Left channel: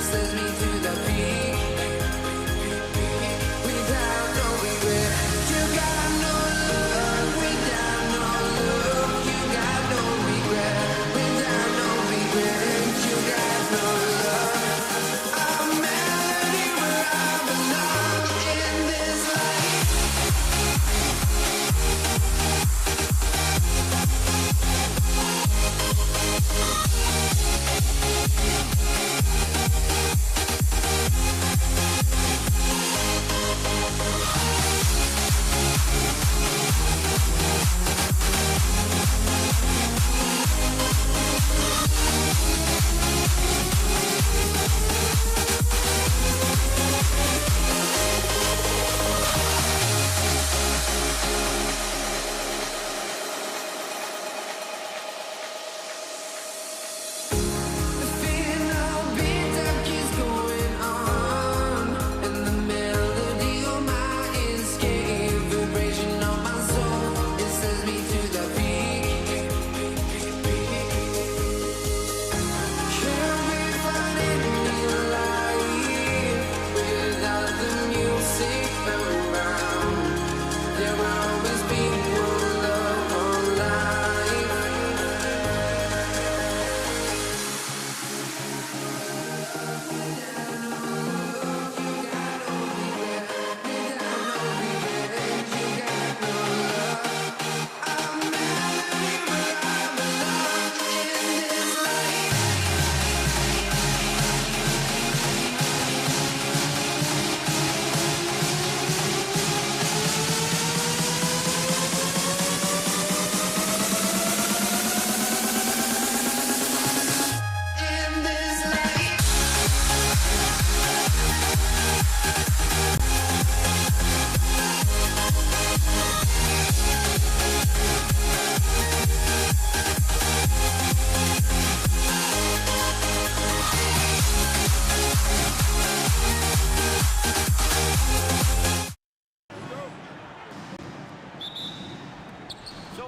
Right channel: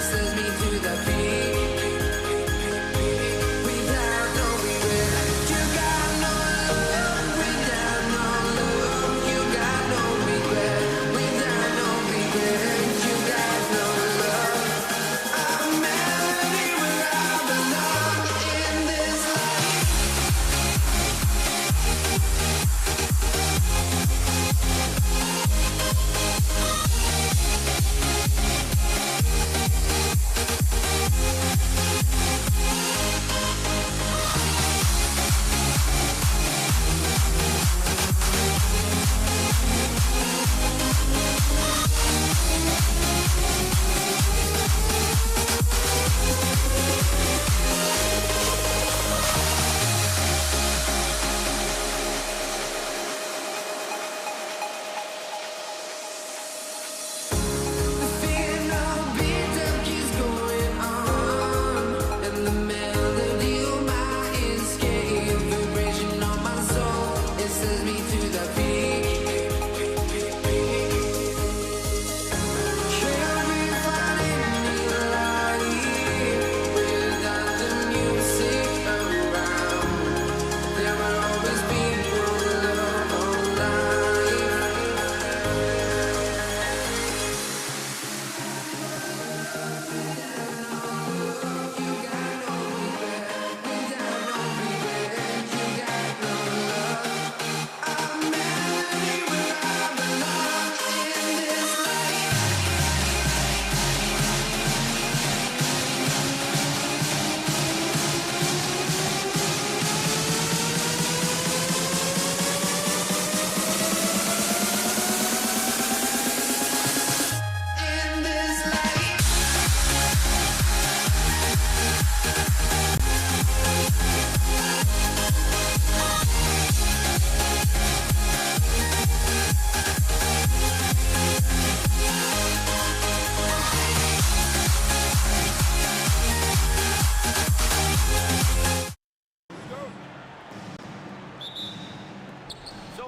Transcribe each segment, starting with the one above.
Says me to the peak without no regret. You got no love without no love. You got no regret without no regret. You got no love. A melody where I belong in this life. Says me to the peak. Can't we find any light without the music around? There will always be one love on life. Without no love, you got no regret. Without no regret, you got no love.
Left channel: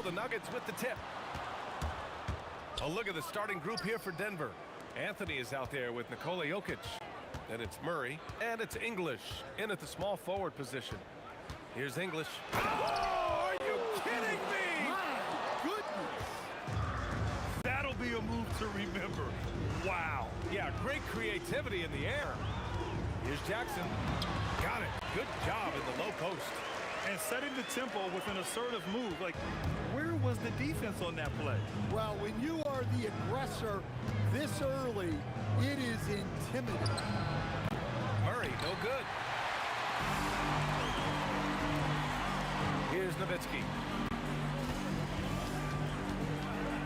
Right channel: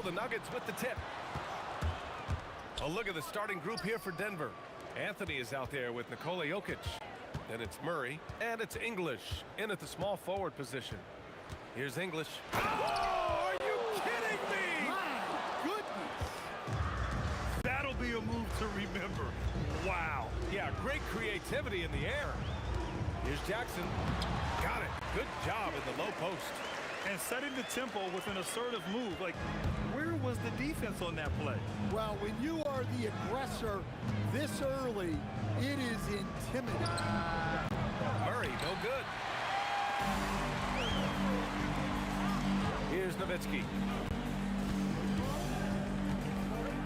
The Nuggets with the tip. A look at the starting group here for Denver. Anthony is out there with Nikola Jokic. Then it's Murray, and it's English in at the small forward position. Here's English. Oh, are you kidding me? My goodness. That'll be a move to remember. Wow. Yeah, great creativity in the air. Here's Jackson. Got it. Good job in the low post. And setting the tempo with an assertive move. Like, where was the defense on that play? Well, when you are the aggressor this early, it is intimidating. Murray, no good. Here's Nowitzki.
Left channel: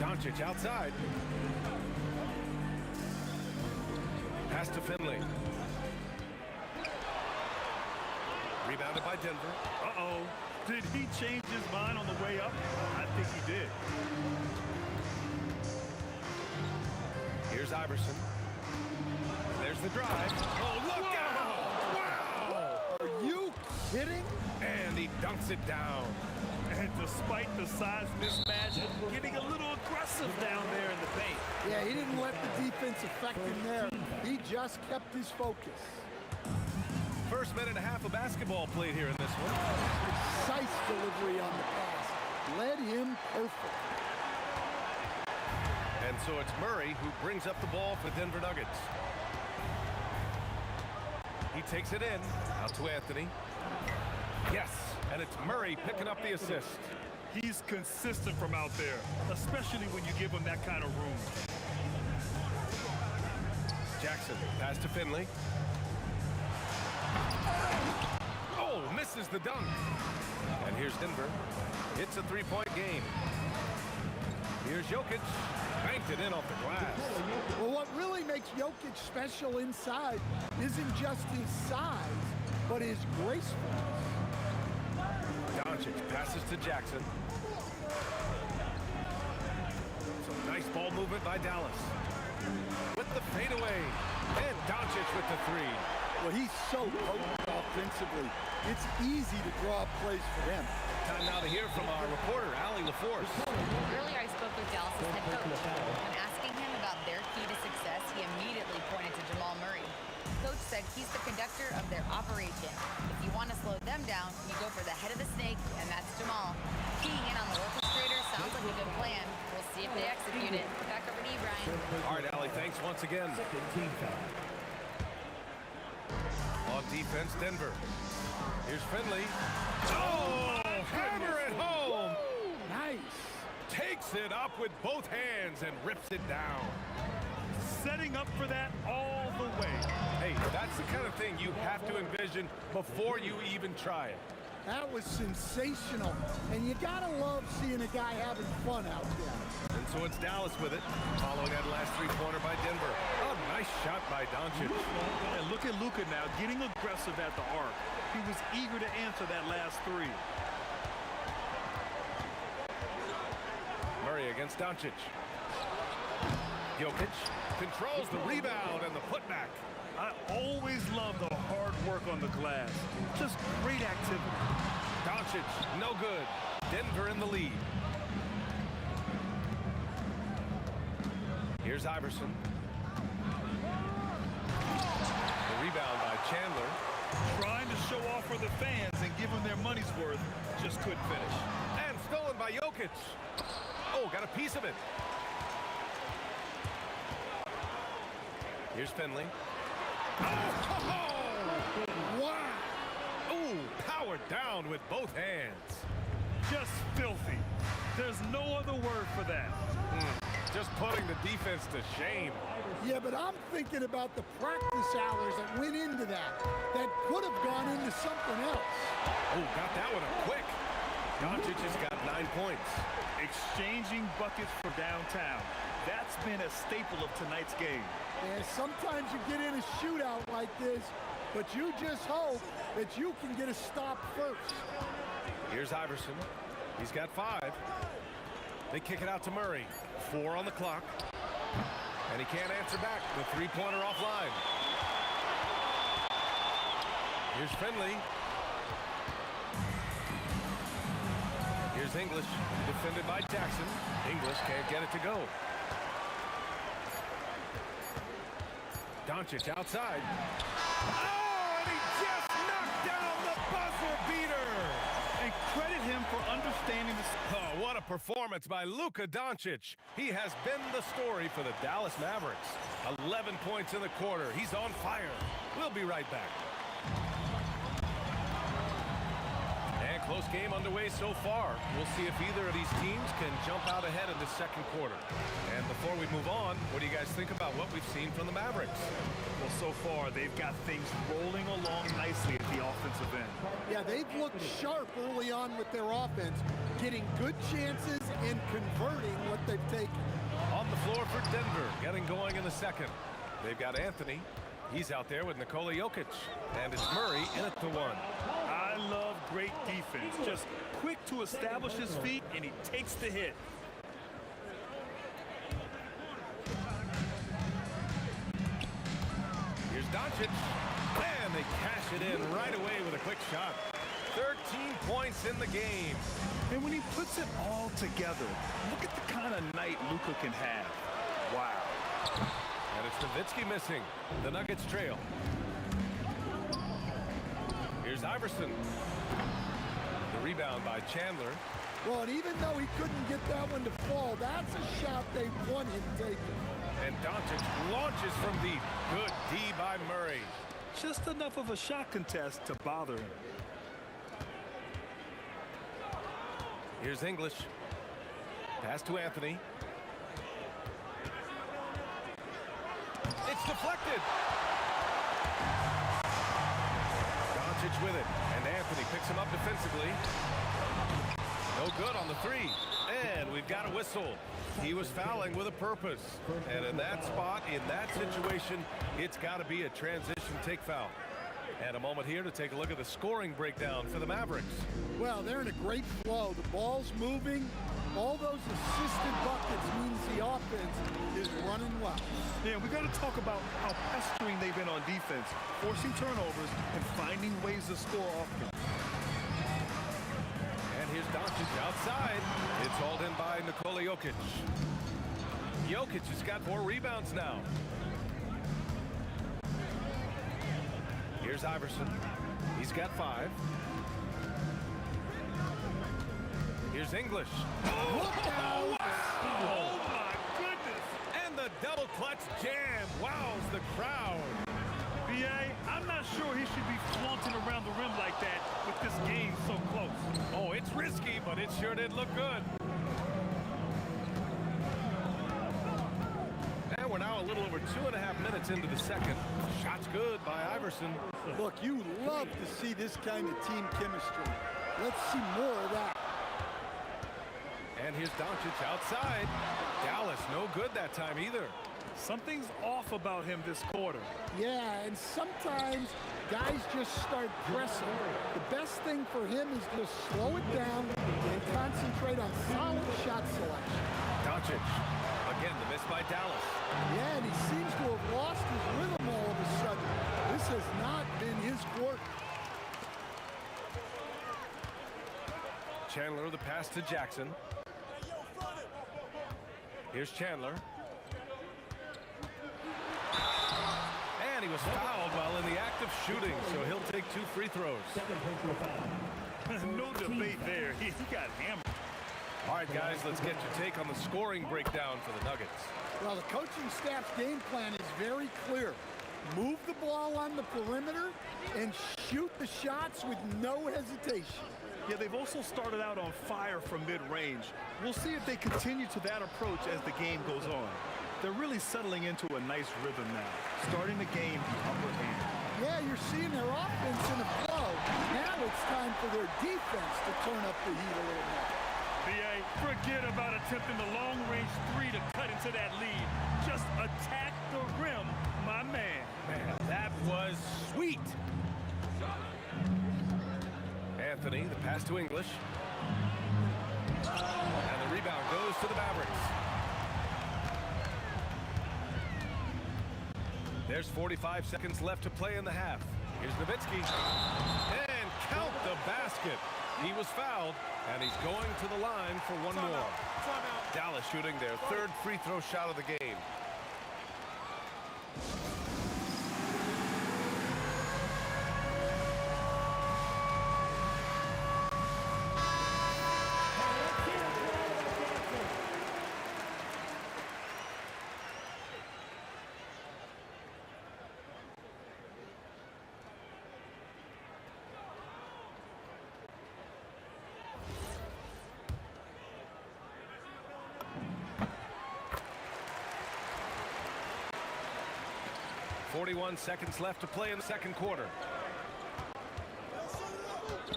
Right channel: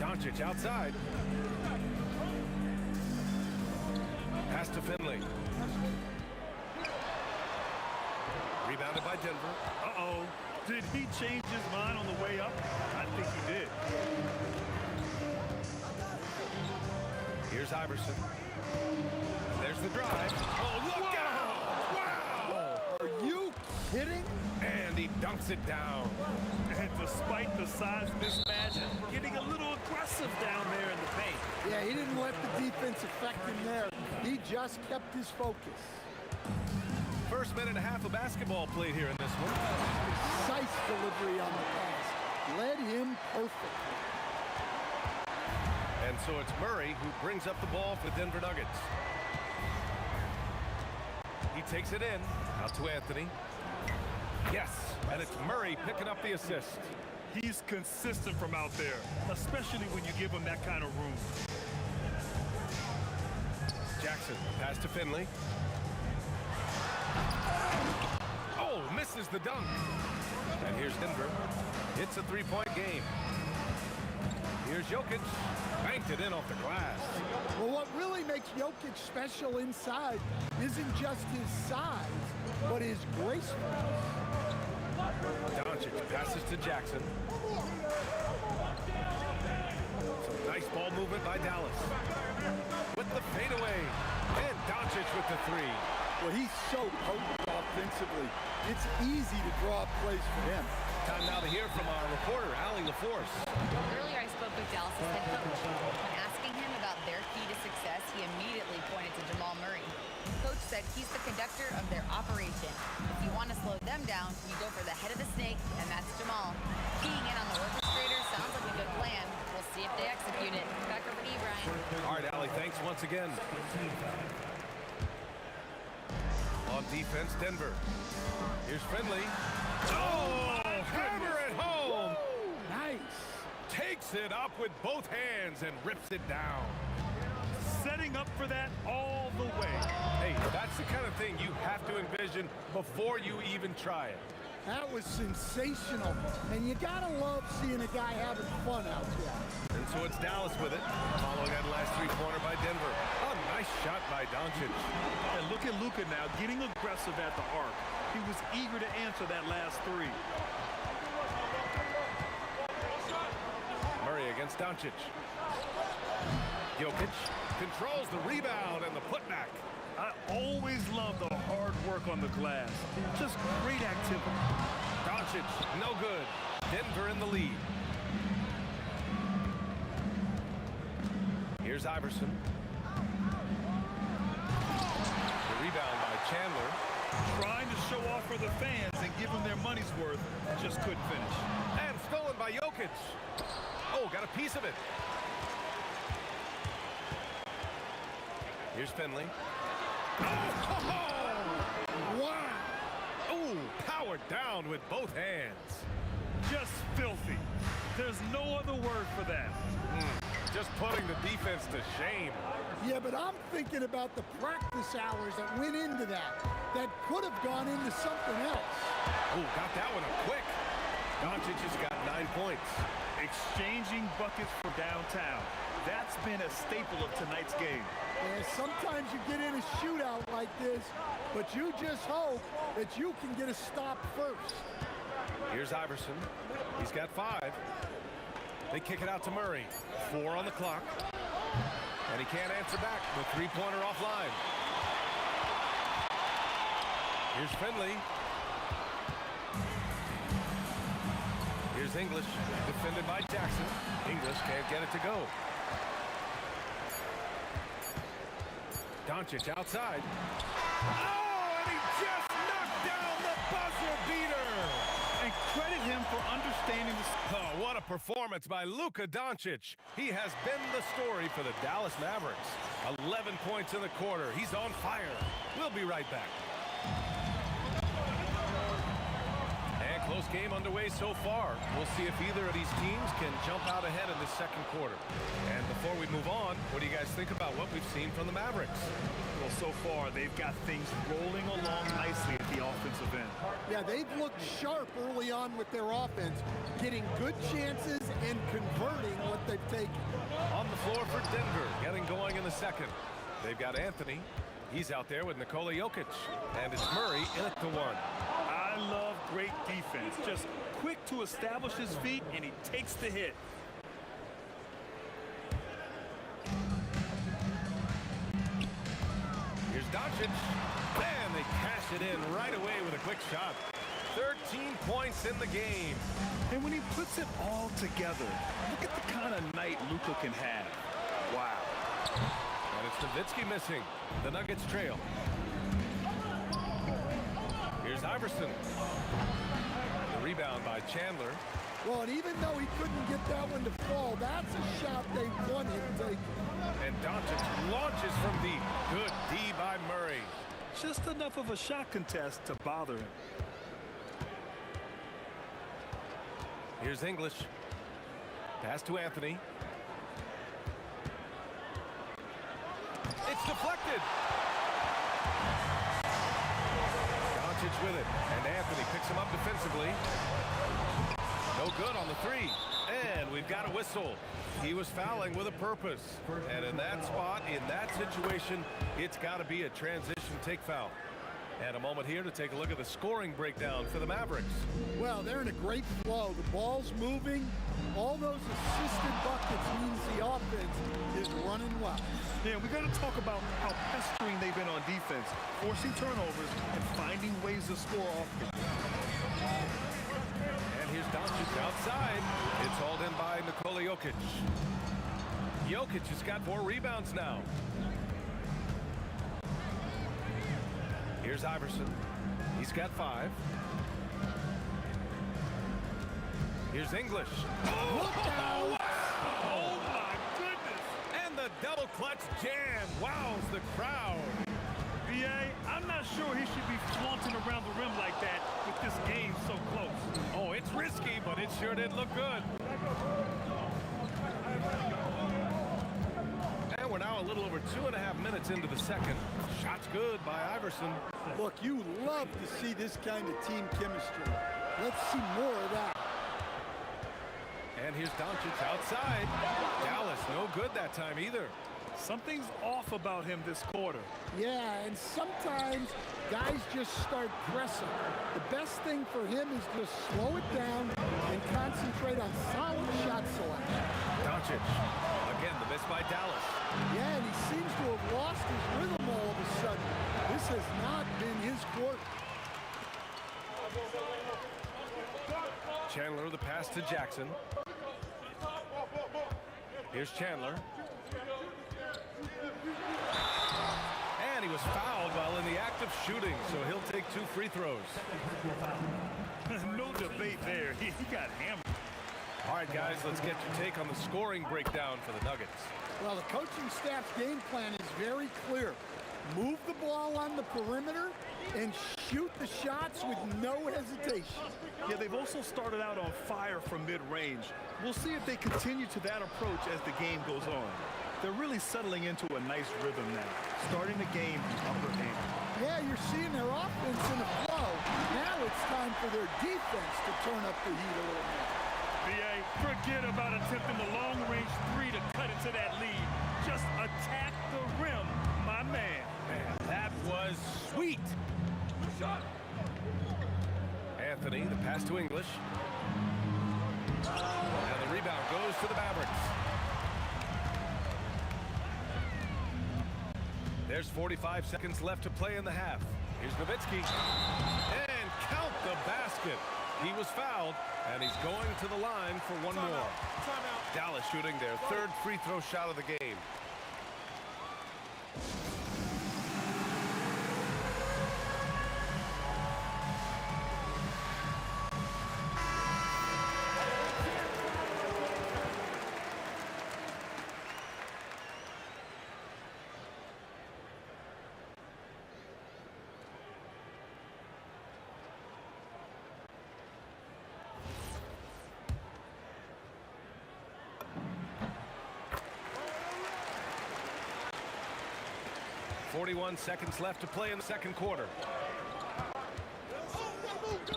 Doncic outside. Pass to Finley. Rebounded by Denver. Uh-oh. Did he change his mind on the way up? I think he did. Here's Iverson. And there's the drive. Oh, look out! Wow! Are you kidding? And he dunks it down. And despite the size mismatch, getting a little aggressive down there in the paint. Yeah, he didn't let the defense affect him there. He just kept his focus. First minute and a half of basketball played here in this one. Precise delivery on the pass. Led him perfectly. And so it's Murray who brings up the ball for the Denver Nuggets. He takes it in. Out to Anthony. Yes, and it's Murray picking up the assist. He's consistent from out there, especially when you give him that kind of room. Jackson, pass to Finley. Oh, misses the dunk. And here's Denver. It's a three-point game. Here's Jokic. Banked it in off the glass. Well, what really makes Jokic special inside isn't just his size, but his gracefulness. Doncic passes to Jackson. Some nice ball movement by Dallas. With the fadeaway. And Doncic with the three. Well, he's so potent offensively. It's easy to draw up plays for him. Time now to hear from our reporter, Allie LaForce. Earlier, I spoke with Dallas's head coach. When asking him about their key to success, he immediately pointed to Jamal Murray. Coach said he's the conductor of their operation. If you want to slow them down, you go for the head of the snake, and that's Jamal. Keying in on the orchestrator sounds like a good plan. We'll see if they execute it. Back over to you, Brian. All right, Allie, thanks once again. On defense, Denver. Here's Finley. Oh, hammer it home. Woo, nice. Takes it up with both hands and rips it down. Setting up for that all the way. Hey, that's the kind of thing you have to envision before you even try it. That was sensational. And you gotta love seeing a guy having fun out there. And so it's Dallas with it, following that last three-pointer by Denver. A nice shot by Doncic. And look at Luka now getting aggressive at the arc. He was eager to answer that last three. Murray against Doncic. Jokic controls the rebound and the putback. I always love the hard work on the glass. Just great activity. Doncic, no good. Denver in the lead. Here's Iverson. The rebound by Chandler. Trying to show off for the fans and give them their money's worth. Just couldn't finish. And stolen by Jokic. Oh, got a piece of it. Here's Finley. Oh! Wow. Ooh, powered down with both hands. Just filthy. There's no other word for that. Just putting the defense to shame. Yeah, but I'm thinking about the practice hours that went into that could have gone into something else. Oh, got that one up quick. Doncic has got 9 points. Exchanging buckets for downtown. That's been a staple of tonight's game. Yeah, sometimes you get in a shootout like this, but you just hope that you can get a stop first. Here's Iverson. He's got 5. They kick it out to Murray. 4 on the clock. And he can't answer back. The three-pointer offline. Here's Finley. Here's English, defended by Jackson. English can't get it to go. Doncic outside. Oh, and he just knocked down the buzzer beater. And credit him for understanding the... Oh, what a performance by Luka Doncic. He has been the story for the Dallas Mavericks. 11 points in the quarter. He's on fire. We'll be right back. And close game underway so far. We'll see if either of these teams can jump out ahead in the second quarter. And before we move on, what do you guys think about what we've seen from the Mavericks? Well, so far, they've got things rolling along nicely at the offensive end. Yeah, they've looked sharp early on with their offense, getting good chances and converting what they've taken. On the floor for Denver, getting going in the second. They've got Anthony. He's out there with Nikola Jokic. And it's Murray in at the 1. I love great defense. Just quick to establish his feet, and he takes the hit. Here's Doncic. And they cash it in right away with a quick shot. 13 points in the game. And when he puts it all together, look at the kind of night Luka can have. Wow. And it's Nowitzki missing. The Nuggets trail. Here's Iverson. The rebound by Chandler. Well, and even though he couldn't get that one to fall, that's a shot they want him taking. And Doncic launches from deep. Good D by Murray. Just enough of a shot contest to bother him. Here's English. Pass to Anthony. It's deflected. Doncic Doncic with it, and Anthony picks him up defensively. No good on the three, and we've got a whistle. He was fouling with a purpose, and in that spot, in that situation, it's got to be a transition take foul. And a moment here to take a look at the scoring breakdown for the Mavericks. Well, they're in a great flow. The ball's moving. All those assisted buckets means the offense is running well. Yeah, we got to talk about how pestering they've been on defense, forcing turnovers and finding ways to score offense. And here's Doncic outside. It's hauled in by Nikola Jokic. Jokic has got 4 rebounds now. Here's Iverson. He's got 5. Here's English. Look out! Wow! Oh, my goodness! And the double clutch jam wows the crowd. B.A., I'm not sure he should be flaunting around the rim like that with this game so close. Oh, it's risky, but it sure did look good. And we're now a little over 2.5 minutes into the second. Shot's good by Iverson. Look, you love to see this kind of team chemistry. Let's see more of that. And here's Doncic outside. Dallas no good that time either. Something's off about him this quarter. Yeah, and sometimes guys just start pressing. The best thing for him is just slow it down and concentrate on solid shot selection. Doncic. Again, the miss by Dallas. Yeah, and he seems to have lost his rhythm all of a sudden. This has not been his quarter. Chandler the pass to Jackson. Here's Chandler. And he was fouled while in the act of shooting, so he'll take 2 free throws. No debate there. He got hammered. All right, guys, let's get your take on the scoring breakdown for the Nuggets. Well, the coaching staff's game plan is very clear. Move the ball on the perimeter and shoot the shots with no hesitation. Yeah, they've also started out on fire from mid-range. We'll see if they continue to that approach as the game goes on. They're really settling into a nice rhythm now, starting the game the upper hand. Yeah, you're seeing their offense in a flow. Now it's time for their defense to turn up the heat a little more. B.A., forget about attempting the long-range 3 to cut into that lead. Just attack the rim, my man. Man, that was sweet. Anthony, the pass to English. And the rebound goes to the Mavericks. There's 45 seconds left to play in the half. Here's Nowitzki. And count the basket. He was fouled, and he's going to the line for one more. Dallas shooting their 3rd free throw shot of the game. .41 seconds left to play in the second quarter.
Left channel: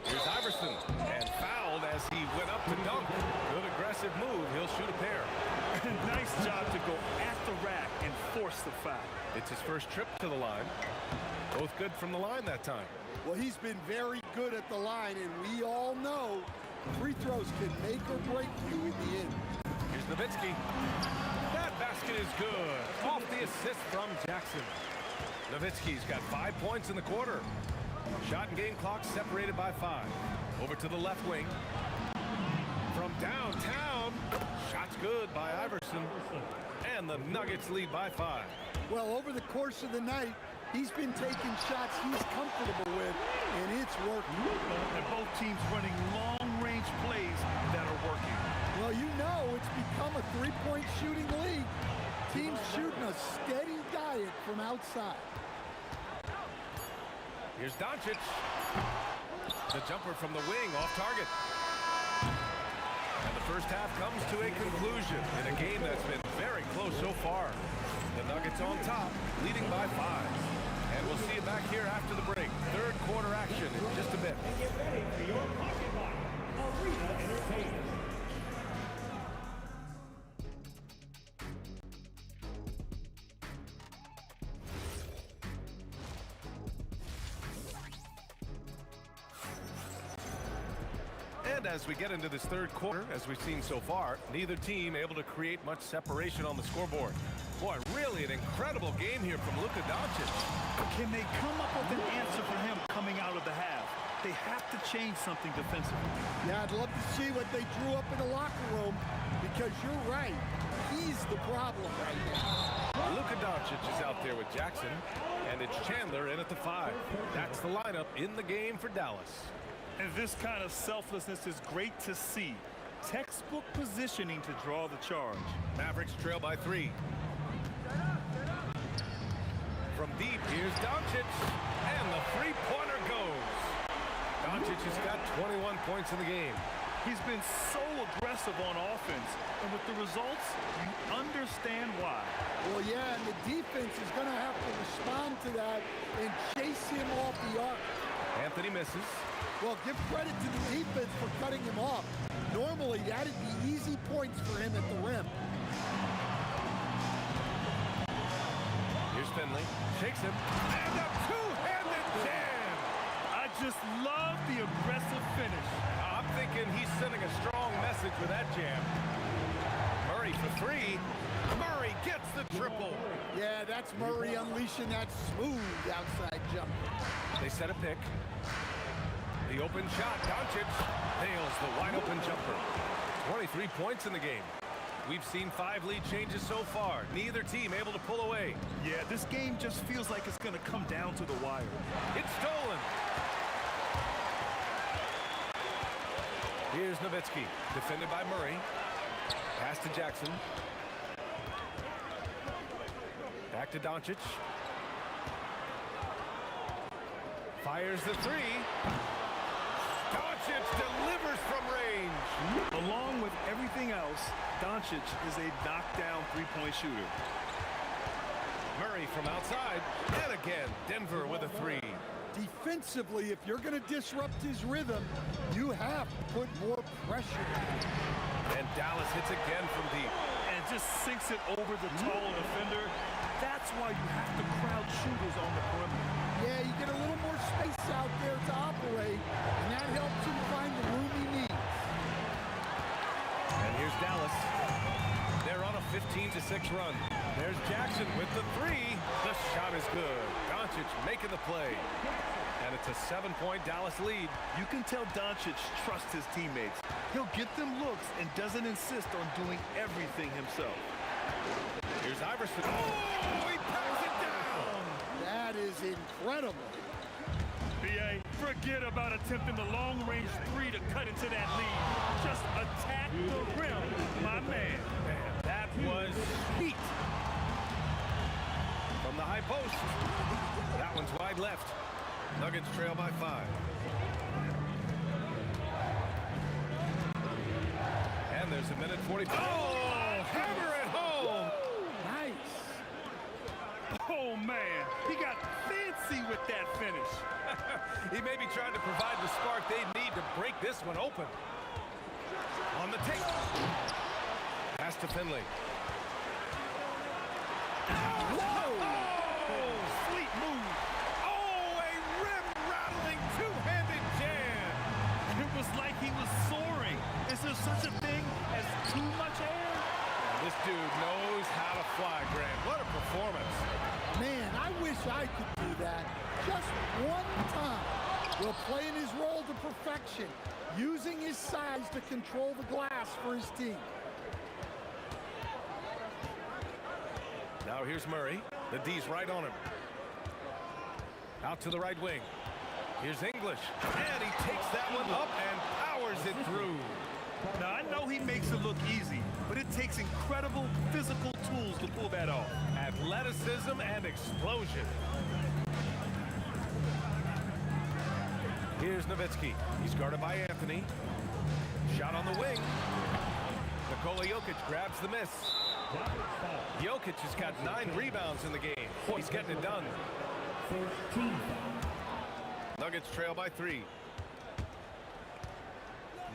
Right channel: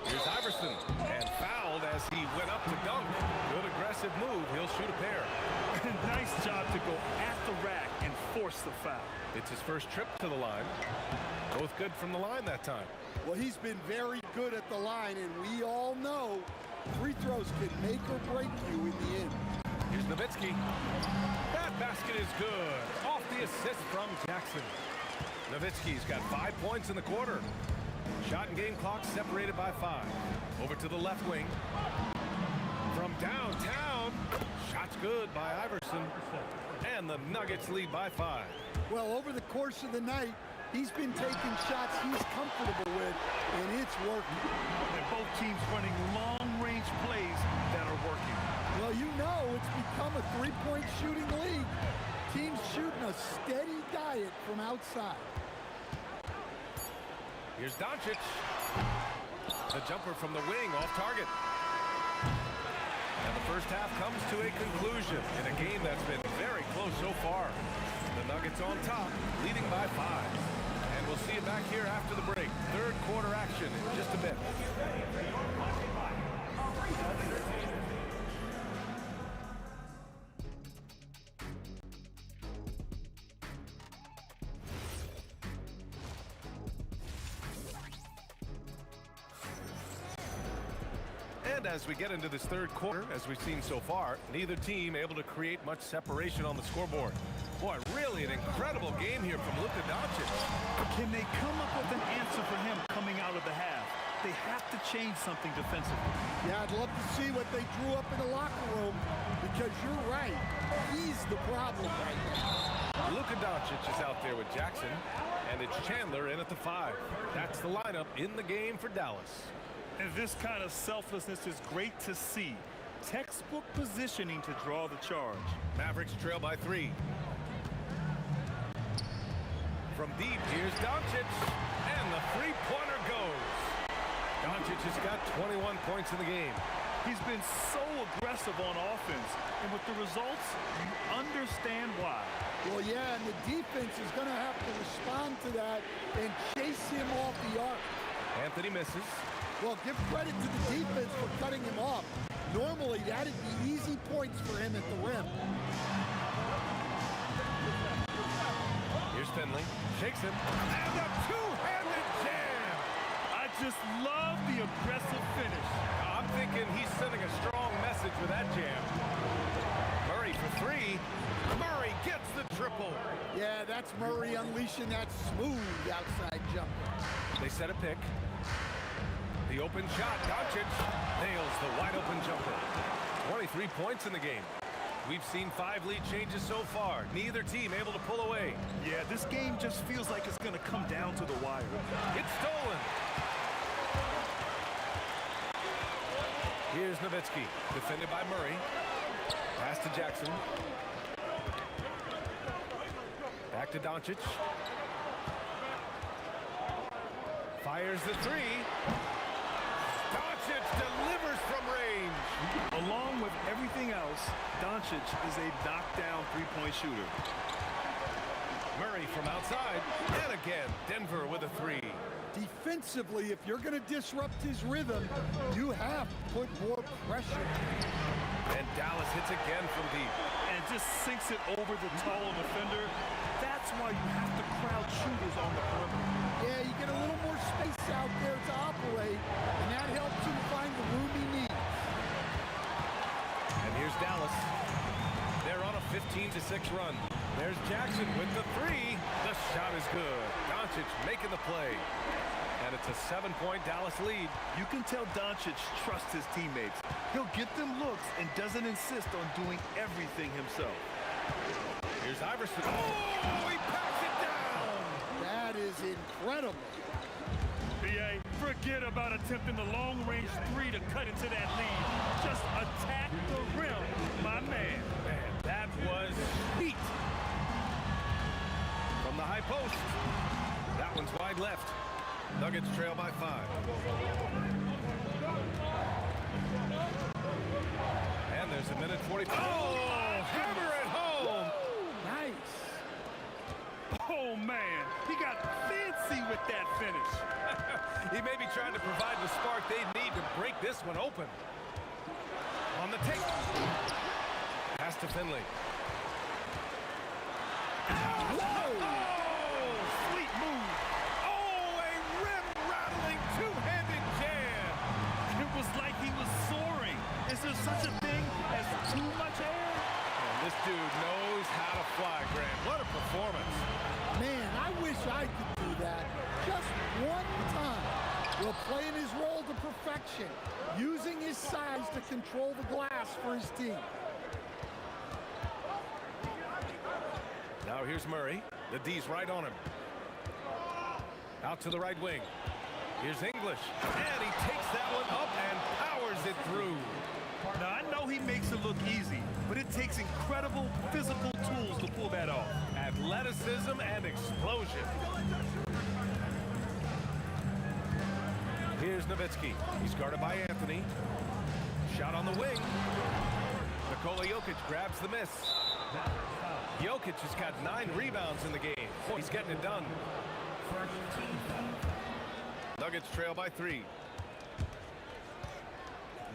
Here's Iverson, and fouled as he went up to dunk. Good aggressive move. He'll shoot a pair. Nice job to go at the rack and force the foul. It's his first trip to the line. Both good from the line that time. Well, he's been very good at the line, and we all know free throws can make or break you in the end. Here's Nowitzki. That basket is good. Off the assist from Jackson. Nowitzki's got 5 points in the quarter. Shot and game clock separated by 5. Over to the left wing. From downtown. Shot's good by Iverson. And the Nuggets lead by 5. Well, over the course of the night, he's been taking shots he's comfortable with, and it's working. And both teams running long-range plays that are working. Well, you know it's become a three-point shooting league. Teams shooting a steady diet from outside. Here's Doncic. The jumper from the wing off target. And the first half comes to a conclusion in a game that's been very close so far. The Nuggets on top, leading by 5. And We'll see you back here after the break. Third quarter action in just a bit. And as we get into this third quarter, as we've seen so far, neither team able to create much separation on the scoreboard. Boy, really an incredible game here from Luka Doncic. Can they come up with an answer for him coming out of the half? They have to change something defensively. Yeah, I'd love to see what they drew up in the locker room, because you're right. He's the problem right now. Luka Doncic is out there with Jackson, and it's Chandler in at the 5. That's the lineup in the game for Dallas. And this kind of selflessness is great to see. Textbook positioning to draw the charge. Mavericks trail by 3. From deep, here's Doncic, and the three-pointer goes. Doncic has got 21 points in the game. He's been so aggressive on offense, and with the results, you understand why. Well, yeah, and the defense is going to have to respond to that and chase him off the arc. Anthony misses. Well, give credit to the defense for cutting him off. Normally, that'd be easy points for him at the rim. Here's Finley. Shakes him. And a two-handed jam. I just love the aggressive finish. I'm thinking he's sending a strong message with that jam. Murray for 3. Murray gets the triple. Yeah, that's Murray unleashing that smooth outside jumper. They set a pick. The open shot. Doncic nails the wide-open jumper. 23 points in the game. We've seen 5 lead changes so far. Neither team able to pull away. Yeah, this game just feels like it's going to come down to the wire. It's stolen. Here's Nowitzki, defended by Murray. Pass to Jackson. Back to Doncic. Fires the 3. Doncic delivers from range. Along with everything else, Doncic is a knockdown three-point shooter. Murray from outside. And again, Denver with a 3. Defensively, if you're going to disrupt his rhythm, you have to put more pressure. And Dallas hits again from deep. And just sinks it over the tall defender. That's why you have to crowd shooters on the perimeter. Yeah, you get a little more space out there to operate, and that helps him find the room he needs. And here's Dallas. They're on a 15-6 run. There's Jackson with the 3. The shot is good. Doncic making the play. And it's a 7-point Dallas lead. You can tell Doncic trusts his teammates. He'll get them looks and doesn't insist on doing everything himself. Here's Iverson. Oh, he packs it down. That is incredible. B.A., forget about attempting the long-range 3 to cut into that lead. Just attack the rim, my man. Man, that was sweet. From the high post. That one's wide left. Nuggets trail by 5. And there's a minute 45. Oh, hammer it home. Nice. Oh, man, he got fancy with that finish. He may be trying to provide the spark they need to break this one open. On the take. Pass to Finley. Whoa! Oh, sweet move. Oh, a rim-rattling two-handed jam. It was like he was soaring. Is there such a thing as too much air? And this dude knows how to fly, Grant. What a performance. Man, I wish I could do that just one time. Will playing his role to perfection, using his size to control the glass for his team. Now here's Murray. The D's right on him. Out to the right wing. Here's English. And he takes that one up and powers it through. Now, I know he makes it look easy, but it takes incredible physical tools to pull that off. Athleticism and explosion. Here's Nowitzki. He's guarded by Anthony. Shot on the wing. Nikola Jokic grabs the miss. Jokic has got 9 rebounds in the game. Boy, he's getting it done. First team foul. Nuggets trail by 3.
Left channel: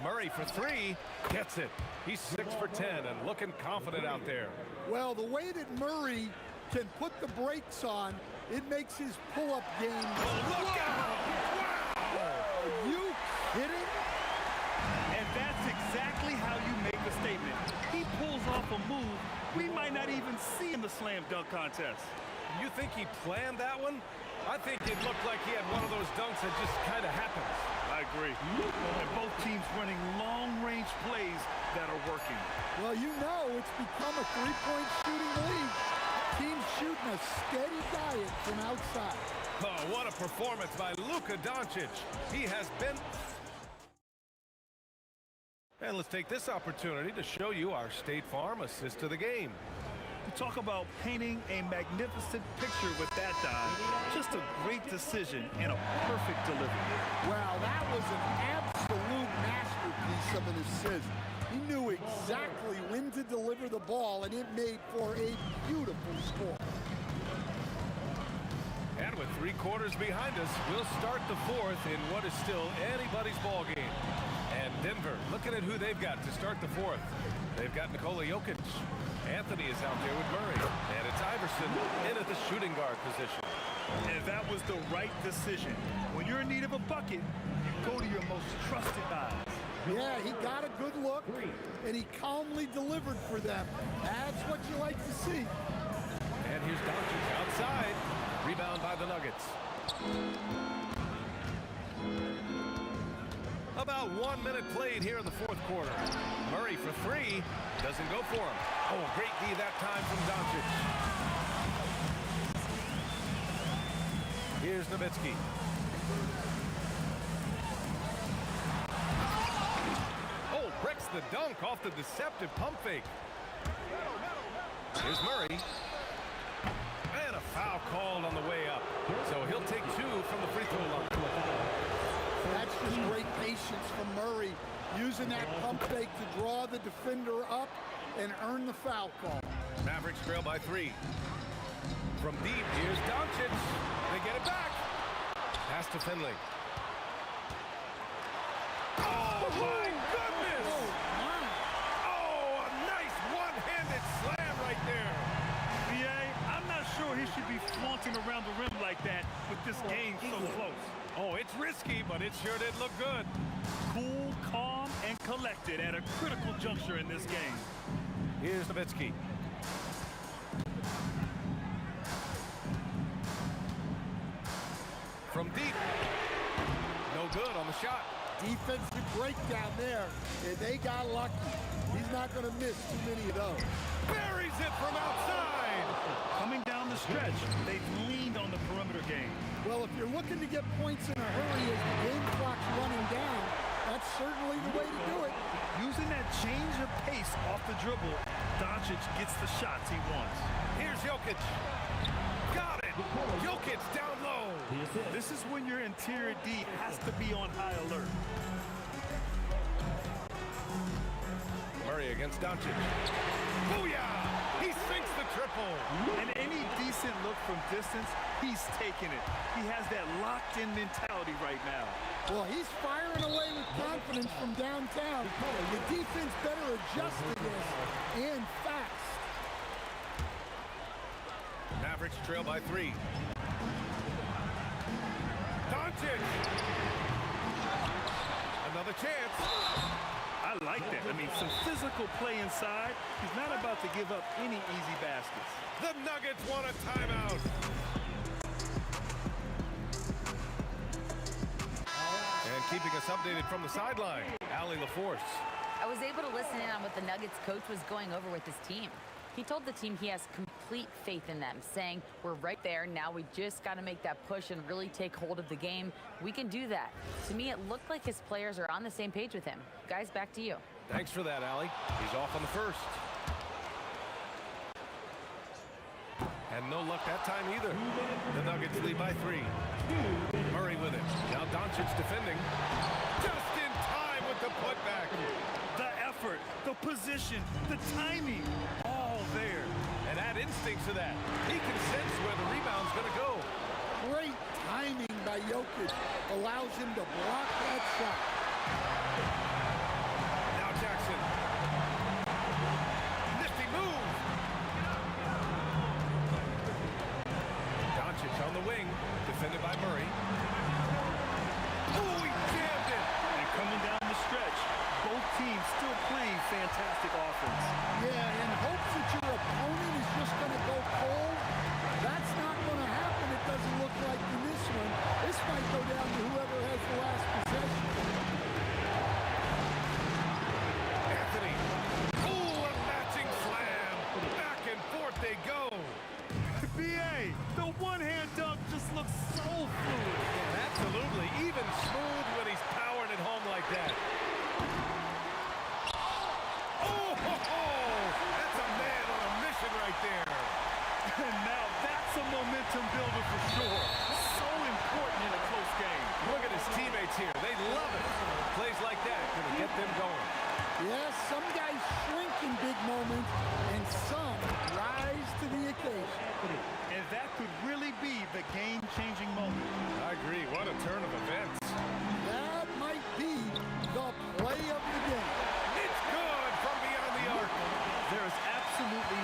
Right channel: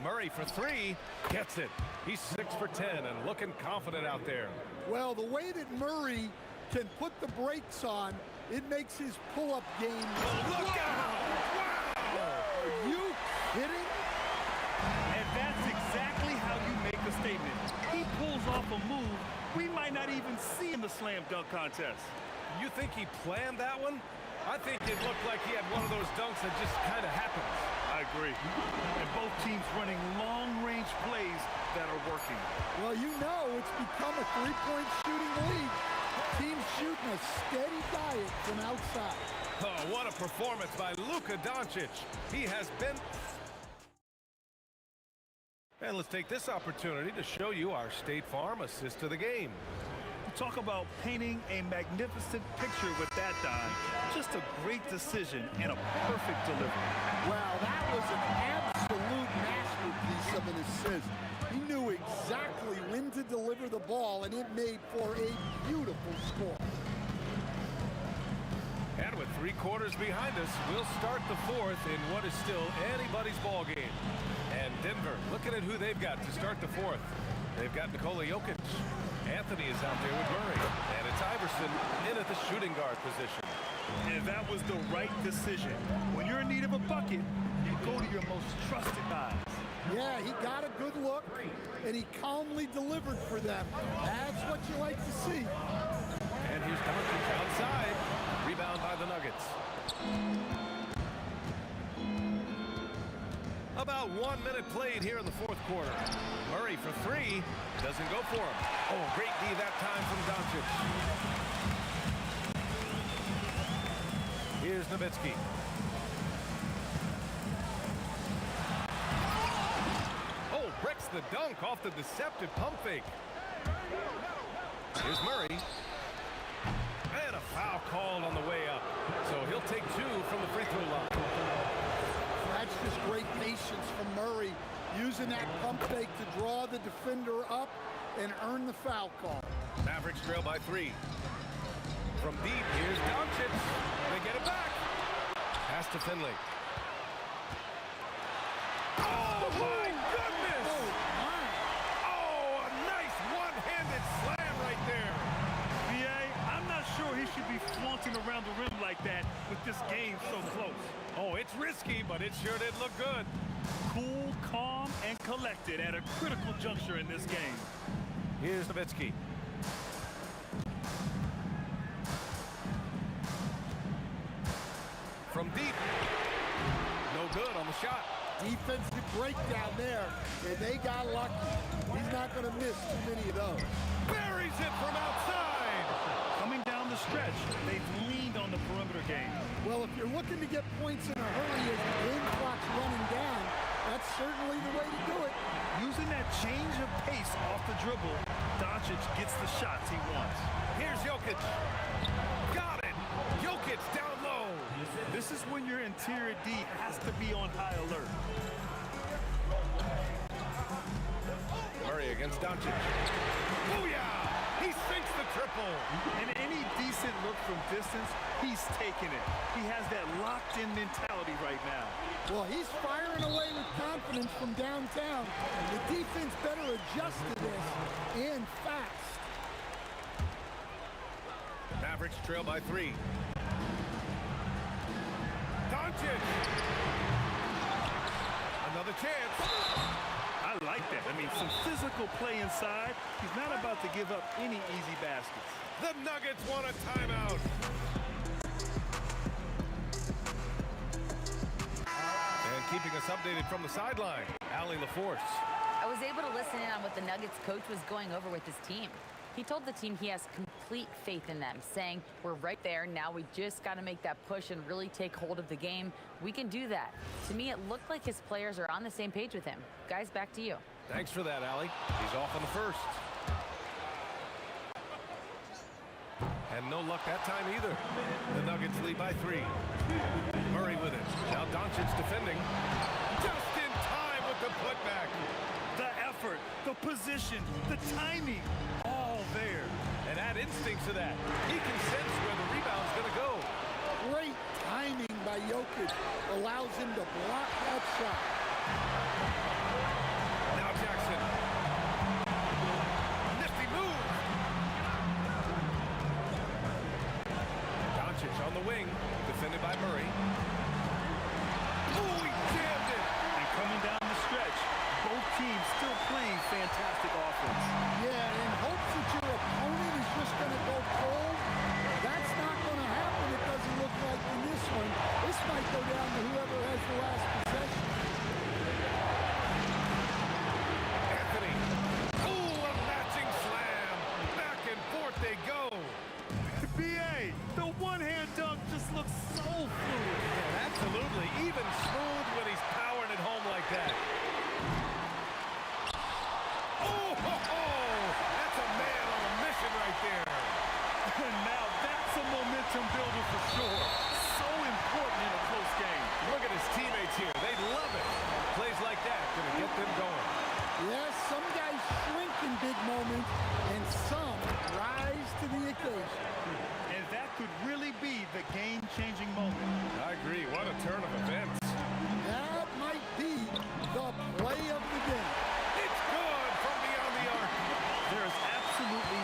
Murray for 3. Gets it. He's 6 for 10 and looking confident out there. Well, the way that Murray can put the brakes on, it makes his pull-up game. Oh, look out! Wow! Are you kidding? And that's exactly how you make a statement. He pulls off a move we might not even see in the slam dunk contest. You think he planned that one? I think it looked like he had one of those dunks that just kind of happens. I agree. And both teams running long-range plays that are working. Well, you know it's become a three-point shooting league. Teams shooting a steady diet from outside. Oh, what a performance by Luka Doncic. He has been... And let's take this opportunity to show you our State Farm assist to the game. You talk about painting a magnificent picture with that dime. Just a great decision and a perfect delivery. Wow, that was an absolute masterpiece of an assist. He knew exactly when to deliver the ball, and it made for a beautiful score. And with 3 quarters behind us, we'll start the 4th in what is still anybody's ball game. And Denver, looking at who they've got to start the 4th. They've got Nikola Jokic. Anthony is out there with Murray. And it's Iverson in at the shooting guard position. And that was the right decision. When you're in need of a bucket, you go to your most trusted guys. Yeah, he got a good look, and he calmly delivered for them. That's what you like to see. And here's Doncic outside. Rebound by the Nuggets. About 1 minute played here in the 4th quarter. Murray for 3. Doesn't go for him. Oh, great D that time from Doncic. Here's Nowitzki. Oh, breaks the dunk off the deceptive pump fake. Here's Murray. And a foul called on the way up. So he'll take 2 from the free throw line. That's just great patience from Murray, using that pump fake to draw the defender up and earn the foul call. Mavericks trail by 3. From deep, here's Doncic. They get it back. Pass to Finley. Oh, my goodness! Oh, my. Oh, a nice one-handed slam right there. B.A., I'm not sure he should be flaunting around the rim like that with this game so close. Oh, it's risky, but it sure did look good. Cool, calm, and collected at a critical juncture in this game. Here's Nowitzki. From deep. No good on the shot. Defensive breakdown there, and they got lucky. He's not going to miss too many of those. Buries it from outside. Coming down the stretch, they've leaned on the perimeter game. Well, if you're looking to get points in a hurry as the game clock's running down, that's certainly the way to do it. Using that change of pace off the dribble, Doncic gets the shots he wants. Here's Jokic. Got it. Jokic down low. This is when your interior D has to be on high alert. Murray against Doncic. Booyah! He sinks the triple. And any decent look from distance, he's taking it. He has that locked-in mentality right now. Well, he's firing away with confidence from downtown. The defense better adjust to this, and fast. Mavericks trail by 3. Doncic! Another chance. I like that. I mean, some physical play inside. He's not about to give up any easy baskets. The Nuggets want a timeout. And keeping us updated from the sideline, Allie LaForce. I was able to listen in on what the Nuggets coach was going over with his team. He told the team he has complete faith in them, saying, we're right there. Now we just got to make that push and really take hold of the game. We can do that. To me, it looked like his players are on the same page with him. Guys, back to you. Thanks for that, Allie. He's off on the first. And no luck that time either. The Nuggets lead by 3. Murray with it. Now Doncic defending. Just in time with the putback. The effort, the position, the timing, all there. And add instincts to that. He can sense where the rebound's going to go. Great timing by Jokic allows him to block that shot. Now Jackson. Nifty move. Doncic on the wing, defended by Murray. Oh, he jammed it. And coming down the stretch, both teams still playing fantastic offense. Yeah, in hopes that your opponent is just going to go cold. That's not going to happen, it doesn't look like in this one. This might go down to whoever has the last possession. Anthony. Oh, a matching slam. Back and forth they go. BA, the one-hand dunk just looks so fluid. Yeah, absolutely. Even smooth when he's powering it home like that. Oh, ho, ho. That's a man on a mission right there. And now that's a momentum builder for sure. So important in a close game. Look at his teammates here. They love it. Plays like that gonna get them going. Yes, some guys shrink in big moments, and some rise to the occasion. And that could really be the game-changing moment. I agree. What a turn of events. That might be the play of the game. It's good from beyond the arc. There is absolutely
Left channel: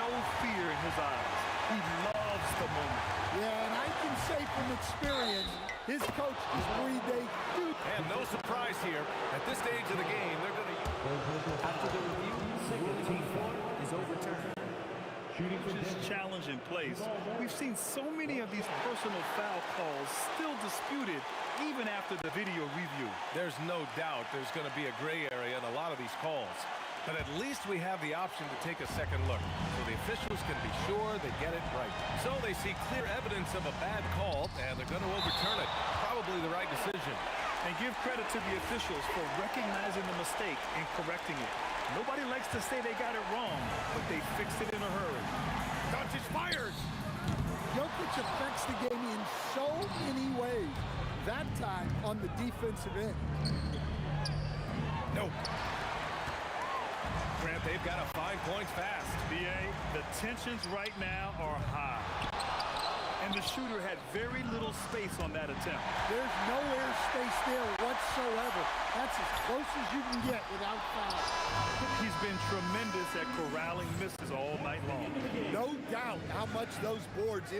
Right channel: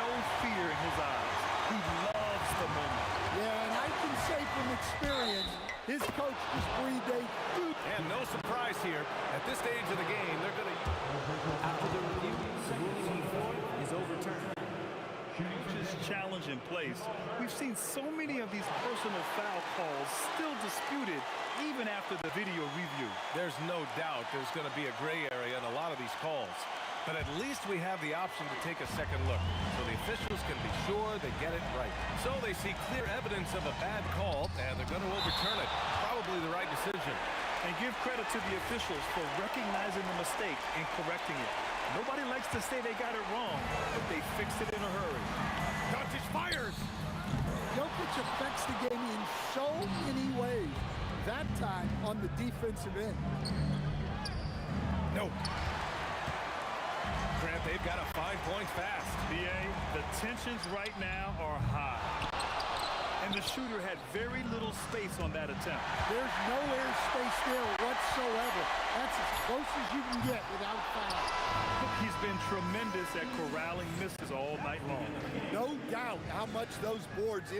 no fear in his eyes. He loves the moment. Yeah, and I can say from experience, his coach just breathed a huge... And no surprise here. At this stage of the game, they're going to... After the review, the ruling on the floor is overturned. Just challenge in place. We've seen so many of these personal foul calls still disputed even after the video review. There's no doubt there's going to be a gray area in a lot of these calls. But at least we have the option to take a second look, so the officials can be sure they get it right. So they see clear evidence of a bad call, and they're going to overturn it. Probably the right decision. And give credit to the officials for recognizing the mistake and correcting it. Nobody likes to say they got it wrong, but they fixed it in a hurry. Doncic fires! Jokic affects the game in so many ways. That time on the defensive end. Nope. Grant, they've got to find points fast. BA, the tensions right now are high. And the shooter had very little space on that attempt. There's no airspace there whatsoever. That's as close as you can get without foul. He's been tremendous at corralling misses all night long. No doubt how much those boards...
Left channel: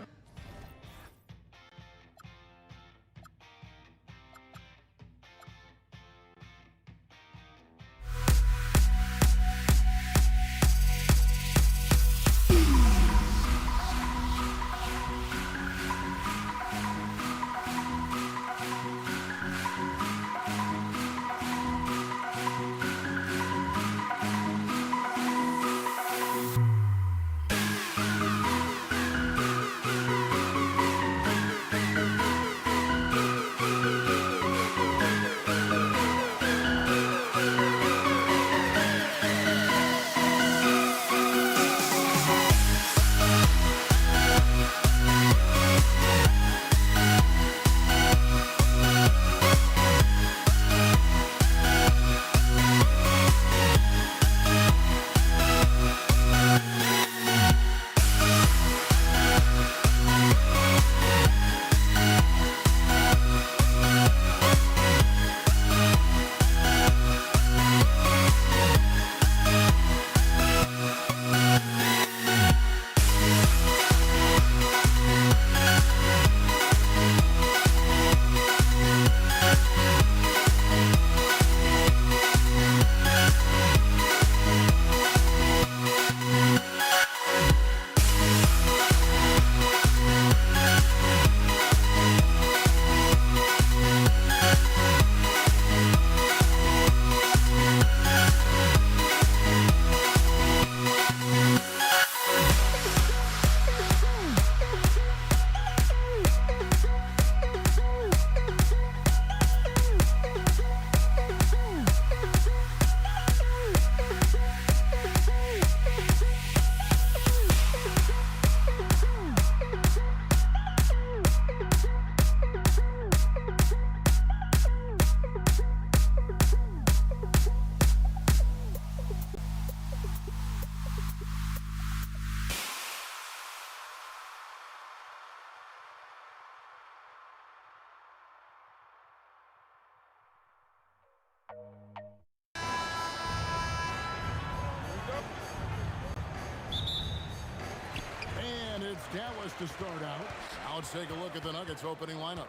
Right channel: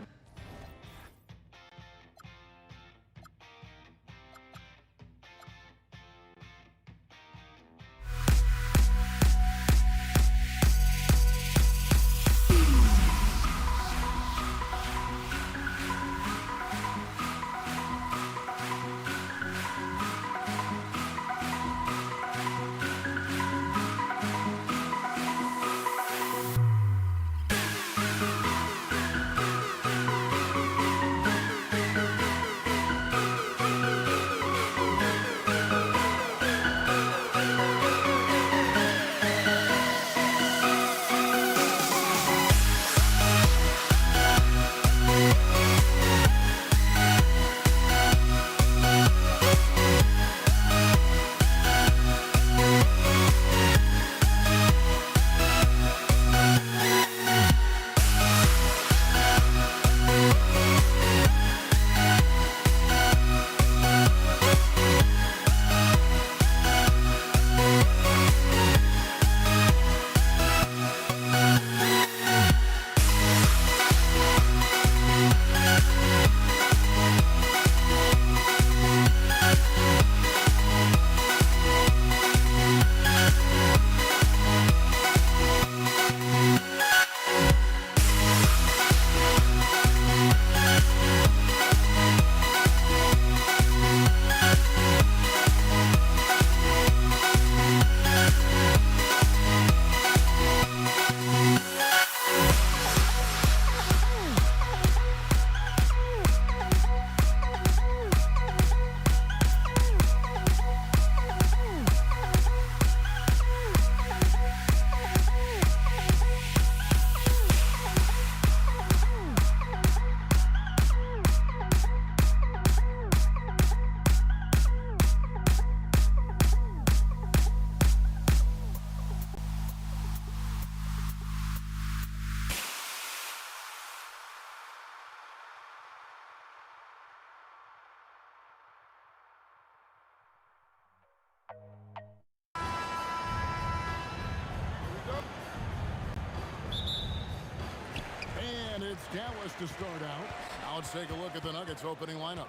Dallas to start out. Now let's take a look at the Nuggets opening lineup.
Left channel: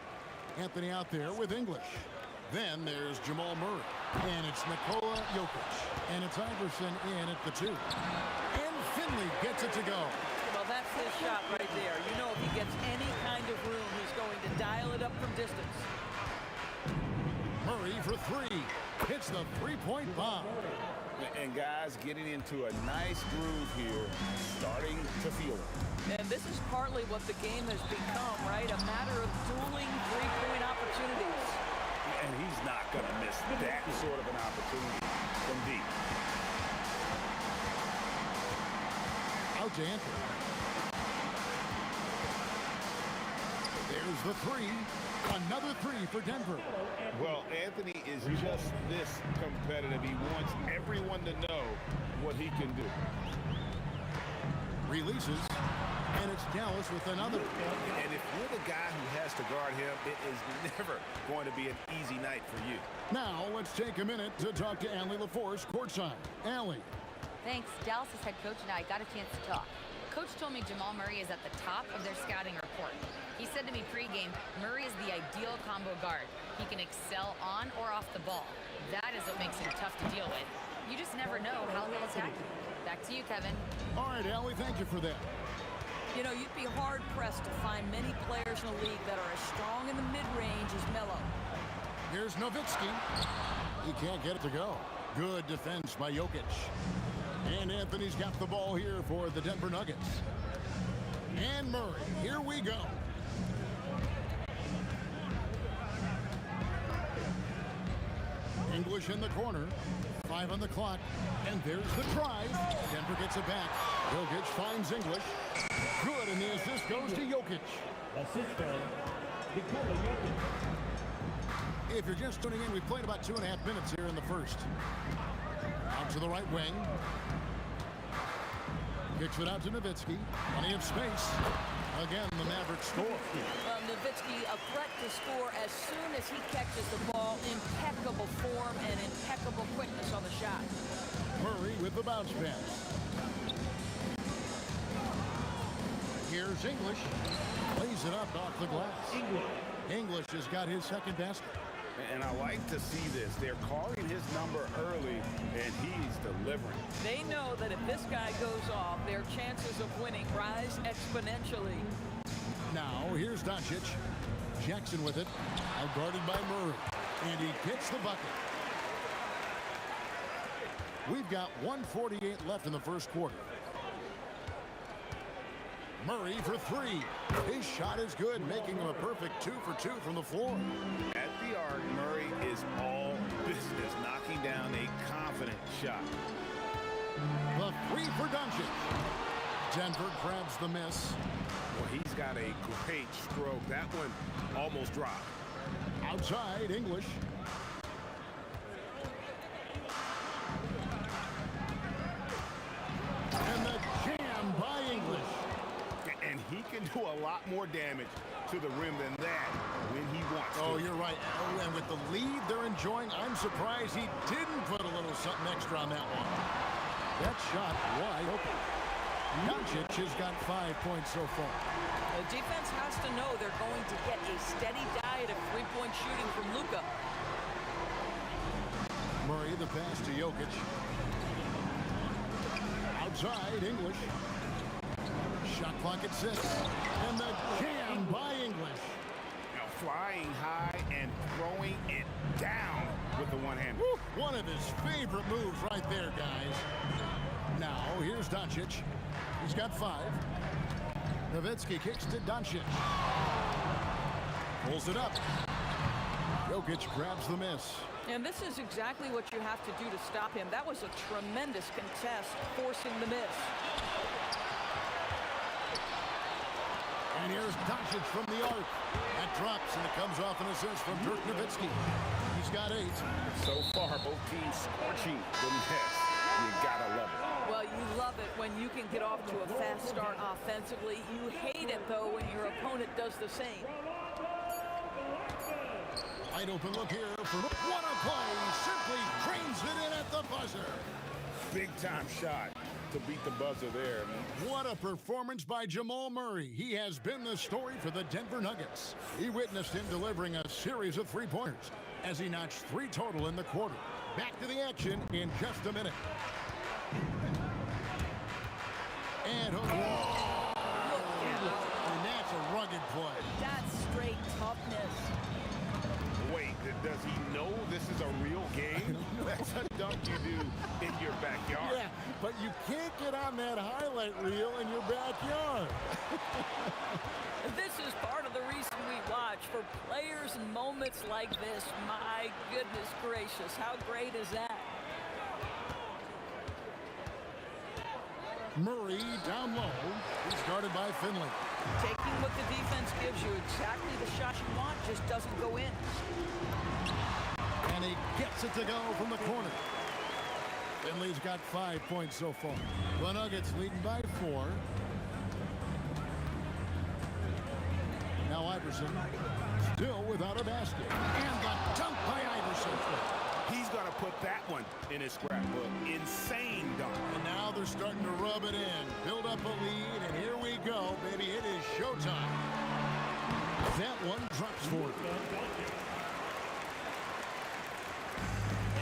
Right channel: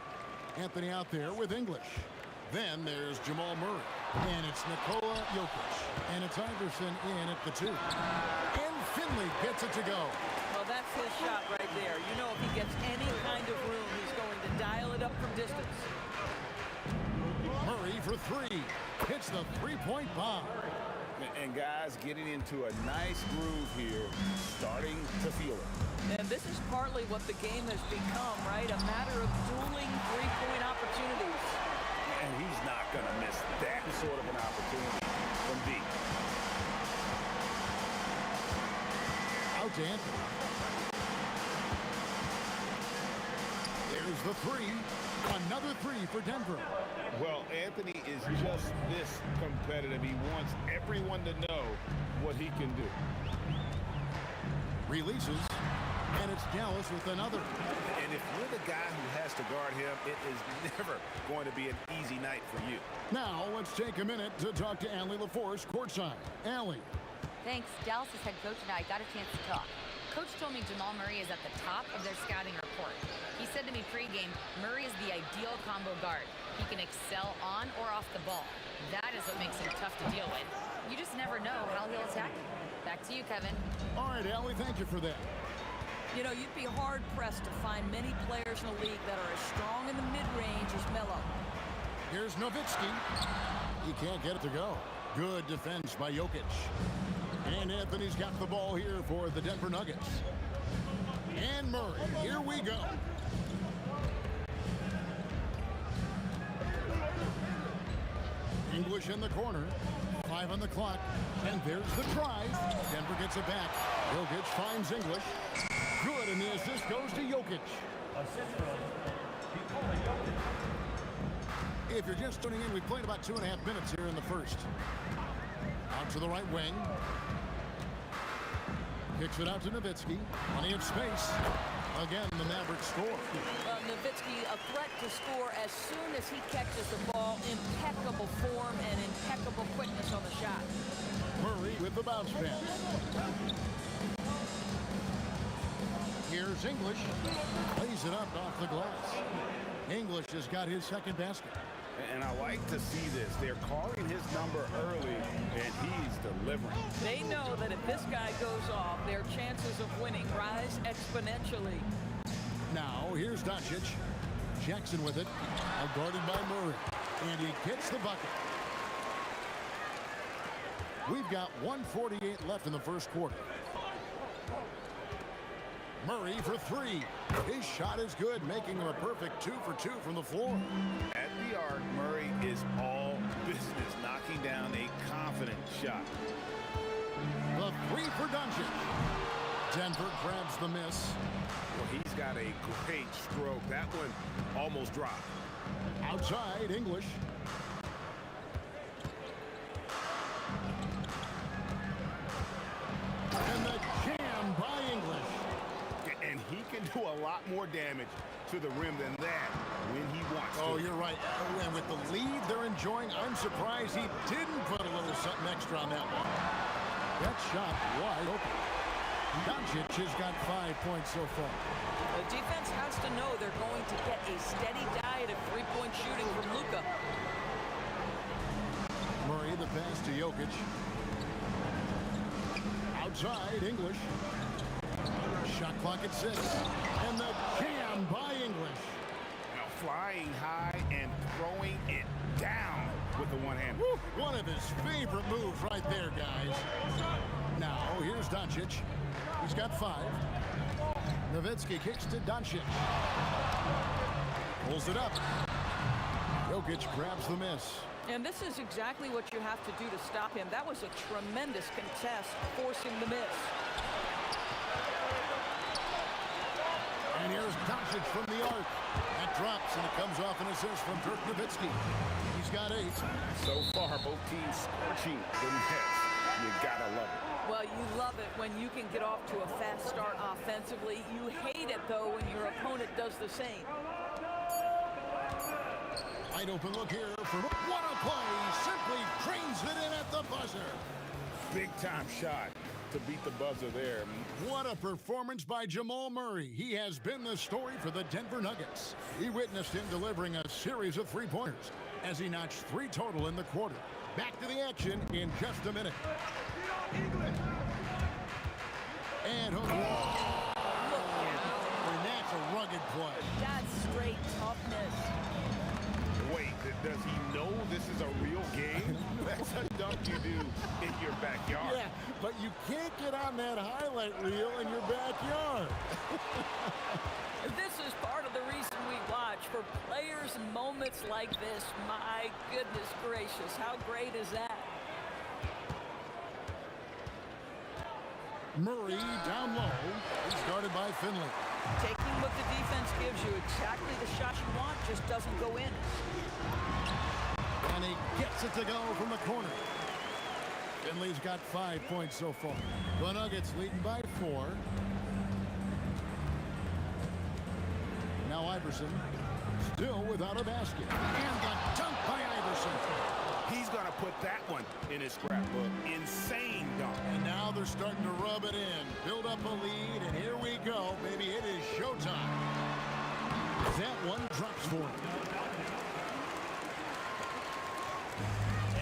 Anthony out there with English. Then there's Jamal Murray. And it's Nikola Jokic. And it's Iverson in at the 2. And Finley gets it to go. Well, that's his shot right there. You know, if he gets any kind of room, he's going to dial it up from distance. Murray for 3. Hits the three-point bomb. And guys getting into a nice groove here, starting to feel it. And this is partly what the game has become, right? A matter of dueling three-point opportunities. And he's not going to miss that sort of an opportunity from deep. Out to Anthony. There's the 3. Another 3 for Denver. Well, Anthony is just this competitive. He wants everyone to know what he can do. Releases. And it's Dallas with another. And if you're the guy who has to guard him, it is never going to be an easy night for you. Now, let's take a minute to talk to Allie LaForce courtside. Allie. Thanks. Dallas's head coach and I got a chance to talk. Coach told me Jamal Murray is at the top of their scouting report. He said to me pregame, Murray is the ideal combo guard. He can excel on or off the ball. That is what makes him tough to deal with. You just never know how he'll attack you. Back to you, Kevin. All right, Allie, thank you for that. You know, you'd be hard-pressed to find many players in the league that are as strong in the mid-range as Melo. Here's Nowitzki. He can't get it to go. Good defense by Jokic. And Anthony's got the ball here for the Denver Nuggets. And Murray, here we go. English in the corner. 5 on the clock. And there's the drive. Denver gets it back. Jokic finds English. Good, and the assist goes to Jokic. Assist from Nikola Jokic. If you're just tuning in, we've played about 2.5 minutes here in the first. Out to the right wing. Kicks it out to Nowitzki. Plenty of space. Again, the Mavericks score. Well, Nowitzki, a threat to score as soon as he catches the ball. Impeccable form and impeccable quickness on the shot. Murray with the bounce pass. Here's English. Plays it up off the glass. English has got his second basket. And I like to see this. They're calling his number early, and he's delivering. They know that if this guy goes off, their chances of winning rise exponentially. Now, here's Doncic. Jackson with it. Now guarded by Murray. And he gets the bucket. We've got 1:48 left in the first quarter. Murray for 3. His shot is good, making him a perfect 2 for 2 from the floor. At the arc, Murray is all business, knocking down a confident shot. The 3 for Doncic. Denver grabs the miss. Well, he's got a great stroke. That one almost dropped. Outside, English. And the jam by English. And he can do a lot more damage to the rim than that when he wants to. Oh, you're right. Oh, and with the lead they're enjoying, I'm surprised he didn't put a little something extra on that one. That shot wide open. Doncic has got 5 points so far. The defense has to know they're going to get a steady diet of three-point shooting from Luka. Murray, the pass to Jokic. Outside, English. Shot clock at 6. And the jam by English. Now flying high and throwing it down with the one-hander. One of his favorite moves right there, guys. Now, here's Doncic. He's got 5. Nowitzki kicks to Doncic. Pulls it up. Jokic grabs the miss. And this is exactly what you have to do to stop him. That was a tremendous contest, forcing the miss. And here's Doncic from the arc. That drops, and it comes off an assist from Dirk Nowitzki. He's got 8. So far, both teams scorching the nets. You gotta love it. Well, you love it when you can get off to a fast start offensively. You hate it, though, when your opponent does the same. Wide open look here for what a play. Simply drains it in at the buzzer. Big time shot. to beat the buzzer there. What a performance by Jamal Murray. He has been the story for the Denver Nuggets. He witnessed him delivering a series of three-pointers as he notched 3 total in the quarter. Back to the action in just a minute. And Look out. I mean, that's a rugged play. That's straight toughness. Wait, does he know this is a real game? That's a dunk you do in your backyard. Yeah, but you can't get on that highlight reel in your backyard. This is part of the reason we watch, for players and moments like this. My goodness gracious, how great is that? Murray down low. He's guarded by Finley. Taking what the defense gives you, exactly the shot you want, just doesn't go in. And he gets it to go from the corner. Finley's got 5 points so far. The Nuggets leading by 4. Now Iverson still without a basket. And the dunk by Iverson. He's going to put that one in his scrapbook. Insane dunk. And now they're starting to rub it in. Build up a lead, and here we go, baby. It is showtime. That one drops for him.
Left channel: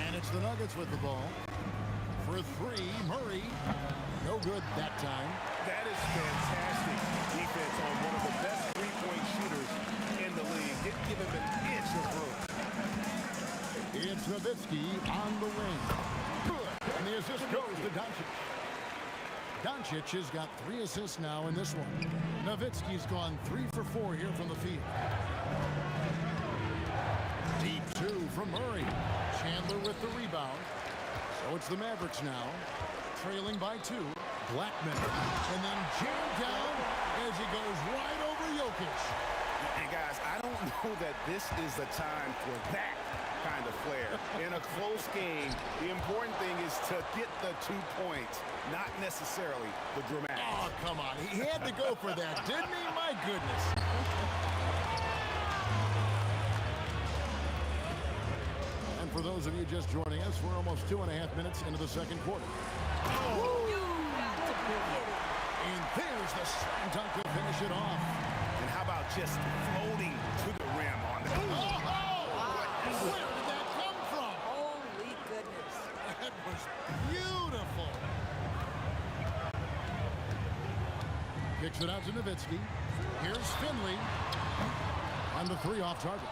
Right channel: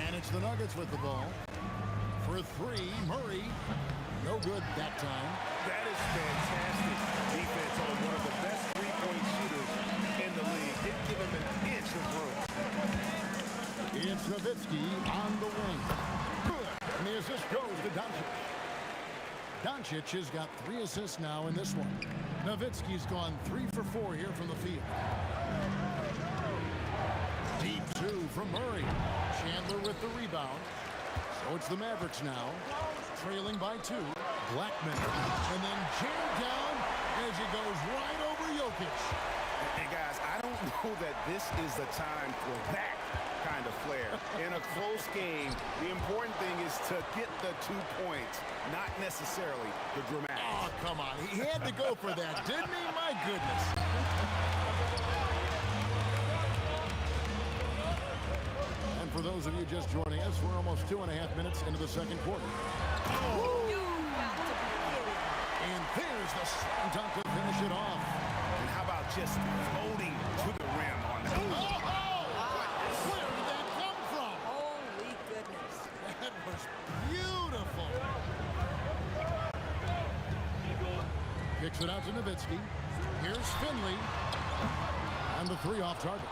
And it's the Nuggets with the ball. For 3, Murray. No good that time. That is fantastic defense on one of the best three-point shooters in the league. Didn't give him an inch of room. It's Nowitzki on the wing. Good. And the assist goes to Doncic. Doncic has got 3 assists now in this one. Nowitzki's gone 3 for 4 here from the field. Deep 2 from Murray. Chandler with the rebound. So it's the Mavericks now, trailing by 2. Blackman. And then jammed down as he goes right over Jokic. And guys, I don't know that this is the time for that kind of flair. In a close game, the important thing is to get the 2 points, not necessarily the dramatic. Oh, come on. He had to go for that, didn't he? My goodness. And for those of you just joining us, we're almost 2.5 minutes into the second quarter. Oh, you got to be kidding. And there's the slam dunk to finish it off. And how about just floating to the rim on that? Where did that come from? Holy goodness. That was beautiful. Kicks it out to Nowitzki. Here's Finley. And the 3 off target.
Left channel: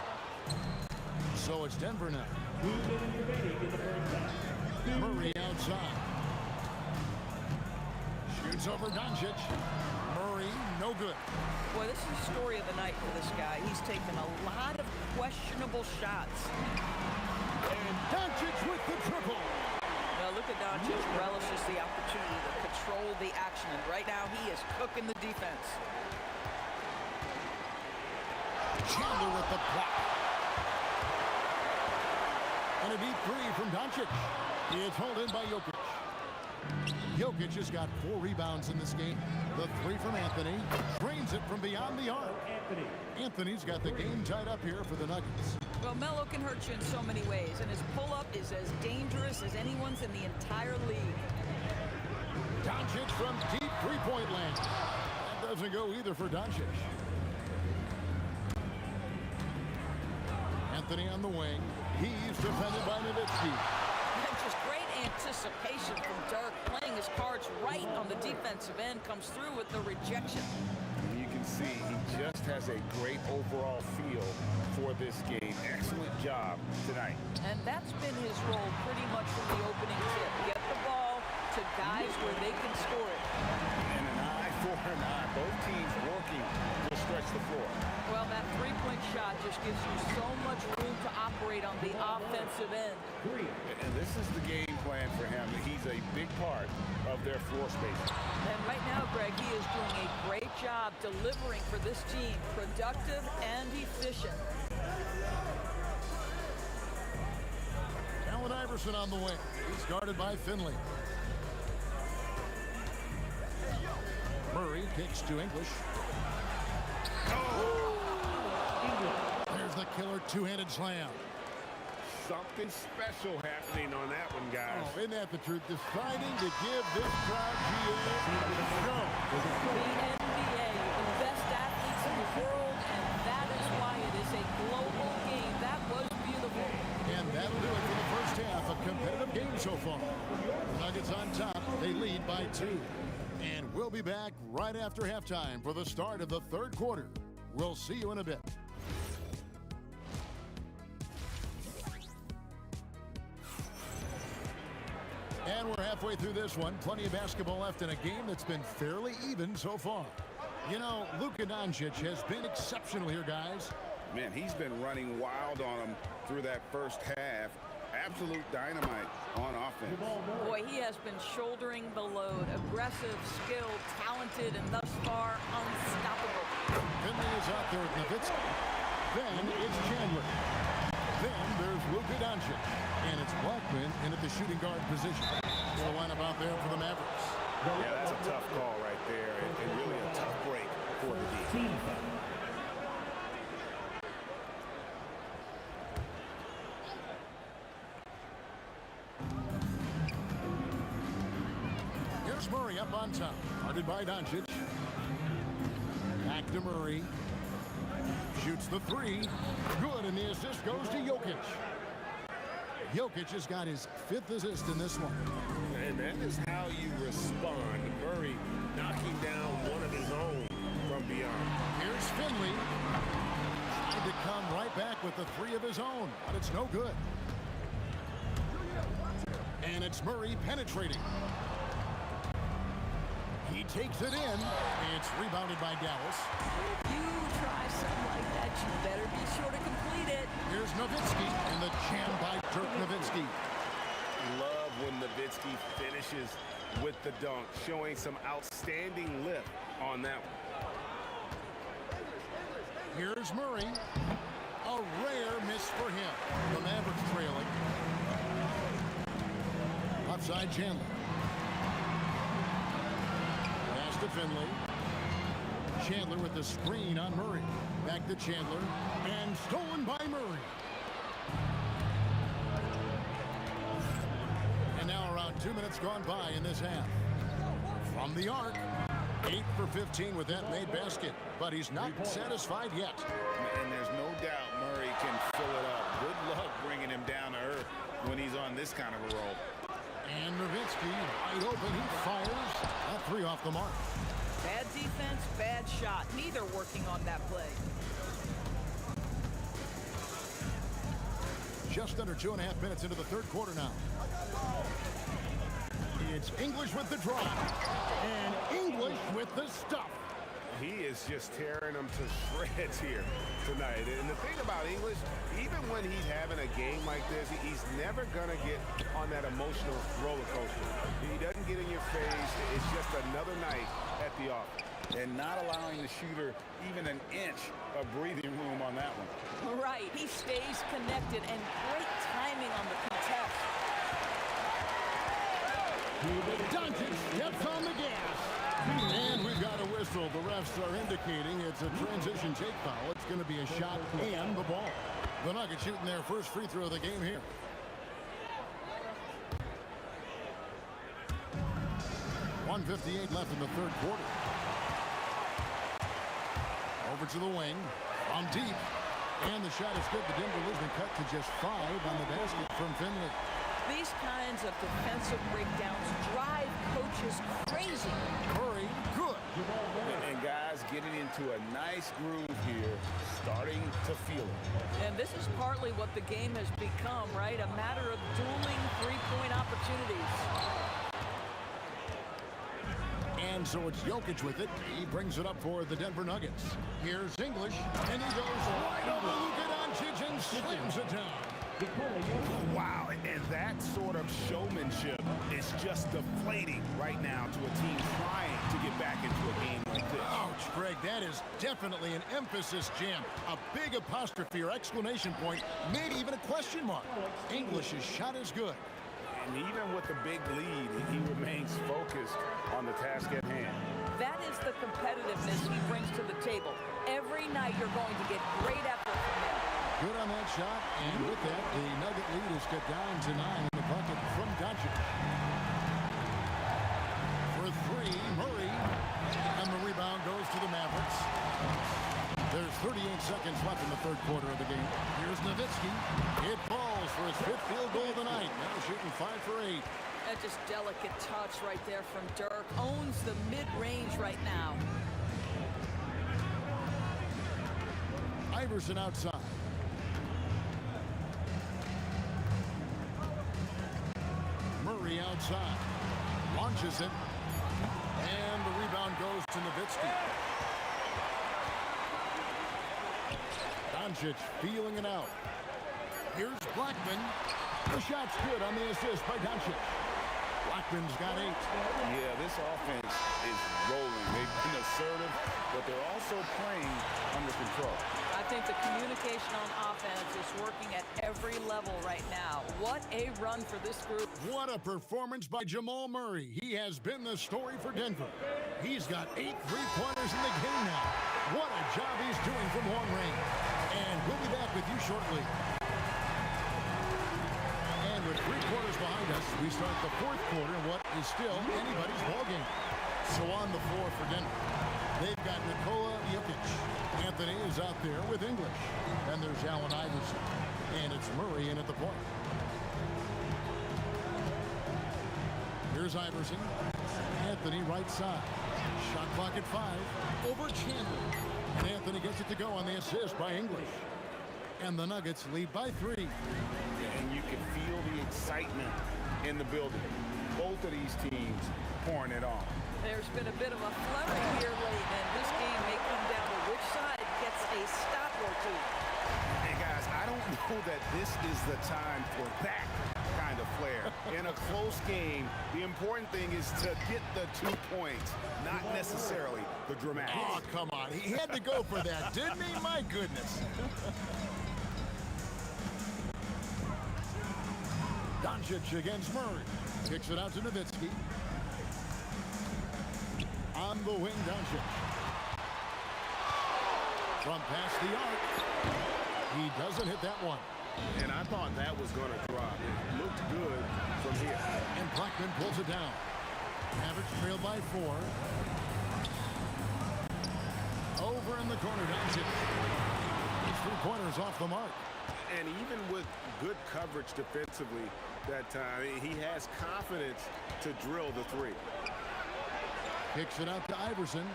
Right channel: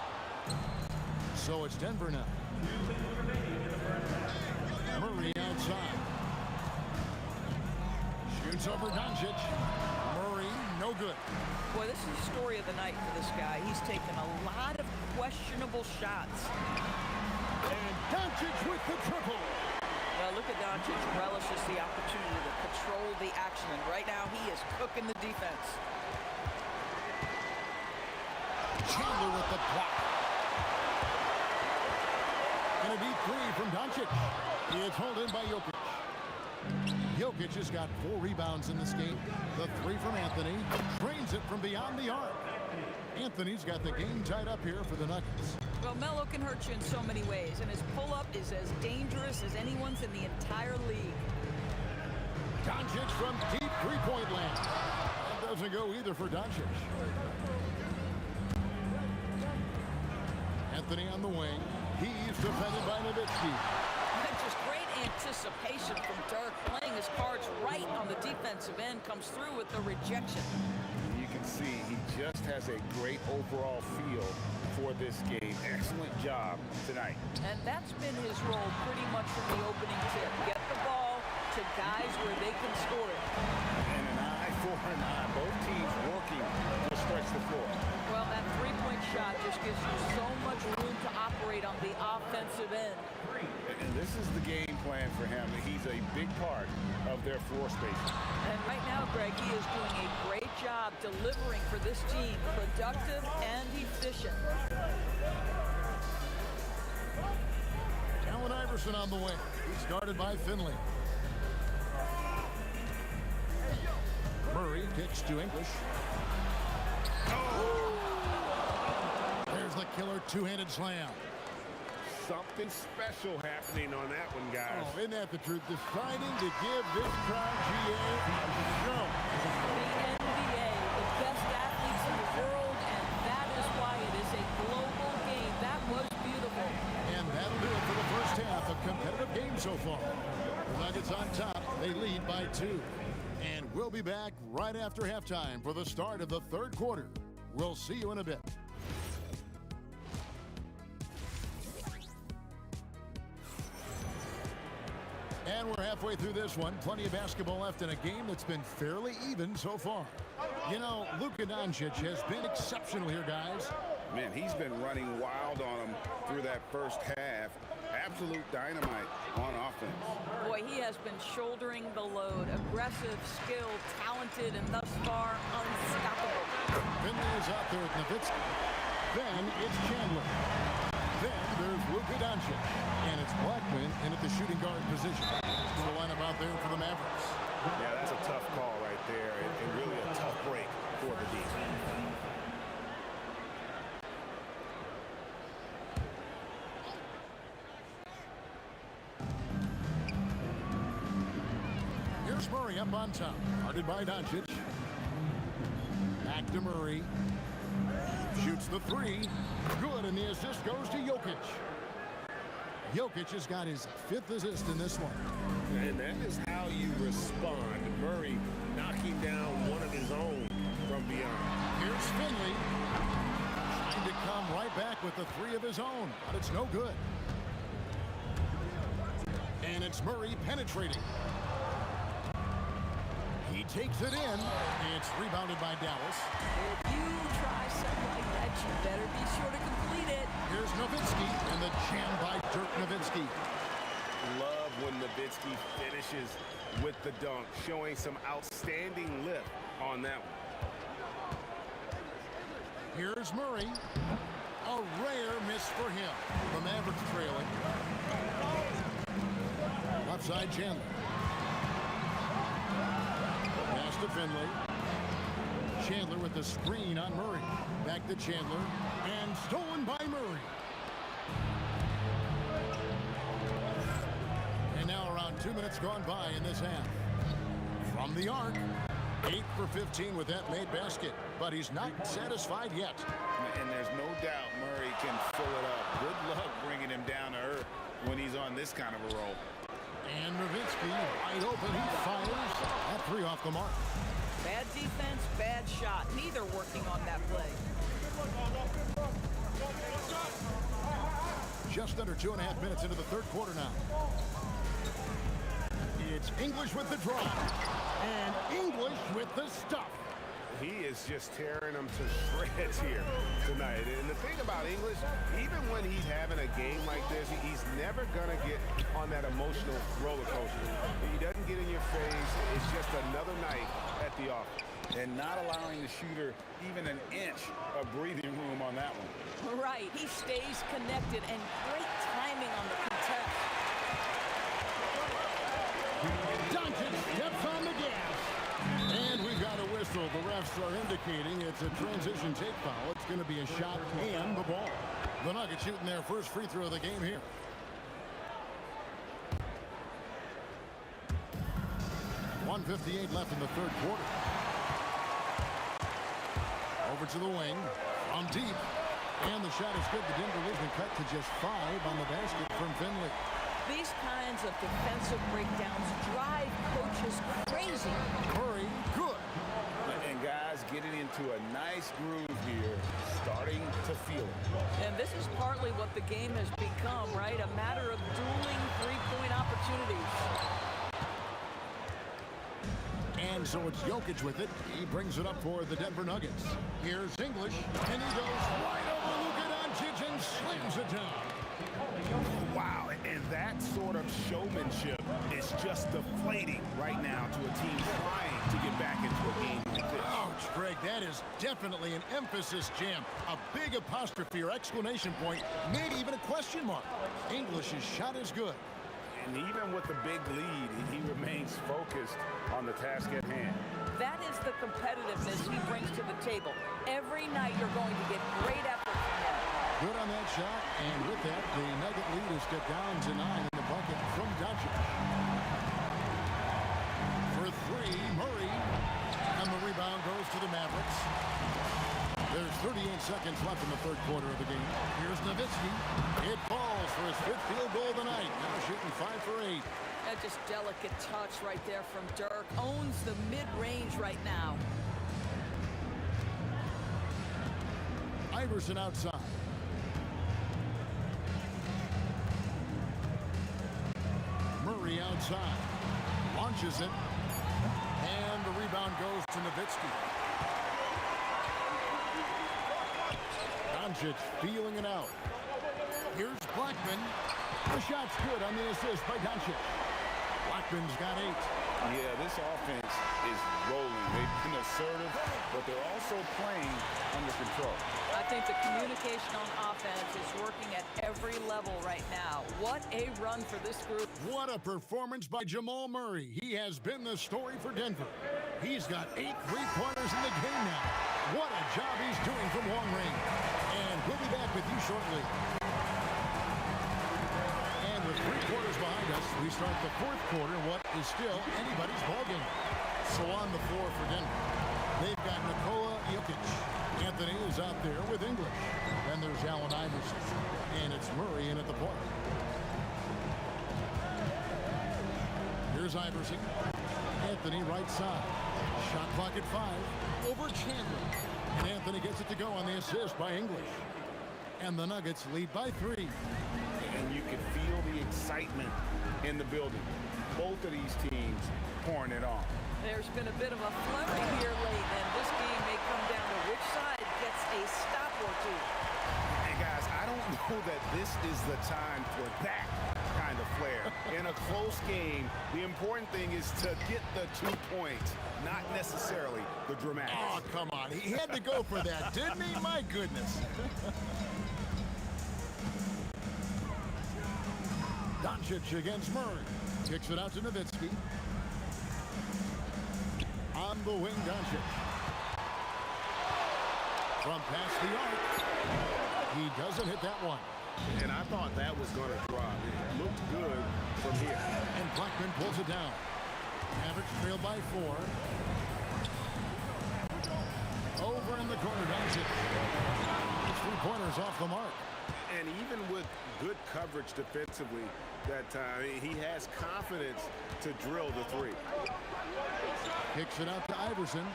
So it's Denver now. Murray outside. Shoots over Doncic. Murray, no good. Boy, this is the story of the night for this guy. He's taken a lot of questionable shots. And Doncic with the triple. Well, look at Doncic relishes the opportunity to control the action, and right now he is cooking the defense. Chandler with the block. And a deep 3 from Doncic. It's held in by Jokic. Jokic has got 4 rebounds in this game. The 3 from Anthony. Drains it from beyond the arc. Anthony's got the game tied up here for the Nuggets. Well, Melo can hurt you in so many ways, and his pull-up is as dangerous as anyone's in the entire league. Doncic from deep 3-point land. That doesn't go either for Doncic. Anthony on the wing. He's defended by Nowitzki. Just great anticipation from Dirk, playing his cards right on the defensive end, comes through with the rejection. You can see he just has a great overall feel for this game. Excellent job tonight. And that's been his role pretty much from the opening tip. Get the ball to guys where they can score it. And an eye for an eye. Both teams working to stretch the floor. Well, that 3-point shot just gives you so much room to operate on the offensive end. And this is the game plan for him. He's a big part of their floor spacing. And right now, Greg, he is doing a great job delivering for this team. Productive and efficient. Allen Iverson on the wing. He's guarded by Finley. Murray kicks to English. There's the killer 2-handed slam. Something special happening on that one, guys. Oh, isn't that the truth? Deciding to give this crowd GA a show. The NBA, the best athletes in the world, and that is why it is a global game. That was beautiful. And that'll do it for the first half. A competitive game so far. The Nuggets on top. They lead by 2. And we'll be back right after halftime for the start of the third quarter. We'll see you in a bit. And we're halfway through this one. Plenty of basketball left in a game that's been fairly even so far. You know, Luka Doncic has been exceptional here, guys. Man, he's been running wild on him through that first half. Absolute dynamite on offense. Boy, he has been shouldering the load. Aggressive, skilled, talented, and thus far unstoppable. Finley is out there with Nowitzki. Then it's Chandler. Then there's Luka Doncic. And it's Blackman in at the shooting guard position. It's the lineup out there for the Mavericks. Yeah, that's a tough call right there, and really a tough break for the D. Here's Murray up on top. Guarded by Doncic. Back to Murray. Shoots the 3. Good, and the assist goes to Jokic. Jokic has got his 5th assist in this one. And that is how you respond. Murray knocking down one of his own from beyond. Here's Finley. Trying to come right back with the 3 of his own, but it's no good. And it's Murray penetrating. He takes it in. It's rebounded by Dallas. If you try something like that, you better be sure to complete it. Here's Nowitzki, and the jam by Dirk Nowitzki. Love when Nowitzki finishes with the dunk, showing some outstanding lift on that one. Here's Murray. A rare miss for him. The Mavericks trailing. Left side, Chandler. Pass to Finley. Chandler with the screen on Murray. Back to Chandler. And stolen by Murray. And now around 2 minutes gone by in this half. From the arc. 8 for 15 with that made basket. But he's not satisfied yet. And there's no doubt Murray can fill it up. Good luck bringing him down to earth when he's on this kind of a roll. And Nowitzki wide open. He fires. That 3 off the mark. Bad defense, bad shot. Neither working on that play. Just under 2.5 minutes into the third quarter now. It's English with the drive. And English with the stuff. He is just tearing them to shreds here tonight. And the thing about English, even when he's having a game like this, he's never going to get on that emotional roller coaster. He doesn't get in your face. It's just another night at the office. And not allowing the shooter even an inch of breathing room on that one. Right. He stays connected, and great timing on the contest. Doncic steps on the gas. And we've got a whistle. The refs are indicating it's a transition take foul. It's going to be a shot and the ball. The Nuggets shooting their first free throw of the game here. .158 left in the third quarter. Over to the wing. From deep. And the shot is good. The Denver Leafs been cut to just 5 on the basket from Finley. These kinds of defensive breakdowns drive coaches crazy. Murray, good. And guys getting into a nice groove here, starting to feel it. And this is partly what the game has become, right? A matter of dueling three-point opportunities. And so it's Jokic with it. He brings it up for the Denver Nuggets. Here's English, and he goes right over Luka Doncic and slams it down. Wow, and that sort of showmanship is just deflating right now to a team trying to get back into a game like this. Ouch, Greg, that is definitely an emphasis jam. A big apostrophe or exclamation point, maybe even a question mark. English's shot is good. And even with the big lead, he remains focused on the task at hand. That is the competitiveness he brings to the table. Every night you're going to get great effort from him. Good on that shot, and with that, the Nugget lead is cut down to 9 in the bucket from Doncic. For 3, Murray, and the rebound goes to the Mavericks. There's 38 seconds left in the third quarter of the game. Here's Nowitzki. It falls for his 5th field goal of the night. Now shooting 5 for 8. That just delicate touch right there from Dirk. Owns the mid-range right now. Iverson outside. Murray outside. Launches it. And the rebound goes to Nowitzki. Doncic feeling it out. Here's Blackman. The shot's good on the assist by Doncic. Blackman's got 8. Yeah, this offense is rolling. They've been assertive, but they're also playing under control. I think the communication on offense is working at every level right now. What a run for this group. What a performance by Jamal Murray. He has been the story for Denver. He's got 8 3-pointers in the game now. What a job he's doing from long range. And we'll be back with you shortly. And with 3 quarters behind us, we start the 4th quarter in what is still anybody's ballgame. So on the floor for Denver, they've got Nikola Jokic. Anthony is out there with English. Then there's Allen Iverson. And it's Murray in at the point. Here's Iverson. Anthony right side. Shot clock at 5. Over Chandler. And Anthony gets it to go on the assist by English. And the Nuggets lead by 3. And you can feel the excitement in the building. Both of these teams pouring it on. There's been a bit of a flurry here late, and this game may come down to which side gets a stop or 2. Hey, guys, I don't know that this is the time for that kind of flair. In a close game, the important thing is to get the 2 points, not necessarily the dramatics. Oh, come on. He had to go for that, didn't he? My goodness. Doncic against Murray. Kicks it out to Nowitzki. On the wing, Doncic. From past the arc. He doesn't hit that one. And I thought that was going to drop. It looked good from here. And Blackman pulls it down. Mavericks trail by 4. Over in the corner, Doncic. His 3-pointer's off the mark. And even with good coverage defensively that time, he has confidence to drill the 3. Kicks it out to Iverson.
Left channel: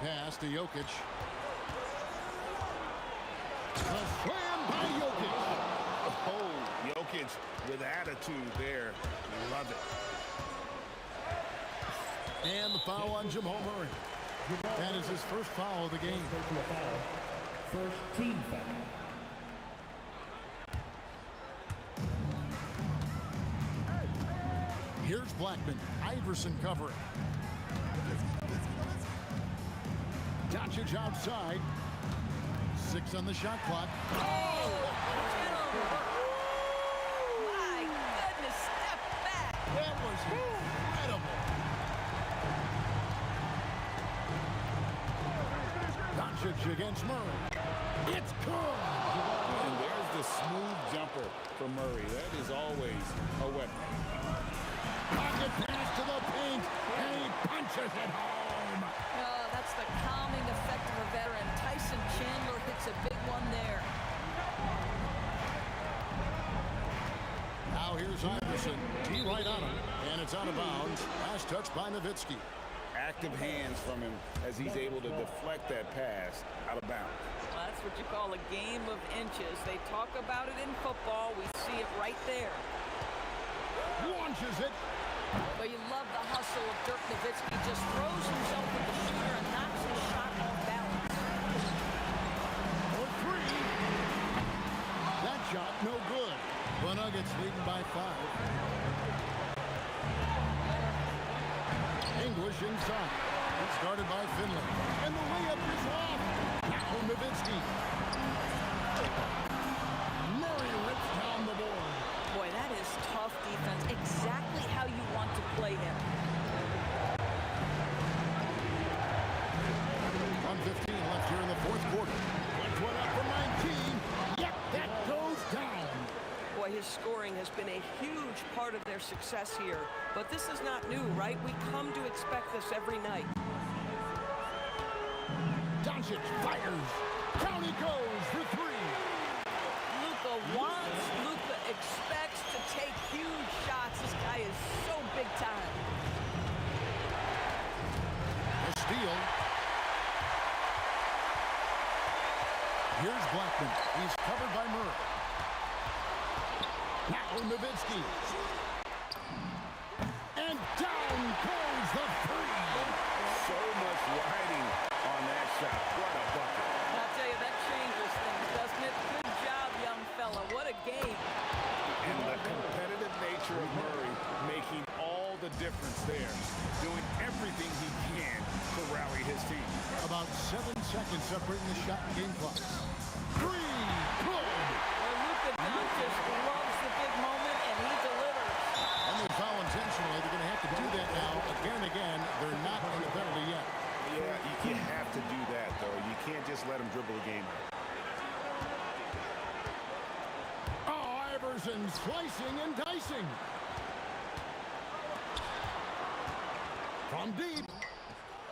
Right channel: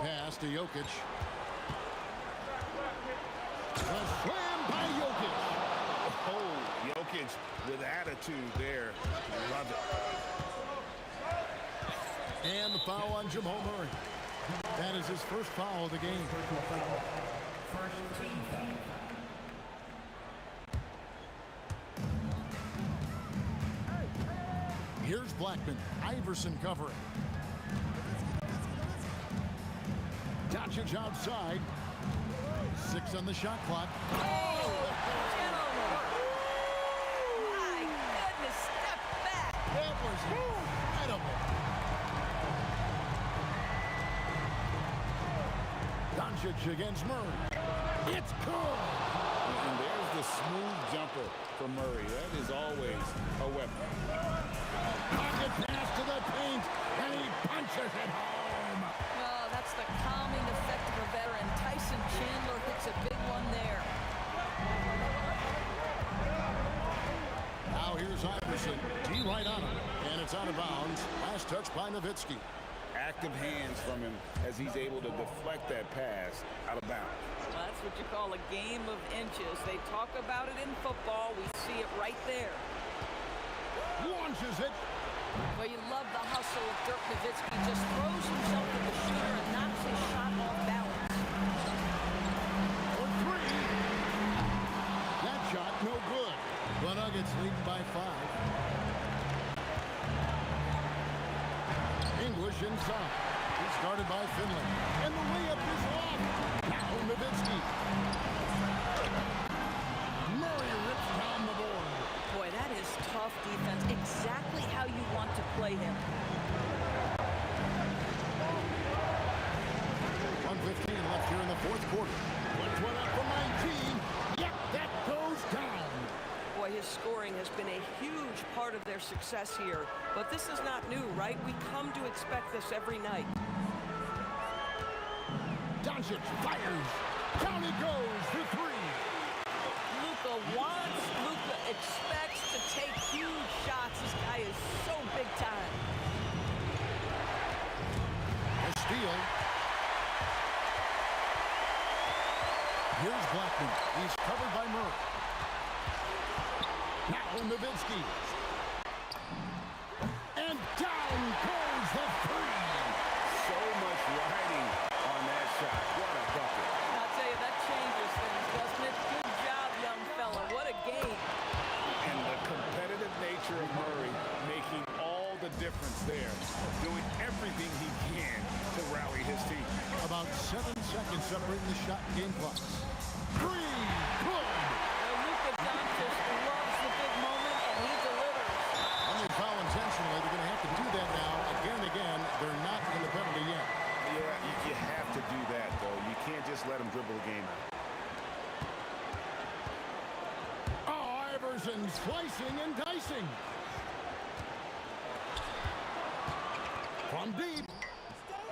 Pass to Jokic. A slam by Jokic. Oh, Jokic with attitude there. Love it. And the foul on Jamal Murray. That is his first foul of the game. First team foul. Here's Blackman. Iverson covering. Doncic outside. 6 on the shot clock. Oh, gentlemen. My goodness, step back. That was incredible. Doncic against Murray. It's good. And there's the smooth jumper for Murray. That is always a weapon. Pocket pass to the paint, and he punches it home. Oh, that's the calming effect of a veteran. Tyson Chandler hits a big one there. Now here's Iverson. D right on him, and it's out of bounds. Last touch by Nowitzki. Active hands from him as he's able to deflect that pass out of bounds. Well, that's what you call a game of inches. They talk about it in football. We see it right there. Launches it. But you love the hustle of Dirk Nowitzki. Just throws himself at the shooter and knocks his shot off balance. For 3. That shot no good. The Nuggets leading by 5. English inside. He's guarded by Finley. And the layup is off. Now Nowitzki. Murray rips down the board. Boy, that is tough defense. Exactly how you want to play him. 1:15 left here in the 4th quarter. one up from 19. Yep, that goes down. Boy, his scoring has been a huge part of their success here. But this is not new, right? We come to expect this every night. Doncic fires. Down he goes for three. Luka wants, Luka expects to take huge shots. This guy is so big time. A steal. Here's Blackman. He's covered by Murray. Now Nowitzki. And down goes the three. So much riding on that shot. What a bucket. I'll tell you, that changes things, doesn't it? Good job, young fella. What a game. And the competitive nature of Murray making all the difference there. Doing everything he can to rally his team. About 7 seconds separating the shot and game clocks. Three, good. Well, Luka Doncic loves the big moment, and he delivers. And they foul intentionally. They're going to have to do that now again and again. They're not in the penalty yet. Yeah, you have to do that, though. You can't just let him dribble the game out. Oh, Iverson slicing and dicing. From deep,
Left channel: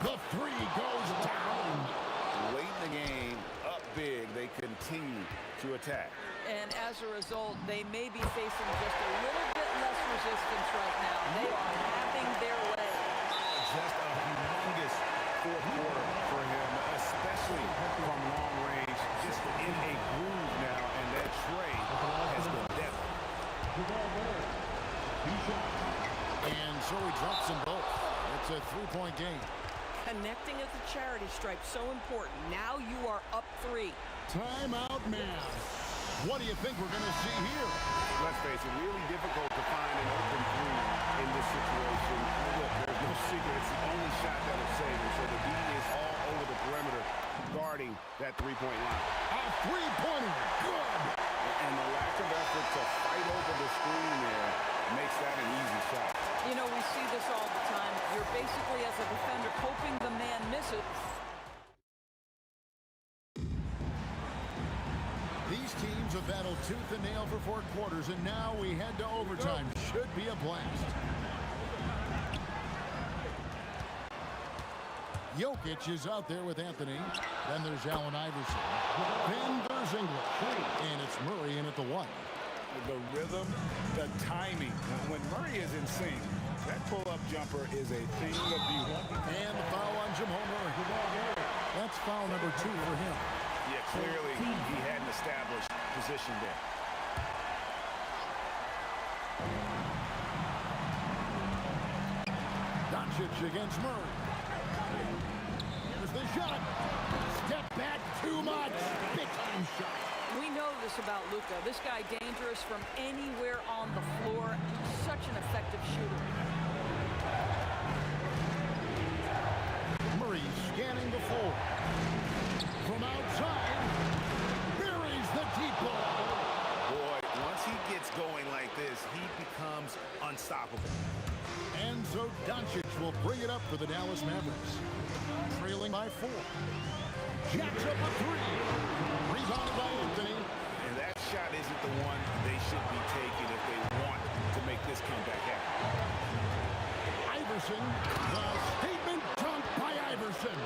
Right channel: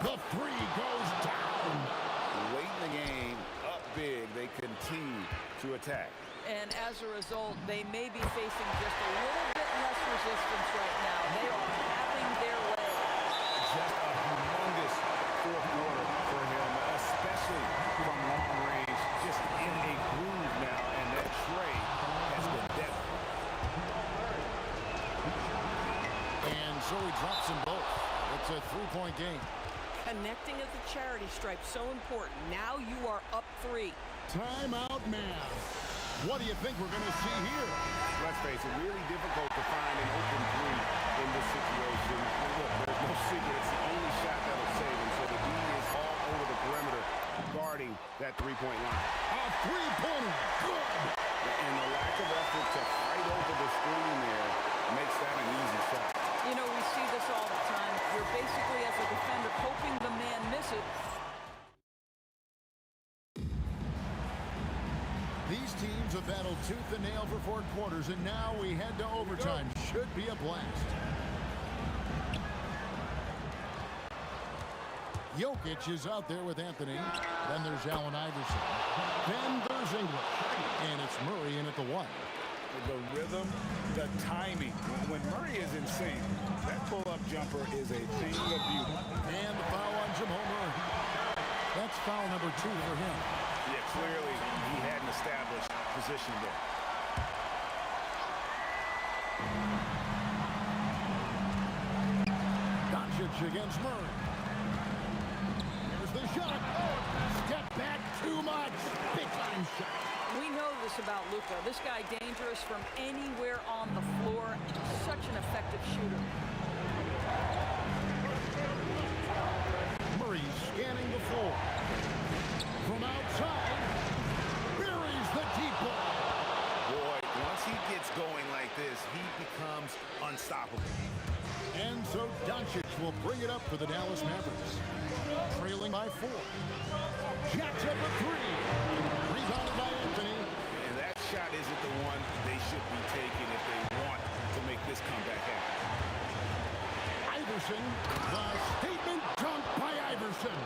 the three goes down. Late in the game, up big, they continue to attack. And as a result, they may be facing just a little bit less resistance right now. They are having their way. Just a humongous fourth quarter for him, especially from long range. Just in a groove now, and that tray has been deadly. And so he drops them both. It's a three-point game. Connecting at the charity stripe, so important. Now you are up 3. Timeout, man. What do you think we're going to see here? Let's face it, really difficult to find an open three in this situation. Look, there's no secret. It's the only shot that'll save him. So the D is all over the perimeter guarding that three-point line. A three-pointer. Good. And the lack of effort to fight over the screen there makes that an easy shot. You know, we see this all the time. You're basically, as a defender, hoping the man misses. These teams have battled tooth and nail for 4 quarters, and now we head to overtime. Should be a blast. Jokic is out there with Anthony. Then there's Allen Iverson. Then there's English. And it's Murray in at the 1. The rhythm, the timing. When Murray is in sync, that pull-up jumper is a thing of beauty. And the foul on Jamal Murray. That's foul number 2 for him. Yeah, clearly he had an established position there. Doncic against Murray. Here's the shot. Step back too much. Big time shot. We know this about Luka. This guy dangerous from anywhere on the floor. Such an effective shooter. Murray scanning the floor. From outside, buries the deep ball. Boy, once he gets going like this, he becomes unstoppable. And so Doncic will bring it up for the Dallas Mavericks. Trailing by 4. Jacks up a 3. Rebounded by Anthony. And that shot isn't the one they should be taking if they want to make this comeback happen. Iverson, the statement dunk by Iverson.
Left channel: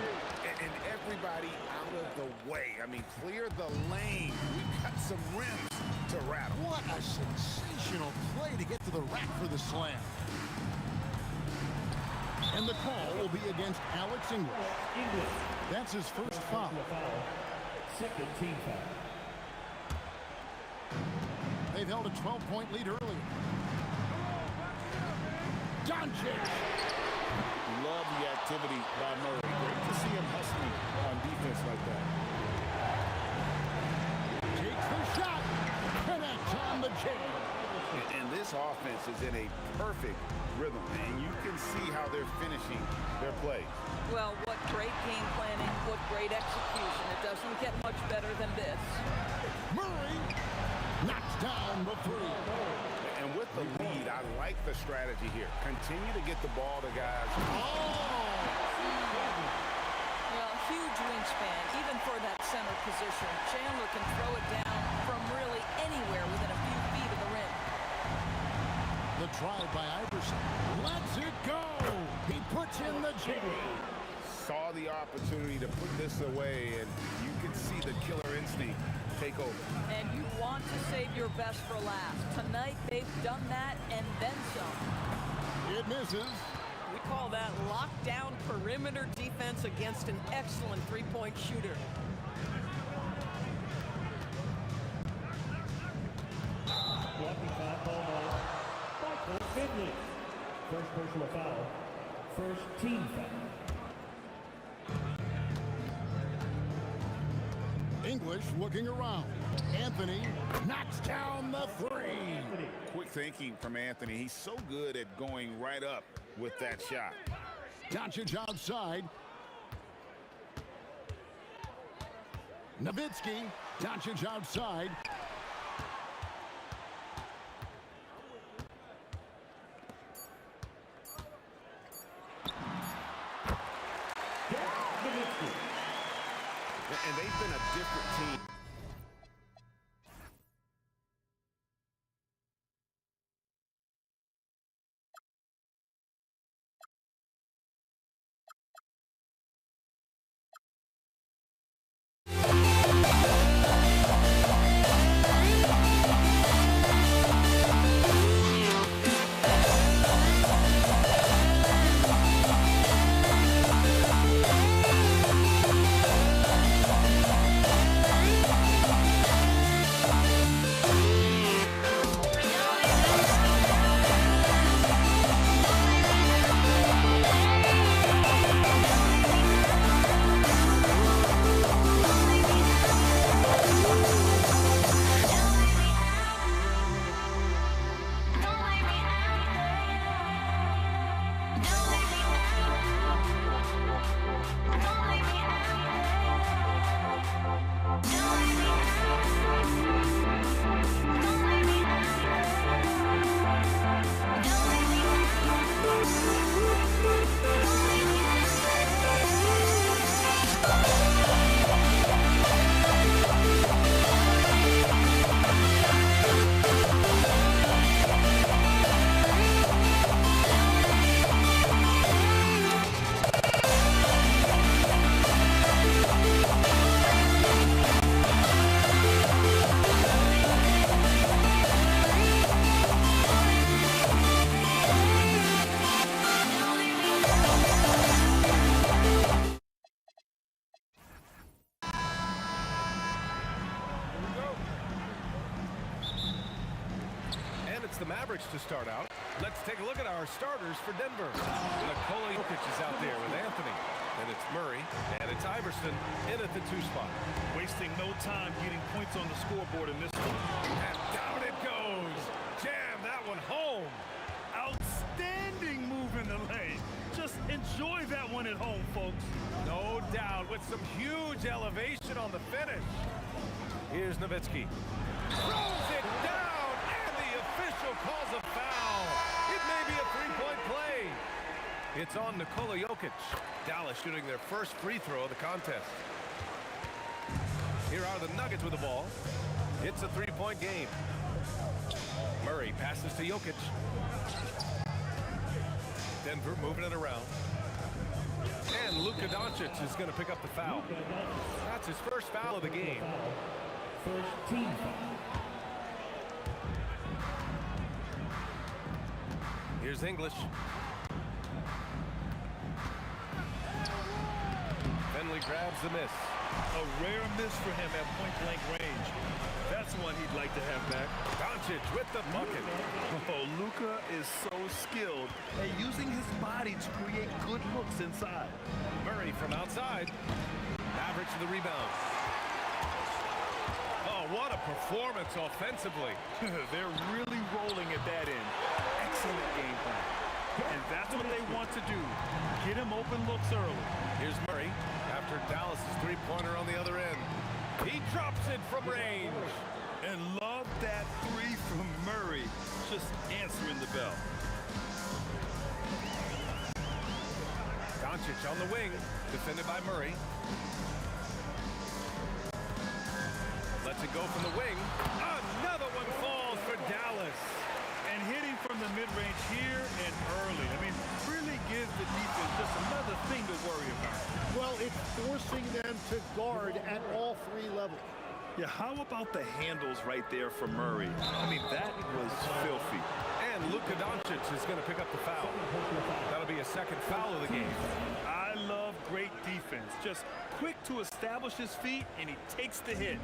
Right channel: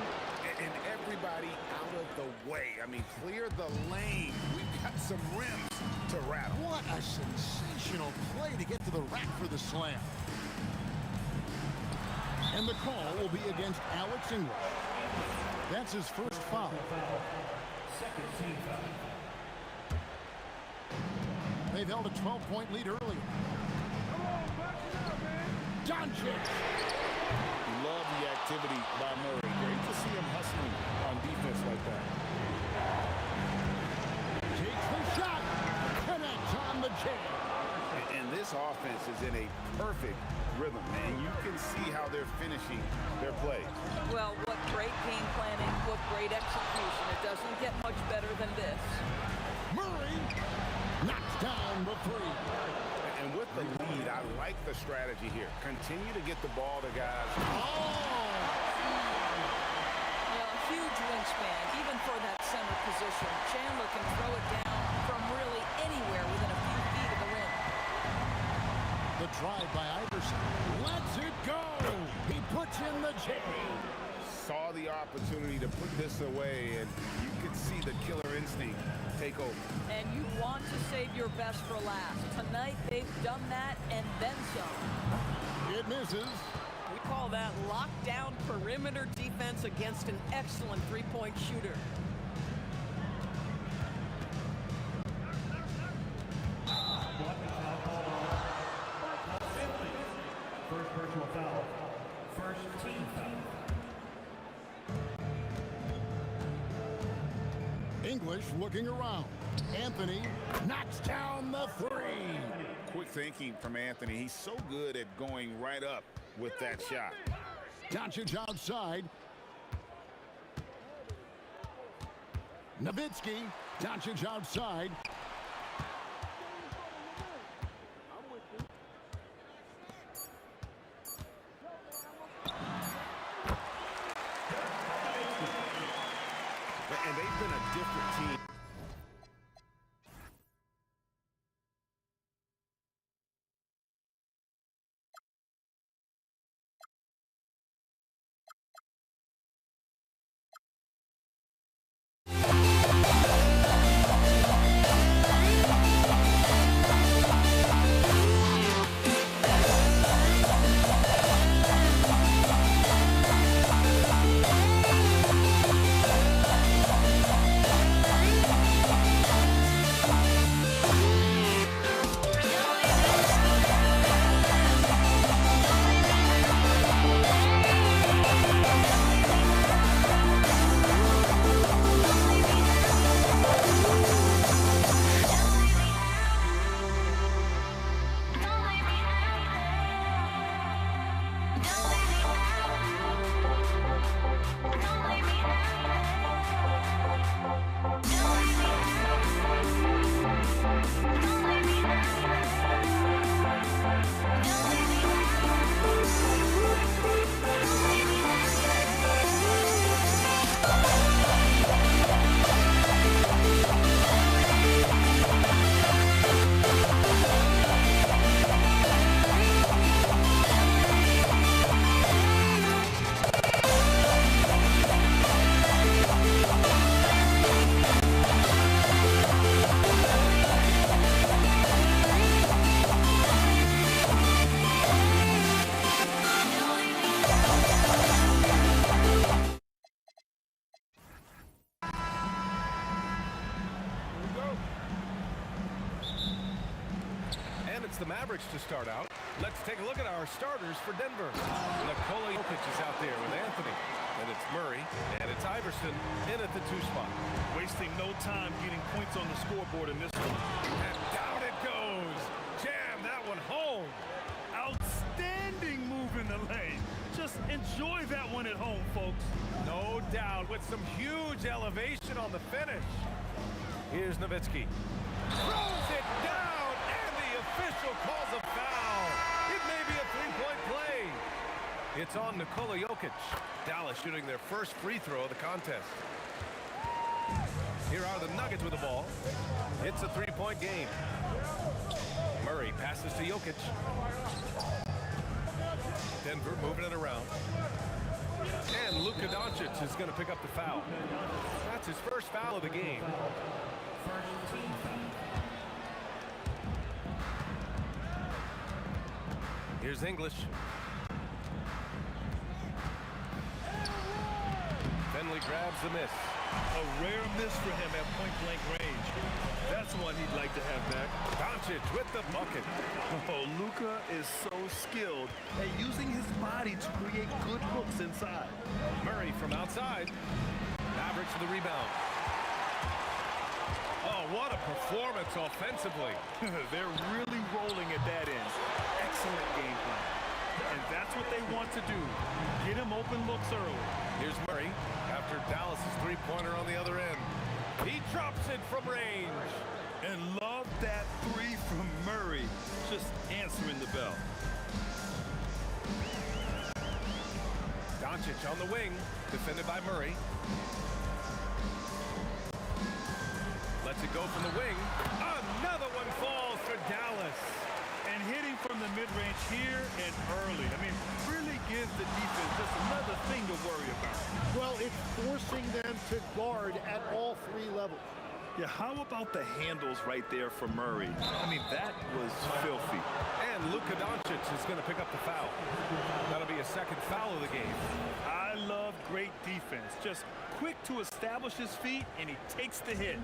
And everybody out of the way. I mean, clear the lane. We've got some rims to rattle. What a sensational play to get to the rack for the slam. And the call will be against Alex English. That's his first foul. Second team foul. They've held a 12-point lead earlier. Doncic. Love the activity by Murray. Great to see him hustling on defense like that. Takes the shot. Connects on the chain. And this offense is in a perfect rhythm, and you can see how they're finishing their plays. Well, what great game planning, what great execution. It doesn't get much better than this. Murray knocks down the 3. And with the lead, I like the strategy here. Continue to get the ball to guys. Oh! Well, huge wingspan, even for that center position. Chandler can throw it down from really anywhere within a few feet of the rim. The drive by Iverson. Lets it go. He puts in the J. Saw the opportunity to put this away, and you could see the killer instinct take over. And you want to save your best for last. Tonight, they've done that and then some. It misses. We call that lockdown perimeter defense against an excellent three-point shooter. Blocking foul called on Michael Finley. First personal foul. First team foul. English looking around. Anthony knocks down the three. Quick thinking from Anthony. He's so good at going right up with that shot. Doncic outside. Nowitzki. Doncic outside. And they've been a different team. The Mavericks to start out. Let's take a look at our starters for Denver. Nikola Jokic is out there with Anthony. Then it's Murray, and it's Iverson in at the 2 spot. Wasting no time getting points on the scoreboard in this one. And down it goes. Jam that one home. Outstanding move in the lane. Just enjoy that one at home, folks. No doubt, with some huge elevation on the finish. Here's Nowitzki. Throws it down, and the official calls a foul. It may be a three-point play. It's on Nikola Jokic. Dallas shooting their first free throw of the contest. Here are the Nuggets with the ball. It's a three-point game. Murray passes to Jokic. Denver moving it around. And Luka Doncic is going to pick up the foul. That's his first foul of the game. First team foul. Here's English. Finley grabs the miss. A rare miss for him at point-blank range. That's one he'd like to have back. Doncic with the bucket. Oh, Luka is so skilled at using his body to create good looks inside. Murray from outside. Mavericks with the rebound. Oh, what a performance offensively. They're really rolling at that end. Excellent game plan. And that's what they want to do. Get him open looks early. Here's Murray after Dallas's three-pointer on the other end. He drops it from range. And love that three from Murray. Just answering the bell. Doncic on the wing, defended by Murray. Lets it go from the wing. Another one falls for Dallas. And hitting from the mid-range here and early. I mean, really gives the defense just another thing to worry about. Well, it's forcing them to guard at all three levels. Yeah, how about the handles right there for Murray? I mean, that was filthy. And Luka Doncic is going to pick up the foul. That'll be a second foul of the game. I love great defense. Just quick to establish his feet, and he takes the hit.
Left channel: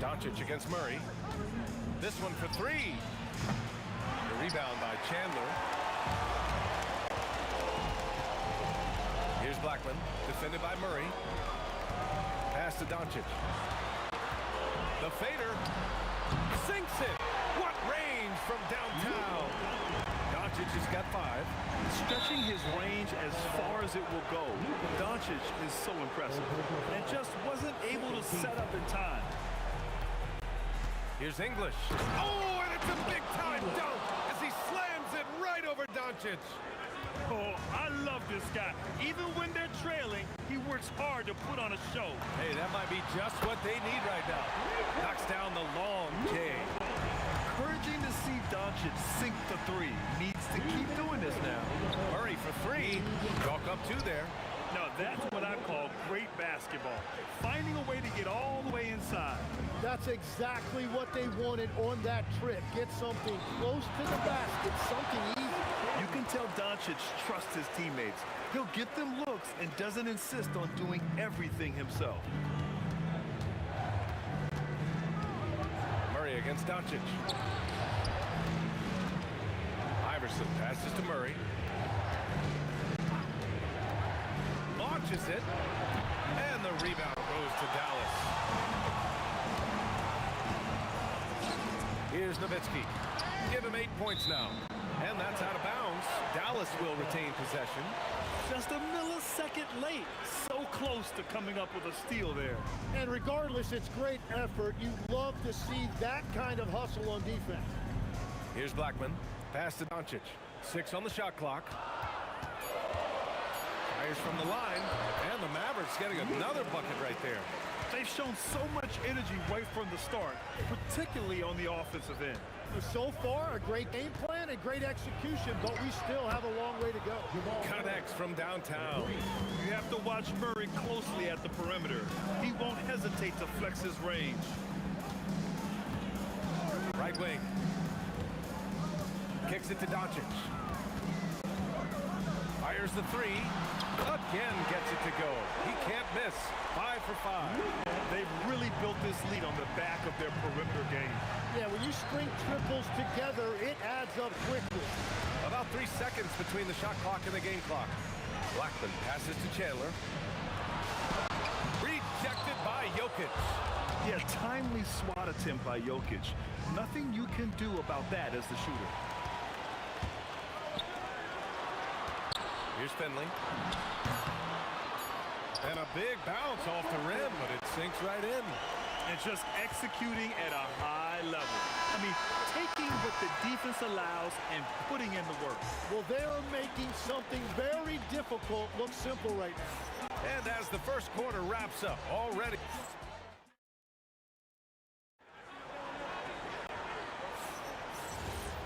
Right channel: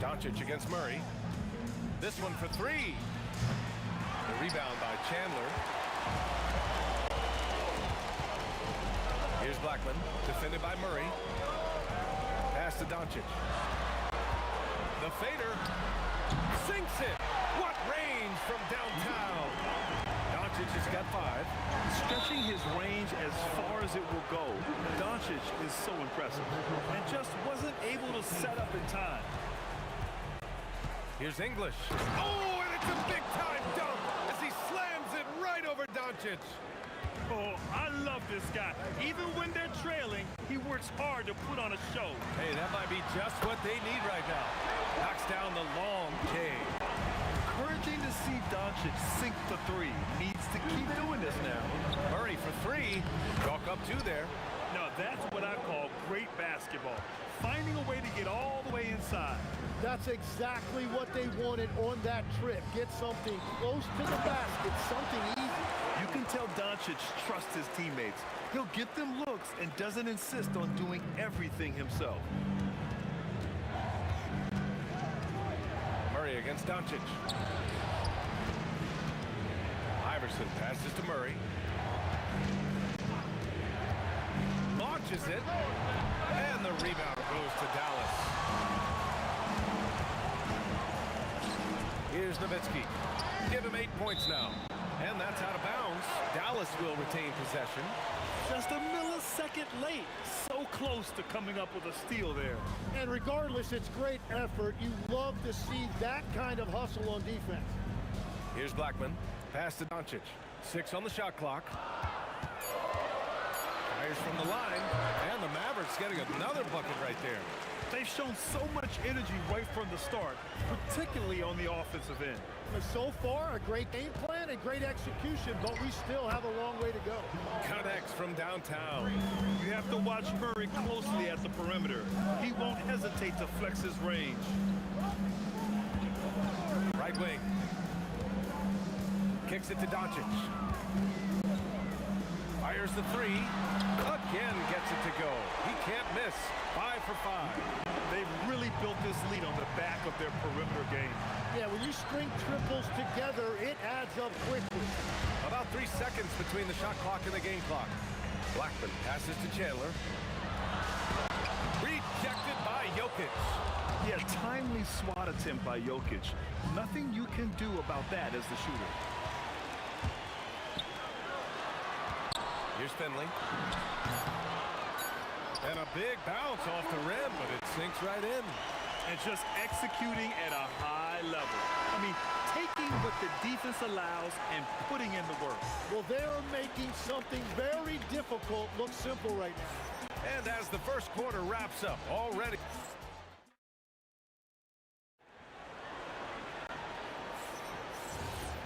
Doncic against Murray. This one for three. The rebound by Chandler. Here's Blackman, defended by Murray. Pass to Doncic. The fader sinks it. What range from downtown. Doncic has got 5. Stretching his range as far as it will go. Doncic is so impressive and just wasn't able to set up in time. Here's English. Oh, and it's a big-time dunk as he slams it right over Doncic. Oh, I love this guy. Even when they're trailing, he works hard to put on a show. Hey, that might be just what they need right now. Knocks down the long J. Encouraging to see Doncic sink the 3. Needs to keep doing this now. Murray for 3. Chalk up 2 there. Now, that's what I call great basketball. Finding a way to get all the way inside. That's exactly what they wanted on that trip. Get something close to the basket, something easy. You can tell Doncic trusts his teammates. He'll get them looks and doesn't insist on doing everything himself. Murray against Doncic. Iverson passes to Murray. Launches it. And the rebound goes to Dallas. Here's Nowitzki. Give him 8 points now. And that's out of bounds. Dallas will retain possession. Just a millisecond late. So close to coming up with a steal there. And regardless, it's great effort. You love to see that kind of hustle on defense. Here's Blackman. Pass to Doncic. 6 on the shot clock. Fires from the line. And the Mavericks getting another bucket right there. They've shown so much energy right from the start, particularly on the offensive end. So far, a great game plan and great execution, but we still have a long way to go. Connects from downtown. You have to watch Murray closely at the perimeter. He won't hesitate to flex his range. Right wing. Kicks it to Doncic. Fires the 3. Again gets it to go. He can't miss. 5 for 5. They've really built this lead on the back of their perimeter game. Yeah, when you string triples together, it adds up quickly. About 3 seconds between the shot clock and the game clock. Blackman passes to Chandler. Rejected by Jokic. Yeah, timely swat attempt by Jokic. Nothing you can do about that as the shooter. Here's Finley. And a big bounce off the rim, but it sinks right in. And just executing at a high level. I mean, taking what the defense allows and putting in the work. Well, they're making something very difficult look simple right now. And as the first quarter wraps up, already.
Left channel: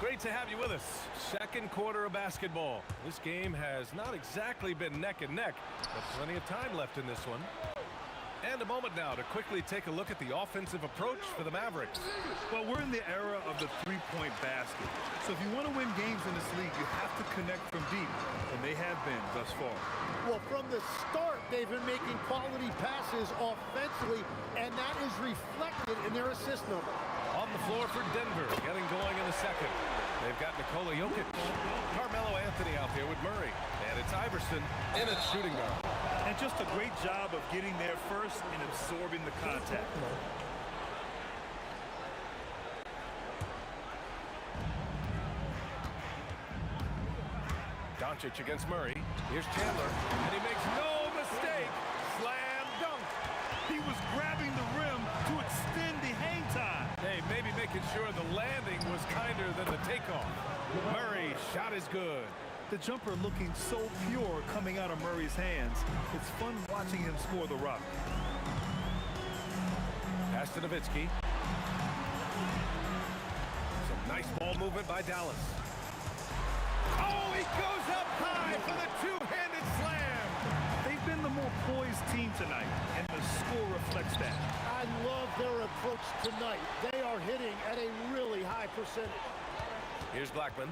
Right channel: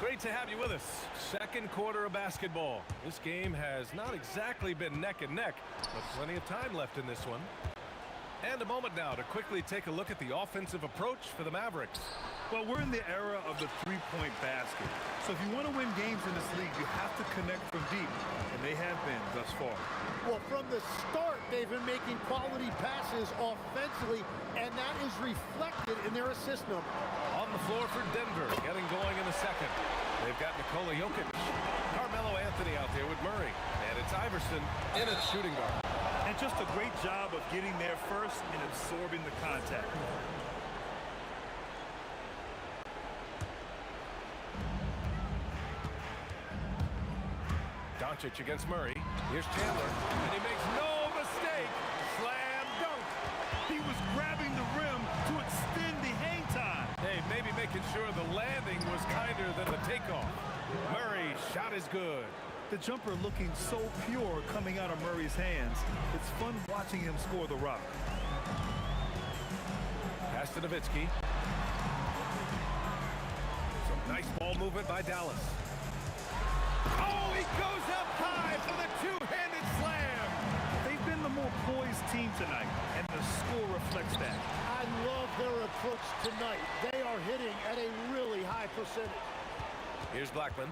Great to have you with us. Second quarter of basketball. This game has not exactly been neck and neck, but plenty of time left in this one. And a moment now to quickly take a look at the offensive approach for the Mavericks. Well, we're in the era of the three-point basket. So if you want to win games in this league, you have to connect from deep, and they have been thus far. Well, from the start, they've been making quality passes offensively, and that is reflected in their assist number. On the floor for Denver, getting going in the second. They've got Nikola Jokic, Carmelo Anthony out there with Murray, and it's Iverson in its shooting guard. And just a great job of getting there first and absorbing the contact. Doncic against Murray. Here's Chandler, and he makes no mistake. Slam dunk. He was grabbing the rim to extend the hang time. Hey, maybe making sure the landing was kinder than the takeoff. Murray's shot is good. The jumper looking so pure coming out of Murray's hands. It's fun watching him score the rock. Pass to Nowitzki. Some nice ball movement by Dallas. Oh, he goes up high for the two-handed slam. They've been the more poised team tonight, and the score reflects that. I love their approach tonight. They are hitting at a really high percentage. Here's Blackman.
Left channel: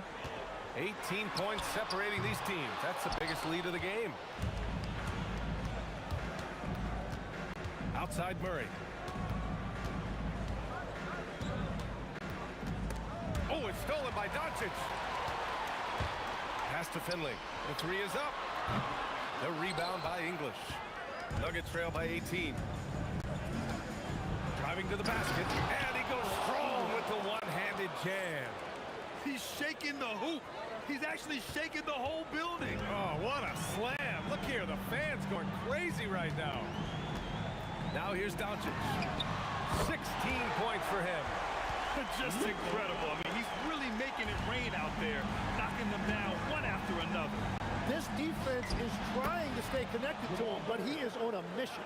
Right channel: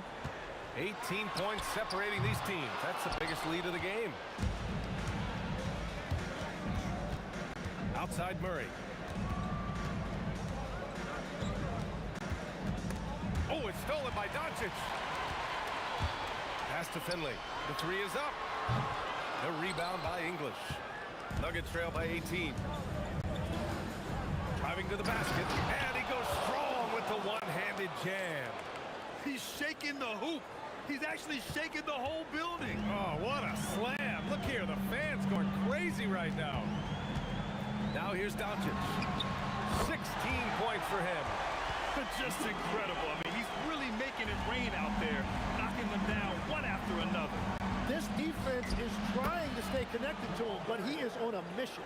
18 points separating these teams. That's the biggest lead of the game. Outside Murray. Oh, it's stolen by Doncic. Pass to Finley. The three is up. The rebound by English. Nuggets trail by 18. Driving to the basket, and he goes strong with the one-handed jam. He's shaking the hoop. He's actually shaking the whole building. Oh, what a slam. Look here, the fans going crazy right now. Now here's Doncic. 16 points for him. Just incredible. I mean, he's really making it rain out there, knocking them down one after another. This defense is trying to stay connected to him, but he is on a mission.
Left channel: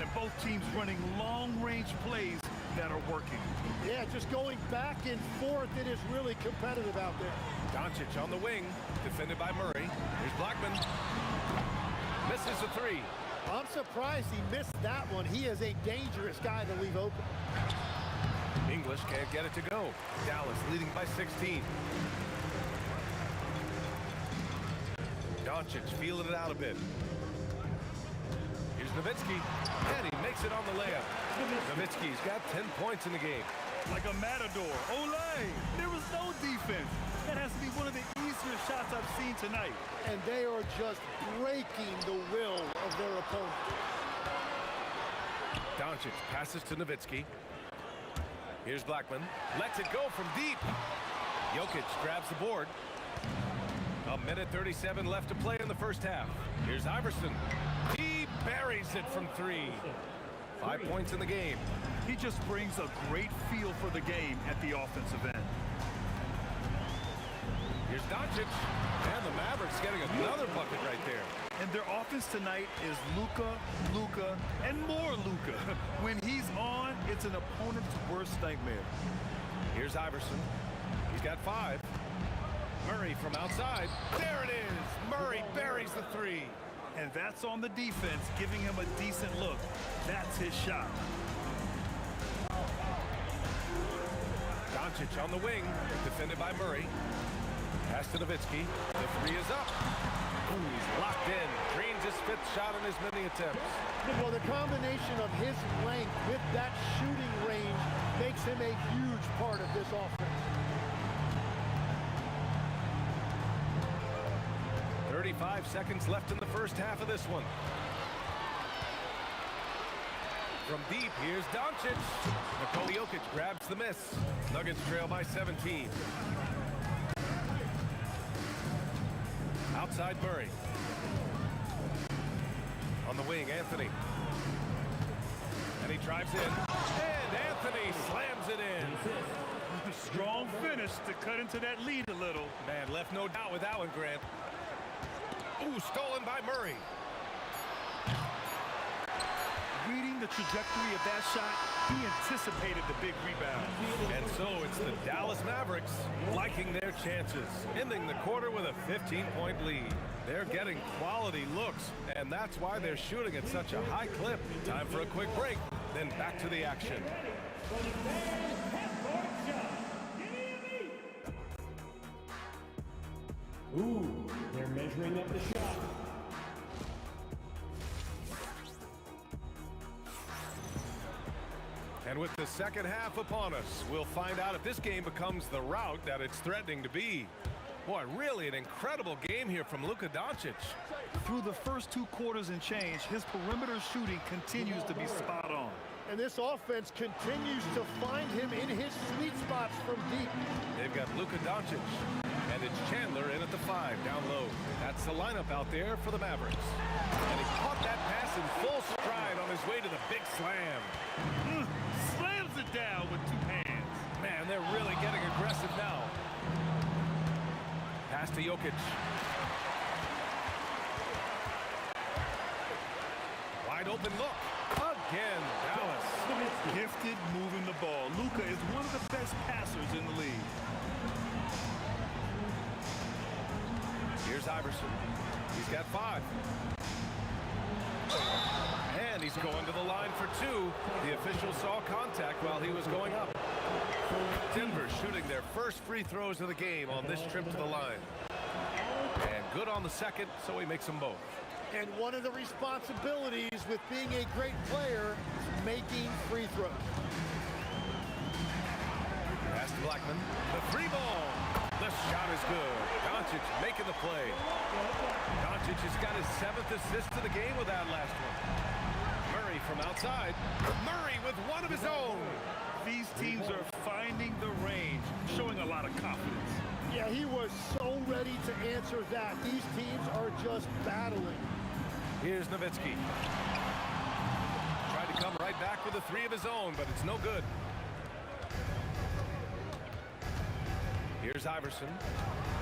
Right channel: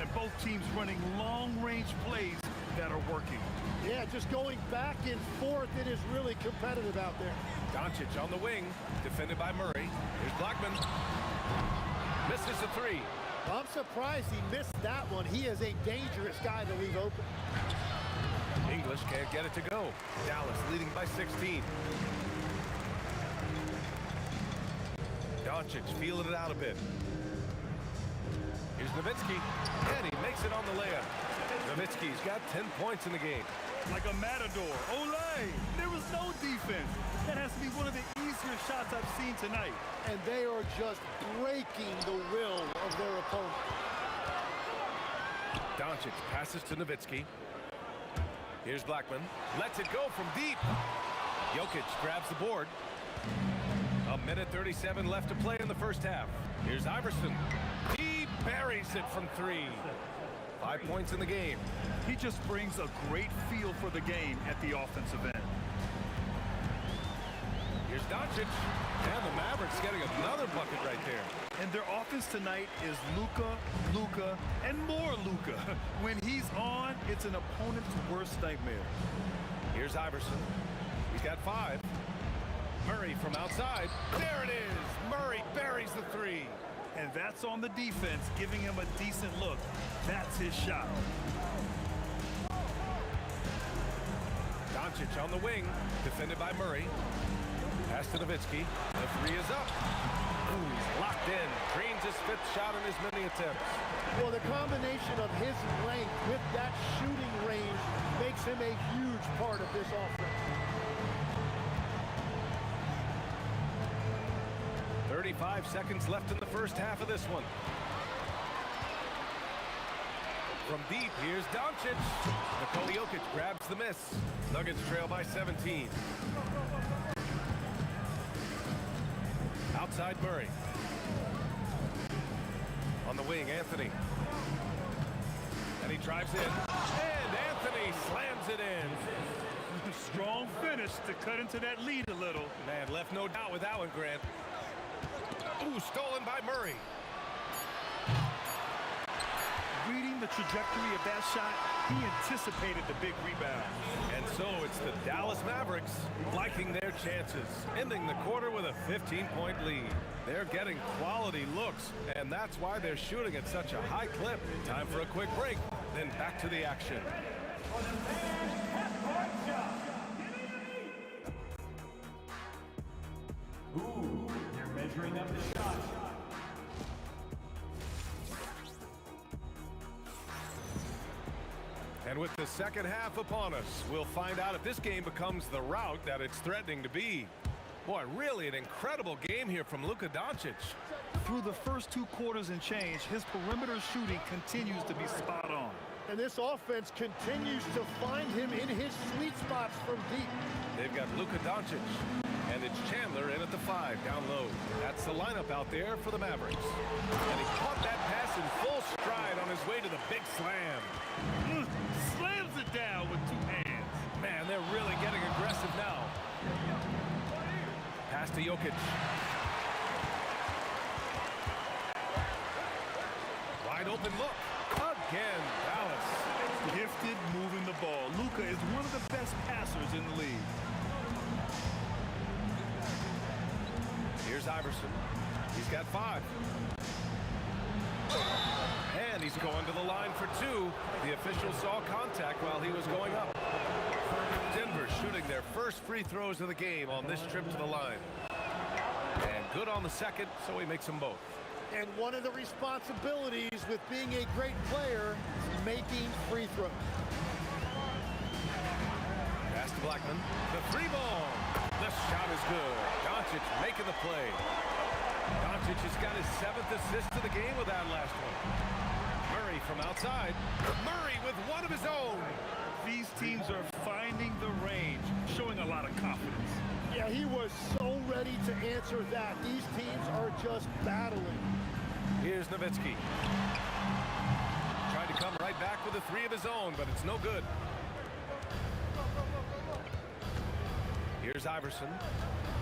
And both teams running long-range plays that are working. Yeah, just going back and forth. It is really competitive out there. Doncic on the wing, defended by Murray. Here's Blackman. Misses a three. I'm surprised he missed that one. He is a dangerous guy to leave open. English can't get it to go. Dallas leading by 16. Doncic feeling it out a bit. Here's Nowitzki, and he makes it on the layup. Nowitzki's got 10 points in the game. Like a matador. Olay! There was no defense. That has to be one of the easier shots I've seen tonight. And they are just breaking the will of their opponent. Doncic passes to Nowitzki. Here's Blackman. Lets it go from deep. Jokic grabs the board. A minute 37 left to play in the first half. Here's Iverson. He buries it from three. 5 points in the game. He just brings a great feel for the game at the offensive end. Here's Doncic. And the Mavericks getting another bucket right there. And their offense tonight is Luka, and more Luka. When he's on, it's an opponent's worst nightmare. Here's Iverson. He's got 5. Murray from outside. There it is. Murray buries the three. And that's on the defense, giving him a decent look. That's his shot. Doncic on the wing, defended by Murray. Pass to Nowitzki. The three is up. Ooh, he's locked in. Drains his 5th shot in his many attempts. Well, the combination of his length with that shooting range makes him a huge part of this offense. 35 seconds left in the first half of this one. From deep, here's Doncic. Nikola Jokic grabs the miss. Nuggets trail by 17. Outside Murray. On the wing, Anthony. And he drives in. And Anthony slams it in. Strong finish to cut into that lead a little. Man, left no doubt with that one, Grant. Ooh, stolen by Murray. Reading the trajectory of that shot, he anticipated the big rebound. And so it's the Dallas Mavericks liking their chances, ending the quarter with a 15-point lead. They're getting quality looks, and that's why they're shooting at such a high clip. Time for a quick break, then back to the action. Ooh, they're measuring up the shot. And with the second half upon us, we'll find out if this game becomes the rout that it's threatening to be. Boy, really an incredible game here from Luka Doncic. Through the first 2 quarters and change, his perimeter shooting continues to be spot on. And this offense continues to find him in his sweet spots from deep. They've got Luka Doncic, and it's Chandler in at the 5 down low. That's the lineup out there for the Mavericks. And he caught that pass in full stride on his way to the big slam. Slams it down with 2 hands. Man, they're really getting aggressive now. Pass to Jokic. wide open look. Again, Dallas. Gifted moving the ball. Luka is one of the best passers in the league. Here's Iverson. He's got 5. And he's going to the line for 2. The official saw contact while he was going up. Denver shooting their first free throws of the game on this trip to the line. And good on the second, so he makes them both. And one of the responsibilities with being a great player is making free throws. Pass to Blackman. The 3 ball. The shot is good. Doncic making the play. Doncic has got his 7th assist of the game with that last one. Murray from outside. Murray with one of his own. These teams are finding the range, showing a lot of confidence. Yeah, he was so ready to answer that. These teams are just battling. Here's Nowitzki. Tried to come right back with a 3 of his own, but it's no good. Here's Iverson.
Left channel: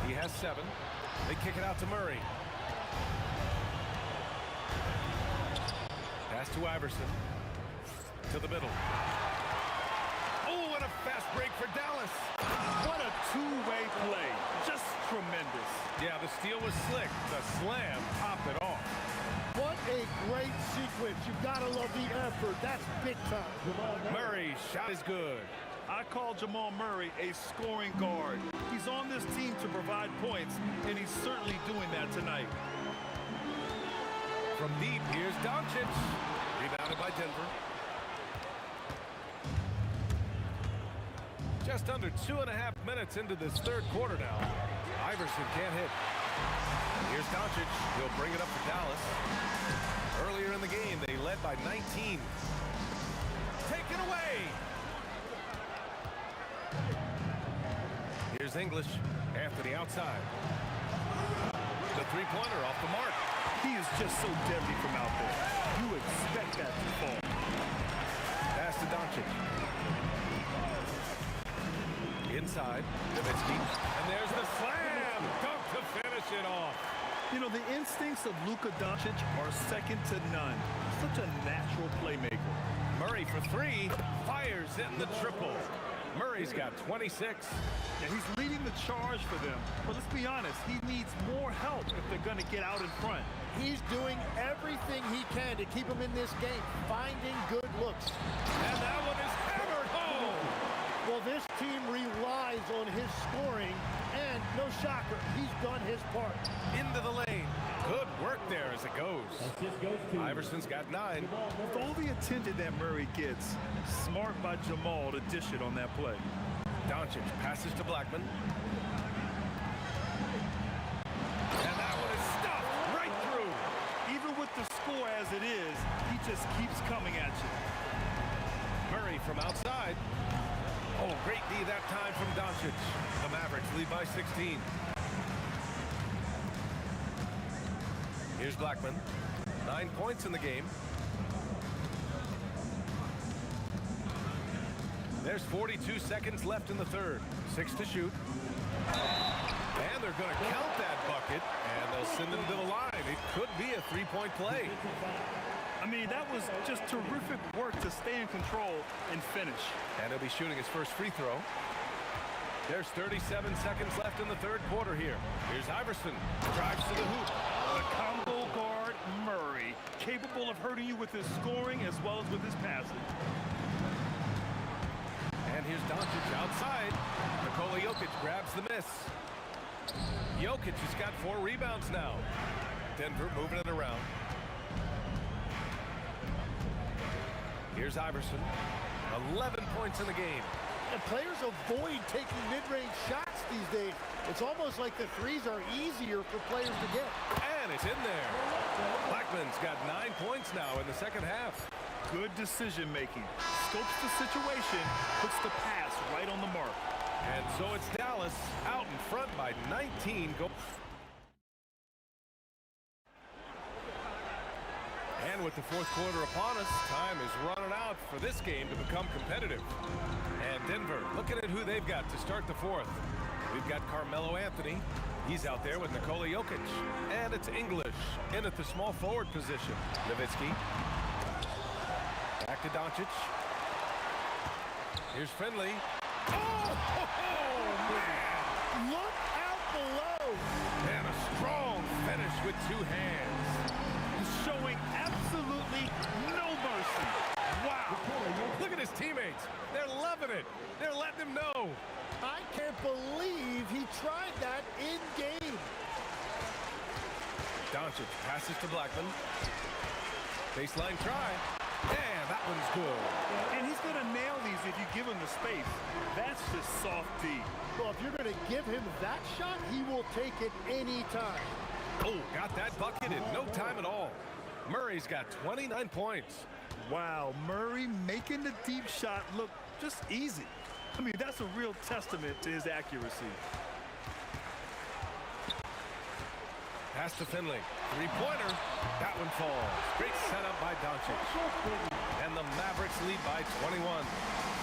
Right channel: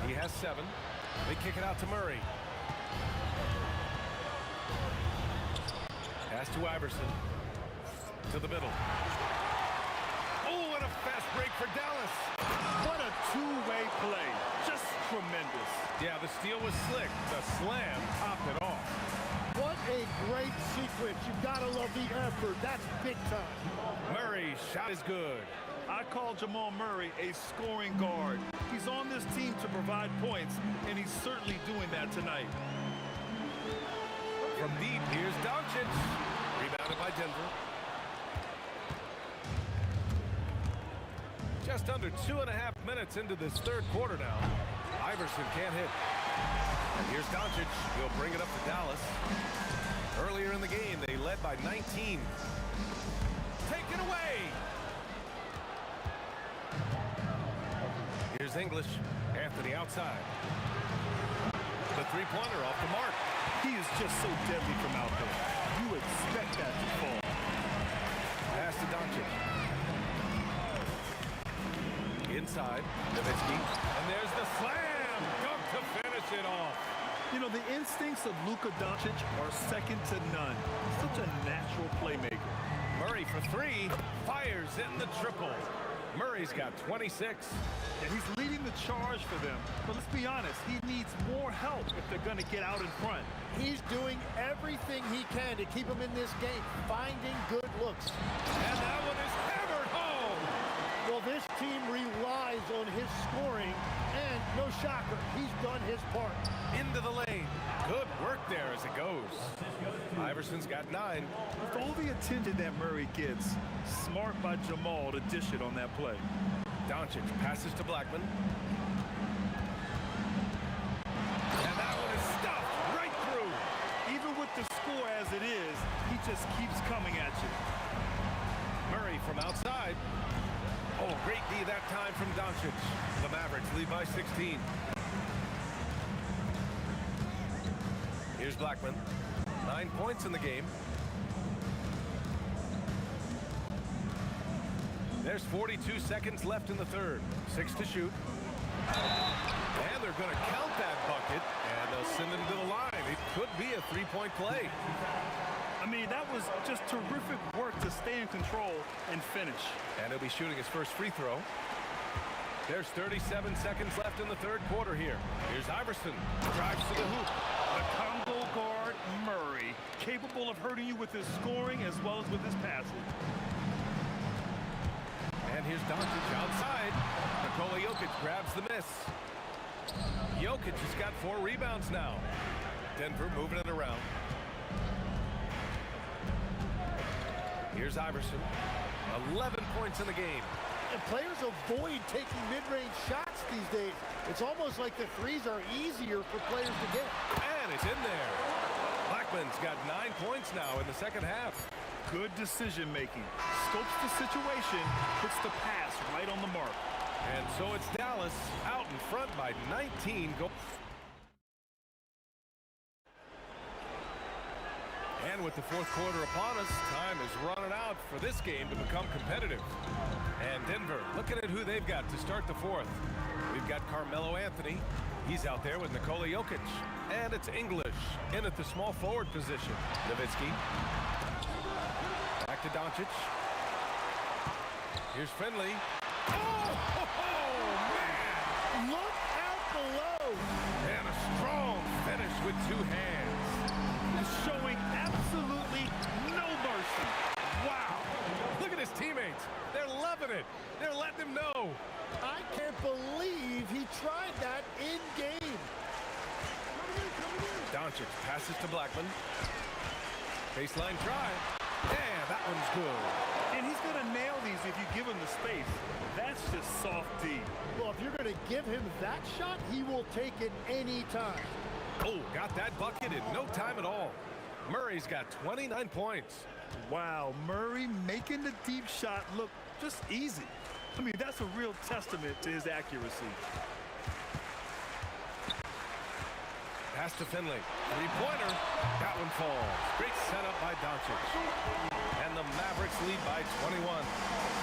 He has 7. They kick it out to Murray. Pass to Iverson. To the middle. Oh, and a fast break for Dallas. What a two-way play. Just tremendous. Yeah, the steal was slick. The slam topped it off. What a great sequence. You've got to love the effort. That's big time. Murray's shot is good. I call Jamal Murray a scoring guard. He's on this team to provide points, and he's certainly doing that tonight. From deep, here's Doncic. Rebounded by Denver. Just under 2.5 minutes into this third quarter now. Iverson can't hit. And here's Doncic. He'll bring it up for Dallas. Earlier in the game, they led by 19. Take it away. Here's English. Anthony outside. The 3-pointer off the mark. He is just so deadly from out there. You expect that to fall. Pass to Doncic. Inside, Nowitzki. And there's the slam. Dunk to finish it off. You know, the instincts of Luka Doncic are second to none. Such a natural playmaker. Murray for 3. Fires in the triple. Murray's got 26. Yeah, he's leading the charge for them. But let's be honest, he needs more help if they're going to get out in front. He's doing everything he can to keep him in this game, finding good looks. And that one is hammered home. Well, this team relies on his scoring, and no shocker, he's done his part. Into the lane. Good work there as it goes. Iverson's got 9. With all the attention that Murray gets, smart by Jamal to dish it on that play. Doncic passes to Blackman. And that one is stuffed right through. Even with the score as it is, he just keeps coming at you. Murray from outside. Oh, great D that time from Doncic. The Mavericks lead by 16. Here's Blackman. 9 points in the game. There's 42 seconds left in the third. 6 to shoot. And they're going to count that bucket, and they'll send him to the line. It could be a 3-point play. I mean, that was just terrific work to stay in control and finish. And he'll be shooting his first free throw. There's 37 seconds left in the third quarter here. Here's Iverson. Drives to the hoop. The combo guard, Murray, capable of hurting you with his scoring as well as with his passing. And here's Doncic outside. Nikola Jokic grabs the miss. Jokic has got 4 rebounds now. Denver moving it around. Here's Iverson. 11 points in the game. And players avoid taking mid-range shots these days. It's almost like the threes are easier for players to get. And it's in there. Blackman's got 9 points now in the second half. Good decision-making. Scopes the situation, puts the pass right on the mark. And so it's Dallas out in front by 19. And with the fourth quarter upon us, time is running out for this game to become competitive. And Denver, looking at who they've got to start the fourth. We've got Carmelo Anthony. He's out there with Nikola Jokic. And it's English in at the small forward position. Nowitzki. Back to Doncic. Here's Finley. Oh, man! Look out below. And a strong finish with two hands. He's showing absolutely no mercy. Wow. Look at his teammates. They're loving it. They're letting him know. I can't believe he tried that in game. Doncic passes to Blackman. Baseline try. Yeah, that one's good. And he's going to nail these if you give him the space. That's just soft D. Well, if you're going to give him that shot, he will take it any time. Oh, got that bucket in no time at all. Murray's got 29 points. Wow, Murray making the deep shot look just easy. I mean, that's a real testament to his accuracy. Pass to Finley. Three-pointer. That one falls. Great setup by Doncic. And the Mavericks lead by 21.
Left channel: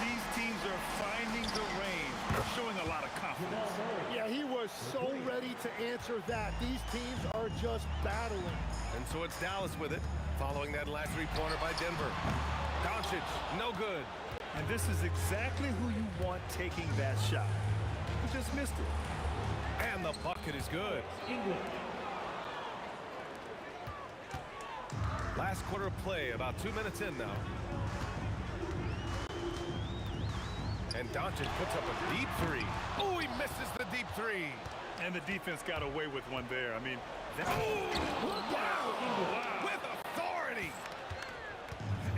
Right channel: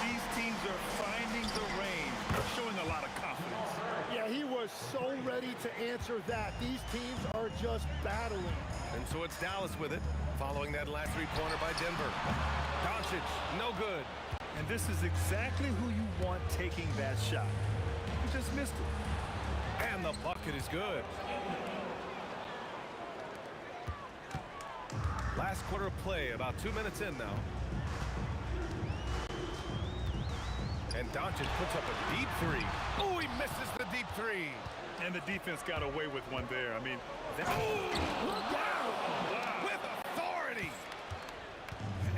These teams are finding the range, showing a lot of confidence. Yeah, he was so ready to answer that. These teams are just battling. And so it's Dallas with it, following that last three-pointer by Denver. Doncic, no good. And this is exactly who you want taking that shot. He just missed it. And the bucket is good. Last quarter of play, about 2 minutes in now. And Doncic puts up a deep three. Oh, he misses the deep three. And the defense got away with one there. I mean, that... Look out! Wow. With authority.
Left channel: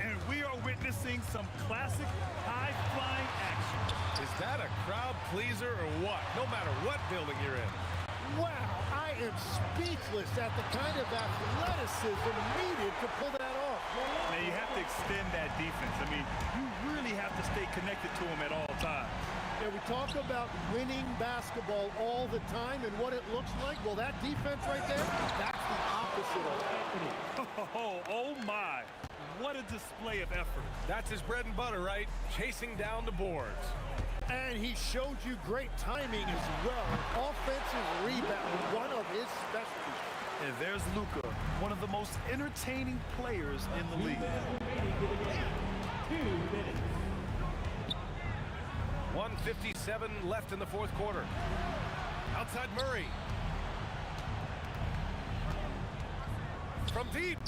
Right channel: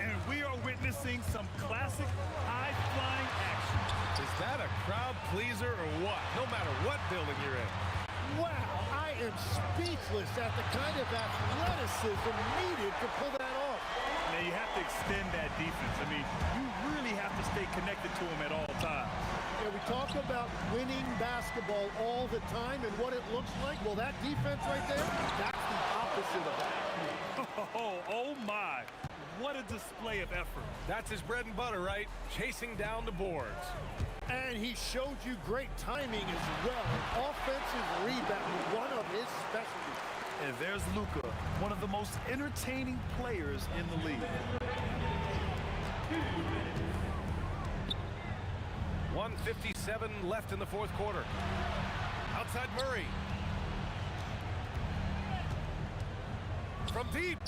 And we are witnessing some classic high-flying action. Is that a crowd pleaser or what? No matter what building you're in. Wow, I am speechless at the kind of athleticism needed to pull that off. Now, you have to extend that defense. I mean, you really have to stay connected to him at all times. Yeah, we talk about winning basketball all the time and what it looks like. Well, that defense right there, that's the opposite of that. Oh my. What a display of effort. That's his bread and butter, right? Chasing down the boards. And he showed you great timing as well. Offensive rebound, one of his specialties. And there's Luka, one of the most entertaining players in the league. 1:57 left in the fourth quarter. Outside Murray. From deep.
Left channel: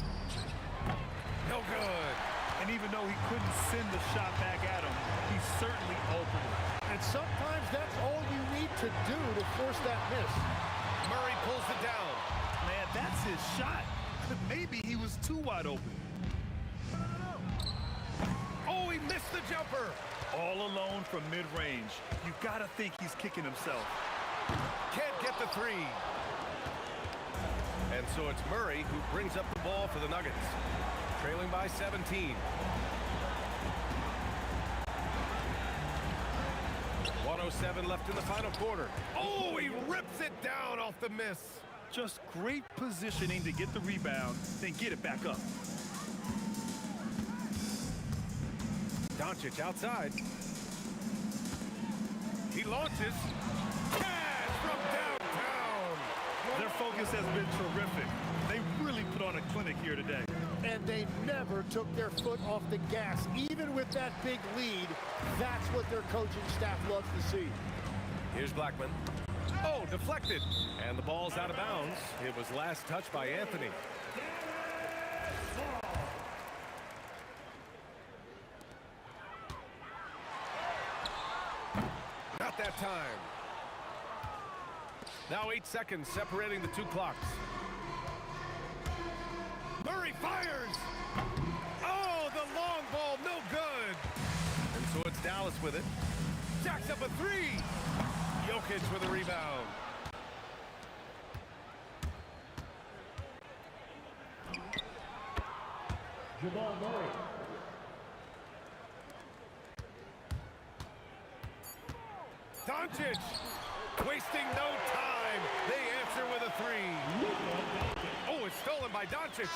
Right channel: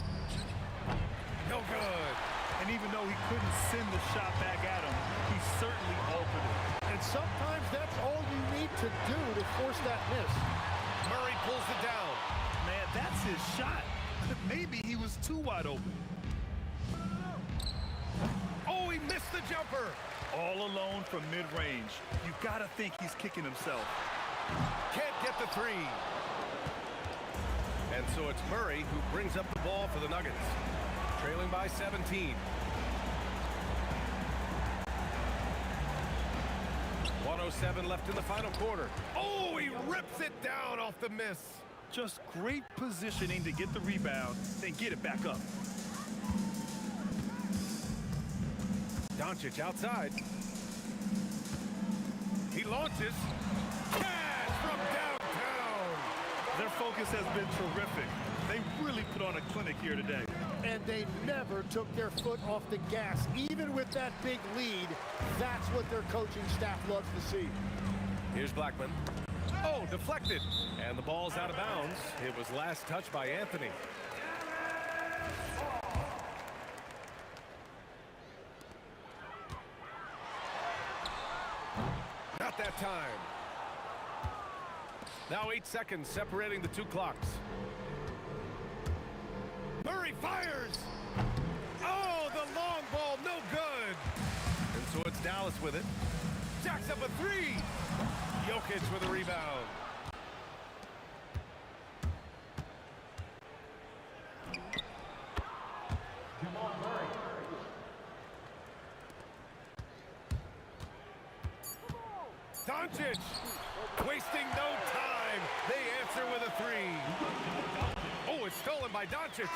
No good. And even though he couldn't send the shot back at him, he certainly altered it. And sometimes that's all you need to do to force that miss. Murray pulls it down. Man, that's his shot. Maybe he was too wide open. Oh, he missed the jumper. All alone from mid-range. You gotta think he's kicking himself. Can't get the three. And so it's Murray who brings up the ball for the Nuggets. Trailing by 17. 1:07 left in the final quarter. Oh, he rips it down off the miss. Just great positioning to get the rebound, then get it back up. Doncic outside. He launches. Cash from downtown. Their focus has been terrific. They really put on a clinic here today. And they never took their foot off the gas. Even with that big lead, that's what their coaching staff loves to see. Here's Blackman. Oh, deflected. And the ball's out of bounds. It was last touched by Anthony. Not that time. Now 8 seconds separating the two clocks. Murray fires! Oh, the long ball, no good! And so it's Dallas with it. Jacks up a three! Jokic with a rebound. Jamal Murray. Doncic! Wasting no time. They answer with a three. Oh, it's stolen by Doncic.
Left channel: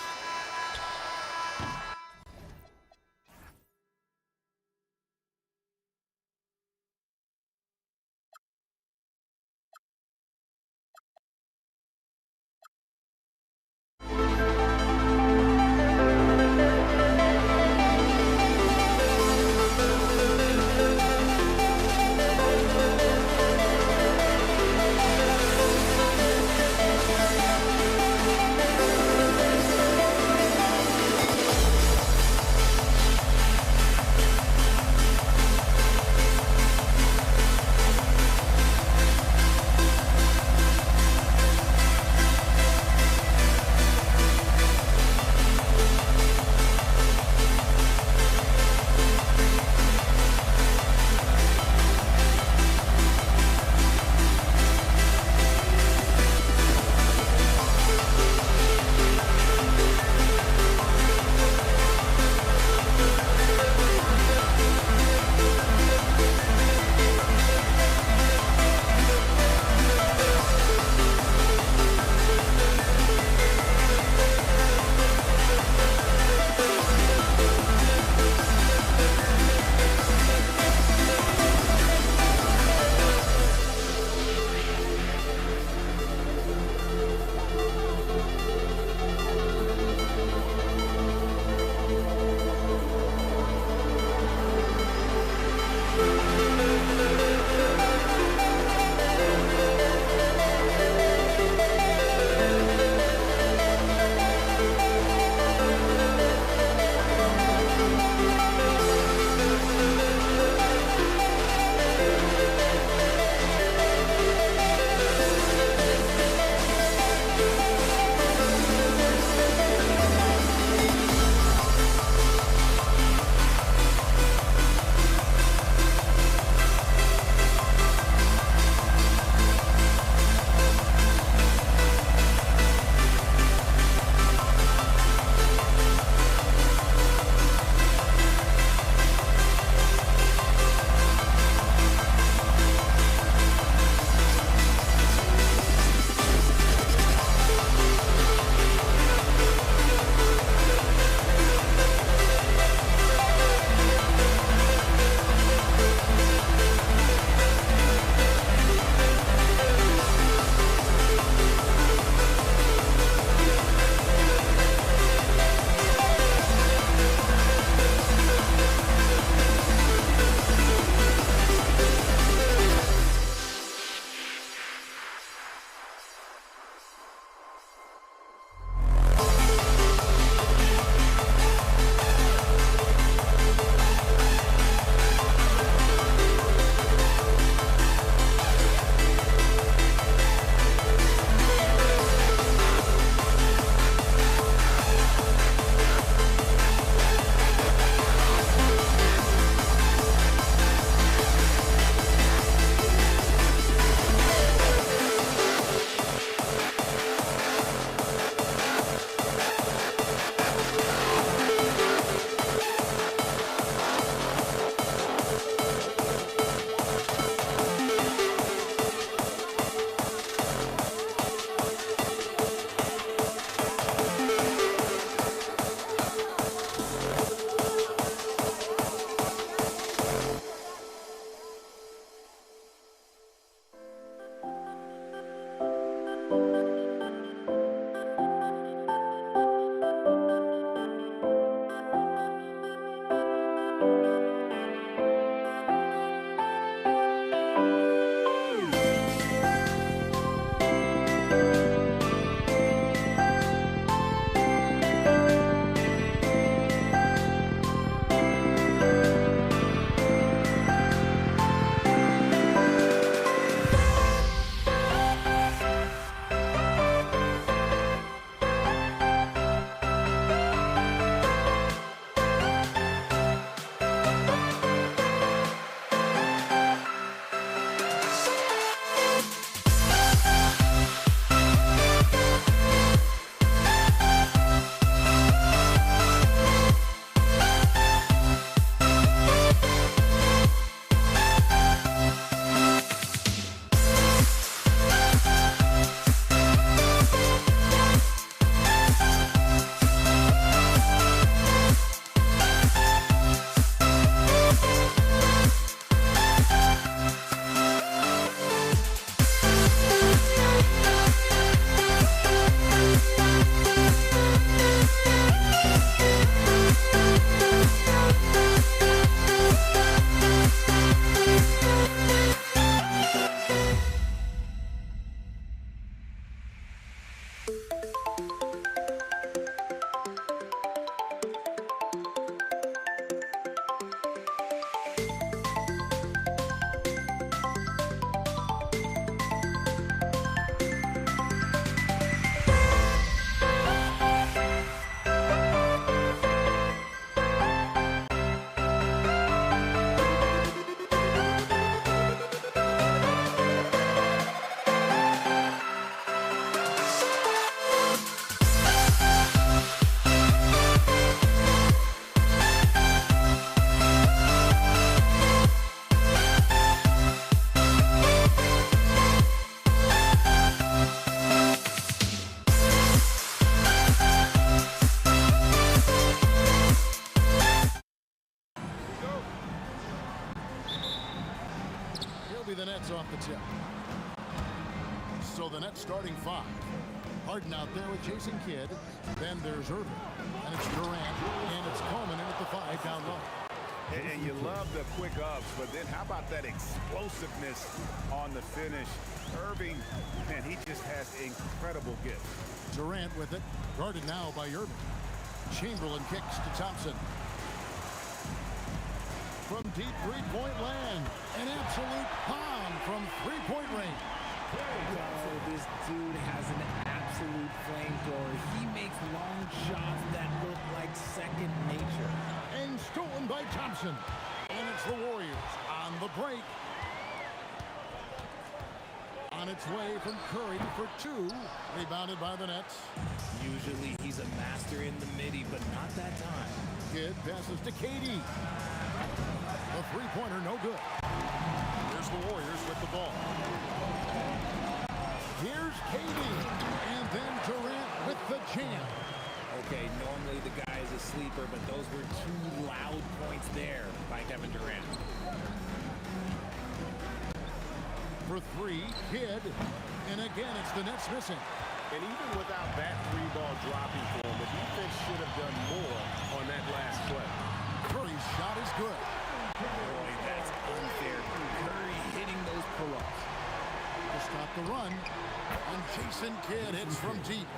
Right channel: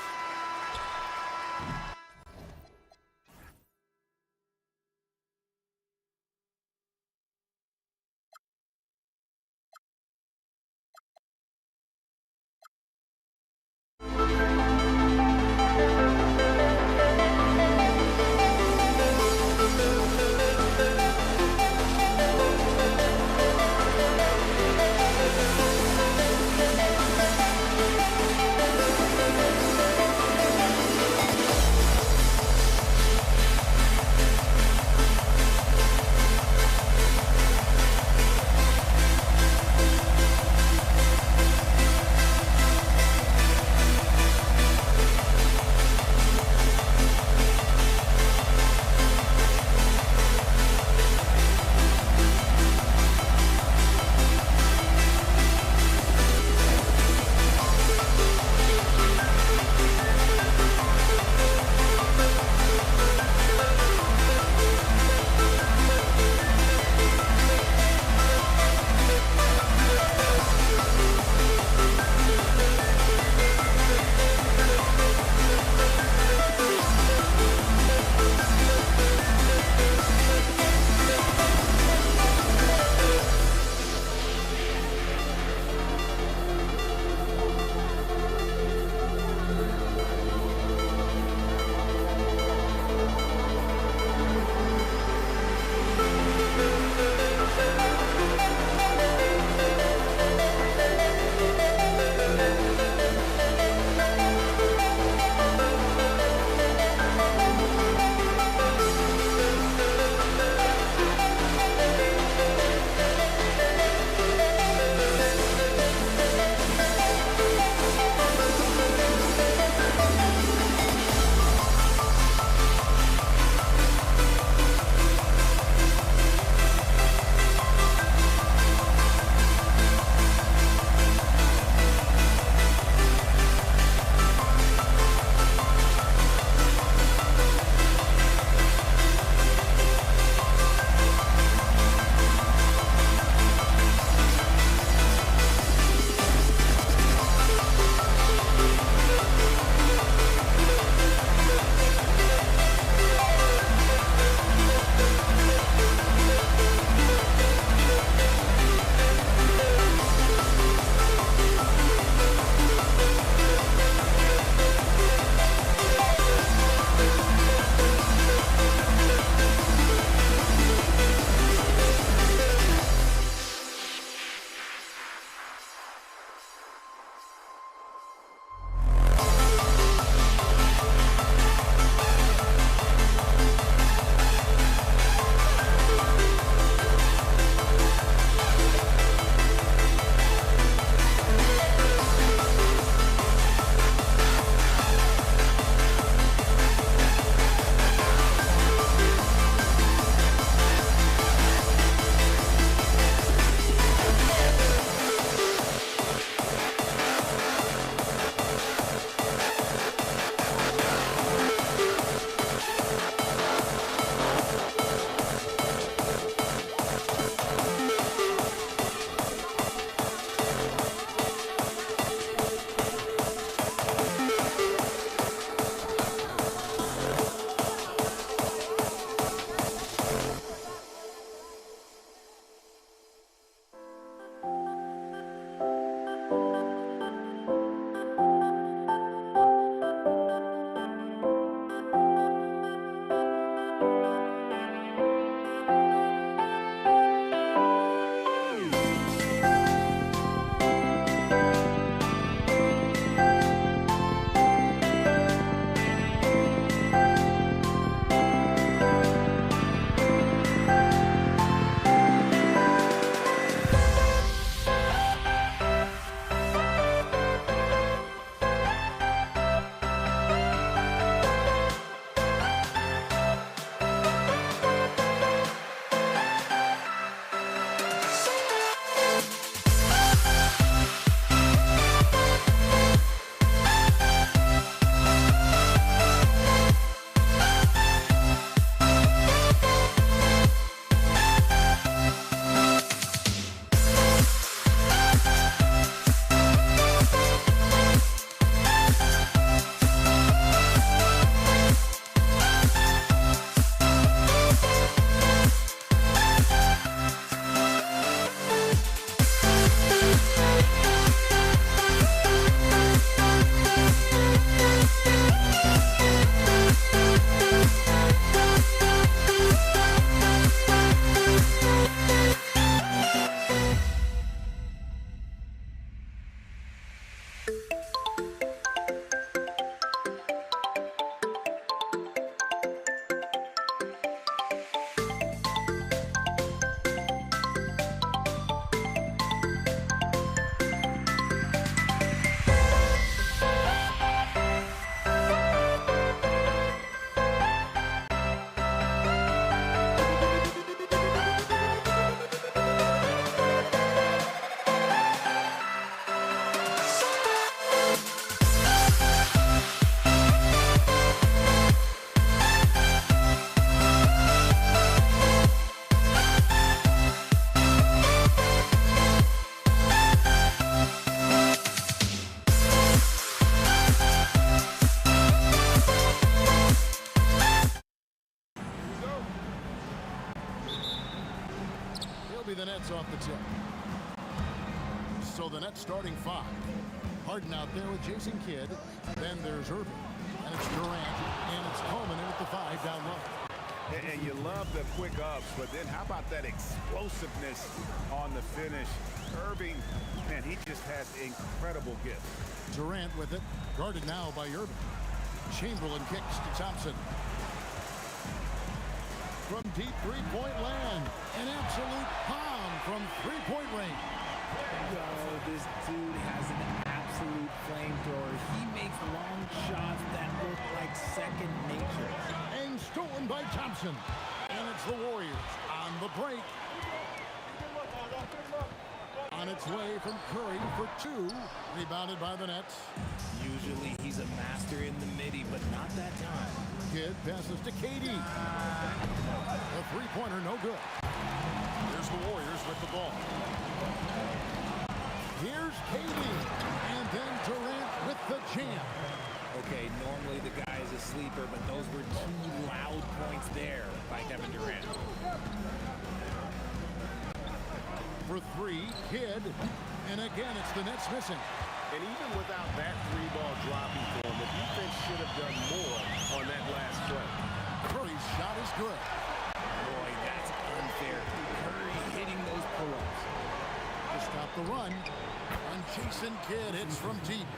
points off the tip. So the Nets starting 5. Harden out there with Jason Kidd. Then there's Irving. And it's Durant. And it's Coleman in at the 5 down low. And you love the quick ups, but then how about that explosiveness on the finish? Irving, man, he just has incredible gifts. Durant with it. Guarded now by Irving. Chamberlain kicks to Thompson. From deep three-point land. An absolute bomb from three-point range. Oh, this dude has an absolute flamethrower. He makes long shots that look like second nature. And stolen by Thompson. And it's the Warriors on the break. On its way from Curry for 2. Rebounded by the Nets. Usually he's a master in the midi, but not that time. Kidd passes to KD. The three-pointer no good. Here's the Warriors with the ball. Here's KD. And then Durant with the jam. Okay, normally the guy is a sleeper, but those were 2 loud points there by Kevin Durant. For 3, Kidd. And again, it's the Nets missing. And even without that 3-ball dropping for him, the defense should have done more on that last play. Curry's shot is good. Boy, that's unfair. Curry hitting those pull-ups. To stop the run. And Jason Kidd hits from deep.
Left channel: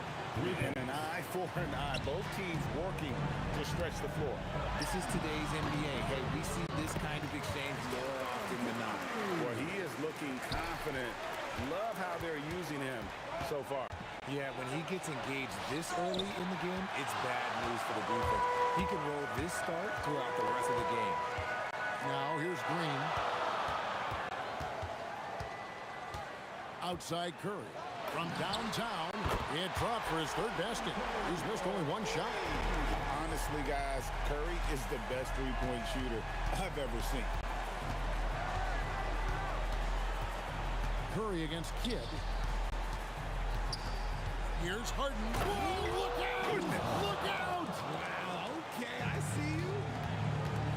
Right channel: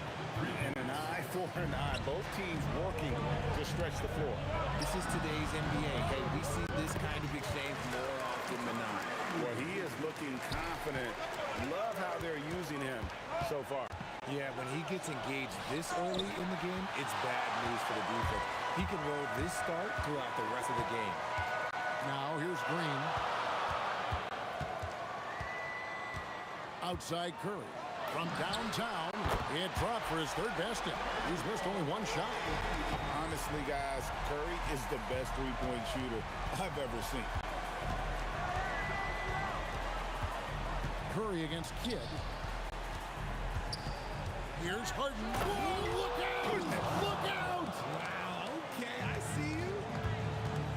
And an eye for an eye. Both teams working to stretch the floor. This is today's NBA. Hey, we see this kind of exchange more often than not. Well, he is looking confident. Love how they're using him so far. Yeah, when he gets engaged this early in the game, it's bad news for the defense. He can roll this start throughout the rest of the game. Now here's Green. Outside Curry. From downtown, it dropped for his 3rd basket. He's missed only 1 shot. Honestly, guys, Curry is the best three-point shooter I've ever seen. Curry against Kidd. Here's Harden. Whoa, look out! Goodness. Look out! Wow, okay, I see you.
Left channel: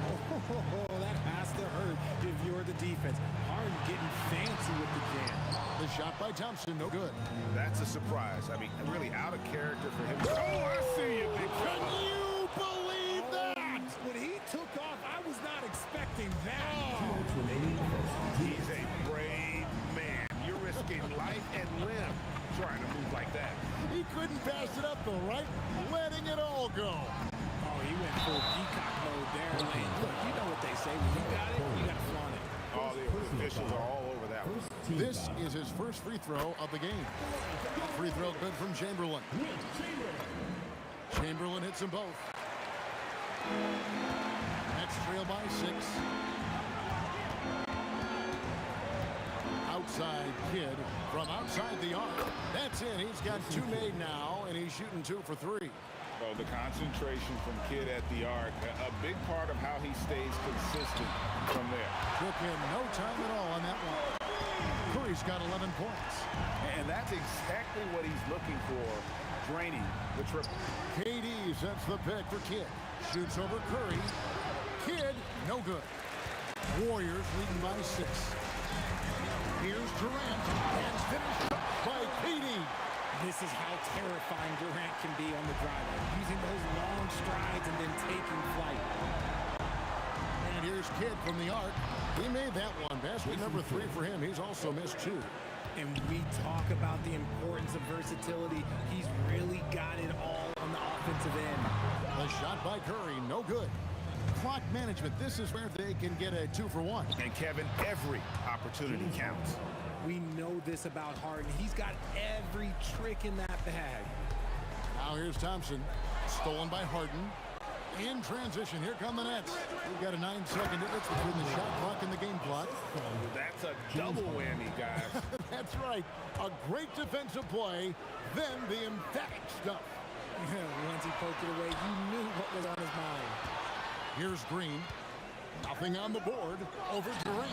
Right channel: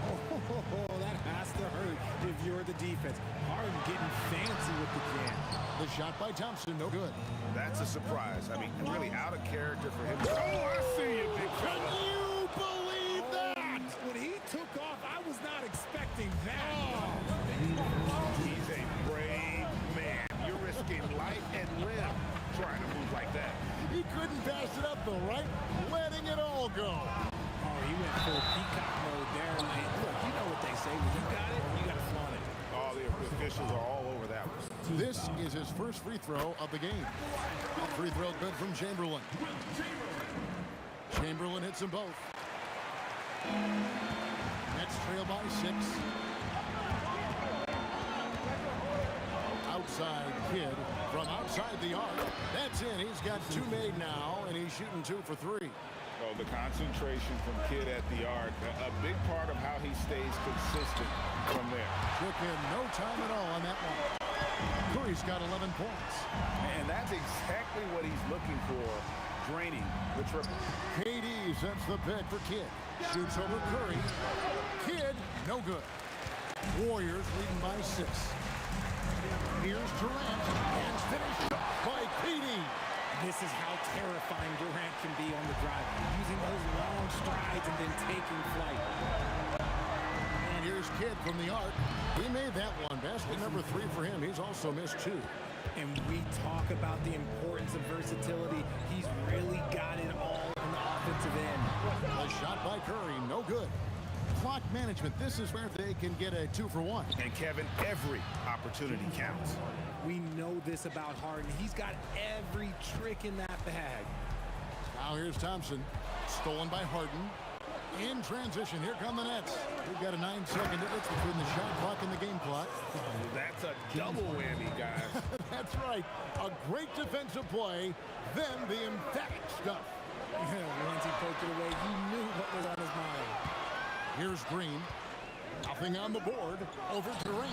Oh, that has to hurt if you're the defense. Harden getting fancy with the jam. The shot by Thompson, no good. That's a surprise. I mean, really out of character for him. Oh, I see you, big fella. Can you believe that? When he took off, I was not expecting that. He's a brave man. You're risking life and limb trying to move like that. He couldn't pass it up though, right? Letting it all go. Oh, he went full peacock mode there. Look, you know what they say. When you got it, you got to flaunt it. All the officials are all over that one. This is his first free throw of the game. That free throw good from Chamberlain. Chamberlain hits them both. Nets trail by 6. Outside Kidd from outside the arc. That's in. He's got 2 made now, and he's shooting 2 for 3. Oh, the concentration from Kidd at the arc, a big part of how he stays consistent from there. Took him no time at all on that one. Curry's got 11 points. And that's exactly what he's looking for, draining the triple. KD sets the pick for Kidd. Shoots over Curry. Kidd, no good. Warriors leading by 6. Here's Durant, and finished off by KD. This is how terrifying Durant can be on the drive, using those long strides and then taking flight. And here's Kidd from the arc. He made that one. Basket number 3 for him. He's also missed 2. And we talk about the importance of versatility. He's really got it all on the offensive end. A shot by Curry, no good. Clock management, this is where they can get a 2 for 1. And Kevin, every opportunity counts. We know this about Harden. He's got every trick in that bag. Now here's Thompson, stolen by Harden. In transition, here come the Nets. We've got a 9-second difference between the shot clock and the game clock. That's a double whammy, guys. That's right. A great defensive play, then the emphatic stuff. Once he poked it away, you knew what was on his mind. Here's Green. Nothing on the board. Over Durant.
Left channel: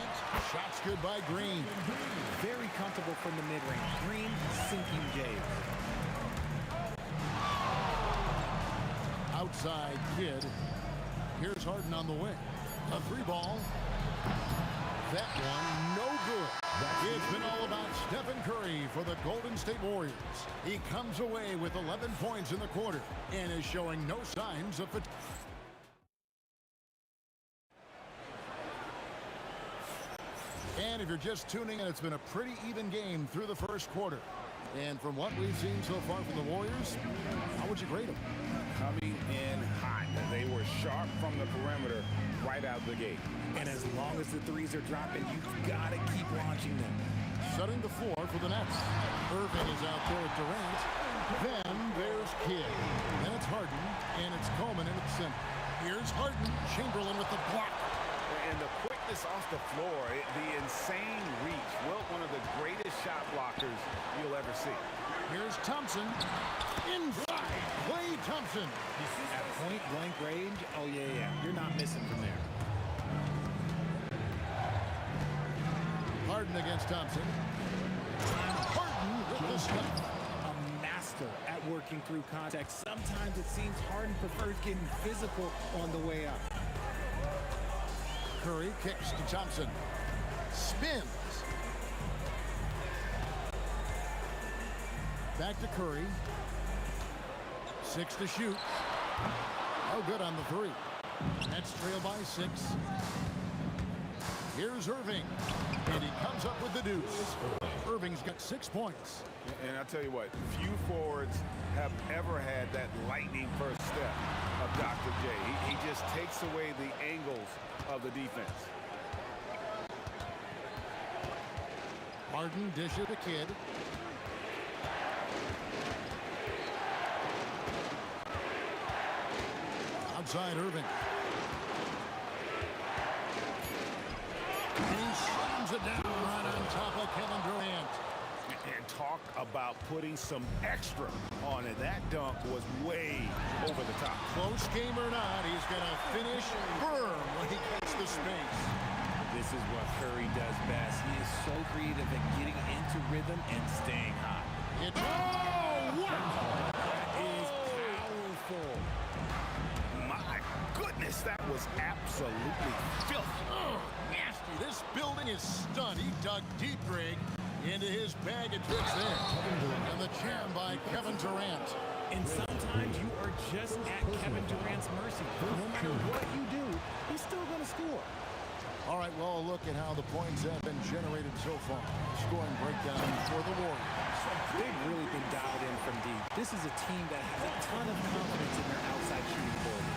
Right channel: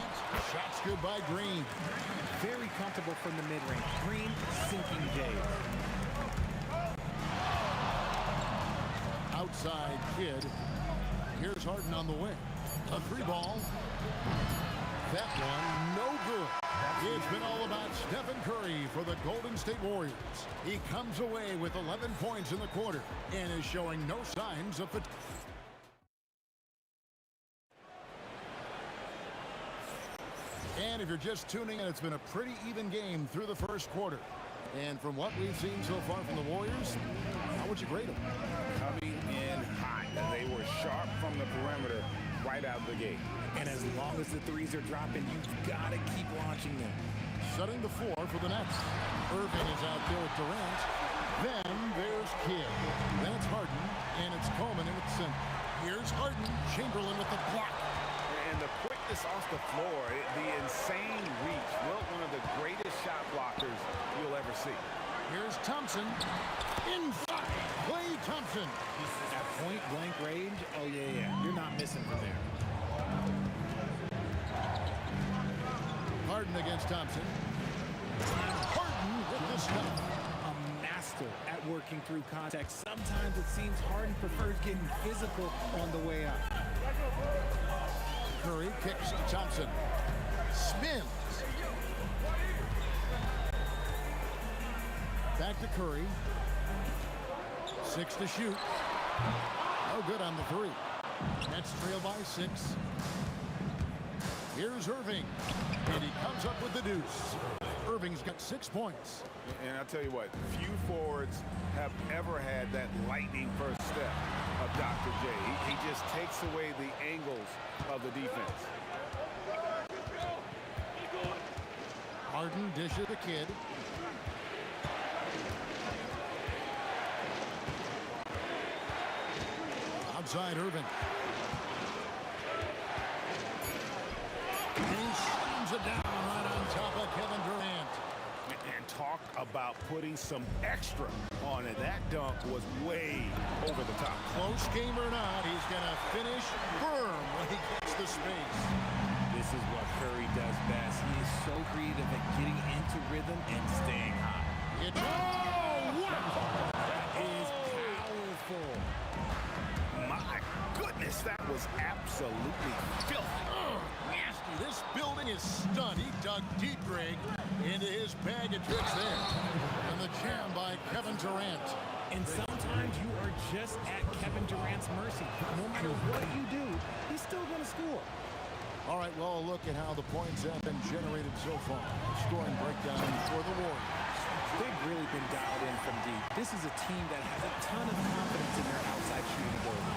Shots good by Green. Very comfortable from the mid-range. Green sinking Jays. Outside Kidd. Here's Harden on the wing. A 3-ball. That one no good. It's been all about Stephen Curry for the Golden State Warriors. He comes away with 11 points in the quarter and is showing no signs of fatigue. And if you're just tuning in, it's been a pretty even game through the first quarter. And from what we've seen so far from the Warriors, how would you grade them? Coming in hot. They were sharp from the perimeter right out of the gate. And as long as the threes are dropping, you've got to keep launching them. Shutting the floor for the Nets. Irving is out there at Durant. Then there's Kidd. Then it's Harden, and it's Coleman in at the center. Here's Harden. Chamberlain with the block. And the quickness off the floor, the insane reach. Wilt, one of the greatest shot blockers you'll ever see. Here's Thompson. Inside. Klay Thompson. At point-blank range, oh, yeah. You're not missing from there. Harden against Thompson. And Harden with the stuff. A master at working through contact. Sometimes it seems Harden prefers getting physical on the way up. Curry kicks to Thompson. Spins. Back to Curry. 6 to shoot. No good on the three. Nets trail by 6. Here's Irving. And he comes up with the deuce. Irving's got 6 points. And I'll tell you what, few forwards have ever had that lightning first step of Dr. J. He just takes away the angles of the defense. Harden dishes the Kid. Outside Irving. He slams it down right on top of Kevin Durant. And talk about putting some extra on it. That dunk was way over the top. Close game or not, he's going to finish firm when he gets the space. This is what Curry does best. He is so creative at getting into rhythm and staying hot. Oh, wow! That is powerful. My goodness, that was absolutely filthy. Nasty. This building is stunned. He dug deep, Greg, into his bag of tricks there. And the jam by Kevin Durant. And sometimes you are just at Kevin Durant's mercy. No matter what you do, he's still going to score. All right, well, a look at how the points have been generated so far. Scoring breakdown for the Warriors. They've really been dialed in from deep. This is a team that has a ton of confidence in their outside shooting ability.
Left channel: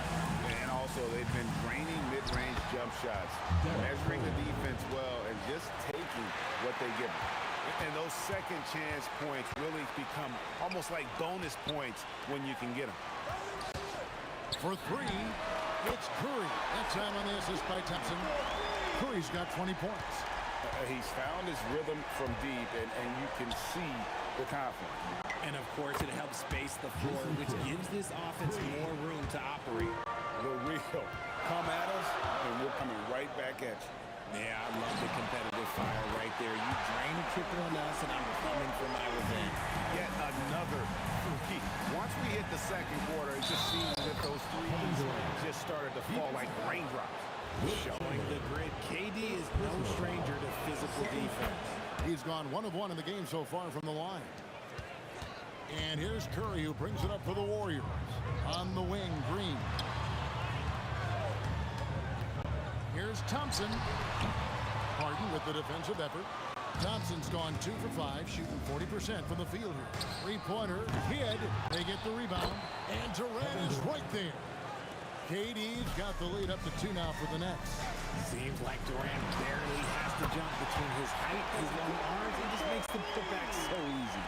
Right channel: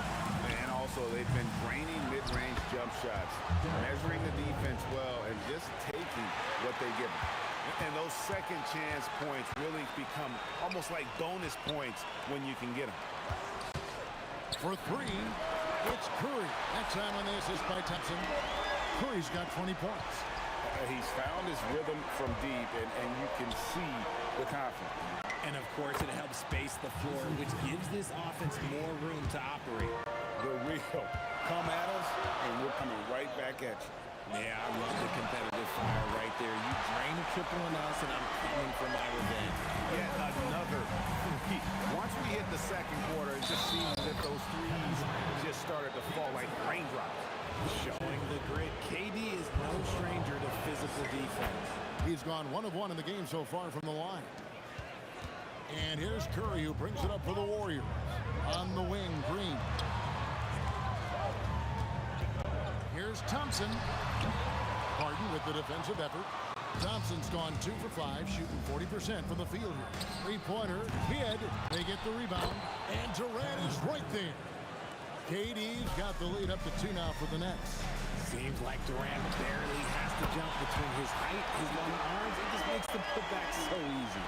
And also, they've been draining mid-range jump shots, measuring the defense well, and just taking what they give them. And those second chance points really become almost like bonus points when you can get them. For 3, it's Curry. That time on the assist by Thompson. Curry's got 20 points. He's found his rhythm from deep, and you can see the confidence. And, of course, it helps space the floor, which gives this offense more room to operate. The real come at us, and we're coming right back at you. Yeah, I love the competitive fire right there. You drain a triple on us, and I'm coming for my revenge. Yet another three. Once we hit the second quarter, it just seems as if those threes just started to fall like raindrops. Showing the grit. KD is no stranger to physical defense. He's gone 1 of 1 in the game so far from the line. And here's Curry, who brings it up for the Warriors. On the wing, Green. Here's Thompson. Harden with the defensive effort. Thompson's gone 2 for 5, shooting 40% from the field here. Three-pointer, Kidd. They get the rebound, and Durant is right there. KD's got the lead up to 2 now for the Nets. Seems like Durant barely has to jump between his height, his long arms. It just makes the putback so easy.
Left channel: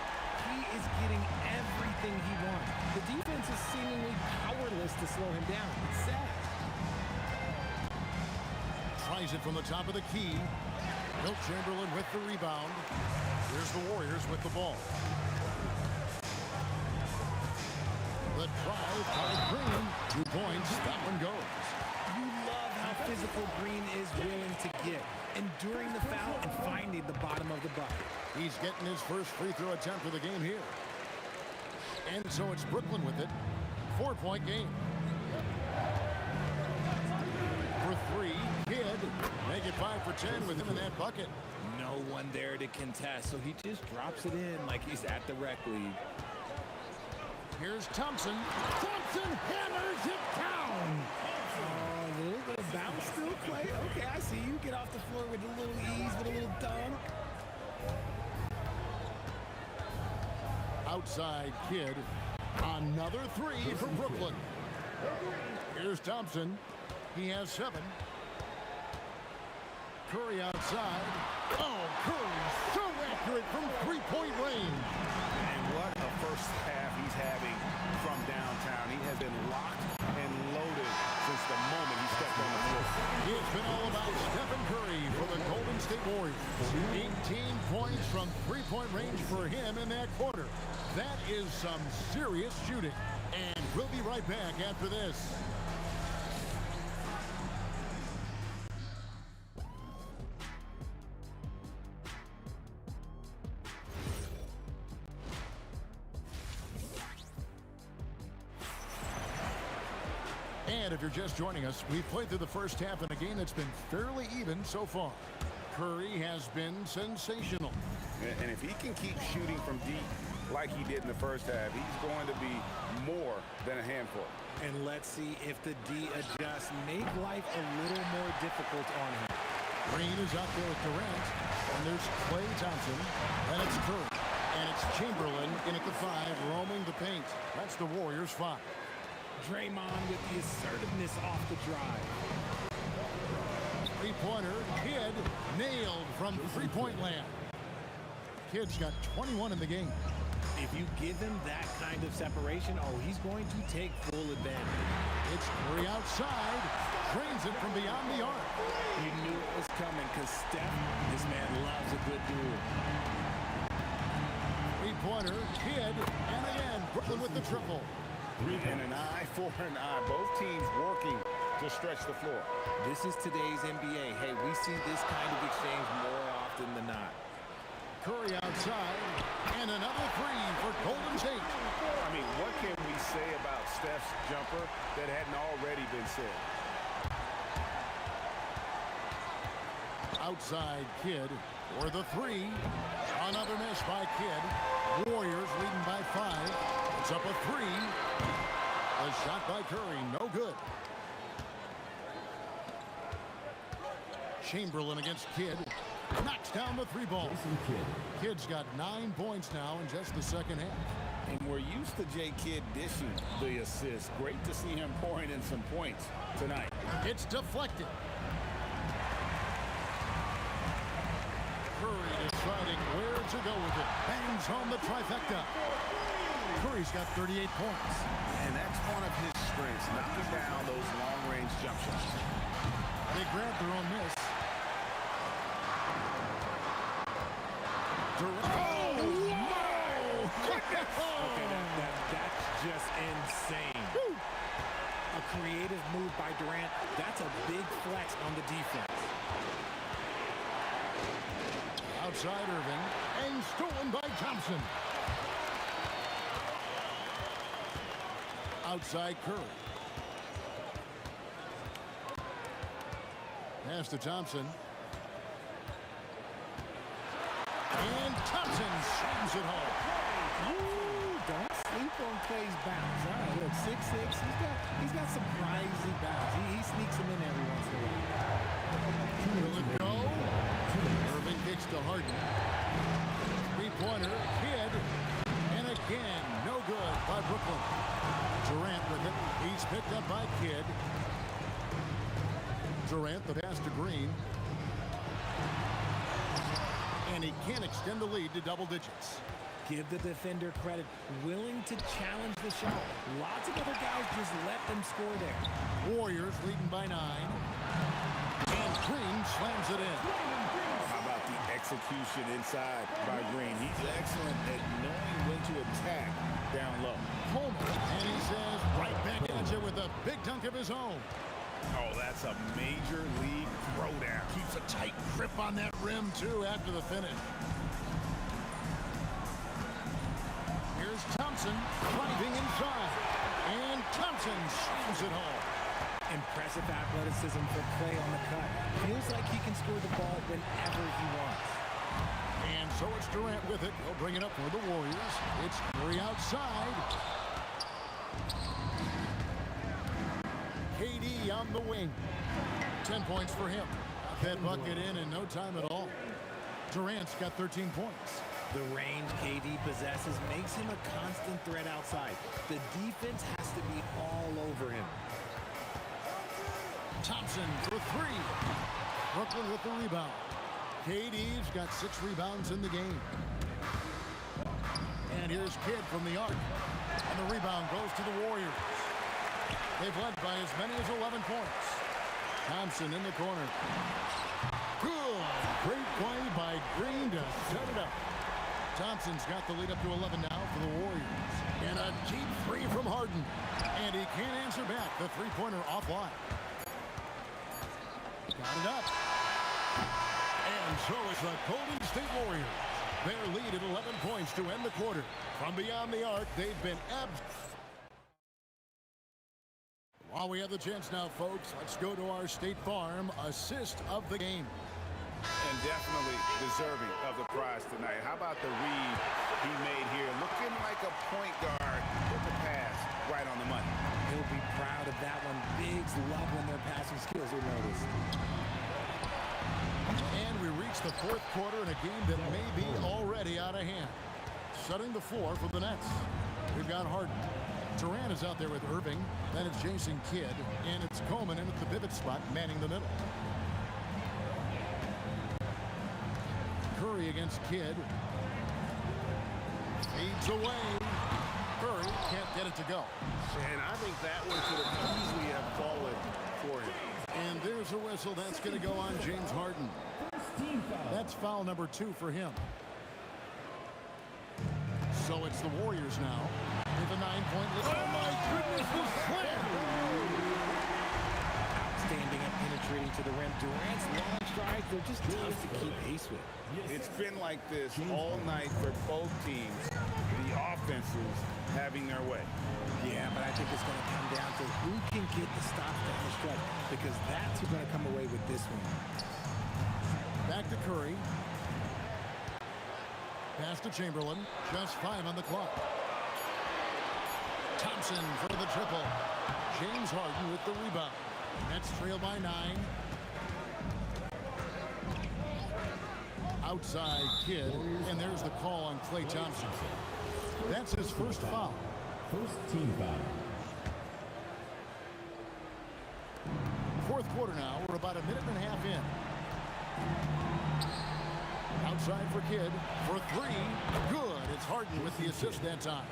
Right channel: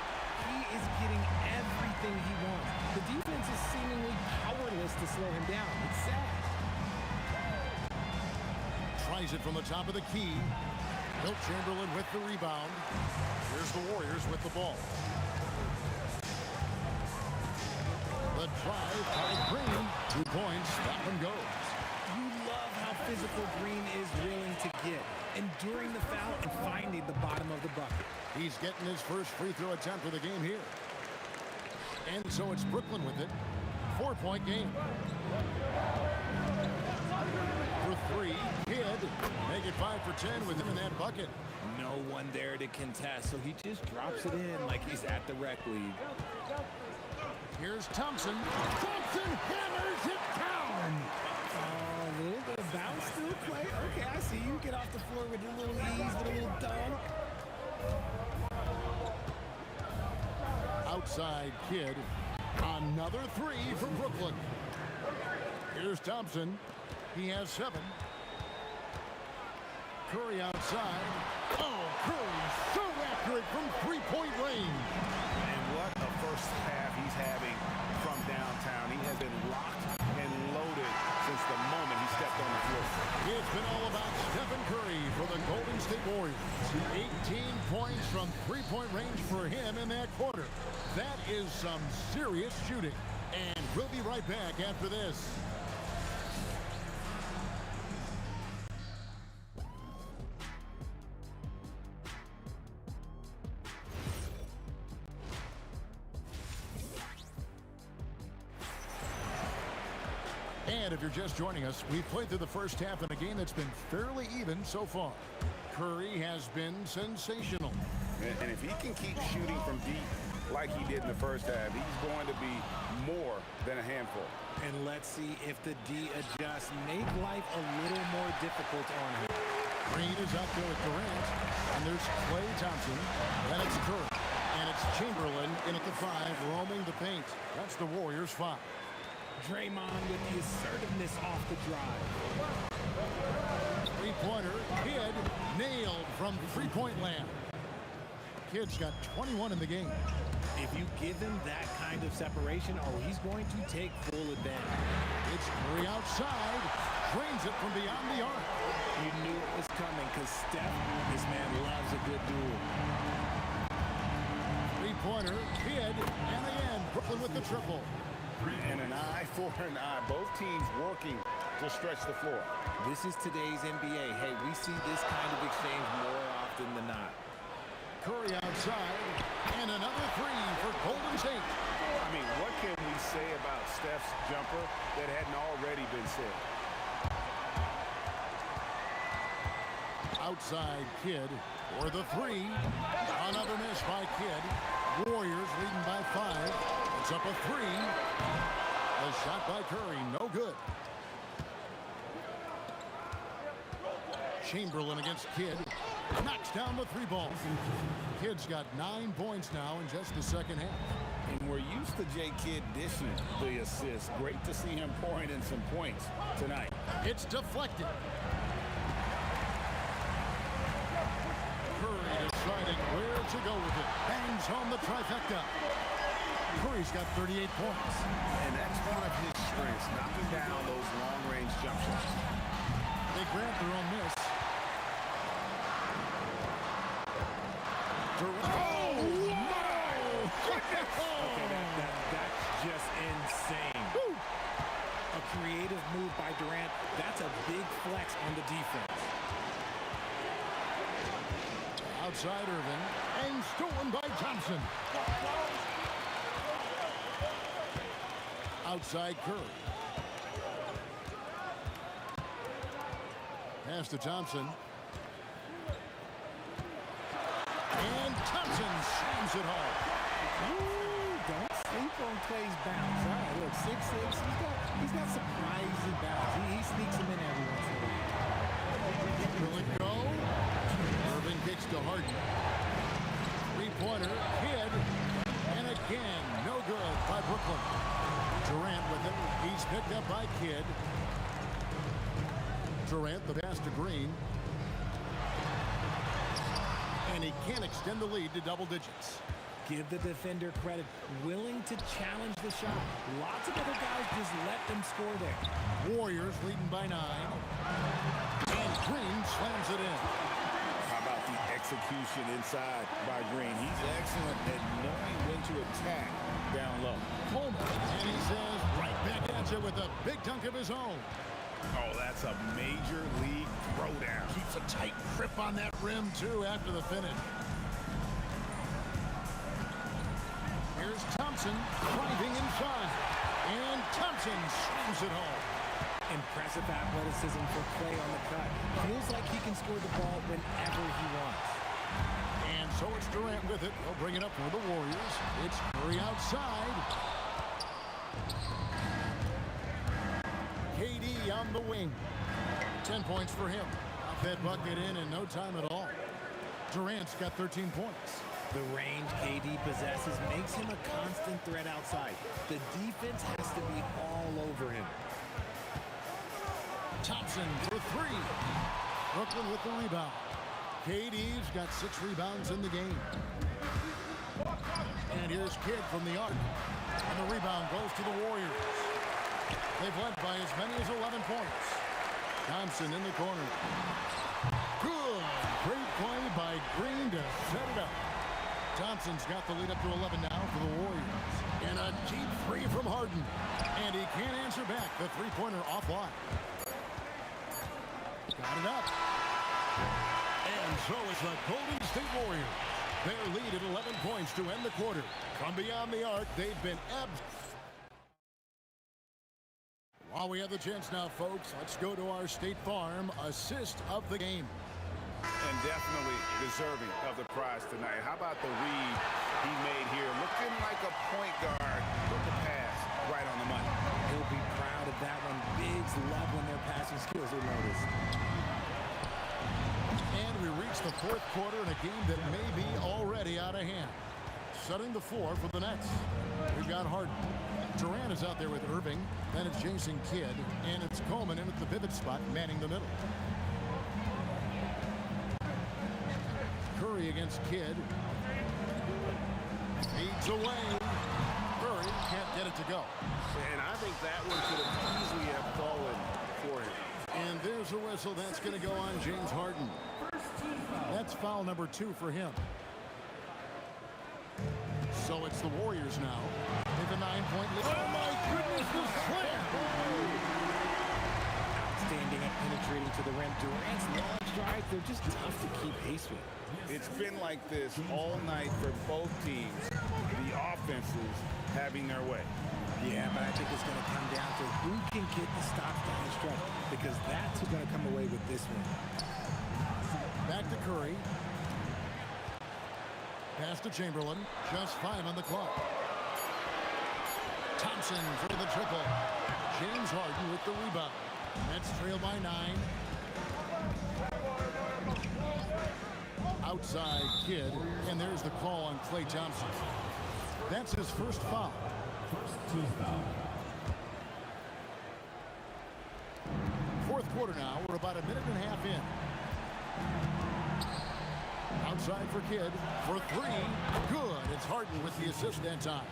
He is getting everything he wants. The defense is seemingly powerless to slow him down. It's sad. Tries it from the top of the key. Wilt Chamberlain with the rebound. Here's the Warriors with the ball. The drive by Green. 2 points. That one goes. You love how physical Green is willing to get, enduring the foul and finding the bottom of the bucket. He's getting his first free throw attempt of the game here. And so it's Brooklyn with it. 4-point game. For 3, Kidd. Make it 5 for 10 with him in that bucket. No no one there to contest, so he just drops it in like he's at the rec league. Here's Thompson. Thompson hammers it down. Oh, a little bit of bounce still, Clay. Okay, I see you. Get off the floor with a little ease, with a little dunk. Outside Kidd. Another three from Brooklyn. Here's Thompson. He has 7. Curry outside. Oh, Curry so accurate from three-point range. And what a first half he's having from downtown. He has been locked and loaded since the moment he stepped on the floor. It's been all about Stephen Curry for the Golden State Warriors. 18 points from three-point range for him in that quarter. That is some serious shooting. And we'll be right back after this. And if you're just joining us, we've played through the first half in a game that's been fairly even so far. Curry has been sensational. And if he can keep shooting from deep like he did in the first half, he's going to be more than a handful. And let's see if the D adjusts, make life a little more difficult on him. Green is out there with Durant, and there's Klay Thompson. Then it's Curry, and it's Chamberlain in at the 5, roaming the paint. That's the Warriors' 5. Draymond with the assertiveness off the drive. Three-pointer, Kidd nailed from three-point land. Kidd's got 21 in the game. If you give him that kind of separation, oh, he's going to take full advantage. It's Curry outside, drains it from beyond the arc. You knew it was coming because Steph, this man loves a good duel. Three-pointer, Kidd, and again, Brooklyn with the triple. And an eye for an eye. Both teams working to stretch the floor. This is today's NBA. Hey, we see this kind of exchange more often than not. Curry outside, and another 3 for Golden State. I mean, what can we say about Steph's jumper that hadn't already been said? Outside Kidd for the 3. Another miss by Kidd. Warriors leading by 5. It's up a 3. A shot by Curry, no good. Chamberlain against Kidd. Knocks down the 3 ball. Kidd's got 9 points now in just the second half. And we're used to J. Kidd dishing the assist. Great to see him pouring in some points tonight. It's deflected. Curry deciding where to go with it. Bangs home the trifecta. Curry's got 38 points. And that's one of his strengths, knocking down those long-range jump shots. They grab their own miss. Oh, my goodness! Okay, that's just insane. Woo. A creative move by Durant. That's a big flex on the defense. Outside Irving, and stolen by Thompson. Outside Curry. Pass to Thompson. And Thompson slams it home. Ooh, don't sleep on Clay's bounce. All right, look, 6'6". He's got surprising bounce. He sneaks them in every once in a while. Will it go? Irving kicks to Harden. Three-pointer, Kidd. And again, no good by Brooklyn. Durant with it. He's picked up by Kidd. Durant, the pass to Green. And he can't extend the lead to double digits. Give the defender credit. Willing to challenge the shot. Lots of other guys just let them score there. Warriors leading by 9. And Green slams it in. How about the execution inside by Green? He's excellent at knowing when to attack down low. Coleman, and he says right back at you with a big dunk of his own. Oh, that's a major league throwdown. Keeps a tight grip on that rim, too, after the finish. Here's Thompson driving inside. And Thompson slams it home. Impressive athleticism for Klay on the cut. Feels like he can score the ball whenever he wants. And so it's Durant with it. He'll bring it up for the Warriors. It's Curry outside. KD on the wing. 10 points for him. Got that bucket in no time at all. Durant's got 13 points. The range KD possesses makes him a constant threat outside. The defense has to be all over him. Thompson for three. Brooklyn with the rebound. KD's got 6 rebounds in the game. And here's Kidd from the arc. And the rebound goes to the Warriors. They've led by as many as 11 points. Thompson in the corner. Good. Great play by Green to set it up. Thompson's got the lead up to 11 now for the Warriors. And a deep three from Harden. And he can't answer back. The three-pointer offline. Got it up. And so it's the Golden State Warriors. Their lead at 11 points to end the quarter. From beyond the arc, they've been While we have the chance now, folks, let's go to our State Farm assist of the game. And definitely deserving of the prize tonight. How about the read he made here? Looking like a point guard with the pass right on the money. He'll be proud of that one. Bigs love when their passing skills are noticed. And we reach the fourth quarter in a game that may be already out of hand. Setting the floor for the Nets. We've got Harden. Durant is out there with Irving. Then it's Jason Kidd. And it's Coleman in at the pivot spot, manning the middle. Curry against Kidd. Fades away. Curry can't get it to go. And I think that one could have easily have fallen for him. And there's a whistle. That's going to go on James Harden. That's foul number 2 for him. So it's the Warriors now. They have a 9-point lead. Oh my goodness, the slam! Outstanding at penetrating to the rim. Durant's long strides, they're just tough to keep pace with. It's been like this all night for both teams. The offenses having their way. Yeah, but I think it's going to come down to who can get the stops down the stretch, because that's who's going to come away with this one. Back to Curry. Pass to Chamberlain. Just 5 on the clock. Thompson for the triple. James Harden with the rebound. Nets trail by 9. Outside Kidd, and there's the call on Klay Thompson. That's his first foul. First team foul. Fourth quarter now. We're about a minute and a half in. Outside for Kidd for 3. Good. It's Harden with the assist that time.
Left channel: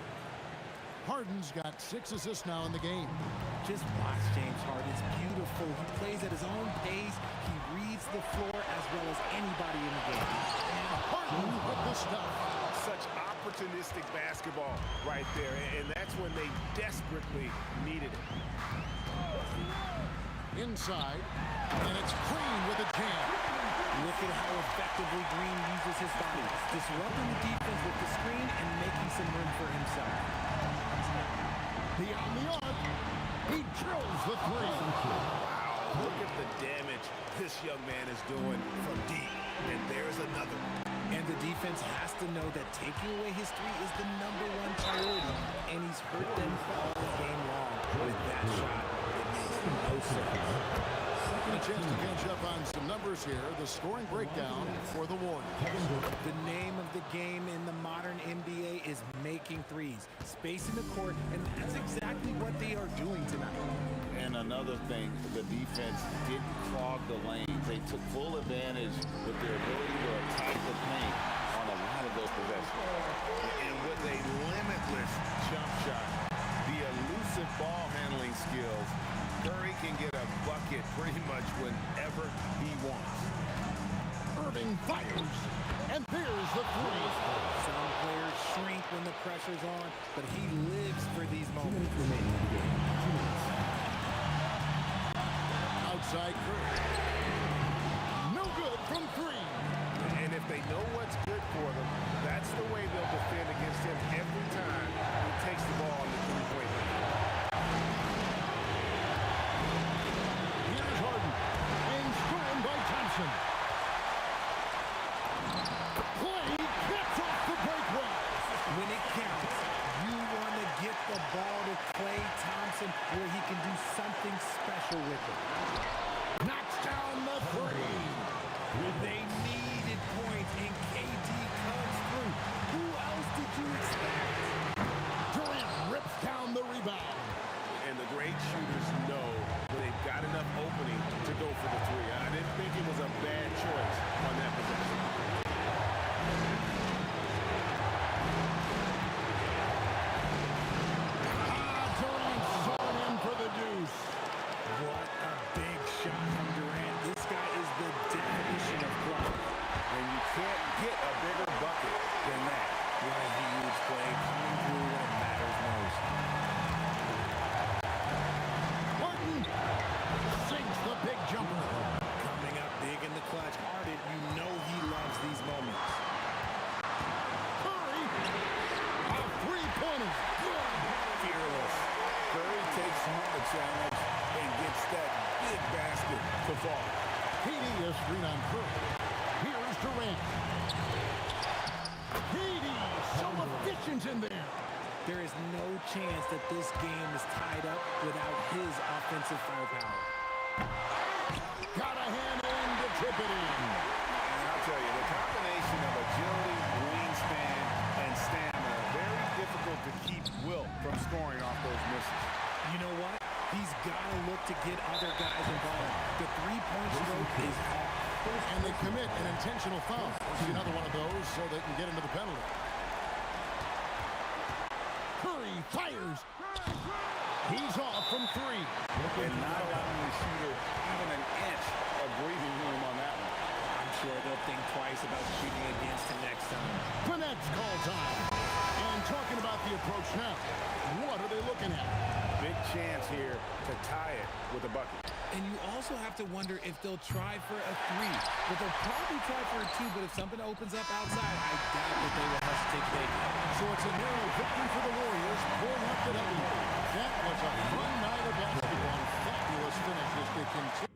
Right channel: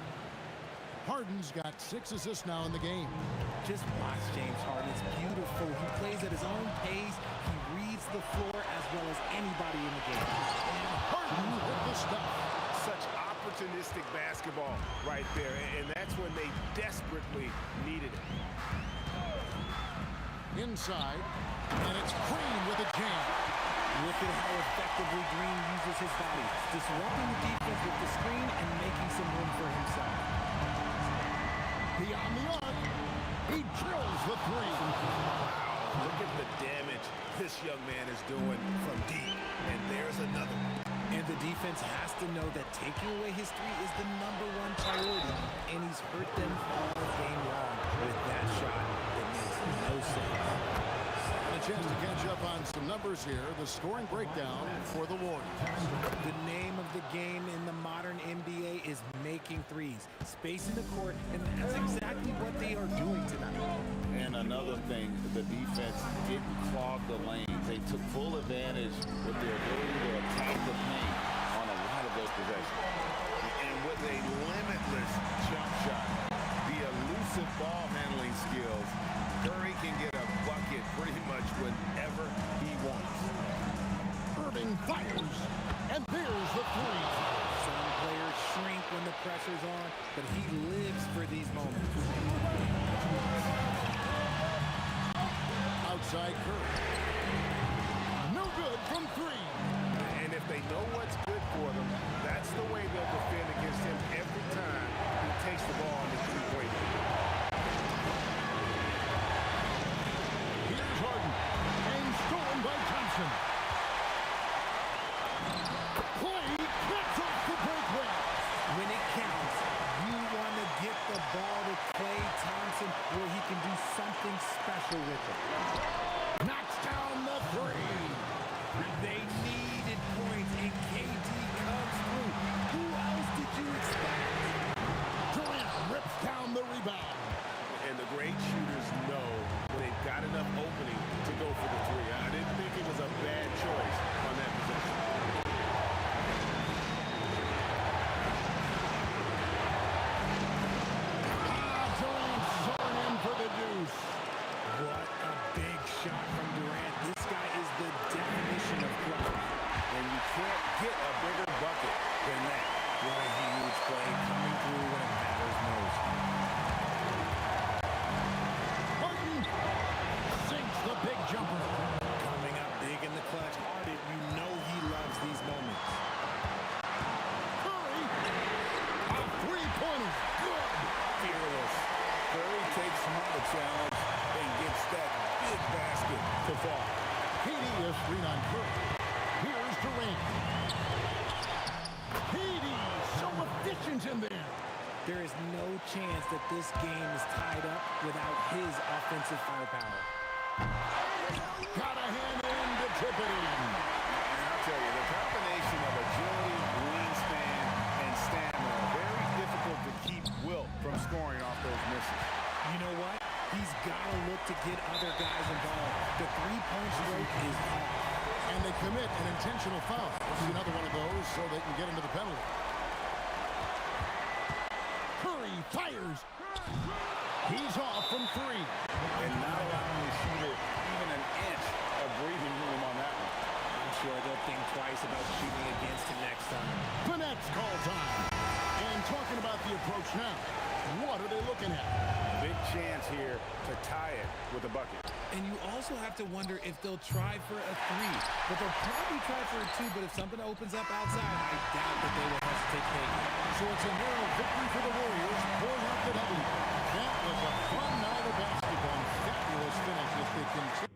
Harden's got 6 assists now in the game. Just watch James Harden. It's beautiful. He plays at his own pace. He reads the floor as well as anybody in the game. And Harden with the stuff. Such opportunistic basketball right there. And that's when they desperately needed it. Inside. And it's Green with a jam. Look at how effectively Green uses his body, disrupting the defense with the screen and making some room for himself. Beyond the arc, he drills the 3. Wow, look at the damage this young man is doing from deep. And there's another one. And the defense has to know that taking away his 3 is the #1 priority, and he's hurt them all game long with that shot. It makes no sense. A chance to catch up on some numbers here. The scoring breakdown for the Warriors. The name of the game in the modern NBA is making threes. Space in the court, and that's exactly what they are doing tonight. And another thing, the defense didn't clog the lanes. They took full advantage with their ability to attack the paint on a lot of those possessions. And with a limitless jump shot, the elusive ball handling skills, Curry can get a bucket pretty much whenever he wants. Irving fires, and there's the 3. Some players shrink when the pressure's on, but he lives for these moments. Outside Curry. No good from 3. And if they know what's good for them, that's the way they'll defend against him every time he takes the ball on the three-point line. Here's Harden, and stolen by Thompson. Klay great shooters know when they've got enough opening to go for the three. I didn't think it was a bad choice on that possession. Durant soaring in for the deuce. What a big shot from Durant. This guy is the definition of clutch. And you can't get a bigger bucket than that. What a huge play coming through when it matters most. Harden sinks the big jumper. Coming up big in the clutch. Harden, you know he loves these moments. Curry, a three-pointer, good. Fearless. Curry takes on the challenge and gets that big basket to fall. KD is screen on Curry. Here's Durant. KD, so efficient in there. There is no chance that this game is tied up without his offensive firepower. Got a hand in to tip it in. And I'll tell you, the combination of agility, wingspan, and stamina, very difficult to keep Wilt from scoring off those misses. You know what? He's got to look to get other guys involved. The three-point stroke is off. And they commit an intentional foul. We'll see another one of those so they can get into the penalty. Curry fires. He's off from three. And not allowing the shooter even an inch of breathing room on that one. I'm sure they'll think twice about shooting against him next time. The next call time. And talking about the approach now, what are they looking at? Big chance here to tie it with a bucket. And you also have to wonder if they'll try for a three. But they'll probably try for a two, but if something opens up outside, I doubt that they will hesitate to take it. So it's a narrow victory for the Warriors, pulling out the W. That was a fun night of basketball and fabulous finish as they continue.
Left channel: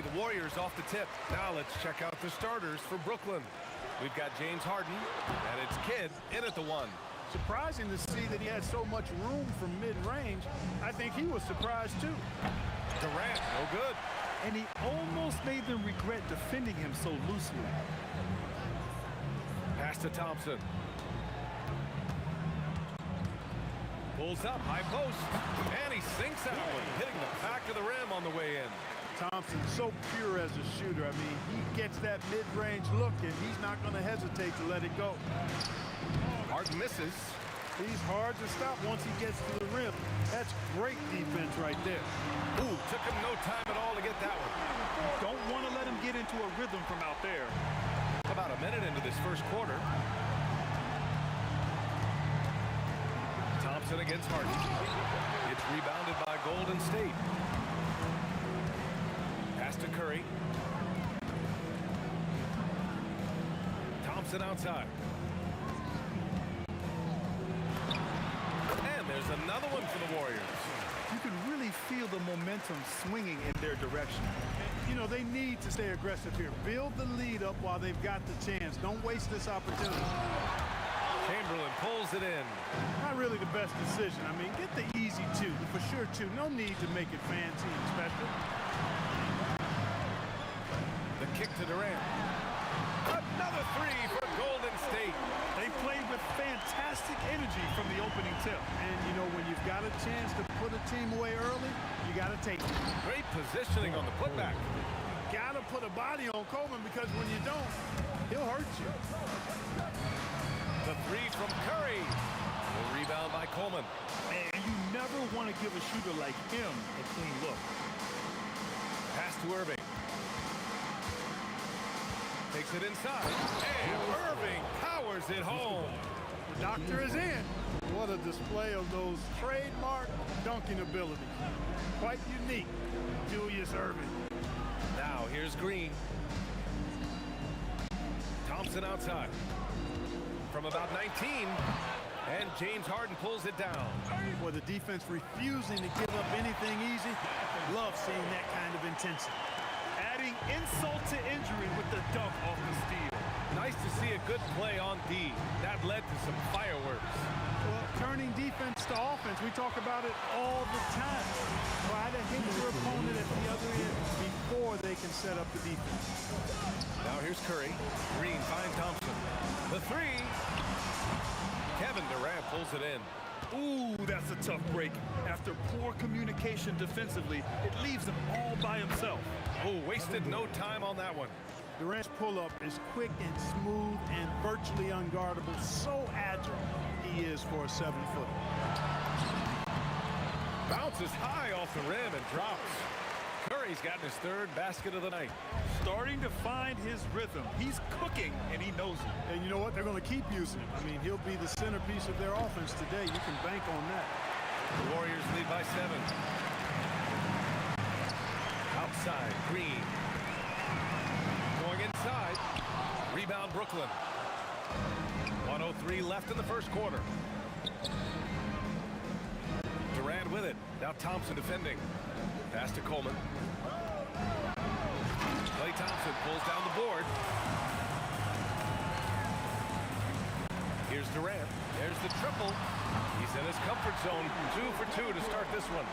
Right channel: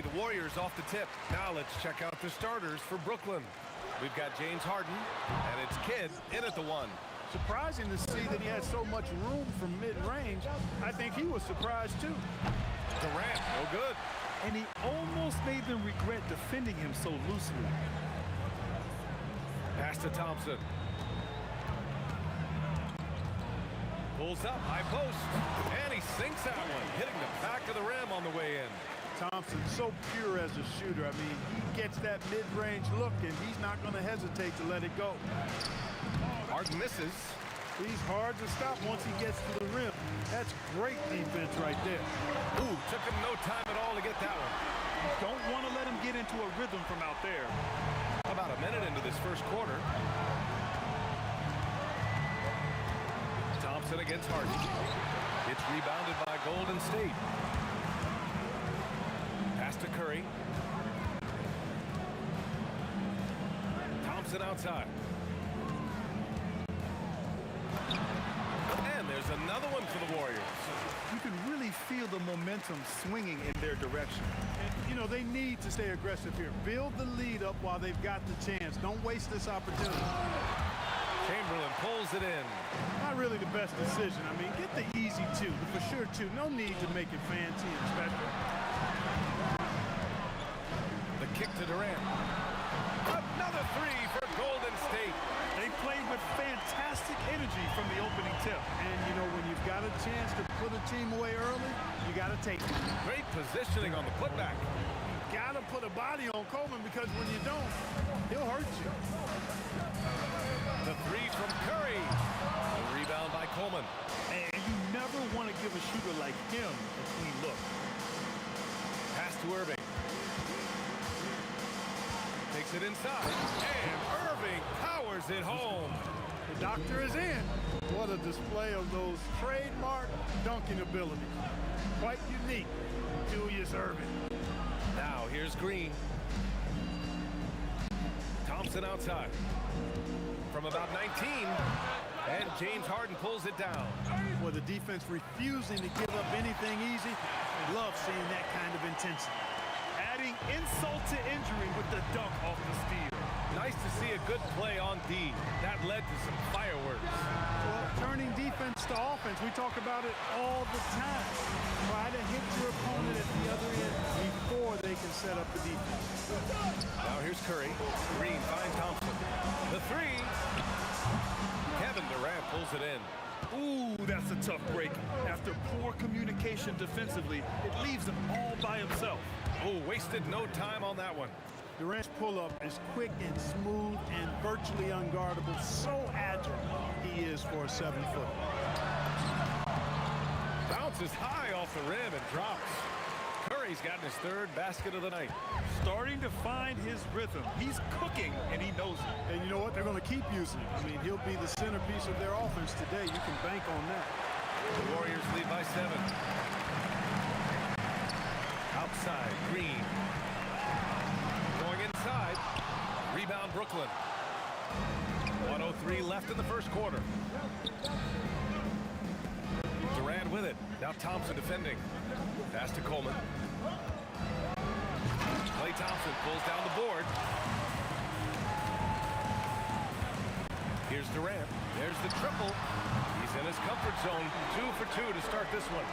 be the Warriors off the tip. Now let's check out the starters for Brooklyn. We've got James Harden, and it's Kidd in at the 1. Surprising to see that he had so much room from mid-range. I think he was surprised too. Durant, no good. And he almost made them regret defending him so loosely. Pass to Thompson. Pulls up, high post, and he sinks that one, hitting the back of the rim on the way in. Thompson, so pure as a shooter. I mean, he gets that mid-range look, and he's not going to hesitate to let it go. Harden misses. He's hard to stop once he gets to the rim. That's great defense right there. Ooh, took him no time at all to get that one. Don't want to let him get into a rhythm from out there. About a minute into this first quarter. Thompson against Harden. It's rebounded by Golden State. Pass to Curry. Thompson outside. And there's another one for the Warriors. You can really feel the momentum swinging in their direction. And, you know, they need to stay aggressive here. Build the lead up while they've got the chance. Don't waste this opportunity. Chamberlain pulls it in. Not really the best decision. I mean, get the easy two, the for sure two. No need to make it fancy and special. The kick to Durant. Another three for Golden State. They played with fantastic energy from the opening tip. And, you know, when you've got a chance to put a team away early, you got to take it. Great positioning on the putback. You got to put a body on Coleman because when you don't, he'll hurt you. The three from Curry. The rebound by Coleman. And you never want to give a shooter like him a clean look. Pass to Irving. Takes it inside. And Irving powers it home. The doctor is in. What a display of those trademark dunking abilities. Quite unique. Julius Irving. Now here's Green. Thompson outside. From about 19. And James Harden pulls it down. Well, the defense refusing to give up anything easy. Love seeing that kind of intensity. Adding insult to injury with the dunk off the steal. Nice to see a good play on D. That led to some fireworks. Well, turning defense to offense, we talk about it all the time. Try to hit your opponent at the other end before they can set up the defense. Now here's Curry. Green finds Thompson. The three. Kevin Durant pulls it in. Ooh, that's a tough break. After poor communication defensively, it leaves him all by himself. Oh, wasted no time on that one. Durant's pull-up is quick and smooth and virtually unguardable. So agile he is for a 7-footer. Bounces high off the rim and drops. Curry's gotten his third basket of the night. Starting to find his rhythm. He's cooking, and he knows it. And you know what? They're going to keep using him. I mean, he'll be the centerpiece of their offense today. You can bank on that. The Warriors lead by 7. Outside, Green. Going inside. Rebound, Brooklyn. 1:03 left in the first quarter. Durant with it. Now Thompson defending. Pass to Coleman. Klay Thompson pulls down the board. Here's Durant. There's the triple. He's in his comfort zone. 2 for 2 to start this one.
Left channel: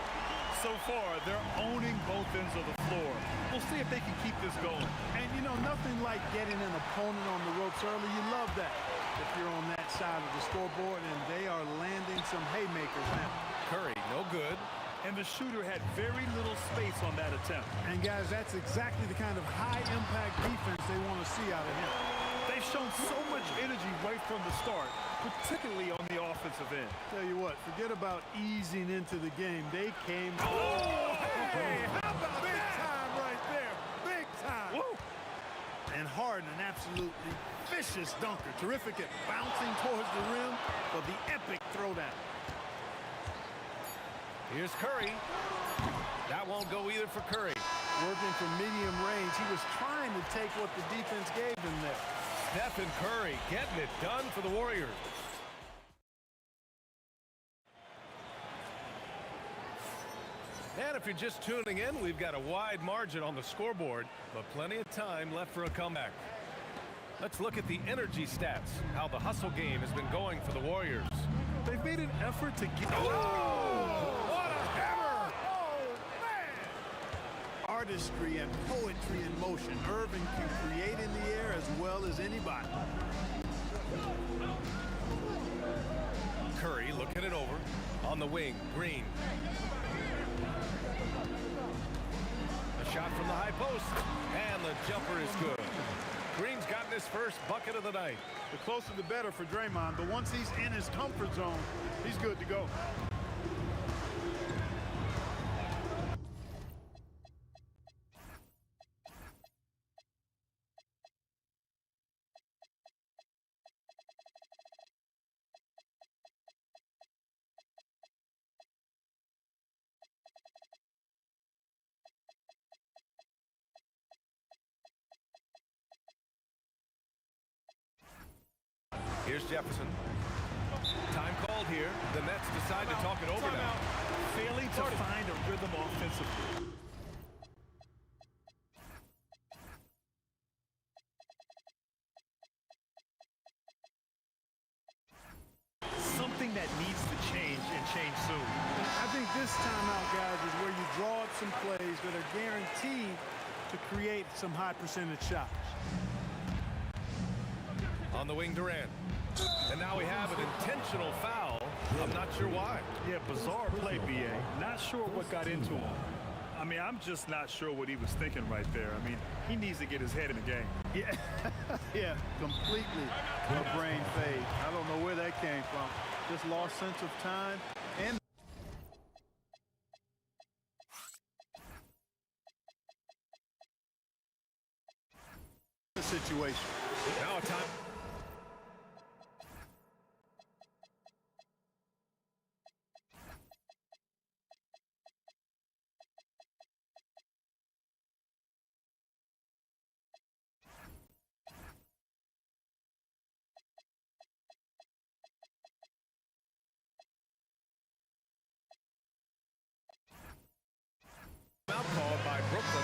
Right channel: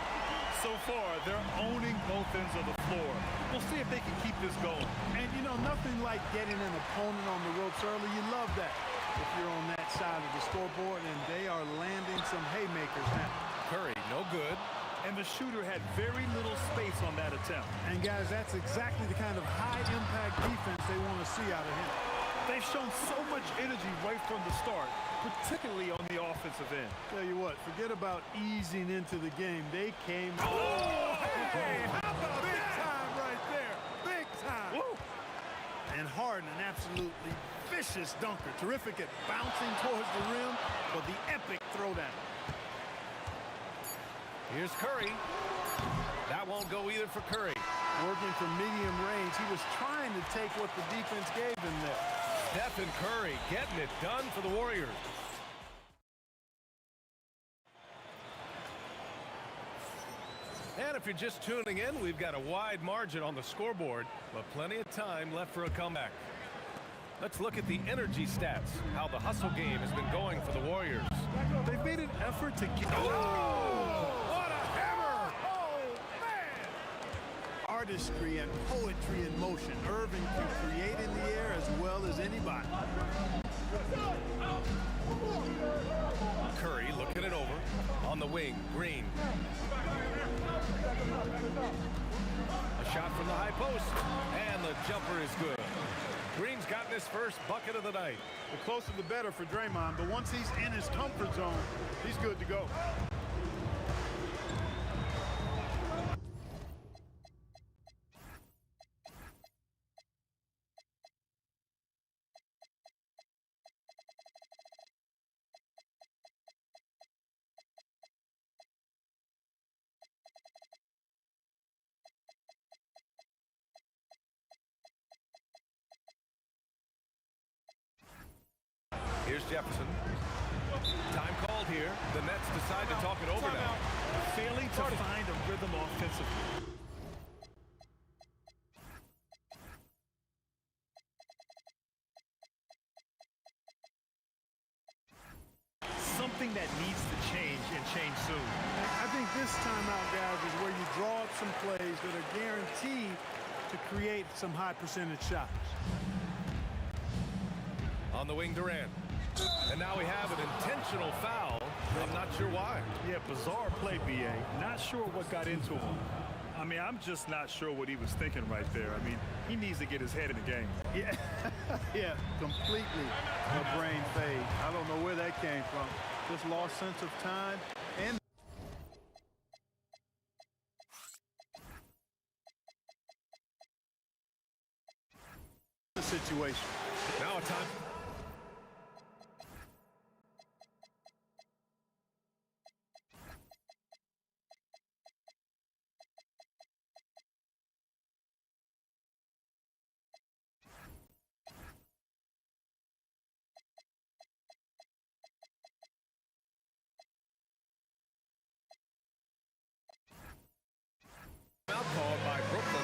So far, they're owning both ends of the floor. We'll see if they can keep this going. And, you know, nothing like getting an opponent on the ropes early. You love that if you're on that side of the scoreboard, and they are landing some haymakers now. Curry, no good. And the shooter had very little space on that attempt. And, guys, that's exactly the kind of high-impact defense they want to see out of him. They've shown so much energy right from the start, particularly on the offensive end. Tell you what, forget about easing into the game. They came. Oh, hey, how about big that? Time right there. Big time. Woo. And Harden, an absolutely vicious dunker. Terrific at bouncing towards the rim for the epic throwdown. Here's Curry. That won't go either for Curry. Working from medium range, he was trying to take what the defense gave him there. Stephen Curry getting it done for the Warriors. And if you're just tuning in, we've got a wide margin on the scoreboard, but plenty of time left for a comeback. Let's look at the energy stats, how the hustle game has been going for the Warriors. They've made an effort to get... Oh! What a hammer! Oh, man! Artistry and poetry in motion. Irving can create in the air as well as anybody. Curry looking it over. On the wing, Green. A shot from the high post, and the jumper is good. Green's gotten his first bucket of the night. The closer the better for Draymond, but once he's in his comfort zone, he's good to go. Here's Jefferson. Time called here. The Nets decide to talk it over now. Failing to find a rhythm offensively. Something that needs to change and change soon. I think this timeout, guys, is where you draw up some plays that are guaranteed to create some high percentage shots. On the wing, Durant. And now we have an intentional foul. I'm not sure why. Yeah, bizarre play, B.A. Not sure what got into him. I mean, I'm just not sure what he was thinking right there. I mean, he needs to get his head in the game. Yeah, yeah, completely a brain fade. I don't know where that came from. Just lost sense of time and the situation. Now a time. Out called by Brooklyn.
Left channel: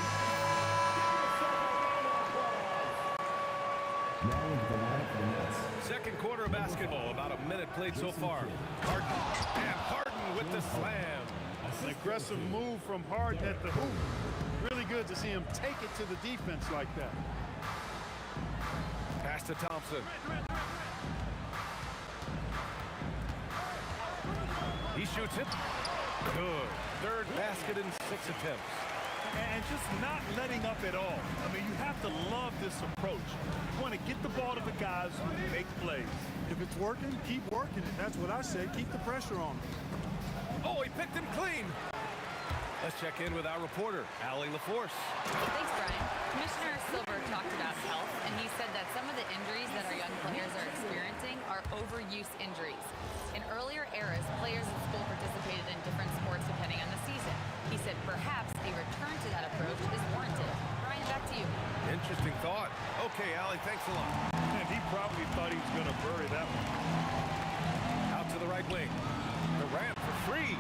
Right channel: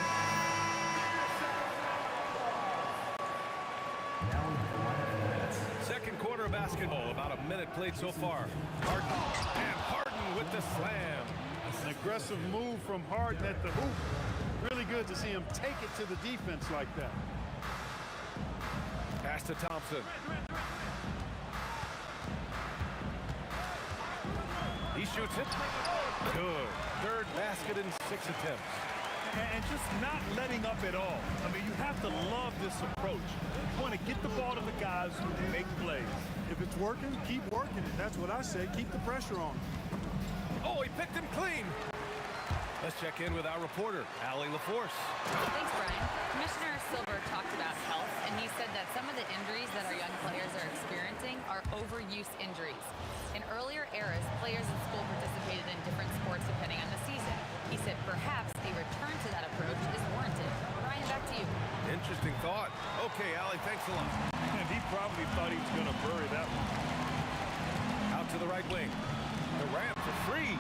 Second quarter of basketball, about a minute played so far. Harden, and Harden with the slam. An aggressive move from Harden at the hoop. Really good to see him take it to the defense like that. Pass to Thompson. He shoots it. Good. Third basket in 6 attempts. And just not letting up at all. I mean, you have to love this approach. You want to get the ball to the guys who make plays. If it's working, keep working it. That's what I say. Keep the pressure on him. Oh, he picked him clean. Let's check in with our reporter, Allie LaForce. Thanks, Brian. Commissioner Silver talked about health, and he said that some of the injuries that our young players are experiencing are overuse injuries. In earlier eras, players in school participated in different sports depending on the season. He said perhaps a return to that approach is warranted. Brian, back to you. Interesting thought. Okay, Allie, thanks a lot. And he probably thought he was going to bury that one. Out to the right wing. Durant for free.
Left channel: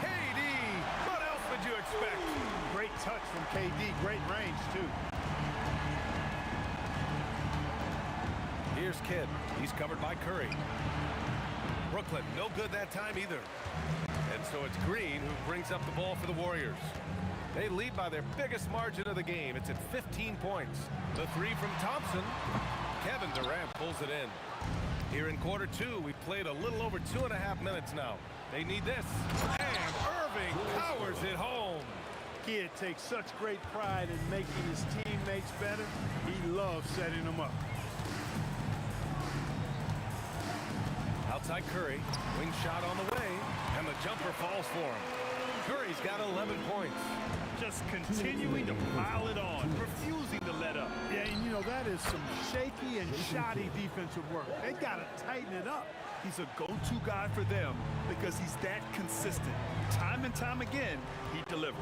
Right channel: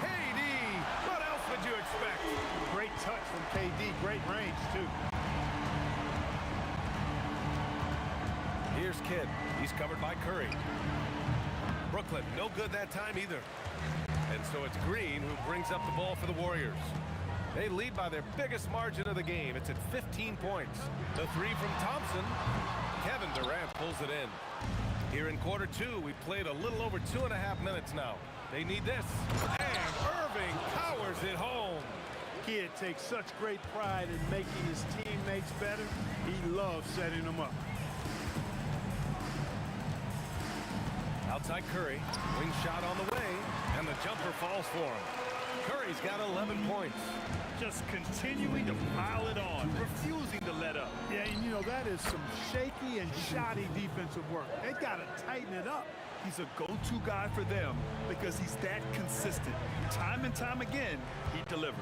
KD! What else would you expect? Great touch from KD. Great range, too. Here's Kidd. He's covered by Curry. Brooklyn, no good that time either. And so it's Green who brings up the ball for the Warriors. They lead by their biggest margin of the game. It's at 15 points. The three from Thompson. Kevin Durant pulls it in. Here in quarter two, we played a little over 2.5 minutes now. They need this. And Irving powers it home. Kidd takes such great pride in making his teammates better. He loves setting them up. Outside Curry, wing shot on the way, and the jumper falls for him. Curry's got 11 points. Just continuing to pile it on, refusing to let up. Yeah, and you know, that is some shaky and shoddy defensive work. They got to tighten it up. He's a go-to guy for them because he's that consistent. Time and time again, he delivers.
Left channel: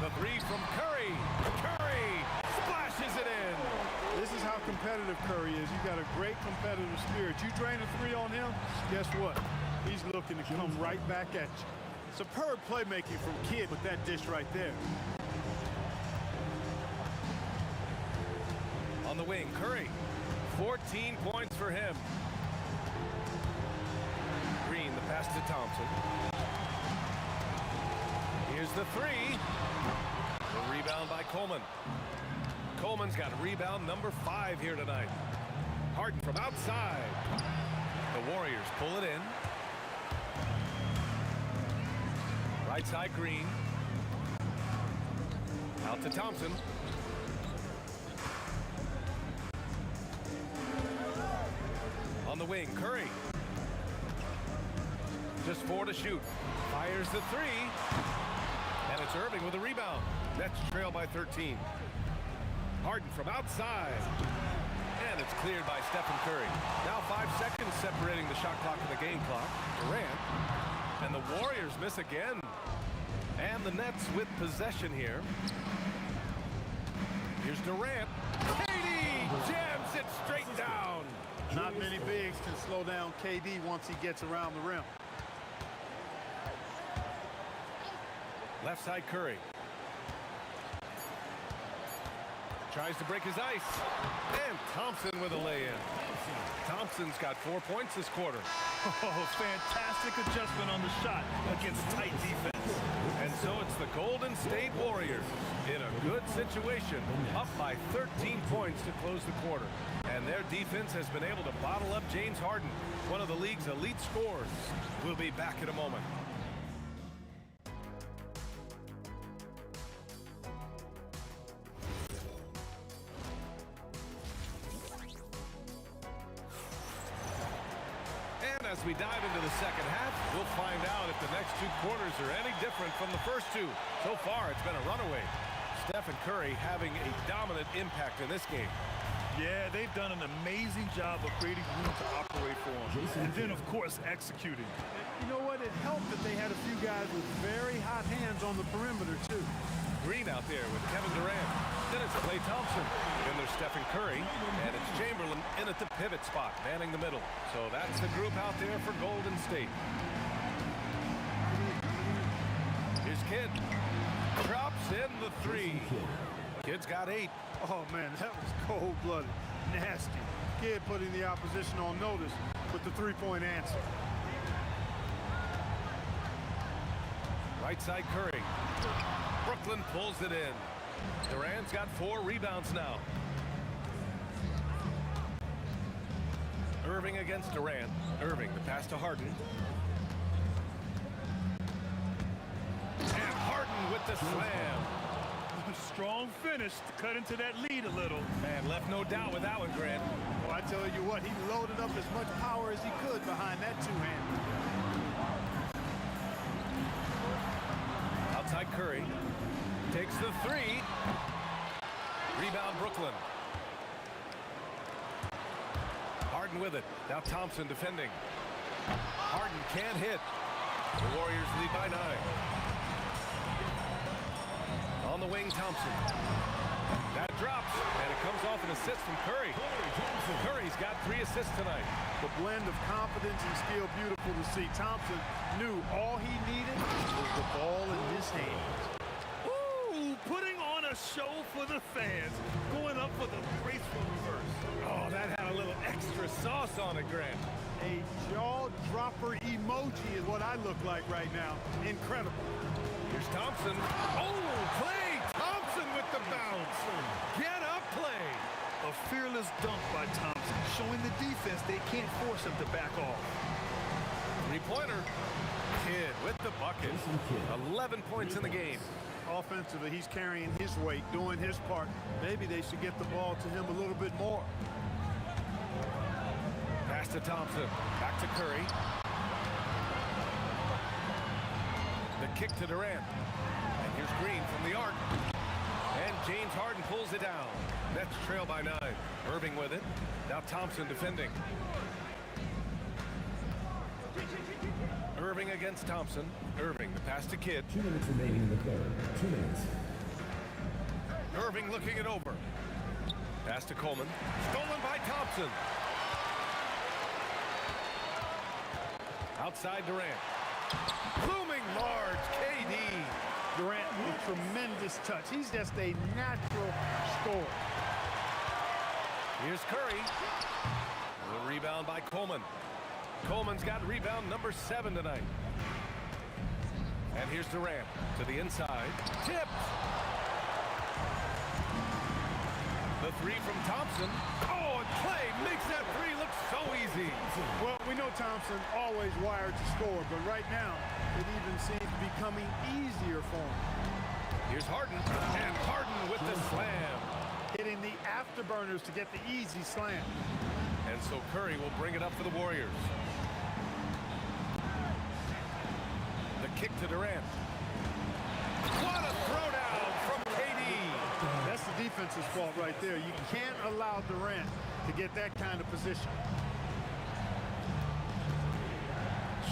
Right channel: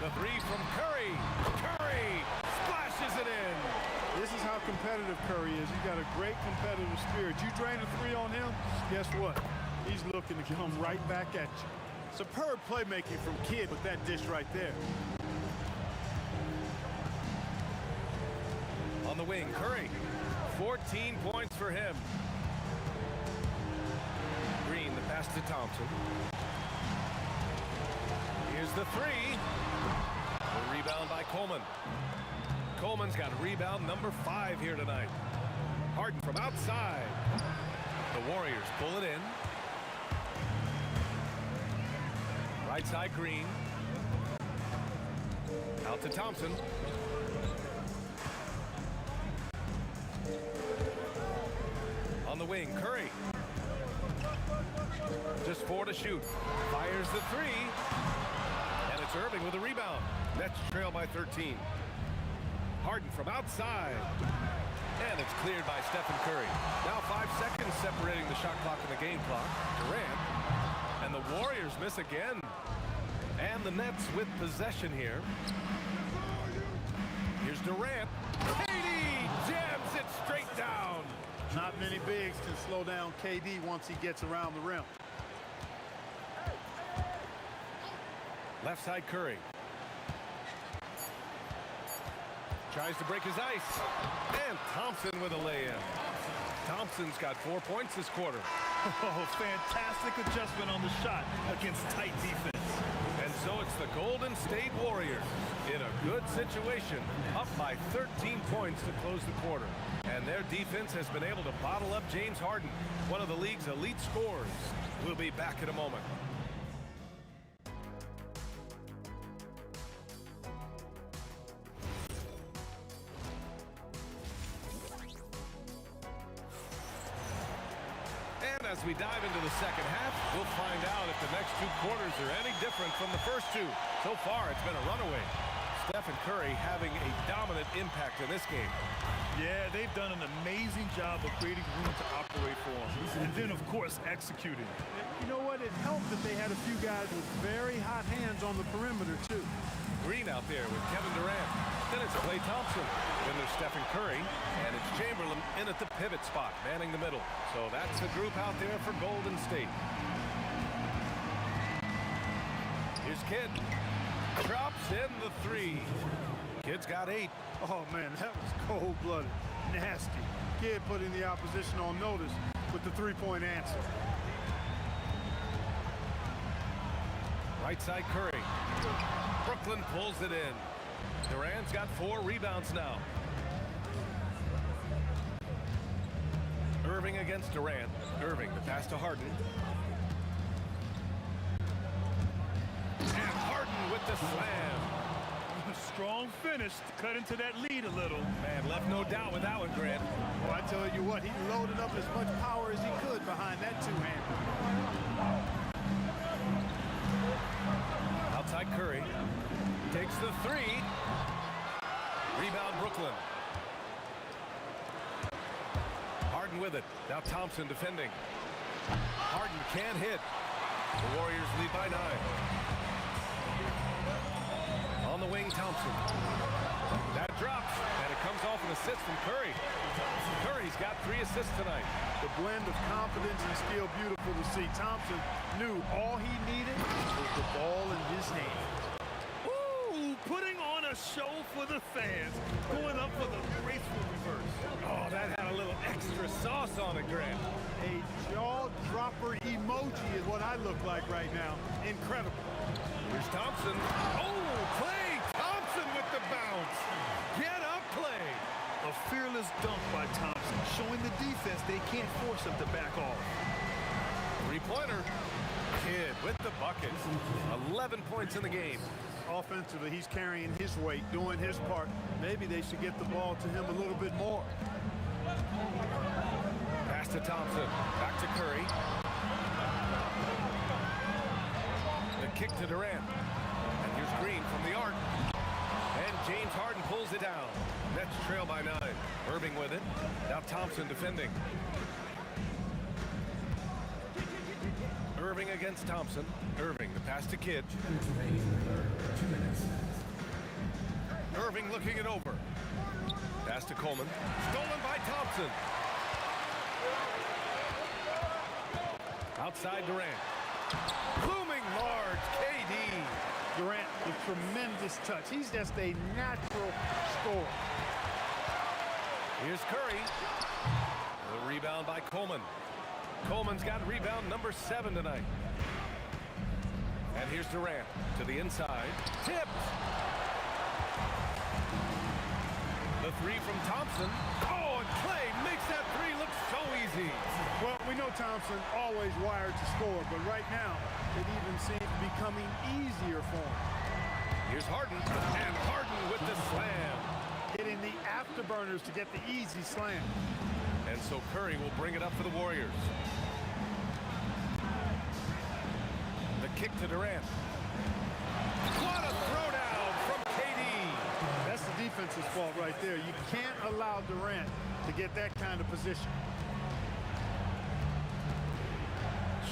The three from Curry. Curry splashes it in. This is how competitive Curry is. He's got a great competitive spirit. You drain a three on him, guess what? He's looking to come right back at you. Superb playmaking from Kidd with that dish right there. On the wing, Curry. 14 points for him. Green, the pass to Thompson. Here's the three. The rebound by Coleman. Coleman's got rebound number 5 here tonight. Harden from outside. The Warriors pull it in. Right side, Green. Out to Thompson. On the wing, Curry. Just 4 to shoot. Fires the 3. And it's Irving with a rebound. Nets trail by 13. Harden from outside. And it's cleared by Stephen Curry. Now 5 seconds separating the shot clock and the game clock. Durant. And the Warriors miss again. And the Nets with possession here. Here's Durant. KD jams it straight down. Not many bigs can slow down KD once he gets around the rim. Left side, Curry. Tries to break his ice. And Thompson with a lay-in. Thompson's got 4 points this quarter. Oh, fantastic adjustment on the shot against tight defense. And so it's the Golden State Warriors in a good situation, up by 13 points to close the quarter. And their defense has been able to bottle up James Harden, one of the league's elite scorers. We'll be back in a moment. And as we dive into the second half, we'll find out if the next 2 quarters are any different from the first 2. So far, it's been a runaway. Stephen Curry having a dominant impact in this game. Yeah, they've done an amazing job of creating room to operate for him. And then, of course, executing. And you know what? It helped that they had a few guys with very hot hands on the perimeter, too. Green out there with Kevin Durant. Then it's Klay Thompson. Then there's Stephen Curry. And it's Chamberlain in at the pivot spot, manning the middle. So that's the group out there for Golden State. Here's Kidd. Drops in the 3. Kidd's got 8. Oh, man, that was cold-blooded. Nasty. Kidd putting the opposition on notice with the 3-point answer. Right side, Curry. Brooklyn pulls it in. Durant's got 4 rebounds now. Irving against Durant. Irving, the pass to Harden. And Harden with the slam. Strong finish to cut into that lead a little. Man, left no doubt with that one, Grant. Well, I tell you what, he loaded up as much power as he could behind that 2-hander. Outside Curry. Takes the 3. Rebound Brooklyn. Harden with it. Now Thompson defending. Harden can't hit. The Warriors lead by 9. On the wing, Thompson. That drops, and it comes off an assist from Curry. Curry's got 3 assists tonight. The blend of confidence and skill, beautiful to see. Thompson knew all he needed was the ball in his hands. Ooh, putting on a show for the fans, going up for the graceful reverse. Oh, that had a little extra sauce on it, Grant. A jaw-dropper emoji is what I look like right now. Incredible. Here's Thompson. Oh, Klay Thompson with the bounce. Get up, Klay. A fearless dunk by Thompson, showing the defense they can't force him to back off. 3-pointer. Kidd with the bucket. 11 points in the game. Offensively, he's carrying his weight, doing his part. Maybe they should get the ball to him a little bit more. Pass to Thompson. Back to Curry. The kick to Durant. And here's Green from the arc. And James Harden pulls it down. Nets trail by 9. Irving with it. Now Thompson defending. Irving against Thompson. Irving, the pass to Kidd. 2 minutes remaining in the third. 2 minutes. Irving looking it over. Pass to Coleman. Stolen by Thompson. Outside Durant. Looming large, KD. Durant with tremendous touch. He's just a natural scorer. Here's Curry. The rebound by Coleman. Coleman's got rebound number 7 tonight. And here's Durant to the inside. Tipped. The three from Thompson. Oh, and Clay makes that three look so easy. Well, we know Thompson always wired to score, but right now it even seems becoming easier for him. Here's Harden, and Harden with the slam. Hitting the afterburners to get the easy slam. And so Curry will bring it up for the Warriors. The kick to Durant. What a throwdown from KD. That's the defense's fault right there. You can't allow Durant to get that kind of position.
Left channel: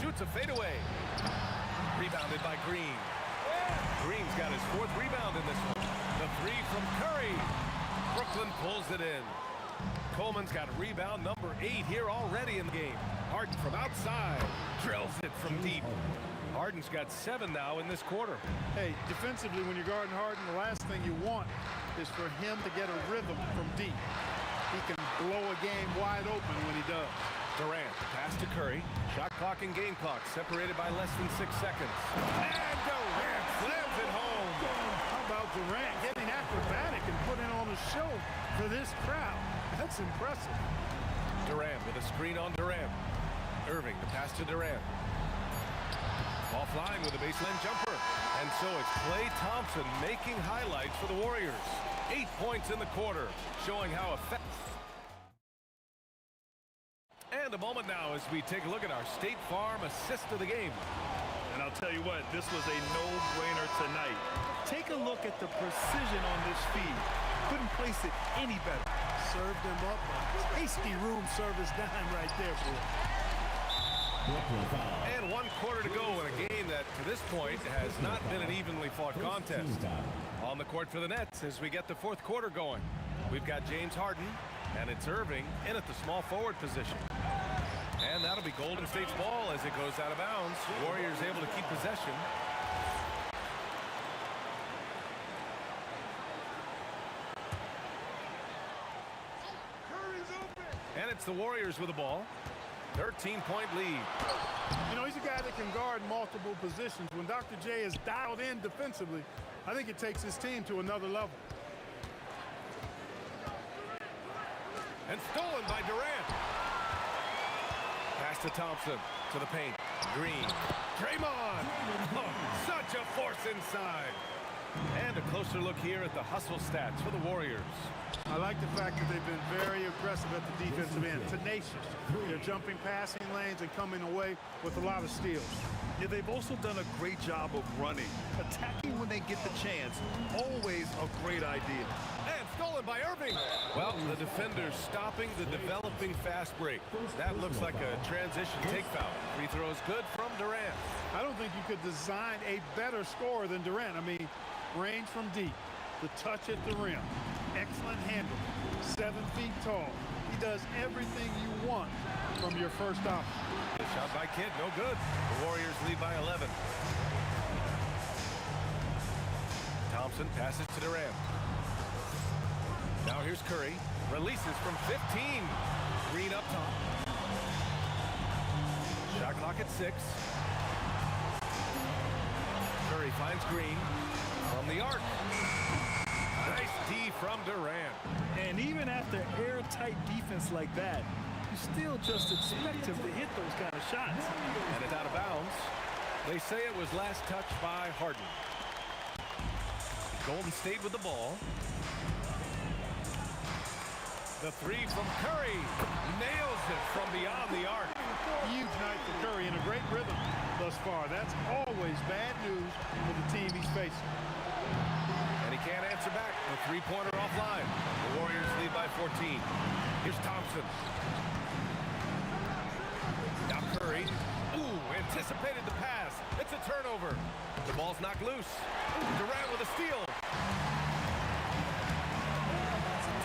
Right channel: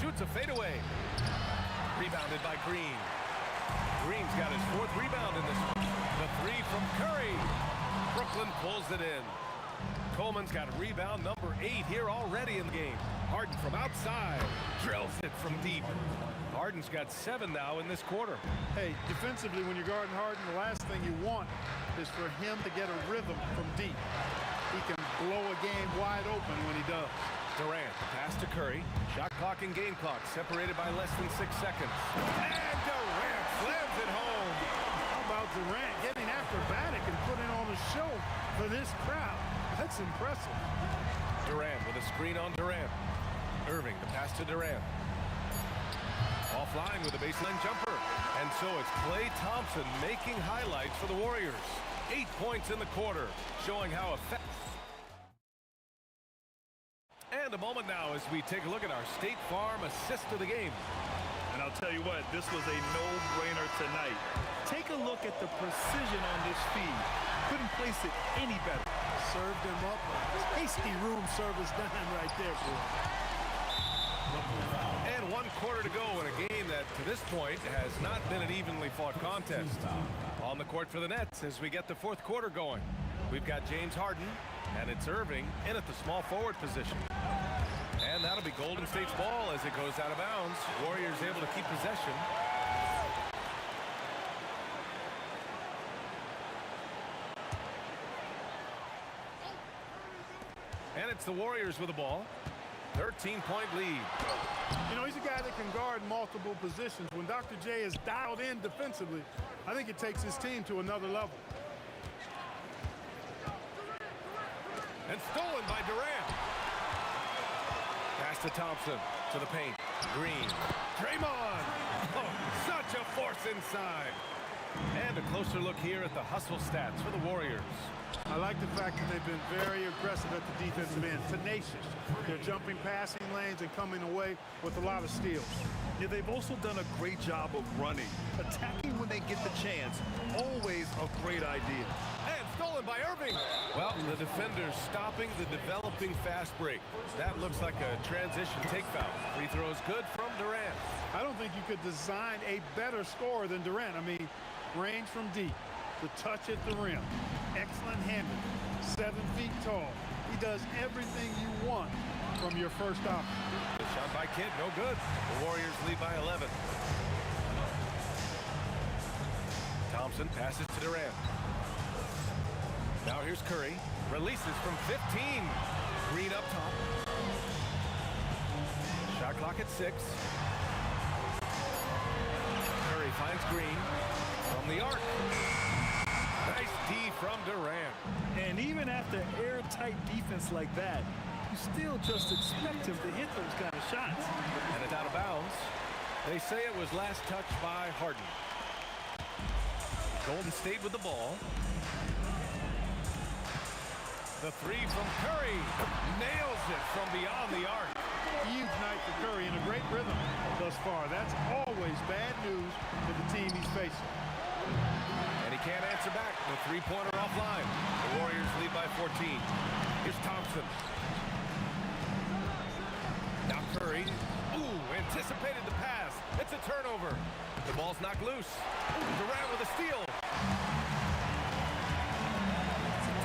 Shoots a fadeaway. Rebounded by Green. Green's got his 4th rebound in this one. The three from Curry. Brooklyn pulls it in. Coleman's got rebound number 8 here already in the game. Harden from outside. Drills it from deep. Harden's got 7 now in this quarter. Hey, defensively, when you're guarding Harden, the last thing you want is for him to get a rhythm from deep. He can blow a game wide open when he does. Durant, the pass to Curry. Shot clock and game clock separated by less than 6 seconds. And Durant slams it home. How about Durant getting acrobatic and putting on a show for this crowd? That's impressive. Durant with a screen on Durant. Irving, the pass to Durant. Offline with a baseline jumper. And so it's Klay Thompson making highlights for the Warriors. 8 points in the quarter, showing how effective. And a moment now as we take a look at our State Farm assist of the game. And I'll tell you what, this was a no-brainer tonight. Take a look at the precision on this feed. Couldn't place it any better. Served him up a tasty room service dime right there, boy. And 1 quarter to go in a game that, to this point, has not been an evenly fought contest. On the court for the Nets as we get the 4th quarter going. We've got James Harden, and it's Irving in at the small forward position. And that'll be Golden State's ball as it goes out of bounds. Warriors able to keep possession. And it's the Warriors with the ball. 13-point lead. You know, he's a guy that can guard multiple positions. When Dr. J is dialed in defensively, I think it takes his team to another level. And stolen by Durant. Pass to Thompson, to the paint. Green. Draymond. Oh, such a force inside. And a closer look here at the hustle stats for the Warriors. I like the fact that they've been very aggressive at the defensive end. Tenacious. They're jumping passing lanes and coming away with a lot of steals. Yeah, they've also done a great job of running. Attacking when they get the chance. Always a great idea. And stolen by Irving. Well, the defenders stopping the developing fast break. That looks like a transition take foul. Free throw is good from Durant. I don't think you could design a better scorer than Durant. I mean, range from deep, the touch at the rim, excellent handle, 7 feet tall. He does everything you want from your first option. The shot by Kidd, no good. The Warriors lead by 11. Thompson passes to Durant. Now here's Curry. Releases from 15. Green up top. Shot clock at 6. Curry finds Green from the arc. Nice D from Durant. And even after airtight defense like that, you still just expect him to hit those kind of shots. And it's out of bounds. They say it was last touched by Harden. Golden State with the ball. The three from Curry. Nails it from beyond the arc. Huge night for Curry in a great rhythm thus far. That's always bad news for the team he's facing. And he can't answer back. The three-pointer offline. The Warriors lead by 14. Here's Thompson. Now Curry. Ooh, anticipated the pass. It's a turnover. The ball's knocked loose. Ooh, Durant with a steal.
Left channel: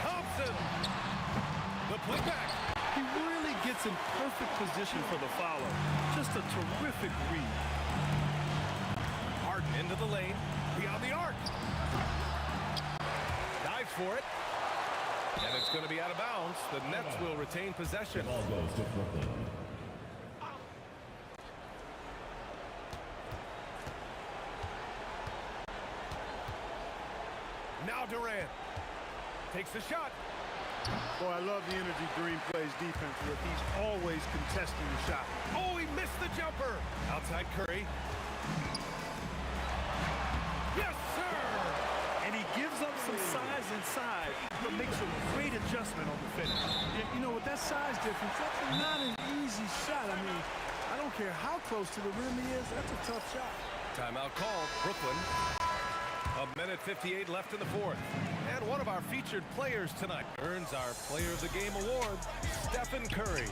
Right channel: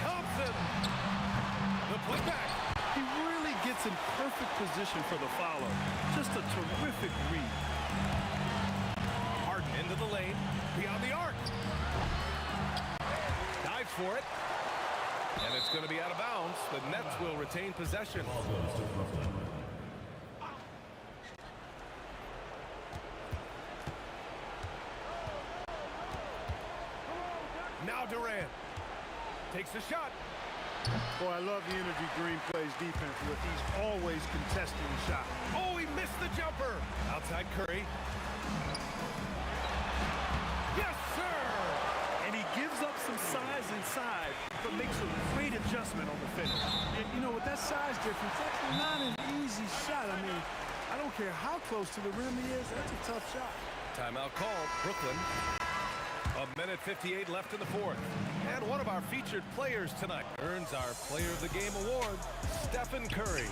Thompson. The putback. He really gets in perfect position for the follow. Just a terrific read. Harden into the lane, beyond the arc. Dives for it. And it's going to be out of bounds. The Nets will retain possession. Ball goes to Brooklyn. Now Durant takes the shot. Boy, I love the energy Green plays defense with. He's always contesting the shot. Oh, he missed the jumper. Outside Curry. Yes, sir. And he gives up some size inside, but makes a great adjustment on the finish. You know, with that size difference, that's not an easy shot. I mean, I don't care how close to the rim he is. That's a tough shot. Timeout called. Brooklyn. A minute 58 left in the fourth. And one of our featured players tonight earns our Player of the Game award, Stephen Curry.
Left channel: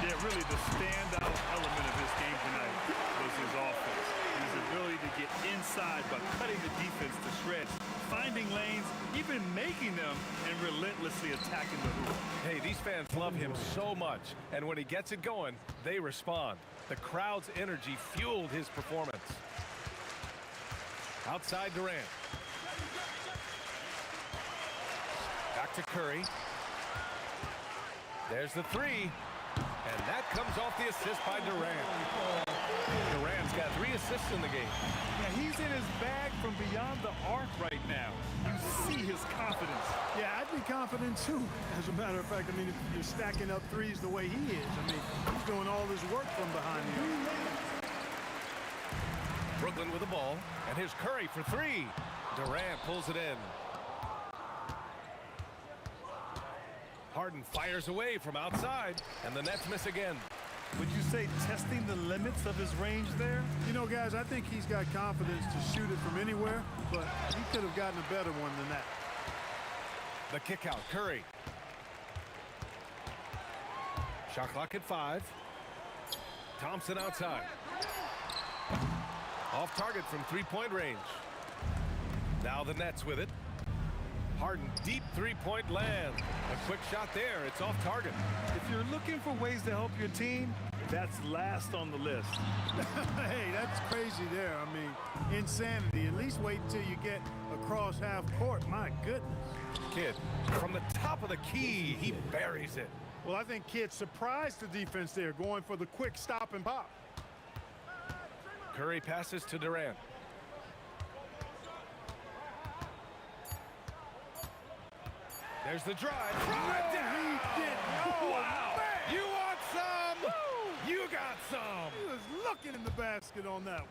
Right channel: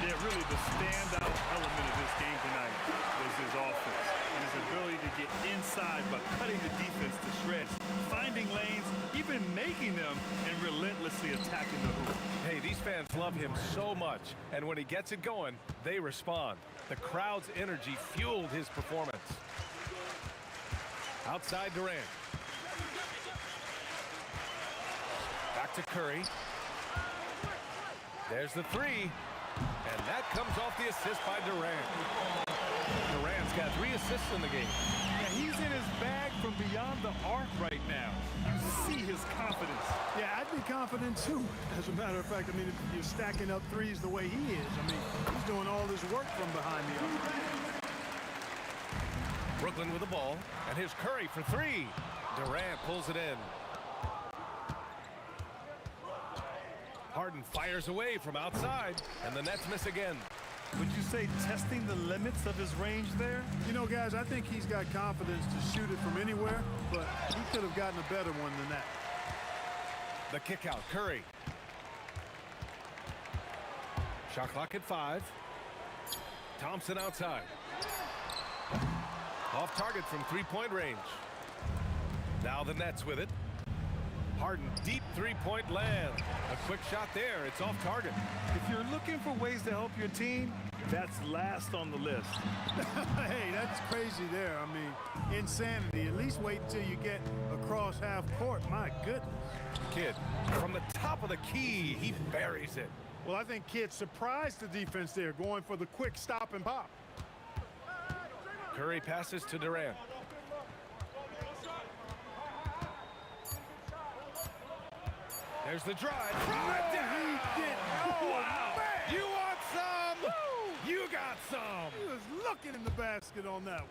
Yeah, really the standout element of his game tonight was his offense and his ability to get inside by cutting the defense to shreds, finding lanes, even making them, and relentlessly attacking the hoop. Hey, these fans love him so much, and when he gets it going, they respond. The crowd's energy fueled his performance. Outside Durant. Back to Curry. There's the three. And that comes off the assist by Durant. Durant's got 3 assists in the game. Yeah, he's in his bag from beyond the arc right now. You see his confidence. Yeah, I'd be confident too. As a matter of fact, I mean, if you're stacking up threes the way he is, I mean, he's doing all this work from behind the arc. Brooklyn with the ball. And here's Curry for 3. Durant pulls it in. Harden fires away from outside, and the Nets miss again. Would you say testing the limits of his range there? You know, guys, I think he's got confidence to shoot it from anywhere, but he could have gotten a better one than that. The kick out, Curry. Shot clock at 5. Thompson outside. Off target from 3-point range. Now the Nets with it. Harden, deep 3-point land. A quick shot there. It's off target. If you're looking for ways to help your team, that's last on the list. Hey, that's crazy there. I mean, insanity. At least wait until you get across half court. My goodness. Kidd, from the top of the key, he buries it. Well, I think Kidd surprised the defense there, going for the quick stop and pop. Curry passes to Durant. There's the drive. Drive down. He did. Oh, wow. Man. You want some? Woo. You got some. He was looking in the basket on that one.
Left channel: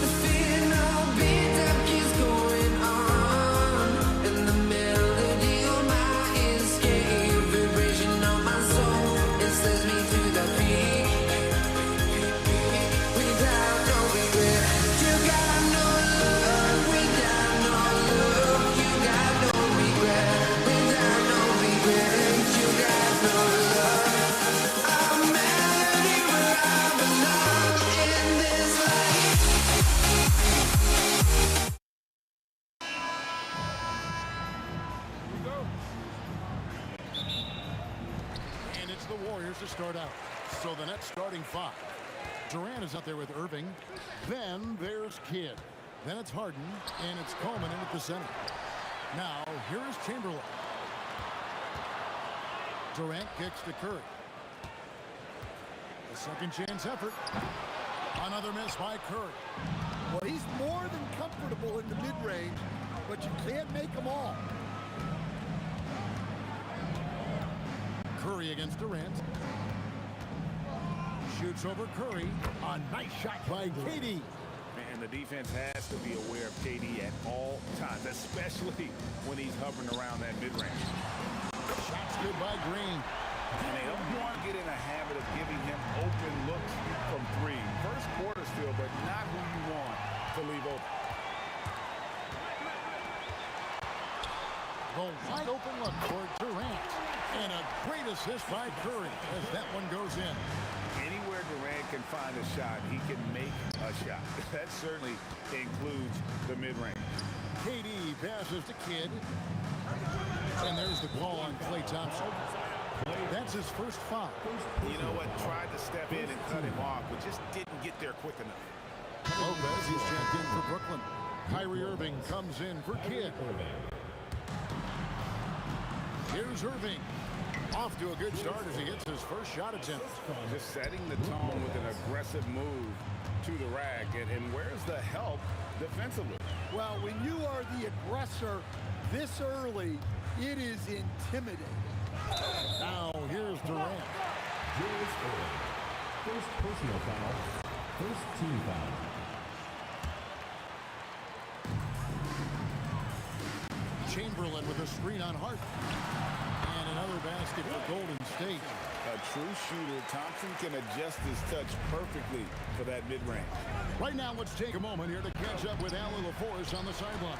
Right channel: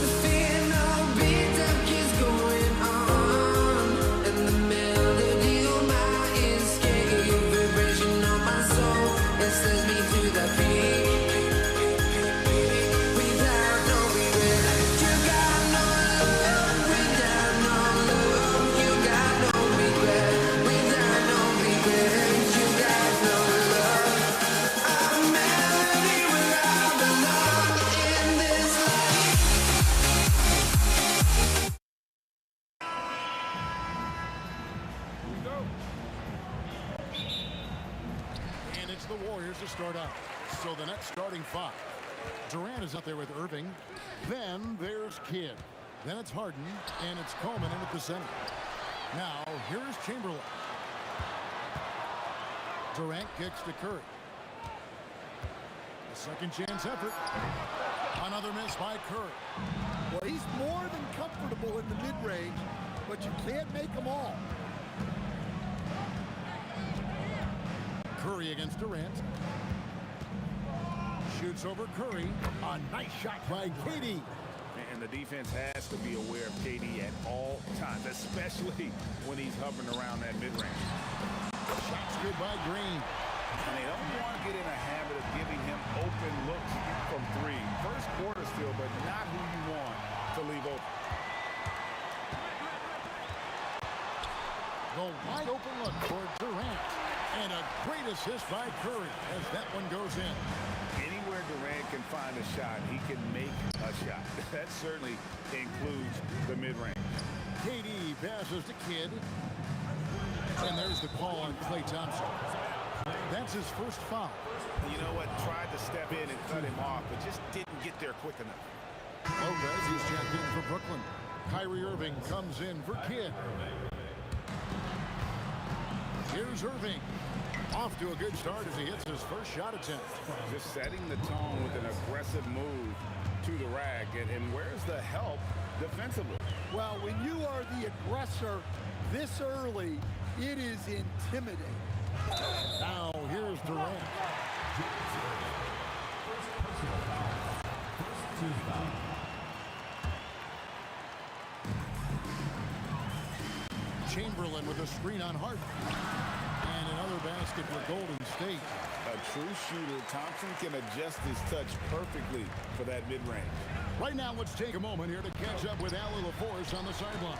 The fear no beat up keeps going on, and the melody on my ears, your vibration on my soul, it sends me to the peak. Without no regret, you got no love. Without no love, you got no regret. Without no regret, you got no love. A melody where I belong in this life. And it's the Warriors to start out. So the next starting five. Durant is out there with Irving. Then there's Kidd. Then it's Harden. And it's Coleman in at the center. Now, here's Chamberlain. Durant kicks to Curry. A second chance effort. Another miss by Curry. Well, he's more than comfortable in the mid-range, but you can't make them all. Curry against Durant. Shoots over Curry. A nice shot by KD. And the defense has to be aware of KD at all times, especially when he's hovering around that mid-range. Shots good by Green. And they don't want to get in a habit of giving him open looks from three. First quarter still, but not who you want to leave open. The wide open look for Durant. And a great assist by Curry as that one goes in. Anywhere Durant can find a shot, he can make a shot. That certainly includes the mid-range. KD passes to Kidd. And there's the call on Klay Thompson. That's his first foul. You know what? Tried to step in and cut him off, but just didn't get there quick enough. Lopez is checked in for Brooklyn. Kyrie Irving comes in for Kidd. Here's Irving. Off to a good start as he hits his first shot attempt. Just setting the tone with an aggressive move to the rack. And where's the help defensively? Well, when you are the aggressor this early, it is intimidating. Now here's Durant. First personal foul. First team foul. Chamberlain with a screen on Hart. And another basket for Golden State. A true shooter, Thompson can adjust his touch perfectly for that mid-range. Right now, let's take a moment here to catch up with Allie LaForce on the sideline.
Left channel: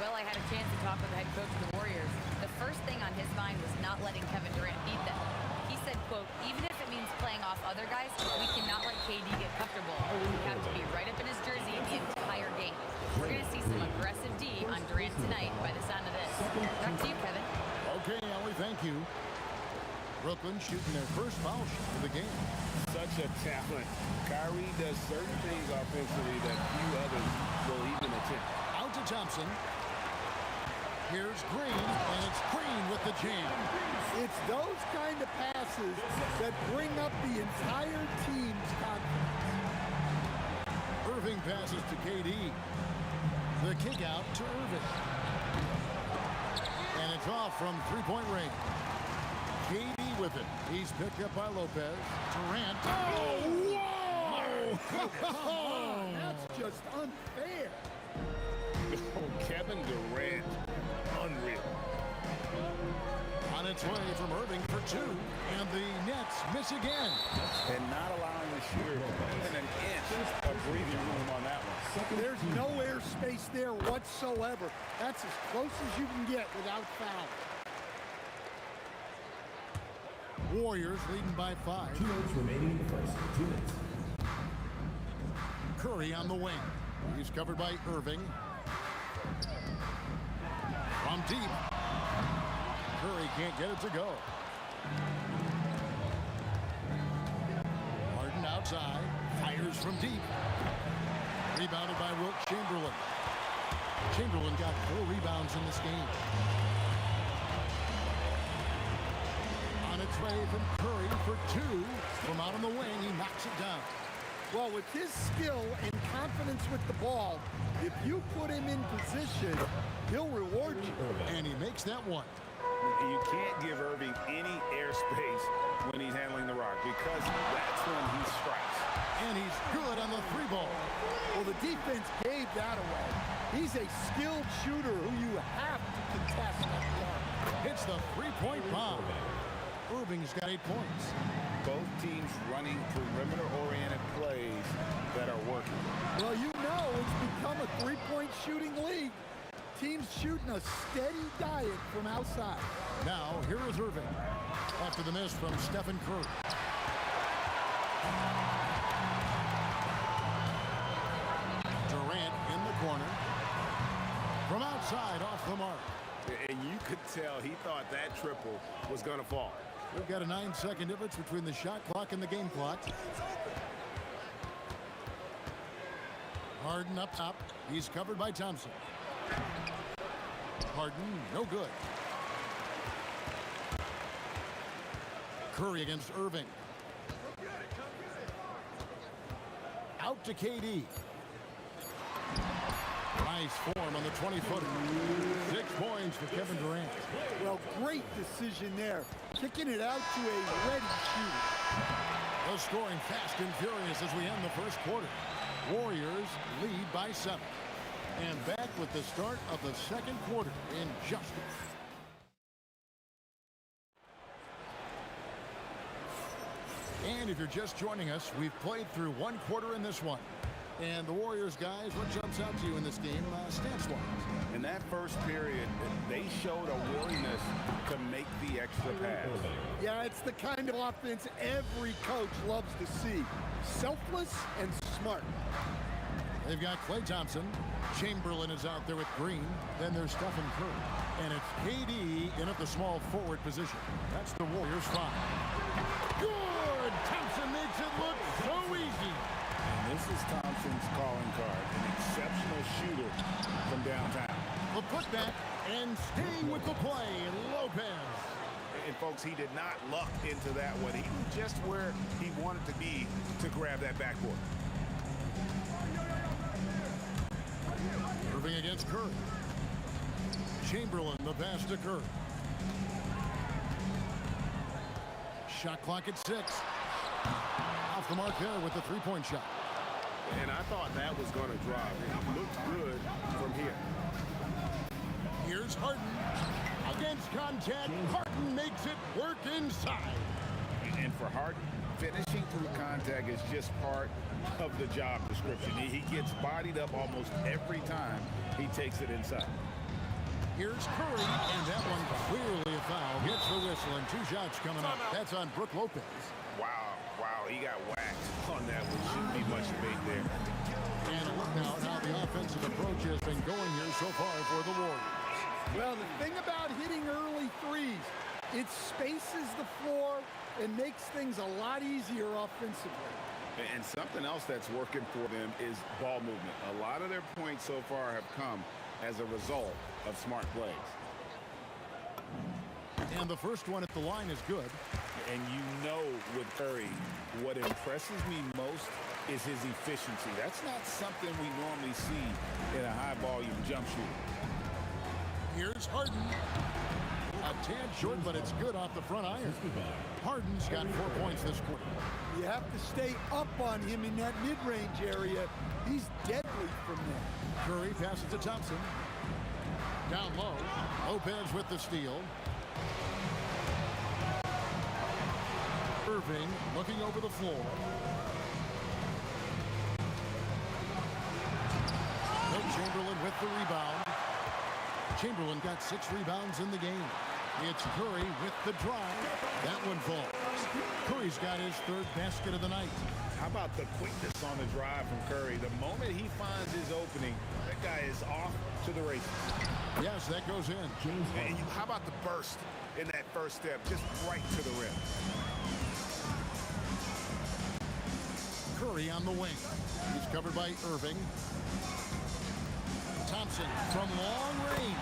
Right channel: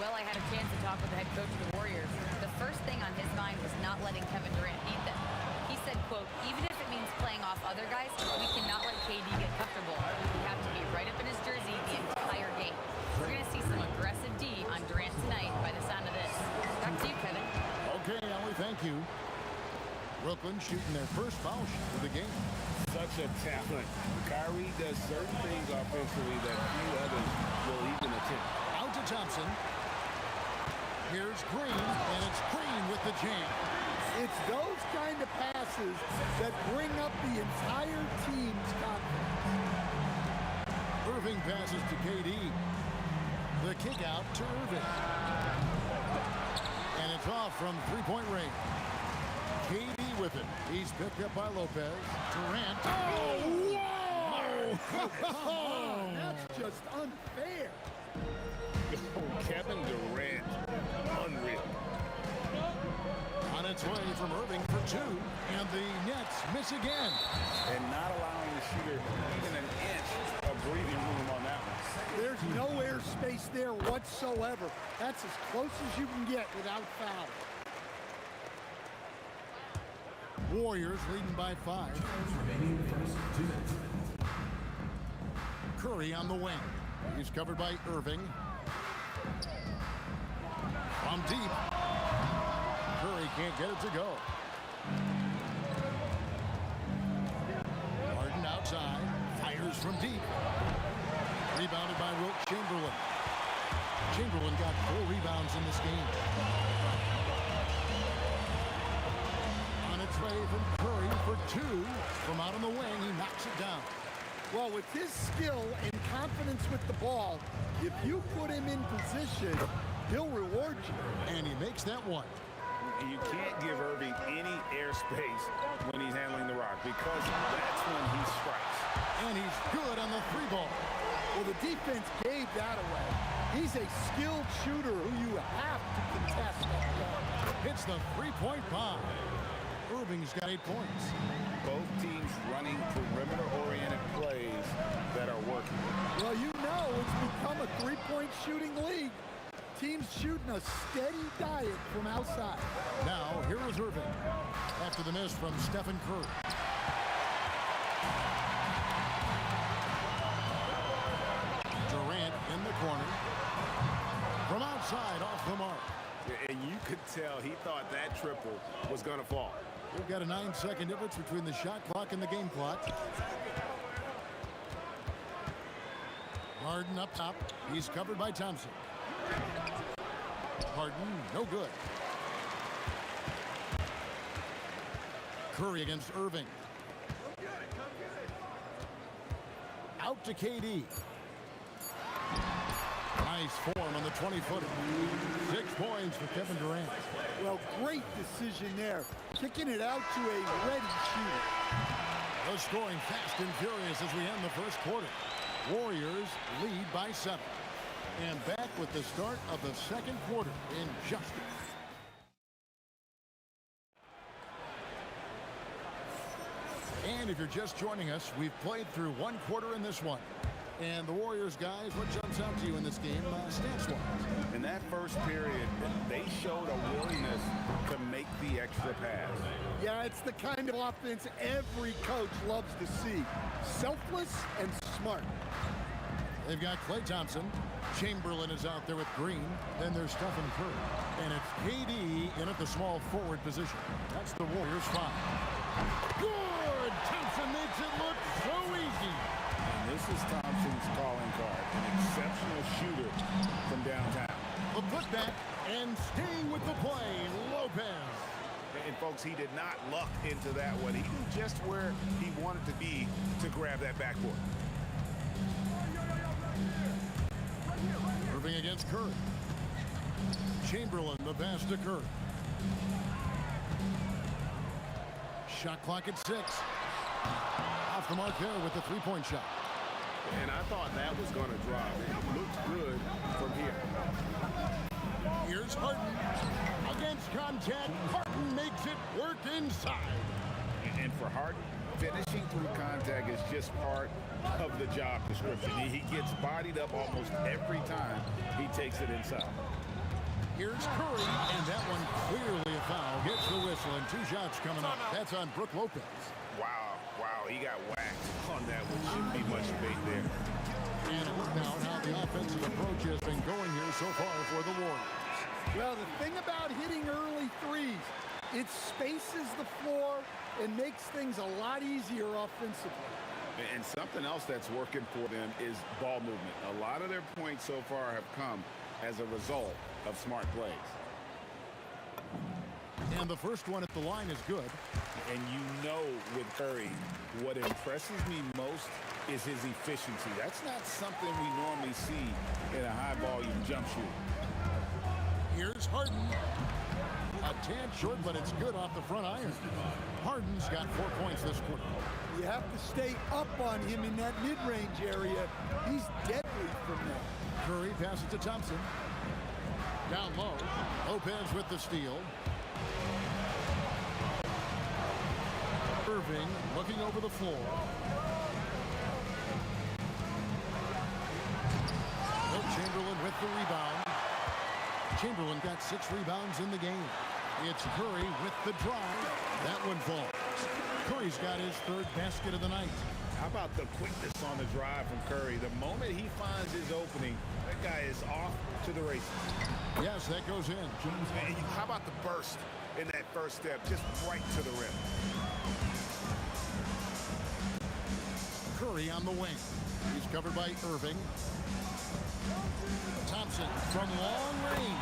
Well, I had a chance to talk with the head coach of the Warriors. The first thing on his mind was not letting Kevin Durant beat them. He said, quote, even if it means playing off other guys, we cannot let KD get comfortable. We have to be right up in his jersey the entire game. We're going to see some aggressive D on Durant tonight by the sound of this. Back to you, Kevin. Okay, Allie, thank you. Brooklyn shooting their first foul shot of the game. Such a talent. Kyrie does certain things offensively that few others will even attempt. Out to Thompson. Here's Green, and it's Green with the jam. It's those kind of passes that bring up the entire team's confidence. Irving passes to KD. The kick out to Irving. And it's off from three-point range. KD with it. He's picked up by Lopez. Durant. Oh, whoa! Come on, that's just unfair. Oh, Kevin Durant, unreal. On its way from Irving for two, and the Nets miss again. And not allowing the shooter even an inch of breathing room on that one. There's no air space there whatsoever. That's as close as you can get without foul. Warriors leading by 5. 2 minutes remaining in the first. 2 minutes. Curry on the wing. He's covered by Irving. From deep. Curry can't get it to go. Harden outside. Fires from deep. Rebounded by Wilt Chamberlain. Chamberlain got 4 rebounds in this game. On its way from Curry for 2. From out on the wing, he knocks it down. Well, with his skill and confidence with the ball, if you put him in position, he'll reward you. And he makes that one. You can't give Irving any airspace when he's handling the rock because that's when he strikes. And he's good on the 3 ball. Well, the defense gave that away. He's a skilled shooter who you have to contest at the arc. Hits the 3-point bomb. Irving's got 8 points. Both teams running perimeter-oriented plays that are working. Well, you know it's become a 3-point shooting league. Teams shooting a steady diet from outside. Now, here is Irving. After the miss from Stephen Curry. Durant in the corner. From outside, off the mark. And you could tell he thought that triple was going to fall. We've got a 9-second difference between the shot clock and the game clock. Harden up top. He's covered by Thompson. Harden, no good. Curry against Irving. Out to KD. Nice form on the 20-footer. 6 points for Kevin Durant. Well, great decision there. Kicking it out to a ready shooter. The scoring fast and furious as we end the first quarter. Warriors lead by 7. And back with the start of the second quarter in just And if you're just joining us, we've played through 1 quarter in this one. And the Warriors, guys, what jumps out to you in this game, stats-wise? In that first period, they showed a willingness to make the extra pass. Yeah, it's the kind of offense every coach loves to see. Selfless and smart. They've got Klay Thompson. Chamberlain is out there with Green. Then there's Stephen Curry. And it's KD in at the small forward position. That's the Warriors' 5. Good! Thompson makes it look so easy. And this is Thompson's calling card, an exceptional shooter from downtown. The putback and staying with the play, Lopez. And folks, he did not luck into that one. He knew just where he wanted to be to grab that backboard. Irving against Curry. Chamberlain, the pass to Curry. Shot clock at 6. Off the mark there with the 3-point shot. And I thought that was going to drop. It looked good from here. Here's Harden. Against contact, Harden makes it work inside. And for Harden, finishing through contact is just part of the job description. He gets bodied up almost every time he takes it inside. Here's Curry, and that one clearly a foul. Gets the whistle, and 2 shots coming up. That's on Brook Lopez. Wow, he got whacked on that one. Shouldn't be much debate there. And a look now at how the offensive approach has been going here so far for the Warriors. Well, the thing about hitting early threes, it spaces the floor and makes things a lot easier offensively. And something else that's working for them is ball movement. A lot of their points so far have come as a result of smart plays. And the first one at the line is good. And you know with Curry, what impresses me most is his efficiency. That's not something we normally see in a high-volume jump shooter. Here's Harden. A tad short, but it's good off the front iron. Harden's got 4 points this quarter. You have to stay up on him in that mid-range area. He's deadly from there. Curry passes to Thompson. Down low. Lopez with the steal. Irving looking over the floor. Will Chamberlain with the rebound. Chamberlain got 6 rebounds in the game. It's Curry with the drive. That one falls. Curry's got his 3rd basket of the night. How about the quickness on the drive from Curry? The moment he finds his opening, that guy is off to the races. Yes, that goes in. And how about the burst in that first step, just right to the rim? Curry on the wing. He's covered by Irving. Thompson from long range.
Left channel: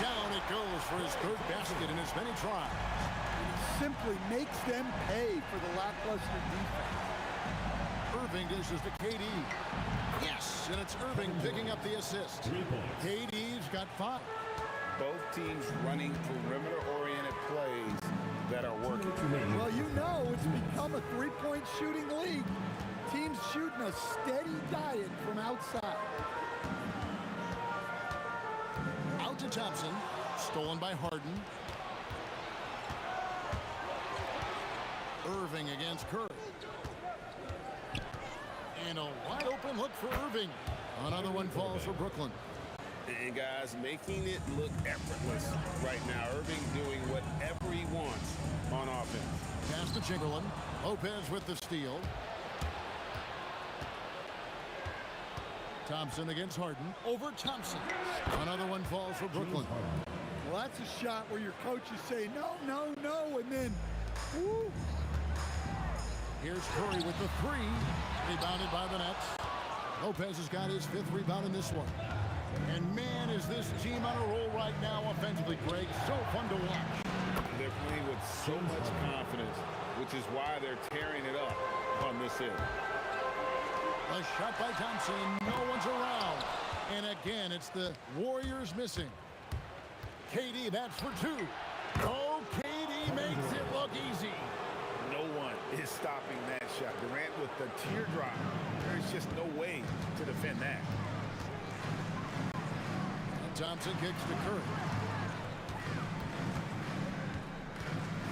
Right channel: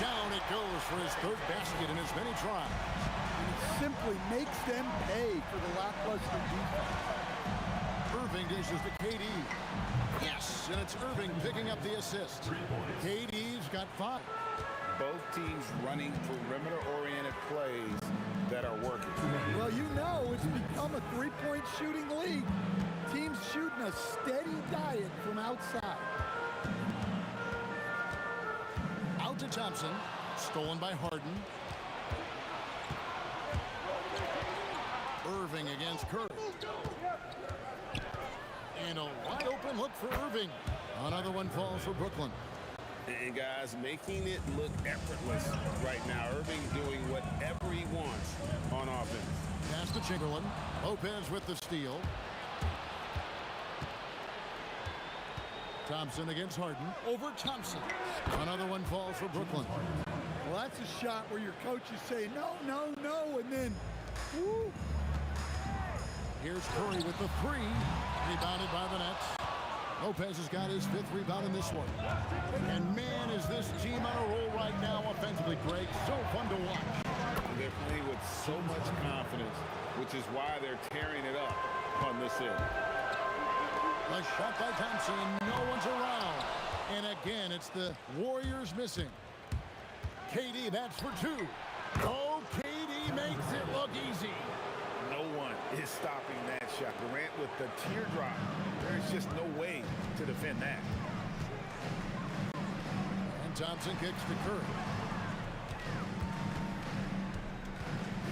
Down it goes for his 3rd basket in as many tries. And he simply makes them pay for the lackluster defense. Irving dishes to KD. Yes, and it's Irving picking up the assist. KD's got 5. Both teams running perimeter-oriented plays that are working. Well, you know it's become a 3-point shooting league. Teams shooting a steady diet from outside. Out to Thompson. Stolen by Harden. Irving against Curry. And a wide open look for Irving. Another one falls for Brooklyn. And guys, making it look effortless right now. Irving doing whatever he wants on offense. Pass to Chamberlain. Lopez with the steal. Thompson against Harden. Over Thompson. Another one falls for Brooklyn. Well, that's a shot where your coaches say, no, no, no, and then, woo. Here's Curry with the 3. Rebounded by the Nets. Lopez has got his 5th rebound in this one. And man, is this team on a roll right now offensively, Greg. So fun to watch. They're playing with so much confidence, which is why they're tearing it up on this end. A shot by Thompson. No one's around. And again, it's the Warriors missing. KD, that's for 2. Oh, KD makes it look easy. No one is stopping that shot. Durant with the teardrop. There's just no way to defend that. And Thompson kicks to Curry.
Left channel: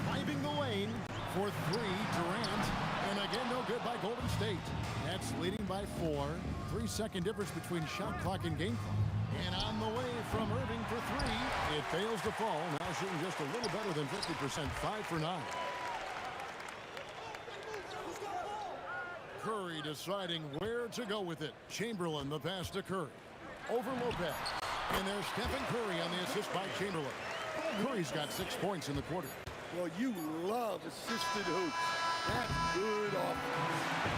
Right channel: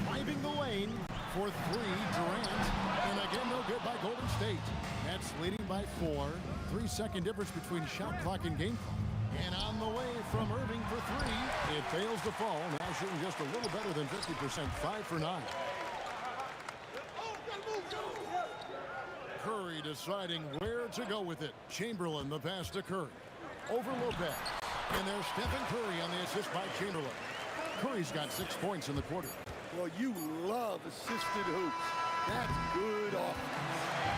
Driving the lane for 3, Durant. And again, no good by Golden State. Nets leading by 4. 3-second difference between shot clock and game clock. And on the way from Irving for 3. It fails to fall. Now shooting just a little better than 50%. 5 for 9. Curry deciding where to go with it. Chamberlain the pass to Curry. Over Lopez. And there's Stephen Curry on the assist by Chamberlain. Curry's got 6 points in the quarter. Well, you love assisted hoops. That's good offense.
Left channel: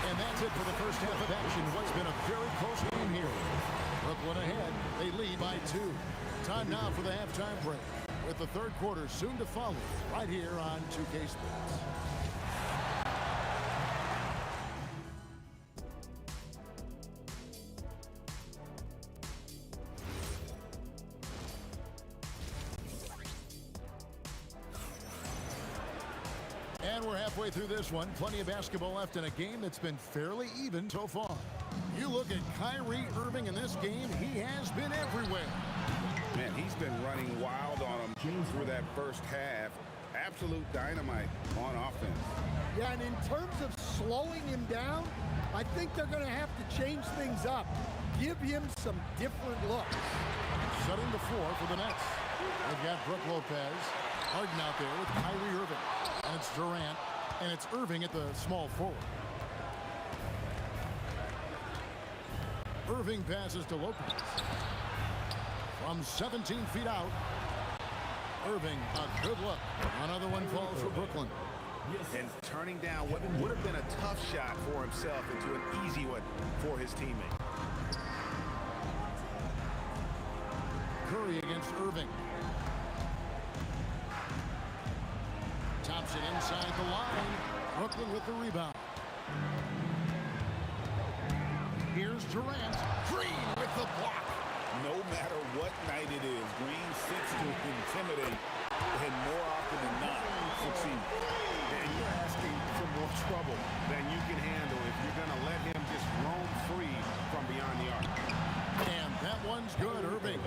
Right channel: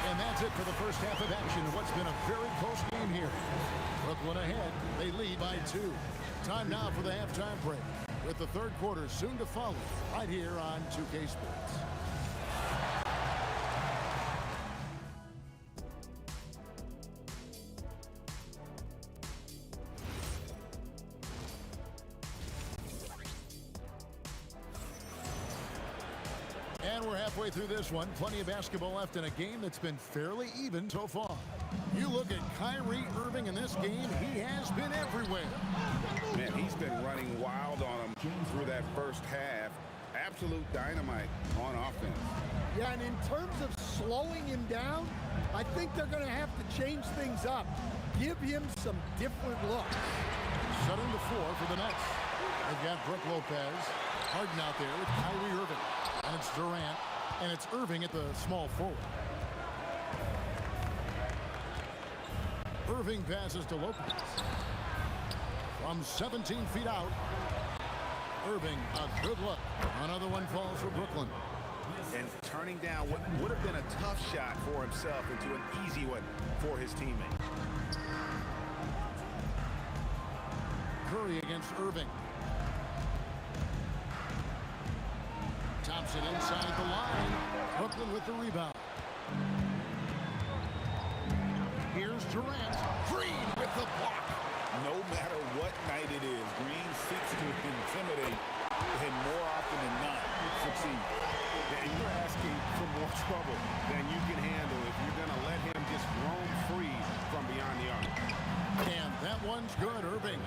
And that's it for the first half of action. What's been a very close game here. Brooklyn ahead. They lead by 2. Time now for the halftime break, with the 3rd quarter soon to follow right here on 2K Sports. And we're halfway through this one. Plenty of basketball left in a game that's been fairly even so far. You look at Kyrie Irving in this game, he has been everywhere. Man, he's been running wild on him through that first half. Absolute dynamite on offense. Yeah, and in terms of slowing him down, I think they're going to have to change things up. Give him some different looks. Shutting the floor for the Nets. They've got Brook Lopez. Harden out there with Kyrie Irving. And it's Durant. And it's Irving at the small forward. Irving passes to Lopez. From 17 feet out. Irving, a good look. Another one falls for Brooklyn. And turning down what would have been a tough shot for himself into an easy one for his teammate. Curry against Irving. Thompson inside the line. Brooklyn with the rebound. Here's Durant. Green with the block. No matter what night it is, Green seeks to intimidate and more often than not succeed. And you're asking for more trouble than you can handle if you're going to let him just roam free from beyond the arc. And that one's good, Irving.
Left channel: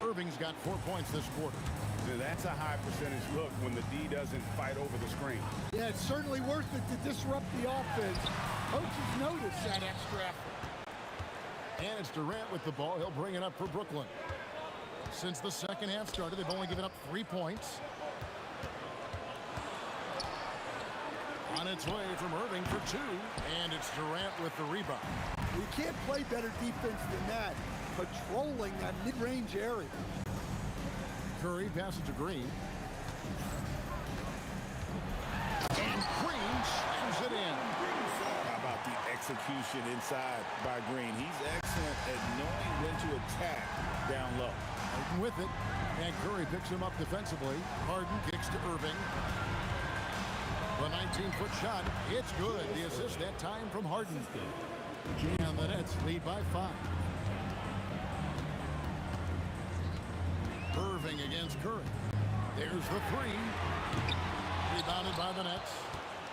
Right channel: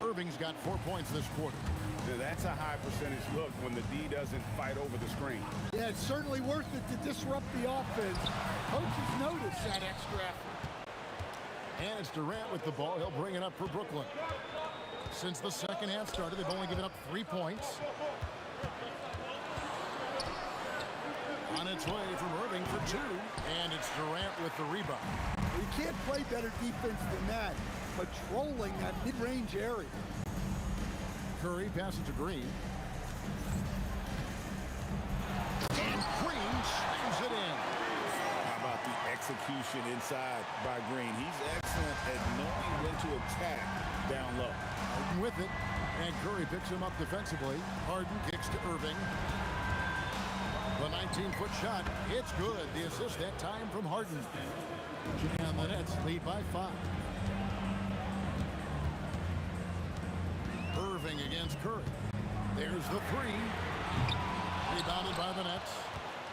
Irving's got 4 points this quarter. That's a high percentage look when the D doesn't fight over the screen. Yeah, it's certainly worth it to disrupt the offense. Coaches notice that extra effort. And it's Durant with the ball. He'll bring it up for Brooklyn. Since the second half started, they've only given up 3 points. On its way from Irving for 2, and it's Durant with the rebound. You can't play better defense than that, patrolling that mid-range area. Curry passes to Green. And Green slams it in. How about the execution inside by Green? He's excellent at knowing when to attack down low. Harden with it, and Curry picks him up defensively. Harden kicks to Irving. The 19-foot shot, it's good. The assist that time from Harden. And the Nets lead by 5. Irving against Curry. There's the 3. Rebounded by the Nets.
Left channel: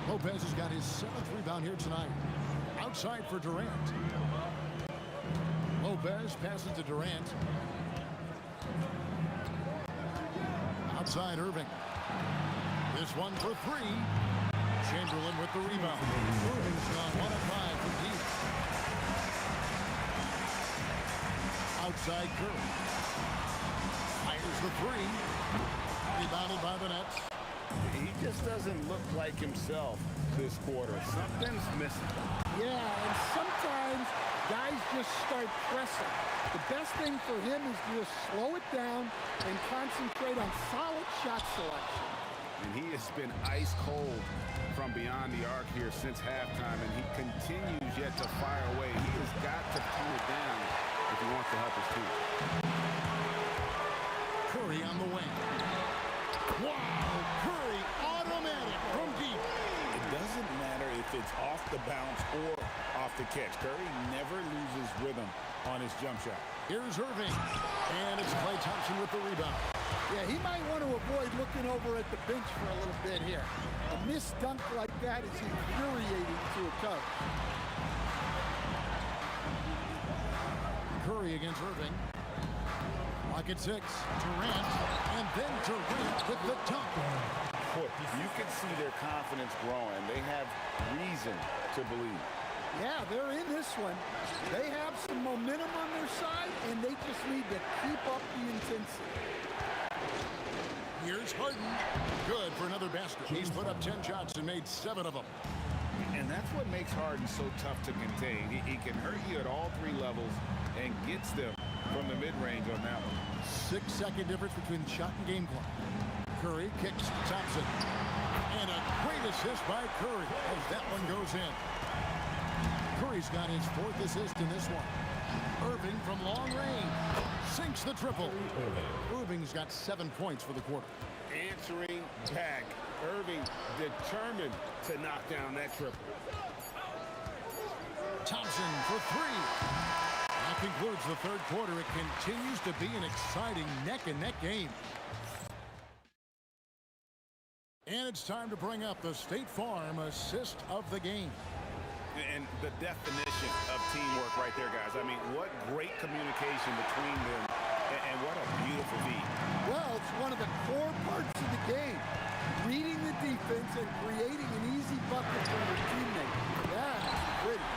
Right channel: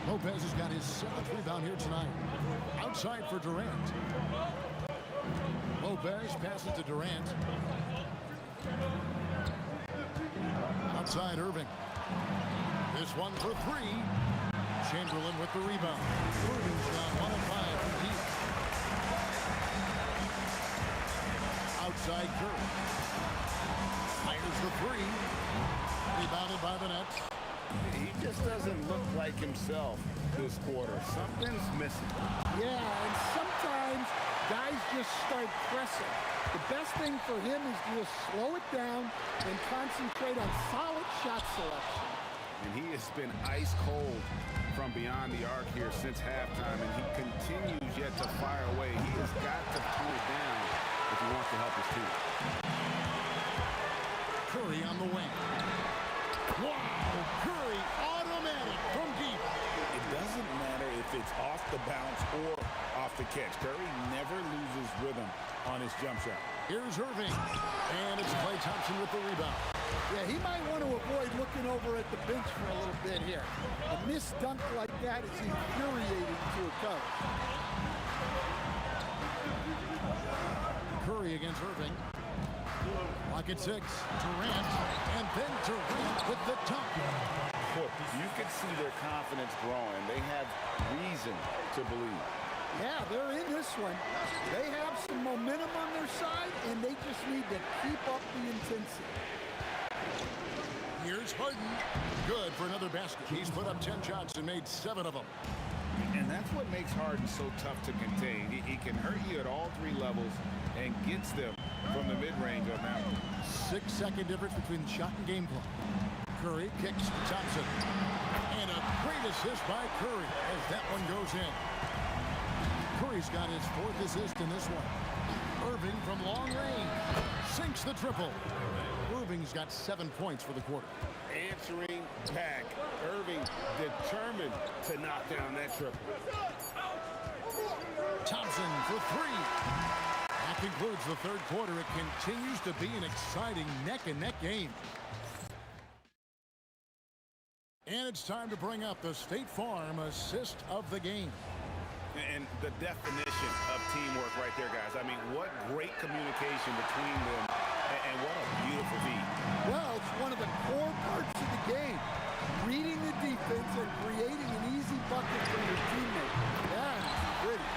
Lopez has got his 7th rebound here tonight. Outside for Durant. Lopez passes to Durant. Outside Irving. This one for 3. Chamberlain with the rebound. Irving's gone 1 of 5 from deep. Outside Curry. Fires the 3. Rebounded by the Nets. He just doesn't look like himself this quarter. Something's missing. Yeah, and sometimes guys just start pressing. The best thing for him is to just slow it down and concentrate on solid shot selection. And he has been ice cold from beyond the arc here since halftime, and he continues yet to fire away. He has got to tone it down if he wants to help his team. Curry on the wing. Wow! Curry automatic from deep. It doesn't matter if it's off the bounce or off the catch. Curry never loses rhythm on his jump shot. Here's Irving. And it's Klay Thompson with the rebound. Yeah, he might want to avoid looking over at the bench for a little bit here. A missed dunk like that is infuriating to a coach. Curry against Irving. Lock at 6. Durant. And then Durant with the dunk. Boy, you can see their confidence growing. They have reason to believe. Yeah, they're in this one. They have some momentum on their side, and they just need to keep up the intensity. Here's Harden. Good for another basket. He's put up 10 shots and made 7 of them. And that's what makes Harden so tough to contain. He can hurt you at all 3 levels and gets them from the mid-range on that one. 6-second difference between shot and game clock. Curry kicks to Thompson. And a great assist by Curry as that one goes in. Curry's got his 4th assist in this one. Irving from long range sinks the triple. Irving's got 7 points for the quarter. Answering back. Irving determined to knock down that triple. Thompson for 3. That concludes the 3rd quarter. It continues to be an exciting neck-and-neck game. And it's time to bring up the State Farm assist of the game. And the definition of teamwork right there, guys. I mean, what great communication between them, and what a beautiful feat. Well, it's one of the core parts of the game. Reading the defense and creating an easy bucket for your teammate. That is pretty.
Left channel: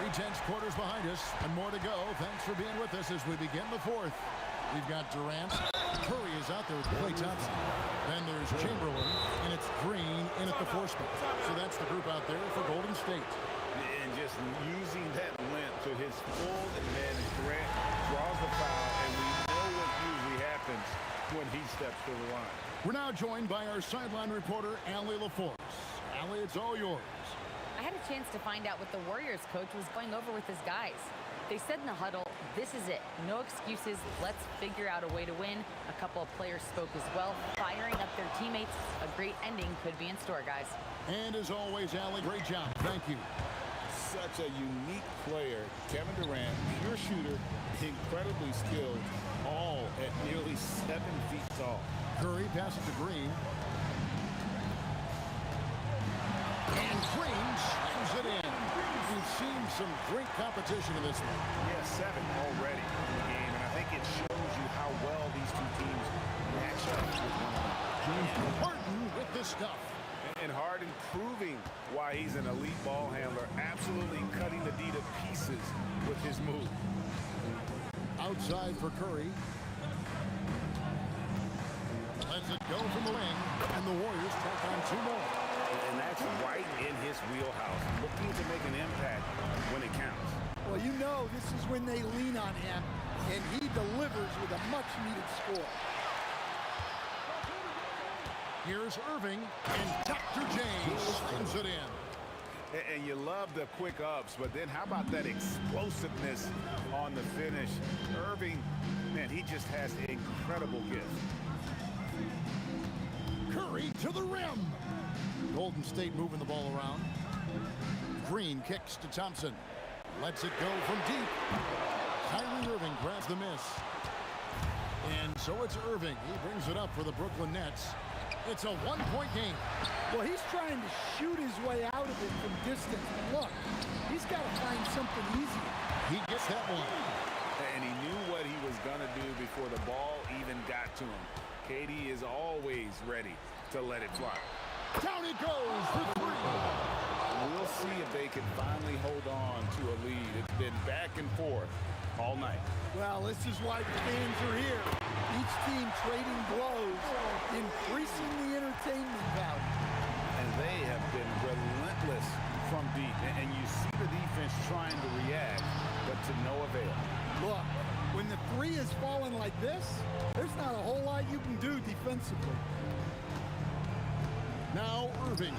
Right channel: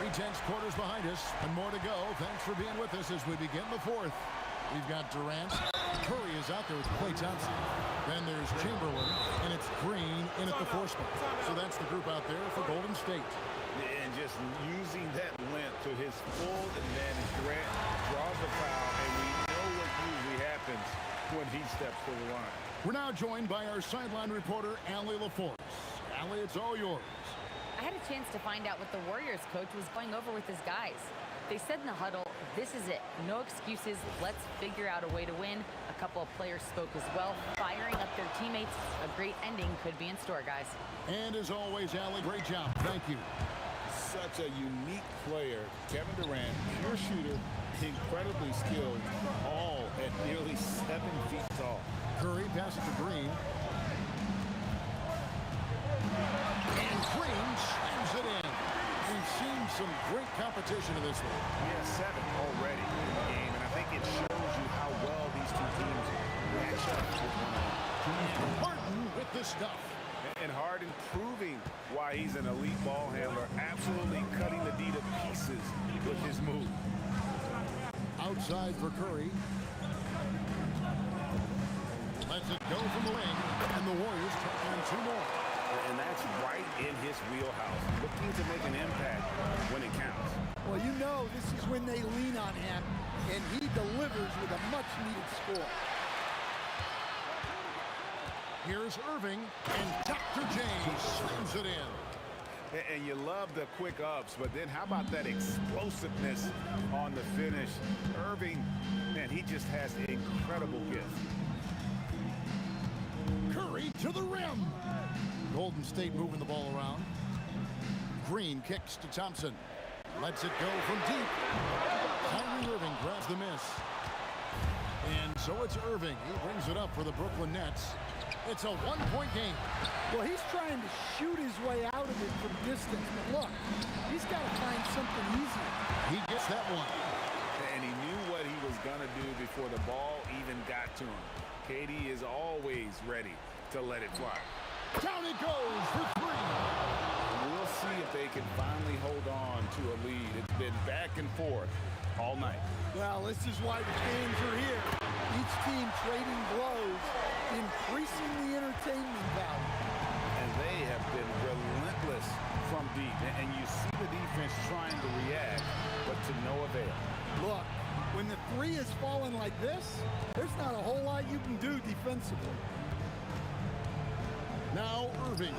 3/10 quarters behind us and more to go. Thanks for being with us as we begin the 4th. We've got Durant. Curry is out there with Klay Thompson. Then there's Chamberlain, and it's Green in at the 4 spot. So that's the group out there for Golden State. And just using that length to his full advantage. Durant draws the foul, and we know what usually happens when he steps to the line. We're now joined by our sideline reporter, Allie LaForce. Allie, it's all yours. I had a chance to find out what the Warriors coach was going over with his guys. They said in the huddle, this is it. No excuses. Let's figure out a way to win. A couple of players spoke as well, firing up their teammates. A great ending could be in store, guys. And as always, Allie, great job. Thank you. Such a unique player. Kevin Durant, pure shooter, incredibly skilled, all at nearly 7 feet tall. Curry passes to Green. And Green slams it in. We've seen some great competition in this one. Yeah, 7 already in the game, and I think it shows you how well these two teams match up with one another. And Harden with the stuff. And Harden proving why he's an elite ball handler, absolutely cutting the D to pieces with his move. Outside for Curry. Lets it go from the wing, and the Warriors tack on 2 more. And that's right in his wheelhouse, looking to make an impact when it counts. Well, you know this is when they lean on him, and he delivers with a much-needed score. Here's Irving, and Dr. J slams it in. And you love the quick ups, but then how about that explosiveness on the finish? Irving, man, he just has an incredible gift. Curry to the rim. Golden State moving the ball around. Green kicks to Thompson. Lets it go from deep. Kyrie Irving grabs the miss. And so it's Irving. He brings it up for the Brooklyn Nets. It's a 1-point game. Well, he's trying to shoot his way out of it from distance. But look, he's got to find something easier. He gets that one. And he knew what he was going to do before the ball even got to him. KD is always ready to let it fly. Down it goes for 3. We'll see if they can finally hold on to a lead. It's been back and forth all night. Well, this is why the fans are here. Each team trading blows, increasing the entertainment value. And they have been relentless from deep. And you see the defense trying to react, but to no avail. Look, when the 3 is falling like this, there's not a whole lot you can do defensively. Now Irving.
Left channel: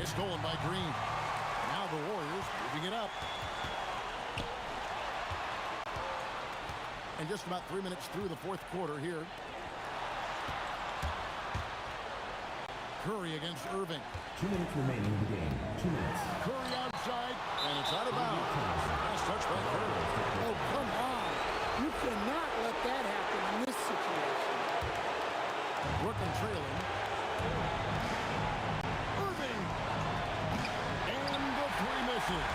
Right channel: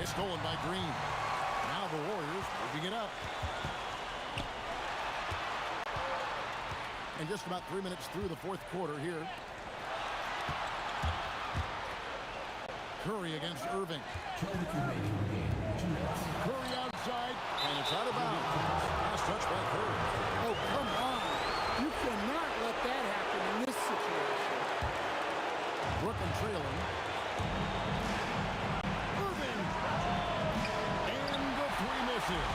It's stolen by Green. Now the Warriors moving it up. And just about 3 minutes through the 4th quarter here. Curry against Irving. 2 minutes remaining in the game. 2 minutes. Curry outside, and it's out of bounds. Last touch by Curry. Oh, come on. You cannot let that happen in this situation. Brooklyn trailing. Irving. And the 3 misses.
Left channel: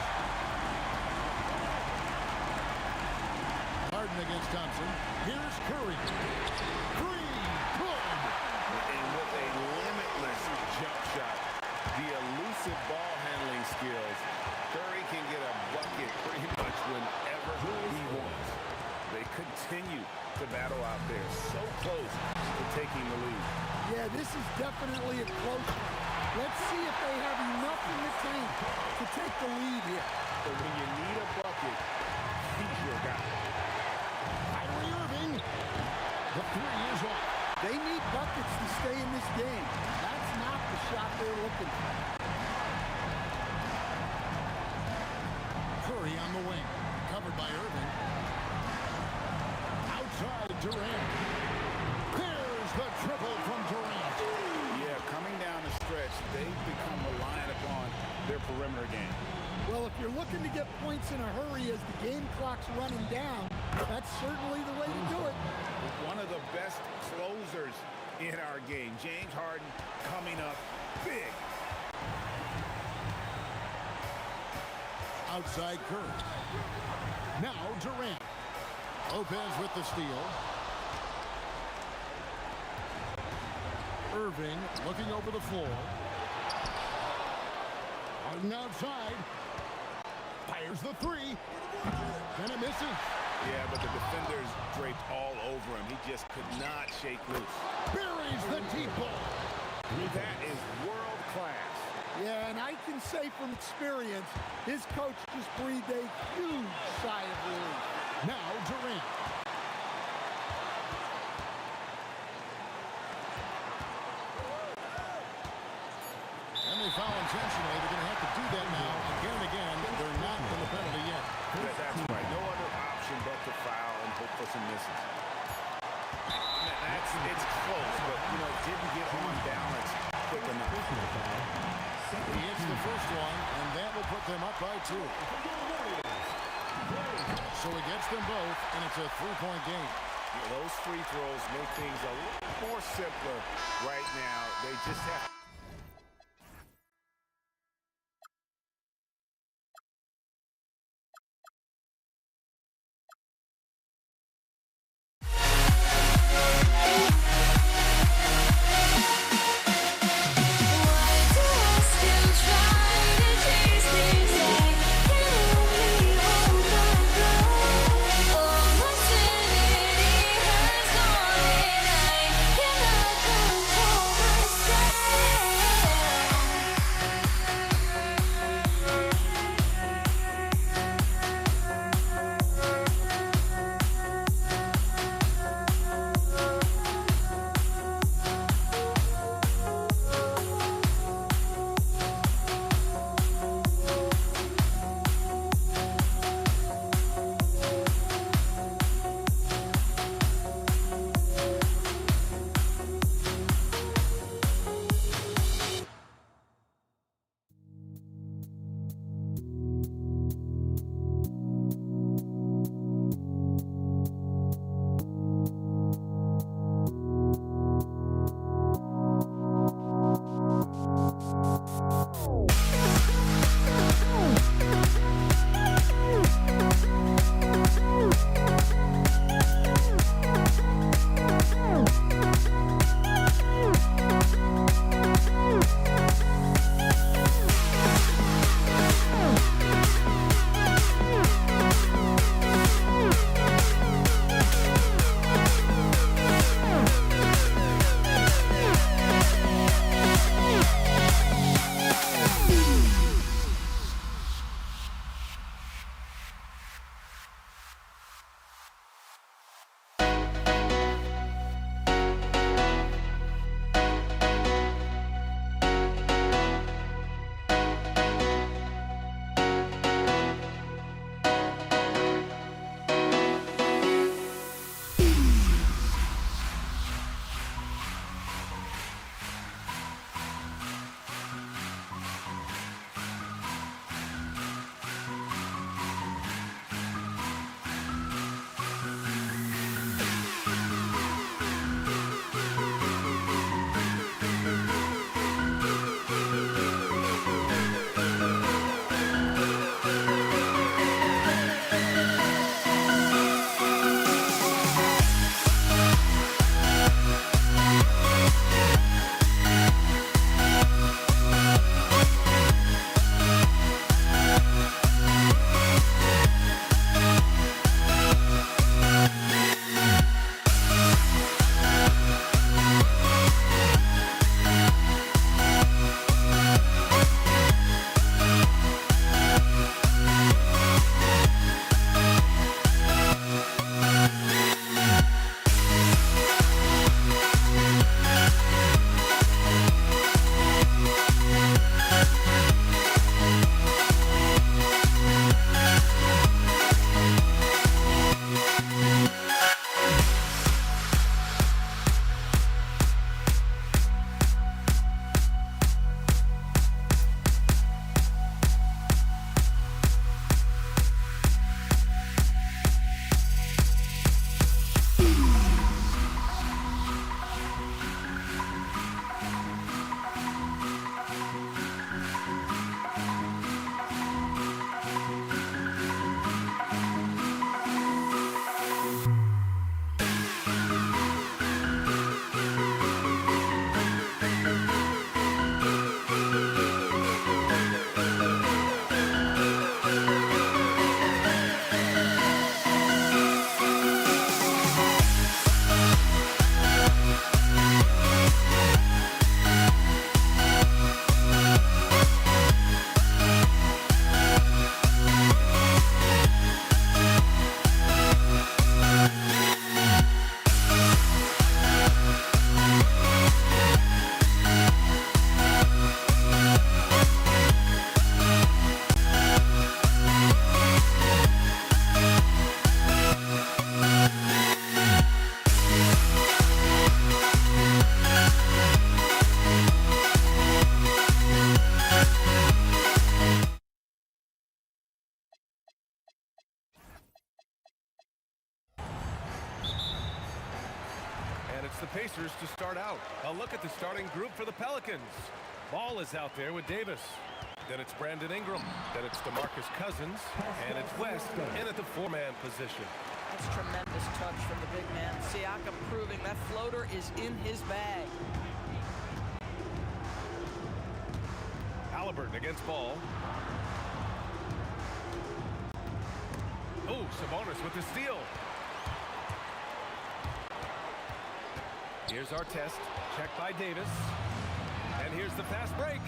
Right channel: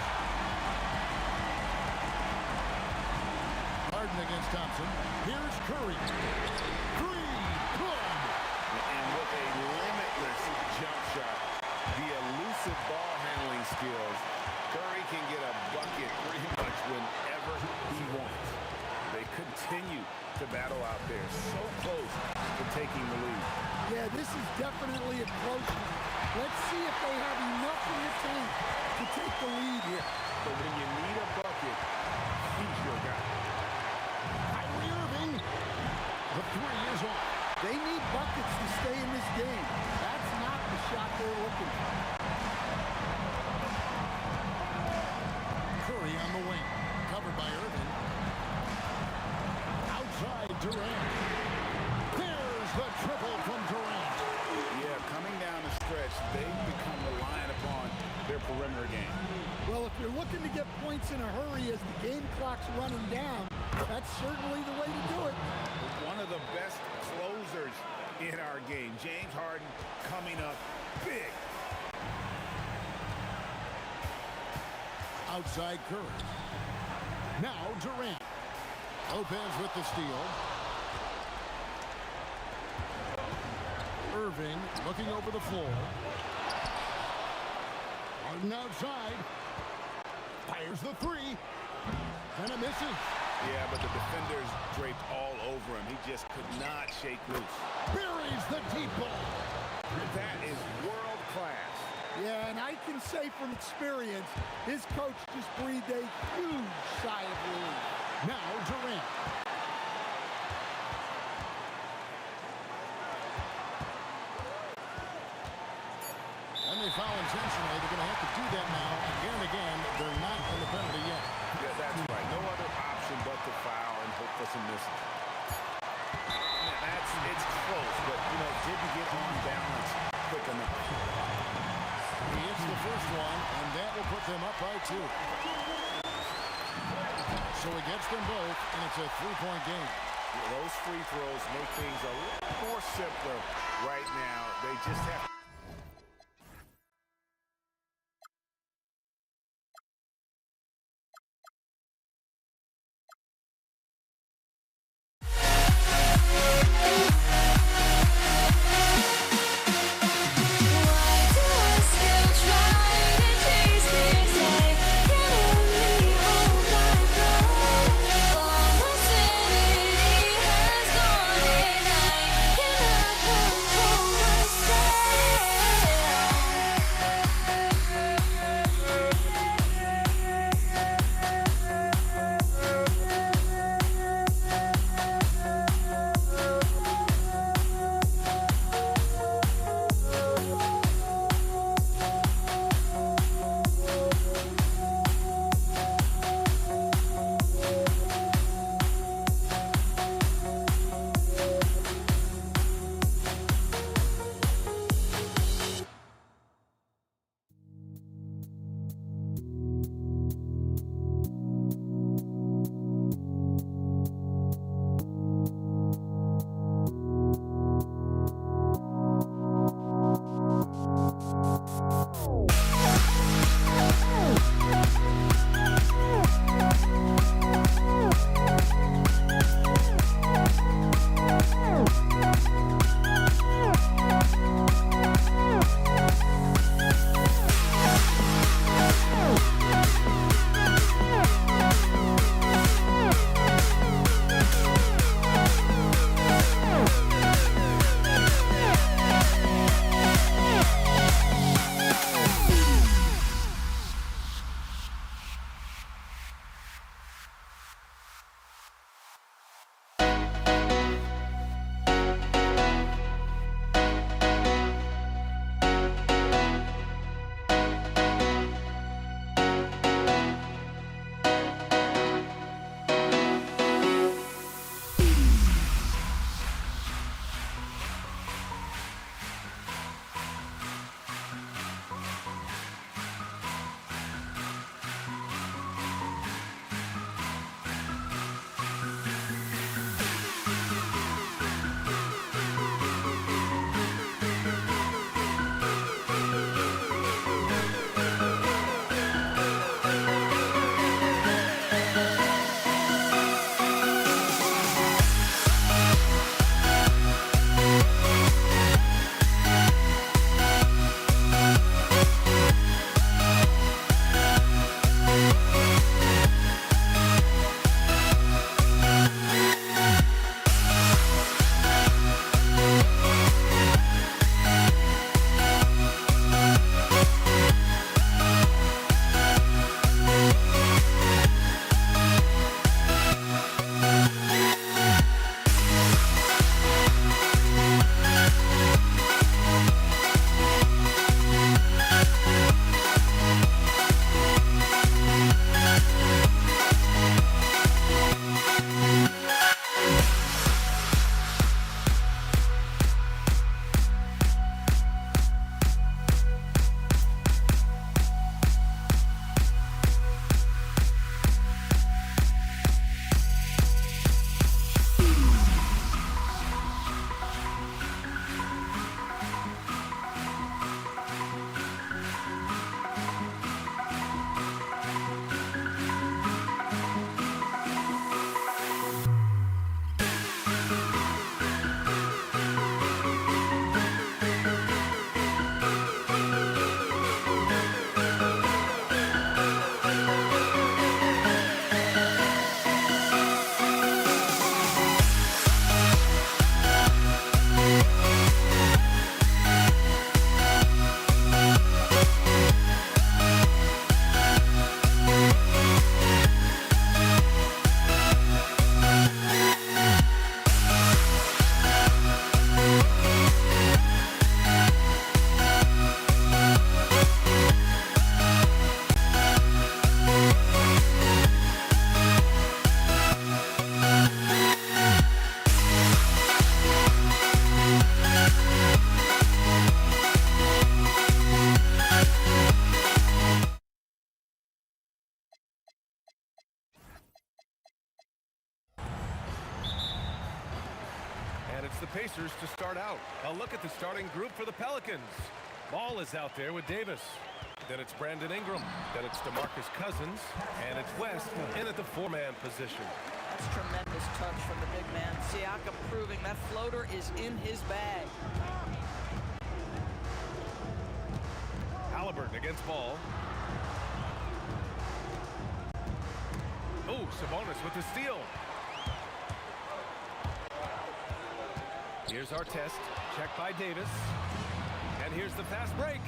Harden against Thompson. Here's Curry. 3. Good. And with a limitless jump shot, the elusive ball handling skills, Curry can get a bucket pretty much whenever he wants. They continue to battle out there, so close to taking the lead. Yeah, this is definitely a close one. Let's see if they have enough in the tank to take the lead here. But when you need a bucket, he's your guy. Kyrie Irving. The 3 is off. They need buckets to stay in this game. That's not the shot they're looking for. Curry on the wing. Covered by Irving. Outside Durant. There's the triple from Durant. Yeah, coming down the stretch, they've become reliant upon their perimeter game. Well, if you're looking to get points in a hurry as the game clock's running down, that's certainly the way to do it. One of the best closers in our game, James Harden, coming up big. Outside Curry. Now Durant. Lopez with the steal. Irving looking over the floor. Harden outside. Fires the 3. And it misses. Yeah, but the defenders draped all over him. He just could not shake loose. Buries the deep ball. That is world class. Yeah, and I can say from experience, his coach just breathed a huge sigh of relief. Now Durant. And they foul intentionally. They're going to have to do that now again and again. They're not in the penalty yet. That's right. No other option but to foul and hope for some misses. It's close, but, didn't get on balance quick enough. He hits the first one, and that will put them up by 2. So he gets them both, and it's a 3-point game. Yeah, those free throws make things a little more simpler right now. They just have Pacers to start out. A look at the starting group for the Pelicans. Ball is out there with Davis. Then it's Brandon Ingram. Then it's DeMarcus Cousins. And it's West in at the four-man position. That's tremendous touch from the big man. Siakam proving that floater is in his bag. Halliburton against Ball. Oh, Sabonis with the steal. Here's our test. Checked by Davis. And here's the fast break.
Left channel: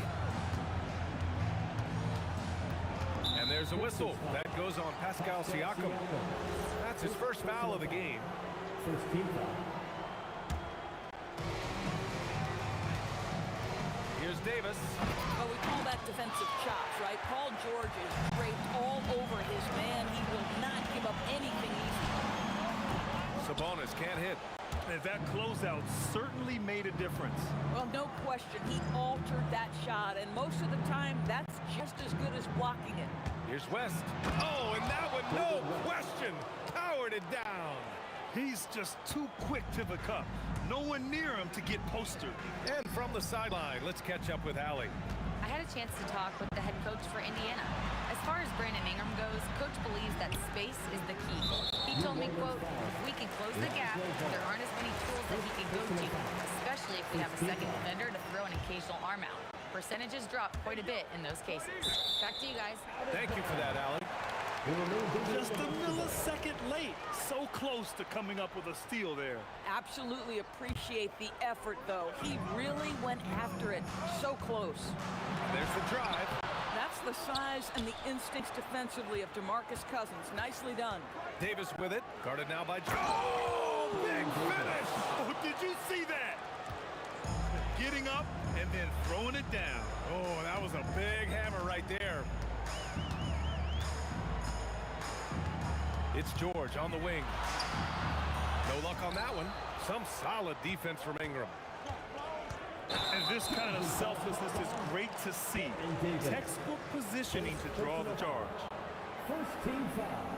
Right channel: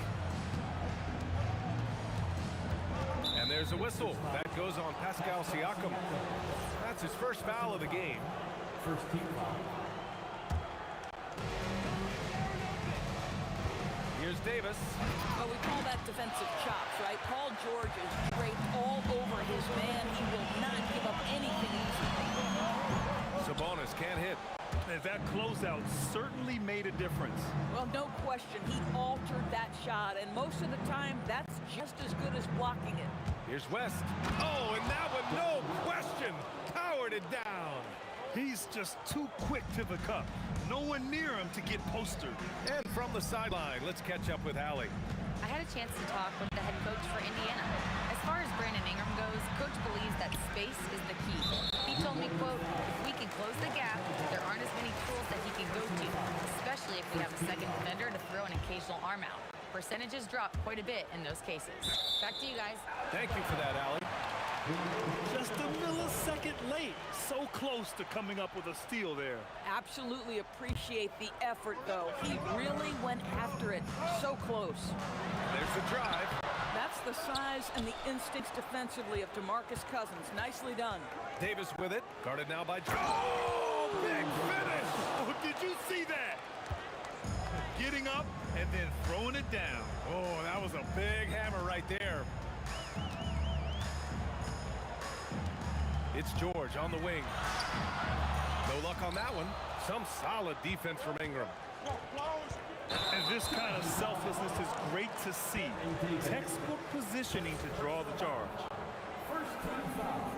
And there's a whistle. That goes on Pascal Siakam. That's his first foul of the game. First team foul. Here's Davis. Well, we call that defensive chops, right? Paul George is draped all over his man. He will not give up anything easy. Sabonis can't hit. And that closeout certainly made a difference. Well, no question. He altered that shot, and most of the time, that's just as good as blocking it. Here's West. Oh, and that one, no question, powered it down. He's just too quick to the cup. No one near him to get postered. And from the sideline, let's catch up with Allie. I had a chance to talk with the head coach for Indiana. As far as Brandon Ingram goes, coach believes that space is the key. He told me, quote, if we can close the gap, there aren't as many tools that he can go to, especially if we have a second defender to throw an occasional arm out. Percentages drop quite a bit in those cases. Back to you guys. Thank you for that, Allie. Just a millisecond late. So close to coming up with a steal there. Absolutely appreciate the effort, though. He really went after it. So close. And there's the drive. That's the size and the instincts defensively of DeMarcus Cousins. Nicely done. Davis with it. Guarded now by Joe. Oh, big finish. Oh, did you see that? Getting up and then throwing it down. Oh, that was a big hammer right there. It's George on the wing. No luck on that one. Some solid defense from Ingram. And this kind of selflessness is great to see. Textbook positioning to draw the charge. First team foul.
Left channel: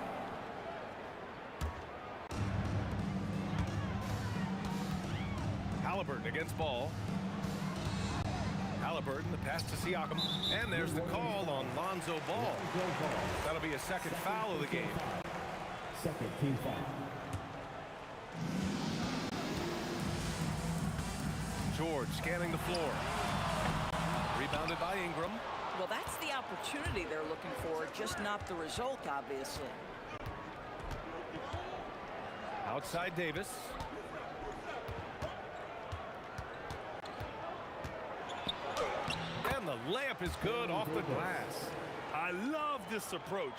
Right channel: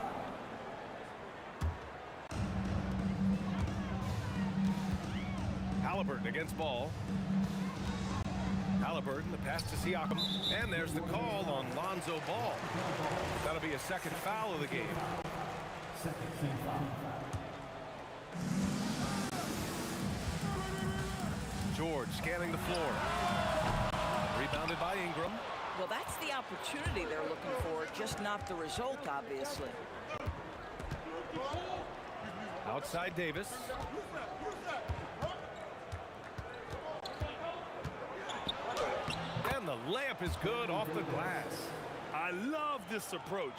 Halliburton against Ball. Halliburton, the pass to Siakam. And there's the call on Lonzo Ball. That'll be a second foul of the game. Second team foul. George scanning the floor. Rebounded by Ingram. Well, that's the opportunity they're looking for, just not the result, obviously. Outside Davis. And the layup is good off the glass. I love this approach.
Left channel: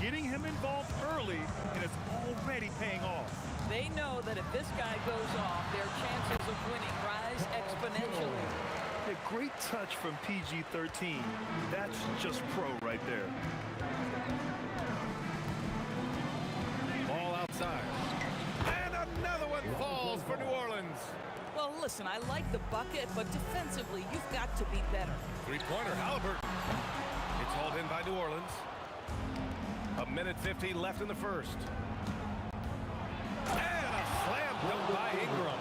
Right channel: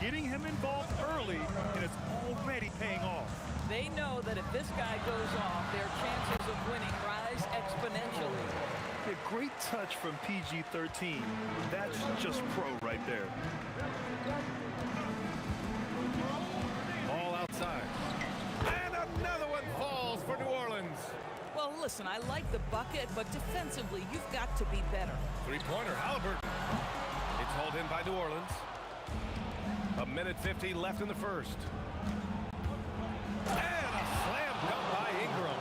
Getting him involved early, and it's already paying off. They know that if this guy goes off, their chances of winning rise exponentially. A great touch from PG-13. That's just pro right there. Ball outside. And another one falls for New Orleans. Well, listen, I like the bucket, but defensively, you've got to be better. Three-pointer, Halliburton. It's hauled in by New Orleans. 1:50 left in the first. And a slam dunk by Ingram.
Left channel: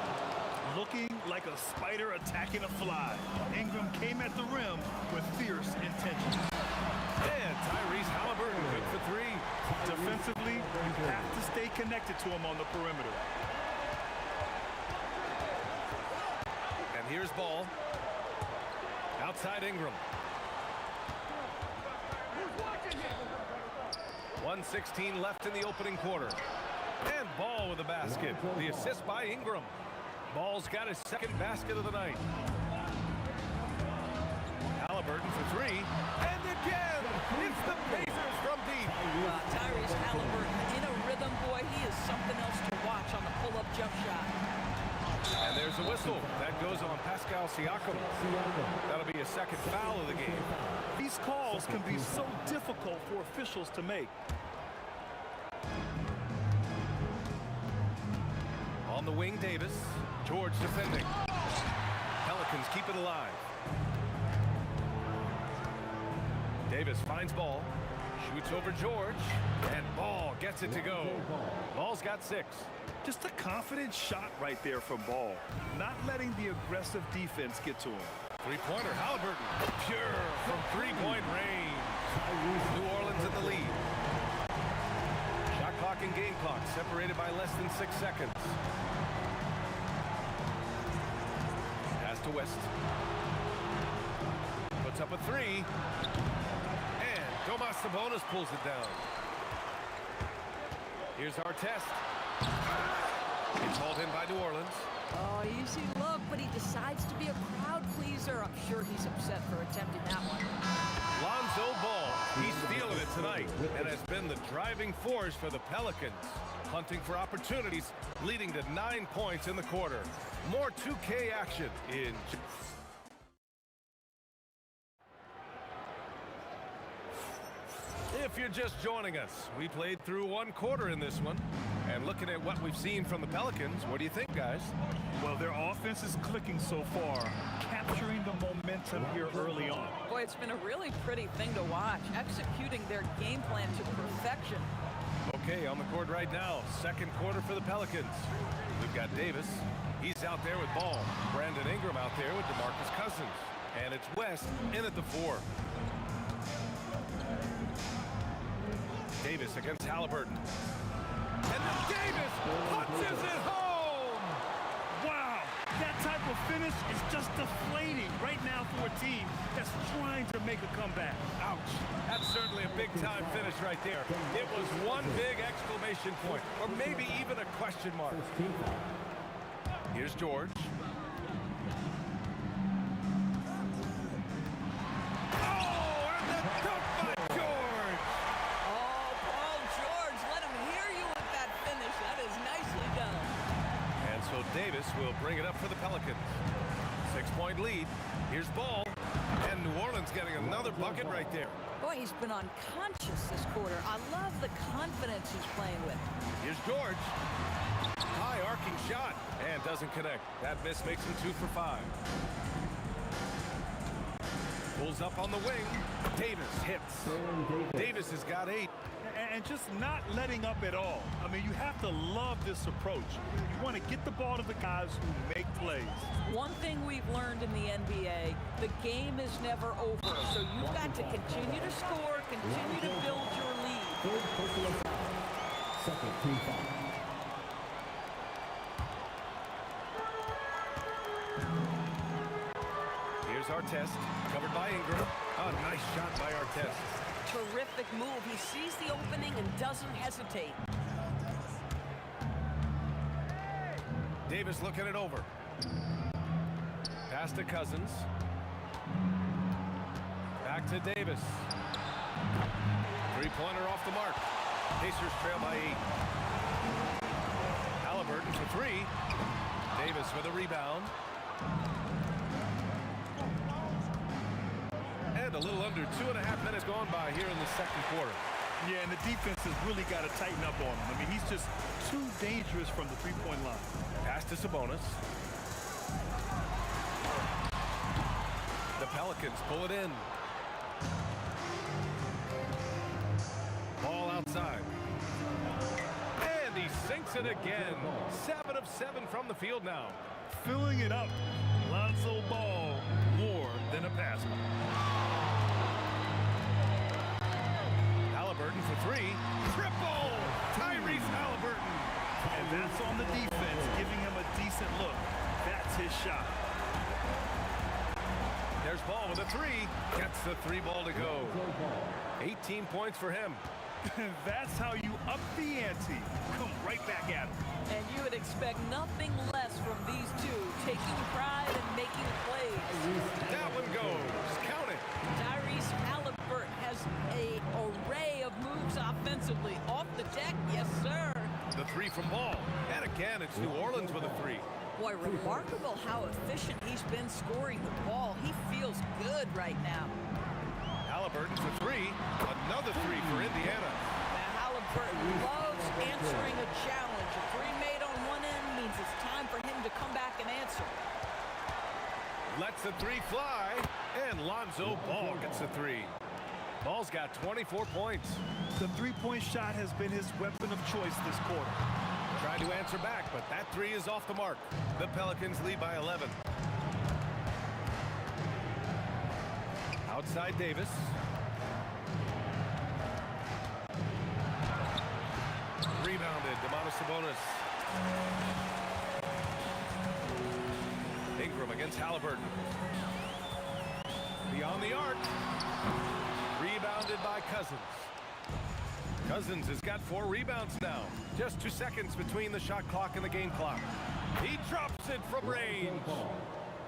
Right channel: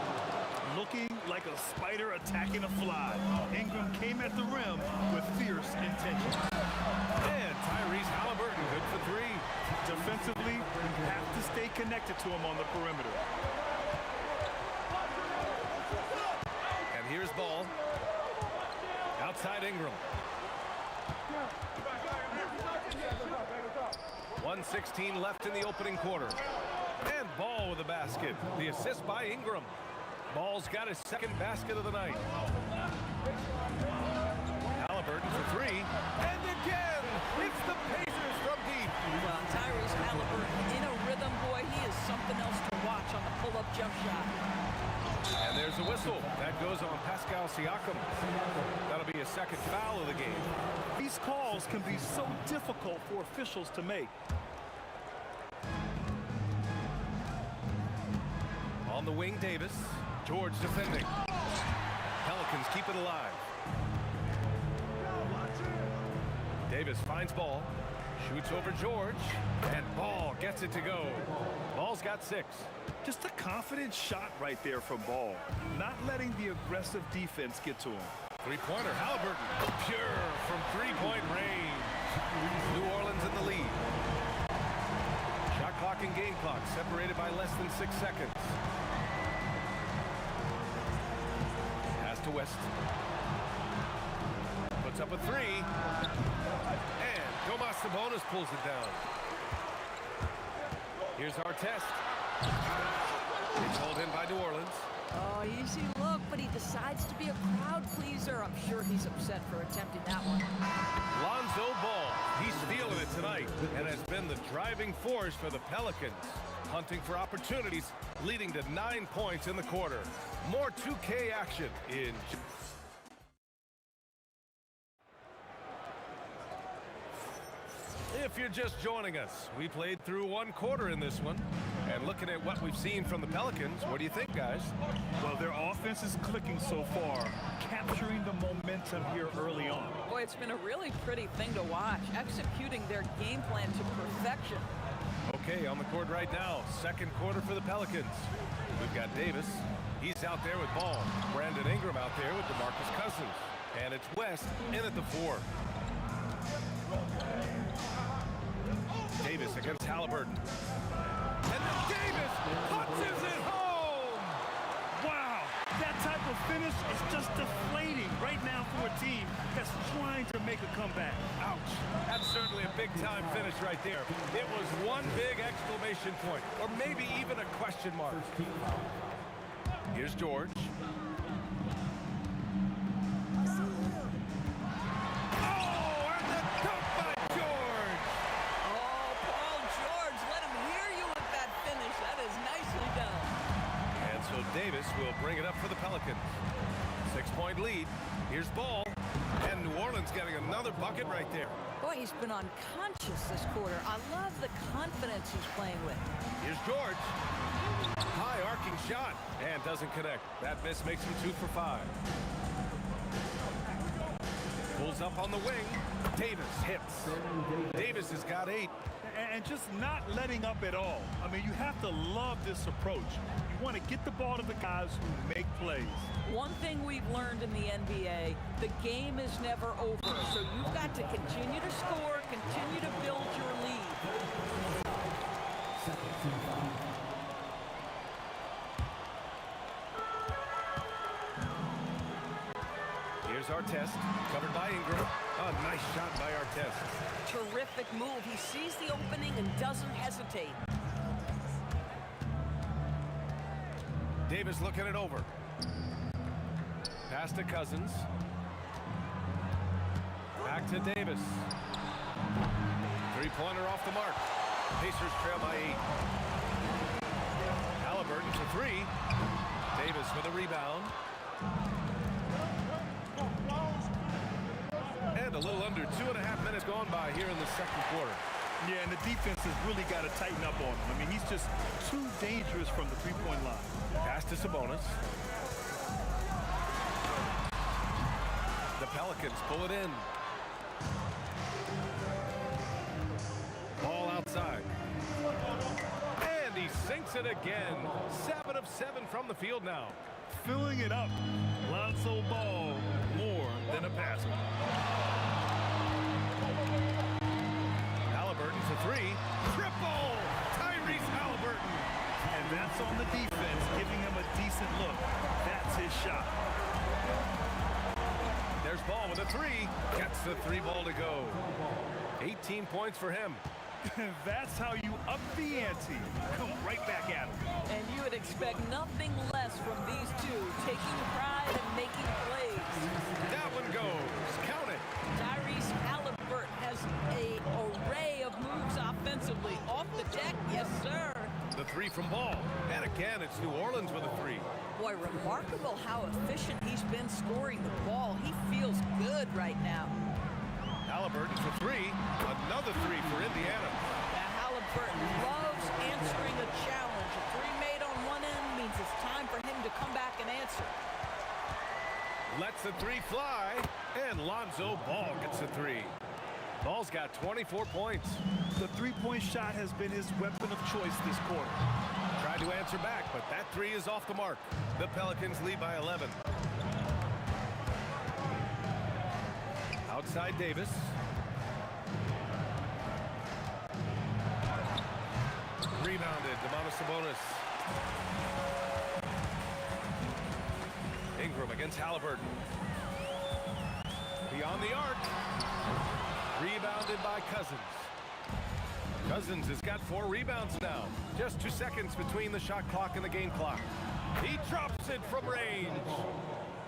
Looking like a spider attacking a fly. Ingram came at the rim with fierce intentions. And Tyrese Halliburton, good for three. Defensively, you have to stay connected to him on the perimeter. And here's Ball. Outside Ingram. 1:16 left in the opening quarter. And Ball with a basket. The assist by Ingram. Ball's got his second basket of the night. Halliburton for three. And again, it's the Pacers from deep. Well, Tyrese Halliburton in a rhythm, boy, he is something else to watch on the pull-up jump shot. And there's a whistle. That goes on Pascal Siakam. That'll be a second foul of the game. These calls can be so difficult for officials to make. On the wing, Davis. George defending. Pelicans keep it alive. Davis finds Ball. Shoots over George. And Ball gets it to go. Ball's got 6. Just a confident shot right there from Ball. Not letting the aggressive defense get to him. Three-pointer, Halliburton. Pure from three-point range. New Orleans in the lead. Shot clock and game clock separated by less than 6 seconds. Pass to West. Puts up a 3. And Domas Sabonis pulls it down. Here's our test. It's hauled in by New Orleans. Oh, easy look, but he decides to be a crowd pleaser. I'm sure he's upset for attempting that one. Lonzo Ball, he's feeling it tonight and has been the driving force for the Pelicans. Hunting for opportunities, leading to 9 points in the quarter. More 2K action in... If you're just joining us, we played through 1 quarter in this one. And looking at what we've seen from the Pelicans, what do you think, guys? Well, their offense is clicking so far, capturing the momentum here early on. Boy, it's been a really pretty thing to watch, executing their game plan to perfection. Okay, on the court right now, 2nd quarter for the Pelicans. We've got Davis. He's out there with Ball. Brandon Ingram out there with DeMarcus Cousins. And it's West in at the 4. Davis against Halliburton. And then Davis punches it home! Wow, that type of finish is just deflating right now for a team that's trying to make a comeback. Ouch. That's certainly a big-time finish right there. It was one big exclamation point, or maybe even a question mark. Here's George. Oh, and the dunk by George! Oh, Paul George, let him hear you with that finish. That is nicely done. And so Davis will bring it up for the Pelicans. 6-point lead. Here's Ball. And New Orleans getting another bucket right there. Boy, he's been unconscious this quarter. I love the confidence he's playing with. Here's George. High arcing shot. And doesn't connect. That miss makes him 2 for 5. Pulls up on the wing. Davis hits. Davis has got 8. And just not letting up at all. I mean, you have to love this approach. You want to get the ball to the guys who make plays. One thing we've learned in the NBA, the game is never over. So you've got to continue to score, continue to build your lead. Second team foul. Here's Artest, covered by Ingram. A nice shot by Artest. Terrific move. He sees the opening and doesn't hesitate. Davis looking it over. Pass to Cousins. Back to Davis. 3-pointer off the mark. Pacers trail by 8. Halliburton for 3. Davis with a rebound. And a little under 2.5 minutes gone by here in the 2nd quarter. Yeah, and the defense has really got to tighten up on him. I mean, he's just too dangerous from the 3-point line. Pass to Sabonis. The Pelicans pull it in. Ball outside. And he sinks it again. 7 of 7 from the field now. Filling it up. Lonzo Ball, more than a passer. Halliburton for 3. Triple! Tyrese Halliburton. And that's on the defense, giving him a decent look. That's his shot. There's Ball with a 3. Gets the 3-ball to go. 18 points for him. That's how you up the ante. Come right back at him. And you would expect nothing less from these two, taking pride and making plays. That one goes. Count it. Tyrese Halliburton has an array of moves offensively. Off the deck, yes, sir. The 3 from Ball. And again, it's New Orleans with a 3. Boy, remarkable how efficient he's been scoring the ball. He feels good right now. Halliburton for 3. Another 3 for Indiana. Now, Halliburton loves answering a challenge. A 3 made on one end means it's time for him to come back and answer. Lets the 3 fly. And Lonzo Ball gets the 3. Ball's got 24 points. The three-point shot has been his weapon of choice this quarter. Tried to answer back, but that three is off the mark. The Pelicans lead by 11. Outside Davis. Rebounded, Sabonis. Ingram against Halliburton. Beyond the arc. Rebounded by Cousins. Cousins has got 4 rebounds now. Just 2 seconds between the shot clock and the game clock. He drops it from range.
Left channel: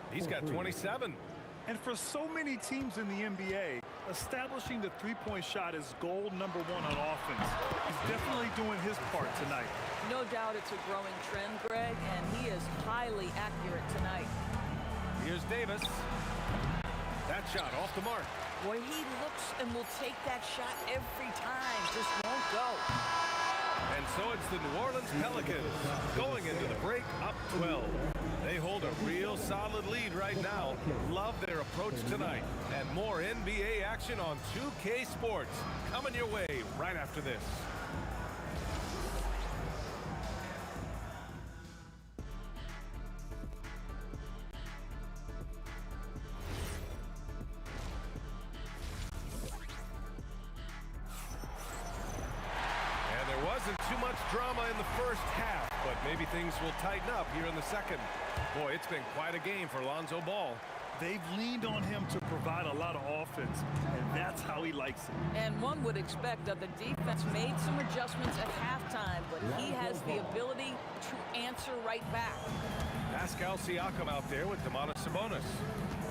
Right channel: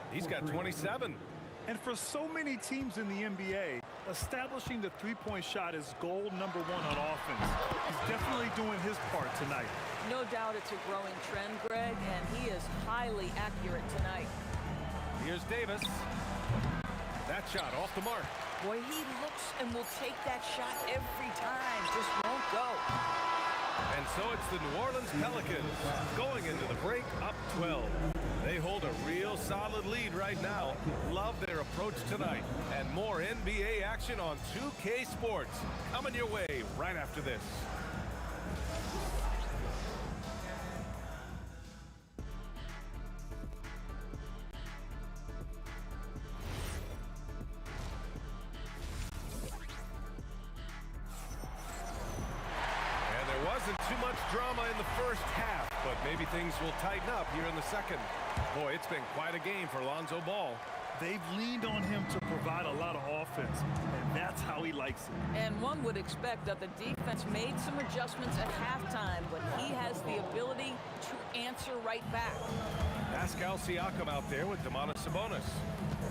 He's got 27. And for so many teams in the NBA, establishing the three-point shot is goal number 1 on offense. He's definitely doing his part tonight. No doubt it's a growing trend, Greg, and he is highly accurate tonight. Here's Davis. That shot off the mark. Boy, he looks and will take that shot every time. Just won't go. And so it's the New Orleans Pelicans going into the break up 12. They hold a real solid lead right now. Love their approach tonight. And more NBA action on 2K Sports coming your way right after this. And there wasn't too much drama in the first half, but maybe things will tighten up here in the second. Boy, it's been quite a game for Lonzo Ball. They've leaned on him to provide a lot of offense, and that's how he likes it. And one would expect that the defense made some adjustments at halftime, but he has the ability to answer right back. Pascal Siakam out there with Sabonis.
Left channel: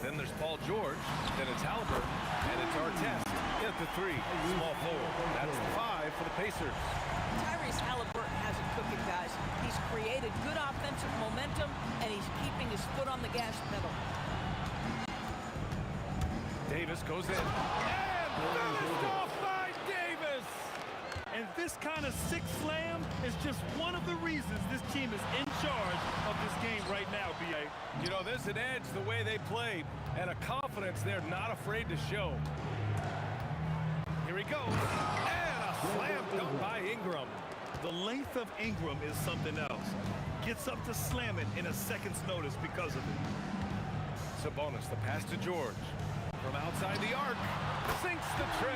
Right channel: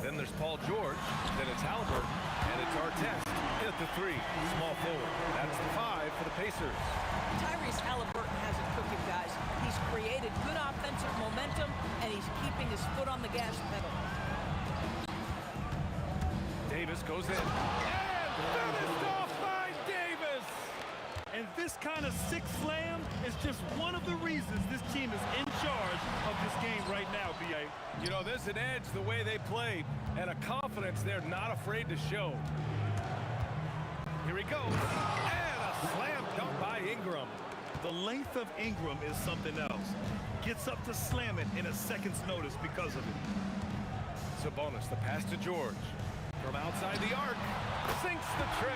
Then there's Paul George. Then it's Halliburton. And it's Artest at the 3. Small forward. That's the 5 for the Pacers. Tyrese Halliburton has it cooking, guys. He's created good offensive momentum, and he's keeping his foot on the gas pedal. Davis goes in. And finished off by Davis! And this kind of sick slam is just one of the reasons this team is in charge of this game right now, B.A. You know, there's an edge the way they play and a confidence they're not afraid to show. Here he goes. And a slam dunk by Ingram. The length of Ingram is something else. Gets up to slam it in a second's notice because of it. Sabonis, the pass to George. From outside the arc, sinks the tray.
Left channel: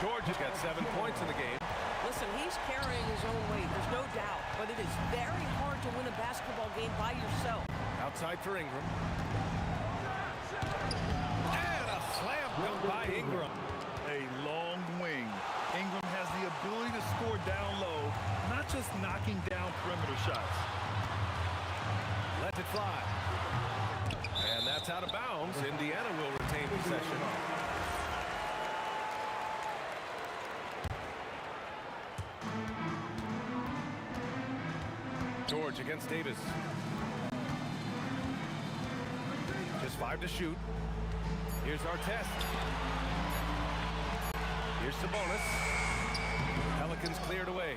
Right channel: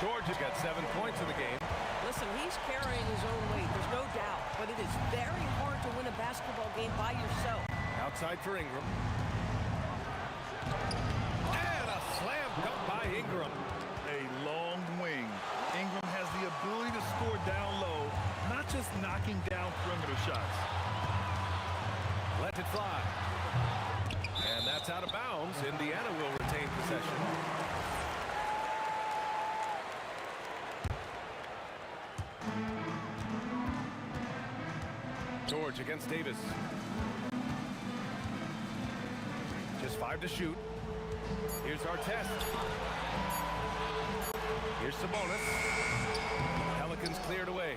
George has got 7 points in the game. Listen, he's carrying his own weight, there's no doubt. But it is very hard to win a basketball game by yourself. Outside for Ingram. And a slam dunk by Ingram. A long wing. Ingram has the ability to score down low, not just knocking down perimeter shots. Let it fly. And that's out of bounds. Indiana will retain possession. George against Davis. Just 5 to shoot. Here's Artest. Here's Sabonis. Pelicans cleared away.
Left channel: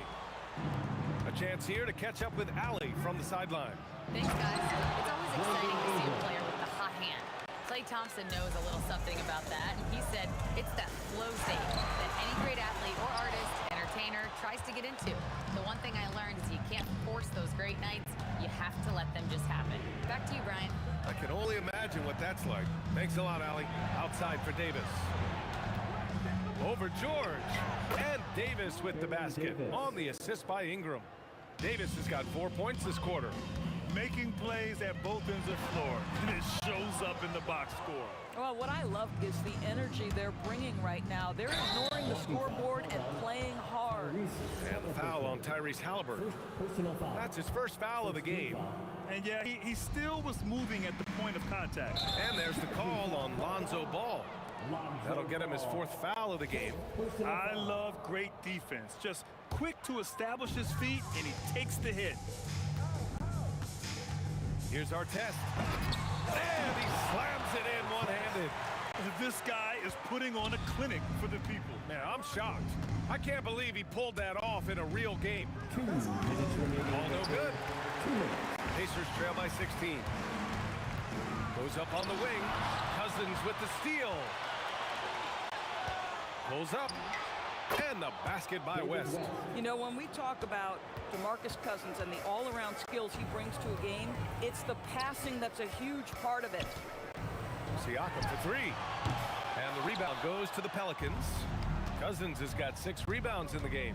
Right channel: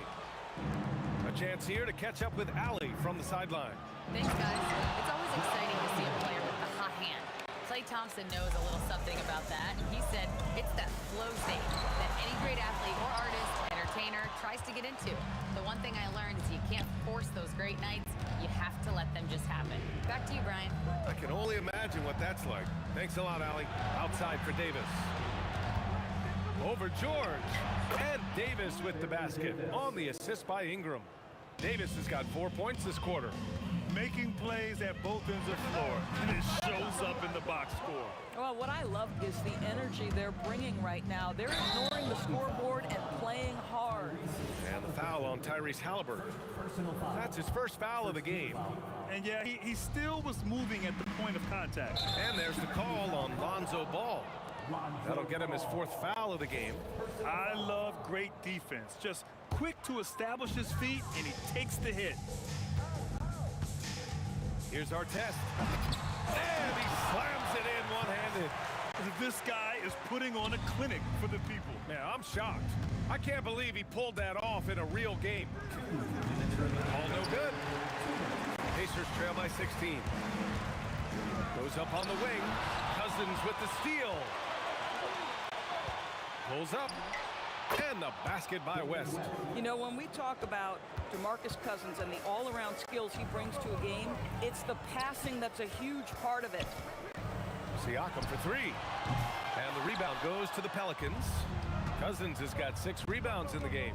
A chance here to catch up with Allie from the sideline. Thanks, guys. It's always exciting to see a player with the hot hand. Klay Thompson knows a little something about that, and he said it's that flow state that any great athlete or artist, entertainer, tries to get into. The one thing I learned is you can't force those great nights. You have to let them just happen. Back to you, Brian. I can only imagine what that's like. Thanks a lot, Allie. Outside for Davis. Over George. And Davis with the basket on the assist by Ingram. Davis has got 4 points this quarter. Making plays at both ends of the floor, and it shows up in the box score. Well, what I love is the energy they're bringing right now. They're ignoring the scoreboard and playing hard. And the foul on Tyrese Halliburton. That's his first foul of the game. And yeah, he still was moving at the point of contact. And there's the call on Lonzo Ball. That'll get him his 4th foul of the game. I love great defense. Just quick to establish his feet, and he takes the hit. Here's Artest. And he slams it in one-handed. This guy is putting on a clinic for the people. Man, I'm shocked. I can't believe he pulled that off in a real game. Ball no good. Pacers trail by 16. Goes up on the wing. Cousins with the steal. Pulls up. And the basket by West. You know, when we talk about DeMarcus Cousins and the all-around skills he brings to a game, it's the passing that's a huge part of it. Siakam for three. And the rebound goes to the Pelicans. Cousins has got 6 rebounds in the game.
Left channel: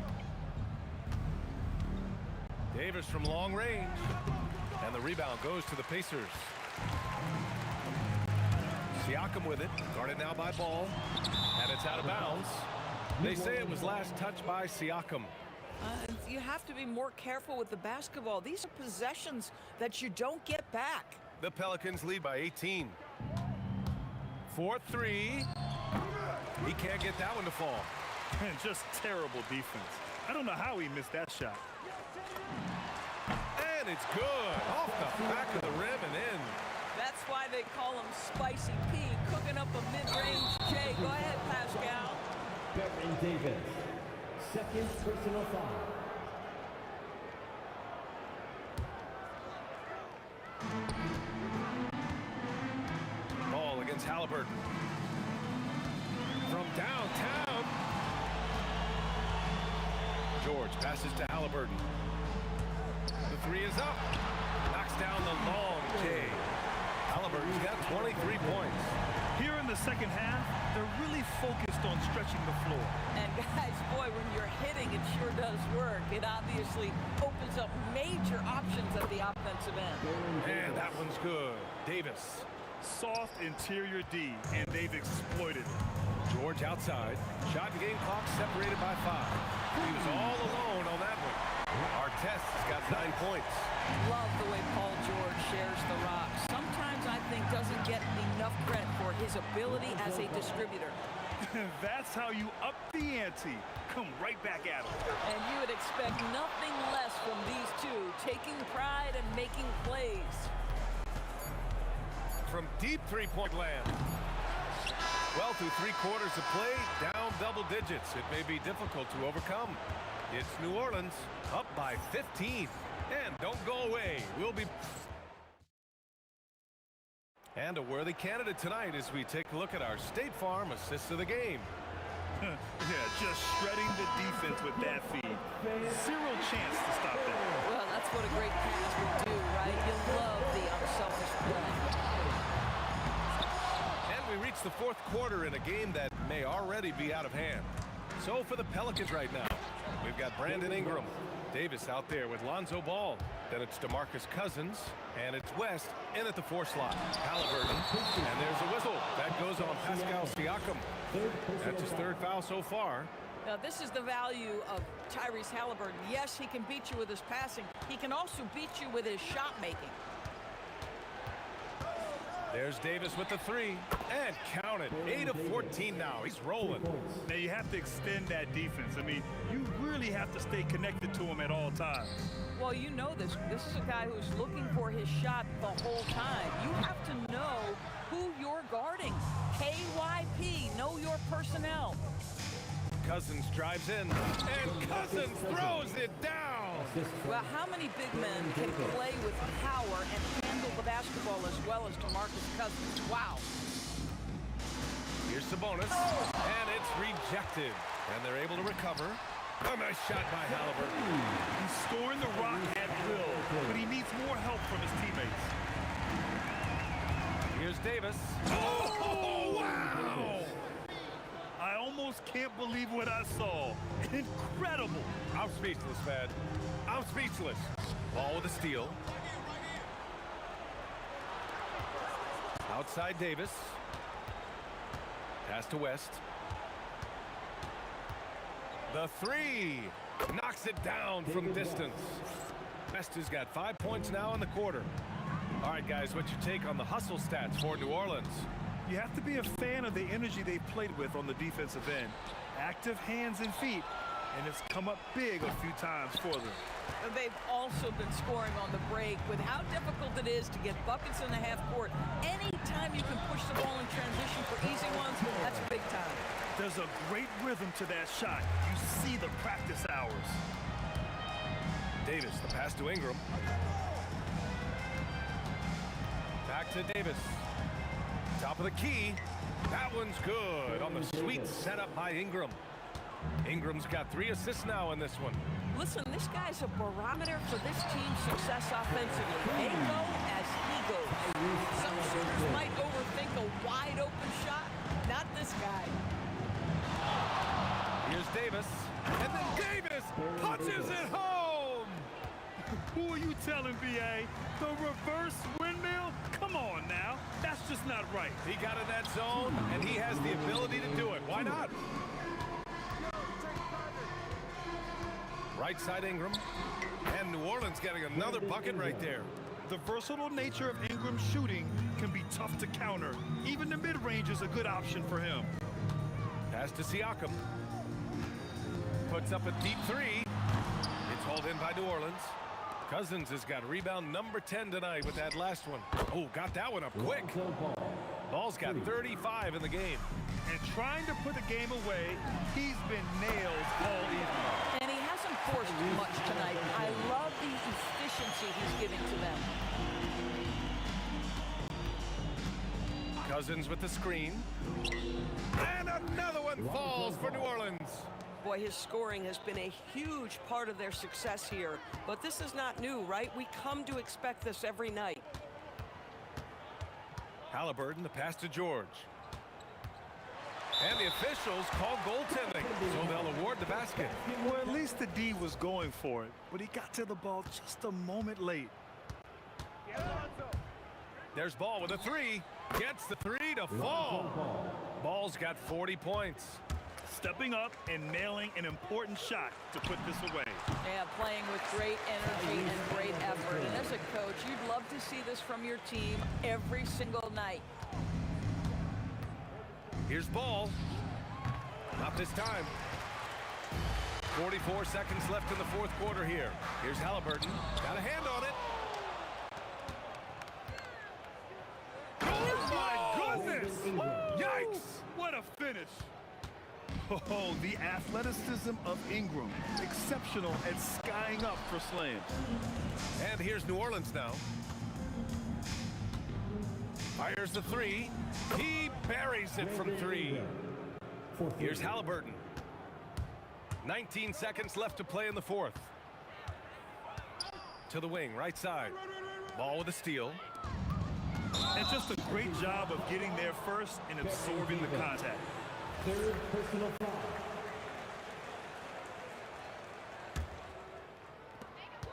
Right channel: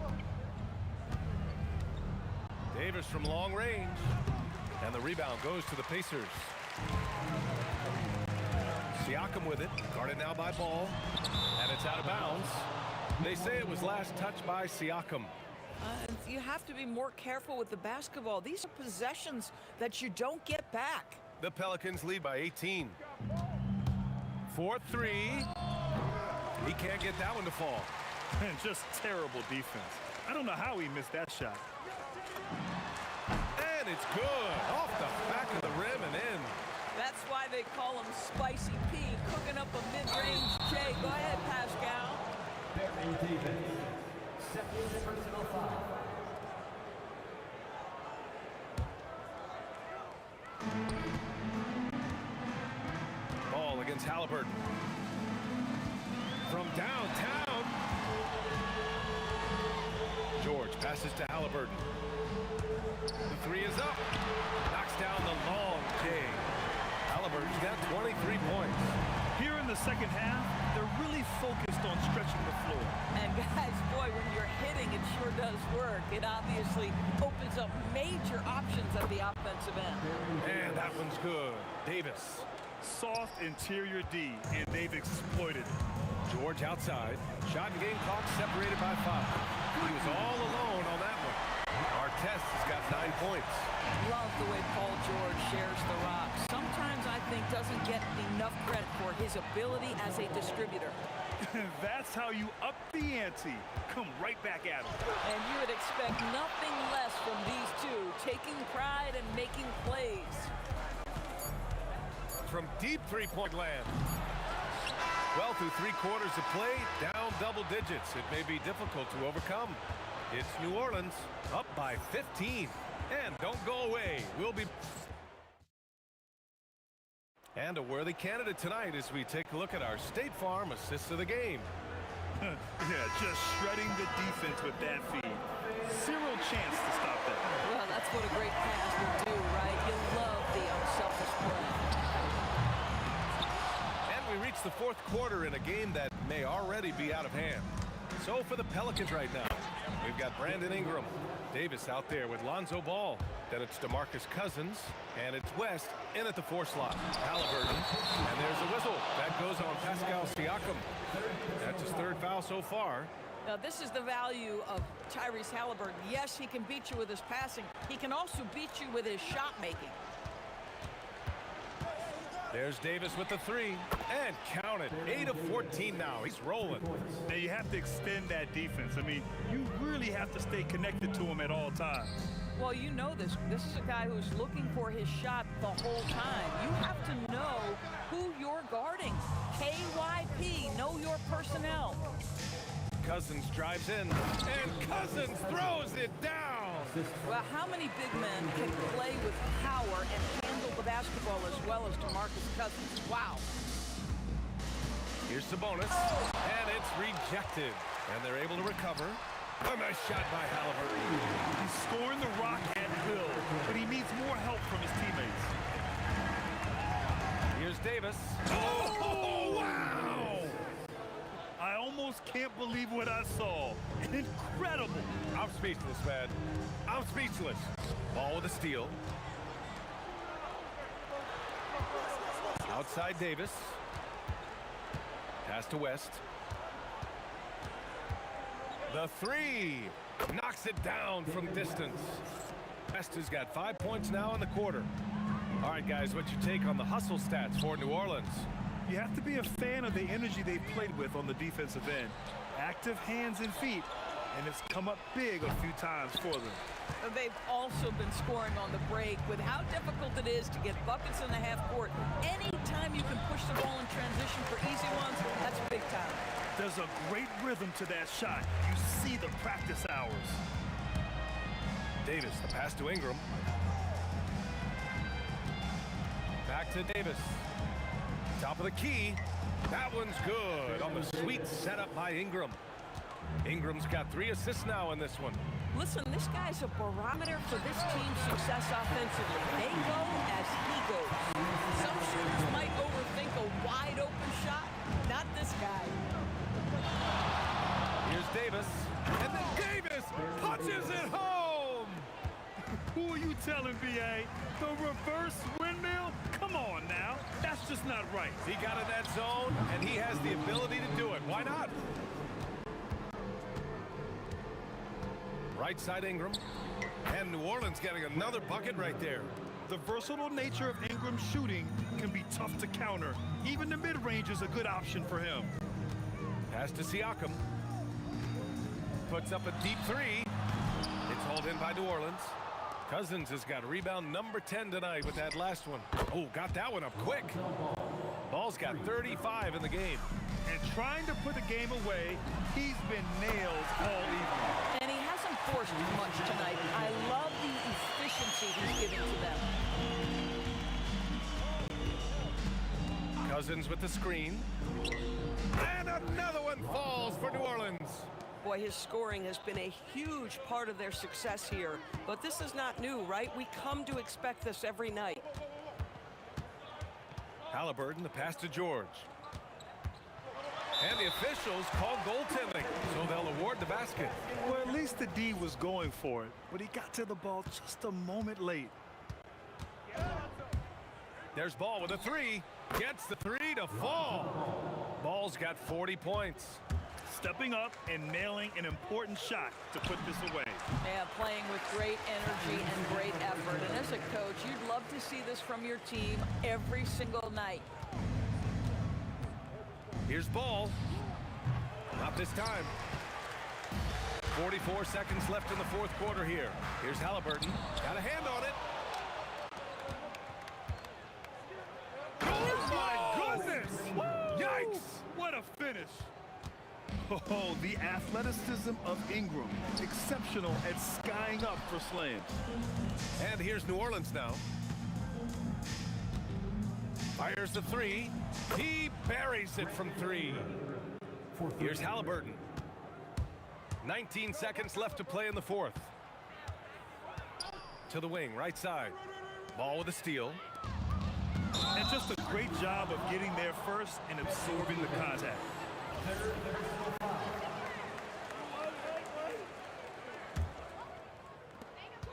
Davis from long range. And the rebound goes to the Pacers. Siakam with it. Guarded now by Ball. And it's out of bounds. They say it was last touched by Siakam. You have to be more careful with the basketball. These are possessions that you don't get back. The Pelicans lead by 18. 4-3. He can't get that one to fall. And just terrible defense. I don't know how he missed that shot. And it's good. Off the back of the rim and in. That's why they call him Spicy P, cooking up a mid-range J. Go ahead, Pascal. Baron Davis, second personal foul. Ball against Halliburton. From downtown. George passes to Halliburton. The three is up. Knocks down the long J. Halliburton's got 23 points. Here in the second half, they're really focused on stretching the floor. And guys, boy, when you're hitting, it sure does work. It obviously opens up major options at the offensive end. And that one's good. Davis. Soft interior D, and they've exploited it. George outside. Shot and game clock separated by 5. He was all alone on that one. Artest has got 9 points. Love the way Paul George shares the rock. Sometimes I think doesn't get enough credit for his ability as a distributor. That's how you up the ante. Come right back at him. And you would expect nothing less from these two, taking pride and making plays. From deep three-point land. Well, through 3 quarters of play, down double digits. It may be difficult to overcome. It's New Orleans, up by 15. And don't go away. We'll be... And a worthy candidate tonight as we take a look at our State Farm assists of the game. Yeah, just shredding the defense with that feed. Zero chance to stop that. Well, that's what a great pass will do, right? You love the unselfish play. And we reach the 4th quarter in a game that may already be out of hand. So for the Pelicans right now, we've got Brandon Ingram. Davis out there with Lonzo Ball. Then it's DeMarcus Cousins, and it's West in at the 4 slot. Halliburton, and there's a whistle. That goes on Pascal Siakam. That's his 3rd foul so far. Now, this is the value of Tyrese Halliburton. Yes, he can beat you with his passing. He can also beat you with his shot making. There's Davis with the 3, and count it. 8 of 14 now. He's rolling. Now, you have to extend that defense. I mean, you really have to stay connected to him at all times. Well, you know this. This is a guy who's looking for his shot the whole time. You have to know who you're guarding. KYP, know your personnel. Cousins drives in, and Cousins throws it down. Well, how many big men can play with power and handle the basketball as well as DeMarcus Cousins? Wow. Here's Sabonis, and it's rejected. And they're able to recover. A nice shot by Halliburton. He's scoring the rock at will, but he needs more help from his teammates. Here's Davis. Oh, wow! I almost can't believe what I saw. Incredible. I'm speechless, man. I'm speechless. Ball with a steal. Outside Davis. Pass to West. The 3 knocks it down from distance. West has got 5 points now in the quarter. All right, guys, what's your take on the hustle stats for New Orleans? You have to be a fan of the energy they've played with on the defensive end. Active hands and feet, and it's come up big a few times for them. They've also been scoring on the break with how difficult it is to get buckets in the half court. Anytime you can push the ball in transition for easy ones, that's big time. There's a great rhythm to that shot. You see the practice hours. Davis, the pass to Ingram. Back to Davis. Top of the key. That one's good on the sweet setup by Ingram. Ingram's got 3 assists now in this one. Listen, this guy's a barometer for this team's success offensively. They go as he goes. Some shooters might overthink a wide open shot. Not this guy. Here's Davis. And then Davis punches it home! Who are you telling, B.A.? The reverse windmill? Come on now. That's just not right. He got in that zone, and he has the ability to do it. Why not? Right side Ingram. And New Orleans getting another bucket right there. The versatile nature of Ingram's shooting can be tough to counter. Even the mid-range is a good option for him. Pass to Siakam. Puts up a deep 3. It's hauled in by New Orleans. Cousins has got rebound number 10 tonight with that last one. Oh, got that one up quick. Ball's got 35 in the game. And trying to put the game away, he's been nailed all evening. And he hasn't forced much tonight. I love the efficiency he's giving to them. Cousins with the screen. And another one falls for New Orleans. Boy, his scoring has been a huge part of their success here. But this is not new, right? We come to expect this every night. Halliburton, the pass to George. And the officials call goaltending, so they'll award the basket. Well, at least the D was going for it, but he got to the ball just a moment late. There's Ball with a 3. Gets the 3 to fall. Ball's got 40 points. Stepping up and nailing an important shot to put this away. Yeah, playing with great energy and great effort. And as a coach, you'd love to see this from your team every single night. Here's Ball. Not this time. 44 seconds left in the fourth quarter here. Here's Halliburton. Got a hand on it. Oh, my goodness! Yikes! What a finish! Oh, the athleticism of Ingram. Exceptional at skying up for slams. And here's New Orleans now. Fires the 3. He buries it from 3. Here's Halliburton. 19 seconds left to play in the fourth. To the wing, right side. Ball with a steal. And just a great job of getting there first and absorbing the contact. Third personal foul.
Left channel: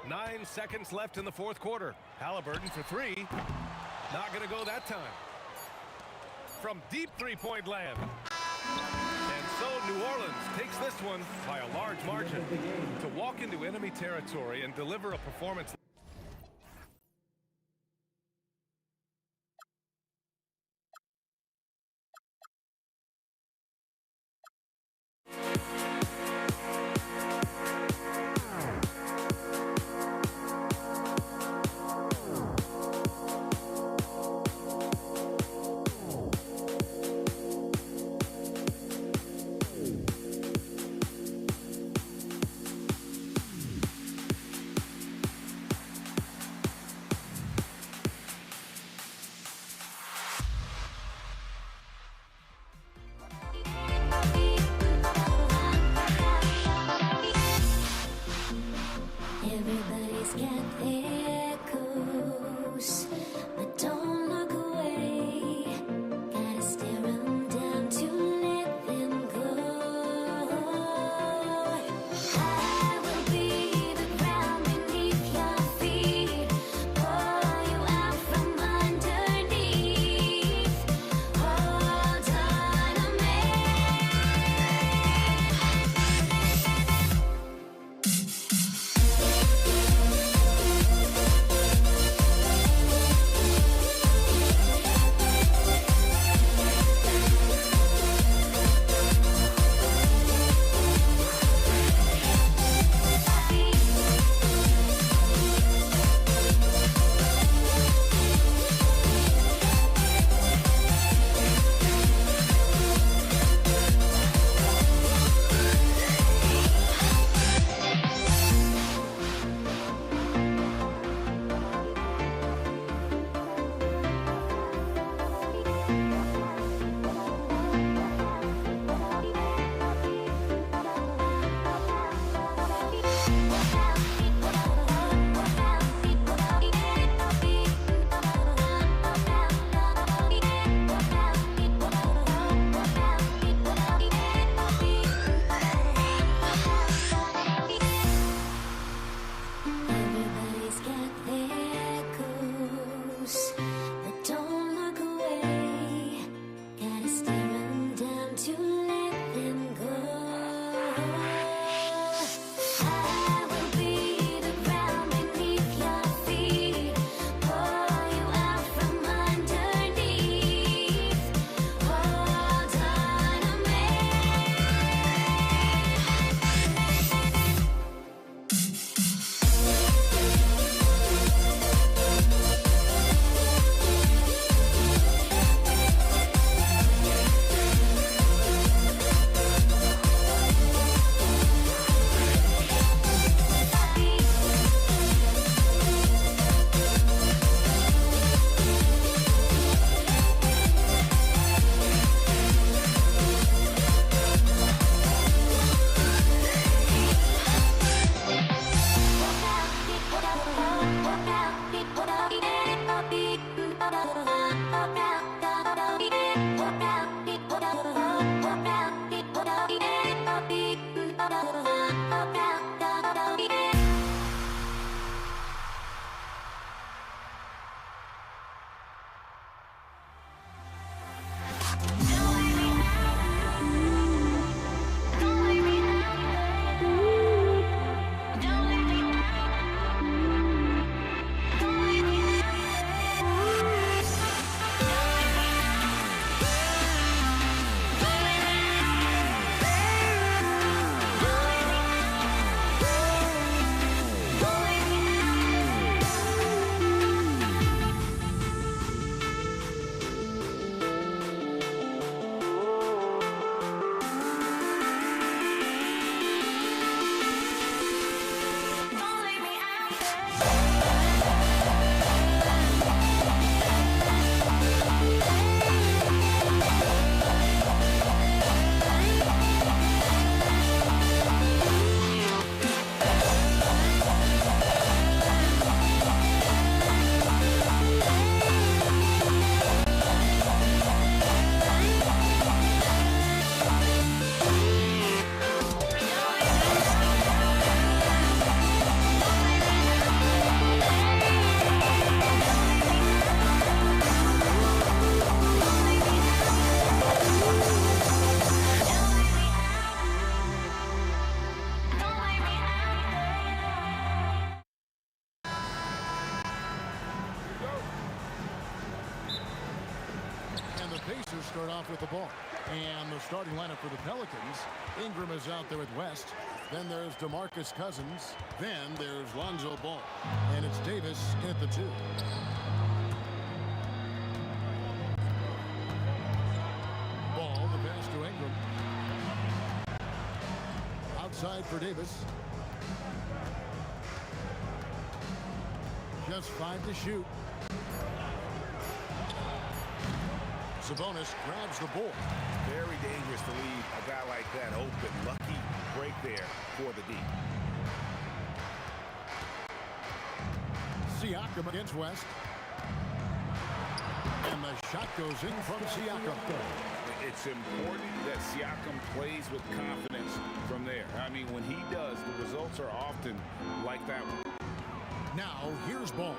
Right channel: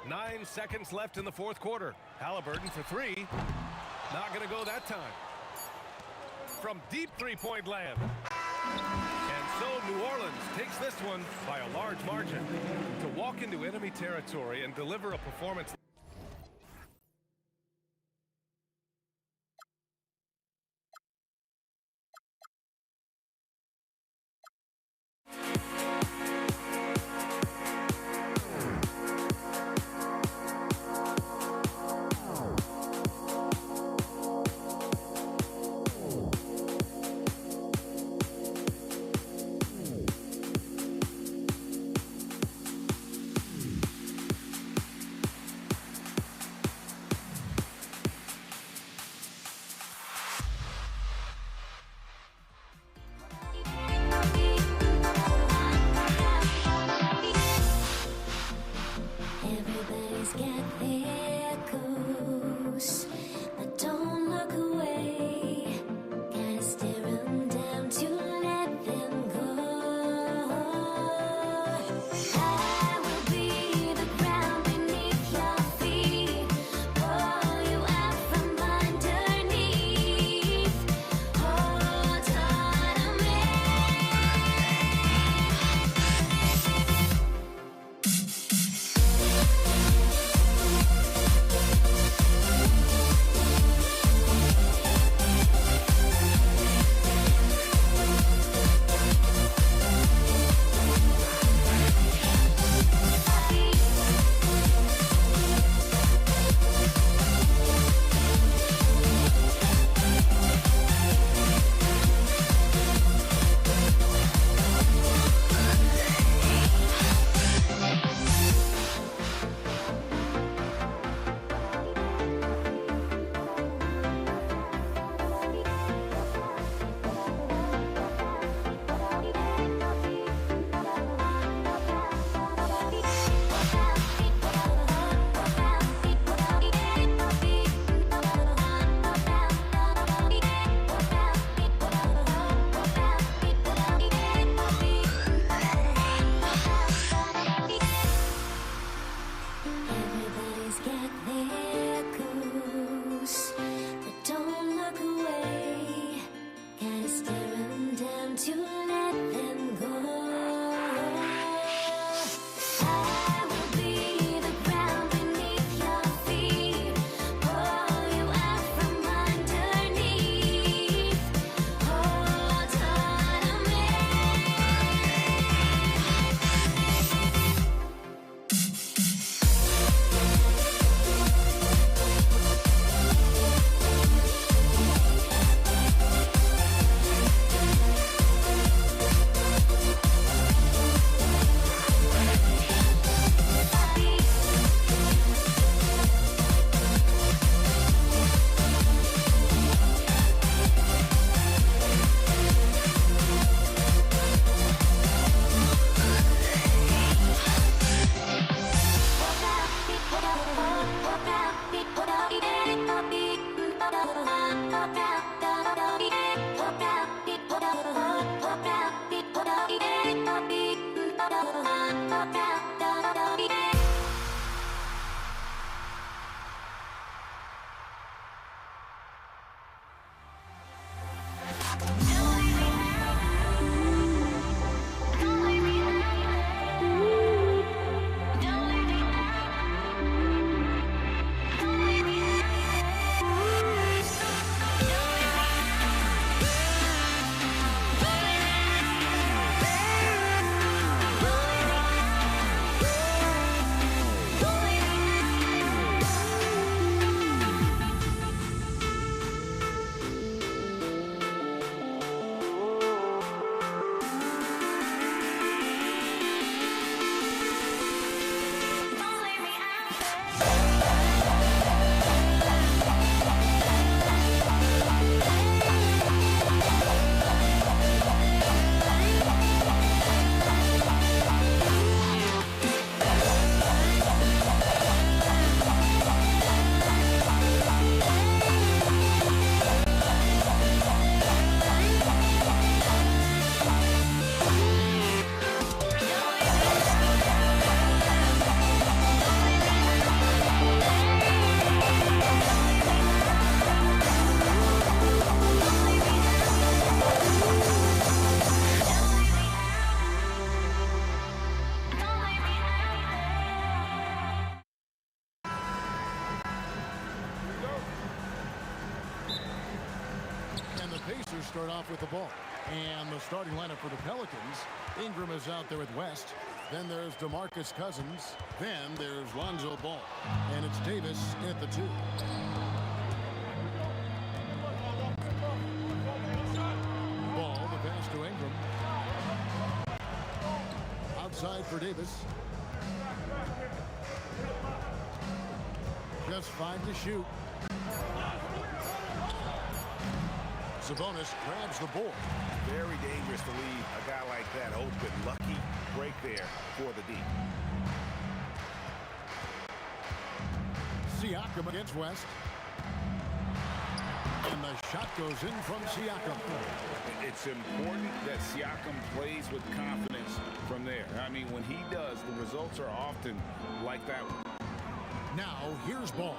9 seconds left in the fourth quarter. Halliburton for 3. Not going to go that time. From deep three-point land. And so New Orleans takes this one by a large margin to walk into enemy territory and deliver a performance. And the Pacers start off with the ball. And the starting lineup for the Pelicans. Ingram is out there with West. Then there's DeMarcus Cousins. Then there's Lonzo Ball. And it's Davis at the 2. Ball, the pass to Ingram. Outside for Davis. Just 5 to shoot. Sabonis grabs the board. Very dangerous to leave a guy like that open. Lucky break there for the D. Siakam against West. And the shot goes in from Siakam. It's important that Siakam plays with confidence from there. I mean, when he does, the results are often like that one. Now, here's Ball.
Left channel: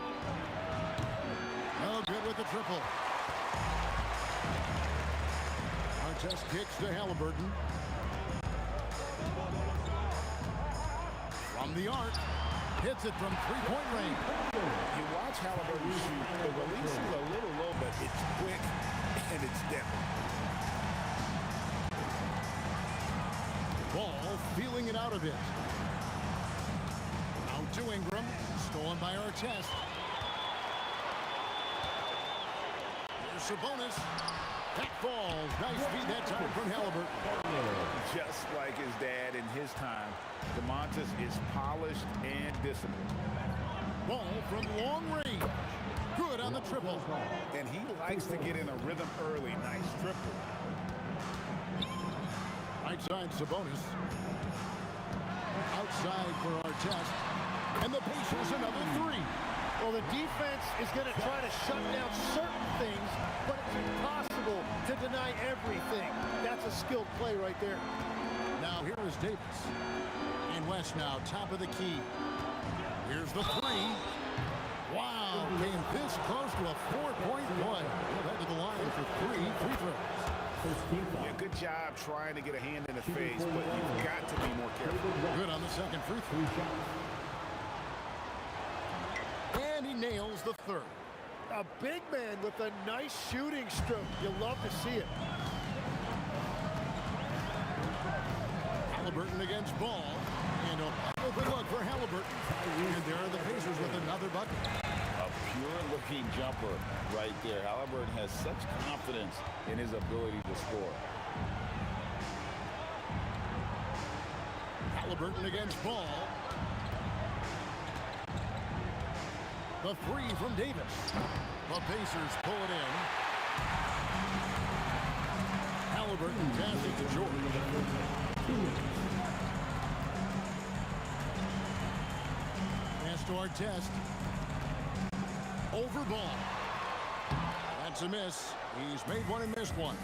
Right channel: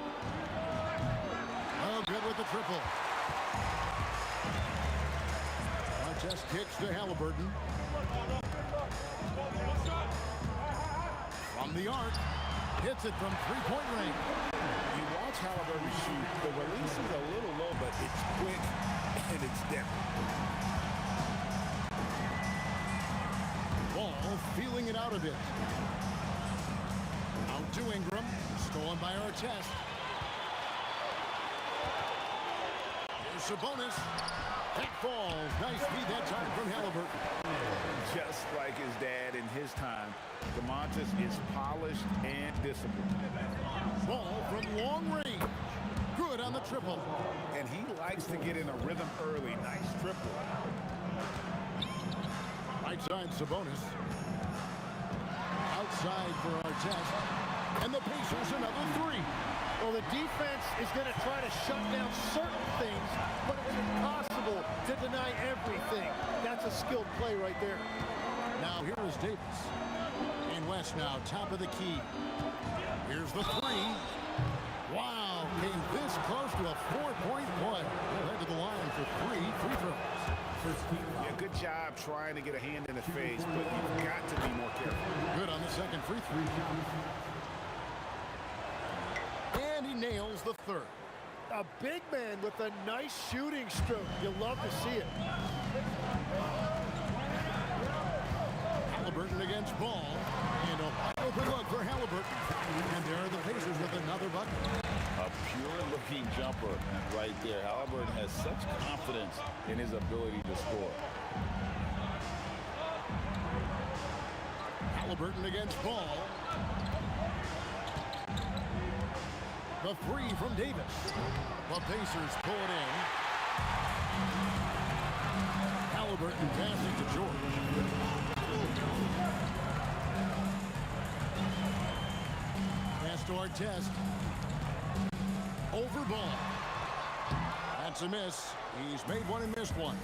Oh, good with the triple. Artest kicks to Halliburton. From the arc. Hits it from three-point range. You watch Halliburton shoot. The release is a little low, but it's quick and it's definite. Ball feeling it out a bit. Out to Ingram. Stolen by Artest. Here's Sabonis. That falls. Nice feed that time from Halliburton. Just like his dad in his time, DeMontis is polished and disciplined. Ball from long range. Good on the triple. And he likes to get in a rhythm early. Nice triple. Right side Sabonis. Outside for Artest. And the Pacers another 3. Well, the defense is going to try to shut down certain things, but it's impossible to deny everything. That's a skilled play right there. Now here is Davis. And West now top of the key. Here's the 3. Wow, came this close to a 4-point play. He'll head to the line for 3 free throws. Yeah, good job trying to get a hand in the face, but you've got to be more careful. Good on the second free throw. And he nails the 3rd. A big man with a nice shooting stroke. You'll love to see it. Halliburton against Ball. And a wide open look for Halliburton. And there are the Pacers with another bucket. A pure-looking jumper right there. Halliburton has such confidence in his ability to score. Halliburton against Ball. The 3 from Davis. The Pacers pull it in. Halliburton passes to George. Pass to Artest. Over Ball. That's a miss. He's made one and missed one.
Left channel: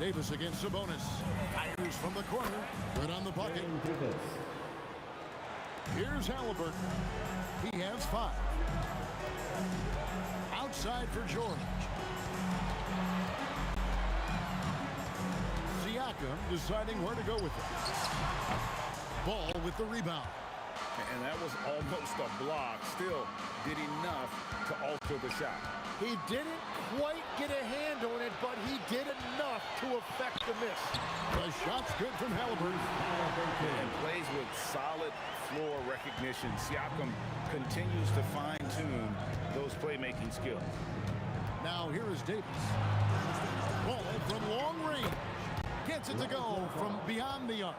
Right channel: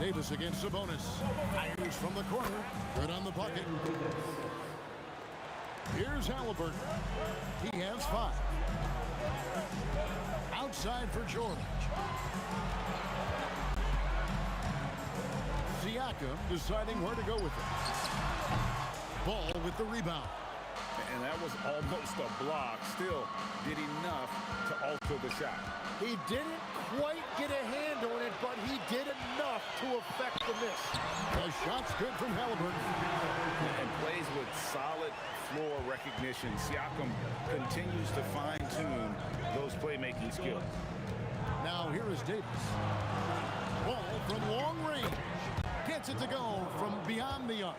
Davis against Sabonis. Fires from the corner. Good on the bucket. Here's Halliburton. He has 5. outside for George. Siakam deciding where to go with it. Ball with the rebound. And that was almost a block. Still did enough to alter the shot. He didn't quite get a hand on it, but he did enough to affect the miss. The shot's good from Halliburton. And plays with solid floor recognition. Siakam continues to fine-tune those playmaking skills. Now here is Davis. Ball from long range. Gets it to go from beyond the arc.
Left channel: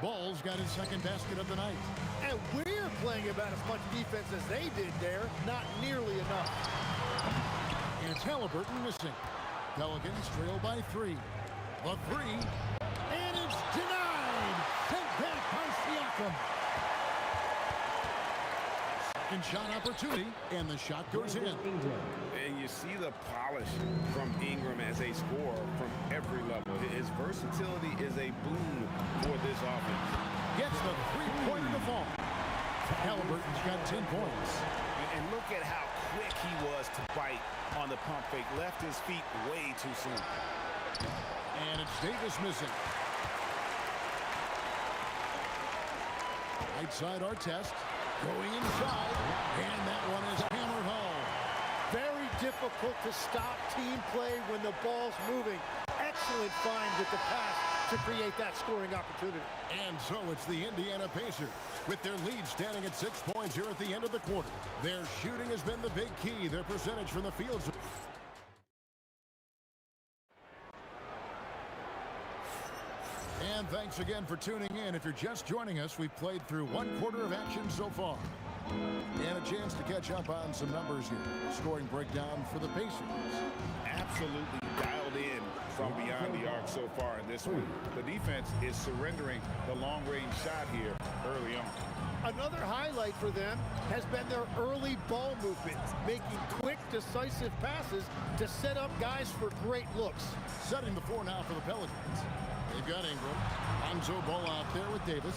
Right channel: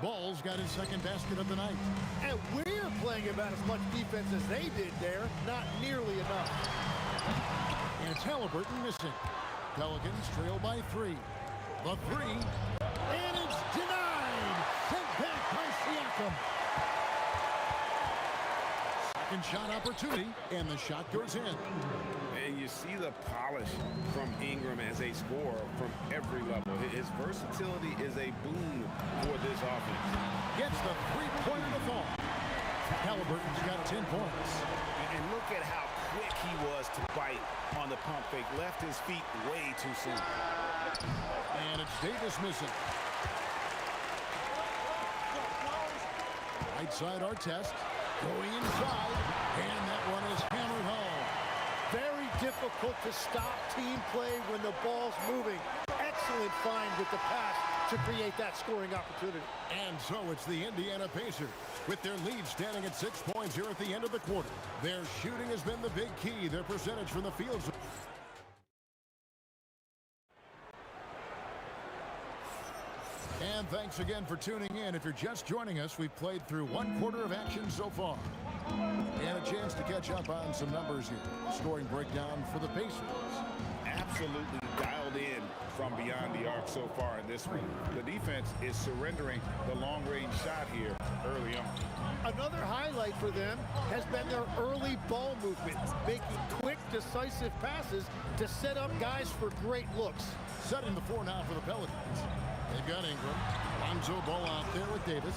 Ball's got his second basket of the night. And we're playing about as much defense as they did there. Not nearly enough. And it's Halliburton missing. Pelicans trail by 3. The 3. And it's denied. Sent back by Siakam. Second shot opportunity. And the shot goes in. And you see the polish from Ingram as a scorer from every level. His versatility is a boon for this offense. Gets the three-pointer to fall. Halliburton's got 10 points. And look at how quick he was to bite on the pump fake. Left his feet way too soon. And it's Davis missing. Right side Artest. Going inside. And that one is hammered home. Very difficult to stop team play when the ball's moving. Excellent find with the pass to create that scoring opportunity. And so it's the Indiana Pacers with their lead standing at 6 points here at the end of the quarter. Their shooting has been the big key. Their percentage from the field. And thanks again for tuning in. If you're just joining us, we've played through 1 quarter of action so far. And a chance to catch up on some numbers here. Scoring breakdown for the Pacers. Absolutely dialed in from beyond the arc so far in this one. The defense is surrendering the long-range shot here early on. Another highlight for them has been their early ball movement, making quick, decisive passes to set up guys for great looks. Setting the floor now for the Pelicans. They've got Ingram. Lonzo Ball out there with Davis.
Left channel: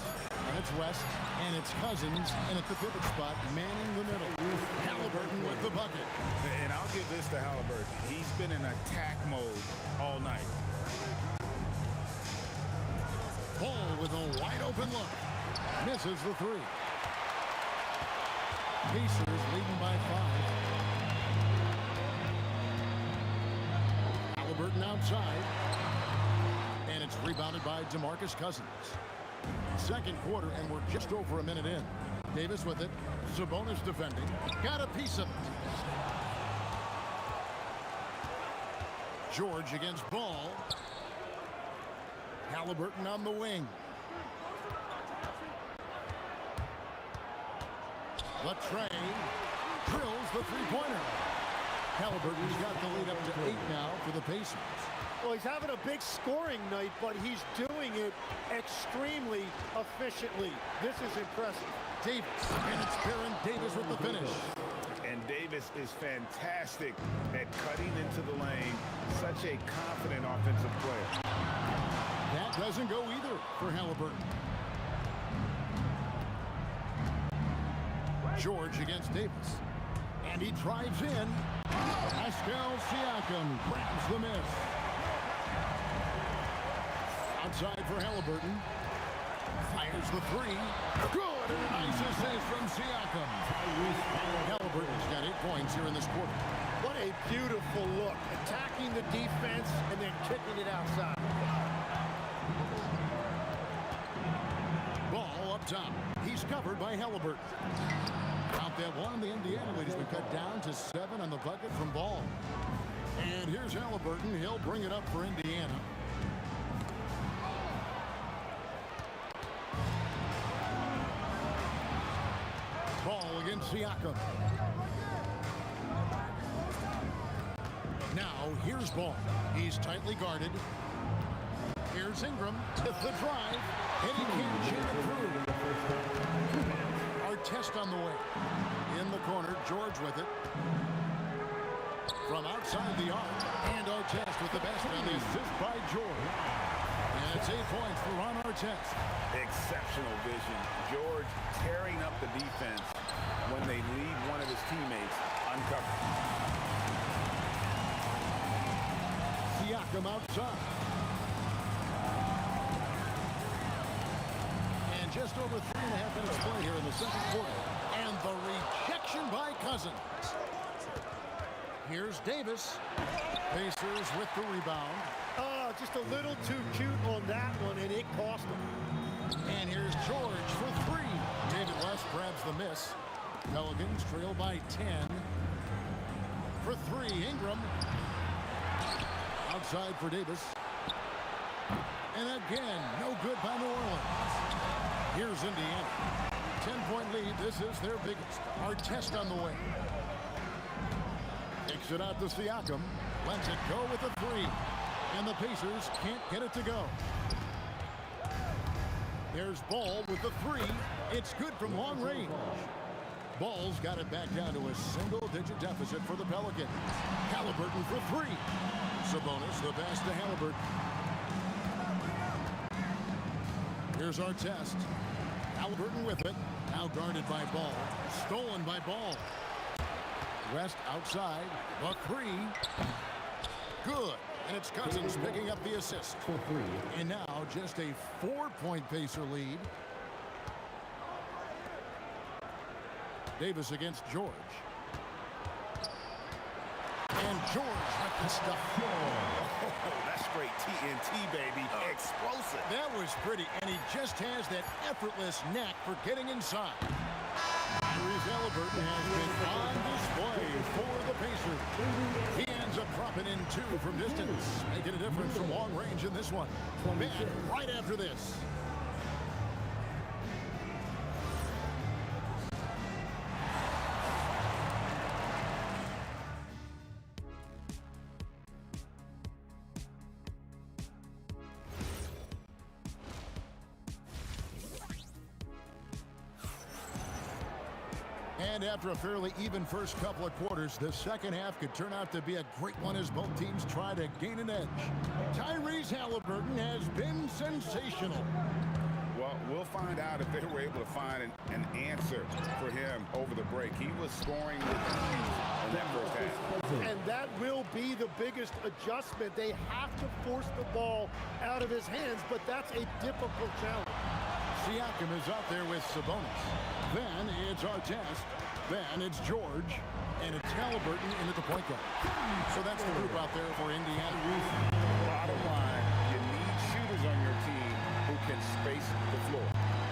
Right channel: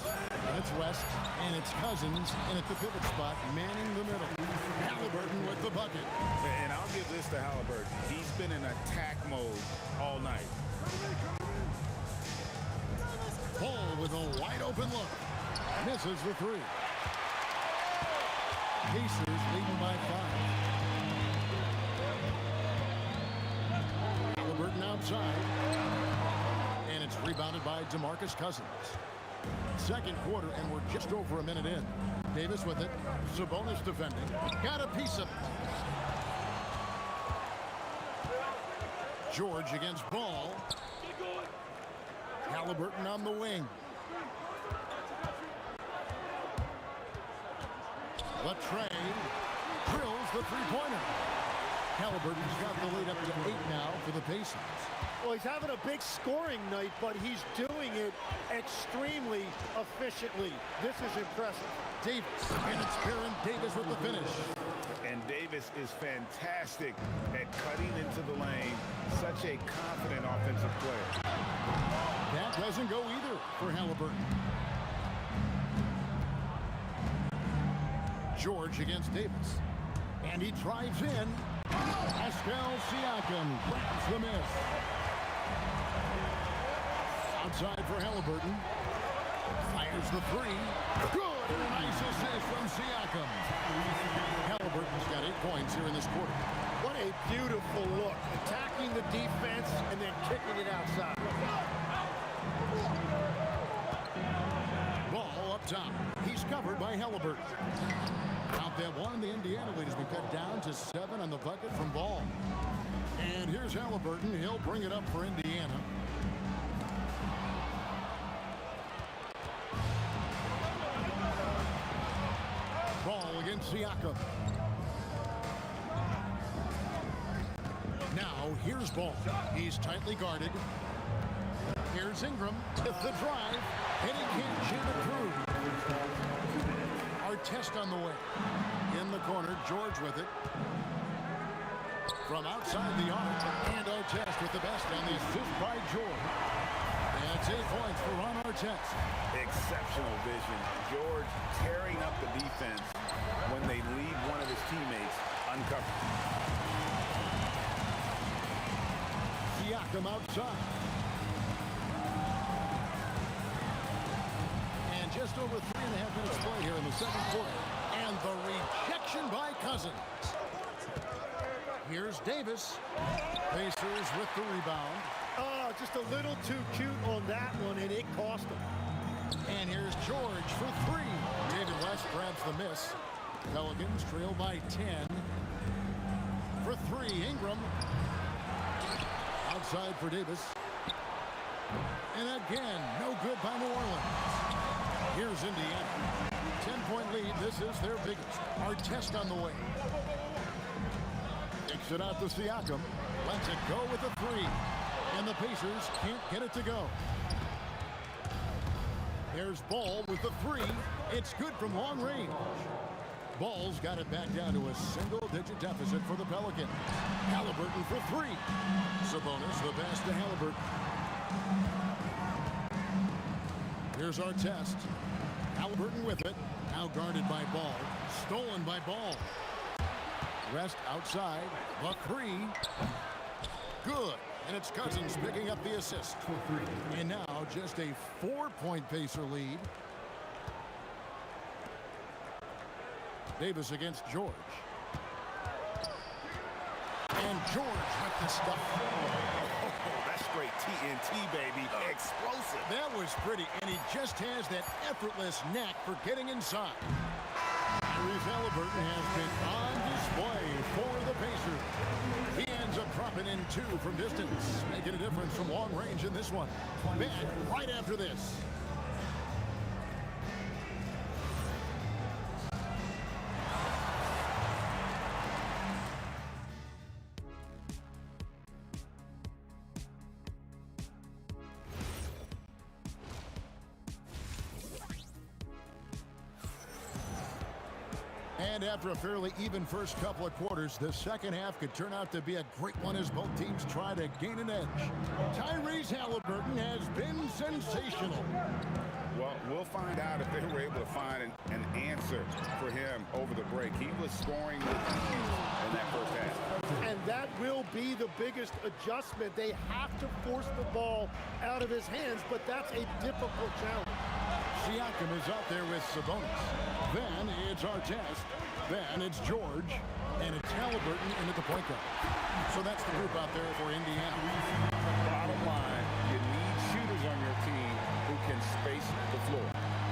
And it's West. And it's Cousins. And at the pivot spot, manning the middle. Halliburton with the bucket. And I'll give this to Halliburton. He's been in attack mode all night. Ball with a wide open look. Misses the 3. Pacers leading by 5. Halliburton outside. And it's rebounded by DeMarcus Cousins. Second quarter, and we're just over a minute in. Davis with it. Sabonis defending. Got a piece of it. George against Ball. Halliburton on the wing. Latrey drills the three-pointer. Halliburton's got the lead up to 8 now for the Pacers. Well, he's having a big scoring night, but he's doing it extremely efficiently. This is impressive. Davis, and it's Baron Davis with the finish. And Davis is fantastic at cutting into the lane. Such a confident offensive player. That doesn't go either for Halliburton. George against Davis. And he drives in. Pascal Siakam grabs the miss. Outside for Halliburton. Fires the 3. Good, and a nice assist from Siakam. Halliburton's got 8 points here in this quarter. What a beautiful look. Attacking the defense and then kicking it outside. Ball up top. He's covered by Halliburton. Out that one, the Indiana lead has been cut down to 7 on the bucket from Ball. And here's Halliburton. He'll bring it up for Indiana. Ball against Siakam. Now, here's Ball. He's tightly guarded. Here's Ingram with the drive, and he can't jam it through. Artest on the way. In the corner, George with it. From outside the arc, and Artest with the basket on the assist by George. And it's 8 points for Ron Artest. Exceptional vision. George tearing up the defense when they leave one of his teammates uncovered. Siakam outside. And just over 3.5 minutes play here in the second quarter. And the rejection by Cousins. Here's Davis. Pacers with the rebound. Just a little too cute on that one, and it cost him. And here's George for three. David West grabs the miss. Pelicans trail by 10. For three, Ingram. Outside for Davis. And again, no good by New Orleans. Here's Indiana. 10-point lead. This is their biggest. Artest on the way. Kicks it out to Siakam. Lets it go with a three. And the Pacers can't get it to go. There's Ball with the three. It's good from long range. Ball's got it back down to a single-digit deficit for the Pelicans. Halliburton for three. Sabonis the pass to Halliburton. Here's Artest. Halliburton with it. Now guarded by Ball. Stolen by Ball. West outside. The three. Good. And it's Cousins picking up the assist. And now just a 4-point Pacer lead. Davis against George. And George with the stuff. Oh, that's straight TNT, baby. Explosive. That was pretty, and he just has that effortless knack for getting inside. Tyrese Halliburton has been on display for the Pacers. He ends up dropping in two from distance, making a difference from long range in this one. Back right after this. And after a fairly even first couple of quarters, the second half could turn out to be a great one as both teams try to gain an edge. Tyrese Halliburton has been sensational. Well, we'll find out if they were able to find an answer for him over the break. He was scoring with ease in that first half. And that will be the biggest adjustment. They have to force the ball out of his hands, but that's a difficult challenge. Siakam is out there with Sabonis. Then it's Artest. Then it's George. And it's Halliburton in at the point guard. So that's the group out there for Indiana. Bottom line, you need shooters on your team who can space the floor.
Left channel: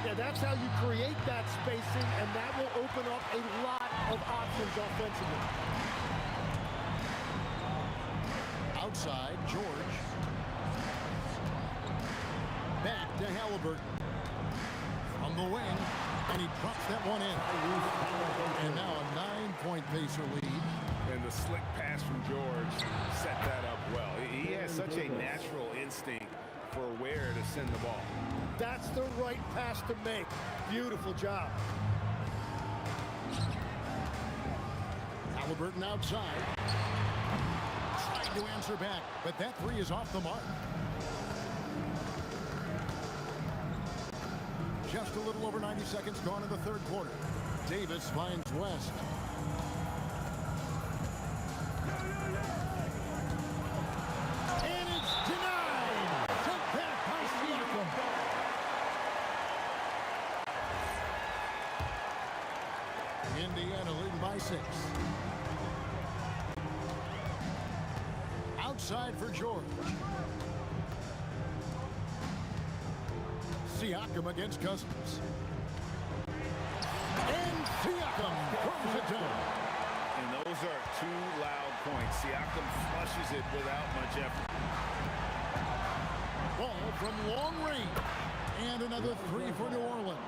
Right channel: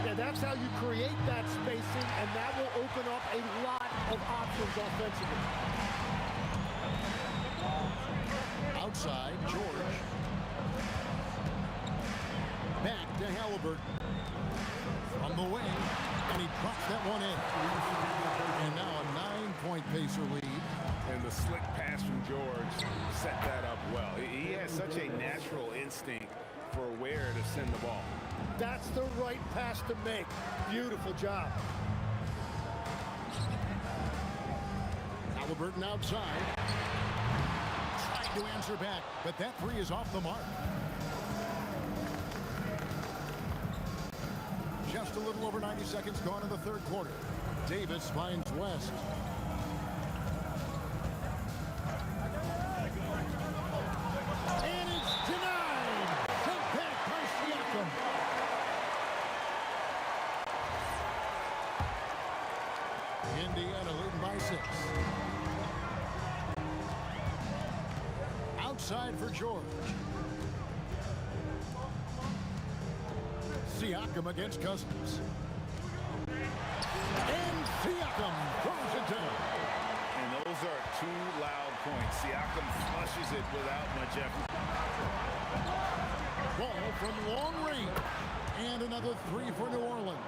Yeah, that's how you create that spacing, and that will open up a lot of options offensively. Outside, George. Back to Halliburton. From the wing, and he drops that one in. And now a 9-point Pacer lead. And the slick pass from George set that up well. He has such a natural instinct for where to send the ball. That's the right pass to make. Beautiful job. Halliburton outside. Trying to answer back, but that three is off the mark. Just a little over 90 seconds gone in the third quarter. Davis finds West. And it's denied. Sent back by Siakam. Indiana leading by 6. Outside for George. Siakam against Cousins. And Siakam throws it down. And those are two loud points. Siakam flushes it without much effort. Ball from long range. And another three for New Orleans.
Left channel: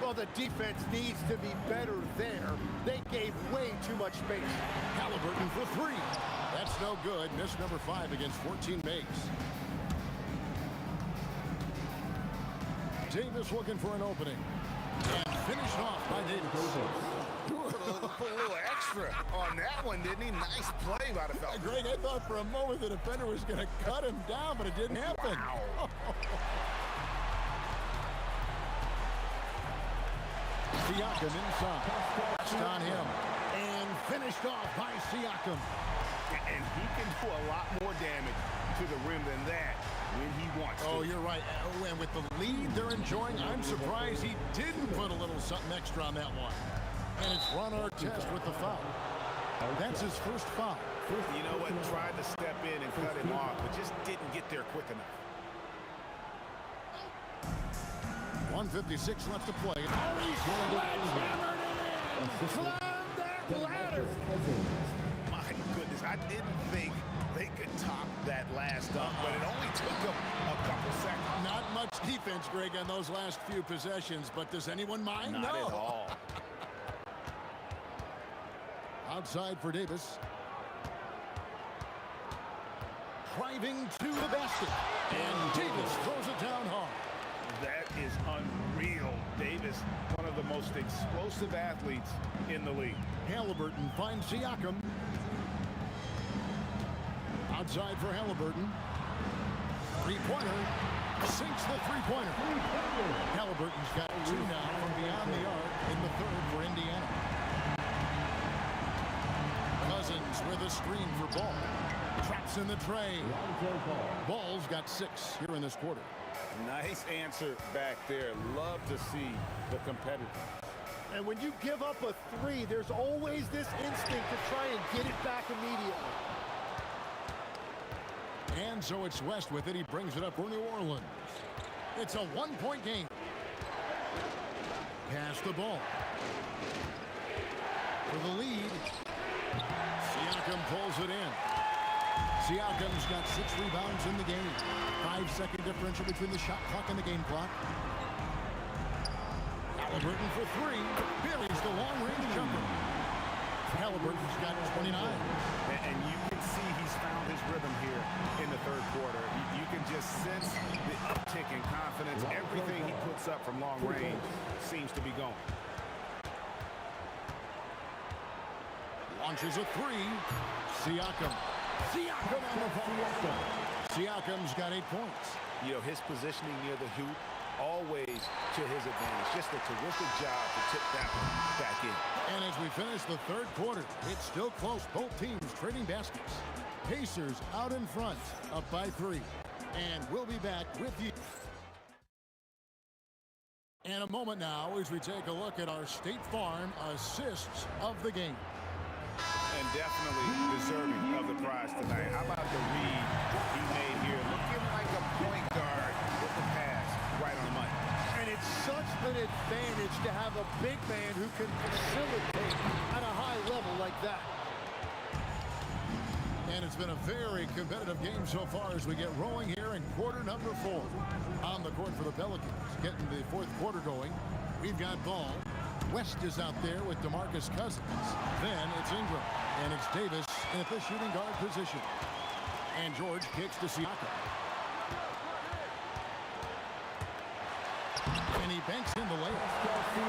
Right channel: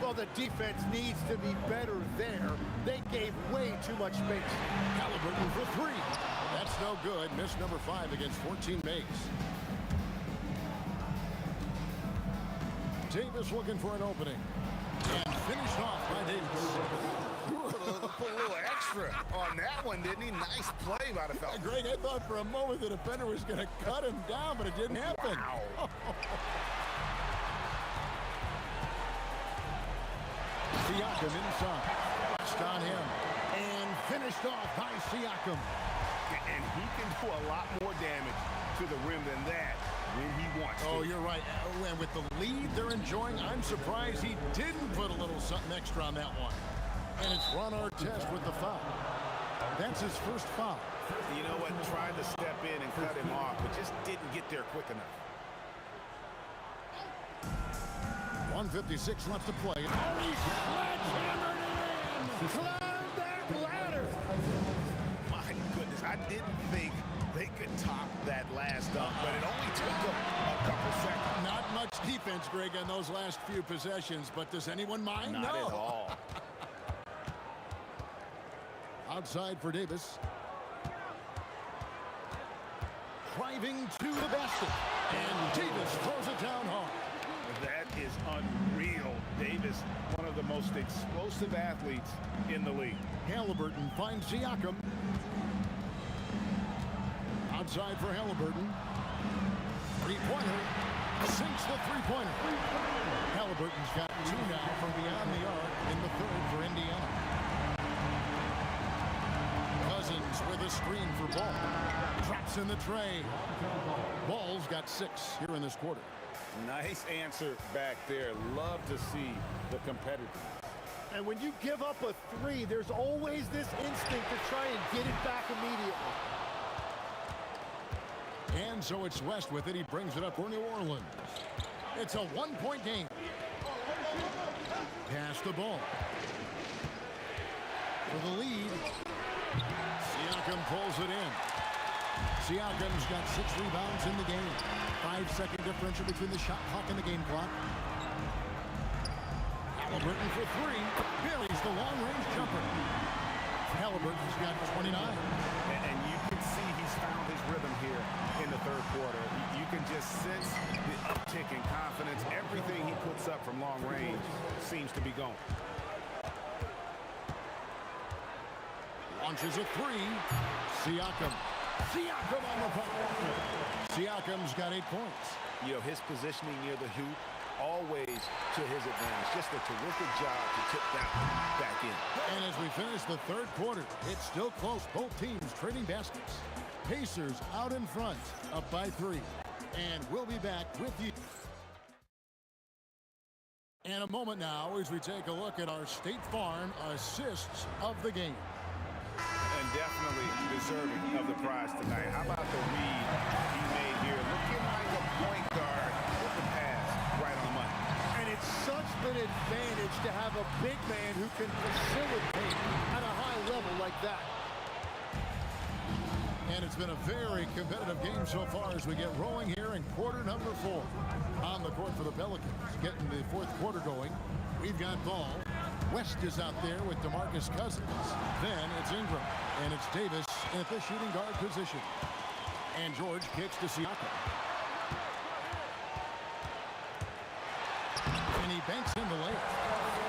Well, the defense needs to be better there. They gave way too much space. Halliburton for three. That's no good. Miss number 5 against 14 makes. Davis looking for an opening. And finished off by Davis. Put a little extra on that one, didn't he? Nice play by the fella. Greg, I thought for a moment the defender was going to cut him down, but it didn't happen. Wow. Siakam inside. West on him. And finished off by Siakam. And he can do a lot more damage to the rim than that when he wants to. Oh, you're right. And with the lead they're enjoying, I'm surprised he didn't put a little something extra on that one. And it's Ron Artest with the foul. That's his first foul. You know what? Tried to step in and cut him off, but just didn't get there quick enough. 1:56 left to play. Oh, he sledgehammered it in! Climb that ladder! My goodness, I didn't think they could top that last dunk, but it only took them a couple seconds. Not much defense, Greg, on those last few possessions, but does anyone mind? Not at all. Outside for Davis. Driving to the basket. And Davis throws it down hard. That is unreal. Davis, one of the most explosive athletes in the league. Halliburton finds Siakam. Outside for Halliburton. Three-pointer. Sinks the three-pointer. Halliburton's got two now from beyond the arc in the third for Indiana. Cousins with a screen for Ball. Traps in the tray. Ball's got 6 here in this quarter. Nice answer back there. Love to see the competitiveness. And when you give up a 3, there's always this instinct to try and get it back immediately. And so it's West with it. He brings it up for New Orleans. It's a one-point game. Pass the ball. For the lead. Siakam pulls it in. Siakam's got 6 rebounds in the game. 5-second differential between the shot clock and the game clock. Halliburton for 3. Buries the long-range jumper. Halliburton's got 29. And you can see he's found his rhythm here in the third quarter. You can just sense the uptick in confidence. Everything he puts up from long range seems to be going. Launches a 3. Siakam. Siakam on the ball. Siakam's got 8 points. You know, his positioning near the hoop, always to his advantage. Just a terrific job to tip that one back in. And as we finish the third quarter, it's still close. Both teams trading baskets. Pacers out in front, up by 3. And we'll be back with you. And a moment now as we take a look at our State Farm assists of the game. And definitely deserving of the prize tonight. How about the read he made here? Looking like a point guard with the pass right on the money. And it's such an advantage to have a big man who can facilitate at a high level like that. And it's been a very competitive game so far as we get rolling here in quarter number 4. On the court for the Pelicans, getting the fourth quarter going. We've got Ball. West is out there with DeMarcus Cousins. Then it's Ingram. And it's Davis at the shooting guard position. And George kicks to Siakam. And he banks in the layup.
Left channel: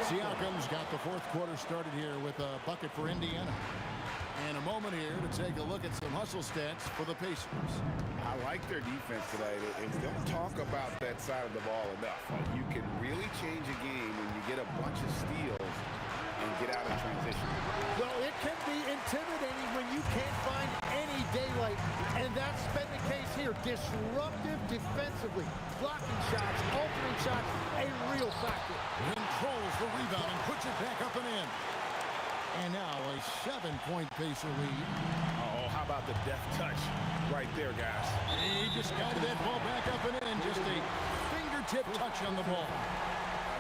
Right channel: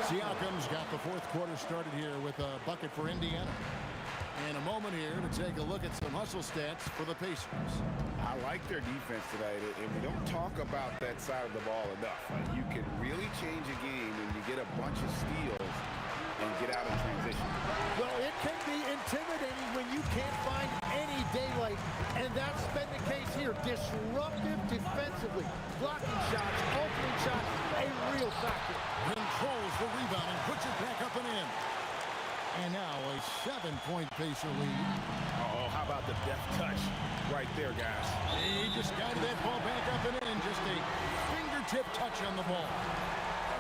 Siakam's got the fourth quarter started here with a bucket for Indiana. And a moment here to take a look at some hustle stats for the Pacers. I like their defense tonight, and we don't talk about that side of the ball enough. You can really change a game when you get a bunch of steals and get out in transition. Well, it can be intimidating when you can't find any daylight, and that's been the case here. Disruptive defensively, blocking shots, altering shots, a real factor. Controls the rebound and puts it back up and in. And now a 7-point Pacer lead. Oh, how about the deft touch right there, guys? He just guided that ball back up and in. Just a fingertip touch on the ball.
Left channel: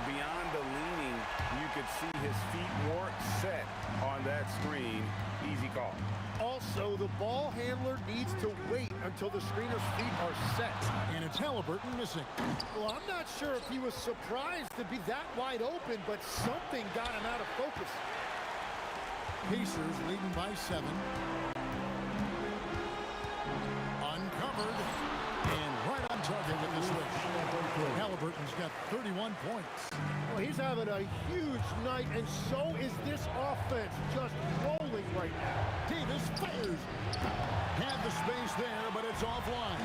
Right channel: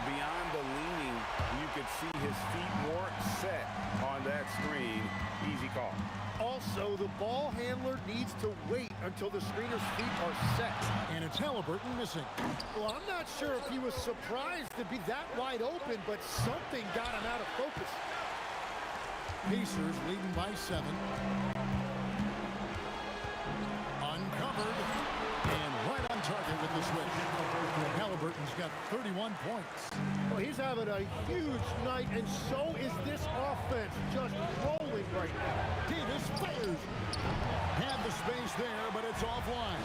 Beyond the leaning, you could see his feet more set on that screen. Easy call. Also, the ball handler needs to wait until the screener's feet are set. And it's Halliburton missing. Well, I'm not sure if he was surprised to be that wide open, but something got him out of focus. Pacers leading by 7. Uncovered. And right on target with the switch. Halliburton's got 31 points. Well, he's having a huge night, and so is this offense, just rolling right now. Davis fires. Had the space there, but it's offline.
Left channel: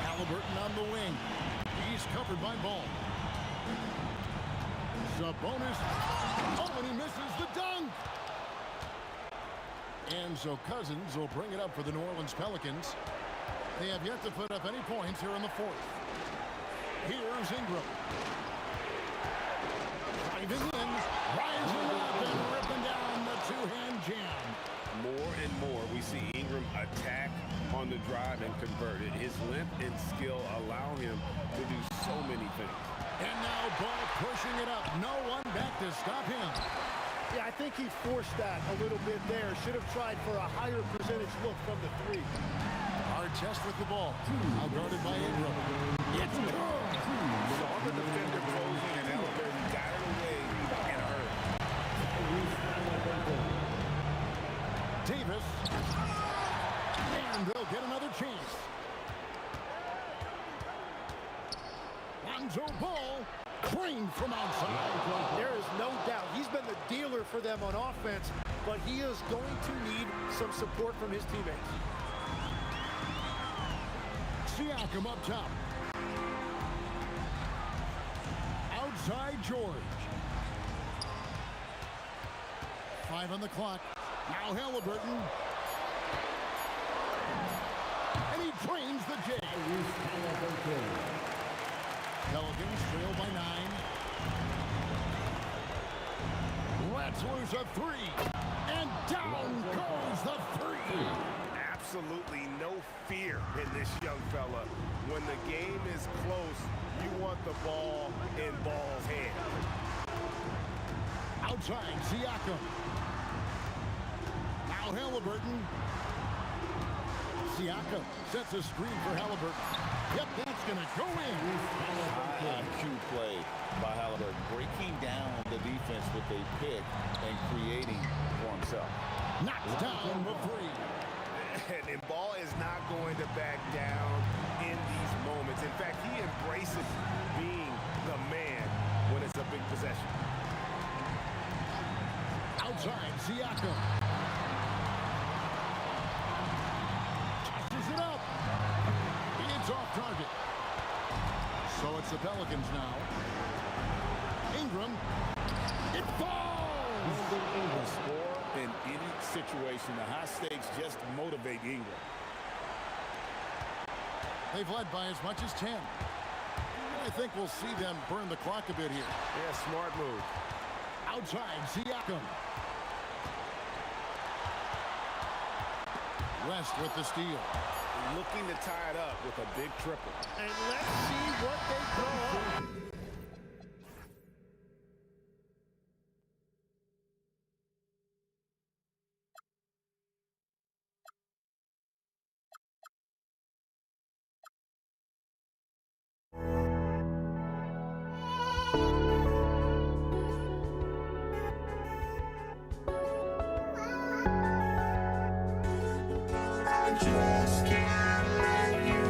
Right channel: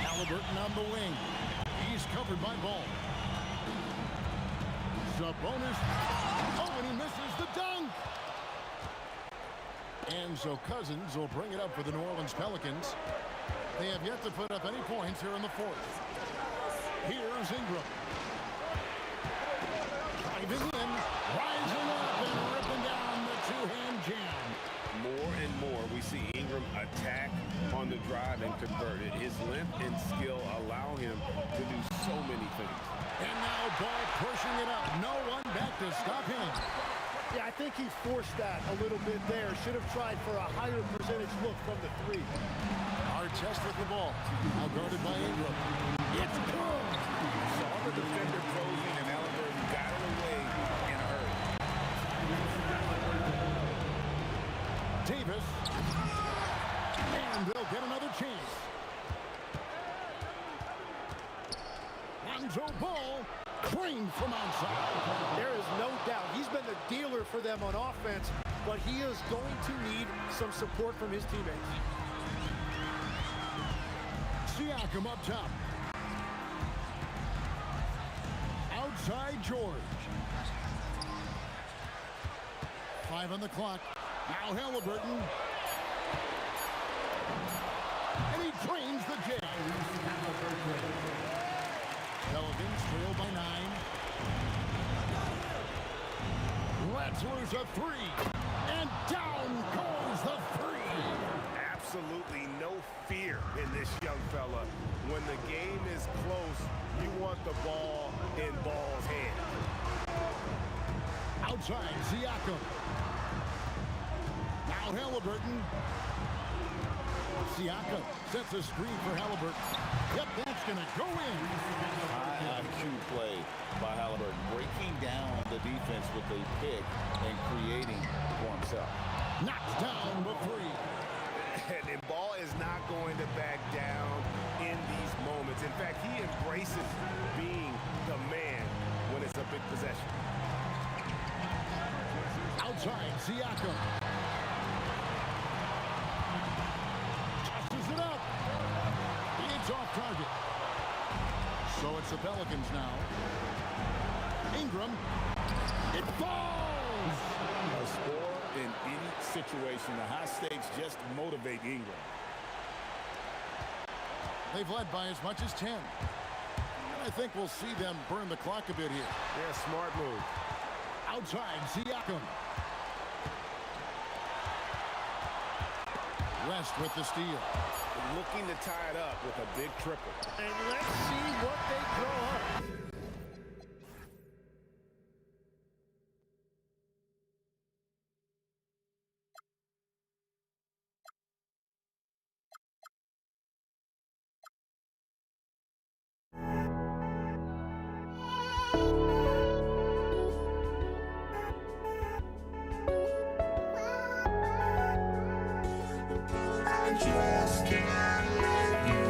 Halliburton on the wing. He's covered by Ball. Sabonis. Oh, and he misses the dunk. And so Cousins will bring it up for the New Orleans Pelicans. They have yet to put up any points here in the fourth. Here's Ingram. Driving in, rising up, and ripping down the two-hand jam. More and more, we see Ingram attack on the drive and convert it. His length and skill allow him to do so many things. And now Ball pushing it up. No one back to stop him. Yeah, I think he forced that a little bit there. Should have tried for a higher percentage look from the three. Artest with the ball. Now guarded by Ingram. It's good. Saw the defender closing, and Halliburton got it away in a hurry. Davis. And they'll get another chance. Lonzo Ball. Trained from outside. There is no doubt he's been the dealer for them on offense, but he is going to need some support from his teammates. Siakam up top. Outside George. 5 on the clock. Now Halliburton. And he drains the J. Pelicans trail by 9. Let's lose a 3. And down goes the 3. Absolutely no fear in this young fella. When the game is close, you want the ball in Ball's hand. Outside, Siakam. Now Halliburton. Siakam sets a screen for Halliburton. Yep, that's going to go in. High IQ play by Halliburton, breaking down the defense with a pick and creating for himself. Knocks down the 3. And Ball is not going to back down in these moments. In fact, he embraces being the man when it's a big possession. Outside, Siakam. Tosses it up. It's off target. So it's the Pelicans now. Ingram. It falls. A score in any situation. The high stakes just motivate Ingram. They've led by as much as 10. And I think we'll see them burn the clock a bit here. Yeah, smart move. Outside, Siakam. West with the steal. Looking to tie it up with a big triple. And let's see what they throw up. Just can't let you.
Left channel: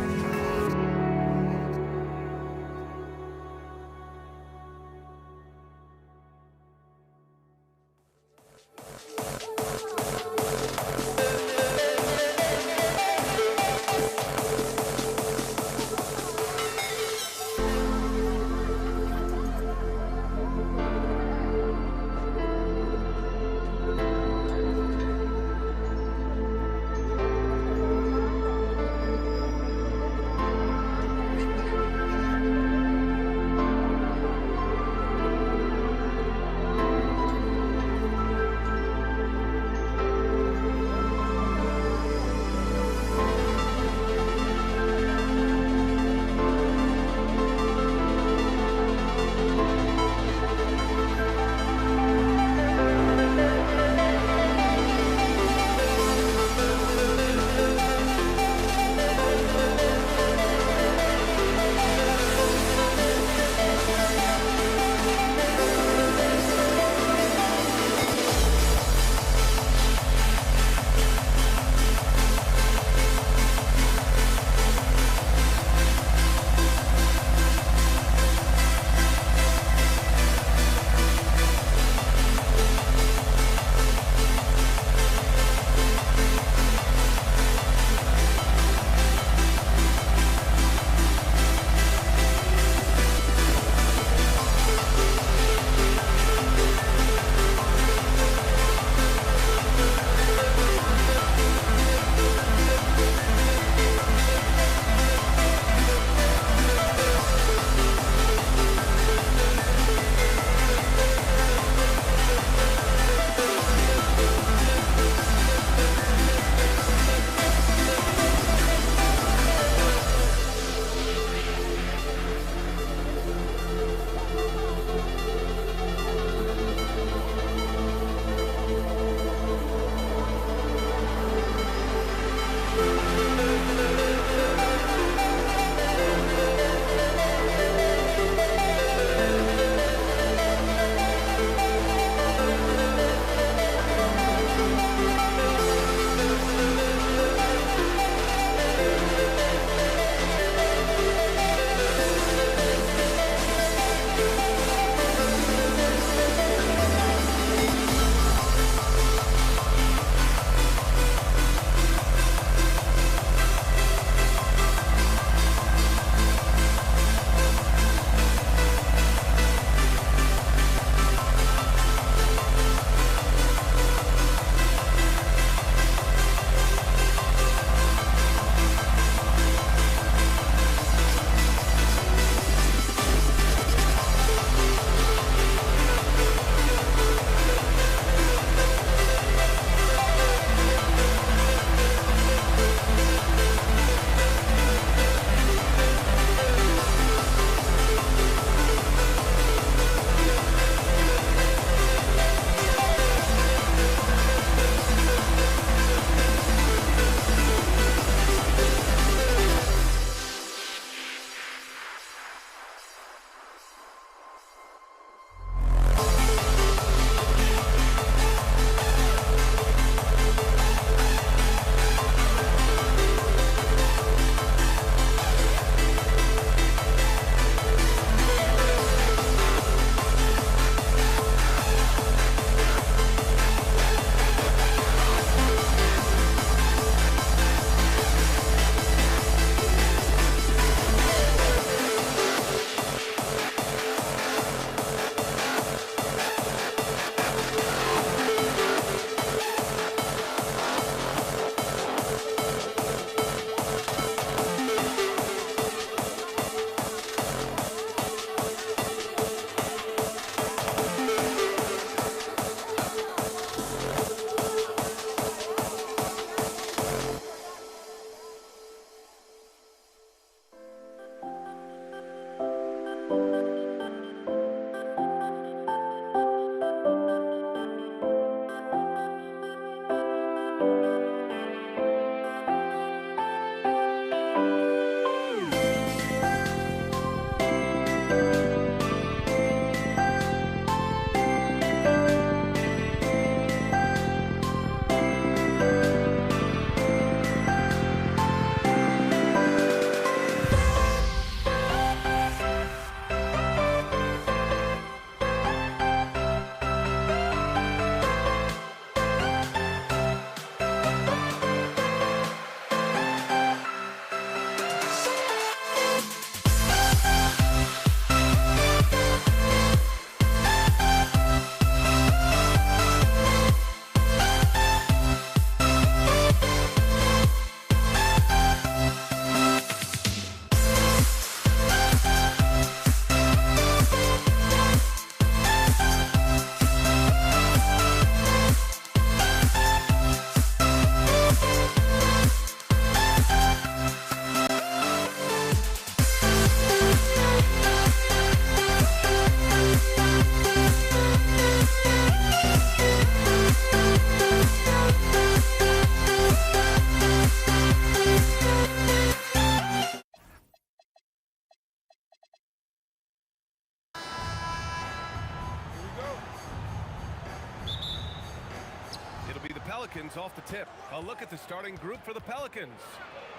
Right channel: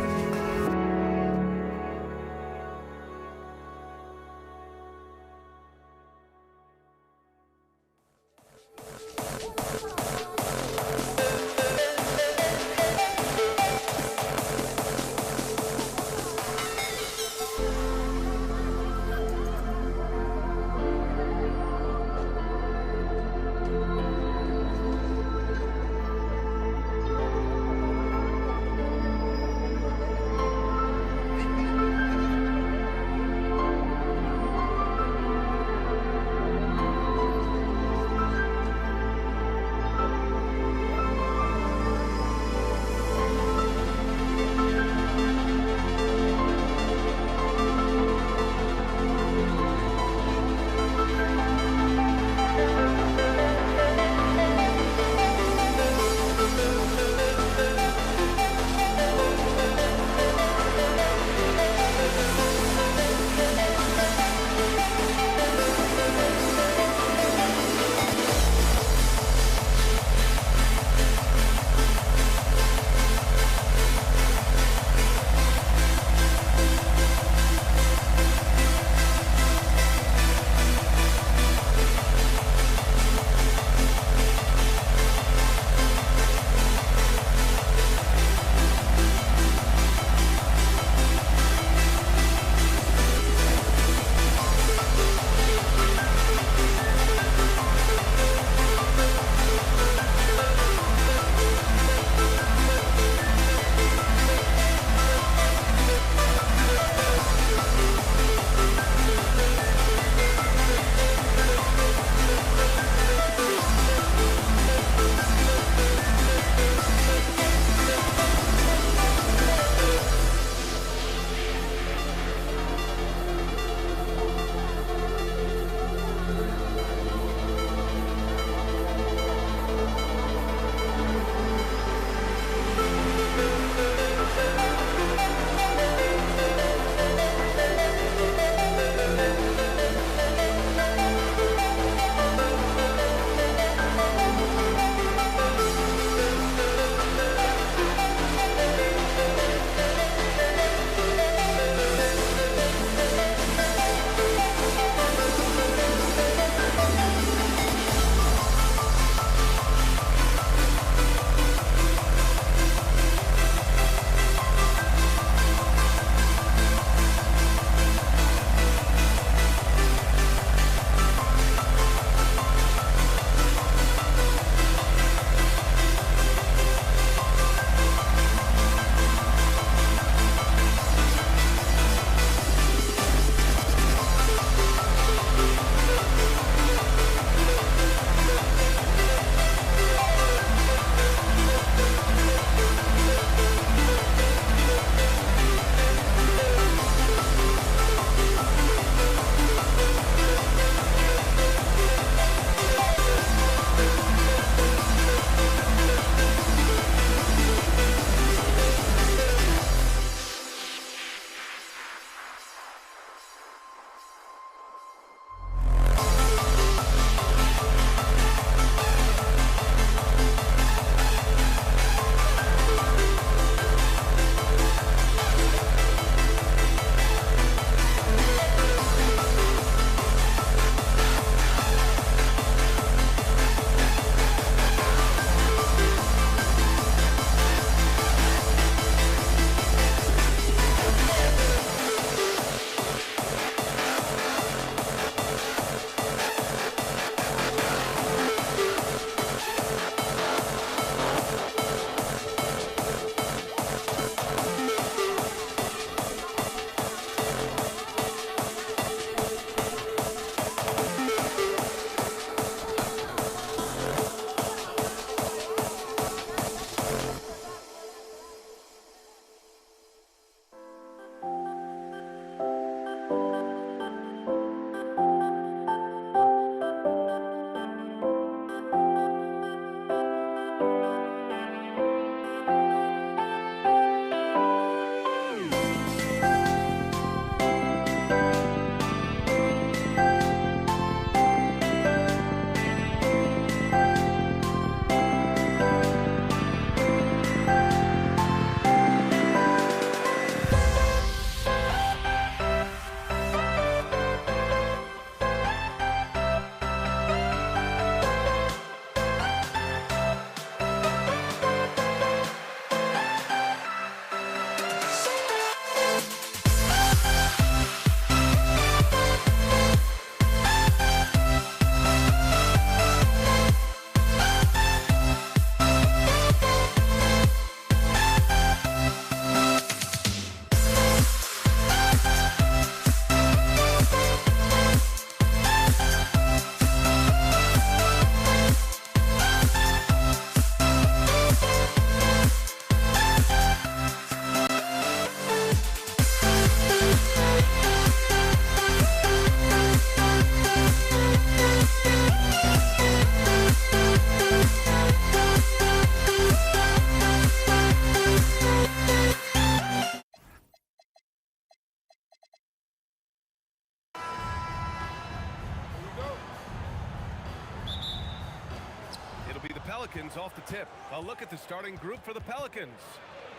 It'll be the Pelicans off the tip. A look at the starting group for the Pelicans.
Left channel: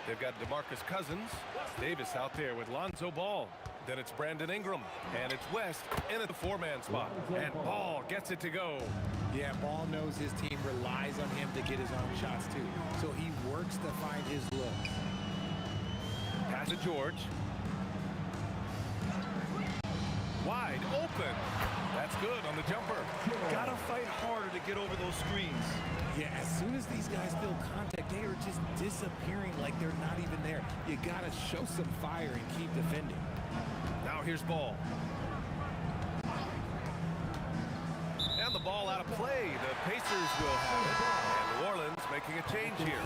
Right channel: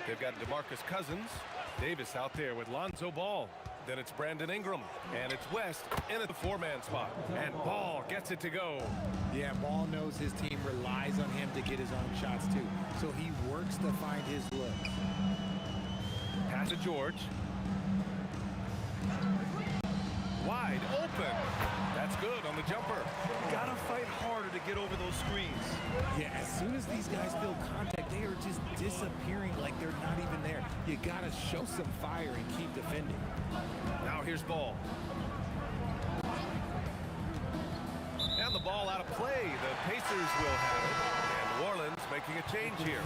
They've got DeMarcus Cousins, Davis out there with Lonzo Ball. Then it's Brandon Ingram, and it's West in at the four-man spot. And Ball gets it to go. Yeah, Ball knows his team relies on him to get his own shots too. So he works to find his looks. Pass to George. Wide open. That's good on the jumper. Gotta fight harder to get over those screens. Yeah, as soon as these guys feel contact, they are just disappearing like they're not even there. You gotta show some fire and keep defending. Now here's Ball. And the ball out of play. The Pacers will have it. And New Orleans making a change here.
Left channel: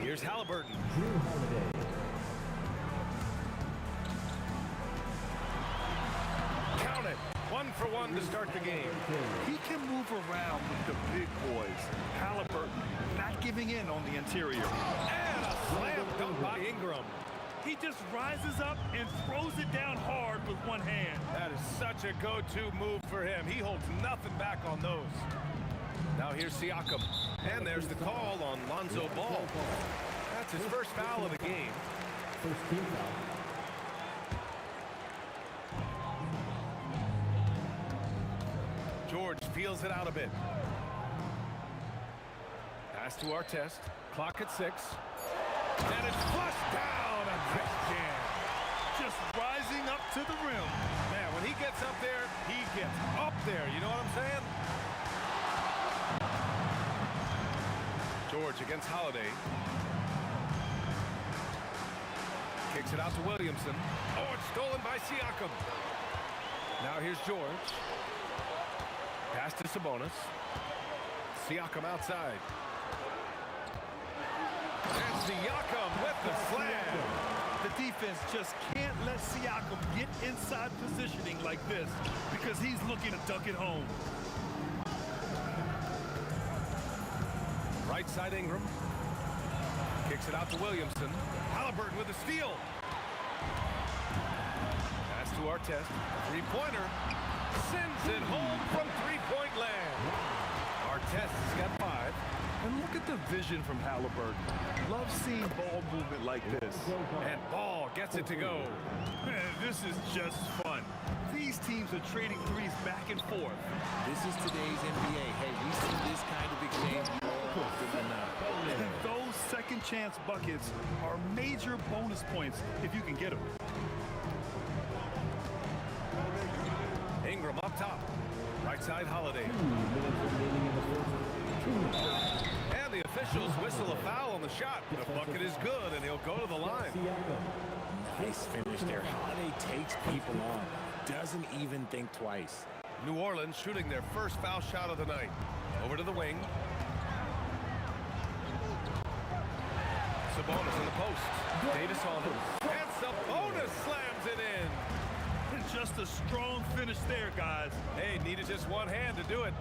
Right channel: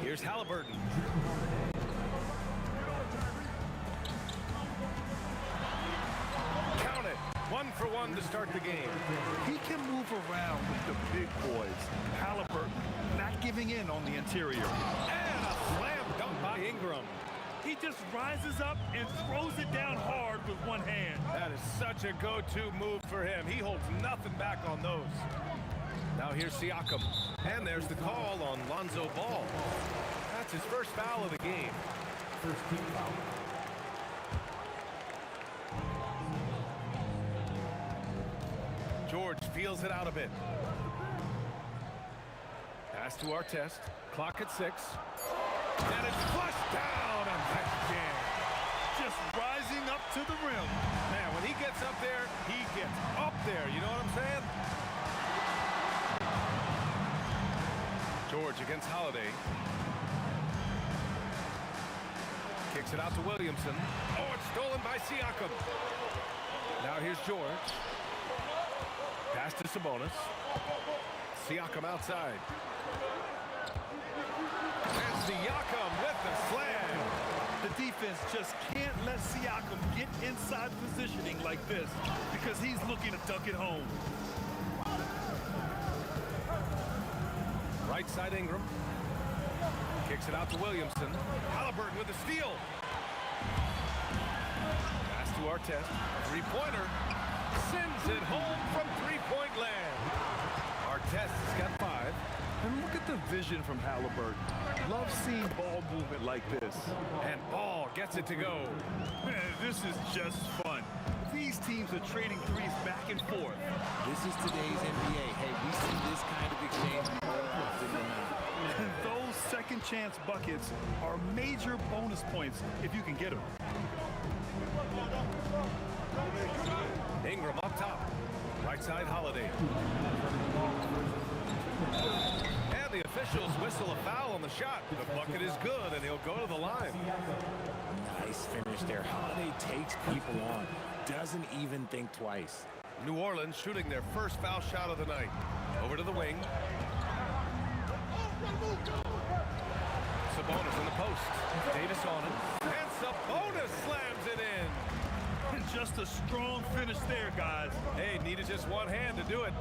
Here's Halliburton. Count it. 1 for 1 to start the game. He can move around with the big boys. Halliburton not giving in on the interior. And a slam dunk by Ingram. He just rises up and throws it down hard with one hand. That is such a go-to move for him. He holds nothing back on those. Now here's Siakam. And there's the call on Lonzo Ball. That's his first foul of the game. First team foul. George feels it out a bit. Pass to Artest. Clock at 6. And it's flushed down. A nice jam. Just rising up to the rim. Man, when he gets up there, he gets up there. You know what I'm saying? George against Holiday. Kicks it out to Williamson. Oh, it's stolen by Siakam. Now here's George. Pass to Sabonis. Siakam outside. And Siakam with the slam. The defense just can't let Siakam get inside positioning like this because he's looking to dunk it home. Right side Ingram. Kicks it out to Williamson. Halliburton with the steal. Pass to Artest. Three-pointer. Sends it home from three-point land. Artest has got 5. And look at the vision from Halliburton. Love seeing ball movement like this. And Ball gets it to go. Man, this is just fun. These teams are trading threes back and forth. This is today's NBA. Hey, we see this kind of exchange more often than not. And those second chance buckets are major bonus points if you can get them. Ingram up top. Right side Holiday. And the officials whistle a foul on the shot. The bucket is good, and he'll go to the line. Nice finish there. Holiday takes people on. Doesn't even think twice. New Orleans shooting their first foul shot of the night. Over to the wing. Sabonis in the post. Davis on it. And Sabonis slams it in. And just a strong finish there, guys. Hey, needed just one hand to do it.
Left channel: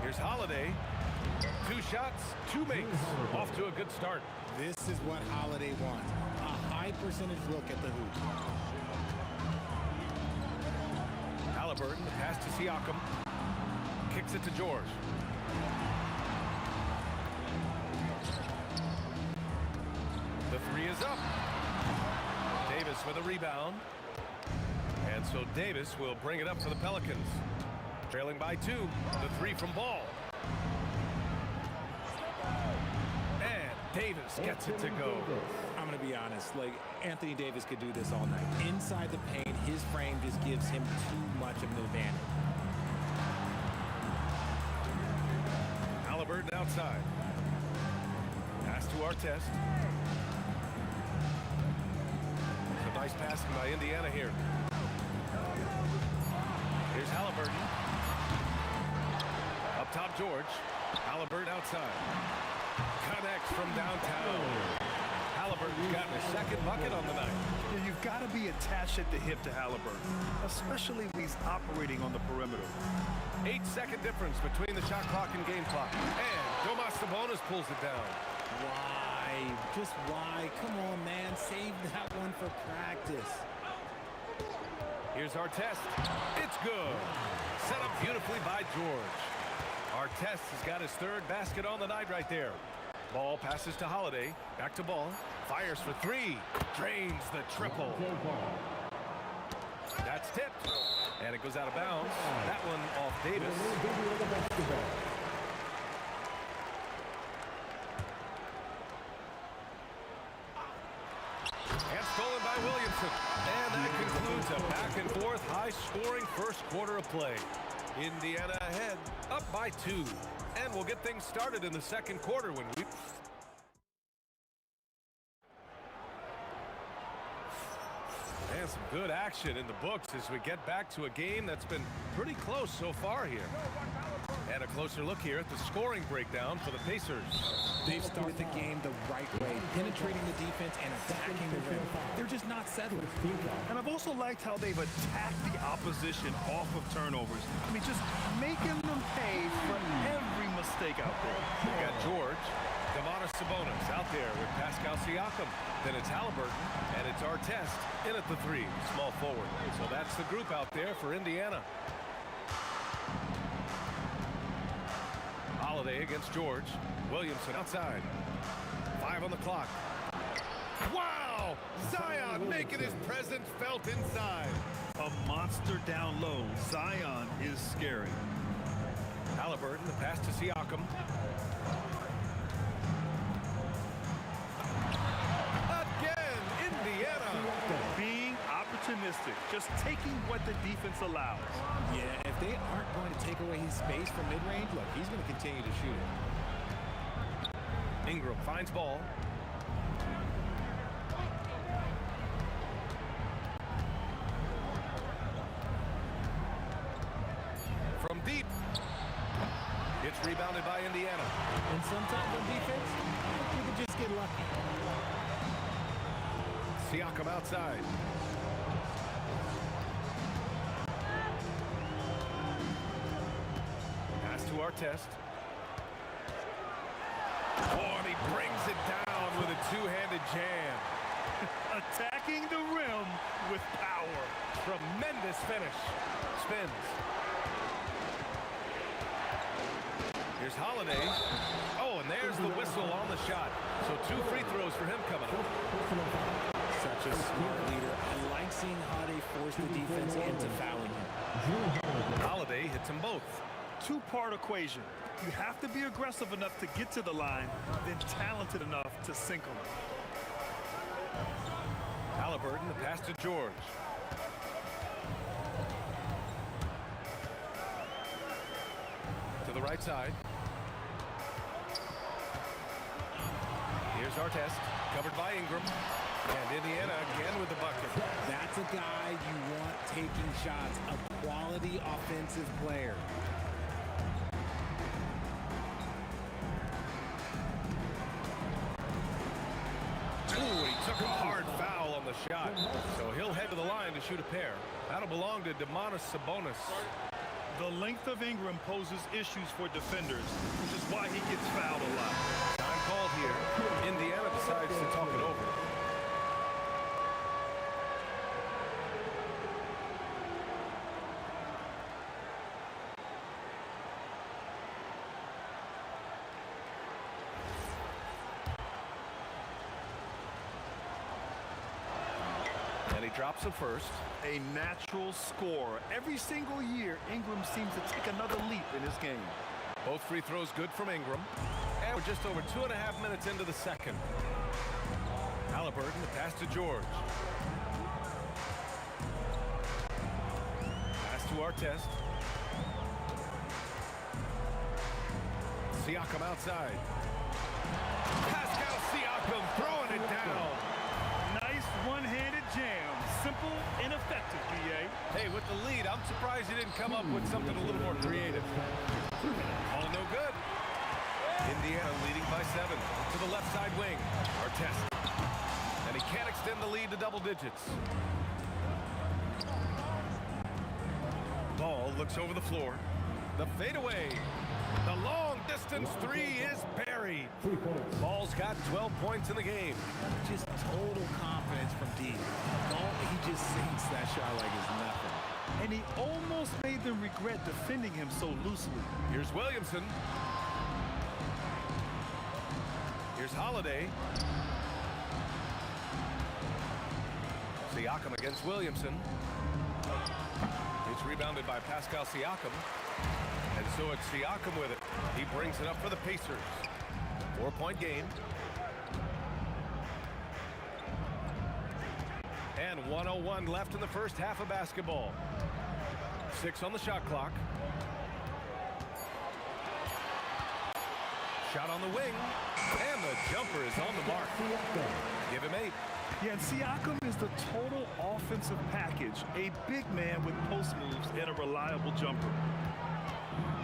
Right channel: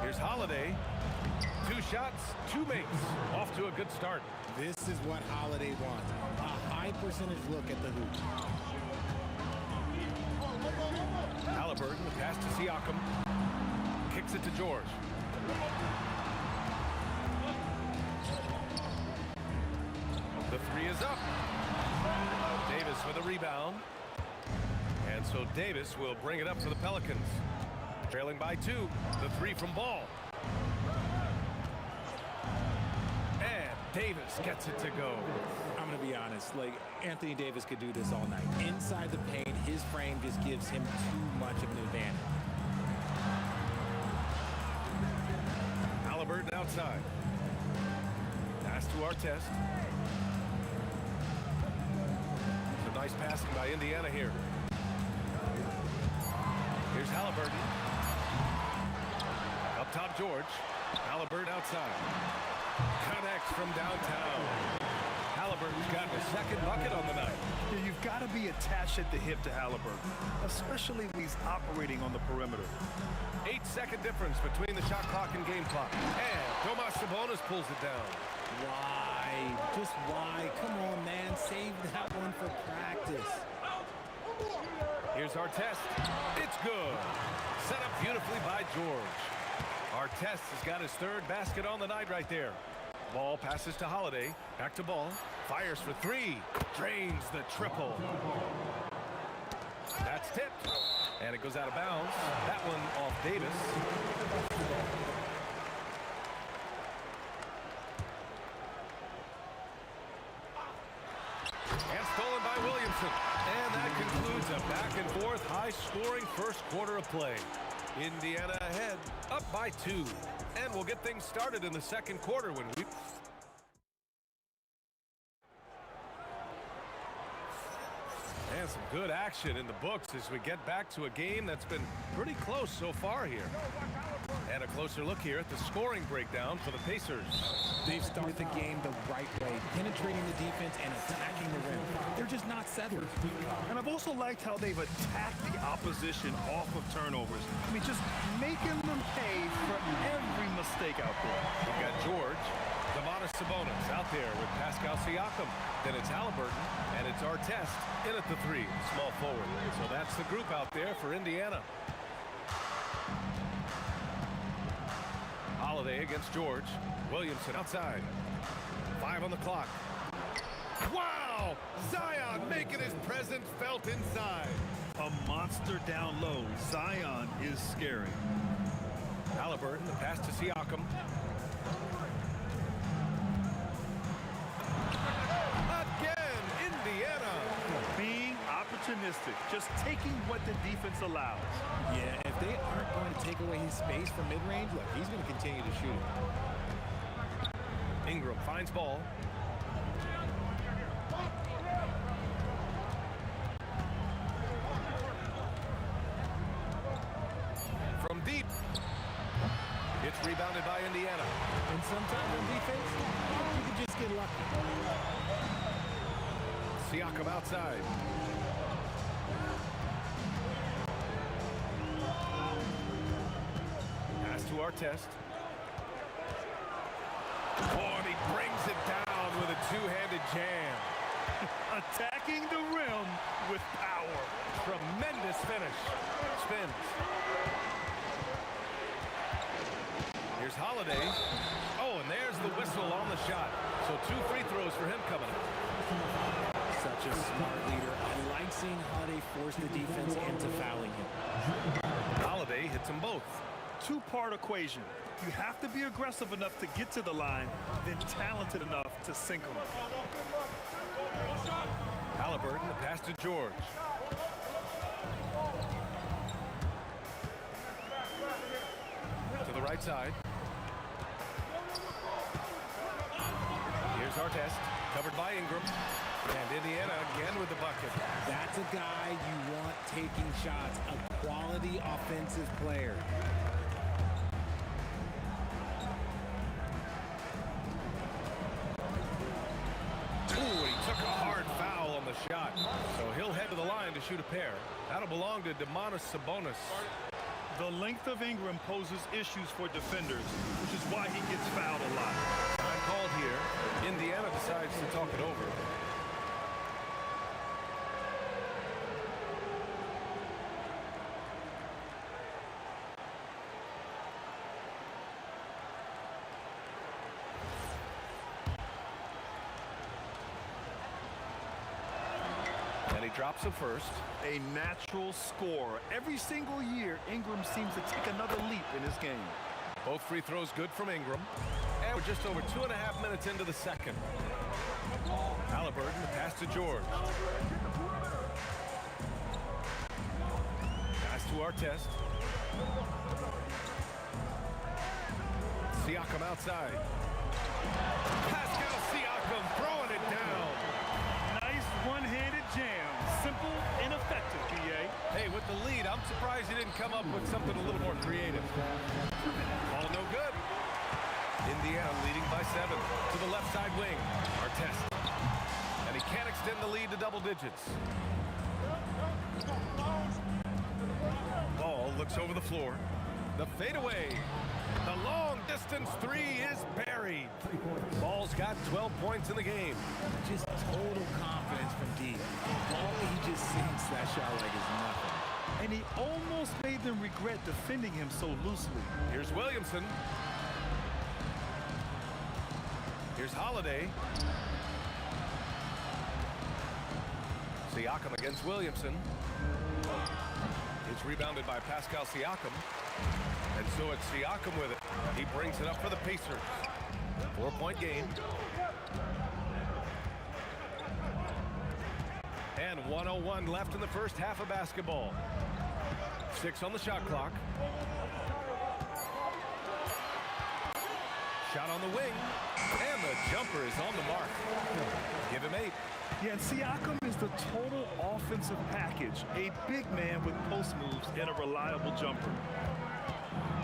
Here's Holiday. 2 shots, 2 makes. Off to a good start. This is what Holiday wants. A high percentage look at the hoop. Halliburton, the pass to Siakam. Kicks it to George. The 3 is up. Davis with a rebound. And so Davis will bring it up for the Pelicans. Trailing by 2. The 3 from Ball. And Davis gets it to go. I'm going to be honest. Like, Anthony Davis could do this all night. Inside the paint, his frame just gives him too much of an advantage. Halliburton outside. Pass to Artest. Some nice passing by Indiana here. Here's Halliburton. Up top, George. Halliburton outside. Connects from downtown. Halliburton's gotten his second bucket on the night. Yeah, you've got to be attached at the hip to Halliburton, especially when he's operating on the perimeter. 8-second difference between the shot clock and game clock. And Domas Sabonis pulls it down. Why? Just why? Come on, man. Save that one for practice. Here's our test. It's good. Set up beautifully by George. Artest has got his third basket on the night right there. Ball passes to Holiday. Back to Ball. Fires for three. Drains the triple. That's tipped. And it goes out of bounds. That one off Davis. And stolen by Williamson. And that concludes a back-and-forth, high-scoring first quarter of play. Indiana ahead, up by 2. And we'll get things started in the second quarter when we... And some good action in the books as we get back to a game that's been pretty close so far here. And a closer look here at the scoring breakdown for the Pacers. They've started the game the right way, penetrating the defense and attacking the rim. They're just not settling. And I've also liked how they've attacked the opposition off of turnovers. I mean, just making them pay for every mistake out there. We've got George, Domantas Sabonis out there with Pascal Siakam. Then it's Halliburton, and it's Artest in at the 3, small forward. So that's the group out there for Indiana. Holiday against George. Williamson outside. 5 on the clock. Wow! Zion making his presence felt inside. A monster down low. Zion is scary. Halliburton, the pass to Siakam. Again, Indiana. Being opportunistic, just taking what the defense allows. Yeah, if they aren't going to take away his space from mid-range, look, he's going to continue to shoot it. Ingram finds Ball. From deep. It's rebounded by Indiana. And sometimes on defense, you can just get lucky. Siakam outside. Pass to Artest. Oh, and he brings it down with a two-handed jam. Attacking the rim with power. Tremendous finish. Spins. Here's Holiday. Oh, and there's the whistle on the shot. So 2 free throws for him coming up. Such a smart leader. I like seeing Holiday force the defense into fouling him. Holiday hits them both. Two-part equation. You have to be aggressive enough to get to the line, then talented enough to sink them. Halliburton, the pass to George. To the right side. Here's Artest, covered by Ingram. And Indiana again with the bucket. That's a guy you want taking shots, a quality offensive player. Ooh, he took a hard foul on the shot. So he'll head to the line to shoot a pair. That'll belong to Domantas Sabonis. The length of Ingram poses issues for defenders, which is why he gets fouled a lot. Time called here. Indiana decides to talk it over. And he drops it first. A natural scorer. Every single year, Ingram seems to take another leap in his game. Both free throws good from Ingram. And we're just over 2.5 minutes into the second. Halliburton, the pass to George. Pass to Artest. Siakam outside. Pascal Siakam throwing it down. Nice one-handed jam. Simple and effective, B.A. Hey, with the lead, I'm surprised he didn't come up with something a little more creative. All no good. Indiana leading by 7 to the left side wing. Artest. And he can't extend the lead to double digits. Ball looks over the floor. The fadeaway. The long distance 3 is buried. buried. Ball's got 12 points in the game. Just total confidence from deep. Ball, he just sinks that shot like it's nothing. And he almost made them regret defending him so loosely. Here's Williamson. Here's Holiday. Siakam against Williamson. It's rebounded by Pascal Siakam. And so it's Siakam with it. He brings it up for the Pacers. 4-point game. And 1:01 left in the first half of basketball. 6 on the shot clock. Shot on the wing. And the jumper is on the mark. Give him 8. Yeah, and Siakam is the total offensive package. A big man with post moves and a reliable jumper.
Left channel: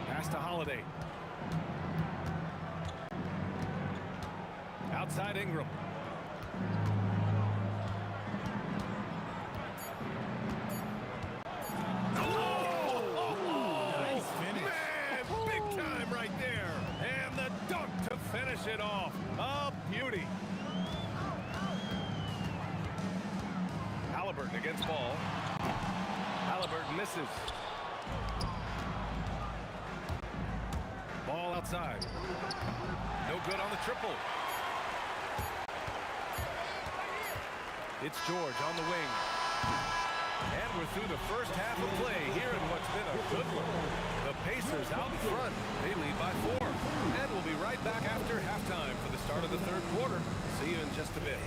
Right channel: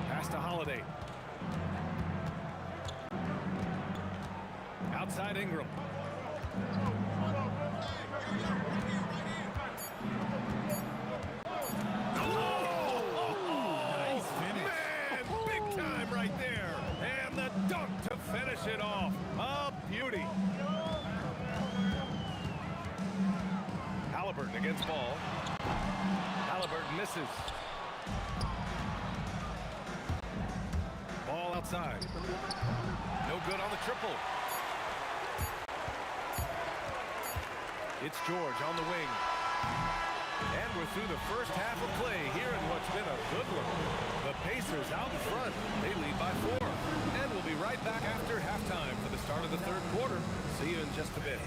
Pass to Holiday. Outside Ingram. Nice finish. Man, big time right there. And the dunk to finish it off. A beauty. Halliburton against Ball. Halliburton misses. Ball outside. No good on the triple. It's George on the wing. And we're through the first half of play here in what's been a good one. The Pacers out in front. They lead by 4. And we'll be right back after halftime for the start of the third quarter. See you in just a bit.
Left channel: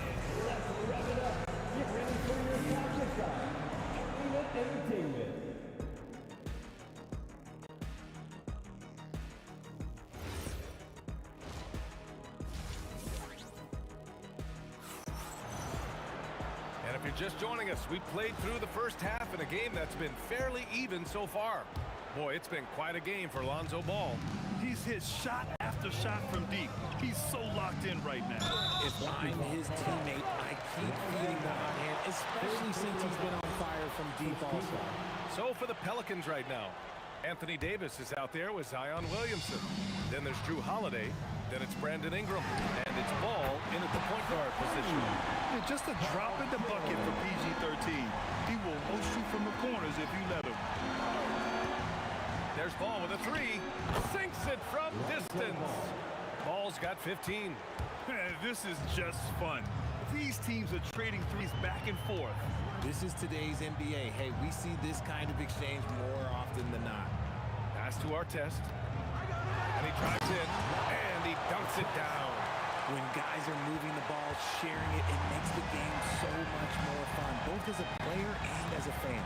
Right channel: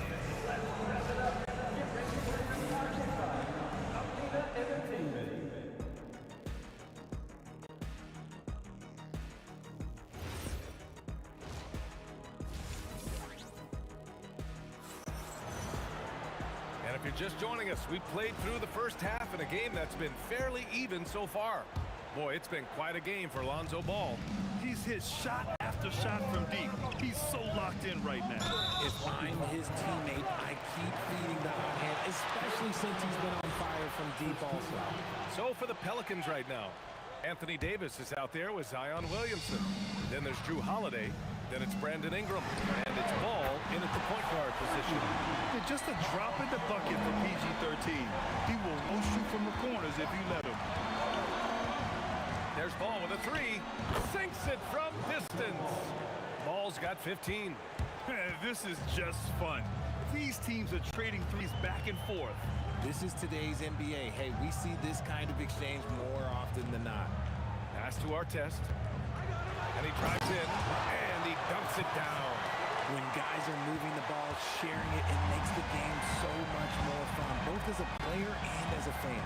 And if you're just joining us, we played through the first half in a game that's been fairly even so far. Boy, it's been quite a game for Lonzo Ball. He's hit shot after shot from deep. He's so locked in right now. If I'm his teammate, I keep feeding the hot hand, especially since he's been on fire from deep also. So for the Pelicans right now, Anthony Davis is out there with Zion Williamson. Then there's Drew Holiday. Then it's Brandon Ingram. And it's Ball in at the point guard position. Yeah, just a drop in the bucket for PG-13. He will roast you from the corners if you let him. There's Ball with a 3. Sinks it from distance. Ball's got 15. This is just fun. These teams are trading threes back and forth. This is today's NBA. Hey, we see this kind of exchange more often than not. Pass to Artest. And he drives in. And he dunks it down. When guys are moving the ball, sharing it, it makes the game so much more fun, both as a player and as a fan.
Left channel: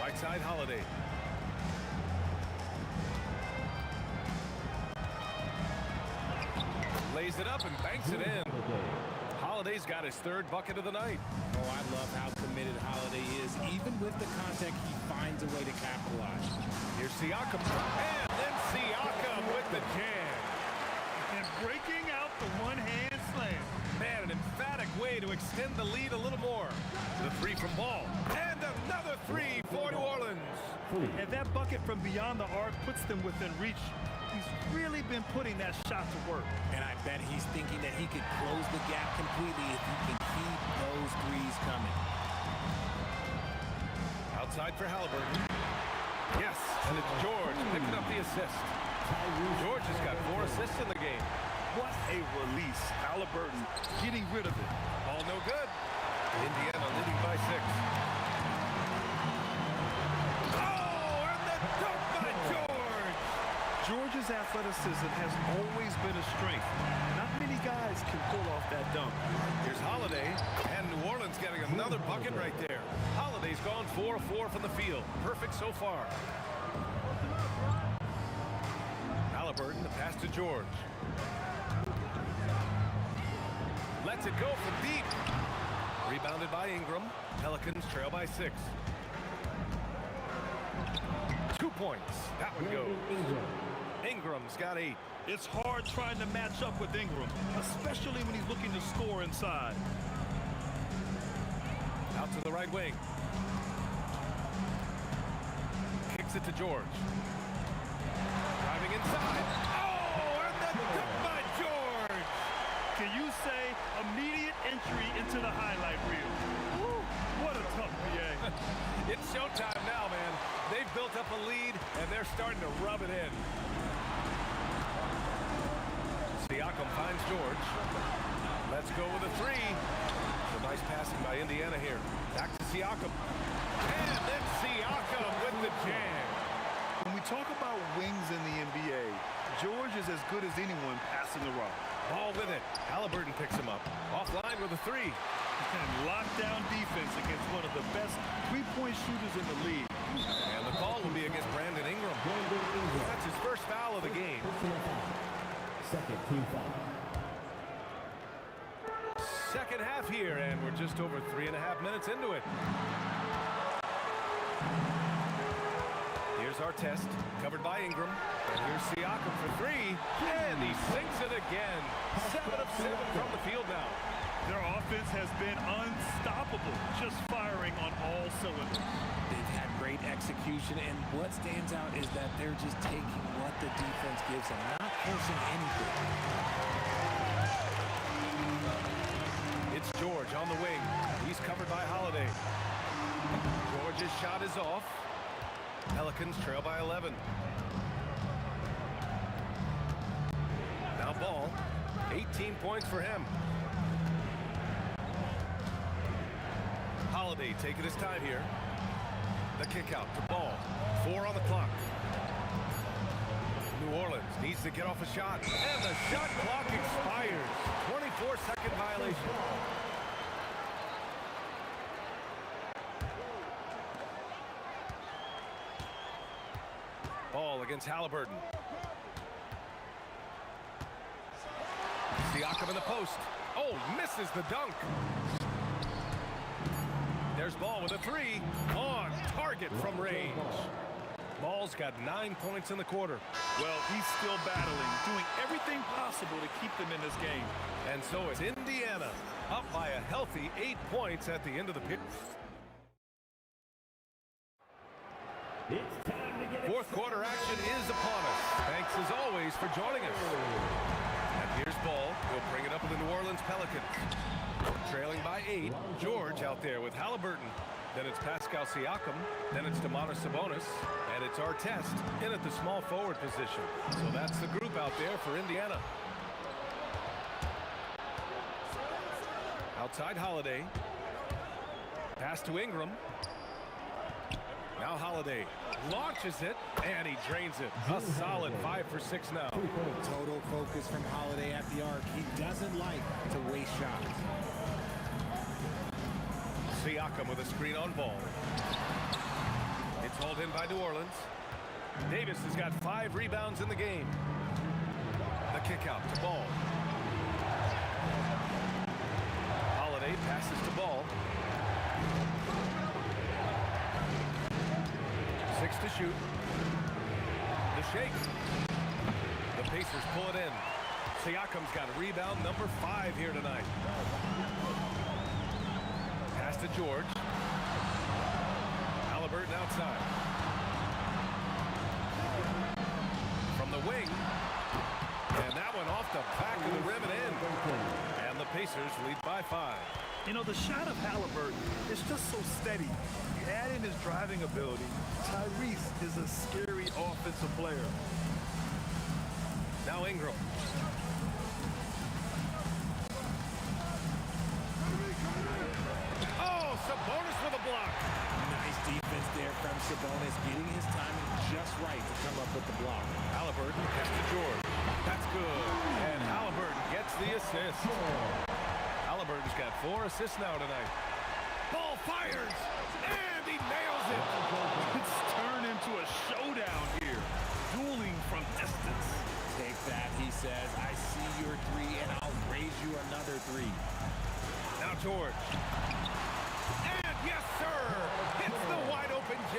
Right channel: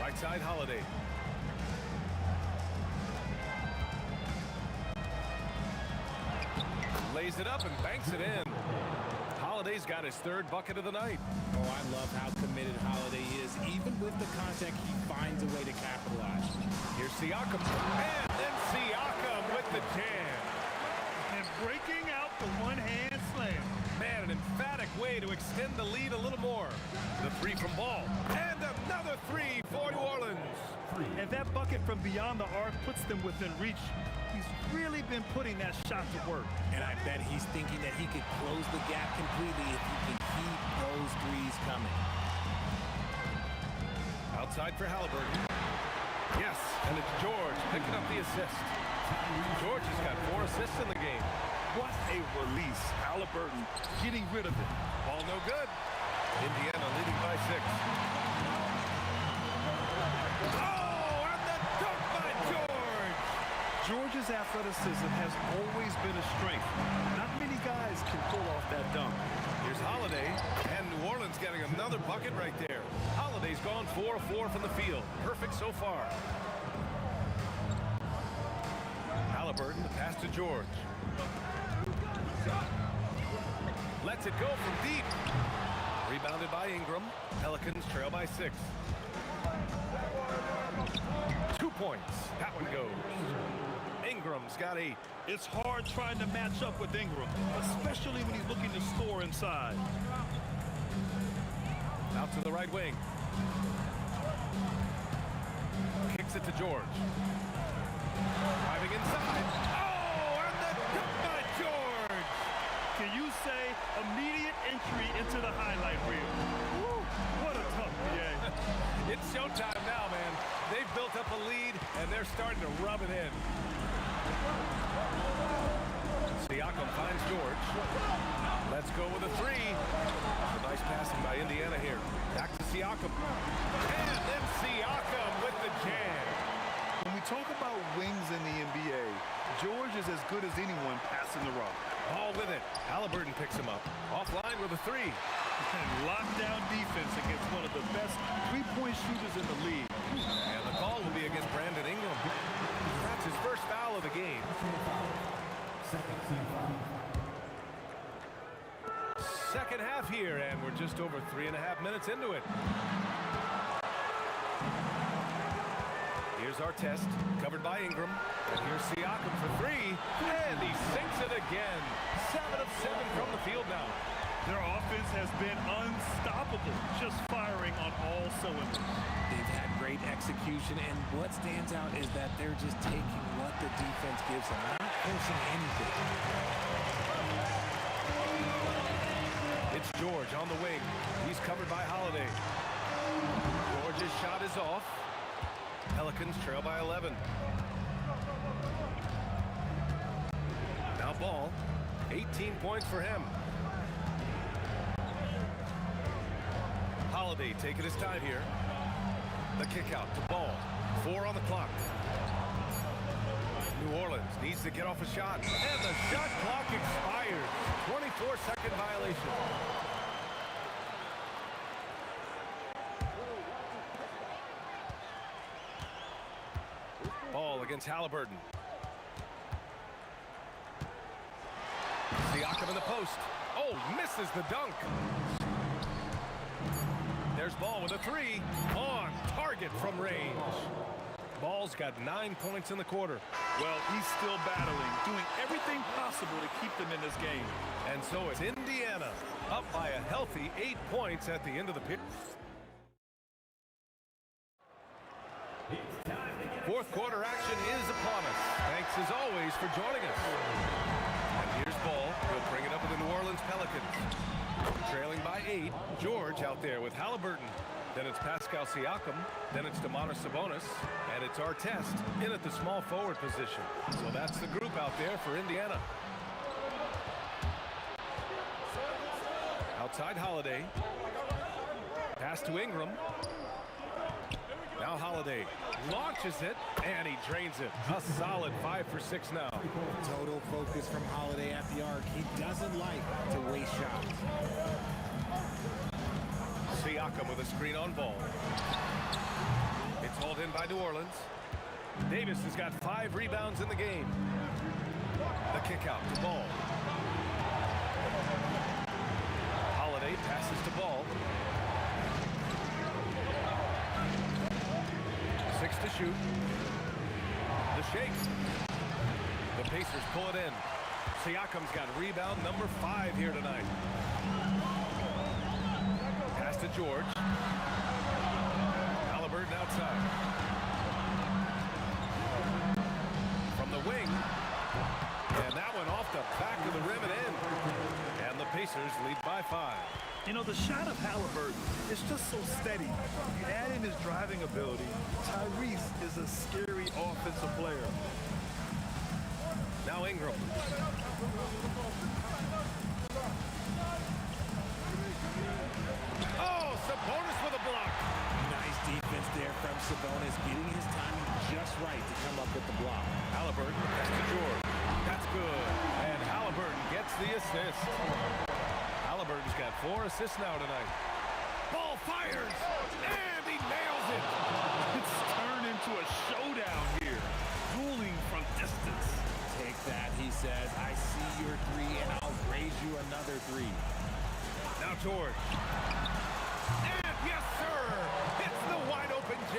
Right side Holiday. Lays it up and banks it in. Holiday's got his 3rd bucket of the night. Oh, I love how committed Holiday is. Even with the contact, he finds a way to capitalize. Here's Siakam. And then Siakam with the jam. And breaking out the one-hand slam. Man, an emphatic way to extend the lead a little more. The 3 from Ball. And another 3 for New Orleans. And that bucket from beyond the arc puts them within reach. He's really been putting that shot to work. And I bet he's thinking that he could close the gap completely if he can keep those threes coming. Outside for Halliburton. Yes, and it's George picking up the assist. George has got 4 assists in the game. What a release. Halliburton getting rid of it. Ball no good. Indiana leading by 6. Oh, and the dunk by George. George's athleticism has always been a strength. Not many guys can pull off that dunk. Here's Holiday, and New Orleans getting another bucket right there. Holiday's gone 4 of 4 from the field. Perfect so far. Halliburton, the pass to George. Lets it go from deep. Rebounded by Ingram. Pelicans trail by 6. 2 points. That one goes. Ingram's got 8. It's hard trying to match up with Ingram, especially when he's looking to score inside. Out to the right wing. Kicks it to George. Going inside. Oh, and the dunk by George. Can you say immediate entry into the highlight reel? Woo, what a tough PA. It's showtime now, man. They've built up a lead, and they're starting to rub it in. Siakam finds George. Let's go with a three. A nice passing by Indiana here. Back to Siakam. And then Siakam with the jam. When we talk about wings in the NBA, George is as good as anyone passing the rock. Ball with it. Halliburton picks him up. Offline with a three. And lockdown defense against one of the best three-point shooters in the league. And the call will be against Brandon Ingram. That's his first foul of the game. Second team foul. Second half here, and we're just over 3.5 minutes into it. Here's our test, covered by Ingram. And here's Siakam for three, and he sinks it again. 7 of 7 from the field now. Their offense has been unstoppable, just firing on all cylinders. They've had great execution, and what stands out is that they're just taking what the defense gives them, not forcing anything. It's George on the wing. He's covered by Holiday. George's shot is off. Pelicans trail by 11. Now Ball, 18 points for him. Holiday taking his time here. The kick out to Ball. 4 on the clock. New Orleans needs to get off a shot. And the shot clock expires. 24-second violation. Ball against Halliburton. Siakam in the post. Oh, he misses the dunk. There's Ball with a three. On target from range. Ball's got 9 points in the quarter. Well, he's still battling, doing everything possible to keep them in this game. And so it's Indiana up by a healthy 8 points at the end of the period. Fourth quarter action is upon us. Thanks as always for joining us. And here's Ball. He'll bring it up with the New Orleans Pelicans. Trailing by 8. George out there with Halliburton. Then it's Pascal Siakam. Then it's Domantas Sabonis. And it's our test in at the small forward position. So that's the group out there for Indiana. Outside Holiday. Pass to Ingram. Now Holiday launches it, and he drains it. A solid 5 for 6 now. Total focus from Holiday at the arc. He doesn't like to waste shots. Siakam with a screen on Ball. It's hauled in by New Orleans. Davis has got 5 rebounds in the game. The kick out to Ball. Holiday passes to Ball. 6 to shoot. The shake. The Pacers pull it in. Siakam's got rebound number 5 here tonight. Pass to George. Halliburton outside. From the wing. And that one off the back of the rim and in. And the Pacers lead by 5. You know, the shot of Halliburton is just so steady. You add in his driving ability, Tyrese is a scary offensive player. Now Ingram. Oh, Sabonis with a block. Nice defense there from Sabonis, getting his timing just right to come up with the block. Halliburton, pass to George. That's good. And Halliburton gets the assist. Halliburton's got 4 assists now tonight. Ball fires, and he nails it. It's turned into a showdown here, dueling from distance. Take that, he says. I see your 3, and I'll raise you another 3. Now George. And yes, sir, hits the wide open J.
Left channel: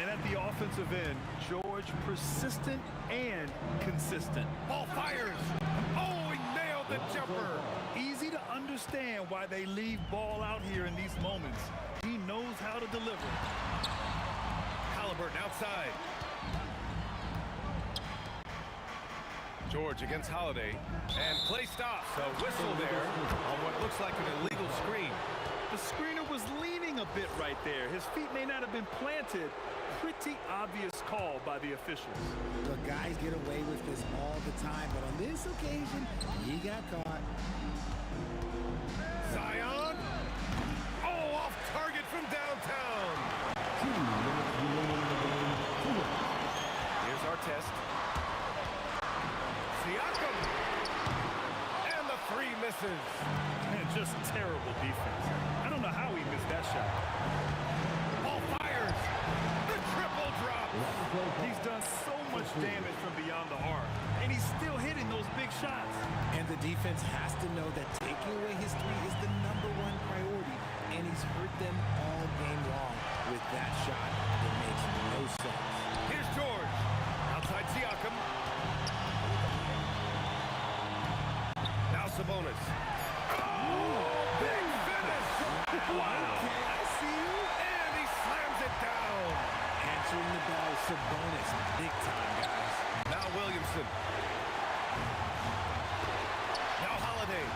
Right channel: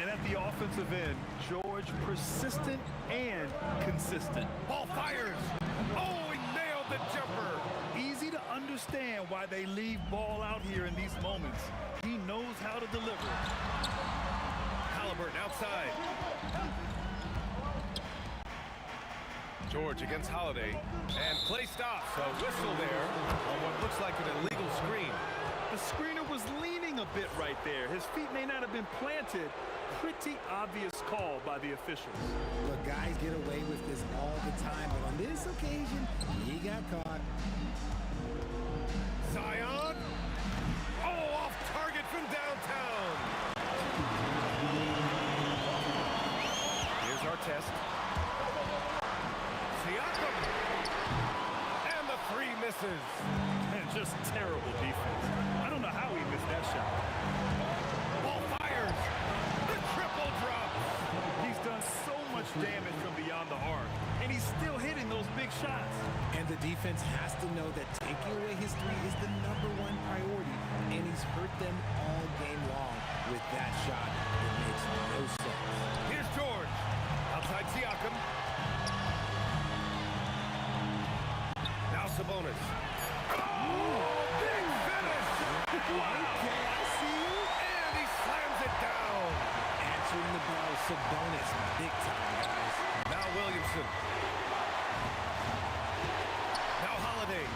And at the offensive end, George persistent and consistent. Ball fires. Oh, he nailed the jumper. Easy to understand why they leave Ball out here in these moments. He knows how to deliver. Halliburton outside. George against Holiday, and play stops. So whistle there on what looks like an illegal screen. The screener was leaning a bit right there. His feet may not have been planted. Pretty obvious call by the officials. Look, guys get away with this all the time, but on this occasion, he got caught. Zion. Oh, off target from downtown. Here's our test. Siakam. And the three misses. And just terrible defense. I don't know how he missed that shot. Ball fires. The triple drop. He's done so much damage from beyond the arc, and he's still hitting those big shots. And the defense has to know that taking away his three is the #1 priority, and he's hurt them all game long with that shot that makes no sense. Here's George. Outside Siakam. Now Sabonis. Oh, big finish. Wow. Okay, I see you. And he slams it down. Answering the bell, Sabonis, big time, guys. Now Williamson. Now Holiday.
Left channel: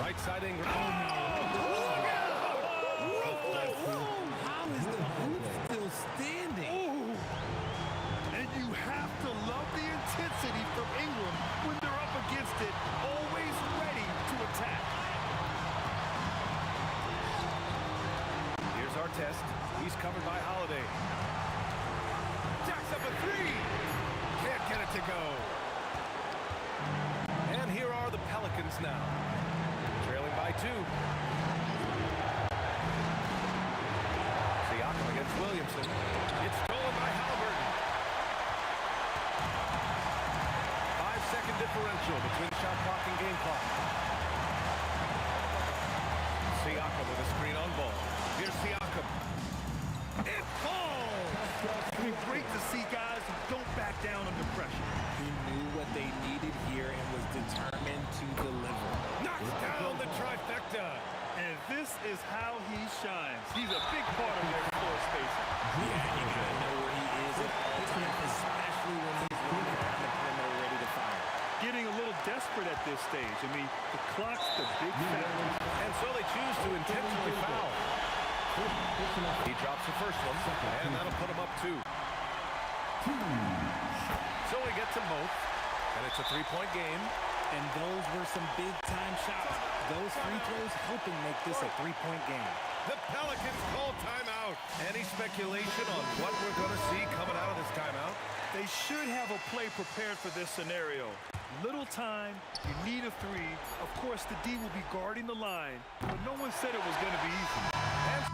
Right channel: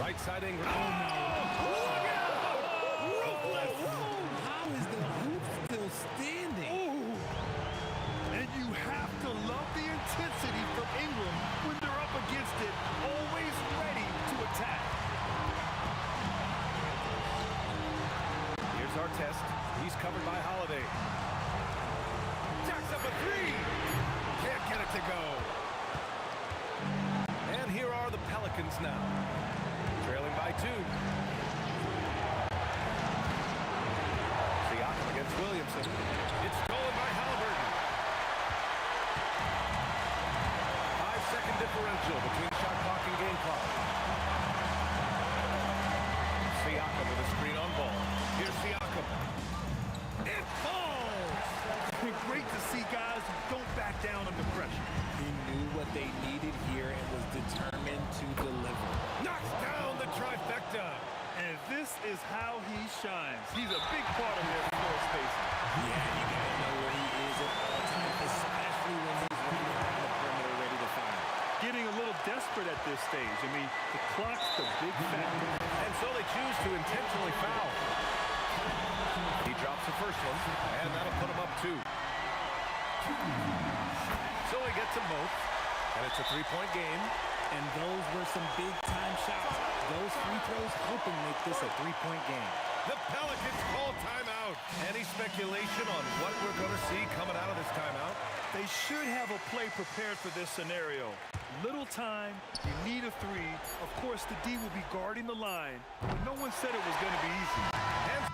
Right side Ingram. Oh, look out! Ruthless. How is the hoop still standing? Ooh. And you have to love the intensity from Ingram when they're up against it, always ready to attack. Here's our test. He's covered by Holiday. Jacks up a three. Can't get it to go. And here are the Pelicans now. Trailing by 2. Siakam against Williamson. It's stolen by Halliburton. 5-second differential between shot clock and game clock. Siakam with a screen on ball. Here's Siakam. It falls! Great to see guys who don't back down under pressure. He knew what they needed here and was determined to deliver. Knocks down the trifecta. And this is how he shines. He's a big part of their floor spacing. Yeah, you gotta know where he is at all times, especially when he's running around the perimeter ready to fire. Getting a little desperate at this stage. I mean, the clock's the big factor. And so they choose to intentionally foul. He drops the first one, and that'll put him up 2. So he gets them both, and it's a 3-point game. And those were some big-time shots. Those free throws helping make this a 3-point game. The Pelicans call timeout. Any speculation on what we're going to see coming out of this timeout? They should have a play prepared for this scenario. Little time, you need a 3. Of course, the D will be guarding the line, but no one said it was going to be easy. And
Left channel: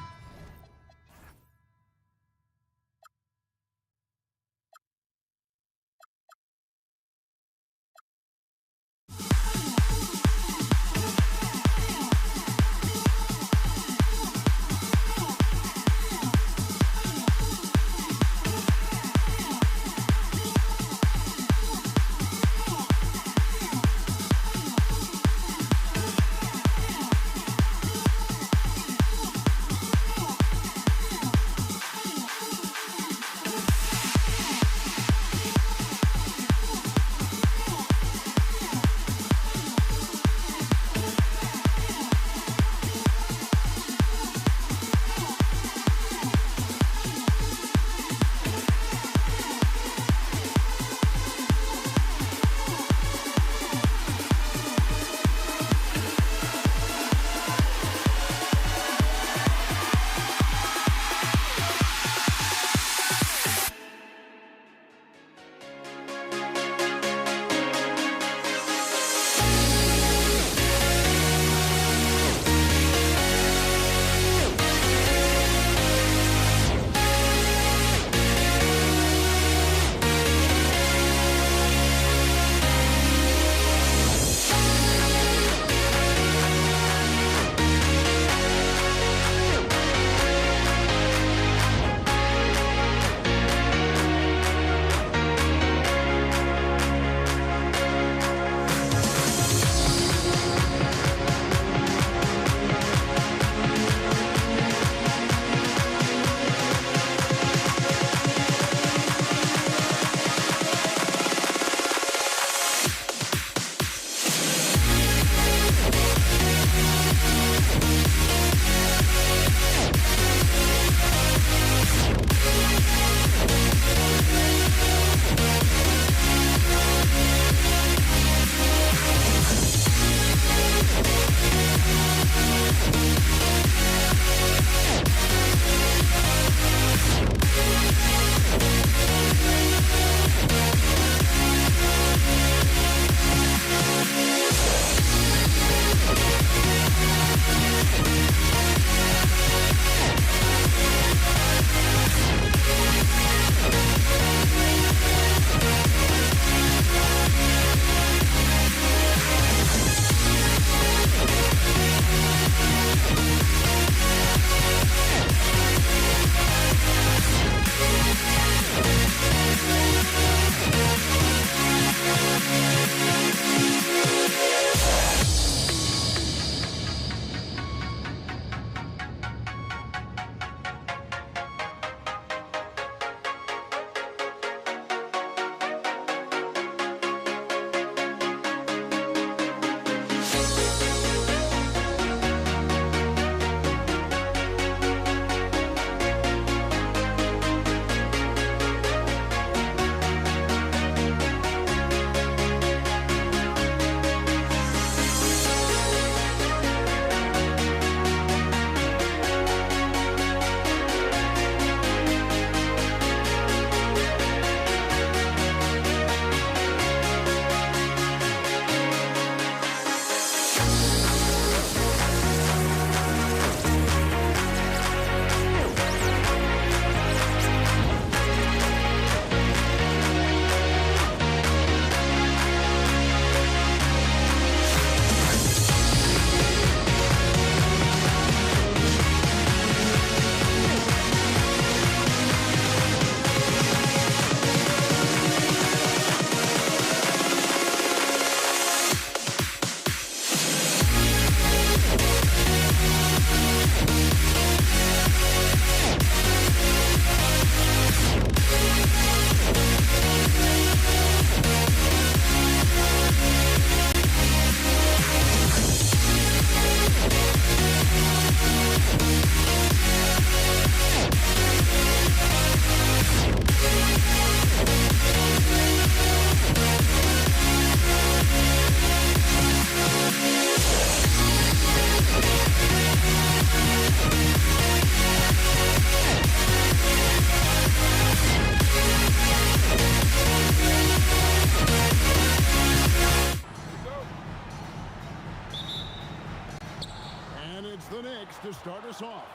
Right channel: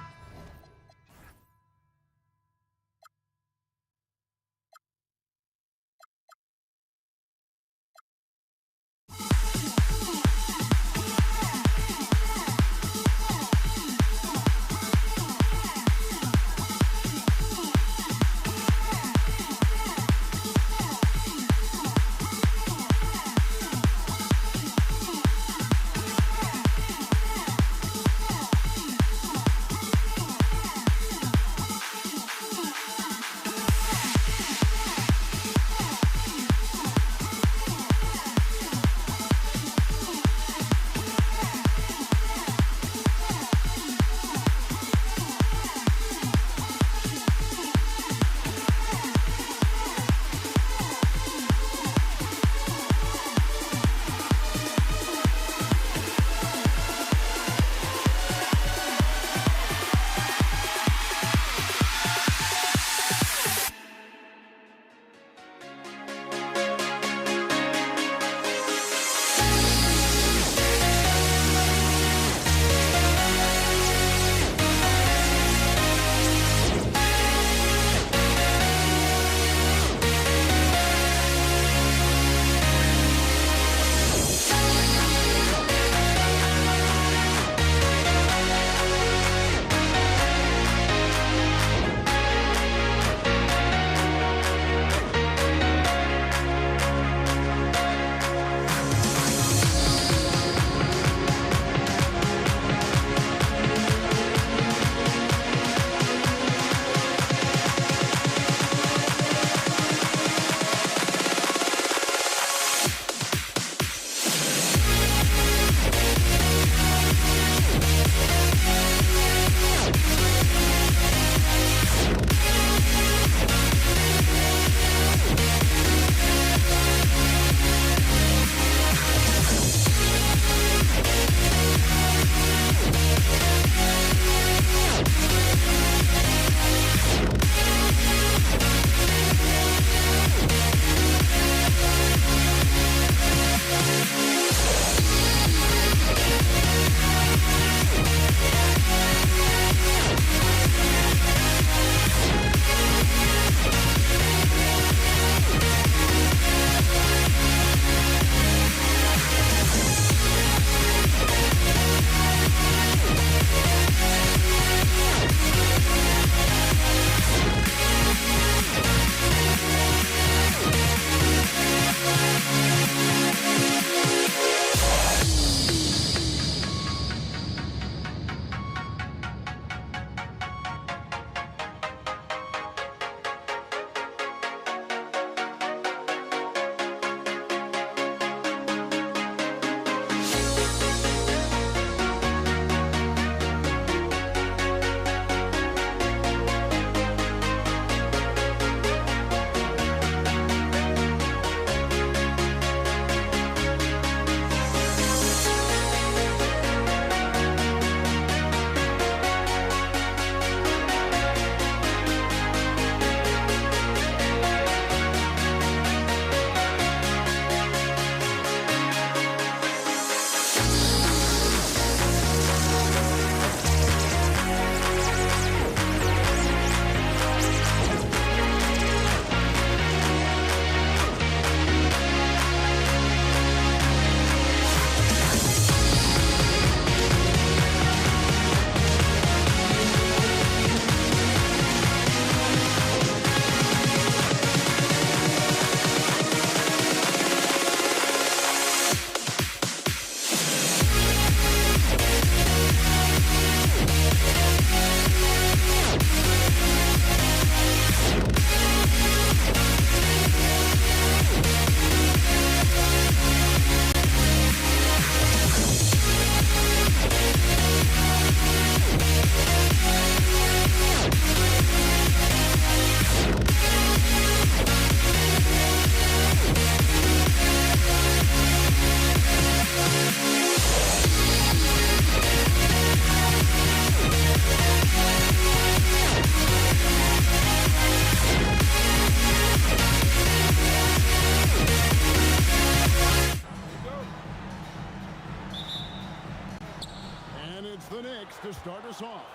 the Knicks to start us off.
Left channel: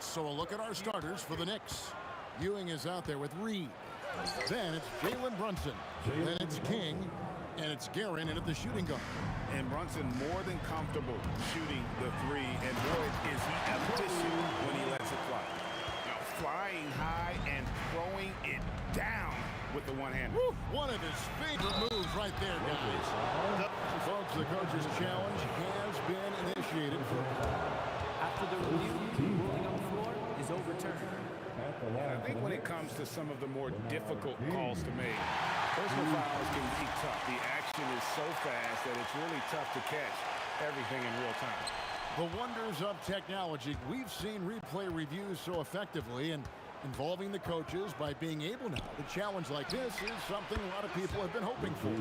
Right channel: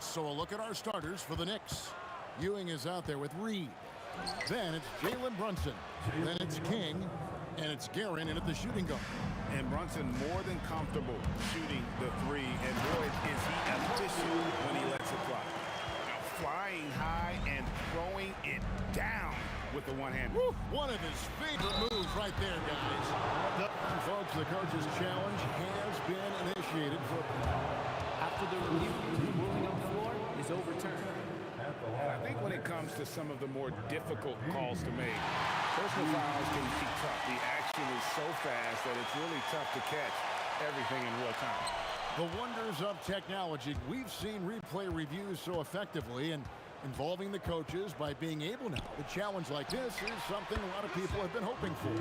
So a look at our starters for the Knicks. Ewing is out there with Reed. Then it's Jalen Brunson. Then it's King. And it's Guerin in at the shooting guard. And Brunson more than comfortable shooting the three. And boy, is he efficient when he lets it fly. Now flying high and throwing it down with the one-hander. One of his favorite moves right there, guys. And folks, the coach's challenge has been initiated for... After the review, the ruling on the floor is overturned. And I think when it comes to some of the more difficult calls to make, personal fouls can be tough. The action is so fast that it's really tough to catch everything in real time. The wonders of technology. We've seen replay reviews so effectively, and involving the coaches by being able now to challenge like this is something a lot of people have been hoping for.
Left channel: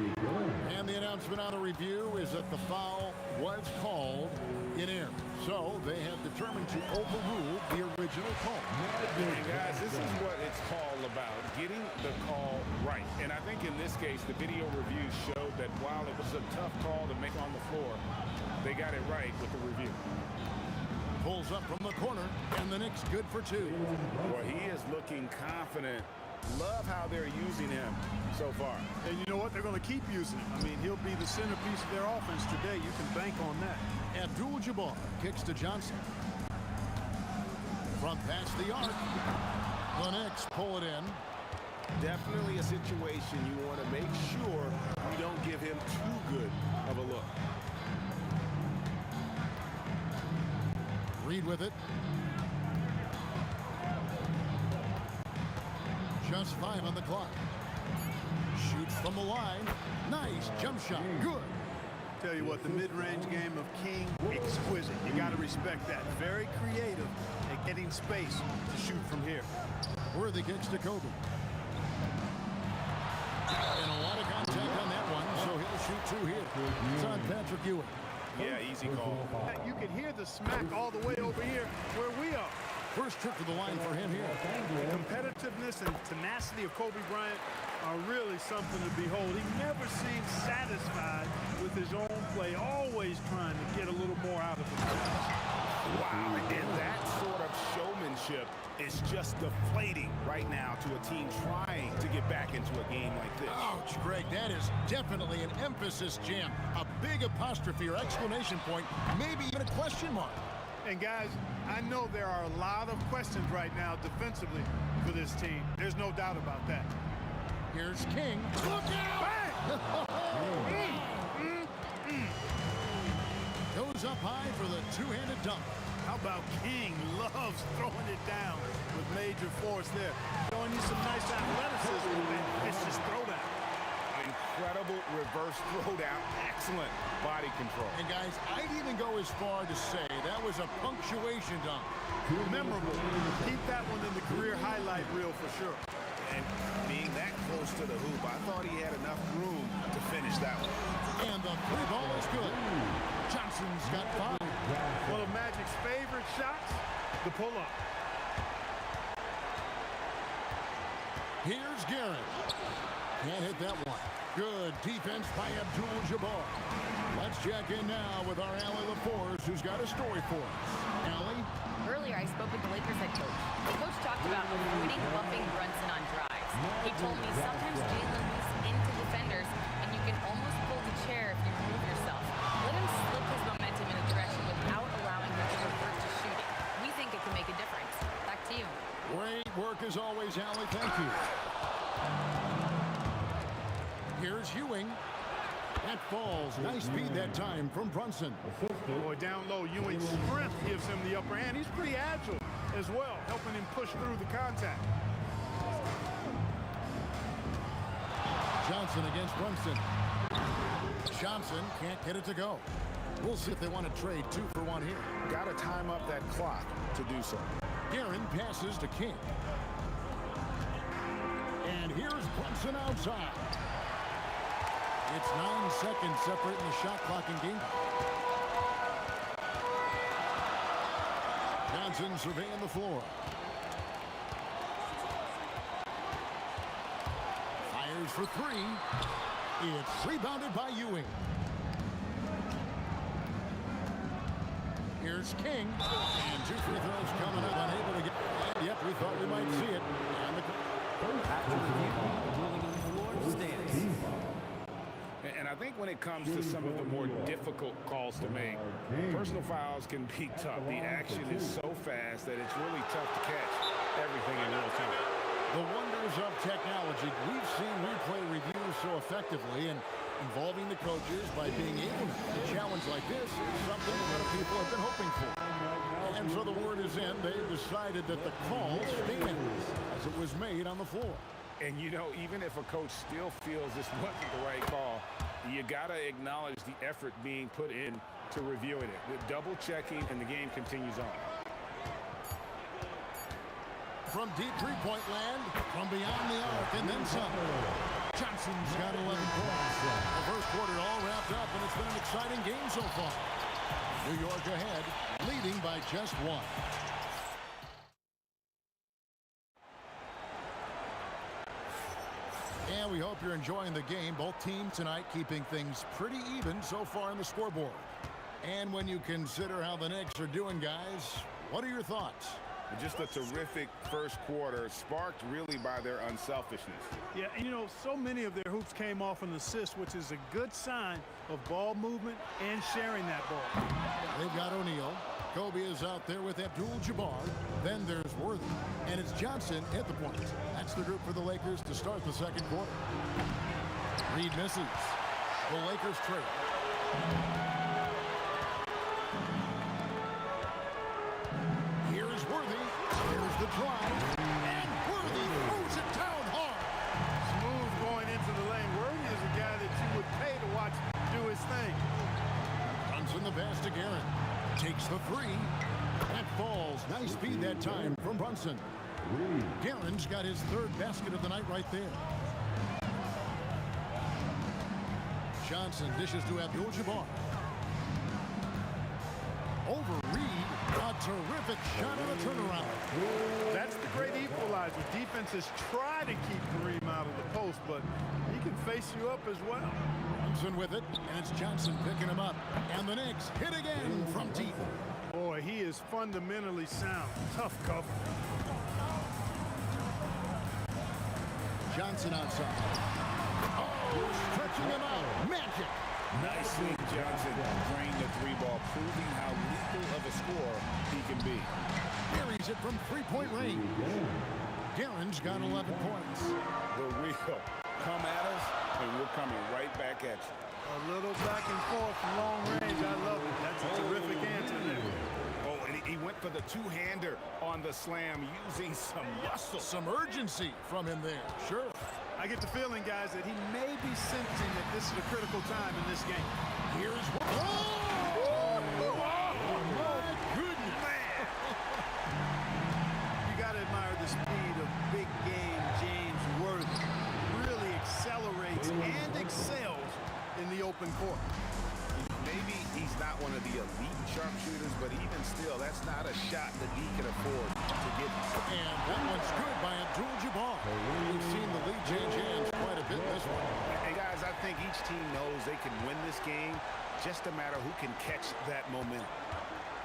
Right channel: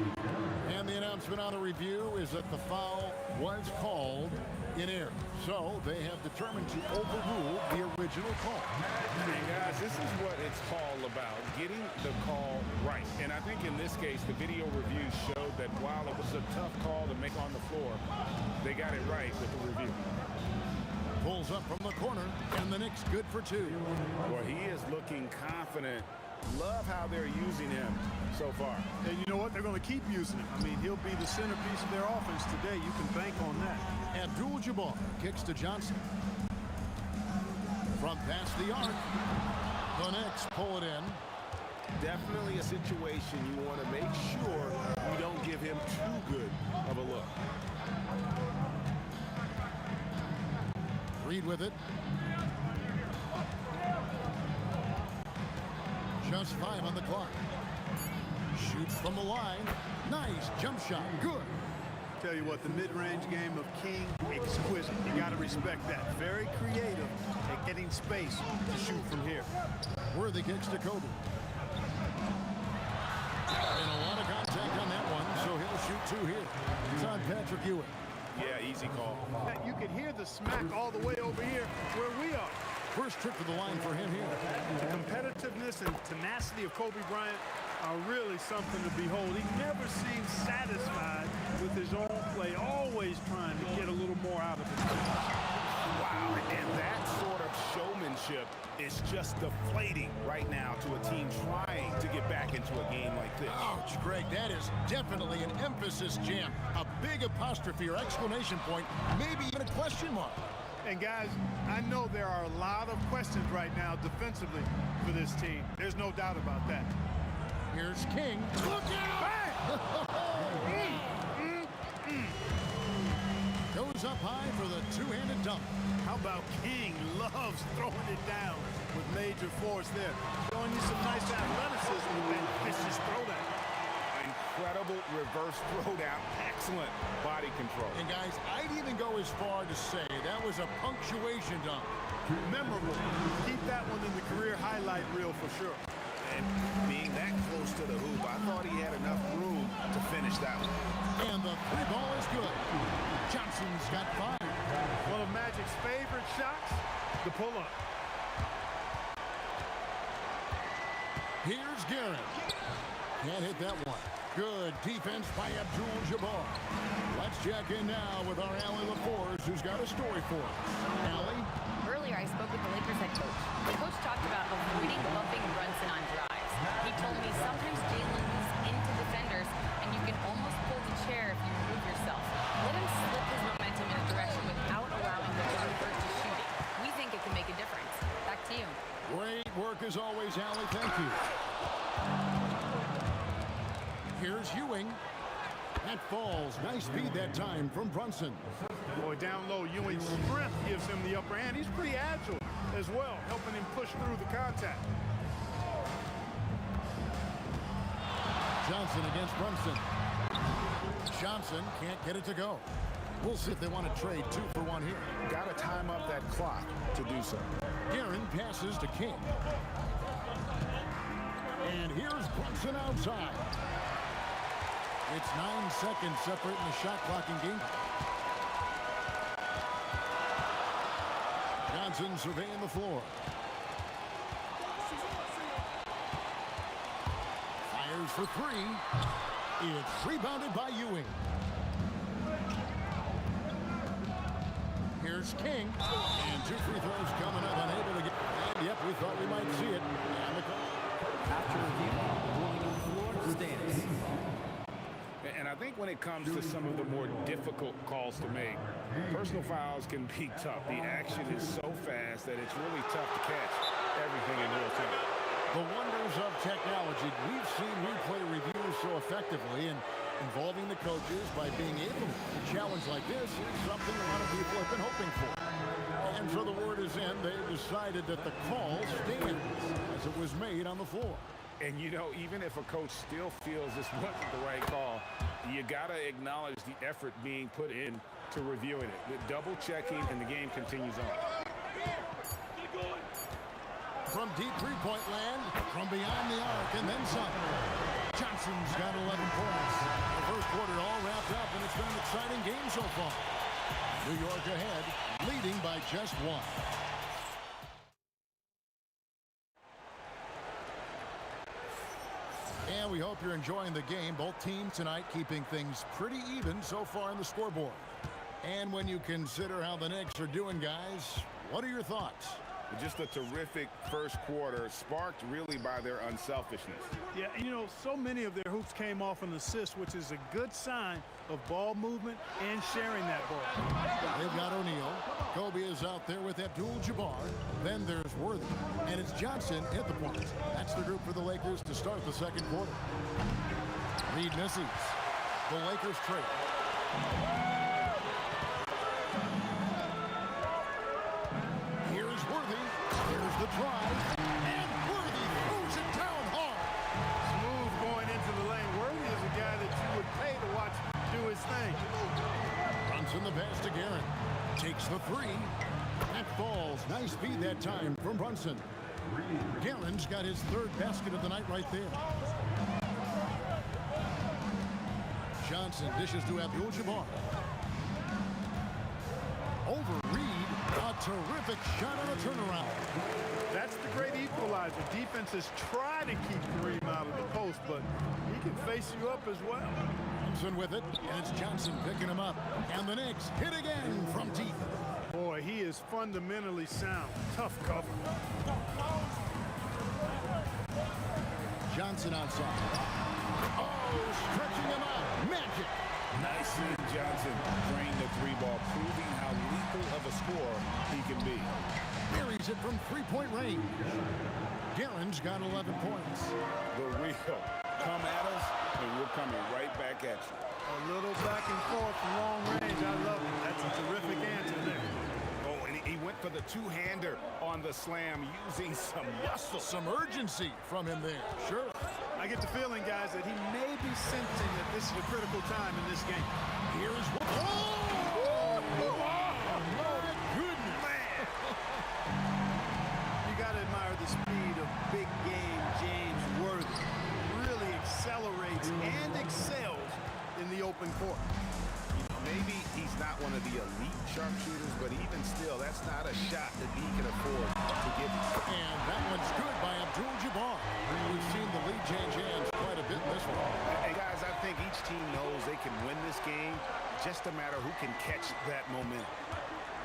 And the announcement on the review is that the foul was called in error. So they have determined to overrule the original call. And guys, this is what it's all about, getting the call right. And I think in this case, the video review showed that while it was a tough call to make on the floor, they got it right with the review. Pulls up from the corner, and the Knicks good for two. Boy, he is looking confident. Love how they're using him so far. And you know what? They're going to keep using him. I mean, he'll be the centerpiece of their offense today. You can bank on that. Abdul-Jabbar kicks to Johnson. From past the arc, the Knicks pull it in. Definitely a situation you want to make sure you don't give him too good of a look. Reed with it. Just 5 on the clock. Shoots from the line. Nice jump shot. Good. Tell you what, the mid-range game of King, exquisite. You got to respect that. Very creative at getting space to shoot from here. Worthy kicks to Kobe. And a lot of contact on that one, so he'll shoot 2 here. It's on Patrick Ewing. Yeah, easy call. You can hear the smack all the way over here where we are. First trip to the line for him here. The competitiveness and tenacity of Kobe Bryant are really something to behold. He never seems satisfied with his own play, always trying to get a little more out of it. Wow, and that sort of showmanship is just deflating right now to a team trying to get back into a game like this. Ouch, Greg, that is definitely an emphasis jam. A big apostrophe or exclamation point, maybe even a question mark. And guys, I know there are a lot of questions right now defensively for this team. There's no doubt about that. Here's King. Look out! Goes up high for the two-handed dunk. How about King loves throwing it down with major force there. Showing you some nice athleticism with that vicious throwdown. Incredible reverse throwdown. Excellent body control. And guys, I'd even go as far to say that was a punctuation dunk. Memorable. Keep that one in the career highlight reel for sure. And being that close to the hoop, I thought he had enough room to finish that one. And the 3-ball is good. Johnson's got 5. One of Magic's favorite shots, the pull-up. Here's Guerin. Can't hit that one. Good defense by Abdul-Jabbar. Let's check in now with our Allie LaForce, who's got a story for us. Allie? Earlier, I spoke with the Lakers head coach. The coach talked about avoiding bumping Brunson on drives. He told me sometimes Jalen moves into defenders, and you can almost pull the chair if you remove yourself. Let him slip his momentum in a direction without allowing him to revert to shooting. We think it can make a difference. Back to you. Great work as always, Allie. Thank you. Here's Ewing. That falls. Nice speed that time from Brunson. Boy, down low, Ewing's strength gives him the upper hand. He's pretty agile as well, helping him push through the contact. Johnson against Brunson. Johnson can't get it to go. We'll see if they want to trade 2 for 1 here. Got to time up that clock to do so. Guerin passes to King. And here's Brunson outside. It's 9 seconds separating the shot clock and game. Johnson surveying the floor. Fires for 3. It's rebounded by Ewing. Here's King. And 2 free throws coming up, unable to get. And yep, we thought we might see it. And the After review, the ruling on the floor stands. And I think when it comes to some of the more difficult calls to make, personal fouls can be tough. The action is so fast that it's really tough to catch everything in real time. The wonders of technology. We've seen replay reviews so effectively, and involving the coaches by being able now to challenge like this is something a lot of people have been hoping for. And so the word is in. They've decided that the call stands as it was made on the floor. And, you know, even if a coach still feels this wasn't the right call, you got to acknowledge the effort being put in to reviewing it. The double checking, and the game continues on. From deep three-point land, from beyond the arc, and then some. Johnson's got 11 points. The first quarter all wrapped up, and it's been an exciting game so far. New York ahead, leading by just 1. And we hope you're enjoying the game. Both teams tonight keeping things pretty even so far on the scoreboard. And when you consider how the Knicks are doing, guys, what are your thoughts? Just a terrific first quarter, sparked really by their unselfishness. Yeah, and you know, so many of their hoops came off an assist, which is a good sign of ball movement and sharing that ball. They've got O'Neal. Kobe is out there with Abdul-Jabbar. Then there's Worthy. And it's Johnson at the point. That's the group for the Lakers to start the second quarter. Reed misses. The Lakers trail. Here's Worthy. Here's the drive. And Worthy throws it down hard. Smooth going into the lane. Worthy is a guy that you would pay to watch do his thing. Brunson the pass to Guerin. Takes the 3. That falls. Nice speed that time from Brunson. Guerin's got his 3rd basket of the night right there. Johnson dishes to Abdul-Jabbar. Over Reed. A terrific shot on a turnaround. That's the great equalizer. Defenses try to keep Kareem out of the post, but he can face you up as well. Brunson with it, and it's Johnson picking him up. And the Knicks hit again from deep. Boy, he is fundamentally sound. Tough cover. Johnson outside. Oh, stretching him out. Magic. Nice seeing Johnson drain the 3-ball, proving how lethal of a scorer he can be. Buries it from 3-point range. Guerin's got 11 points. The real come at us, and we're coming right back at you. A little back and forth from long range. I love it. That's a terrific answer there. Oh, and he went for the 2-hander on the slam, using some muscle. Some urgency from him there. Sure. I get the feeling, guys, that he may be sensing that this is a critical time in this game. Here's what. Oh, my goodness. Man. You got to admire the speed of big game James Worthy. Really accelerates and excels in the open court. You know, maybe he's not one of the elite sharpshooters, but even still, that's not a shot that he can afford to give. And that one's good by Abdul-Jabbar. We've seen the lead change hands quite a bit in this one. And guys, I think each team knows they can win this game, just a matter who can catch that momentum.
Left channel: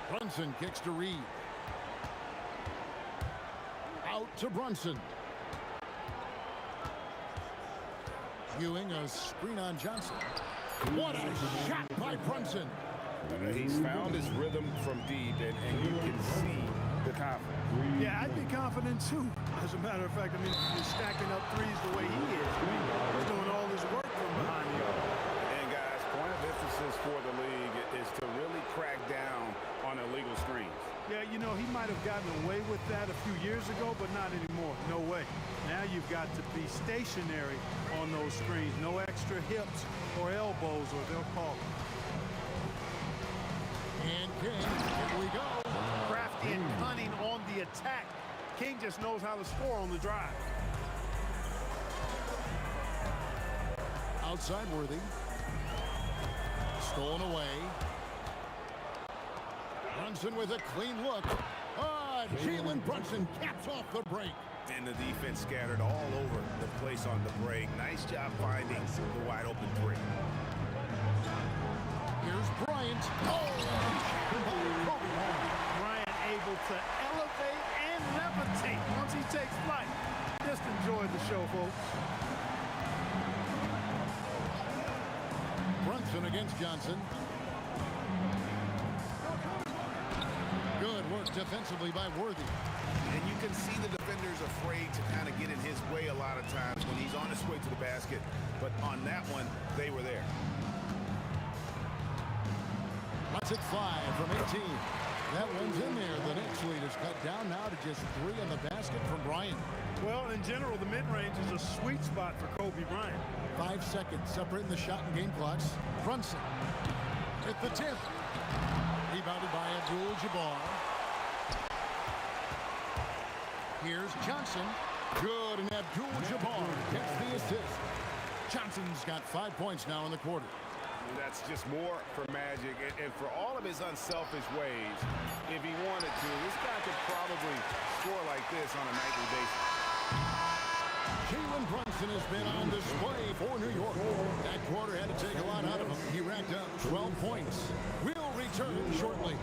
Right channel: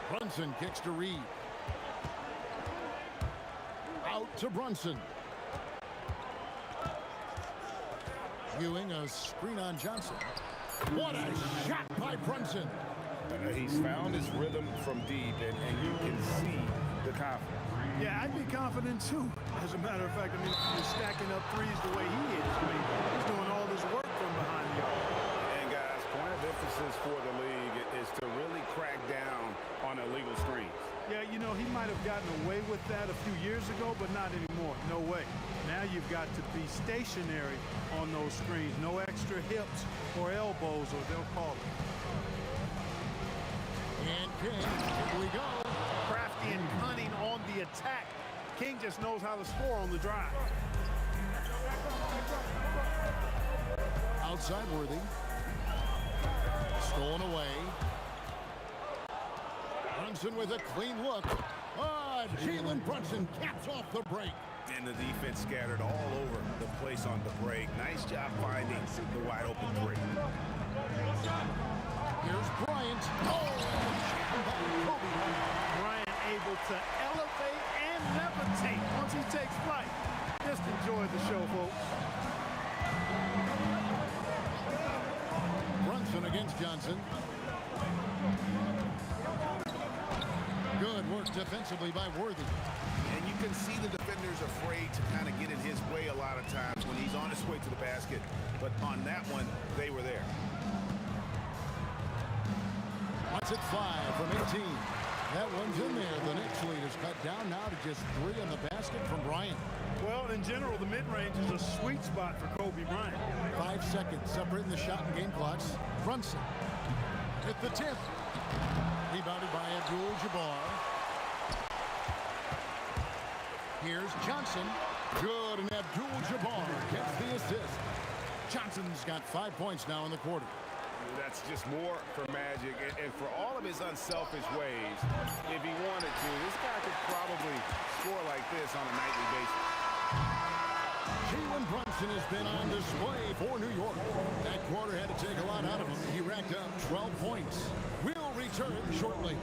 Brunson kicks to Reed. Out to Brunson. Ewing, a screen on Johnson. What a shot by Brunson. He's found his rhythm from deep, and you can see the confidence. Yeah, I'd be confident too. As a matter of fact, I mean, you're stacking up threes the way he is. I mean, he's doing all his work from behind the arc. And guys, point of emphasis for the league is to really crack down on illegal screens. Yeah, you know, he might have gotten away with that a few years ago, but not anymore. No way. Now you've got to be stationary on those screens. No extra hips or elbows, or they'll call it. And King, here we go. Crafty and cunning on the attack. King just knows how to score on the drive. Outside Worthy. Stolen away. Brunson with a clean look. Jalen Brunson caps off the break. And the defense scattered all over the place on the break. Nice job finding the wide open 3. Here's Bryant. Oh, jam by Kobe. Bryant able to elevate and levitate once he takes flight. Just enjoy the show, folks. Brunson against Johnson. Good work defensively by Worthy. And you can see the defender's afraid to kind of get in his way a lot of times when he's on his way to the basket. But on that one, they were there. Lets it fly from 18. That one's in there. The Knicks lead is cut down now to just 3 in the basket from Bryant. Well, in general, the mid-range is a sweet spot for Kobe Bryant. 5 seconds separating the shot and game clocks. Brunson at the tip. Rebounded by Abdul-Jabbar. Here's Johnson. Good, and Abdul-Jabbar gets the assist. Johnson's got 5 points now in the quarter. That's just more for Magic, and for all of his unselfish ways, if he wanted to, this guy could probably score like this on a nightly basis. Jalen Brunson has been on display for New York. That quarter had to take a lot out of him. He racked up 12 points. We'll return shortly.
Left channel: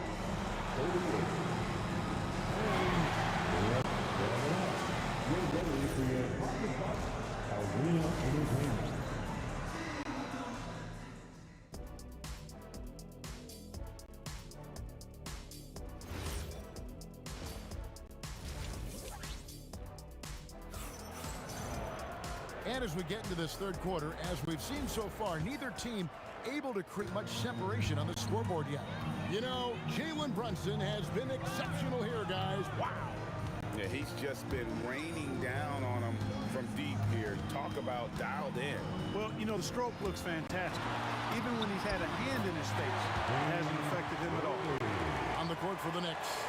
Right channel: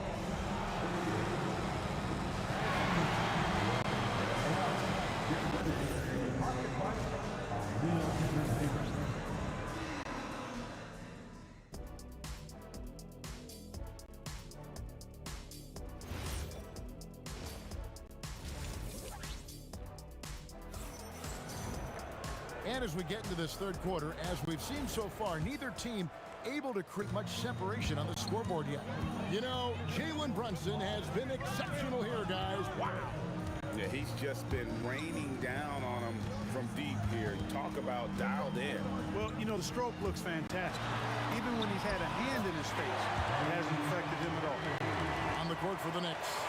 And as we get into this third quarter, as we've seen so far, neither team able to create much separation on the scoreboard yet. You know, Jalen Brunson has been exceptional here, guys. Wow. Yeah, he's just been raining down on him from deep here. Talk about dialed in. Well, you know, the stroke looks fantastic. Even when he's had a hand in his face, it hasn't affected him at all. On the court for the Knicks,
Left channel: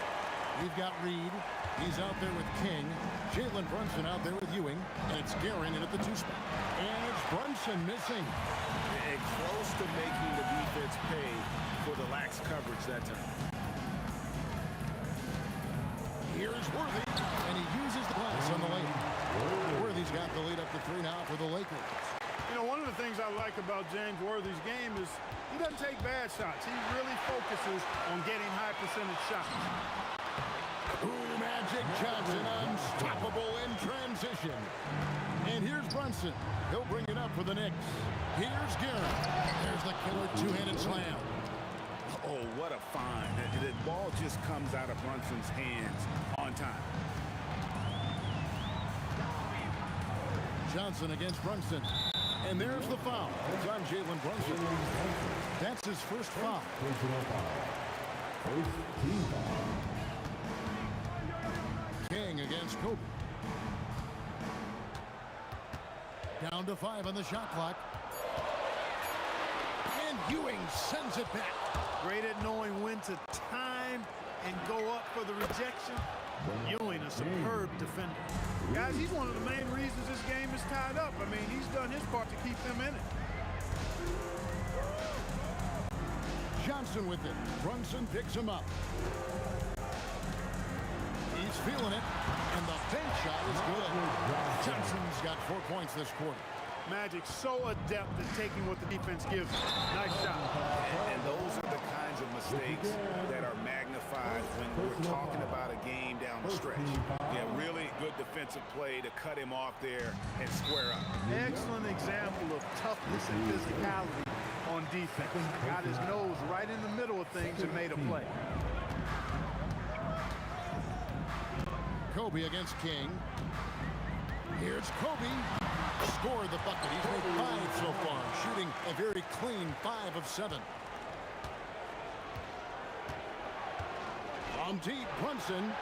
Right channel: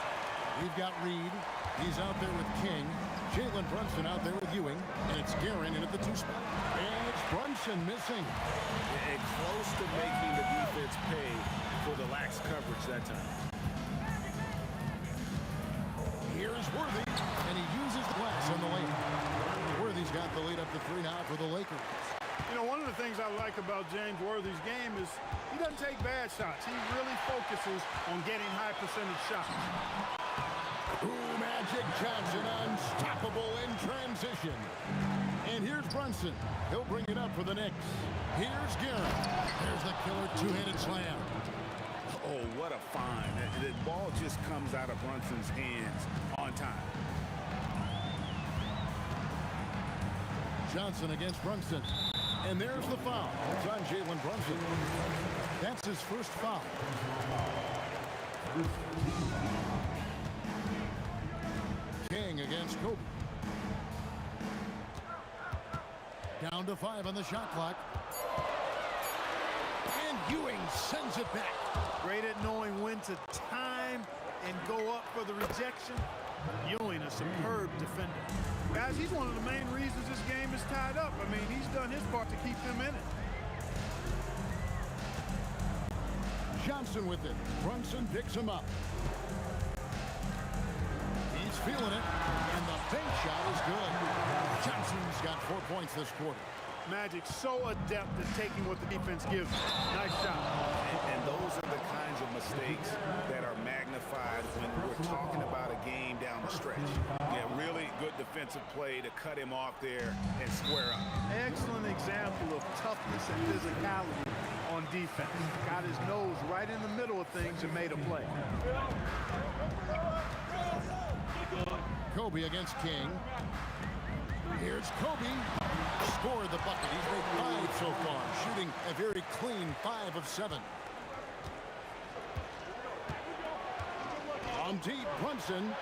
we've got Reed. He's out there with King. Jalen Brunson out there with Ewing. And it's Guerin in at the 2 spot. And it's Brunson missing. And close to making the defense pay for the lax coverage that time. Here's Worthy. And he uses the glass on the layup. Worthy's got the lead up to 3 now for the Lakers. You know, one of the things I like about James Worthy's game is he doesn't take bad shots. He really focuses on getting high percentage shots. Ooh, Magic Johnson, unstoppable in transition. And here's Brunson. He'll bring it up for the Knicks. Here's Guerin. There's the killer 2-handed slam. Oh, what a find. The ball just comes out of Brunson's hands on time. Johnson against Brunson. And there's the foul. It's on Jalen Brunson. That's his first foul. King against Kobe. Down to 5 on the shot clock. And Ewing sends it back. Great at knowing when to time and go up for the rejection. Ewing, a superb defender. Guys, he's one of the main reasons this game is tied up. I mean, he's done his part to keep them in it. Johnson with it. Brunson picks him up. He's feeling it, and the bank shot is good. Johnson's got 4 points this quarter. Magic so adept at taking what the defense gives him. Nice shot. And those are the kinds of mistakes that are magnified when we're talking about a game down the stretch. Yeah, really good defensive play to cut him off there and square up. Excellent example of toughness and physicality on defense. Got his nose right in the middle of things and made a play. Kobe against King. Here's Kobe. Scored the bucket. He's made 5 so far, shooting a very clean 5 of 7. From deep, Brunson.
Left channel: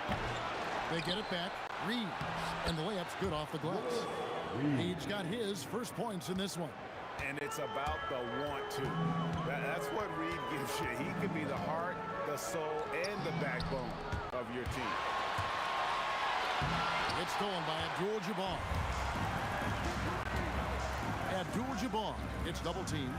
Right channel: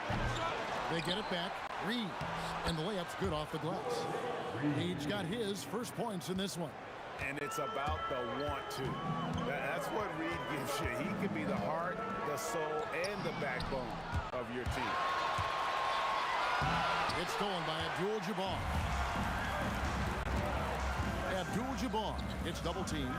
They get it back. Reed. And the layup's good off the glass. Reed's got his first points in this one. And it's about the want to. That's what Reed gives you. He can be the heart, the soul, and the backbone of your team. It's stolen by Abdul-Jabbar. Abdul-Jabbar gets double teamed.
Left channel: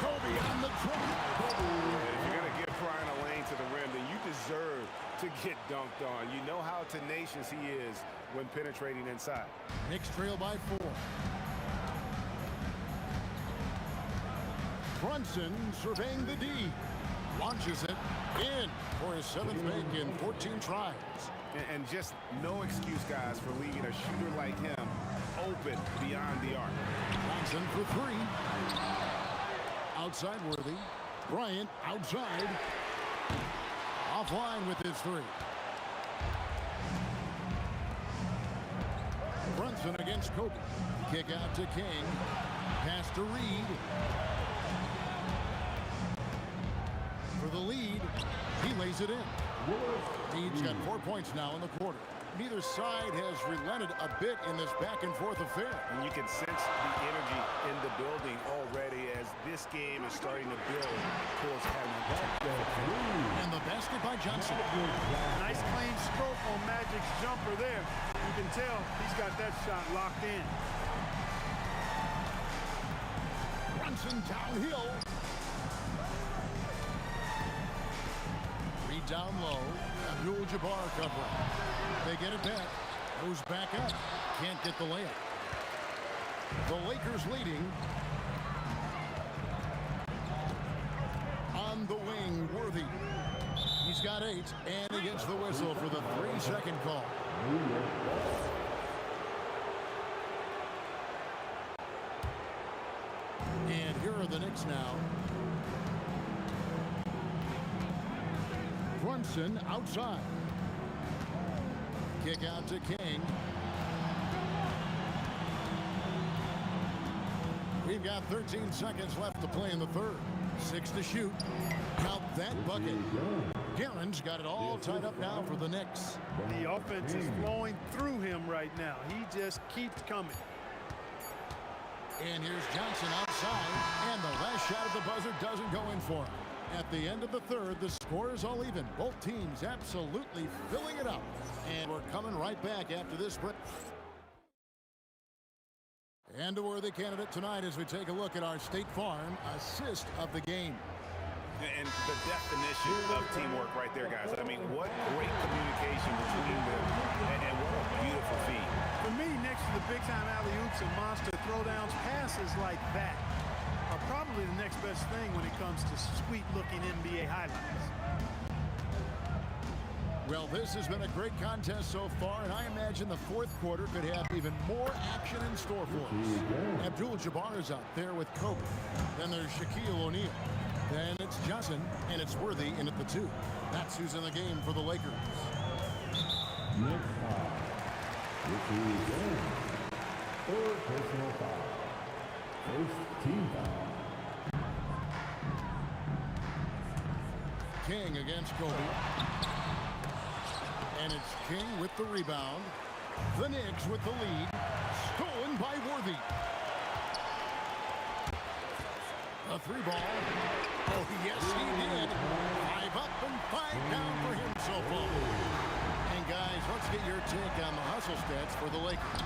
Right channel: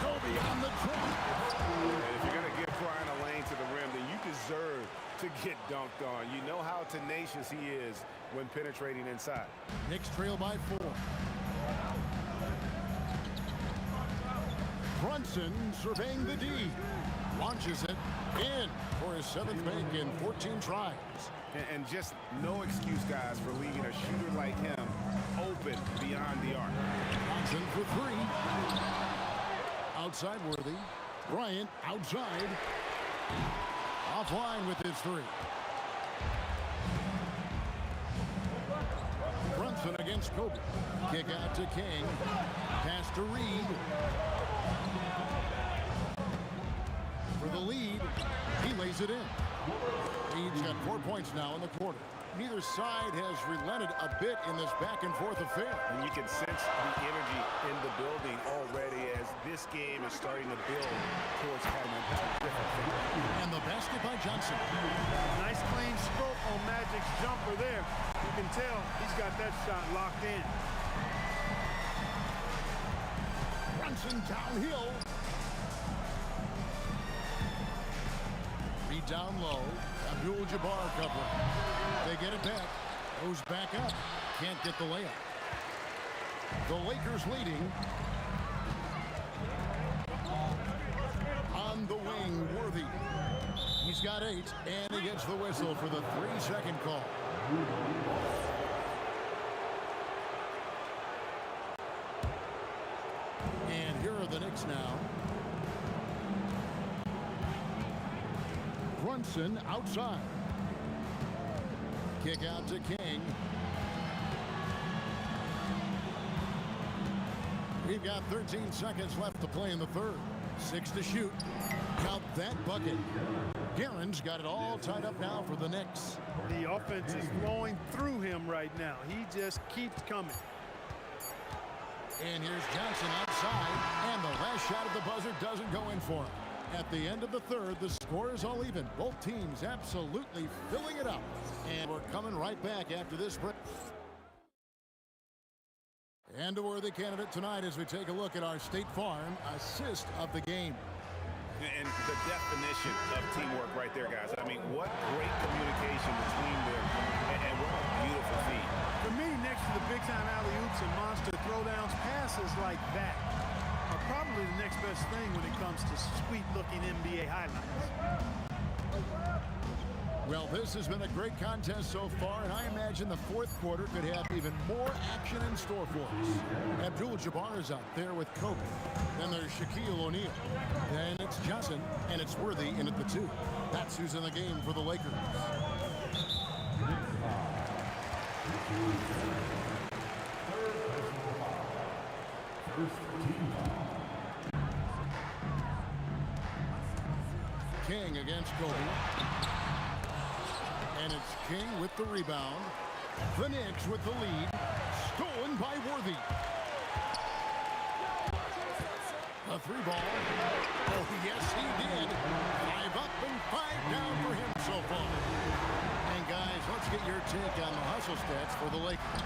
Kobe on the drive. And if you're going to give Brian a lane to the rim, then you deserve to get dunked on. You know how tenacious he is when penetrating inside. Knicks trail by 4. Brunson surveying the D. Launches it in for his 7th make in 14 tries. And just no excuse, guys, for leaving a shooter like him open beyond the arc. Johnson for 3. Outside Worthy. Bryant outside. Offline with his 3. Brunson against Kobe. Kick out to King. Pass to Reed. For the lead, he lays it in. Reed's got 4 points now in the quarter. Neither side has relented a bit in this back-and-forth affair. And you can sense the energy in the building already as this game is starting to build towards having a terrific finish. And the basket by Johnson. Nice clean stroke on Magic's jumper there. You can tell he's got that shot locked in. Brunson downhill. Reed down low. Abdul-Jabbar covering. They get it back. Goes back up. Can't get the layup. The Lakers leading. On the wing, Worthy. He's got 8, and he gets the whistle for the 3-second call. And here are the Knicks now. Brunson outside. Kick out to King. We've got 13 seconds left to play in the third. 6 to shoot. Count that bucket. Guerin's got it all tied up now for the Knicks. The offense is flowing through him right now. He just keeps coming. And here's Johnson outside, and the last shot at the buzzer doesn't go in for him. At the end of the third, the score is all even. Both teams absolutely filling it up. And we're coming right back after this break. And a worthy candidate tonight as we take a look at our State Farm assist of the game. And the definition of teamwork right there, guys. I mean, what great communication between them, and what a beautiful feed. For me, next to the big-time alley-oops and monster throwdowns, passes like that are probably the next best thing when it comes to sweet-looking NBA highlights. Well, this has been a great contest so far, and I imagine the fourth quarter could have even more action in store for us. Abdul-Jabbar is out there with Kobe. Then there's Shaquille O'Neal. Then it's Johnson, and it's Worthy in at the 2. That's who's in the game for the Lakers. Third personal foul. First team foul. King against Kobe. And it's King with the rebound. The Knicks with the lead. Stolen by Worthy. A 3-ball. Oh, yes, he did. 5 up and 5 down for him so far. And, guys, let's get your take on the hustle stats for the Lakers.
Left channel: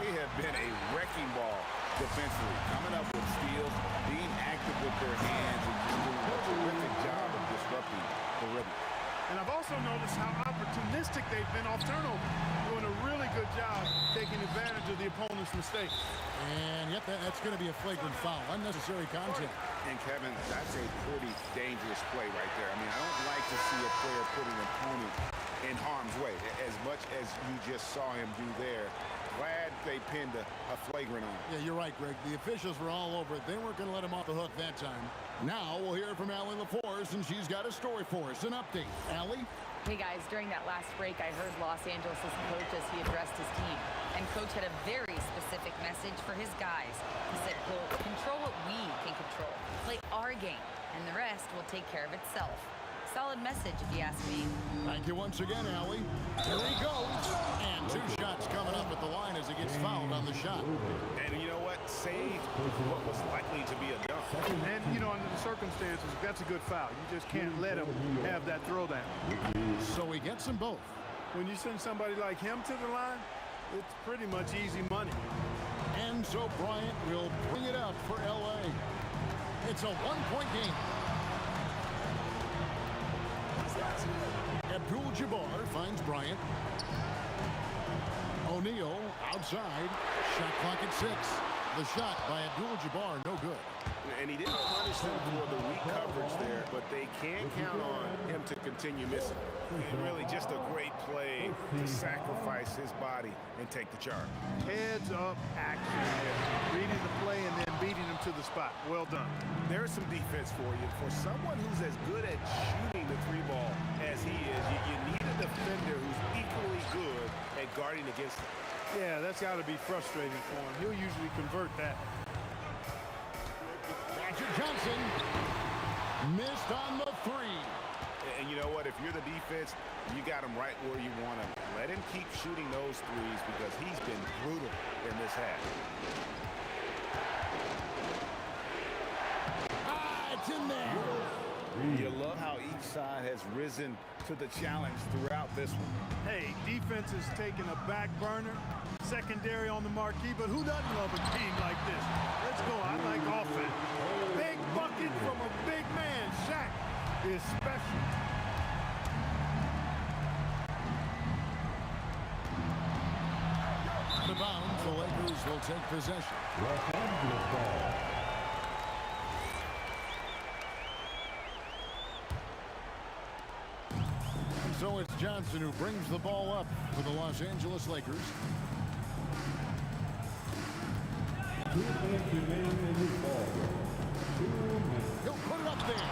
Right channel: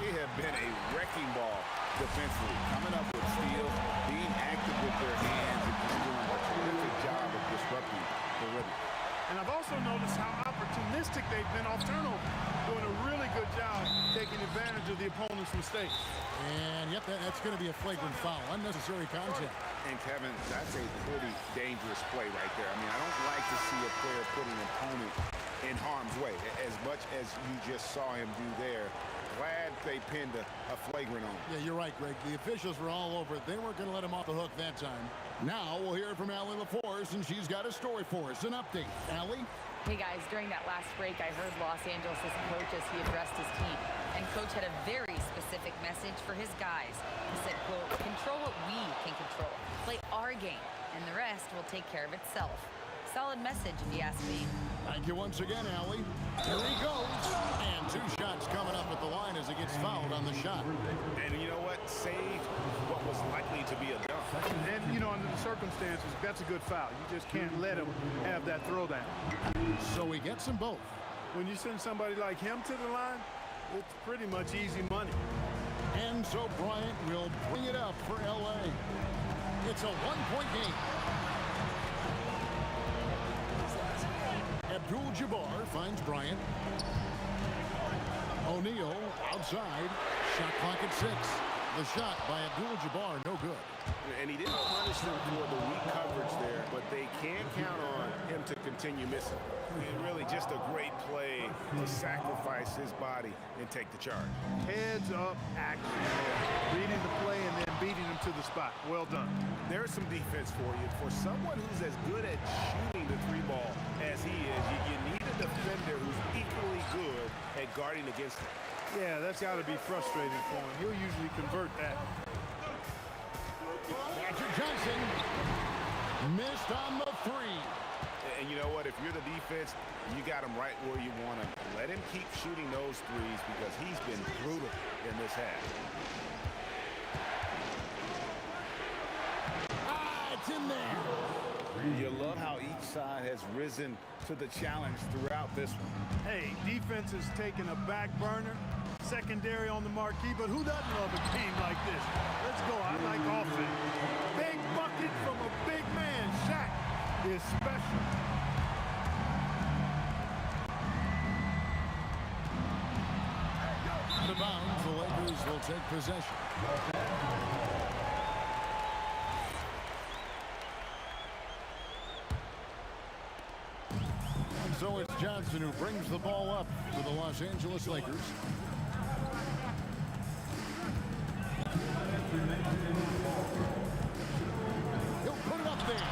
They have been a wrecking ball defensively, coming up with steals, being active with their hands, and just doing a terrific job of disrupting the rhythm. And I've also noticed how opportunistic they've been off turnover, doing a really good job taking advantage of the opponent's mistakes. And, yep, that's going to be a flagrant foul. Unnecessary contact. And, Kevin, that's a pretty dangerous play right there. I mean, I don't like to see a player put an opponent in harm's way, as much as you just saw him do there. Glad they pinned a flagrant on him. Yeah, you're right, Greg. The officials were all over it. They weren't going to let him off the hook that time. Now we'll hear from Allie LaForce, and she's got a story for us. An update. Allie? Hey guys, during that last break, I heard Los Angeles' coach as he addressed his team. And coach had a very specific message for his guys. He said, quote, control what we can control. Play our game, and the rest will take care of itself. Solid message, if you ask me. Thank you once again, Allie. Here he goes. And 2 shots coming up at the line as he gets fouled on the shot. And you know what? Saved what was likely to be a dunk. And, you know, under the circumstances, that's a good foul. You just can't let him have that throwdown. So he gets them both. When you send somebody like him to the line, it's pretty much easy money. And so Bryant will bring it up for L.A. It's a 1-point game. Abdul-Jabbar finds Bryant. O'Neal outside. Shot clock at 6. The shot by Abdul-Jabbar, no good. And he didn't punish them for the weak coverage there, but they can't count on him to continue missing. And really just a great play to sacrifice his body and take the charge. Heads up action there. Reading the play and then beating him to the spot. Well done. There's some defense for you. For someone who's as good at shooting the three ball as he is, you need a defender who's equally good at guarding against it. Yeah, that's got to be frustrating for him. He'll usually convert that. Magic Johnson missed on the three. And you know what? If you're the defense, you got him right where you want him. Let him keep shooting those threes because he's been brutal in this half. It's in there. You love how each side has risen to the challenge throughout this one. Hey, defense is taking a back burner, secondary on the marquee, but who doesn't love a game like this? Let's go. I like offense. Big bucket from a big man. Shaq is special. Out of bounds, the Lakers will take possession. And so it's Johnson who brings the ball up for the Los Angeles Lakers. He'll put it up there.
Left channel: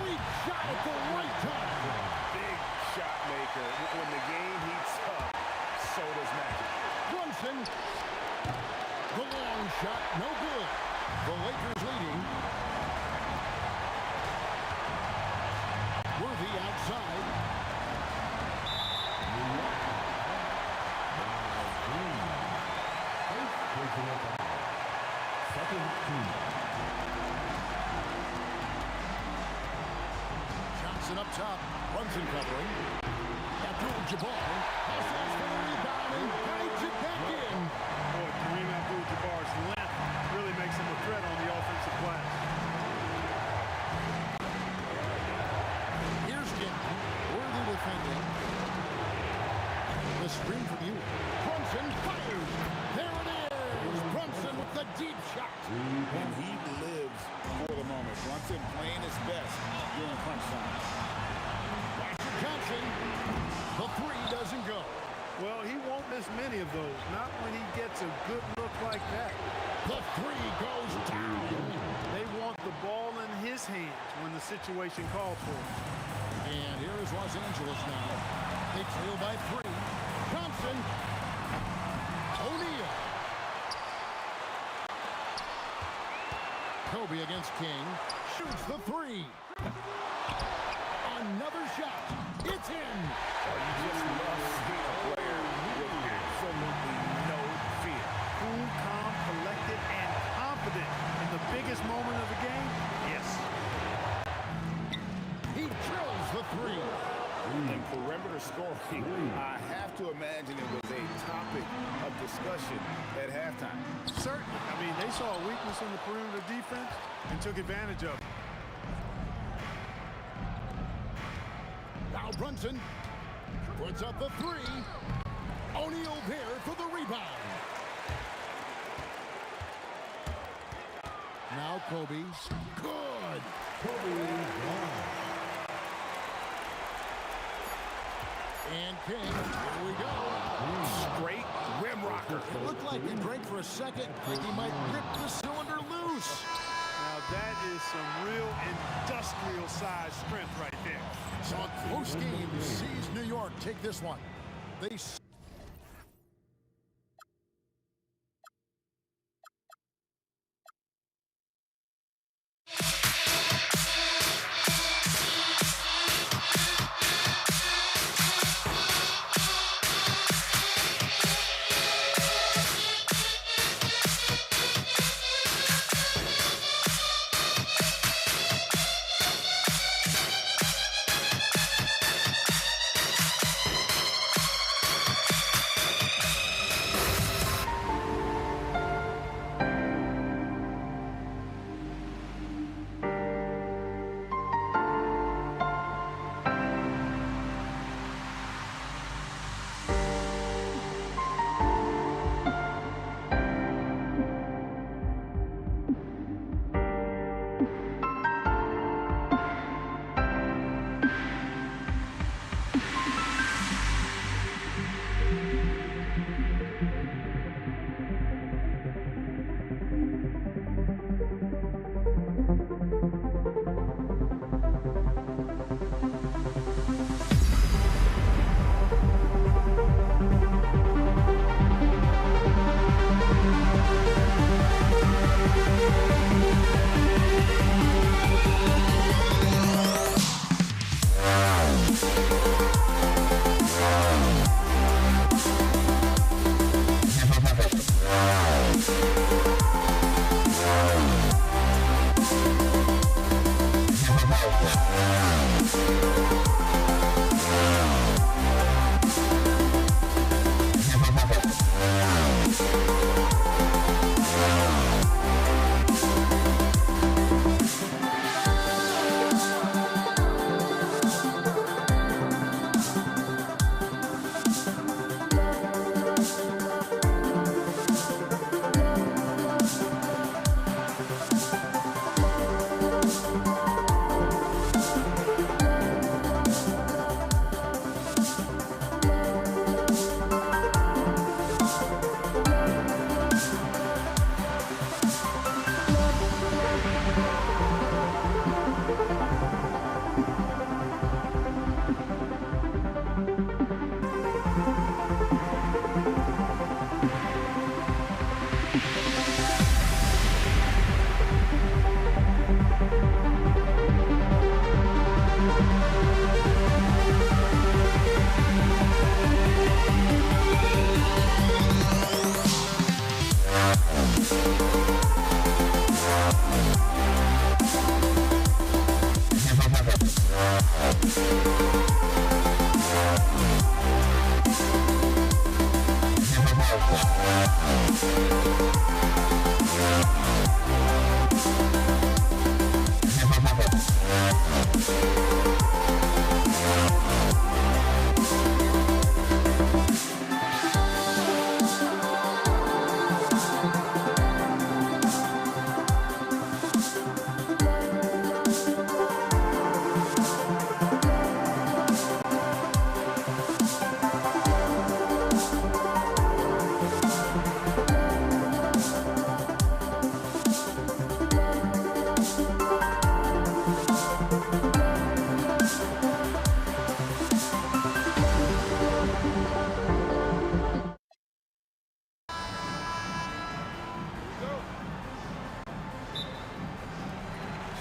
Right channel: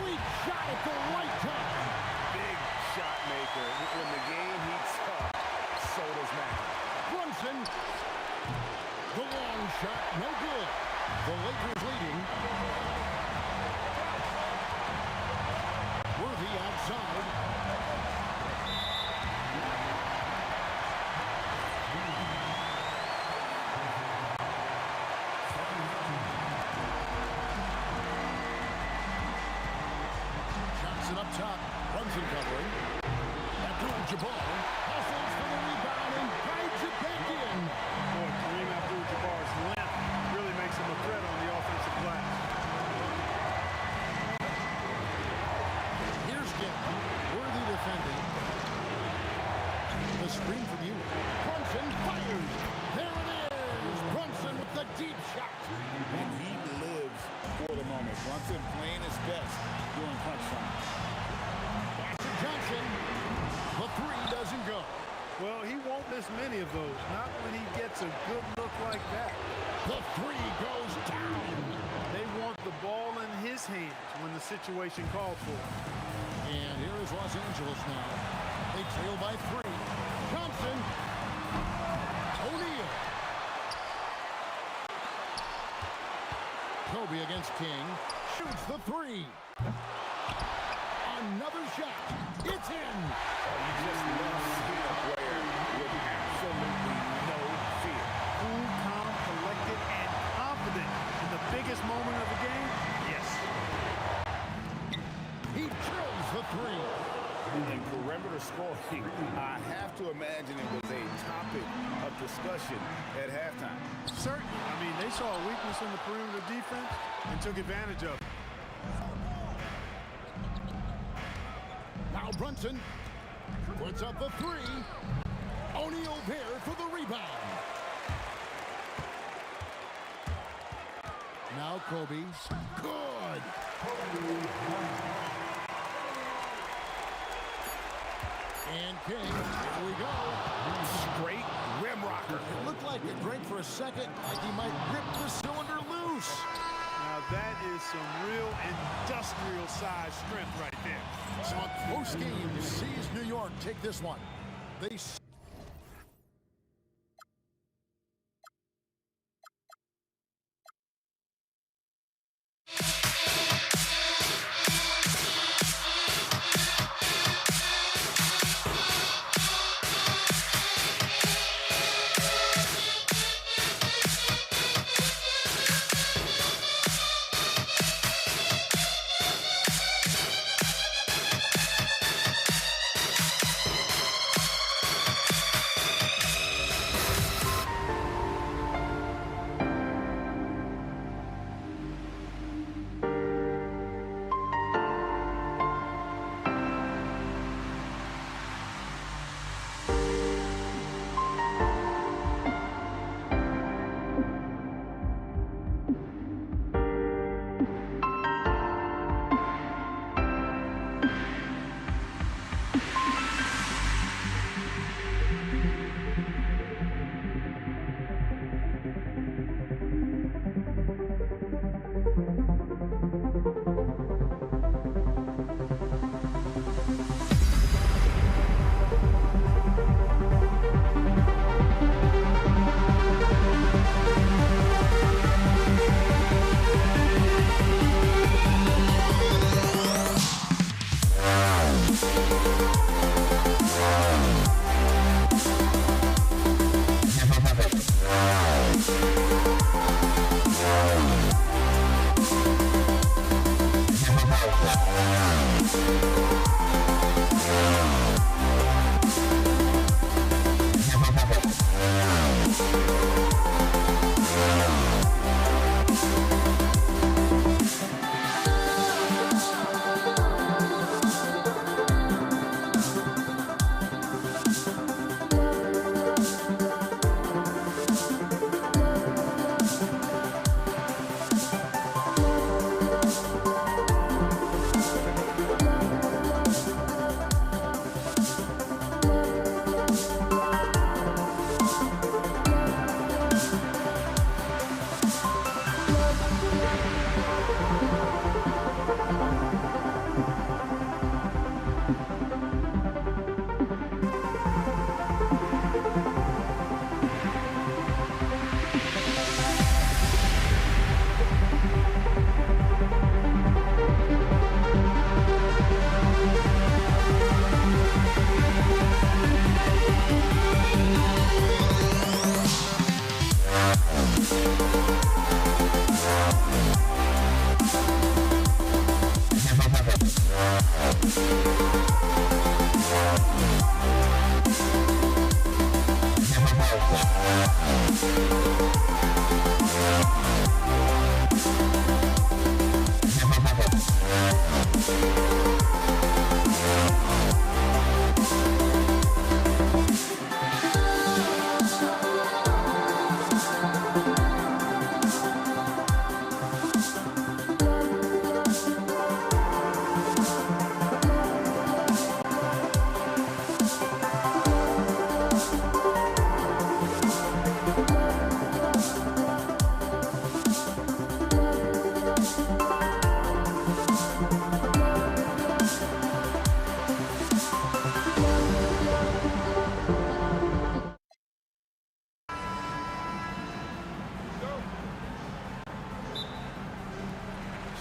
Sweet shot at the right time. Big shot maker. When the game heats up, so does Magic. Brunson. The long shot, no good. The Lakers leading. Worthy outside. Johnson up top. Brunson covering. Abdul-Jabbar hustles for the rebound and guides it back in. Boy, Kareem Abdul-Jabbar's length really makes him a threat on the offensive glass. Here's Gimp. Worthy defending. The screen from you. Brunson fires. There it is. Brunson with the deep shot. And he lives for the moment. Brunson playing his best during crunch time. Magic Johnson. The three doesn't go. Well, he won't miss many of those. Not when he gets a good look like that. The three goes down. They want the ball in his hands when the situation calls for it. And here is Los Angeles now. They trail by three. Johnson. O'Neal. Kobe against King. Shoots the three. Another shot. It's in. Oh, you just love seeing a player with absolutely no fear. Cool, calm, collected, and confident in the biggest moment of the game? Yes. He drills the three. And perimeter scoring, I have to imagine it was a topic of discussion at halftime. Certainly. I mean, they saw a weakness in the perimeter defense and took advantage of it. Now Brunson puts up the three. O'Neal there for the rebound. Now Kobe. Good. And King, here we go. Straight rim rocker. It looked like it drank for a second, like he might rip the cylinder loose. Now that is some real industrial size strength right there. So a close game sees New York take this one. They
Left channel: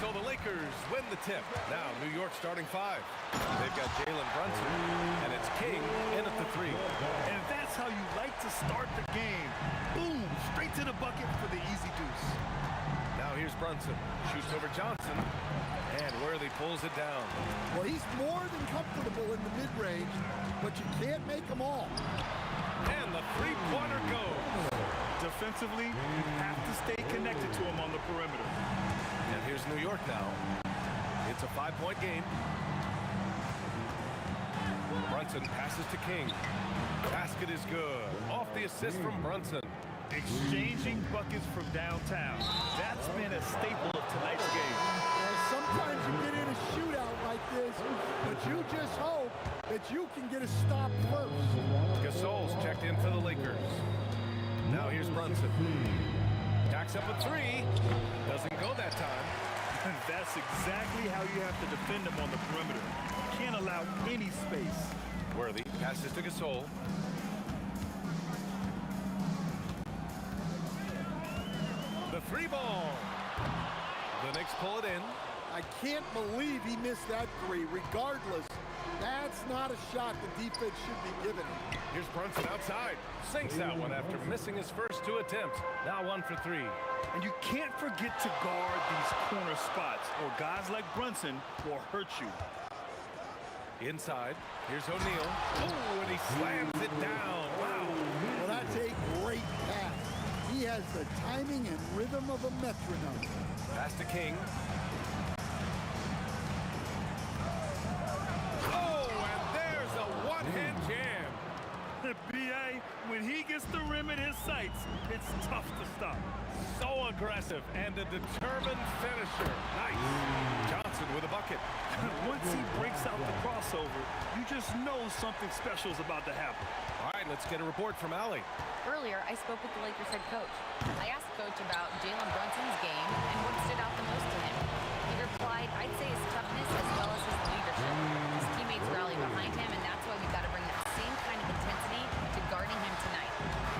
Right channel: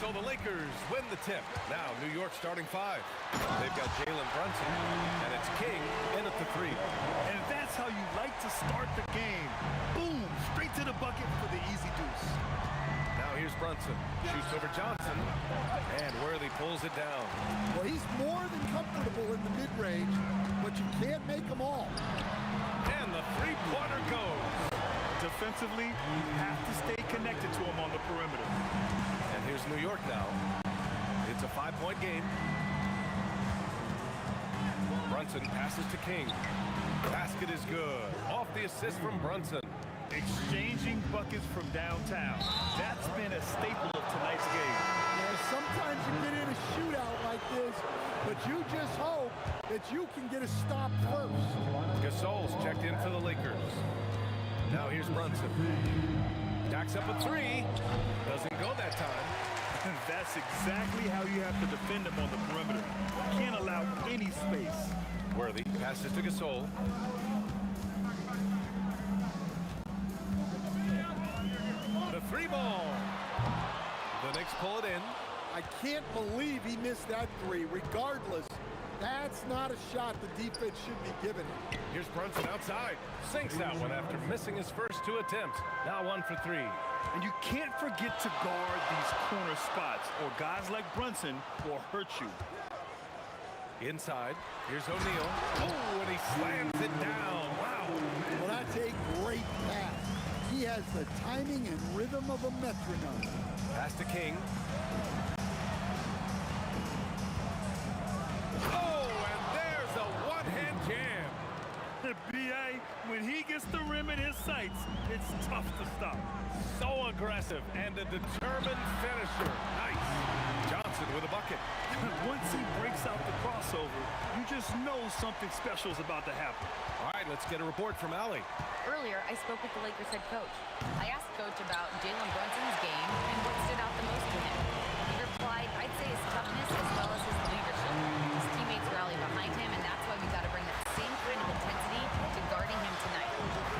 So the Lakers win the tip. Now New York starting 5. They've got Jalen Brunson, and it's King in at the 3. And that's how you like to start the game. Boom, straight to the bucket for the easy deuce. Now here's Brunson, shoots over Johnson, and Worthy pulls it down. Well, he's more than comfortable in the mid-range, but you can't make them all. And the three-pointer goes. Defensively, you have to stay connected to him on the perimeter. And here's New York now. It's a 5-point game. Brunson passes to King. Basket is good. Off the assist from Brunson. Exchanging buckets from downtown. That's been a staple of tonight's game. Yeah, sometimes you get in a shootout like this, but you just hope that you can get a stop first. Gasol's checked in for the Lakers. Now here's Brunson. Jacks up a 3. Doesn't go that time. That's exactly how you have to defend him on the perimeter. Can't allow any space. Worthy passes to Gasol. The 3 ball. The Knicks pull it in. I can't believe he missed that 3. Regardless, that's not a shot the defense should be giving him. Here's Brunson outside. Sinks that one after missing his first 2 attempts. Now 1 for 3. And you can't forget to guard these corner spots, or guys like Brunson will hurt you. Inside, here's O'Neal. Oh, and he slams it down. Wow. Well, that's a great pass. He has the timing and rhythm of a metronome. Pass to King. Oh, and there's a one-hand jam. B.A., when he gets the rim in his sights, it's tough to stop. So aggressive and a determined finisher. Nice. Johnson with a bucket. Once he breaks out the crossover, you just know something special is about to happen. All right, let's get a report from Allie. Earlier, I spoke with the Lakers head coach. I asked Coach about Jalen Brunson's game and what stood out the most to him. He replied, I'd say his toughness as well as his leadership. His teammates rally behind him, and that's why we got to bring that same kind of intensity to guarding him tonight.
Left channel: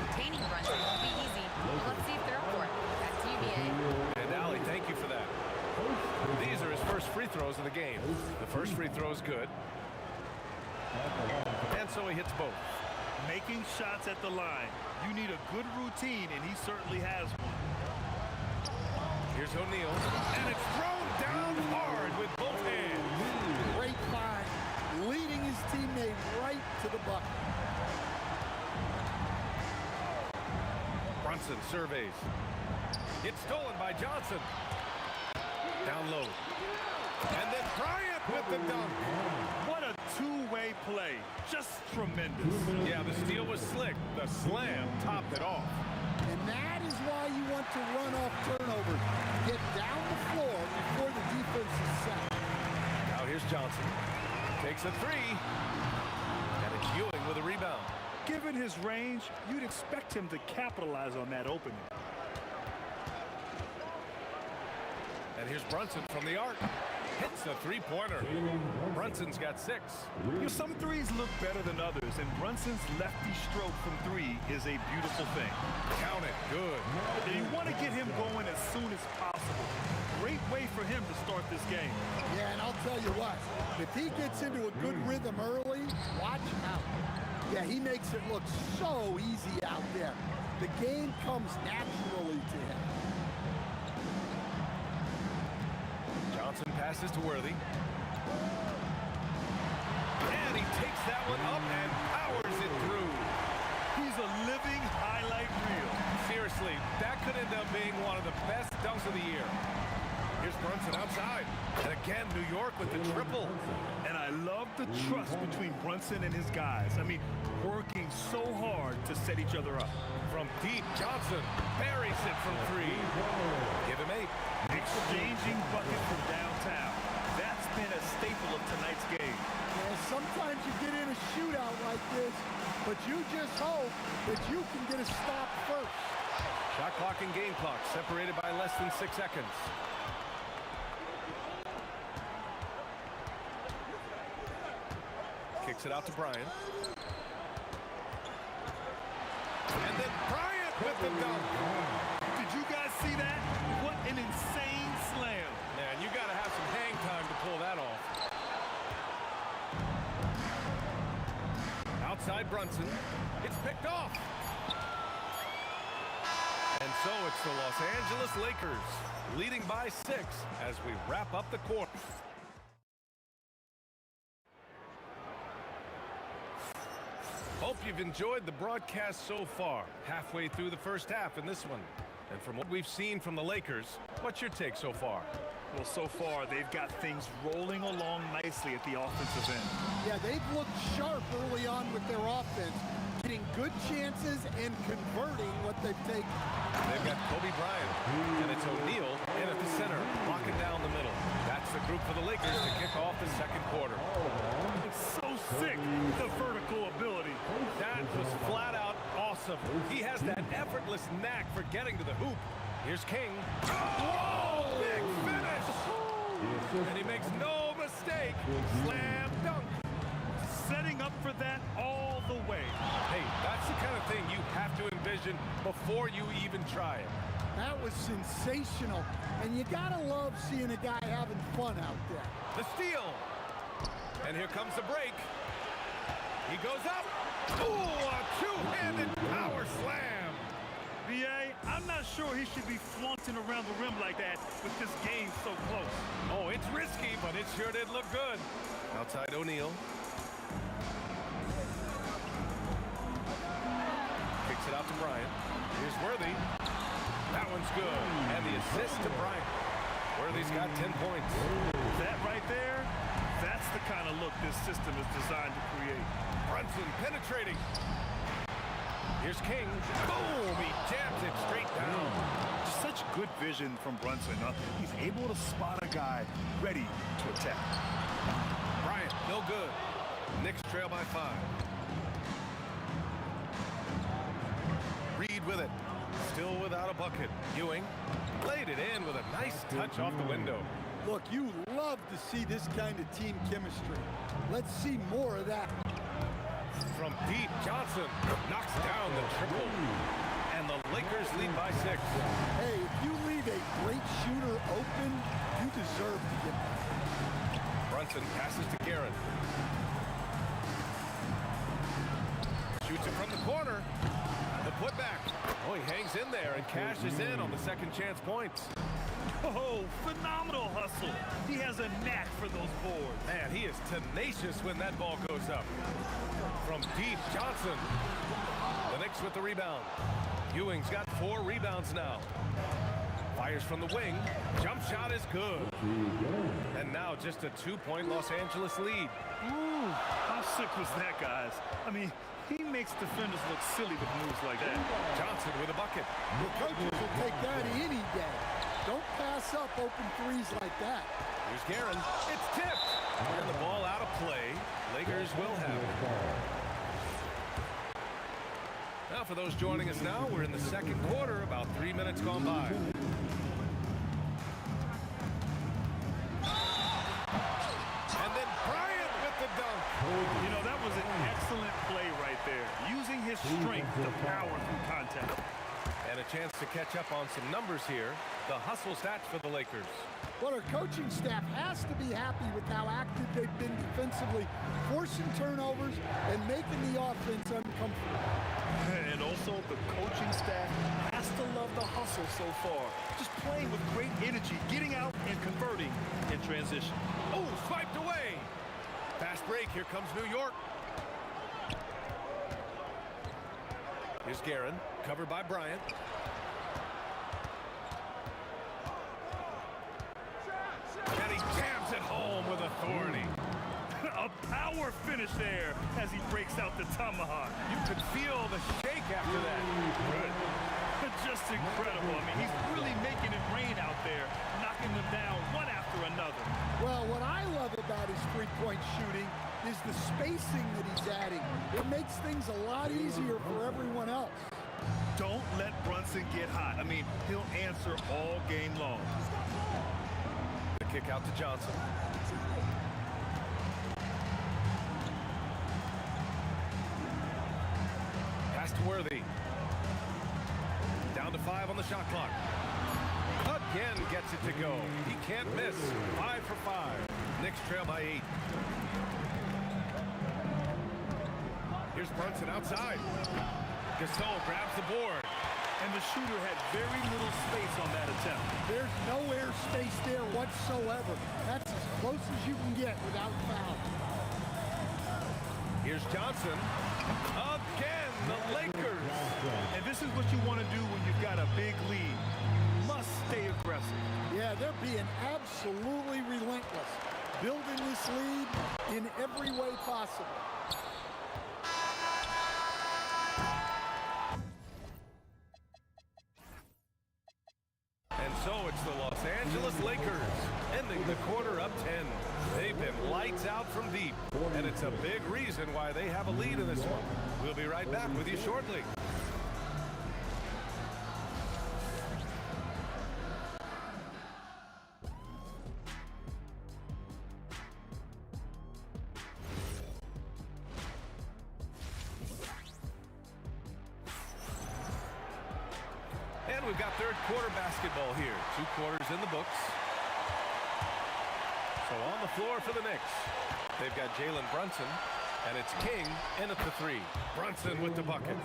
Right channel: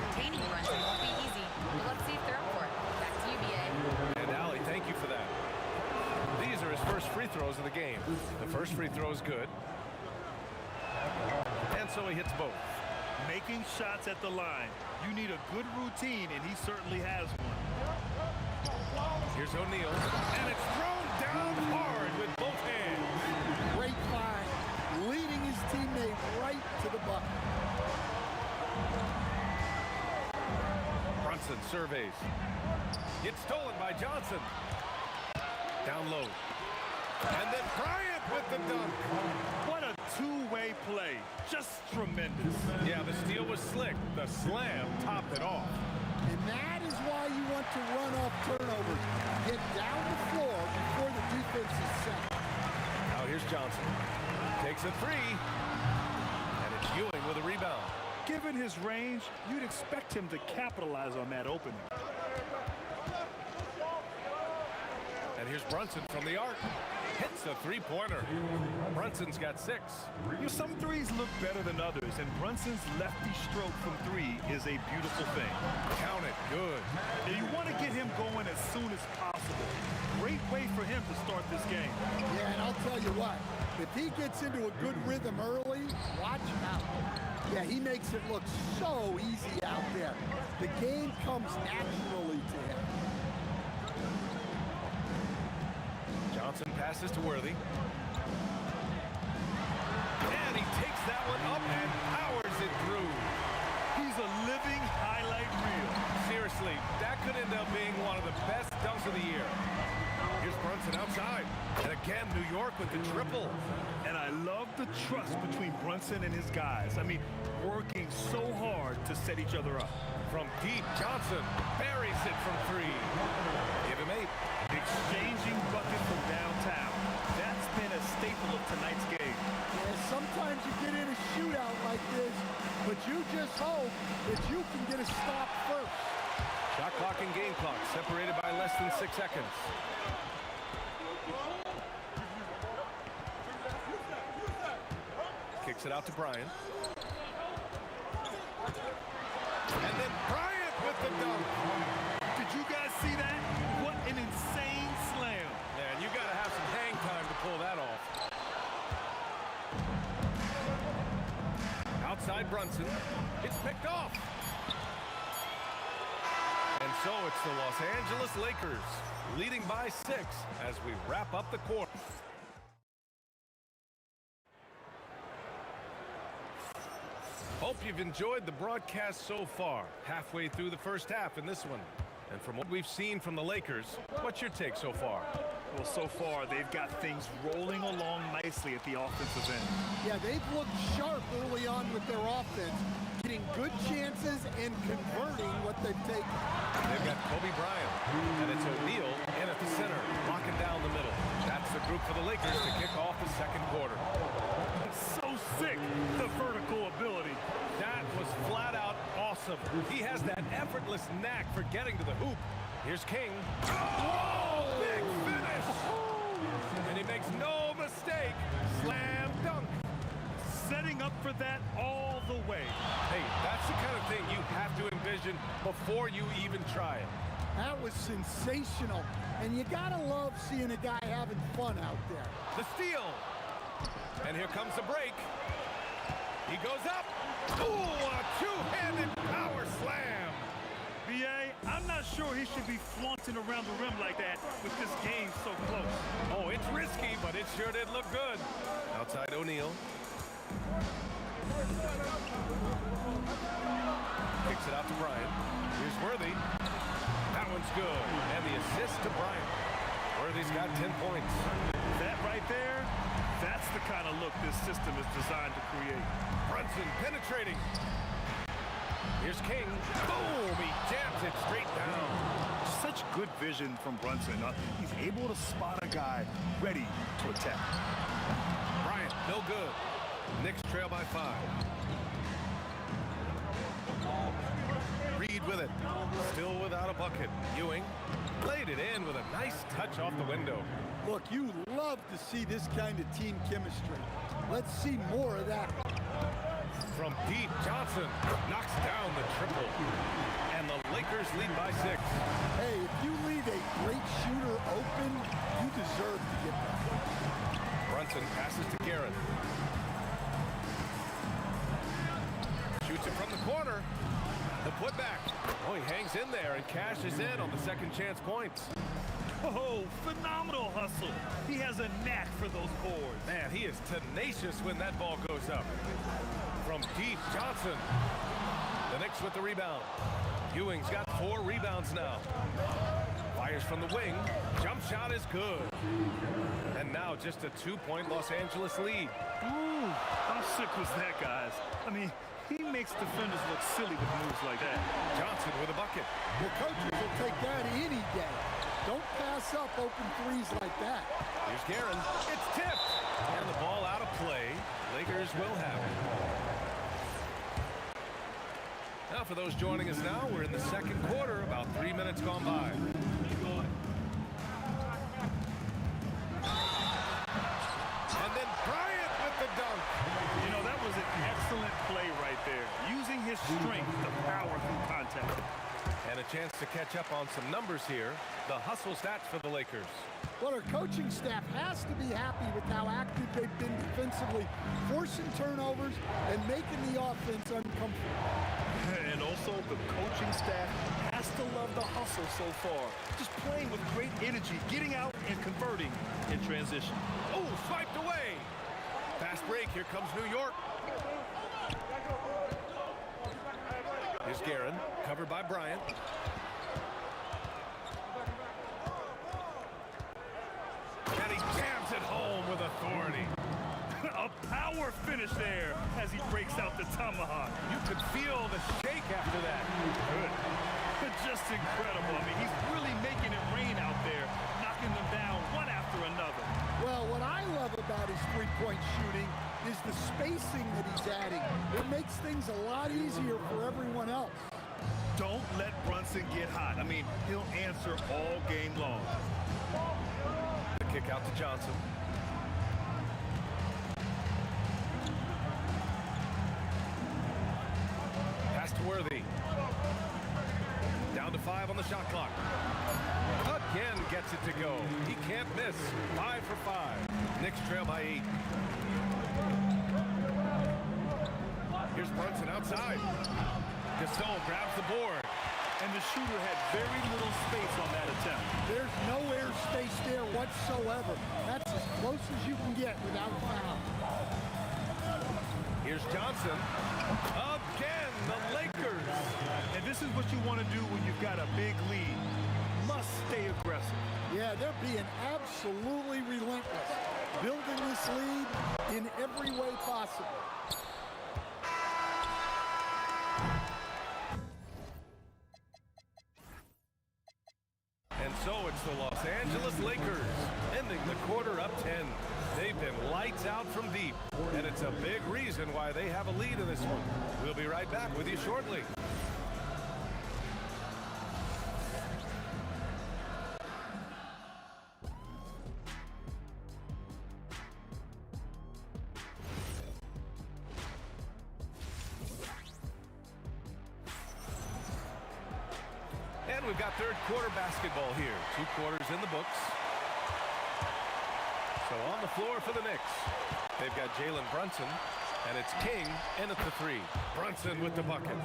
Containing Brunson won't be easy, but let's see if they're up for it. Back to you, B.A. And Allie, thank you for that. These are his first free throws of the game. The first free throw is good. And so he hits both. Making shots at the line. You need a good routine, and he certainly has one. Here's O'Neal, and it's thrown down hard with both hands. Great find, leading his teammate right to the bucket. Brunson surveys. It's stolen by Johnson. Down low. And then Bryant with the dunk. What a two-way play. Just tremendous. Yeah, the steal was slick. The slam topped it off. And that is why you want to run off turnovers. Get down the floor before the defense is set. Now here's Johnson. Takes a three. And it's Ewing with a rebound. Given his range, you'd expect him to capitalize on that opening. And here's Brunson from the arc. Hits a three-pointer. Brunson's got 6. You know, some threes look better than others, and Brunson's lefty stroke from 3 is a beautiful thing. Count it. Good. And you want to get him going as soon as possible. Great way for him to start this game. Yeah, and I'll tell you what, if he gets into a good rhythm early, watch out. Yeah, he makes it look so easy out there. The game comes naturally to him. Johnson passes to Worthy. And he takes that one up and powers it through. He's a living highlight reel. Seriously, that could end up being one of the best dunks of the year. Here's Brunson outside. And again, New York with the triple. And I love the trust between Brunson and his guys. I mean, working so hard to set each other up. From deep, Johnson buries it from 3. Give him 8. Exchanging buckets from downtown. That's been a staple of tonight's game. Yeah, sometimes you get in a shootout like this, but you just hope that you can get a stop first. Shot clock and game clock separated by less than 6 seconds. Kicks it out to Bryant. And then Bryant with the dunk. Did you guys see that? What an insane slam. Man, you got to have some hang time to pull that off. Outside Brunson. It's picked off. And so it's the Los Angeles Lakers leading by 6 as we wrap up the quarter. Hope you've enjoyed the broadcast so far. Halfway through the first half in this one. And from what we've seen from the Lakers, what's your take so far? Well, so far, they've got things rolling along nicely at the offensive end. Yeah, they've looked sharp early on with their offense, getting good chances and converting what they've taken. They've got Kobe Bryant, and it's O'Neal in at the center, locking down the middle. That's the group for the Lakers to kick off the second quarter. So sick, the vertical ability. That was flat out awesome. He has that effortless knack for getting to the hoop. Here's King. Oh, big finish! And he makes no mistake. Slam dunk. Setting up for that all the way. Hey, that's the kind of thing you have to envision before you even try it. That was sensational. And you gotta love seeing a guy having fun out there. The steal. And here comes the break. He goes up. Ooh, a two-handed power slam. B.A., I'm not sure he should be flaunting around the rim like that with this game so close. Oh, it's risky, but it sure did look good. Outside O'Neal. Kicks it out to Bryant. Here's Worthy. That one's good. And the assist to Bryant. Worthy's got 10 points. That right there, that's the kind of look this system is designed to create. Brunson penetrating. Here's King. Boom! He jams it straight down. Just such good vision from Brunson. He's able to spot a guy ready to attack. Bryant, no good. Knicks trail by 5. Reed with it. Still without a bucket. Ewing laid it in with a nice touch off the window. Look, you love to see this kind of team chemistry. Let's see more of that. From deep, Johnson knocks down the triple. And the Lakers lead by 6. Hey, if you leave a great shooter open, you deserve to get that. Brunson passes to Garrett. Shoots it from the corner. The putback. Oh, he hangs in there and cashes in on the second chance points. Oh, phenomenal hustle. He has a knack for those boards. Man, he is tenacious when that ball goes up. From deep, Johnson. The Knicks with the rebound. Ewing's got 4 rebounds now. Fires from the wing. Jump shot is good. And now just a 2-point Los Angeles lead. Ooh, how sick was that, guys? I mean, he makes defenders look silly with moves like that. Johnson with a bucket. Well, coaches will take that any day. Don't pass up open threes like that. Here's Guerin. It's tipped. And the ball out of play. Lakers will have it. Now for those joining us now, we're in the second quarter, about 3 minutes gone by. And then Bryant with the dunk. You know, that was an excellent play right there. Using his strength to power through contact. And a chance to catch up on some numbers here. The hustle stats for the Lakers. Well, our coaching staff has to be happy with how active they've been defensively, forcing turnovers and making the offense uncomfortable. And also, the coaching staff has to love the hustle so far. Just playing with great energy, getting out and converting in transition. Oh, swiped away. Fast break. Here comes New York. Here's Guerin, covered by Bryant. And he jams it home with authority. A power finish there as he breaks out the tomahawk. You could feel the shake after that. Good. Just incredible. I mean, he's really making it rain out there, knocking them down one after another. Well, what I love about his three-point shooting is the spacing that he's adding. It makes things a lot easier for everyone else. Don't let Brunson get hot. I mean, he'll answer all game long. The kick out to Johnson. Pass to Worthy. Down to 5 on the shot clock. Again gets it to go. He can't miss. 5 for 5. Knicks trail by 8. Here's Brunson outside. Gasol grabs the board. And the shooter had very little space on that attempt. There's no air space there whatsoever. That's as close as you can get without a foul. Here's Johnson. Again, the Lakers. And this is what you want to do when you've got a big lead. You must stay aggressive. Yeah, they're being absolutely relentless, building this lead in every way possible. And so it's the Los Angeles Lakers, ending the quarter up 10. They've been lights out from deep, and it's a big reason why they have a lead in this one. We'll be right back with you shortly. And we've got third quarter basketball here. 2 quarters in the books. So on the floor for the Knicks, they've got Jalen Brunson, and it's King in at the 3. Brunson with the bucket.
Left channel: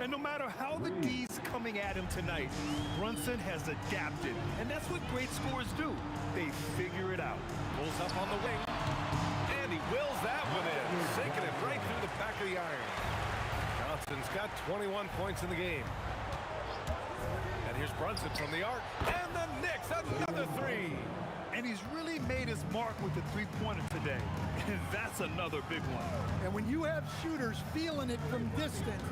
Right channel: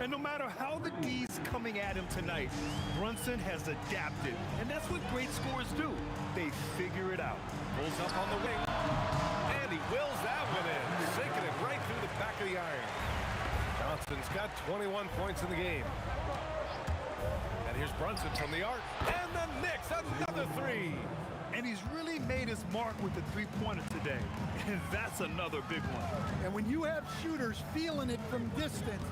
And no matter how the D's coming at him tonight, Brunson has adapted. And that's what great scorers do. They figure it out. Pulls up on the wing, and he wills that one in, sinking it right through the back of the iron. Johnson's got 21 points in the game. And here's Brunson from the arc. And the Knicks, another 3. And he's really made his mark with the three-pointer today. And that's another big one. And when you have shooters feeling it from distance,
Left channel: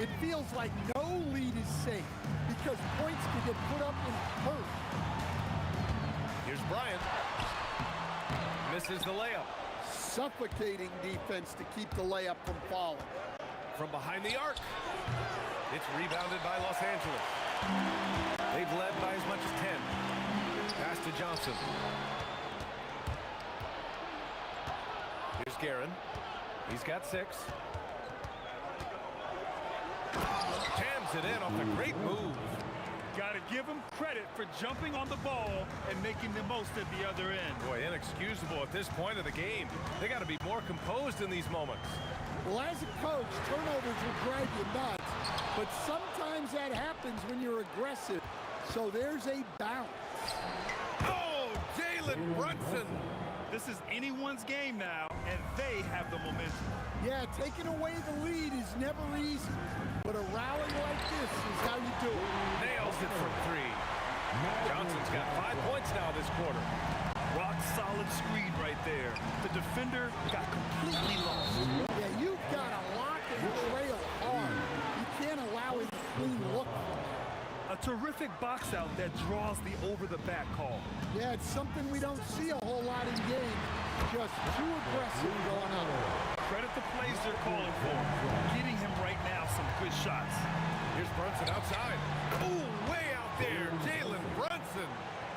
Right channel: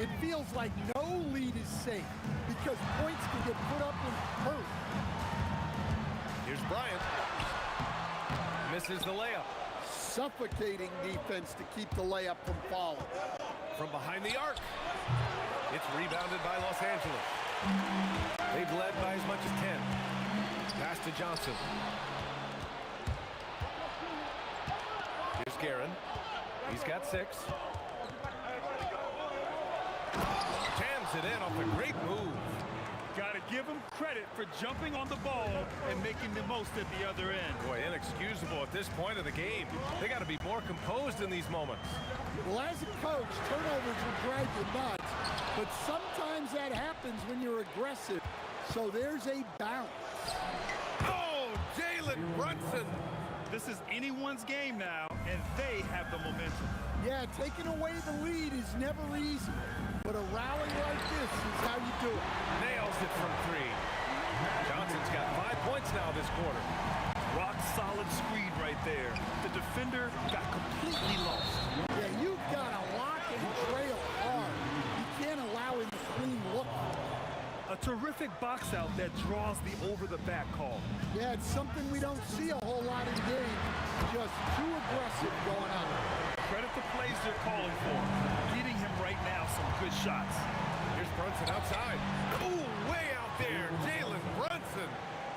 it feels like no lead is safe because points can get put up in a hurry. Here's Bryant. Misses the layup. Suffocating defense to keep the layup from falling. From behind the arc. It's rebounded by Los Angeles. They've led by as much as 10. Pass to Johnson. Here's Guerin. He's got 6. Jams it in off a great move. Got to give him credit for jumping on the ball and making the most at the other end. Boy, inexcusable at this point of the game. They got to be more composed in these moments. Well, as a coach, turnovers will drive you nuts, but sometimes that happens when you're aggressive. So there's a balance. Oh, Jalen Brunson. This is anyone's game now, and they have the momentum. Yeah, taking away the lead is never easy, but a rally like this is how you do it. Nails it from 3. Johnson's got 5 points now this quarter. Rock solid screen right there. The defender got completely lost. Yeah, you've got to lock and trail hard. You can't allow him to clean look. A terrific box out that draws the over-the-back call. Yeah, it's something we don't see a whole lot in games. Just too aggressive going on. Credit the plays they're calling for. Getting him right now some good shots. Here's Brunson outside. Ooh, way out there, Jalen Brunson.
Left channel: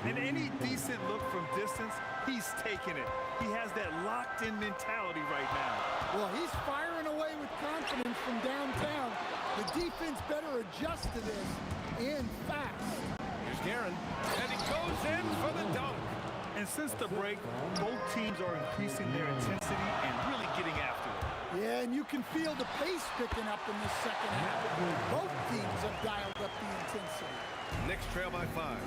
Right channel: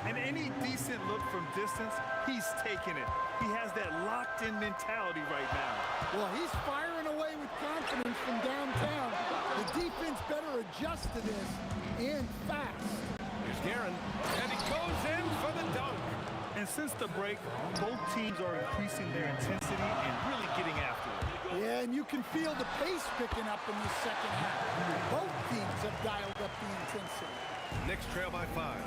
And any decent look from distance, he's taking it. He has that locked-in mentality right now. Well, he's firing away with confidence from downtown. The defense better adjust to this, and fast. Here's Guerin, and he goes in for the dunk. And since the break, both teams are increasing their intensity and really getting after it. Yeah, and you can feel the pace picking up in this second half. Both teams have dialed up the intensity. Knicks trail by 5.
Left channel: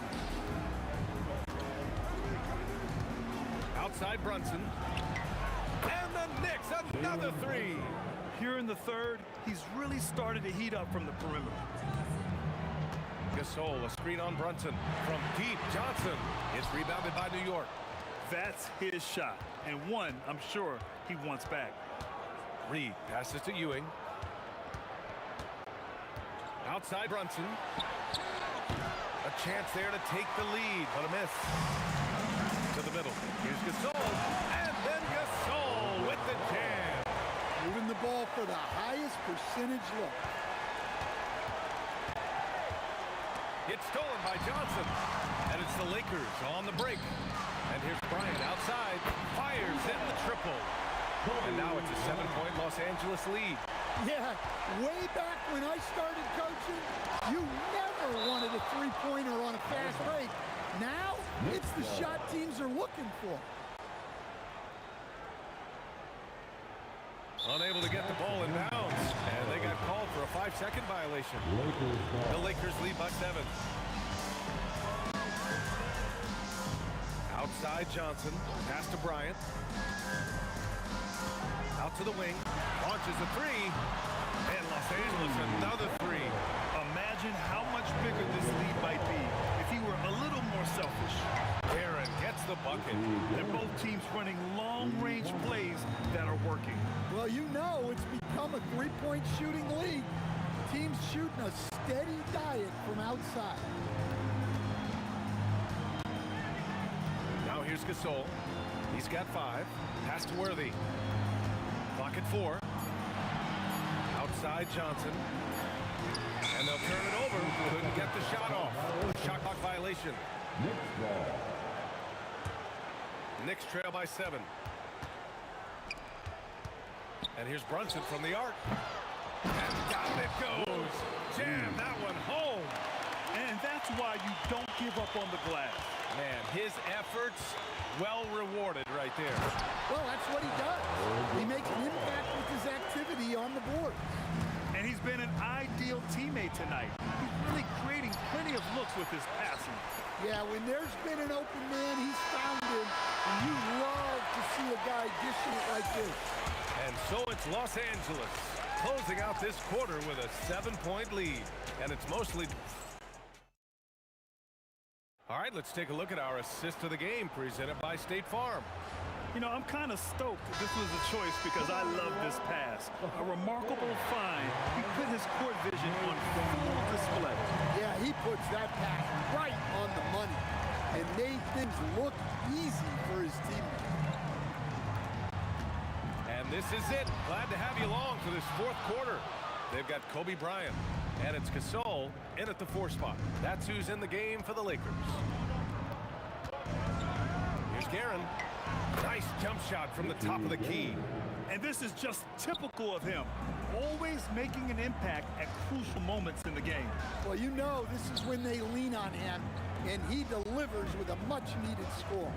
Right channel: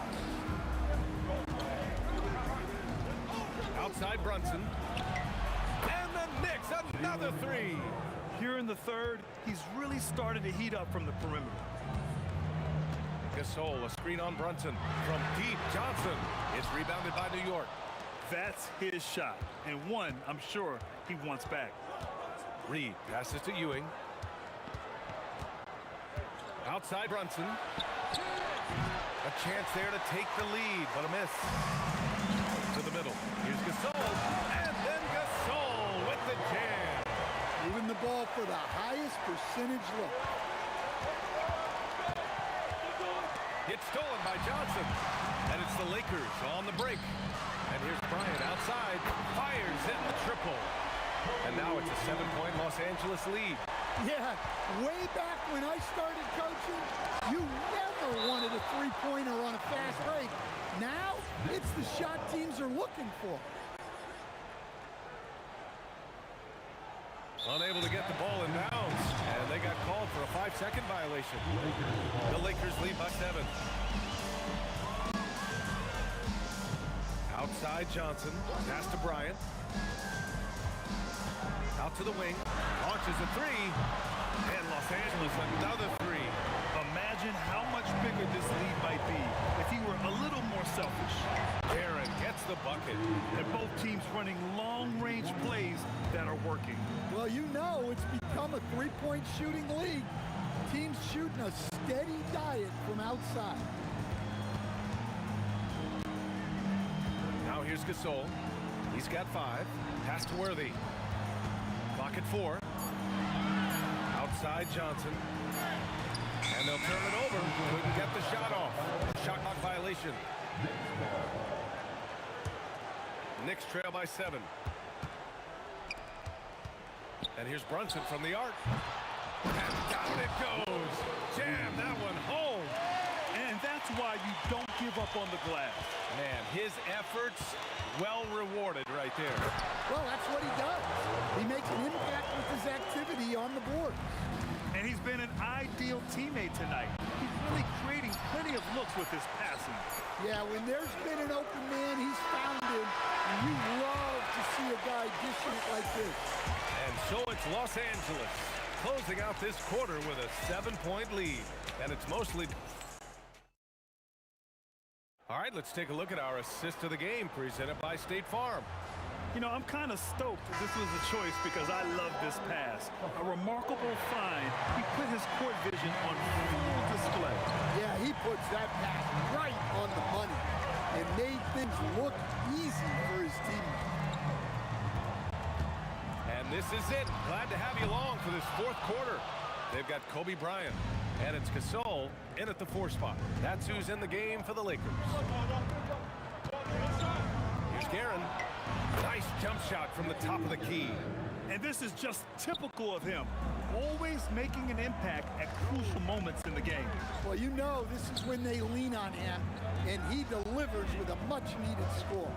Outside Brunson. And the Knicks, another 3. Here in the third, he's really started to heat up from the perimeter. Gasol, a screen on Brunson. From deep, Johnson. It's rebounded by New York. That's his shot, and one I'm sure he wants back. Reed passes to Ewing. Outside Brunson. A chance there to take the lead, but a miss. To the middle. Here's Gasol, and then Gasol with the jam. Moving the ball for the highest percentage look. It's stolen by Johnson. And it's the Lakers on the break. And here's Bryant outside. Fires in the triple. And now it's a 7-point Los Angeles lead. Yeah, way back when I started coaching, you never wanted a three-pointer on a fast break. Now, it's the shot teams are looking for. Unable to get the ball in bounds. And they got called for a 5-second violation. The Lakers lead by 7. Outside Johnson. Pass to Bryant. Out to the wing. Launches a 3. And Los Angeles another 3. Imagine how much bigger this lead might be if he were a little more selfish. Guerin gets the bucket. And both teams running long-range plays that are working. Well, you know it's become a three-point shooting league. Teams shooting a steady diet from outside. Now here's Gasol. He's got 5. Pass to Worthy. Clock at 4. Outside Johnson. And they'll turn it over. Couldn't get the shot off. A shot clock violation. Knicks trail by 7. And here's Brunson from the arc. And down it goes. Jam that one home. And that's why you don't give up on the glass. Man, his efforts well rewarded right there. Well, that's what he does. He makes an impact with his activity on the board. And he's been an ideal teammate tonight. He's really creating plenty of looks with his passing. Yeah, when there's been an open man, he's found him. And you love to see a guy dishing it like this. And so it's Los Angeles closing out this quarter with a 7-point lead. And it's mostly... All right, let's take a look at our assist of the game presented by State Farm. You know, I'm kind of stoked this was a choice because I love this pass. A remarkable find. He put his court vision on full display. Yeah, he puts that pass right on the money and made things look easy for his teammates. And this is it. Glad to have you along for this fourth quarter. They've got Kobe Bryant, and it's Gasol in at the 4 spot. That's who's in the game for the Lakers. Here's Guerin. Nice jump shot from the top of the key. And this is just typical of him. always making an impact at crucial moments in the game. Well, you know this is when they lean on him, and he delivers with a much-needed score.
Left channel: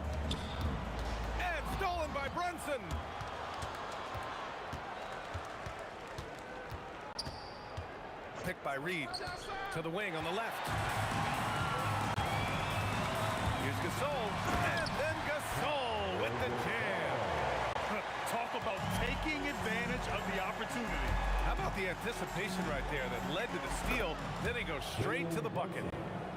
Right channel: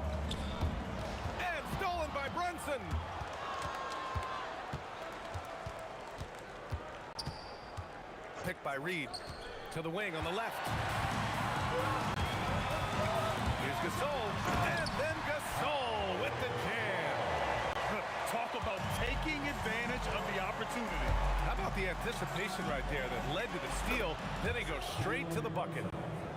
And stolen by Brunson. Picked by Reed. To the wing on the left. Here's Gasol. And then Gasol with the jam. Talk about taking advantage of the opportunity. How about the anticipation right there that led to the steal? Then he goes straight to the bucket.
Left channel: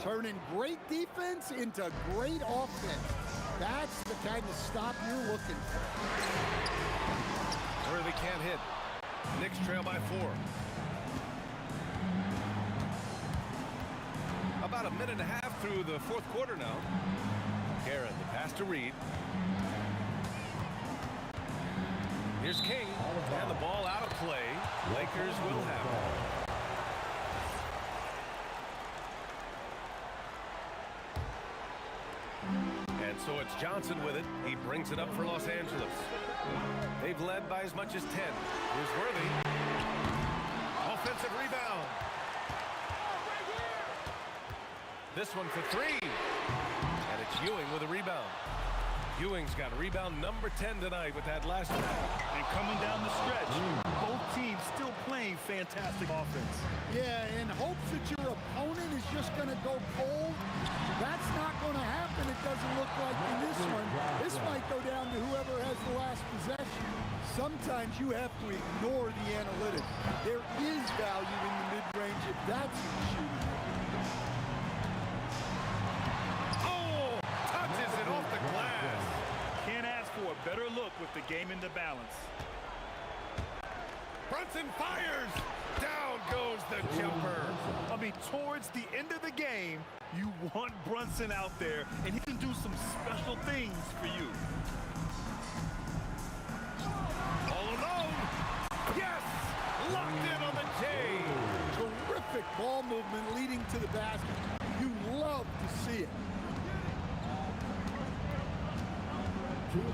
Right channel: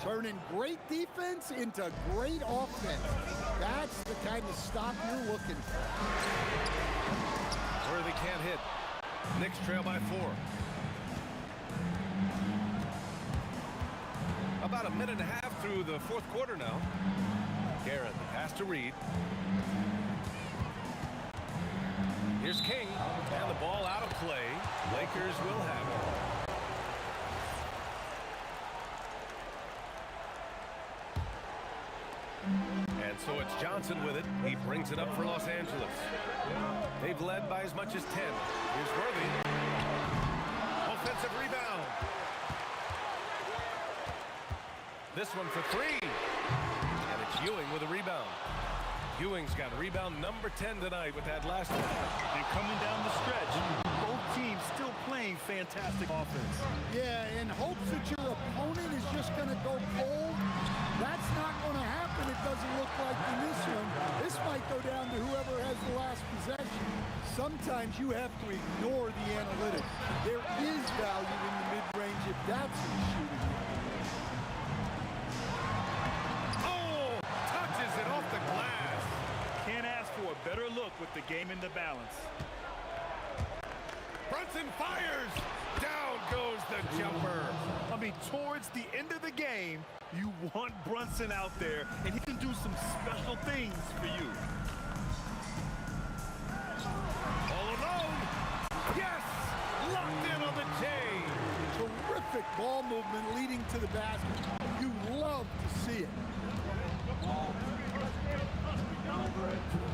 Turning great defense into great offense. That's the kind of stop you're looking for. Worthy can't hit. Knicks trail by 4. About a minute and a half through the fourth quarter now. Garrett, the pass to Reed. Here's King, and the ball out of play. Lakers will have it. And so it's Johnson with it. He brings it up for Los Angeles. They've led by as much as 10. Here's Worthy. Offensive rebound. This one for 3. And it's Ewing with a rebound. Ewing's got rebound number 10 tonight with that last one. And coming down the stretch, both teams still playing fantastic offense. Yeah, in hopes that your opponent is just going to go cold. That's not going to happen, it doesn't look like in this one. This might go down to whoever has the last possession. Sometimes you have to ignore the analytics. There is value in the mid-range if that's who's shooting it. Oh, touches it off the glass. Can't ask for a better look with the game in the balance. Brunson fires. Down goes the jumper. I mean, towards the end of the game, you want Brunson out there, and he can do some special things for you. All alone. Yes! Locked in on the J. Terrific ball movement leading to the basket. You love to see it.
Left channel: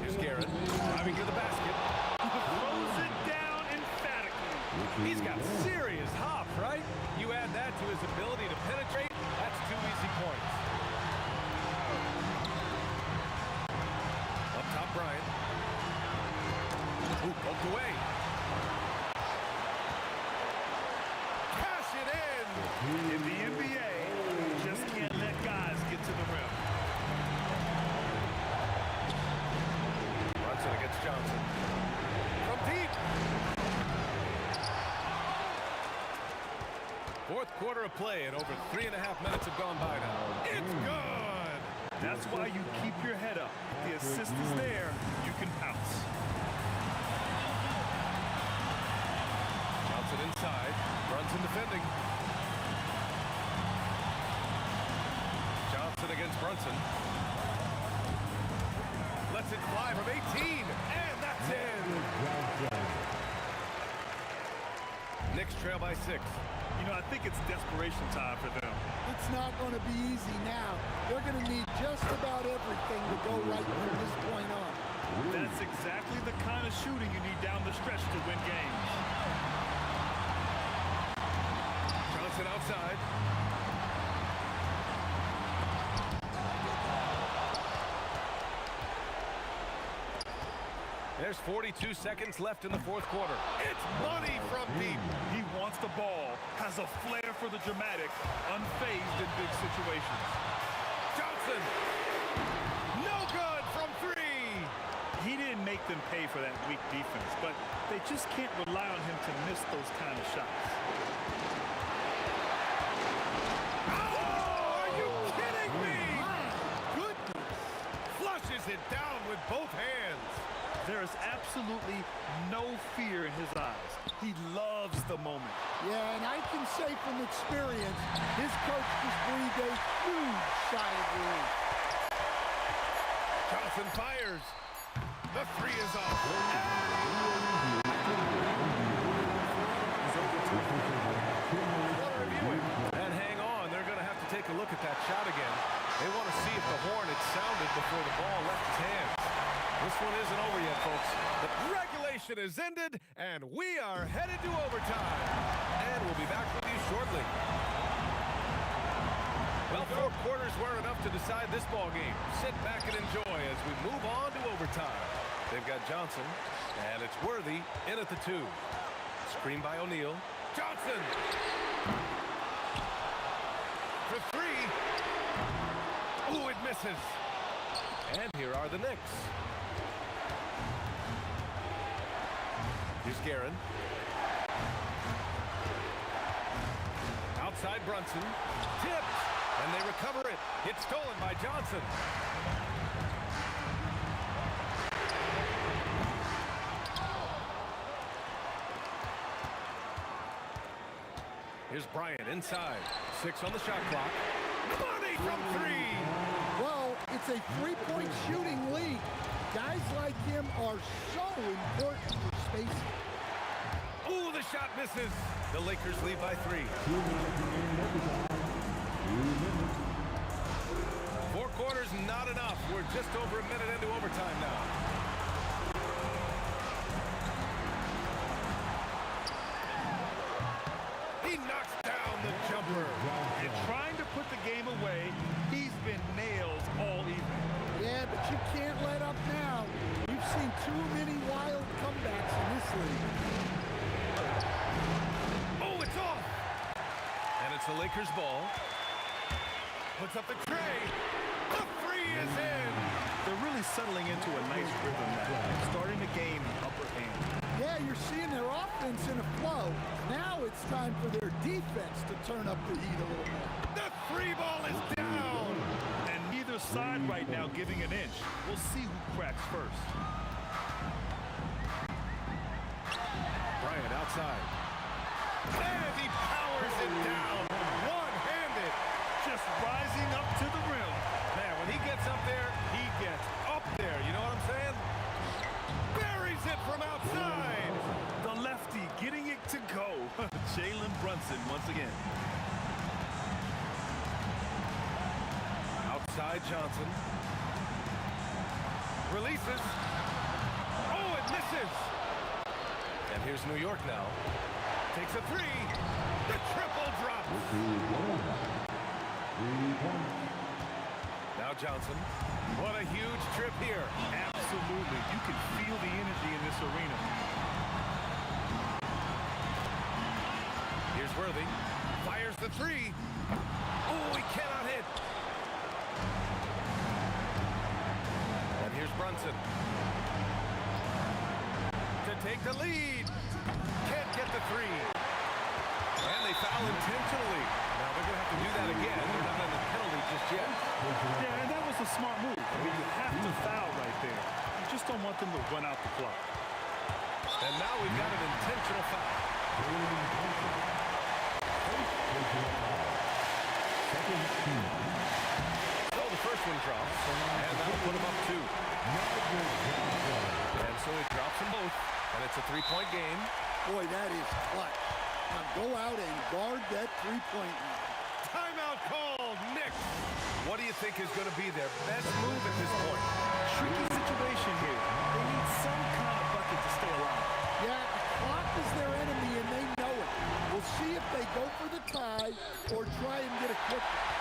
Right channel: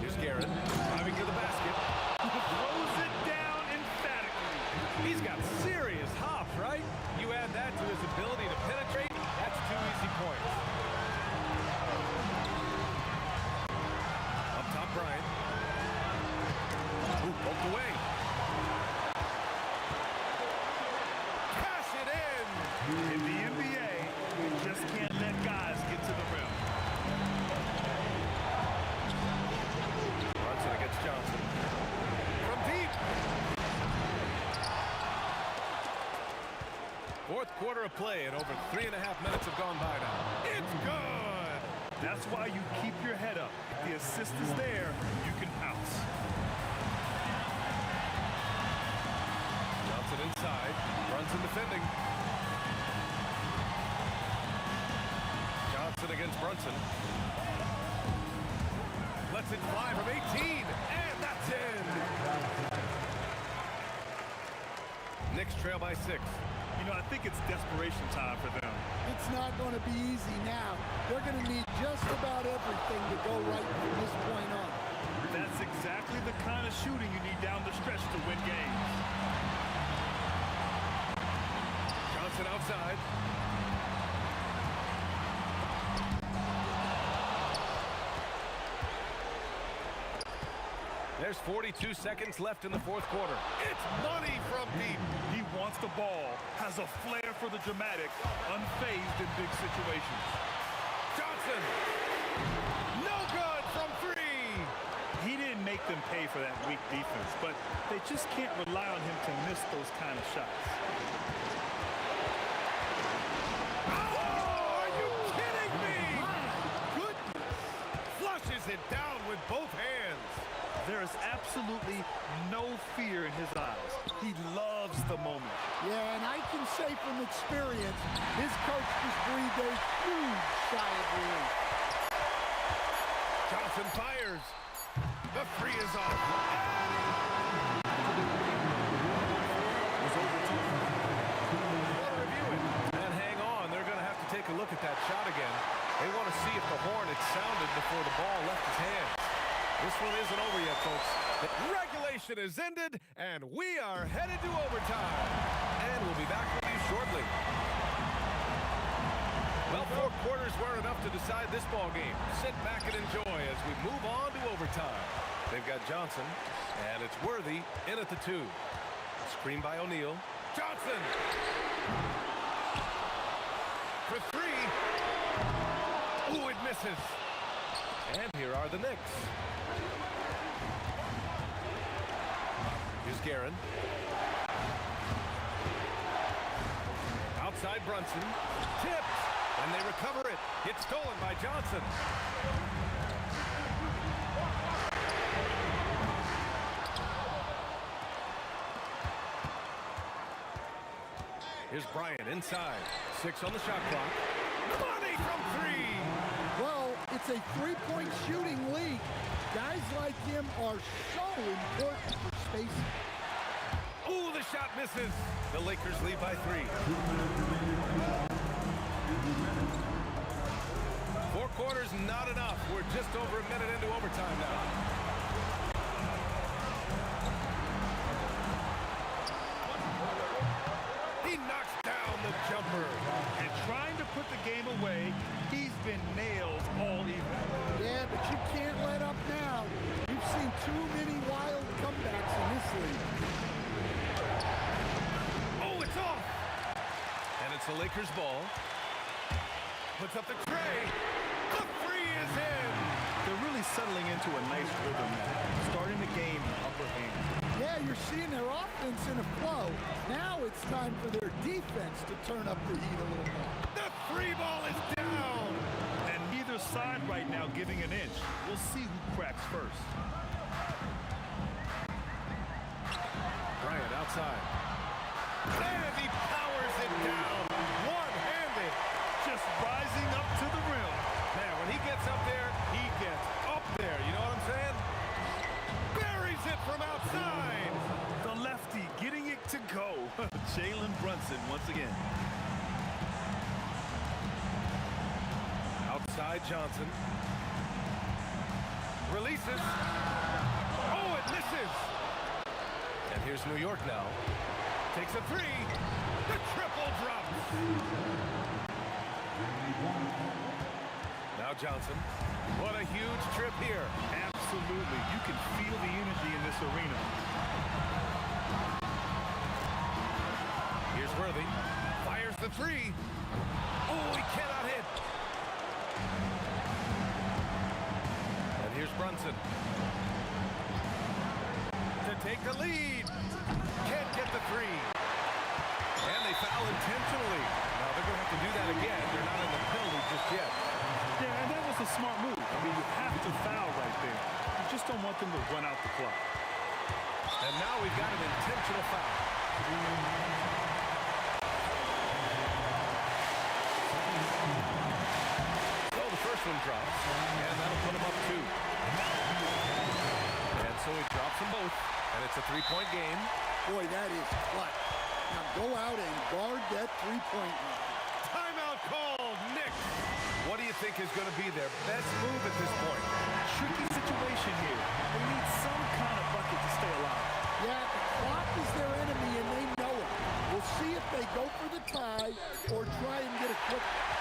Here's Garrett driving to the basket. Throws it down emphatically. He's got serious hop, right? You add that to his ability to penetrate, that's 2 easy points. Up top, Bryant. Ooh, poked away. Cash it in! In the NBA, you just can't let guys get to the rim. Brunson against Johnson. From deep. Fourth quarter of play, and over 3.5 minutes have gone by now. It's good! That's why you keep your head up. If the assist is there, you can pounce. Johnson inside. Brunson defending. Johnson against Brunson. Lets it fly from 18, and that's in. Knicks trail by 6. You know, I think it's desperation time for them. It's not going to be easy now. They're going to need just about everything to go right from this point on. That's exactly the kind of shooting you need down the stretch to win games. Johnson outside. There's 42 seconds left in the fourth quarter. It's money from deep. He wants the ball, has a flair for the dramatic, unfazed in big situations. Johnson, no good from 3. He didn't make them pay for that weak defense, but they just can't rely on him to miss those kind of shots. Oh, are you kidding me? My goodness. Flushes it down with both hands. There is absolutely no fear in his eyes. He loves the moment. Yeah, and I can say from experience, his coach just breathed a huge sigh of relief. Johnson fires. The 3 is off. Want to review it. And hang on, they're going to have to take a look at that shot again. They want to see if the horn had sounded before the ball left his hands. This one isn't over yet, folks. The regulation Regulation is ended, and we are headed to overtime. And we'll be back with you shortly. Well, 4 quarters weren't enough to decide this ball game. Sit back and enjoy as we move on to overtime. They've got Johnson, and it's Worthy in at the 2. Screen by O'Neal. Johnson! For 3. Ooh, it misses. And here are the Knicks. Here's Guerin. Outside Brunson. Tipped. And they recover it. It's stolen by Johnson. Here's Bryant inside. 6 on the shot clock. Money from 3. Well, it's a 3-point shooting league. Guys like him are so important for spacing. Ooh, the shot misses. The Lakers lead by 3. 4 quarters, not enough. We're just over a minute into overtime now. He knocks down the jumper. And trying to put the game away, he's been nails all evening. Yeah, but you can't let up now. We've seen too many wild comebacks in this league. Oh, it's off. And it's the Lakers' ball. Puts up the tray. The 3 is in. They're really settling into a nice rhythm now, starting to gain the upper hand. Yeah, you're seeing their offense in a flow. Now it's time for their defense to turn up the heat a little more. The 3 ball is down. And neither side right now giving an inch. We'll see who cracks first. Bryant outside. And he powers it down. One-handed. Just rising up to the rim. Man, when he gets up there, he gets up there. You know what I'm saying? Buries it from outside. The lefty getting it to go. Jalen Brunson once again. Outside Johnson. Releases. Oh, it misses. And here's New York now. Takes a 3. The triple drops. Now Johnson. What a huge trip here. Absolutely. You can feel the energy in this arena. Here's Worthy. Fires the 3. Oh, he cannot hit. And here's Brunson. To take the lead. Can't get the 3. And they foul intentionally. Now they're going to have to do that again. They're not in the penalty just yet. Yeah, and that was a smart move. I mean, you have to foul right there. You just don't want them to run out the clock. And now we've got an intentional foul. So the first one drops, and that'll put him up 2. And so he drops them both, and it's a 3-point game. Boy, that is clutch. Now go out and guard that 3-point line. Timeout called, Knicks. What do you think is going to be their best move at this point? Tricky situation here. They need some kind of bucket to stay alive. Yeah, the clock is their enemy, and they know it. We'll see if they go for the tie or try and get a quick one.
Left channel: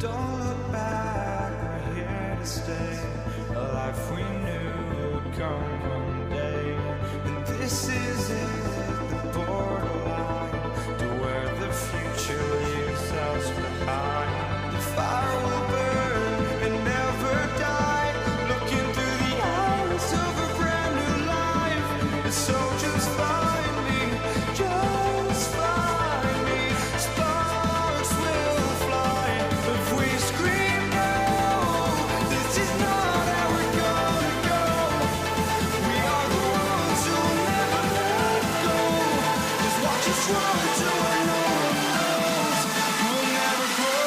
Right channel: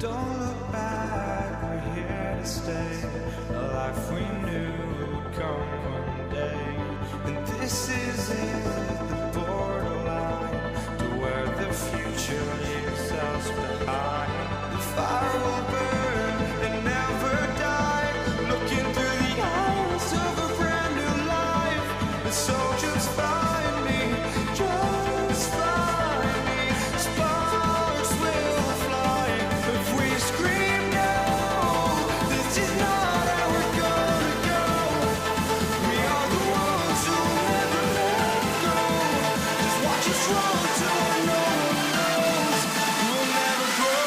Don't look back, we're here to stay. A life we knew would come one day. And this is it, the borderline to where the future leaves us behind. The fire will burn and never die, looking through the eyes of a brand new life. And so just find me, just find me. Sparks will fly if we scream no. This is not how we're gonna go. We are the ones who will never let go. Just watch us run to where no one knows. We'll never grow.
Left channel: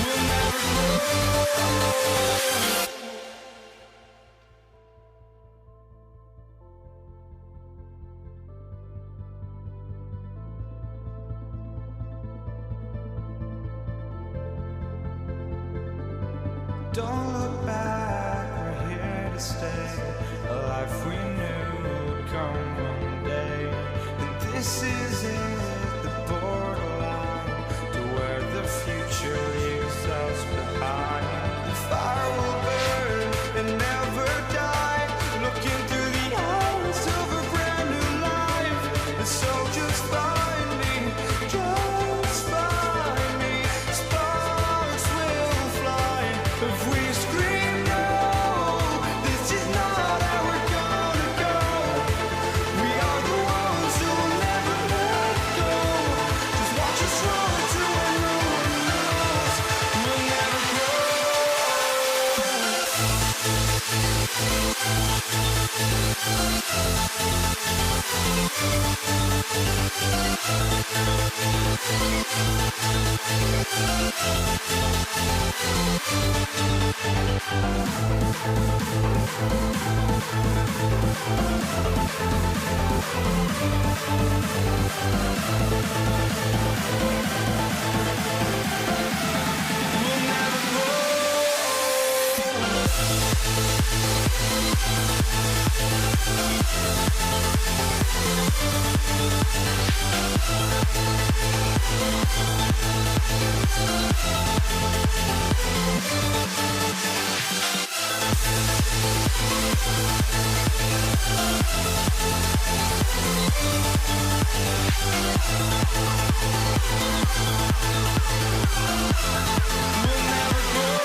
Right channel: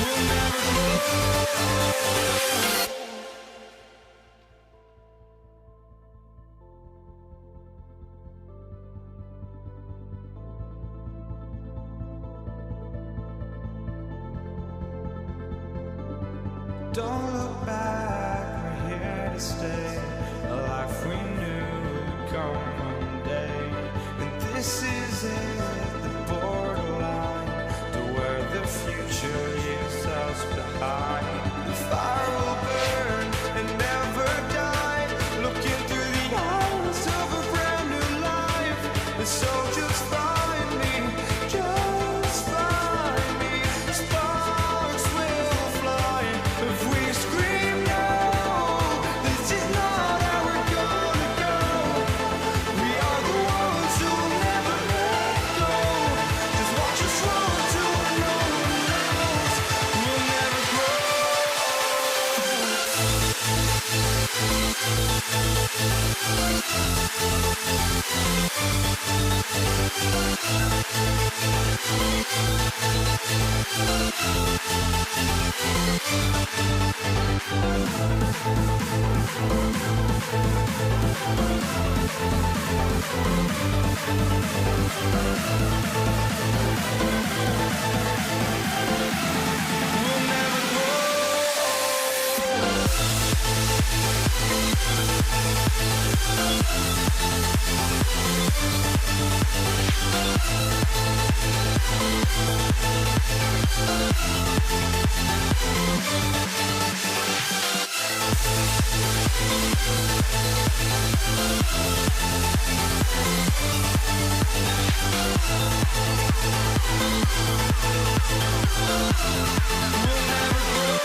We'll never grow. Don't look back, we're here to stay. A life we knew would come one day. And this is it, the borderline to where the future leaves us behind. The fire will burn and never die, looking through the eyes of a brand new life. And so just find me, just find me. Sparks will fly if we scream no. This is not how we're gonna go. We are the ones who will never let go. Just watch us run to where no one knows. We'll never grow. We'll never grow. We'll never grow.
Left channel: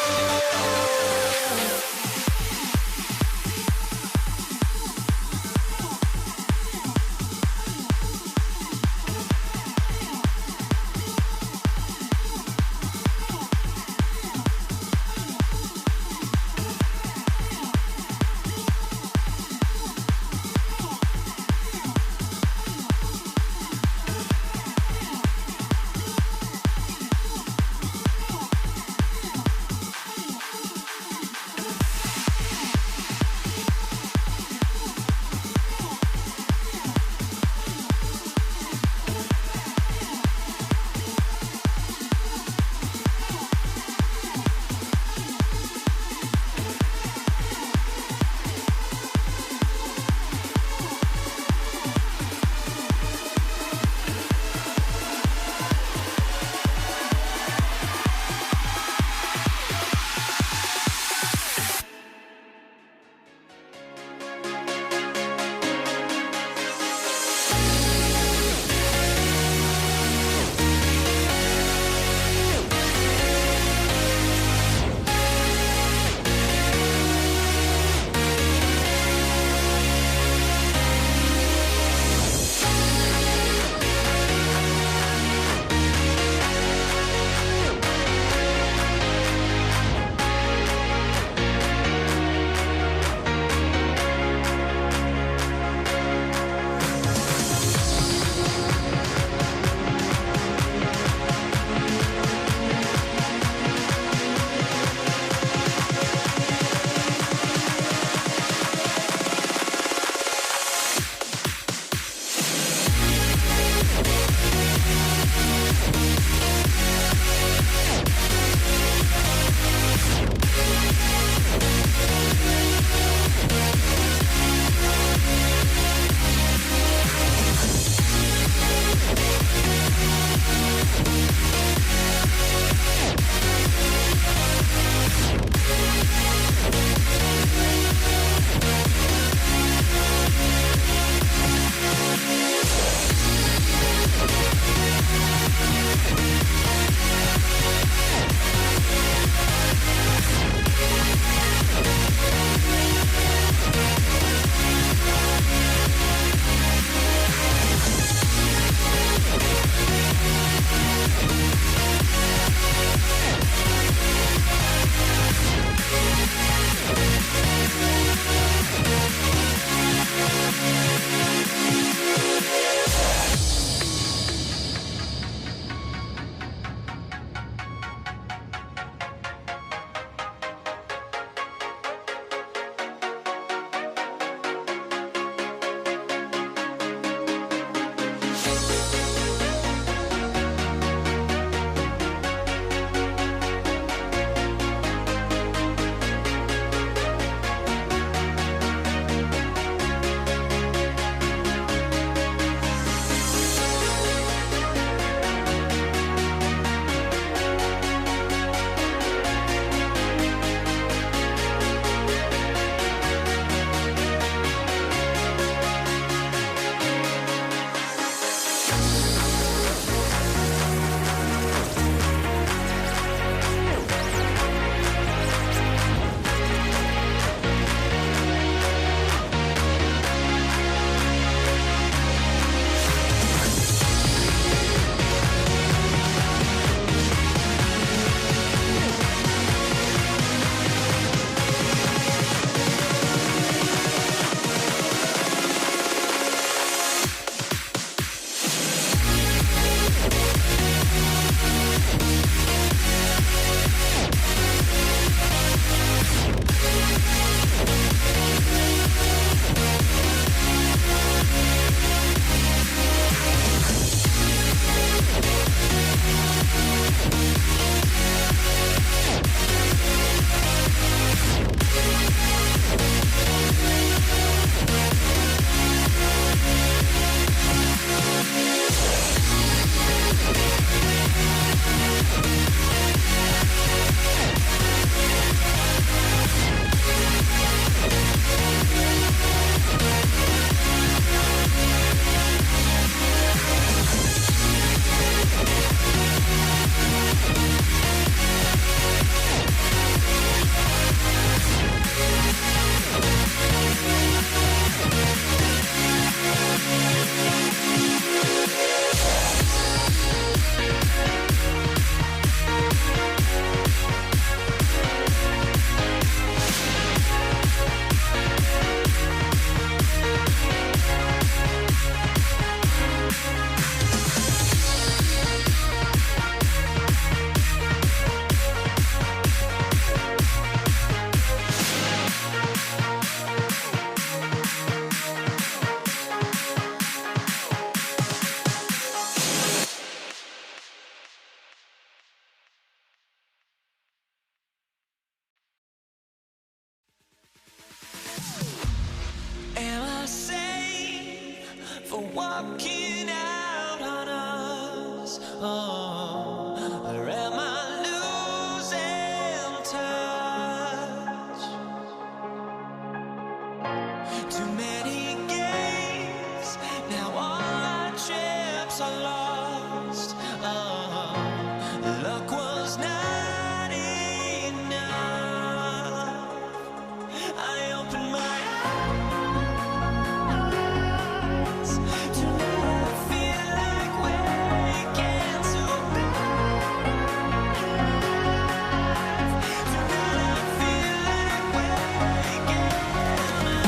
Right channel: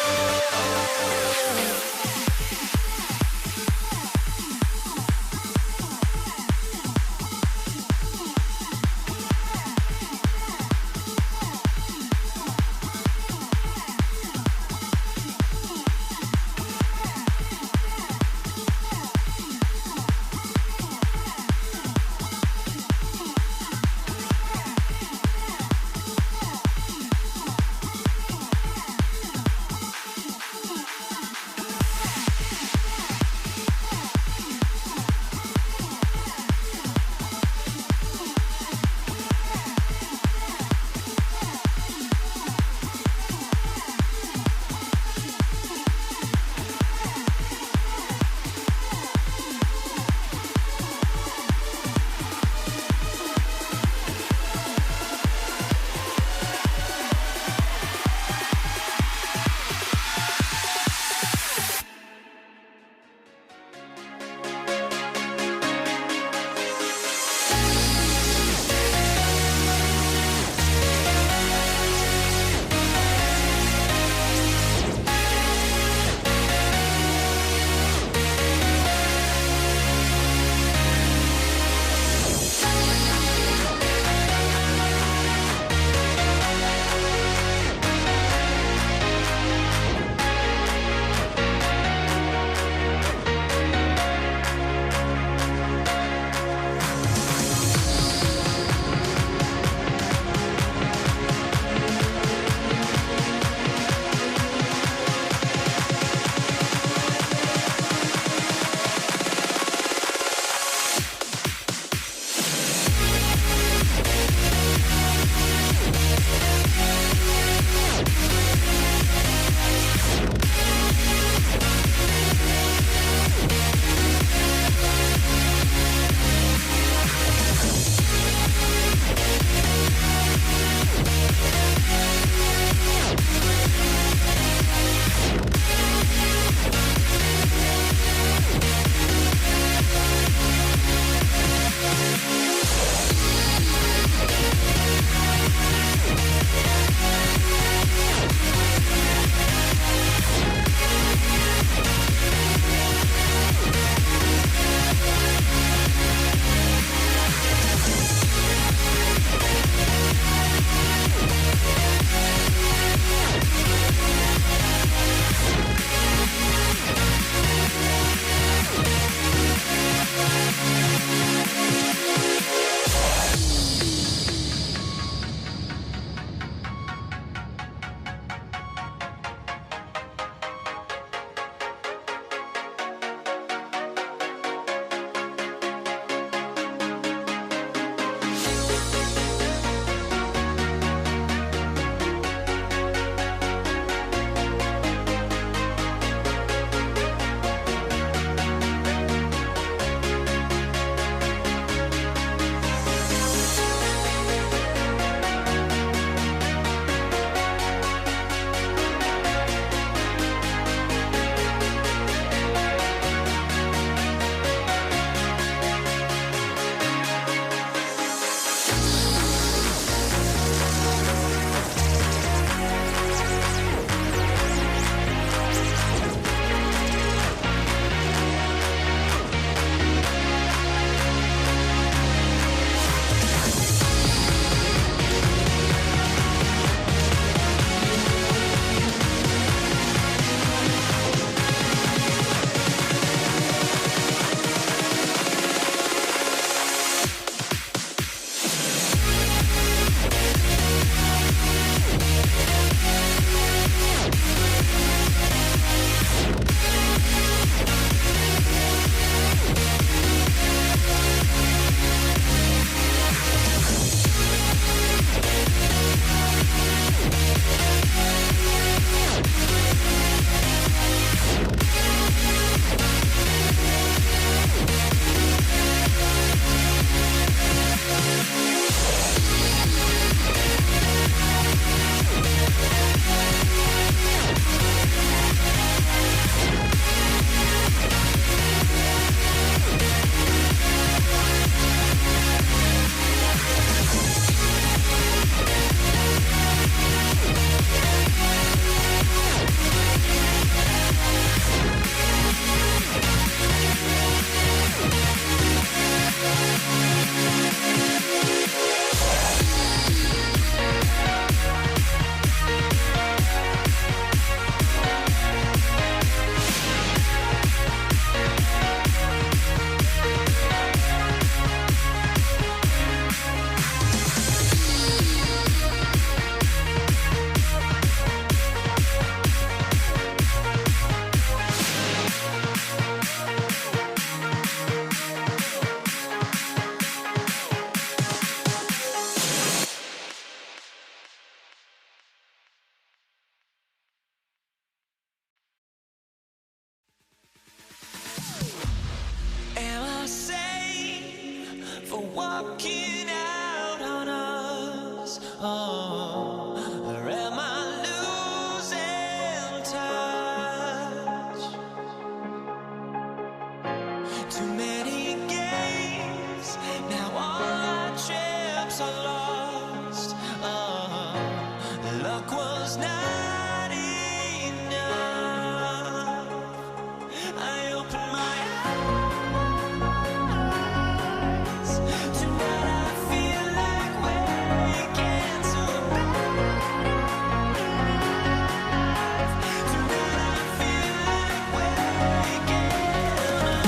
walking out on us. Oh, or am I losing touch? Too many games, now all our chips are lost. Oh, luck was not enough. I opened my eyes. Tonight I feel like waking to life. Tonight I feel like waking up.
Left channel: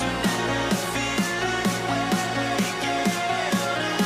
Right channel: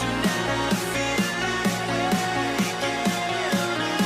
Tonight I feel like waking up.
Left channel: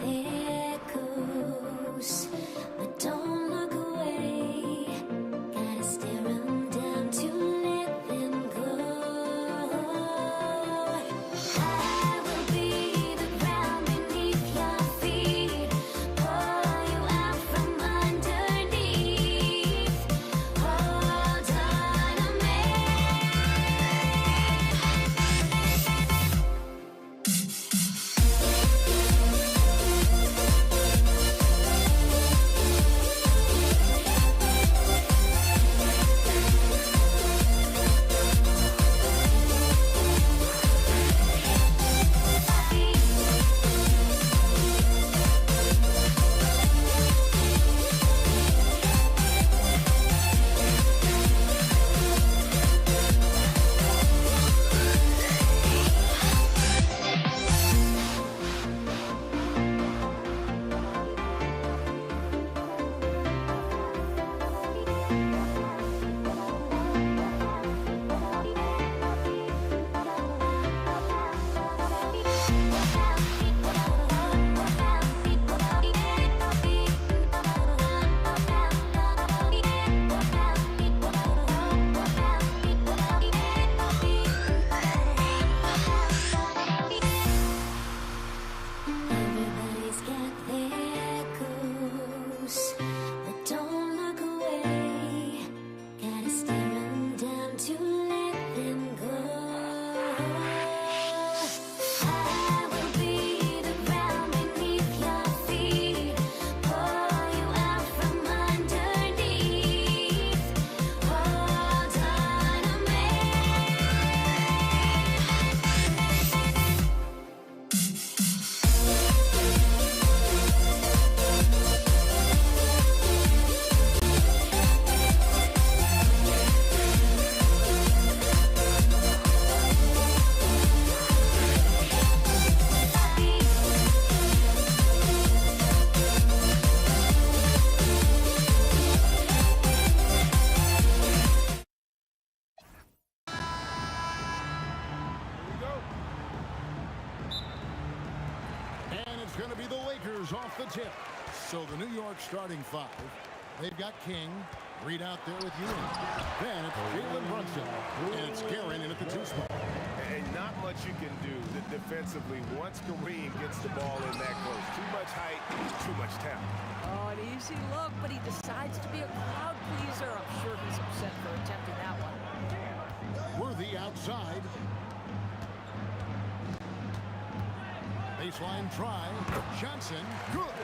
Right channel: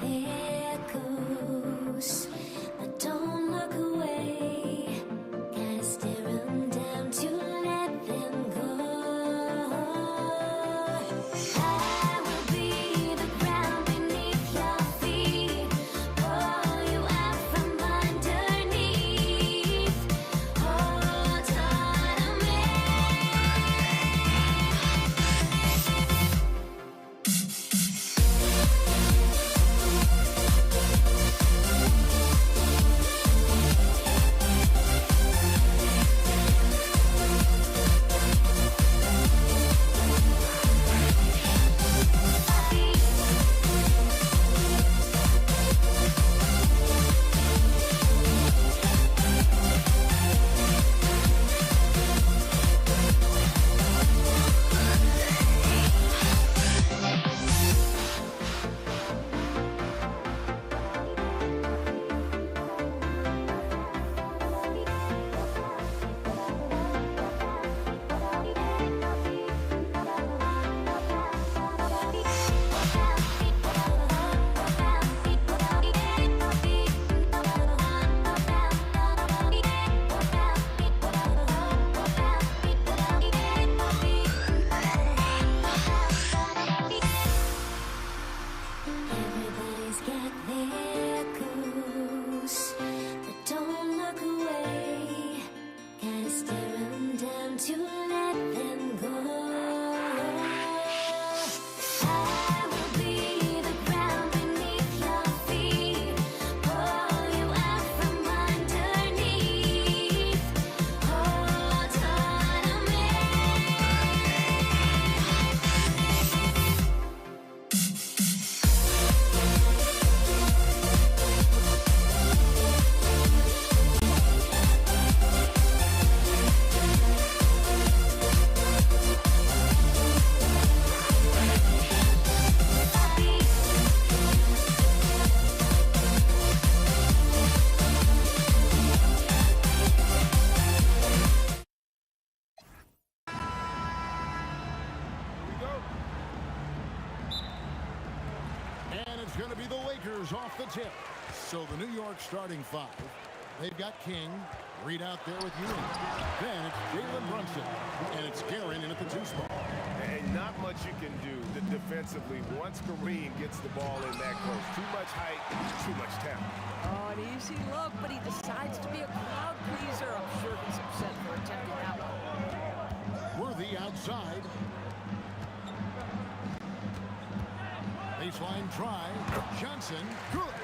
there goes. But don't look away. Gotta stare them down to let them go. I will be the ground beneath your feet. Pull you out from underneath. Hold on to me. Everybody's got their goals, but don't look away. Gotta stare them down to let them go. I will be the ground beneath your feet. Pull you out from underneath. Hold on to me. And it's going to be the Lakers off the tip. So the New York starting five. They've got King, Reed out there with Ewing. Then it's Jalen Brunson, and it's Guerin in at the 2 spot. And not much you can do defensively once Kareem gets the ball in that close. Too much height, too much talent. Oh, an easy look, but he decides to be a crowd pleaser. I'm sure he's upset for attempting that one. Worthy outside. Baseline try. Johnson, good.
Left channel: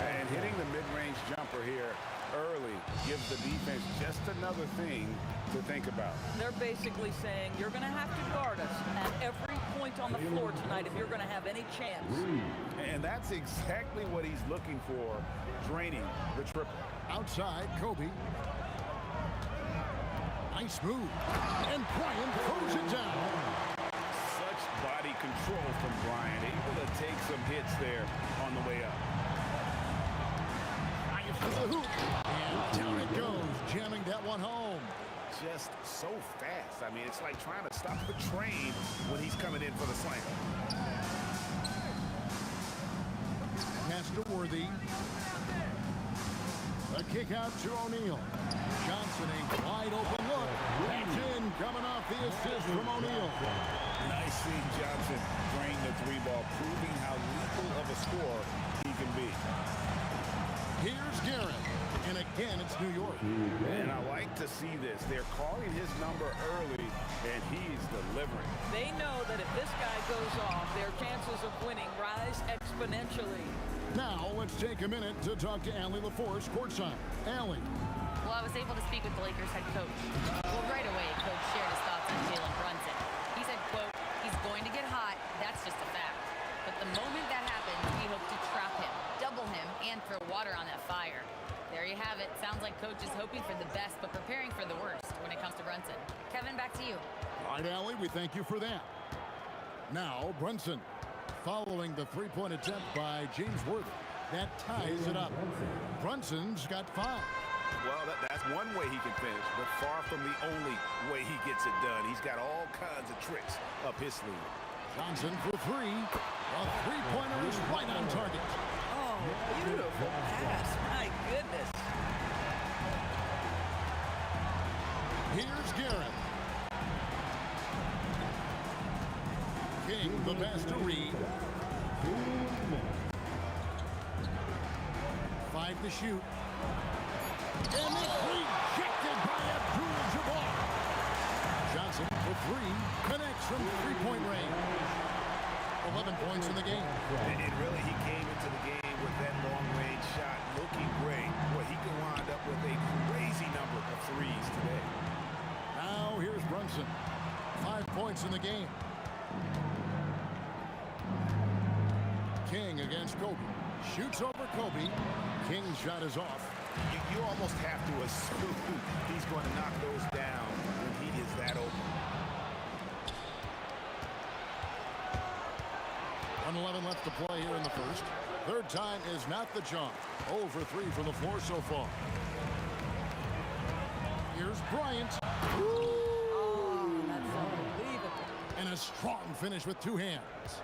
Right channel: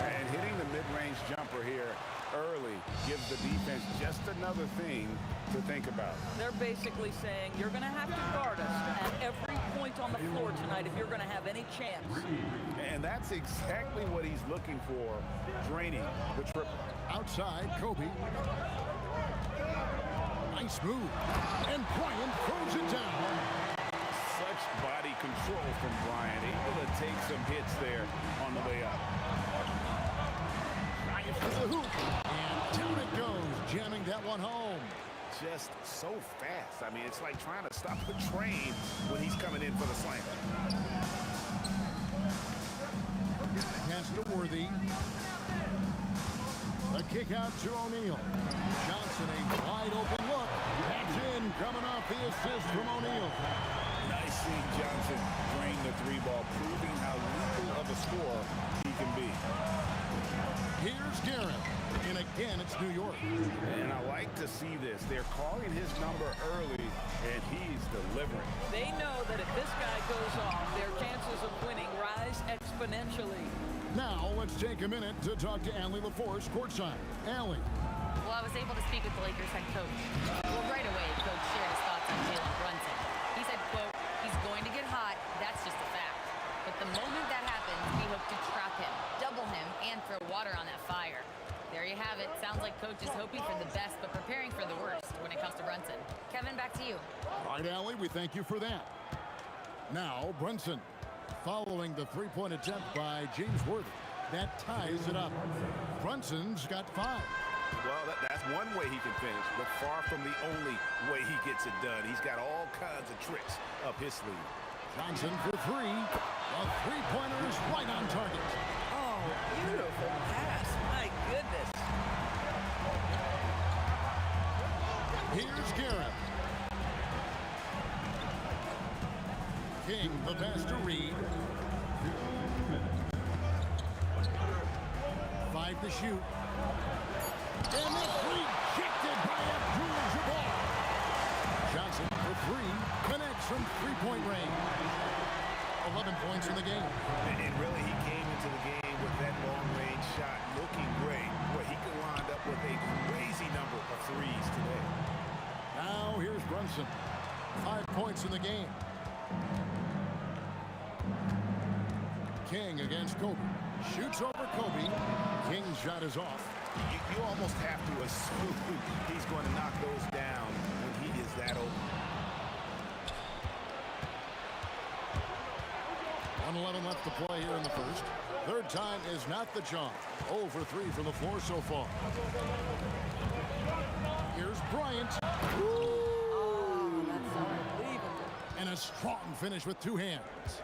And hitting the mid-range jumper here early gives the defense just another thing to think about. They're basically saying you're going to have to guard us at every point on the floor tonight if you're going to have any chance. And that's exactly what he's looking for, draining the triple. Outside, Kobe. Nice move. And Bryant throws it down. Such body control from Bryant, able to take some hits there on the way up. Bryant to the hoop. And down it goes, jamming that one home. Just so fast. I mean, it's like trying to stop a train when he's coming in for the slam. Pass to Worthy. A kick out to O'Neal. Johnson, a wide open look. That's in, coming off the assist from O'Neal. Nice seeing Johnson drain the 3-ball, proving how lethal of a scorer he can be. Here's Guerin. And again, it's New York. And I like to see this. They're calling his number early, and he's delivering. They know that if this guy goes off, their chances of winning rise exponentially. Now, let's take a minute to talk to Allie LaForce courtside. Allie. Well, I was able to speak with the Lakers head coach. Well, right away, coach shared his thoughts on Jalen Brunson. He said, quote, he's going to get hot. That's just a fact. But the moment that happens, we hope to trap him, double him, and throw water on that fire. There you have it. Sounds like coach is hoping for the best, but preparing for the worst when it comes to Brunson. Kevin, back to you. All right, Allie, we thank you for that. Now, Brunson, following the three-point attempt by James Worthy. That ties it up. Brunson's got 5. Well, that's one way he can finish, but far from the only way he gets it done. He's got all kinds of tricks up his sleeve. Johnson for 3. The three-pointer is right on target. Oh, beautiful pass. My goodness. Here's Garrett. King, the pass to Reed. 5 to shoot. And it's rejected by Abdul-Jabbar. Johnson for 3. Connects from three-point range. 11 points in the game. And really, he came into the game with that long-range shot looking great. Boy, he could wind up with a crazy number of threes today. Now here's Brunson. 5 points in the game. King against Kobe. Shoots over Kobe. King's shot is off. You almost have to assume he's going to knock those down when he is that open. 1:11 left to play here in the first. Third time is not the charm. 0 for 3 from the floor so far. Here's Bryant. Oh, that's unbelievable. And a strong finish with 2 hands.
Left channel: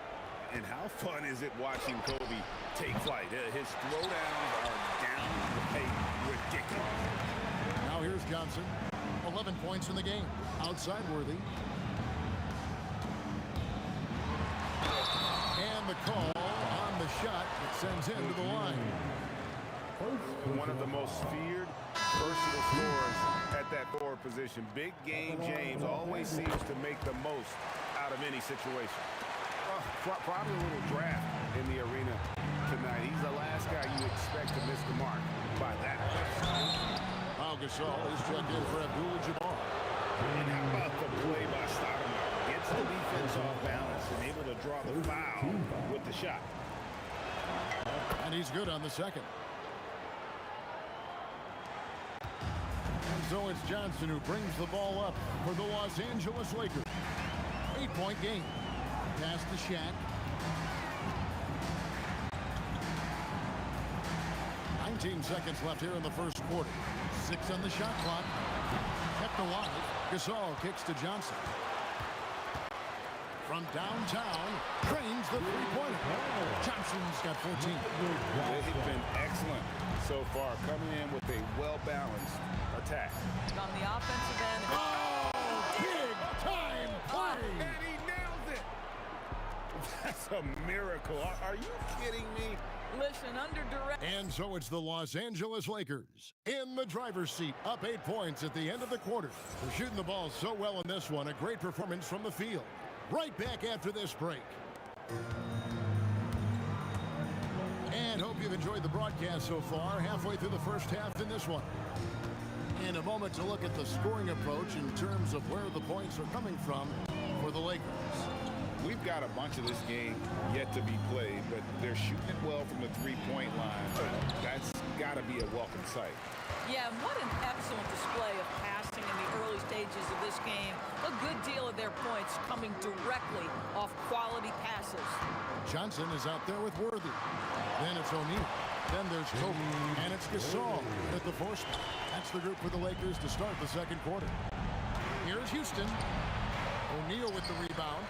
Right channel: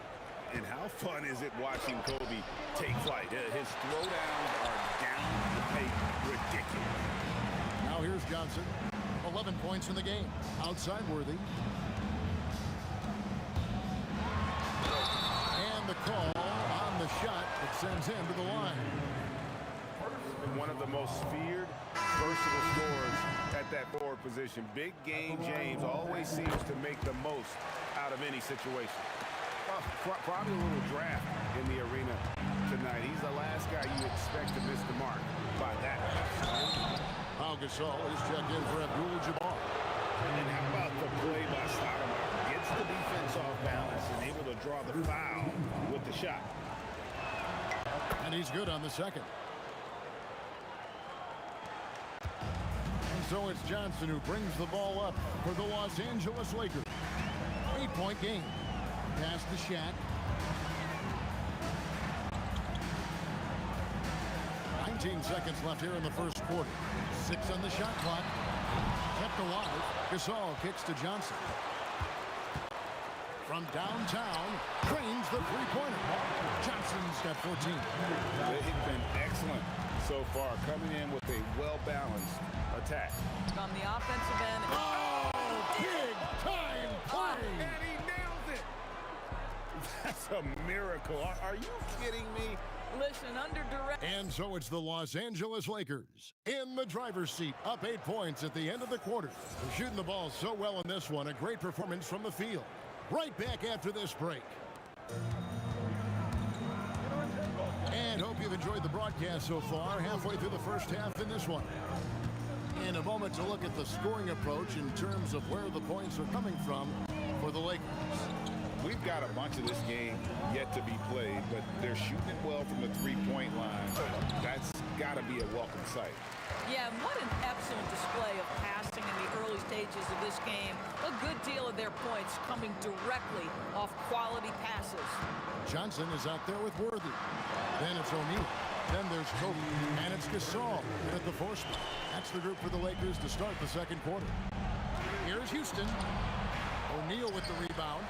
And how fun is it watching Kobe take flight? His throwdowns are downright ridiculous. Now here's Johnson. 11 points in the game. Outside Worthy. And the call on the shot that sends him to the line. One of the most feared, versatile scorers at that forward position. Big game James always seems to make the most out of any situation. Probably a little draft in the arena tonight. He's the last guy you expect to miss the mark by that much. Pau Gasol is checked in for Abdul-Jabbar. And how about the play by Stoudemire? Gets the defense off balance and able to draw the foul with the shot. And he's good on the second. And so it's Johnson who brings the ball up for the Los Angeles Lakers. 8-point game. Pass to Shaq. 19 seconds left here in the first quarter. 6 on the shot clock. Kept alive. Gasol kicks to Johnson. From downtown, trains the three-pointer. Johnson's got 14. They've been excellent so far, coming in with a well-balanced attack. On the offensive end. Oh, big-time play! And he nails it! That's a miracle. Are you kidding me? Listen, under direct. And so it's the Los Angeles Lakers in the driver's seat, up 8 points at the end of the quarter. They're shooting the ball so well in this one. A great performance from the field. Right back after this break. And hope you've enjoyed the broadcast so far. Halfway through the first half in this one. In a moment to look at the scoring approach in terms of where the points are coming from for the Lakers. We've got a bunch of this game yet to be played, but they're shooting it well from the three-point line. That's got to be a welcome sight. Yeah, and what an excellent display of passing in the early stages of this game. A good deal of their points coming directly off quality passes. Johnson is out there with Worthy. Then it's O'Neal. Then there's Kobe. And it's Gasol at the 4 spot. That's the group for the Lakers to start the second quarter. Here's Houston. O'Neal with the rebound.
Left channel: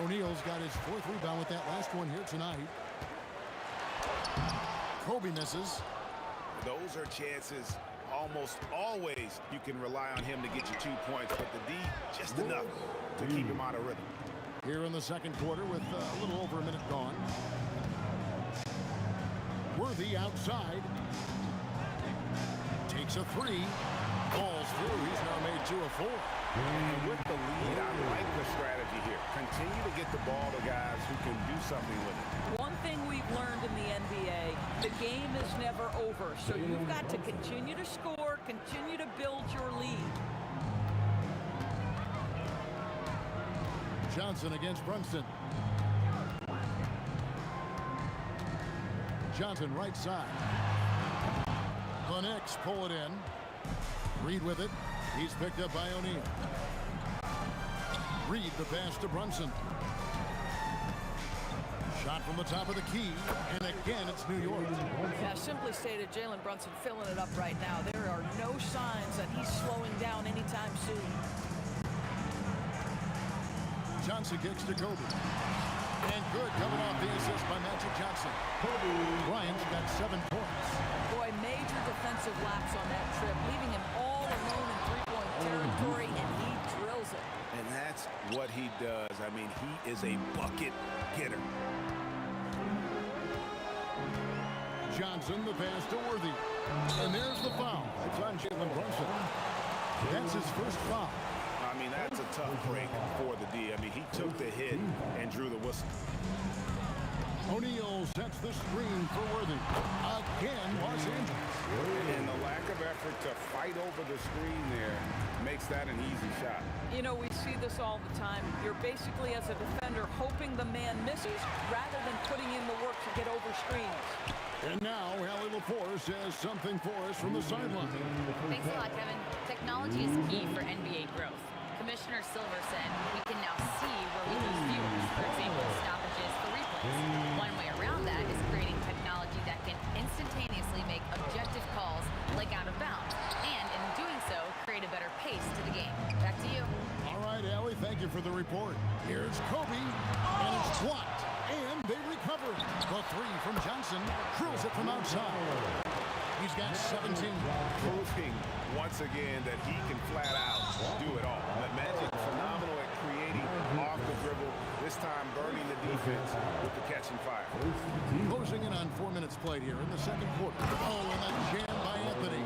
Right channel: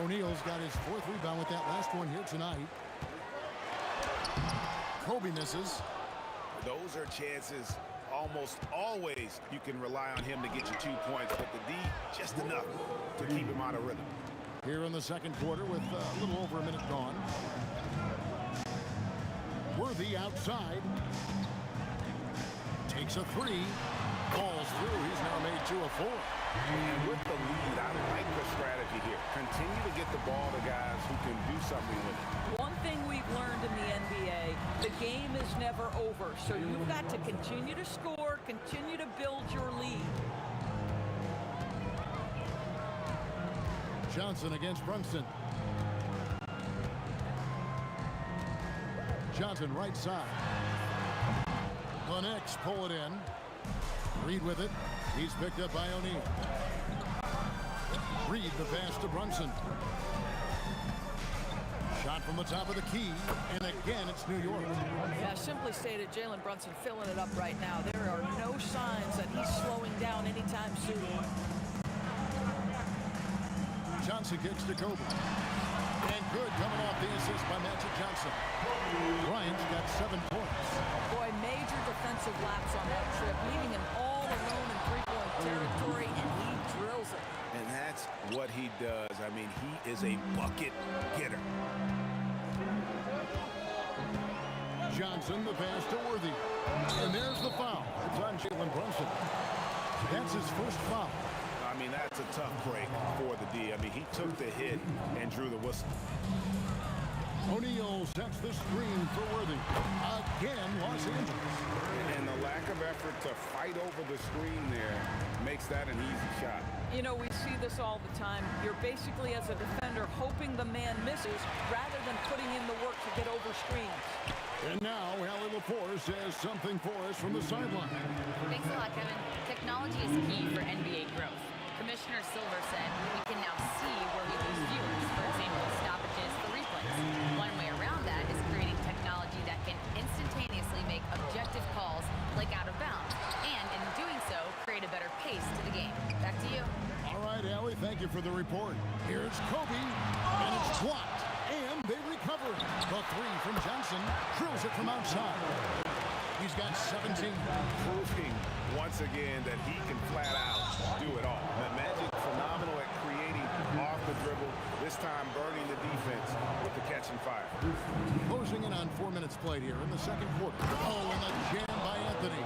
O'Neal's got his 4th rebound with that last one here tonight. Kobe misses. Those are chances almost always you can rely on him to get you 2 points, but the D just enough to keep him out of rhythm. Here in the second quarter with a little over a minute gone. Worthy outside. Takes a 3. Falls through. He's now made 2 of 4. And with the lead, I like the strategy here. Continue to get the ball to guys who can do something with it. One thing we've learned in the NBA, the game is never over. So you've got to continue to score, continue to build your lead. Johnson against Brunson. Johnson right side. The Knicks pull it in. Reed with it. He's picked up by O'Neal. Reed the pass to Brunson. Shot from the top of the key, and again it's New York. Yeah, simply stated, Jalen Brunson filling it up right now. There are no signs that he's slowing down anytime soon. Johnson kicks to Kobe. And good coming off the assist by Magic Johnson. Bryant's got 7 points. Boy, major defensive lapse on that trip, leaving him all alone in three-point territory, and he drills it. And that's what he does. I mean, he is a bucket getter. Johnson, the pass to Worthy. And there's the foul. It's on Jalen Brunson. That's his first foul. I mean, that's a tough break for the D. I mean, he took the hit and drew the whistle. O'Neal sets the screen for Worthy. Again, Los Angeles. And the lack of effort to fight over the screen there makes that an easy shot. You know, we see this all the time. You're basically, as a defender, hoping the man misses rather than putting in the work to get over screens. And now, Allie LaForce says something for us from the sideline. Thanks a lot, Kevin. Technology is key for NBA growth. Commissioner Silver said we can now see where we lose viewers, for example, stoppages for replays. One way around that is creating technology that can instantaneously make objective calls like out of bounds, and in doing so, create a better pace to the game. Back to you. All right, Allie, thank you for the report. Here's Kobe, and it's blocked, and they recover it. The three from Johnson, drills it from outside. He's got 17. Proving once again that he can flat out do it all. Magic phenomenal at creating off the dribble, this time burning the defense with the catch and fire. Closing in on 4 minutes played here in the second quarter. Oh, and a jam by Anthony.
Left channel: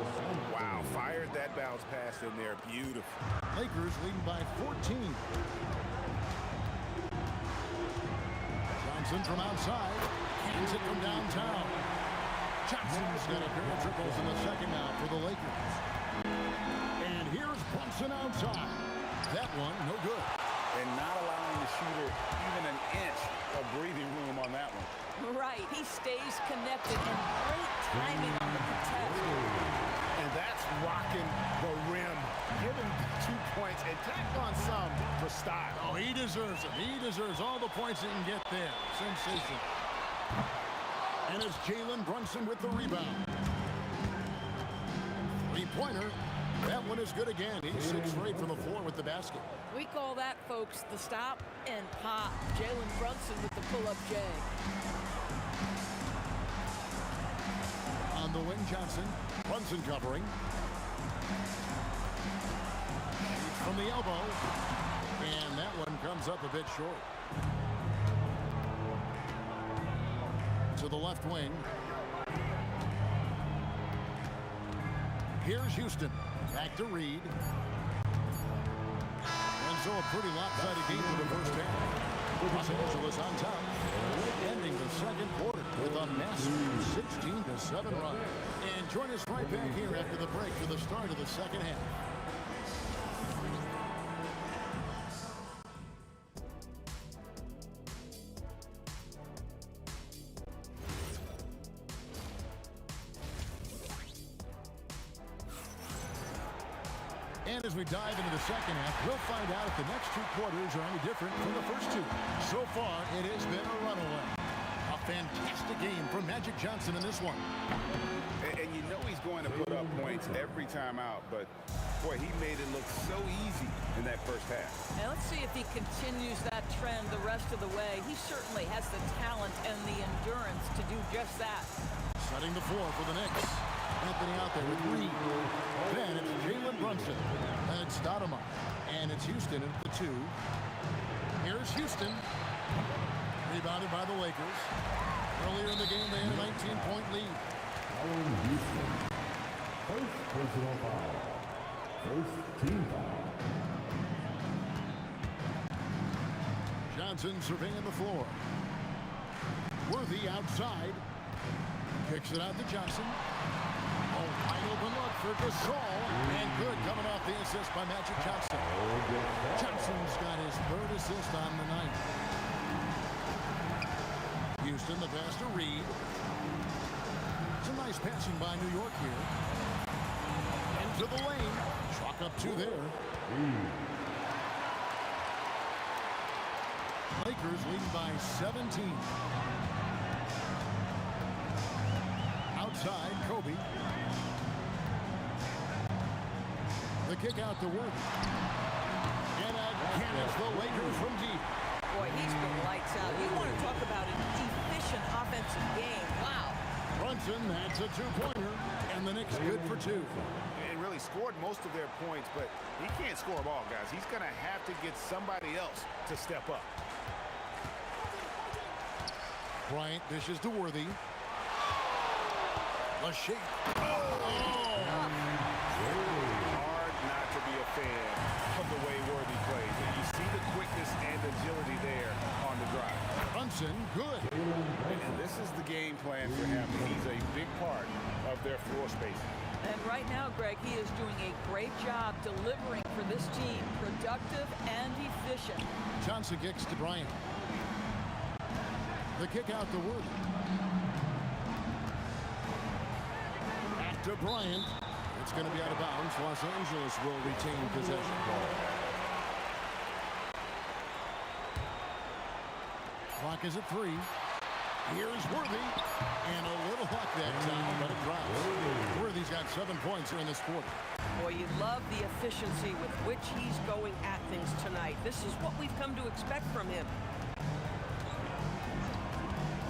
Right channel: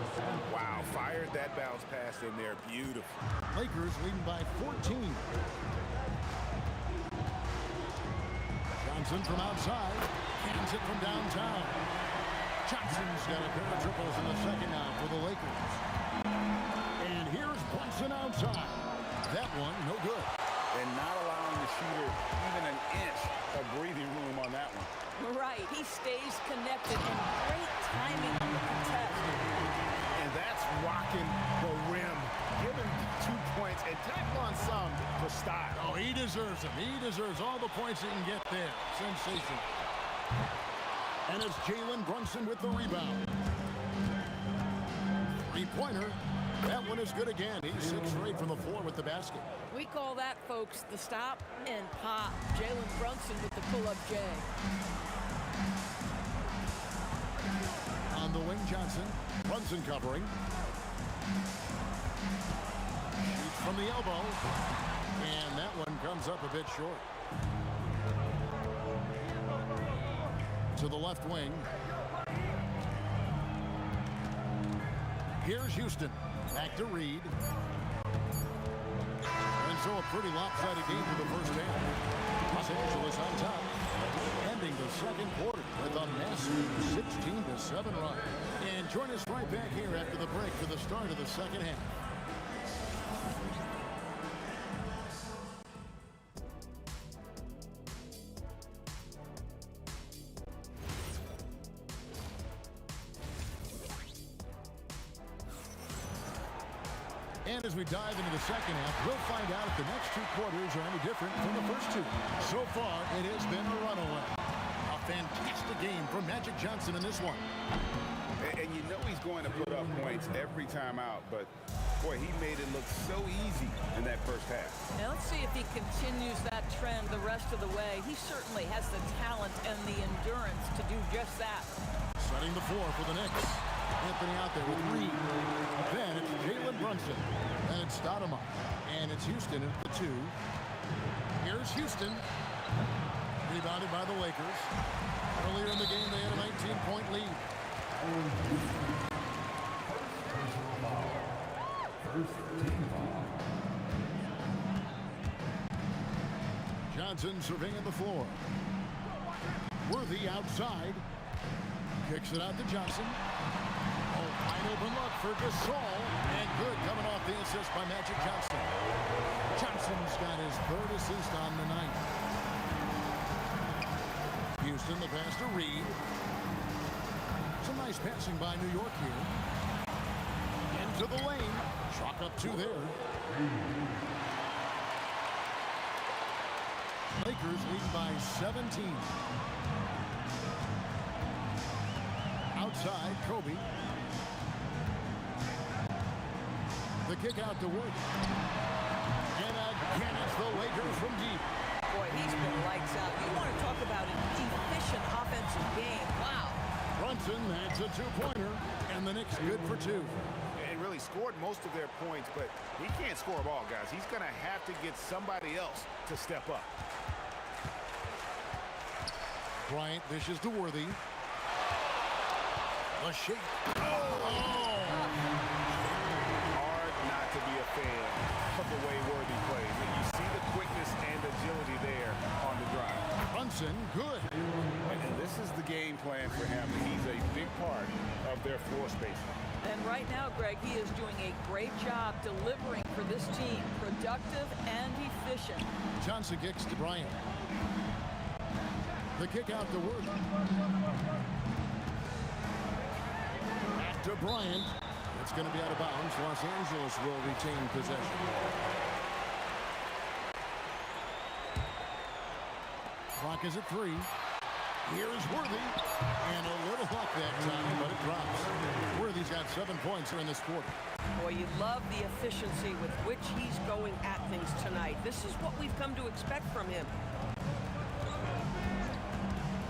Wow, fired that bounce pass in there. Beautiful. Lakers leading by 14. Johnson from outside, cans it from downtown. Johnson's got a pair of triples in the second now for the Lakers. And here's Brunson outside. That one, no good. And not allowing the shooter even an inch of breathing room on that one. Right, he stays connected, and great timing on the contest. And that's rocking the rim. Give him 2 points and tack on some for style. Oh, he deserves them. He deserves all the points he can get there. Sensation. And it's Jalen Brunson with the rebound. Three-pointer. That one is good again. He's 6 straight from the floor with the basket. We call that, folks, the stop and pop. Jalen Brunson with the pull-up J. On the wing, Johnson. Brunson covering. Shoots from the elbow. And that one comes up a bit short. To the left wing. Here's Houston. Back to Reed. And so a pretty lopsided game for the first half. Los Angeles on top. Ending the second quarter with a massive 16-7 run. And join us right back here after the break for the start of the second half. And as we dive into the second half, we'll find out if the next 2 quarters are any different from the first 2. So far, it has been a runaway. A fantastic game from Magic Johnson in this one. And you know he's going to put up points every time out, but boy, he made it look so easy in that first half. Now let's see if he continues that trend the rest of the way. He certainly has the talent and the endurance to do just that. Setting the floor for the Knicks. Anthony out there with Reed. Then it's Jalen Brunson. Then it's Stoudemire. And it's Houston at the 2. Here's Houston. Rebounded by the Lakers. Earlier in the game, they had a 19-point lead. First personal foul. First team foul. Johnson surveying the floor. Worthy outside. Kicks it out to Johnson. Oh, wide open look for Gasol. And good coming off the assist by Magic Johnson. Johnson's got his 3rd assist on the night. Houston, the pass to Reed. Some nice passing by New York here. Into the lane. Chalk up 2 there. Lakers leading by 17. Outside, Kobe. The kick out to Worthy. And again, it's the Lakers from deep. Boy, he's been lights out. You want to talk about an efficient offensive game. Wow. Brunson, that's a two-pointer, and the Knicks good for two. And really scored most of their points, but he can't score them all, guys. He's going to have to get somebody else to step up. Bryant dishes to Worthy. The shake. Oh! Hard not to be a fan of the way Worthy plays. And you see the quickness and agility there on the drive. Brunson, good. And this is the game plan for him. He's a big part of their floor spacing. And right now, Greg, he is doing a great job delivering for this team. Productive and efficient. Johnson kicks to Bryant. The kick out to Worthy. Back to Bryant. It's going to be out of bounds. Los Angeles will retain possession. Clock is at 3. Here's Worthy. And a little luck that time, but it drops. Worthy's got 7 points here in this quarter. Boy, you love the efficiency with which he's going at things tonight. This is what we've come to expect from him.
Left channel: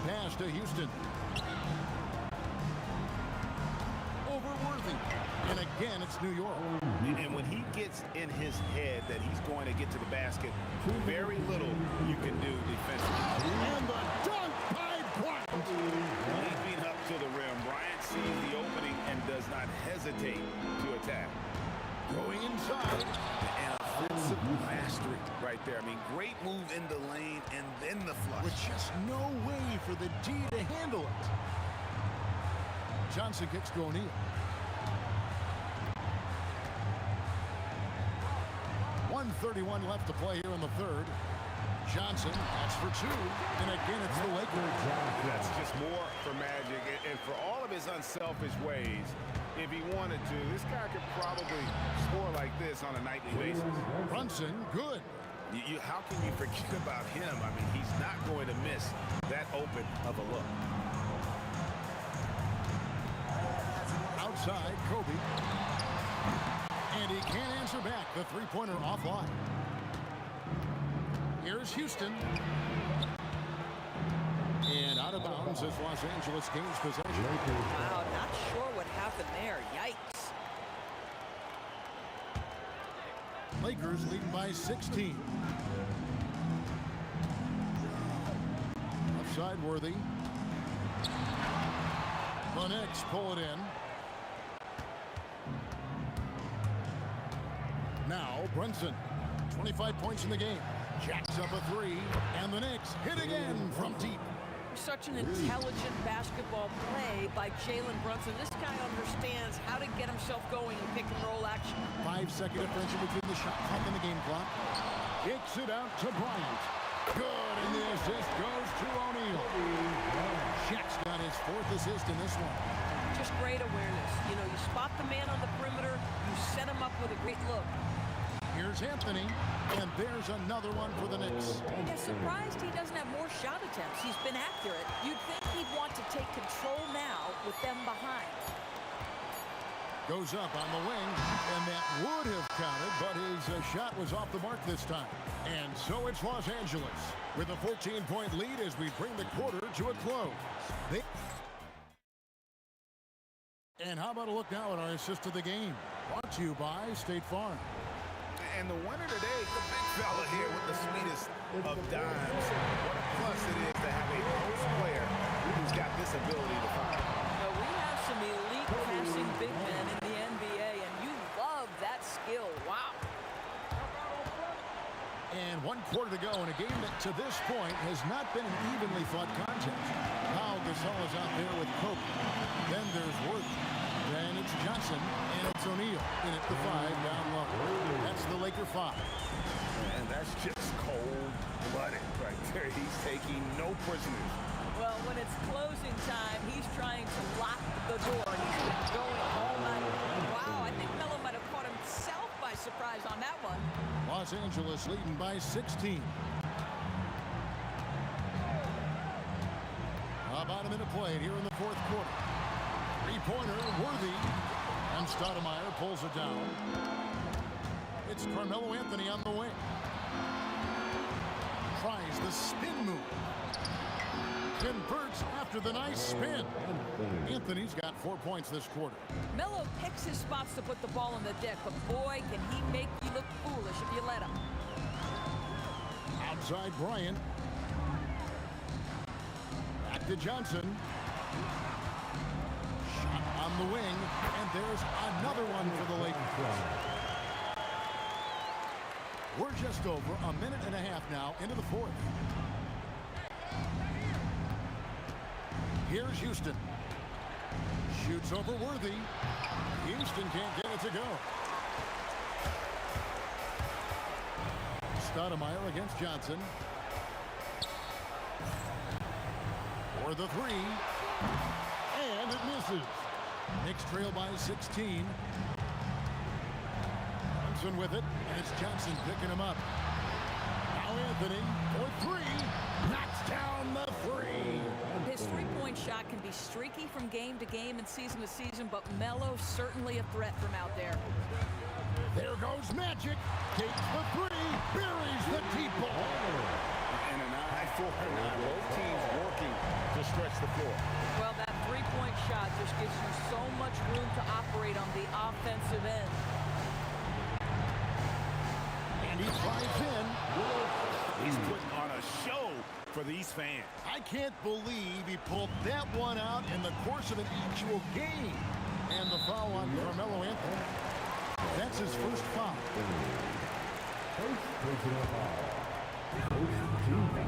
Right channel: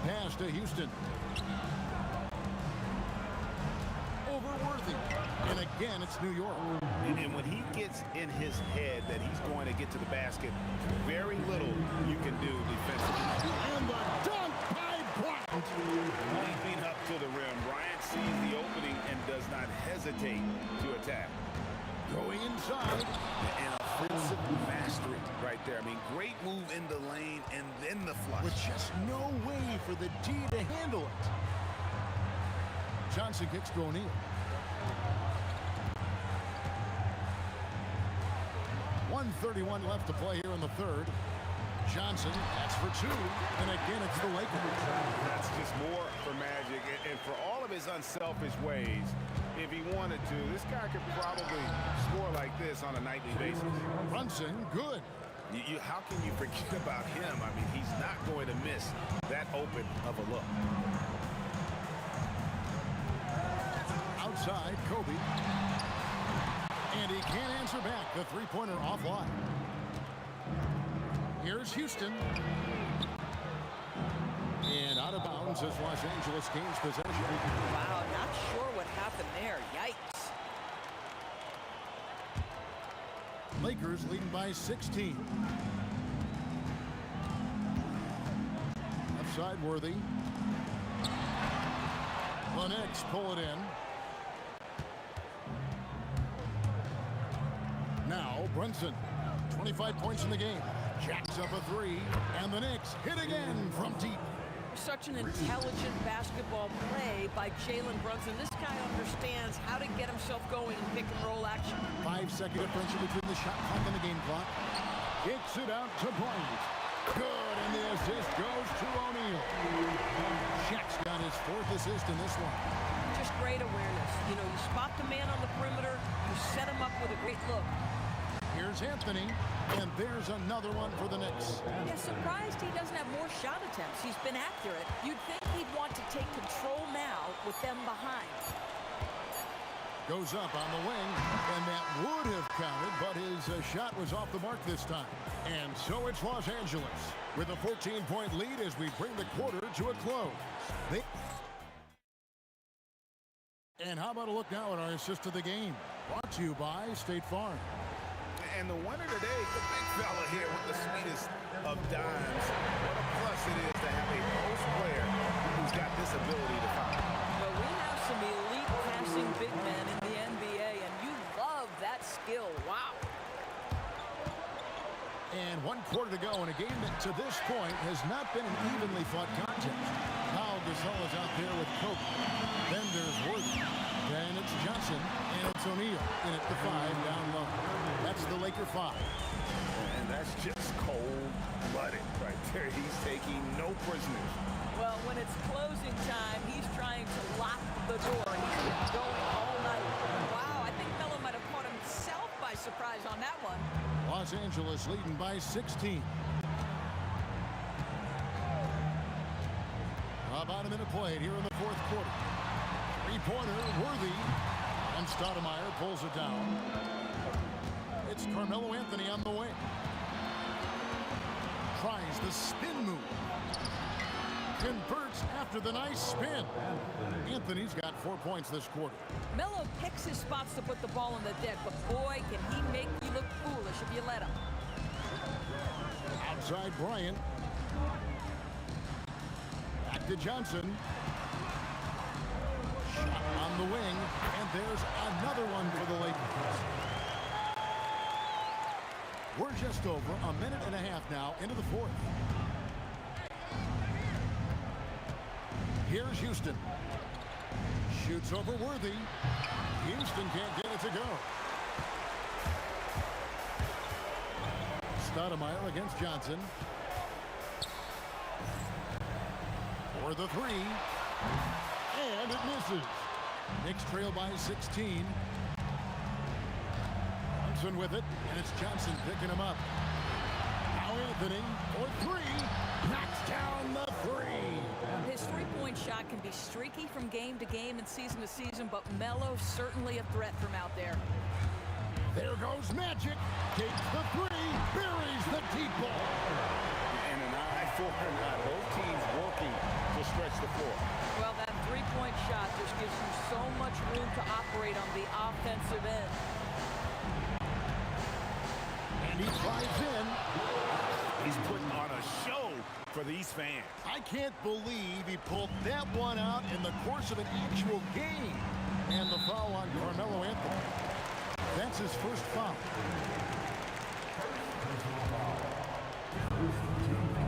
Pass to Houston. Over Worthy. And again, it's New York. And when he gets in his head that he's going to get to the basket, very little you can do defensively. And the dunk by Bryant. Leaping up to the rim, Bryant sees the opening and does not hesitate to attack. Going inside. An offensive mastery right there. I mean, great move in the lane and then the flush. With just no way for the D to handle it. Johnson kicks to O'Neal. 1:31 left to play here in the third. Johnson, that's for 2. And again, it's the Lakers. That's just more for Magic. And for all of his unselfish ways, if he wanted to, this guy could probably score like this on a nightly basis. Brunson, good. How can you forget about him? I mean, he's not going to miss that open of a look. Outside, Kobe. And he can't answer back. The three-pointer offline. Here's Houston. And out of bounds as Los Angeles gains possession. Wow, not sure what happened there. Yikes. Lakers leading by 16. Upside Worthy. The Knicks pull it in. Now Brunson, 25 points in the game. Jacks up a 3, and the Knicks hit again from deep. Such an intelligent basketball play by Jalen Brunson. This guy understands how to get himself going in pick-and-roll action. 5-second differential between the shot clock and the game clock. Kicks it out to Bryant. Good, and the assist goes to O'Neal. Shaq's got his 4th assist in this one. Just great awareness. You know, you spot the man on the perimeter, you set him up with a great look. Here's Anthony, and there's another one for the Knicks. Yeah, surprised he doesn't have more shot attempts. He's been accurate. You'd think he'd want to take control now with them behind. Goes up on the wing, and that would have counted, but his shot was off the mark this time. And so it's Los Angeles with a 14-point lead as we bring the quarter to a close. And how about a look now at our assist of the game? Brought to you by State Farm. And the winner today, the big fella here with the sweetest of dimes. What a plus it is to have a post player who's got this ability to fire. Well, we have some elite passing big men in the NBA, and you love that skill. Wow. And 1 quarter to go in a game that to this point has not been an evenly fought contest. Pau Gasol is out there with Kobe. Then there's Worthy. Then it's Johnson, and it's O'Neal in at the 5 down low. That's the Laker 5. And that's just cold-blooded right there. He's taking no prisoners. Well, when it's closing time, he's trying to lock the door. He's been going all night. Wow, I think Melo might have caught himself by surprise on that one. Los Angeles leading by 16. About a minute played here in the 4th quarter. Three-pointer, Worthy, and Stoudemire pulls it down. It's Carmelo Anthony on the wing. Tries the spin move. Converts after the nice spin. Anthony's got 4 points this quarter. Melo picks his spots to put the ball in the deck, but boy, can he make you look foolish if you let him. Outside Bryant. Back to Johnson. Shot on the wing, and there's another one for the Lakers. We're just over a minute and a half now into the fourth. Here's Houston. Shoots over Worthy. Houston can't get it to go. Stoudemire against Johnson. For the three. And it misses. Knicks trail by 16. Brunson with it, and it's Johnson picking him up. Now Anthony for three. Knocks down the three. His three-point shot can be streaky from game to game and season to season, but Melo's certainly a threat from out there. There goes Magic. Takes the three. Buries the deep ball. And an eye for an eye. Both teams working to stretch the floor. Well, that three-point shot just gives you so much room to operate on the offensive end. And he drives in. He's putting on a show for these fans. I can't believe he pulled that one out in the course of an actual game. And the foul on Carmelo Anthony. That's his first foul.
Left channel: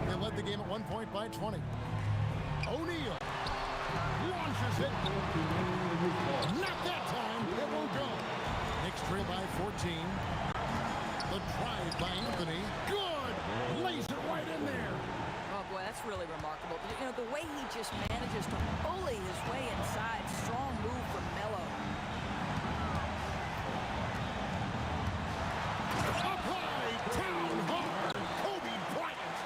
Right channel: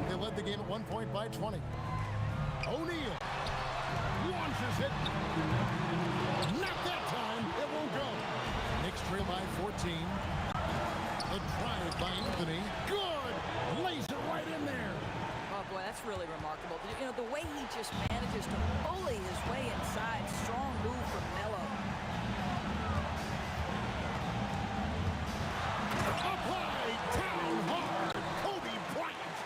They led the game at 1 point by 20. O'Neal launches it. Not that time. It won't go. Knicks trail by 14. The drive by Anthony. Good. Lays it right in there. Oh, boy, that's really remarkable. You know, the way he just manages to bully his way inside. Strong move from Melo. Up high, down hard. Kobe Bryant.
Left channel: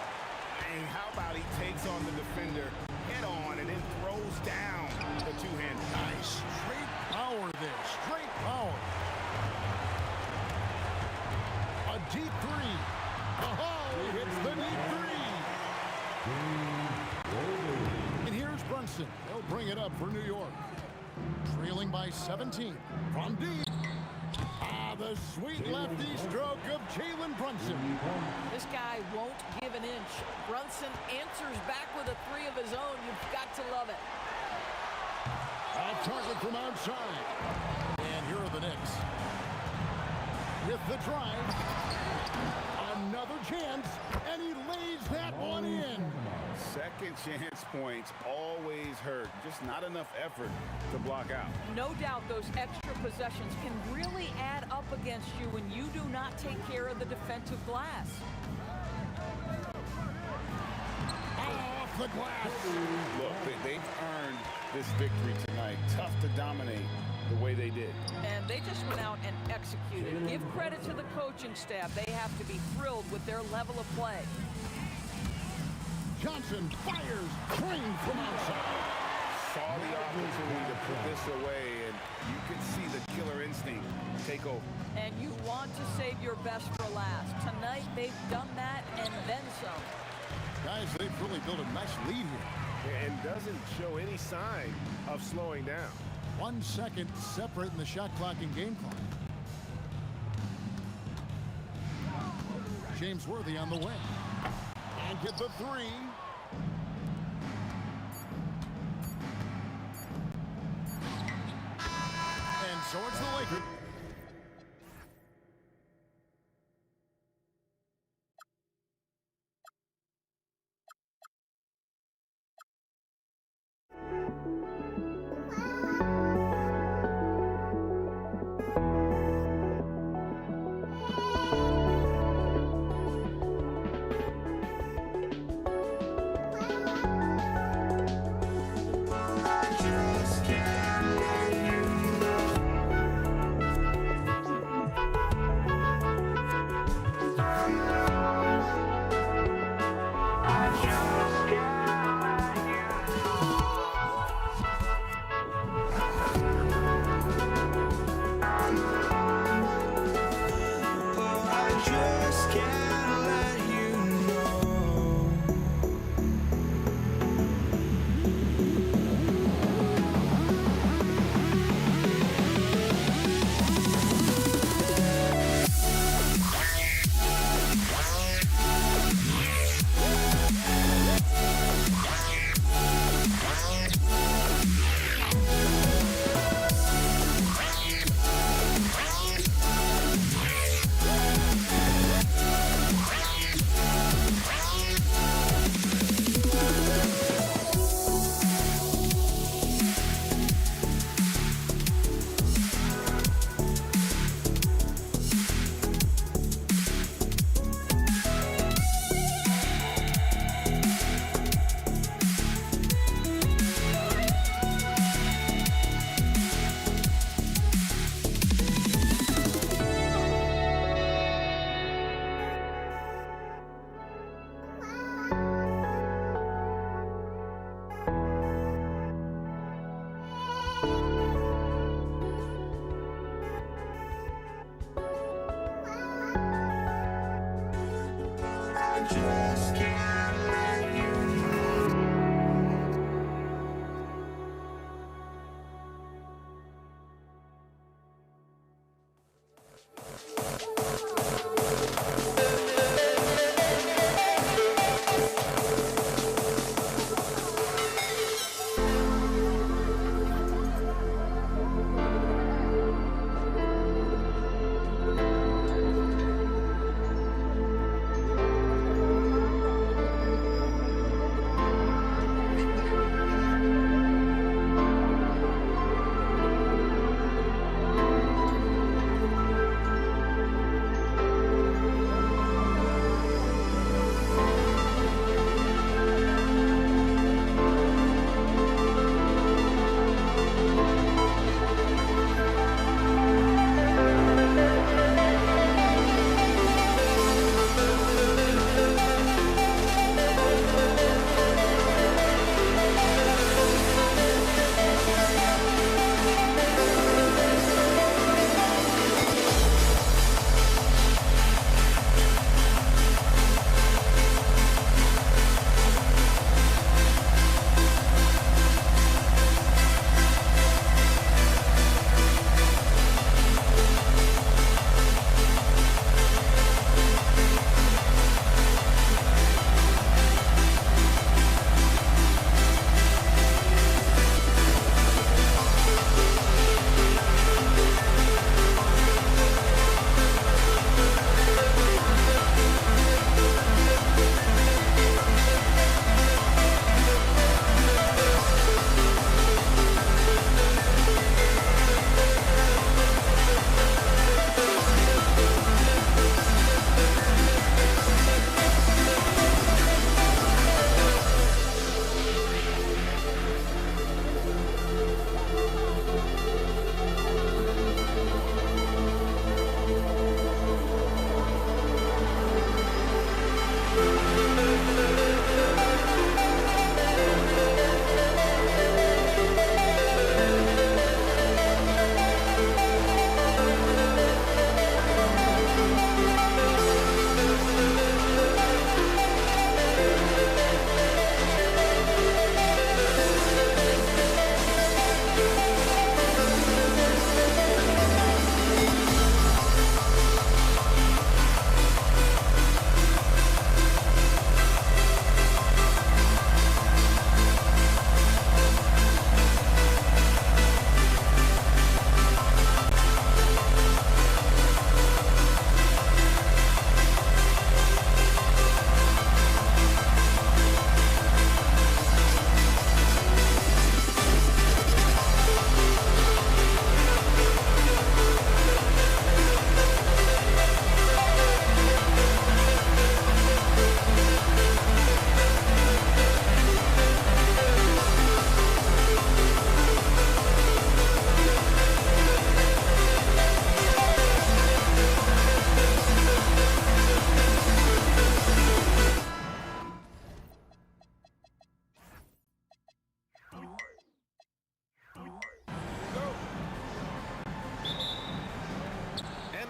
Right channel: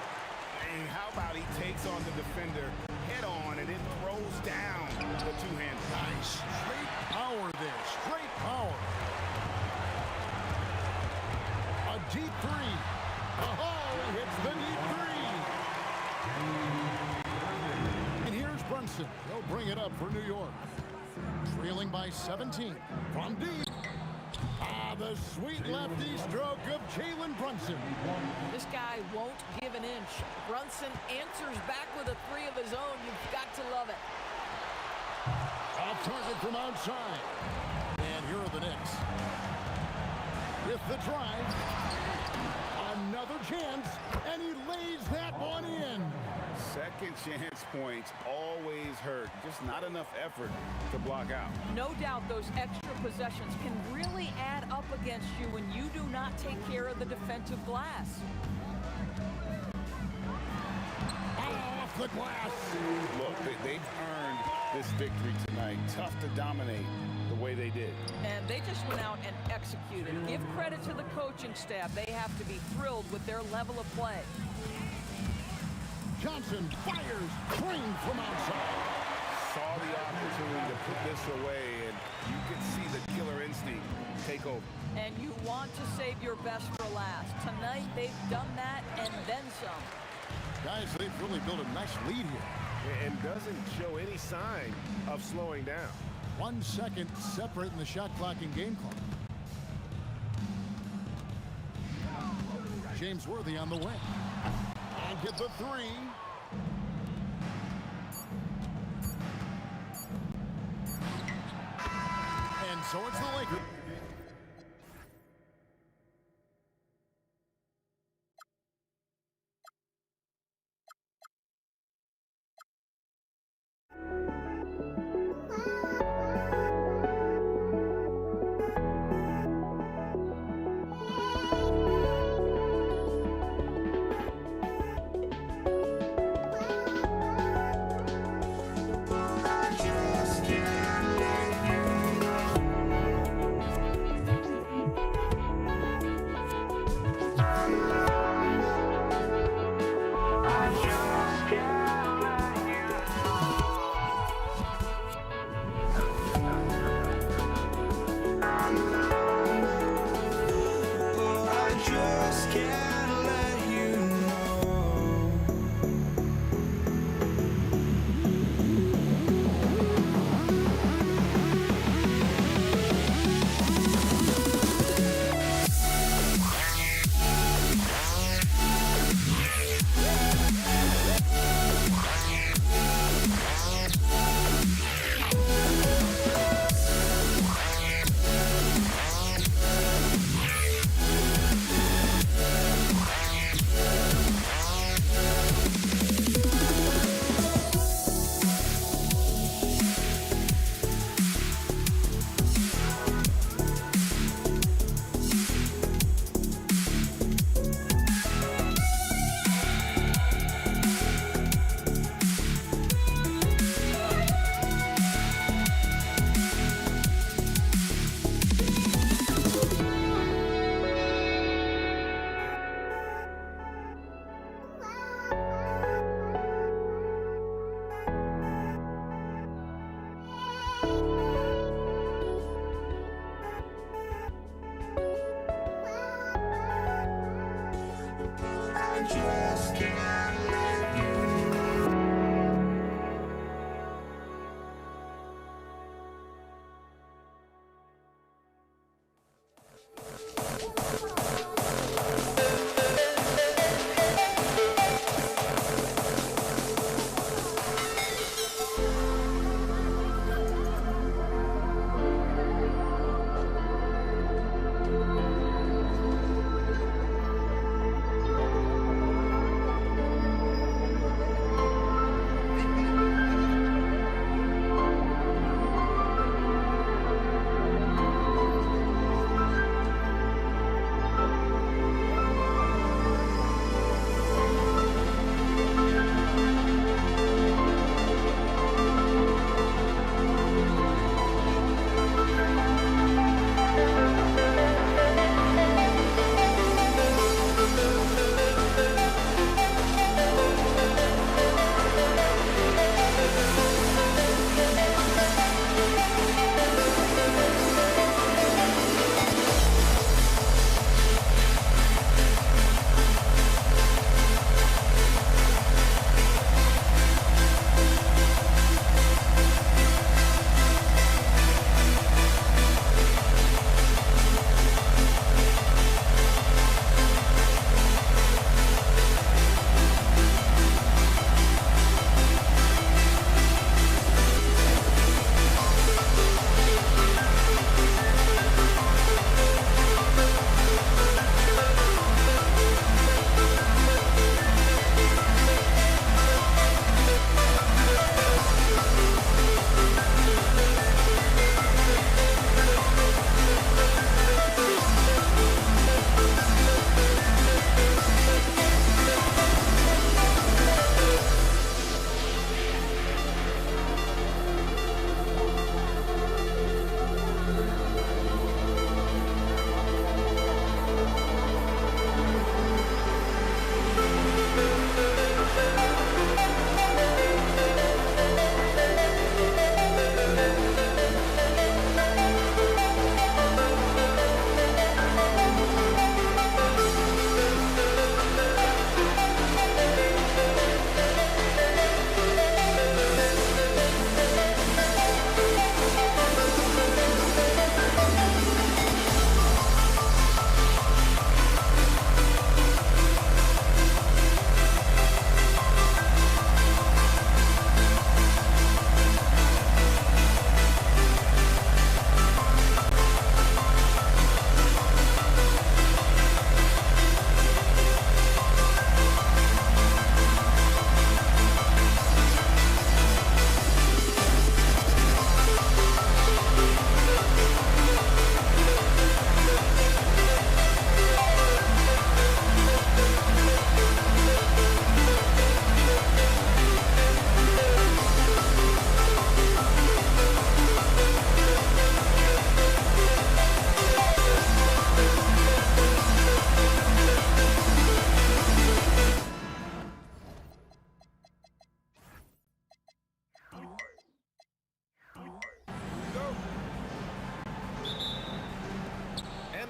And how about he takes on the defender head on and then throws down the two-handed. Nice. Straight power there. Straight power. A deep three. Oh, he hits the deep three. And here's Brunson. He'll bring it up for New York. Trailing by 17. From deep. The sweet lefty stroke of Jalen Brunson. This guy won't give an inch. Brunson answers back with a three of his own. You've got to love it. Off target from outside. And here are the Knicks. With the drive. Another chance. And he lays that one in. Second chance points always hurt. Just not enough effort to block out. No doubt those extra possessions can really add up against you when you do not take care of the defensive glass. Off the glass. Look, they've earned this victory tonight. Tough to dominate the way they did. And they just went out and executed. Give credit to the coaching staff. They have to be thrilled with their level of play. Johnson fires, trained from outside. Saw the opportunity to put this away, and you could see the killer instinct take over. And you want to save your best for last. Tonight, they've done that and then some. Guys, they've really built a nice lead here. And doesn't show any sign of slowing down. 1 second separating the shot clock and game clock. James Worthy on the wing. And get the three. And so it's the Lakers. Just can't let you know. just can't let you.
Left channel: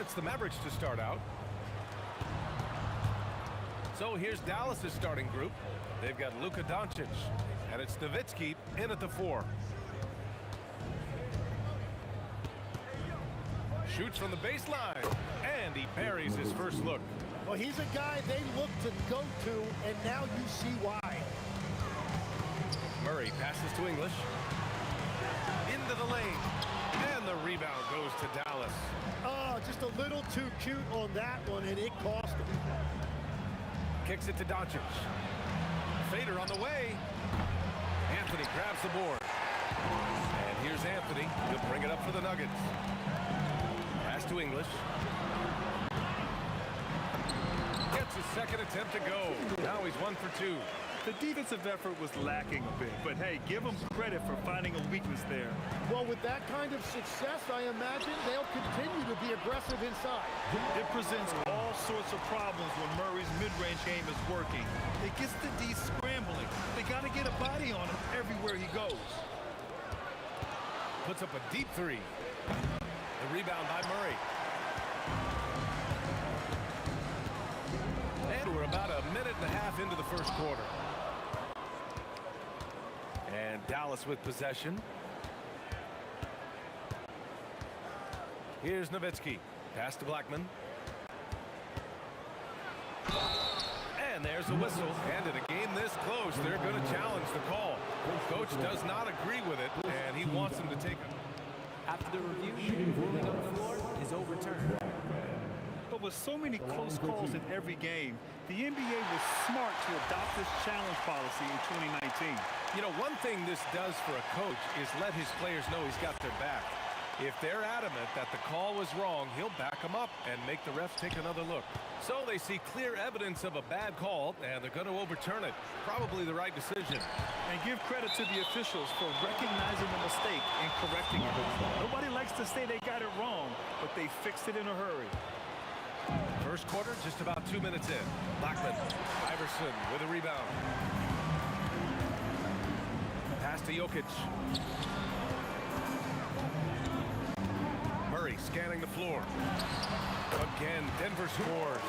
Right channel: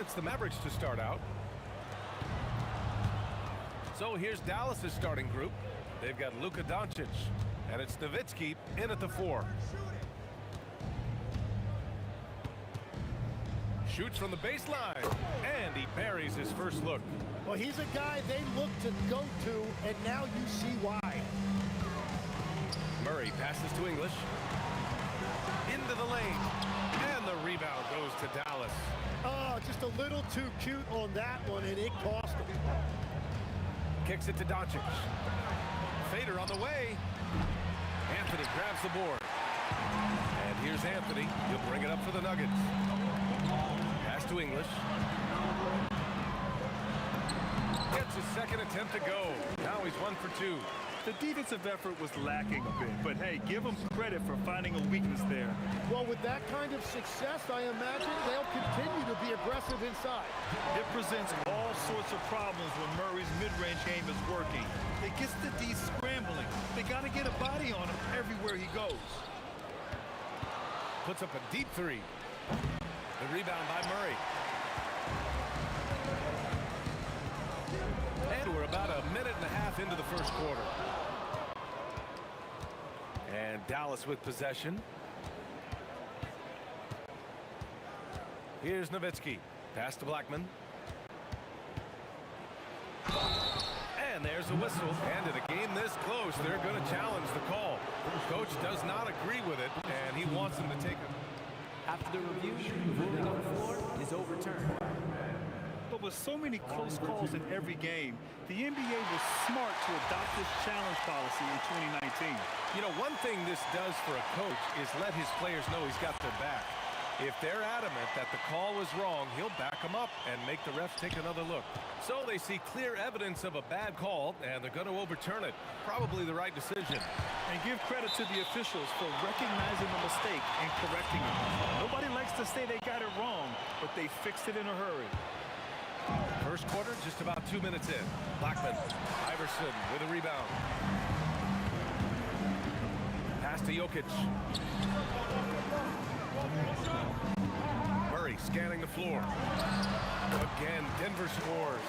It's the Mavericks to start out. So here's Dallas's starting group. They've got Luka Doncic, and it's Nowitzki in at the 4. Shoots from the baseline, and he buries his first look. Well, he's a guy they look to go to, and now you see why. Murray passes to English. Into the lane, and the rebound goes to Dallas. Oh, just a little too cute on that one, and it cost him. Kicks it to Doncic. Fader on the way. Anthony grabs the board. And here's Anthony. He'll bring it up for the Nuggets. Pass to English. Gets his second attempt to go. Now he's 1 for 2. The defensive effort was lacking a bit, but hey, give them credit for finding a weakness there. Well, with that kind of success, I imagine they'll continue to be aggressive inside. It presents all sorts of problems when Murray's mid-range game is working. It gets the D scrambling. They got to get a body on him everywhere he goes. Puts up a deep 3. The rebound by Murray. And we're about a minute and a half into the first quarter. And Dallas with possession. Here's Nowitzki. Pass to Blackman. And there's a whistle. And in a game this close, they're going to challenge the call. Coach does not agree with it, and he wants them to take it. After the review, the ruling on the floor is overturned. But with so many close calls in every game, the NBA was smart to adopt this challenge policy in 2019. You know, one thing this does for a coach is let his players know he's got their back. If they're adamant that the call was wrong, he'll back them up and make the refs take another look. So they see clear evidence of a bad call, and they're going to overturn it. Probably the right decision. And give credit to the officials for recognizing the mistake and correcting it. Nobody likes to say they got it wrong, but they fixed it in a hurry. First quarter, just about 2 minutes in. Blackman, Iverson with a rebound. Pass to Jokic. Murray scanning the floor. Again, Denver scores.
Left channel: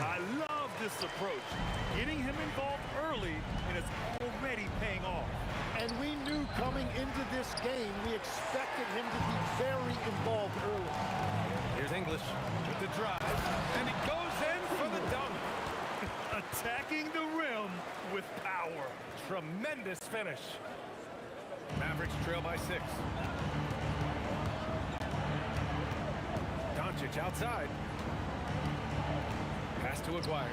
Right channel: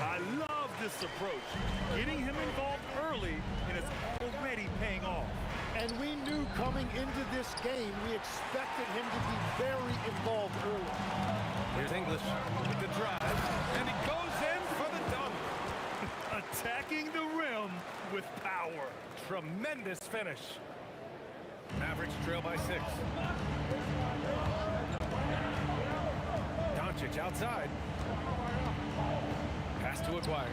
I love this approach. Getting him involved early, and it's already paying off. And we knew coming into this game, we expected him to be very involved early. Here's English with the drive, and he goes in for the dunk. Attacking the rim with power. Tremendous finish. Mavericks trail by 6. Doncic outside. Pass to Aguirre.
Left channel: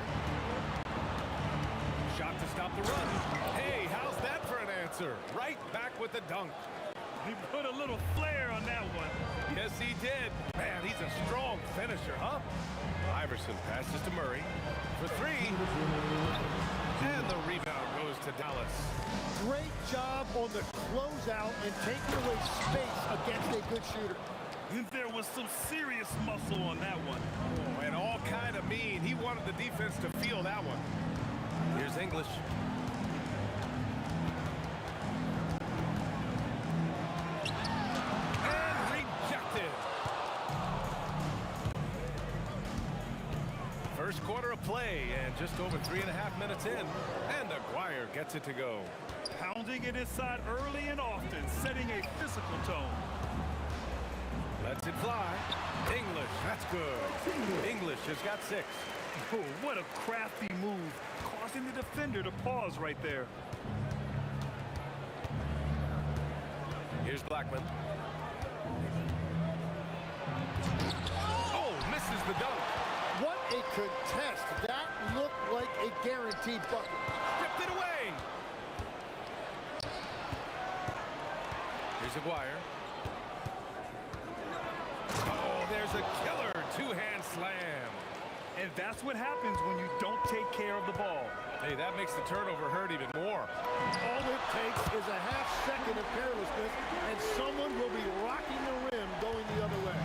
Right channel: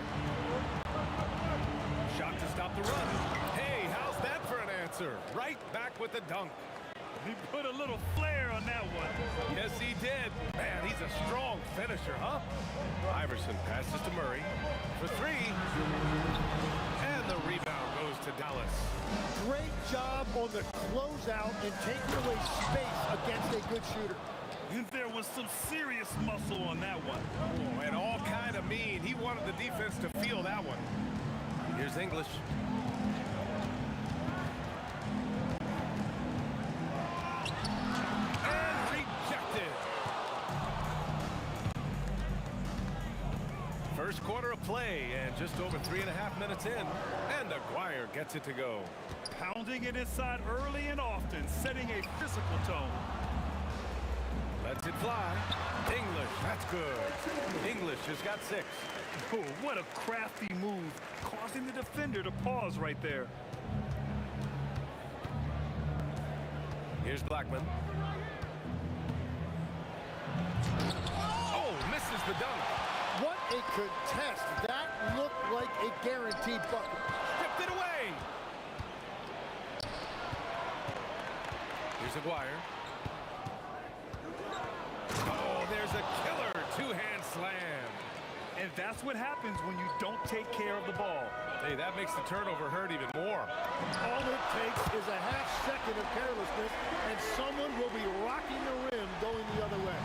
Shot to stop the run. Hey, how's that for an answer? Right back with the dunk. He put a little flair on that one. Yes, he did. Man, he's a strong finisher, huh? Iverson passes to Murray for 3. And the rebound goes to Dallas. Great job on the closeout and taking away space against a good shooter. There was some serious muscle on that one. Oh, and all kind of mean. He wanted the defense to feel that one. Here's English. And rejected. First quarter of play, and just over 3.5 minutes in, and Aguirre gets it to go. Pounding it inside early and often, setting a physical tone. Lets it fly. English, that's good. English has got 6. Oh, what a crafty move, causing the defender to pause right there. Here's Blackman. Oh, misses the dunk. What a contest. That looked like a guaranteed bucket. Stripped it away. Here's Aguirre. Oh, there's a killer two-hand slam. And that's what happens when you don't take care of the ball. Hey, that makes the turnover hurt even more. All it takes is a half second of carelessness, and someone will be rocking the rim going the other way.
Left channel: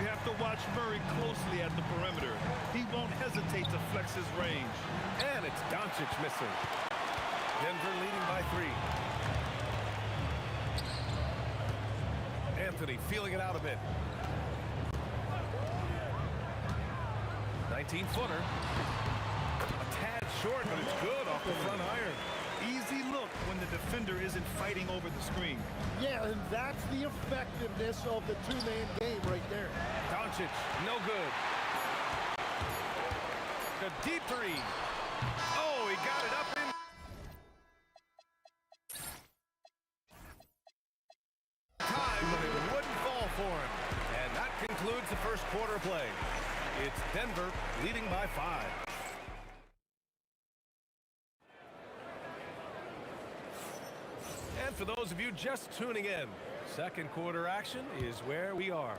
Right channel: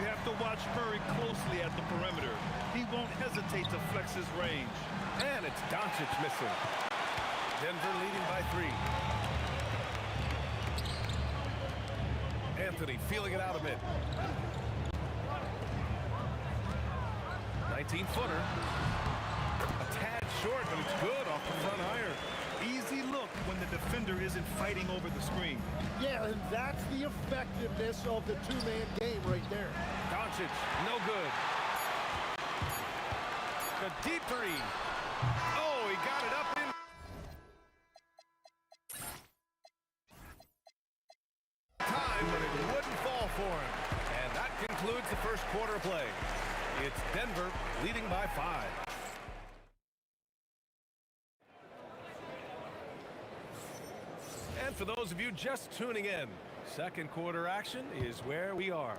You have to watch Murray closely at the perimeter. He won't hesitate to flex his range. And it's Doncic missing. Denver leading by 3. Anthony feeling it out a bit. 19-footer. A tad short, but it's good off the front iron. Easy look when the defender isn't fighting over the screen. Yeah, and that's the effectiveness of the two-man game right there. Doncic, no good. The deep 3. Oh, he got it up in. Time, but it wouldn't fall for him. And that concludes the first quarter of play. It's Denver leading by 5. And for those of you just tuning in, second quarter action is where we are.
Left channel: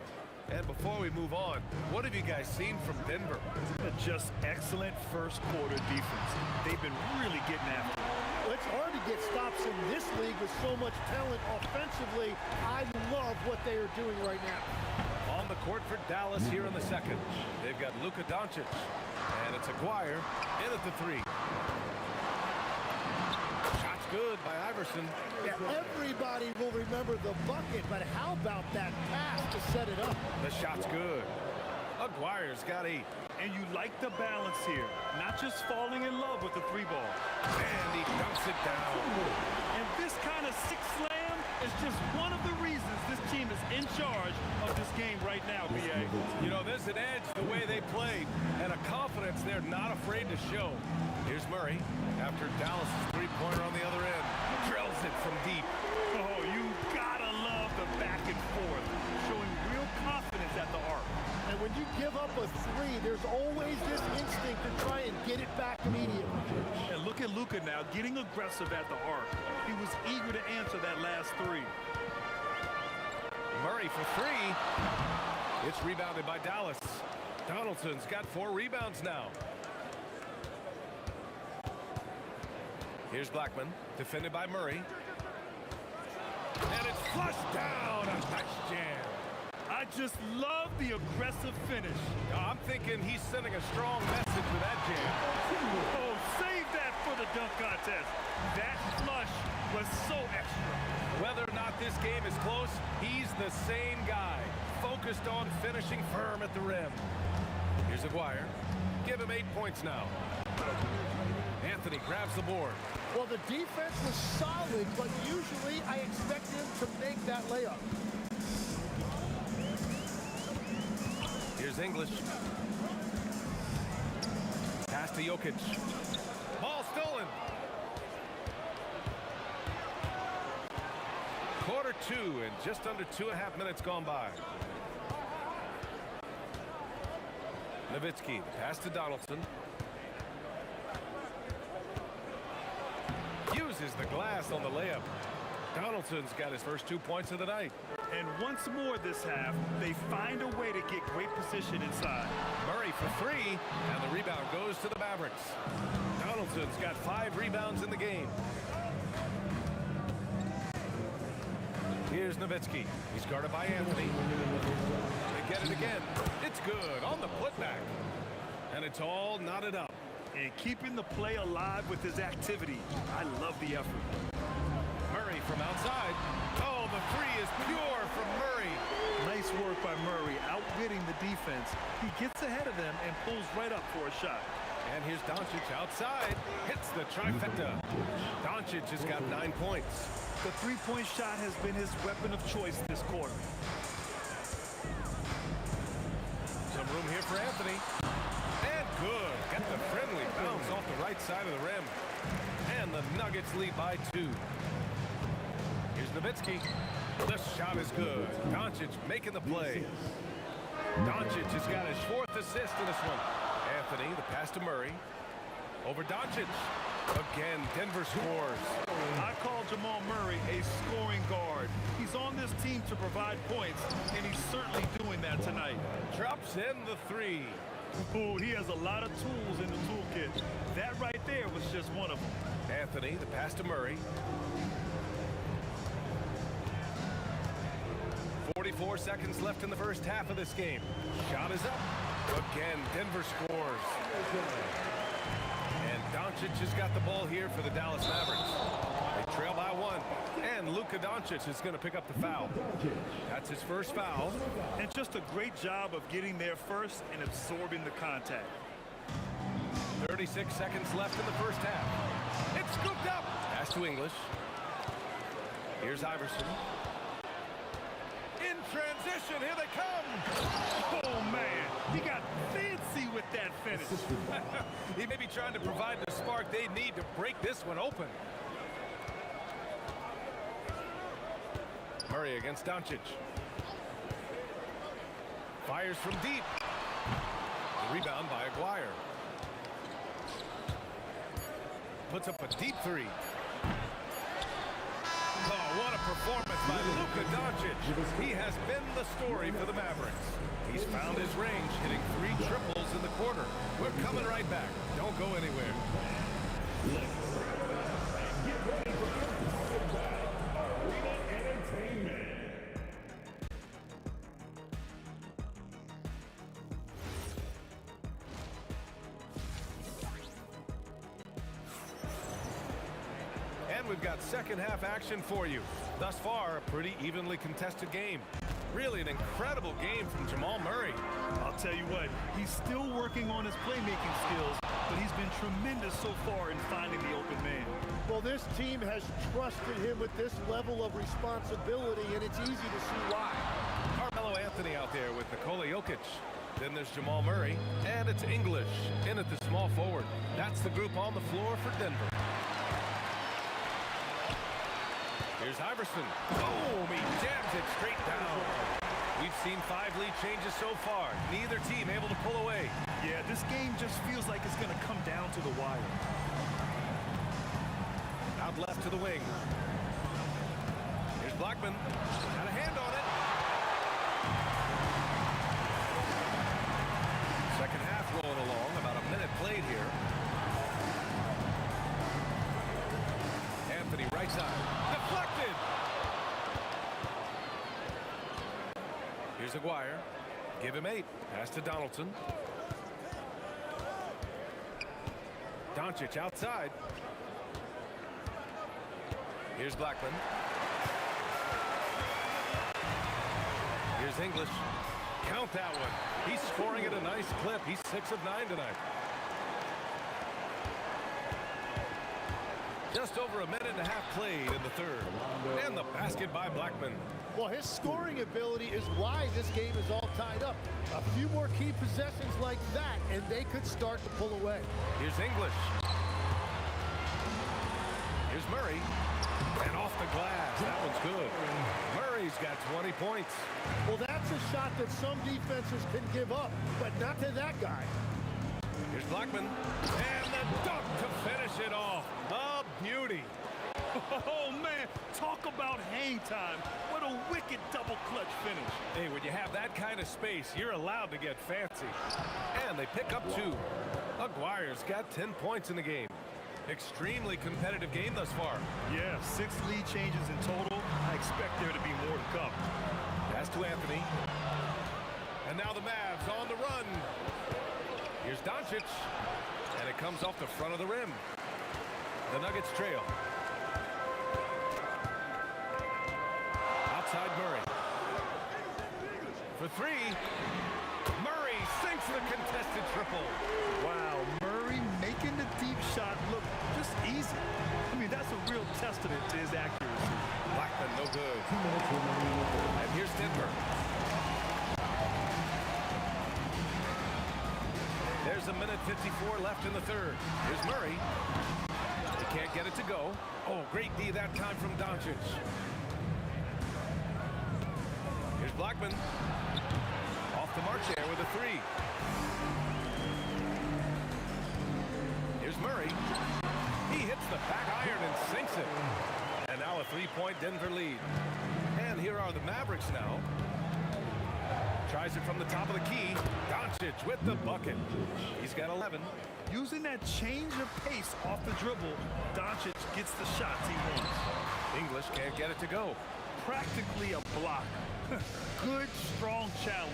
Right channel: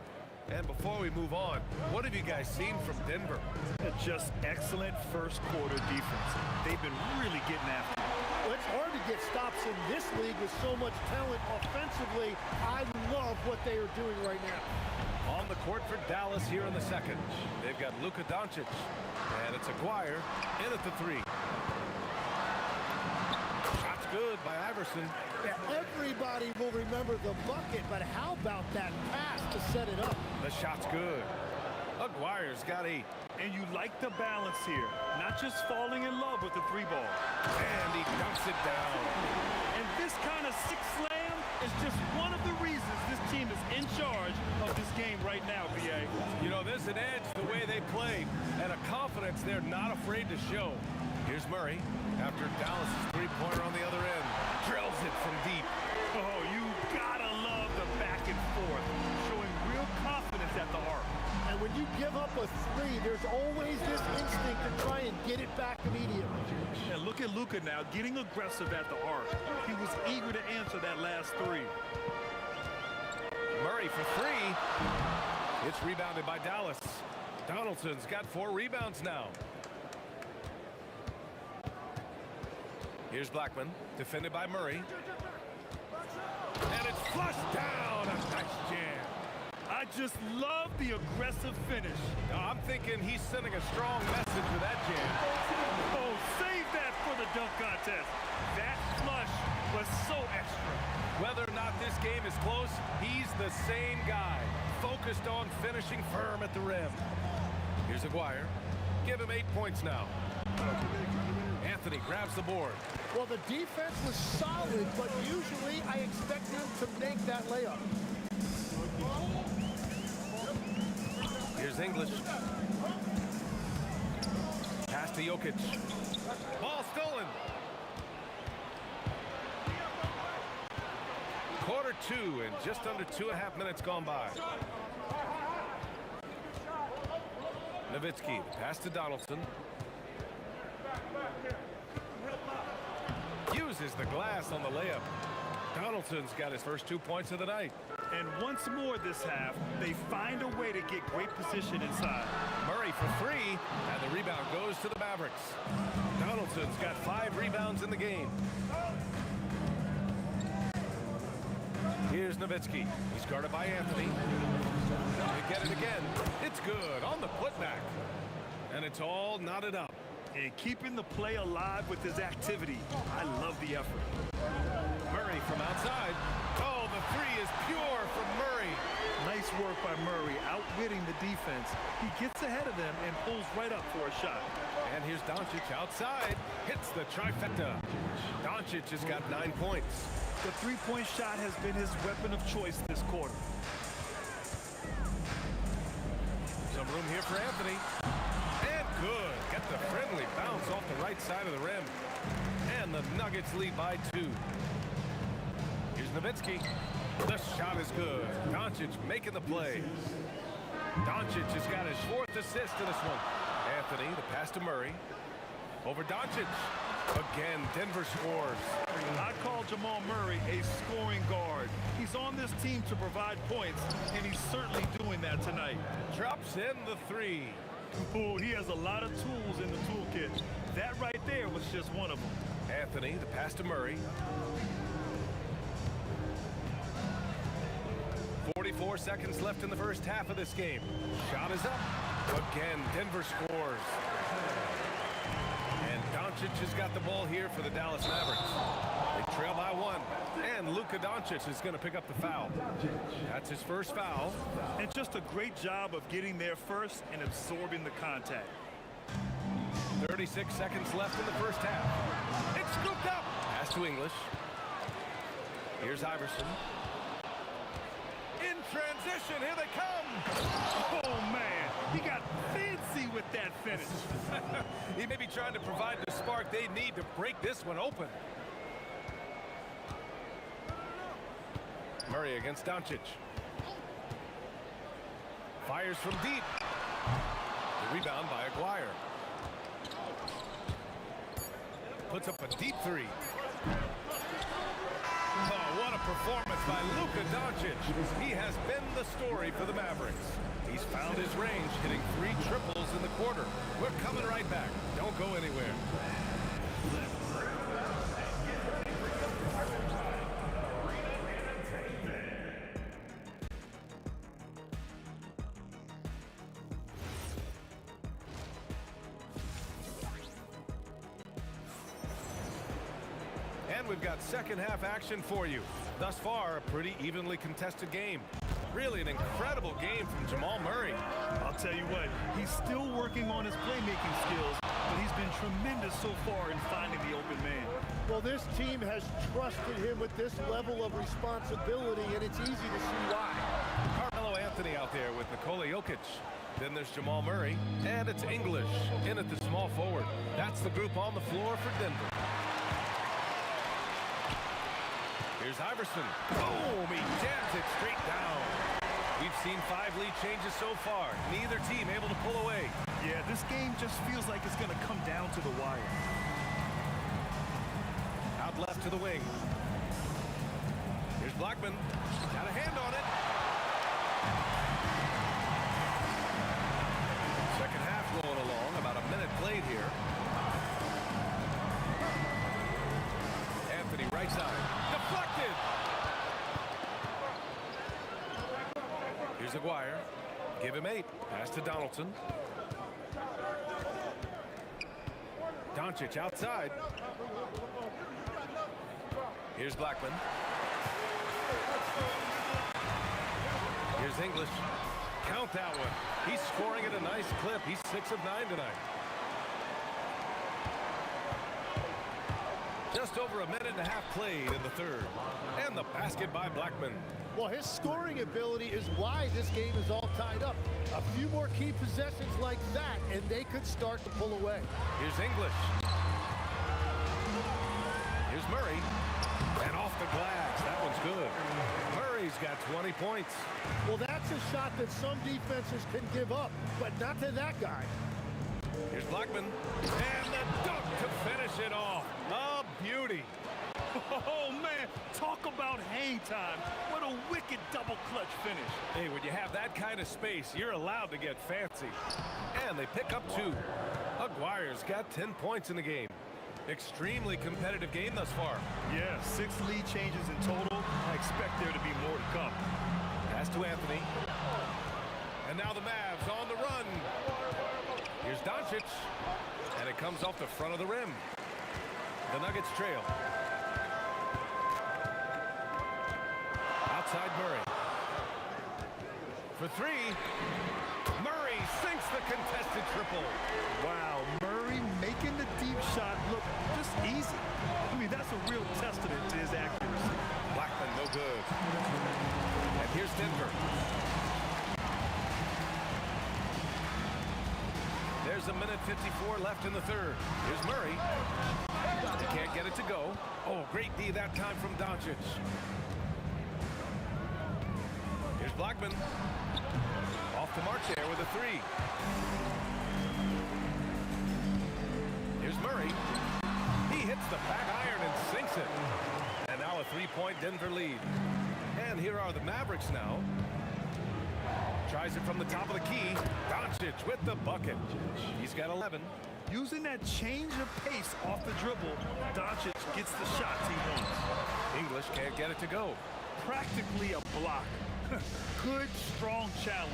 And before we move on, what have you guys seen from Denver? Just excellent first quarter defense. They've been really getting after it. Well, it's hard to get stops in this league with so much talent offensively. I love what they are doing right now. On the court for Dallas here in the second. They've got Luka Doncic. And it's Aguirre in at the 3. Shot's good by Iverson. Yeah, everybody will remember the bucket, but how about that pass to set it up? The shot's good. Aguirre's got 8. And you like the balance here. Not just falling in love with the 3-ball. And he dunks it down. And this kind of six slam is just one of the reasons this team is in charge of this game right now, B.A. You know, there's an edge the way they play and a confidence they're not afraid to show. Here's Murray after Dallas' three-pointer on the other end. Drills it from deep. Oh, you gotta love the back and forth, showing real confidence at the arc. And when you give up a 3, there's always this instinct to try and get it back immediately. And look at Luka now, getting aggressive at the arc. He was eager to answer that last 3. Murray for 3. It's rebounded by Dallas. Donaldson's got 4 rebounds now. Here's Blackman, defended by Murray. And it's flushed down. A nice jam. I just love the aggressive finish. I'm thinking he's sending a strong message with that jam. Oh, save that for the dunk contest. That flush was so extra. Whether or not this game is close, he's the same guy, focused on finishing firm at the rim. Here's Aguirre. Give him 8 points now. Anthony grabs the board. Well, the defense was solid, but usually I expect him to make that layup. Here's English. Pass to Jokic. Ball stolen. Quarter 2 and just under 2.5 minutes gone by. Nowitzki, the pass to Donaldson. Uses the glass on the layup. Donaldson's got his first 2 points of the night. And once more this half, they find a way to get great position inside. Murray for 3, and the rebound goes to the Mavericks. Donaldson's got 5 rebounds in the game. Here's Nowitzki. He's guarded by Anthony. They get it again. It's good on the putback. And it's all knotted up. And keeping the play alive with his activity. I love the effort. Murray from outside. Oh, the 3 is pure from Murray. Nice work by Murray, outwitting the defense. He gets ahead of them and pulls right up for a shot. And here's Doncic outside. Hits the trifecta. Doncic has got 9 points. The three-point shot has been his weapon of choice this quarter. Some room here for Anthony. And good. Get the friendly bounce off the right side of the rim. And the Nuggets lead by 2. Here's Nowitzki. The shot is good. Doncic making the play. Doncic has got his 4th assist in this one. Anthony, the pass to Murray. Over Doncic. Again, Denver scores. I call Jamal Murray a scoring guard. He's on this team to provide points, and he's certainly doing that tonight. Drops in the 3. Oh, he has a lot of tools in the toolkit. That right there was just one of them. Anthony, the pass to Murray. 44 seconds left in the first half of this game. Shot is up. Again, Denver scores. And Doncic has got the ball here for the Dallas Mavericks. They trail by 1. And Luka Doncic is going to pick up the foul. That's his first foul. And just a great job of getting there first and absorbing the contact. 36 seconds left in the first half. It's scooped up. Pass to English. Here's Iverson. In transition, here they come. Oh, man, he got fancy with that finish. He may be trying to provide the spark they need to break this one open. Murray against Doncic. Fires from deep. The rebound by Aguirre. Puts up a deep 3. Oh, what a performance by Luka Doncic. He has been the story for the Mavericks. He's found his range, hitting 3 triples in the quarter. We're coming right back. Don't go anywhere. And we've got second half action for you. Thus far, a pretty evenly contested game. Really an incredible game from Jamal Murray. I'll tell you what, he's still working on his playmaking skills, but he's been tremendous so far in finding the open man. Well, this team has trusted him with this level of responsibility, and it's easy to see why. Carmelo Anthony out there with Nikola Jokic. Then there's Jamal Murray, and it's English in at the small forward. That's the group on the floor for Denver. Here's Iverson. Boom! He jams it straight down. We've seen 5 lead changes so far. Neither team able to pull away. Yeah, this game just feels like it's going to come down to the wire. Out left to the wing. Here's Blackman. Got a hand on it. Second half rolling along. About a minute played here. Anthony right side. Deflected. Here's Aguirre. Give him 8. Pass to Donaldson. Doncic outside. Here's Blackman. Here's English. Count that one. He's scoring at a nice clip. He's 6 of 9 tonight. Just over a minute and a half played in the third. And the basket by Blackman. Well, his scoring ability is why this game is all tied up. A few more key possessions like that, and they could start to pull away. Here's English. Here's Murray. And off the glass. That one's good. Murray's got 20 points. Well, that's a shot that some defenses can give up, but not to that guy. Here's Blackman. And the dunk to finish it off. A beauty. Oh, man, talk about hang time. What a wicked double clutch finish. Hey, when you have that kind of space, you're allowed to get fancy. And they pick up 2. Aguirre's got 10 points in the game. Extremely competitive game thus far. Yeah, 6 lead changes in total. I expect there to be more to come. Pass to Anthony. And now the Mavs on the run. Here's Doncic. And it comes off the front of the rim. The Nuggets trail. Outside Murray. For 3. Murray sinks the contested triple. Wow, Murray making the deep shot look just easy. I mean, that's a real testament to his accuracy. Blackman, no good. And here's Denver. There's a minute 54 left in the third. Here's Murray. He can't get it to go. Oh, great D that time from Doncic. Here's Blackman. Off the mark there with a 3. Here's Murray. He hits the back iron and sinks it. And now a 3-point Denver lead. And here are the Mavericks now. Tries it from the top of the key. Doncic with the bucket. He's got 11. Using that change of pace off the dribble, Doncic gets the shots he wants. English can't get it to go. Practically a block. Good, strong challenge.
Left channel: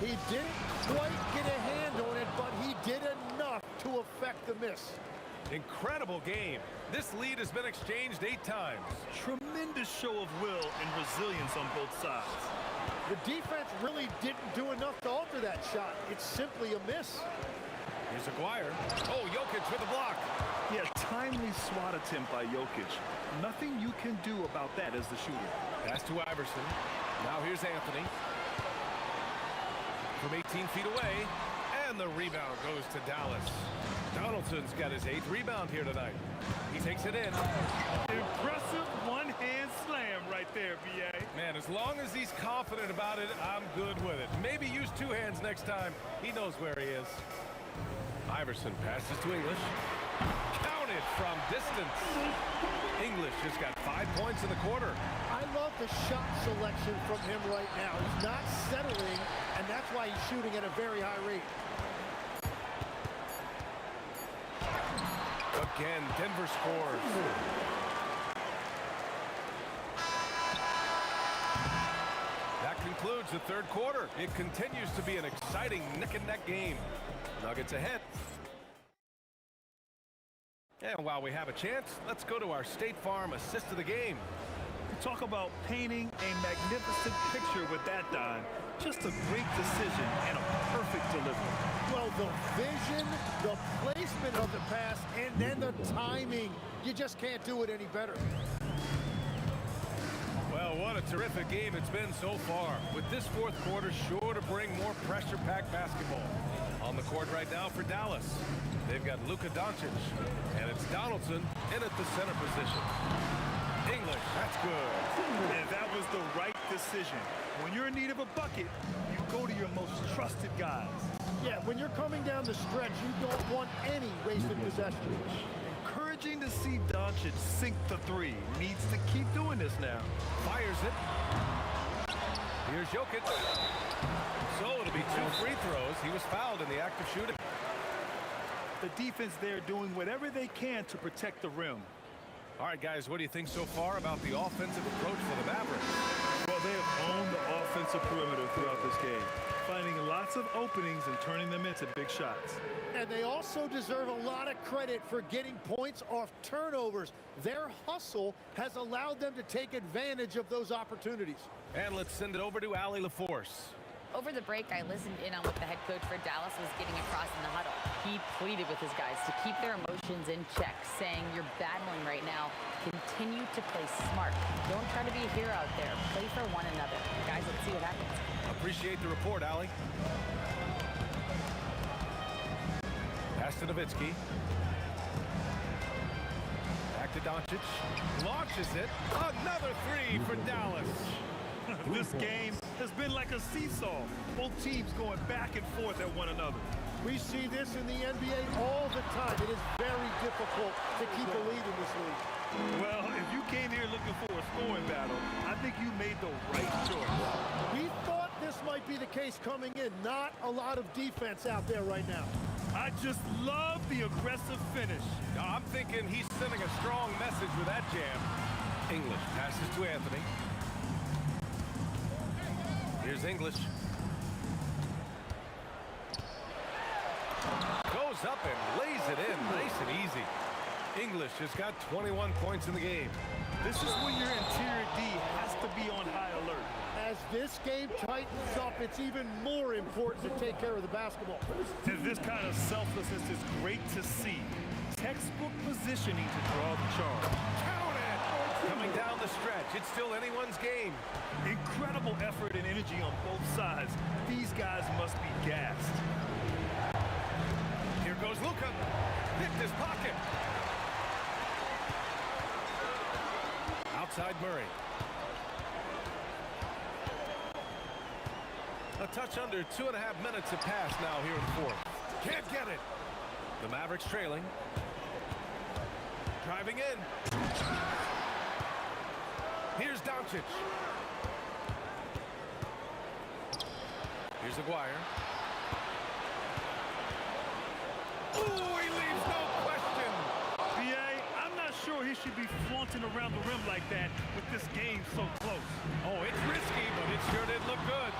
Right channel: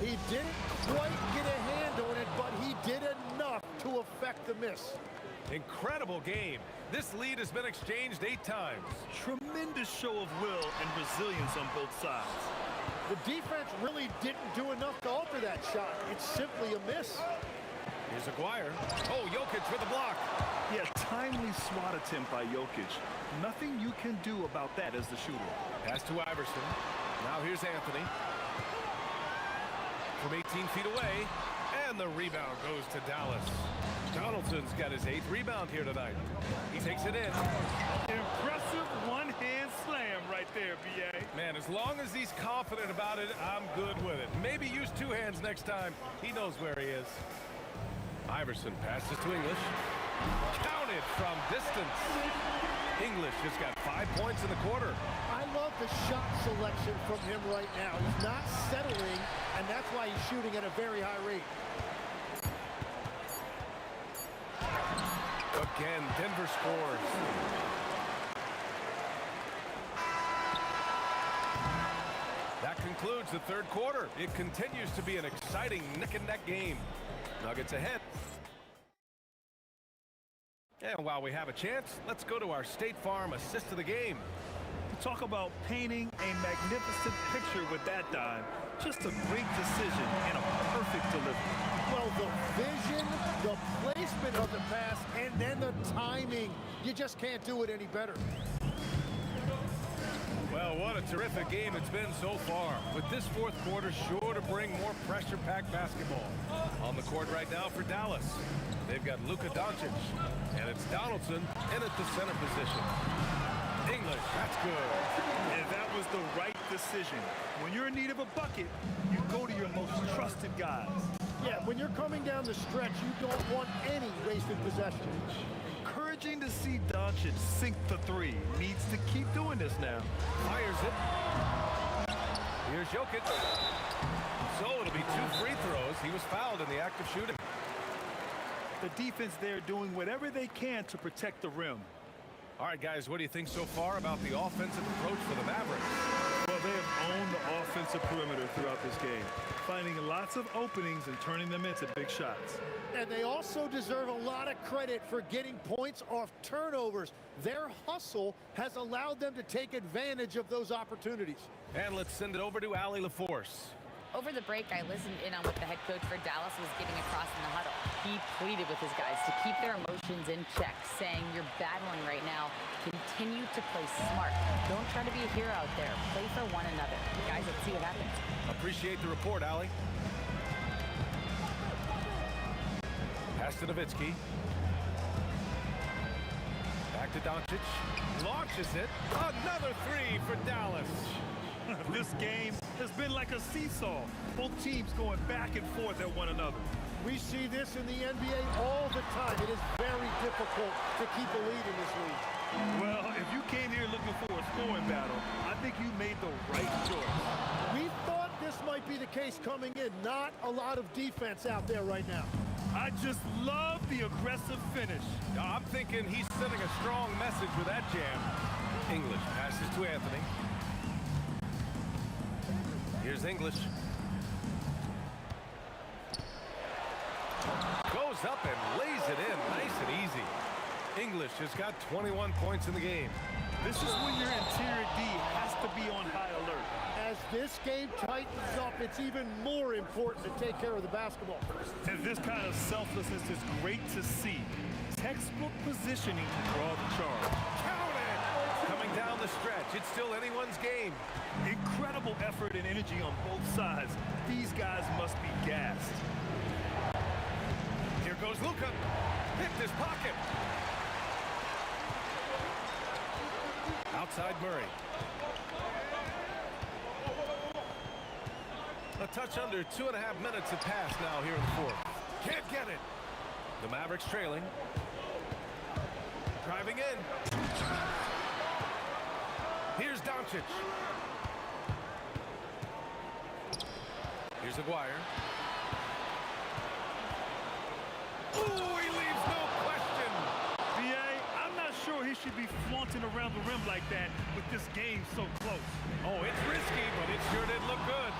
He didn't quite get a hand on it, but he did enough to affect the miss. Incredible game. This lead has been exchanged 8 times. Tremendous show of will and resilience on both sides. The defense really didn't do enough to alter that shot. It's simply a miss. Here's Aguirre. Oh, Jokic with a block. Yeah, timely swat attempt by Jokic. Nothing you can do about that as the shooter. Pass to Iverson. Now here's Anthony. From 18 feet away. And the rebound goes to Dallas. Donaldson's got his 8th rebound here tonight. He takes it in. Impressive one-hand slam right there, B.A. Man, as long as he's confident about it, I'm good with it. Maybe use 2 hands next time. He knows where he is. Iverson passes to English. Counted from distance. English just got 5 points in the quarter. I love the shot selection from him right now. He's not settling, and that's why he's shooting at a very high rate. Again, Denver scores. That concludes the third quarter. It continues to be an exciting neck-and-neck game. Nuggets ahead. And while we have a chance, let's go to our State Farm assist of the game. Talk about painting a magnificent picture with that dime. Just a great decision and a perfect delivery. Well, the vision, the placement of the pass, and then the timing. You just can't do it any better. Well, what a terrific game it's been so far. With this fourth quarter sure to bring more pressure-packed basketball. On the court right now for Dallas, they've got Luka Doncic, and it's Donaldson in at the center position. English, that's good. And that was the right decision. When you're in need of a bucket, you go to your most trusted guys. Yeah, when you're coming down the stretch, you don't want any wasted possession. Encouraging to see Doncic sink the three. Needs to keep doing this now. Fires it. Here's Jokic. So it'll be 2 free throws. He was fouled in the act of shooting. The defense there doing whatever they can to protect the rim. All right, guys, what do you think so far about the offensive approach for the Mavericks? Well, they have owned the offensive perimeter throughout this game, finding lots of openings and turning them into big shots. And they also deserve a lot of credit for getting points off turnovers. Their hustle has allowed them to take advantage of those opportunities. And let's send it over to Allie LaForce. Over the break, I listened in on what the head coach for Dallas was getting across in the huddle. He pleaded with his guys to keep their emotions in check, saying, "You're battling right now. Continue to play smart. Don't try to be a hero out there. Play for one another." Guys, let's see what happens. Appreciate the report, Allie. Pass to Nowitzki. Back to Doncic. Launches it. Another three for Dallas. This game has been like a seesaw. Both teams going back and forth at one another. We see this in the NBA all the time. It is very difficult to keep a lead in this league. Well, if you came here looking for a scoring battle, I think you made the right choice. We thought this might be the case coming in. Not a lot of defense out there right now. I just love the aggressive finish. I'm thinking he's sending a strong message with that jam. English passes to Anthony. Here's English. Goes up and lays it in nice and easy. English has got 21 points in the game. This is when your interior D has to be on high alert. As this game tightens up, it's even more important to take care of the basketball. And this kind of selflessness is great to see. Textbook positioning to draw the charge. Count it! Coming down the stretch, it's still anyone's game. Incredible effort and energy on both sides. These guys must be gassed. Here goes Luka. Picked his pocket. Outside Murray. A touch under 2.5 minutes have passed now here in the fourth. Can't get it. The Mavericks trailing. Driving in. Here's Doncic. Here's Aguirre. Ooh, he leaves no question. B.A., I'm not sure he should be flaunting around the rim like that with this game so close. Oh, it's risky, but it sure did look good.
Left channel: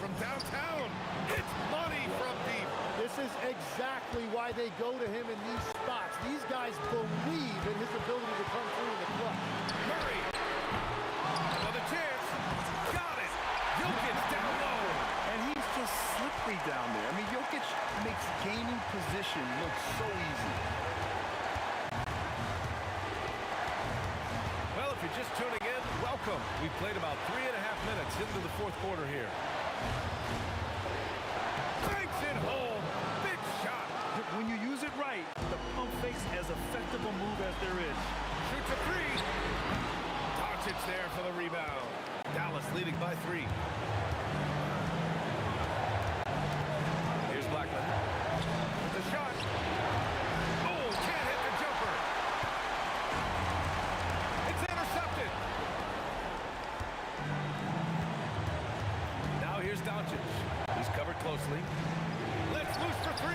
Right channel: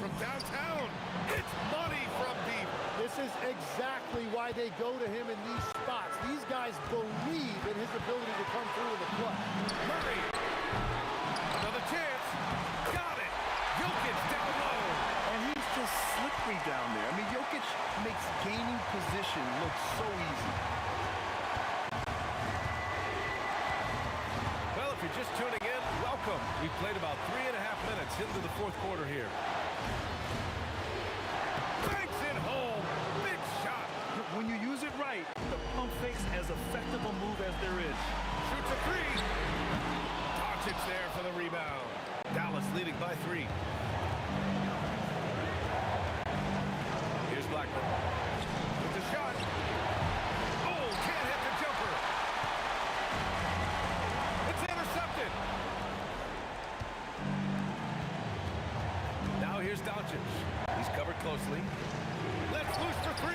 From downtown, it's money from deep. This is exactly why they go to him in these spots. These guys believe in his ability to come through in the clutch. Murray. Another chance. Got it. Jokic down low. And he's just slippery down there. I mean, Jokic makes gaining position look so easy. Well, if you're just tuning in, welcome. We've played about 3.5 minutes into the fourth quarter here. Banks it home. Big shot. When you use it right, the pump fake's as effective a move as there is. Shoots a three. Doncic there for the rebound. Dallas leading by 3. Here's Blackman with the shot. Oh, can't hit the jumper. It's intercepted. Now here's Doncic. He's covered closely. Let's loose for 3.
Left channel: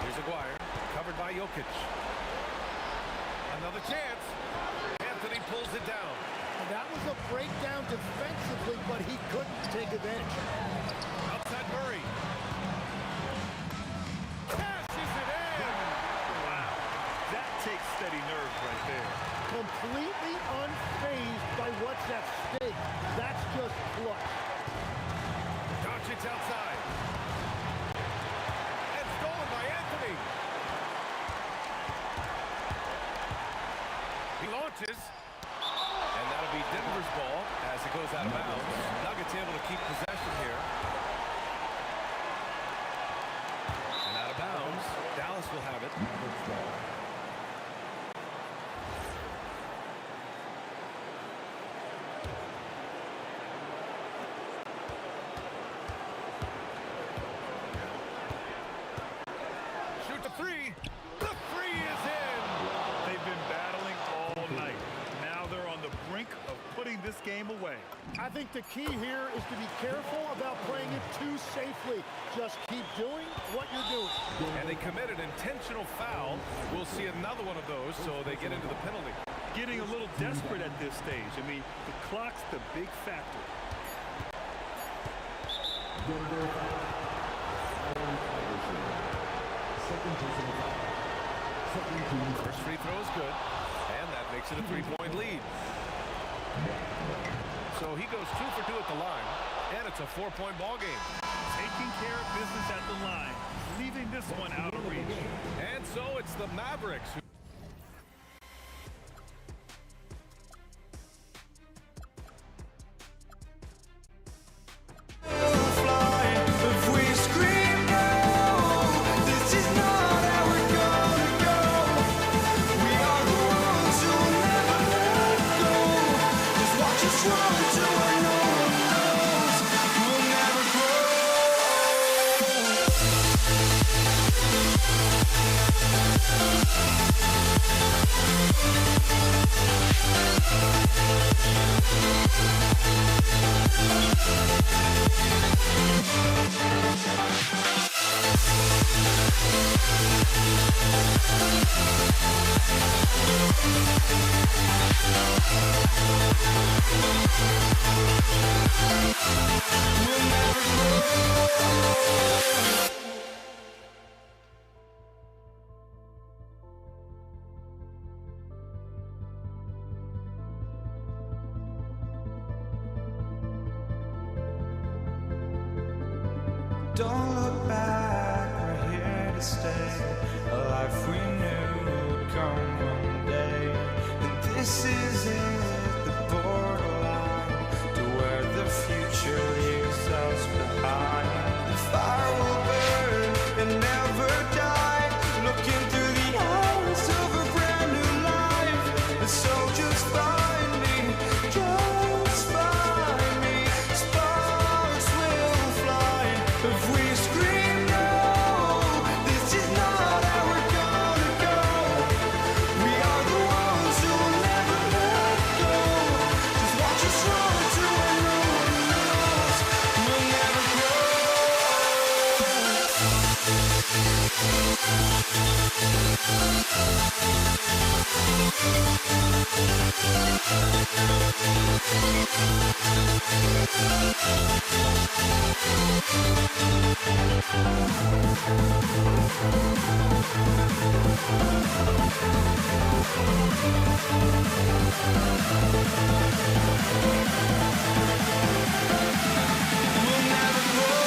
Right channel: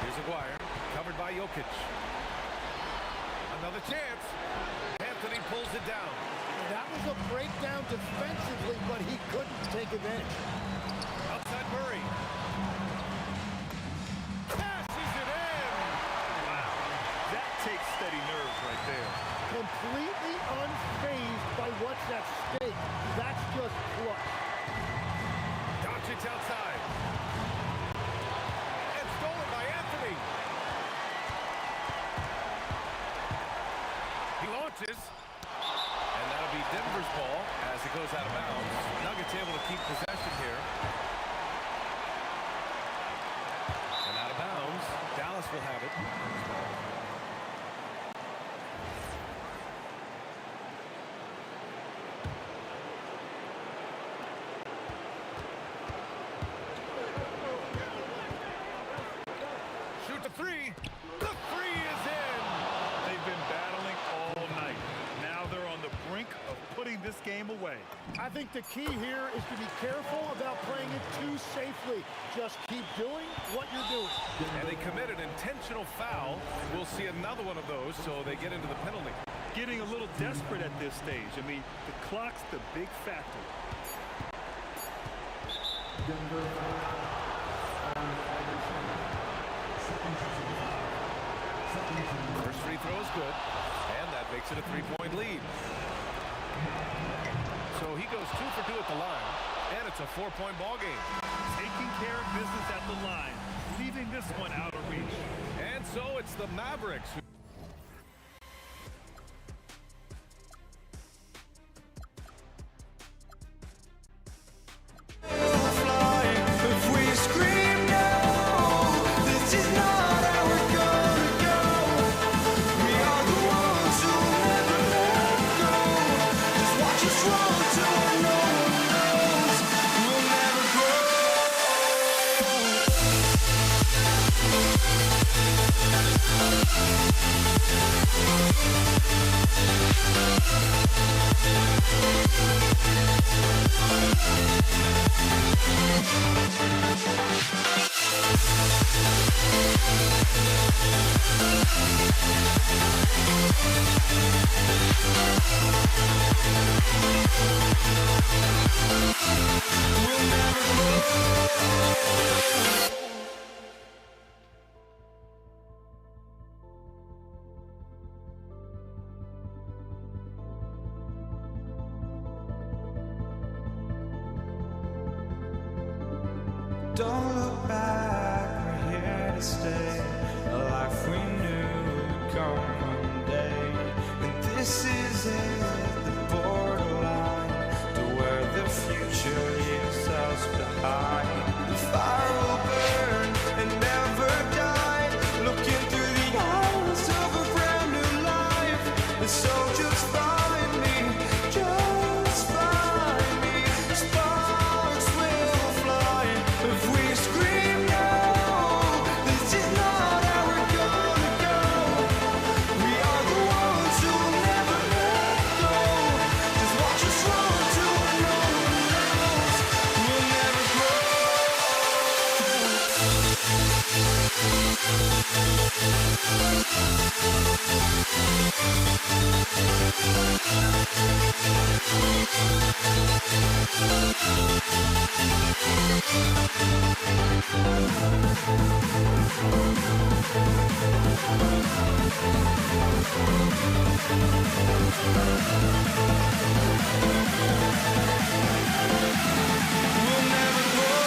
Here's Aguirre, covered by Jokic. Another chance. Anthony pulls it down. And that was a breakdown defensively, but he couldn't take advantage. Outside Murray. takes steady nerves right there. Completely unfazed by what's at stake. That's just clutch. Doncic outside. And stolen by Anthony. He launches. And that'll be Denver's ball as it goes out of bounds. Nuggets able to keep possession here. And out of bounds. Dallas will have it. Shoot the three. The three is in. They've been battling all night. Now they're on the brink of putting this game away. I think the key here is to be careful about playing it too safely. Just keep doing what you're doing. And they commit an intentional foul. We'll see another one of those, so they get into the penalty. Getting a little desperate at this stage. I mean, the clock's the big factor. First free throw is good, and that makes it a three-point lead. So he goes 2 for 2 at the line, and it's a 4-point ball game. Taking care of business at the line, leaving this one out of reach. And so it's the Mavericks who if we scream no, this is not how we're gonna go. We are the ones who will never let go. Just watch us run to where no one knows. We'll never grow. We'll never grow. Don't look back, we're here to stay. A life we knew would come one day. And this is it, the borderline to where the future leaves us behind. The fire will burn and never die, looking through the eyes of a brand new life. And so just find me, just find me. Sparks will fly if we scream no. This is not how we're gonna go. We are the ones who will never let go. Just watch us run to where no one knows. We'll never grow. We'll never grow. We'll never grow.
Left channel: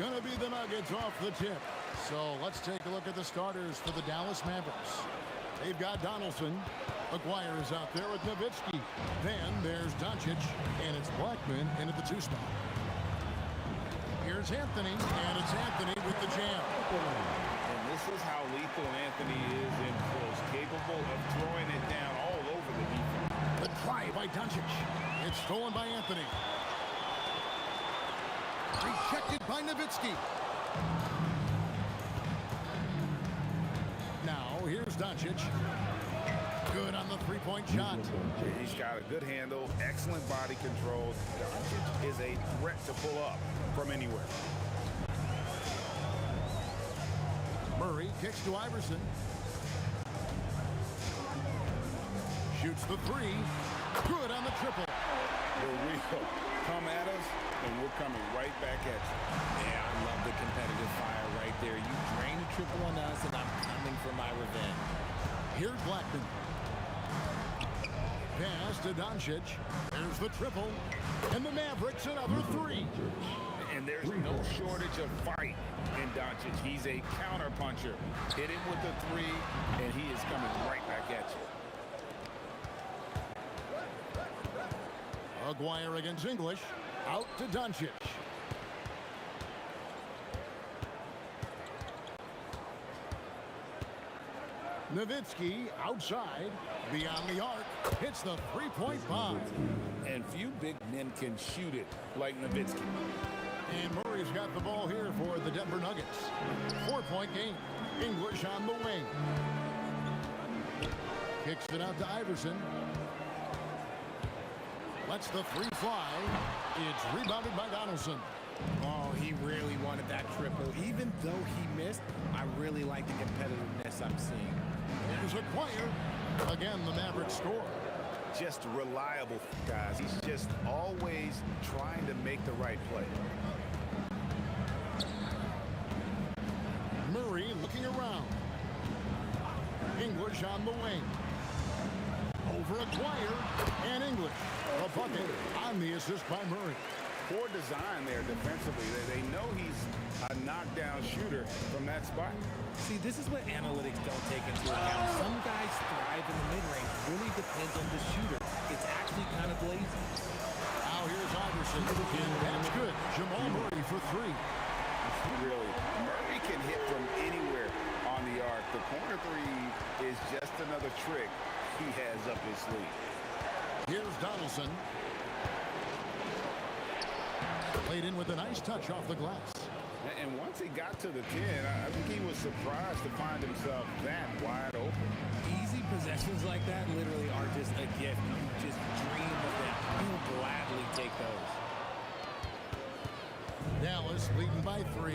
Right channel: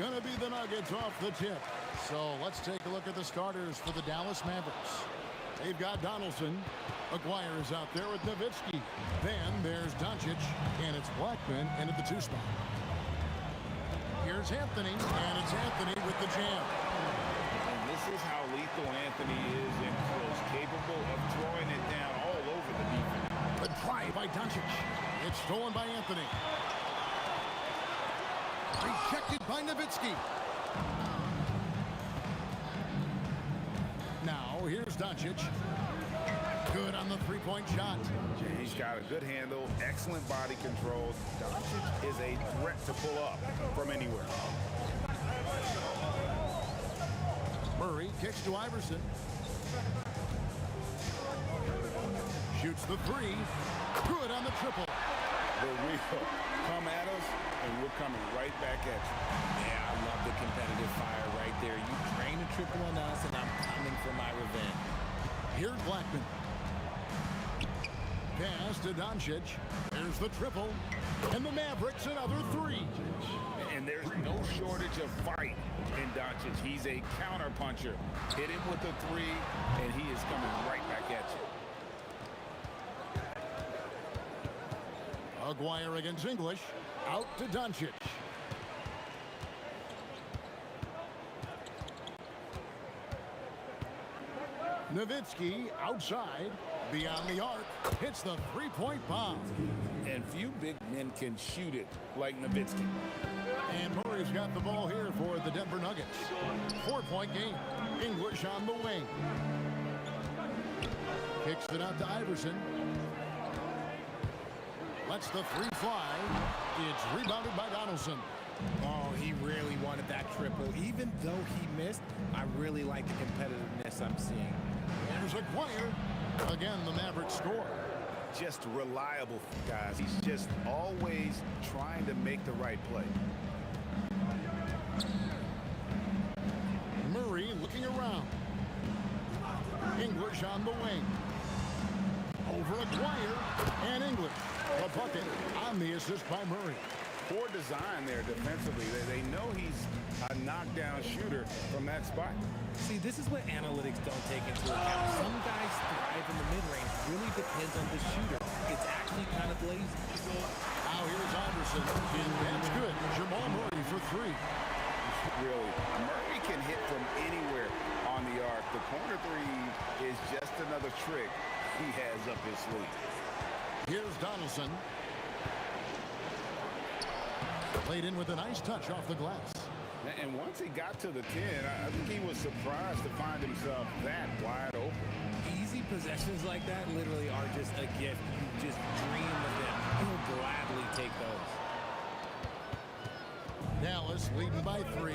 going to be the Nuggets off the tip. So let's take a look at the starters for the Dallas Mavericks. They've got Donaldson. Aguirre is out there with Nowitzki. Then there's Doncic, and it's Blackman in at the 2 spot. Here's Anthony, and it's Anthony with the jam. And this is how lethal Anthony is in close, capable of throwing it down all over the defense. The try by Doncic. It's stolen by Anthony. Rejected by Nowitzki. Now, here's Doncic. Good on the three-point shot. He's got a good handle, excellent body control. Doncic is a threat to pull up from anywhere. Murray kicks to Iverson. Shoots the 3. Good on the triple. The real come at us, and we're coming right back at you. Yeah, I love the competitive fire right there. You drain a triple on us, and I'm coming for my revenge. Here's Blackman. Pass to Doncic. There's the triple. And the Mavericks another 3. And there's no shortage of fight in Doncic. He's a counter puncher. Hit him with the 3, and he is coming right back at you. Aguirre against English. Out to Doncic. Nowitzki outside. Beyond the arc. Hits the three-point bomb. And few big men can shoot it like Nowitzki. And Murray's got the ball here for the Denver Nuggets. 4-point game. English on the wing. Kicks it out to Iverson. Lets the 3 fly. It's rebounded by Donaldson. Oh, he really wanted that triple. Even though he missed, I really like the competitiveness I'm seeing. There's Aguirre. Again, the Mavericks score. Just reliable, guys. He's just always trying to make the right play. Murray looking around. English on the wing. Over Aguirre and English. The bucket on the assist by Murray. Poor design there defensively. They know he's a knockdown shooter from that spot. See, this is what analytics don't take into account. Some guys thrive in the mid-range. Really depends on the shooter. It's actually kind of lazy. Now here's Iverson, and that's good. Jamal Murray for 3. Really, Murray can hit from anywhere on the arc. The corner 3 is just another trick he has up his sleeve. Here's Donaldson. Played in with a nice touch off the glass. And once he got to the 10, I think he was surprised to find himself that wide open. Easy possessions like that literally are just a gift. You just dream of them. He'll gladly take those. Dallas leading by 3.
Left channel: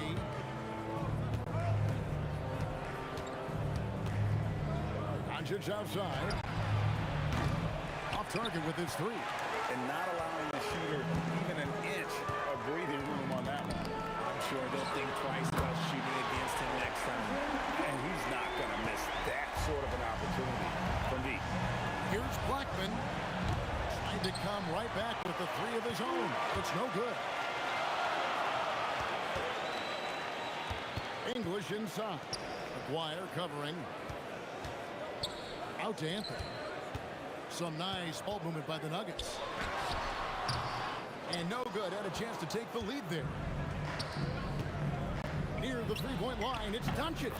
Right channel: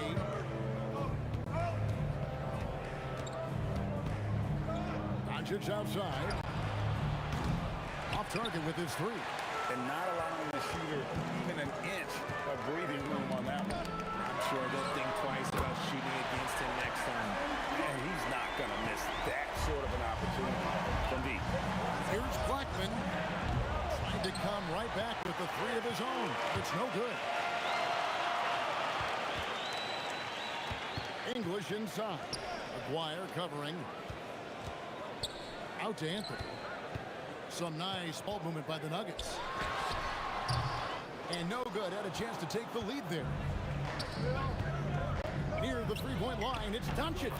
Doncic outside. Off target with his 3. And not allowing the shooter even an inch of breathing room on that one. I'm sure they'll think twice about shooting against him next time. And he's not going to miss that sort of an opportunity from deep. Here's Blackman. Trying to come right back with the 3 of his own. It's no good. English inside. Aguirre covering. Out to Anthony. Some nice ball movement by the Nuggets. And no good. Had a chance to take the lead there. Near the three-point line, it's Doncic.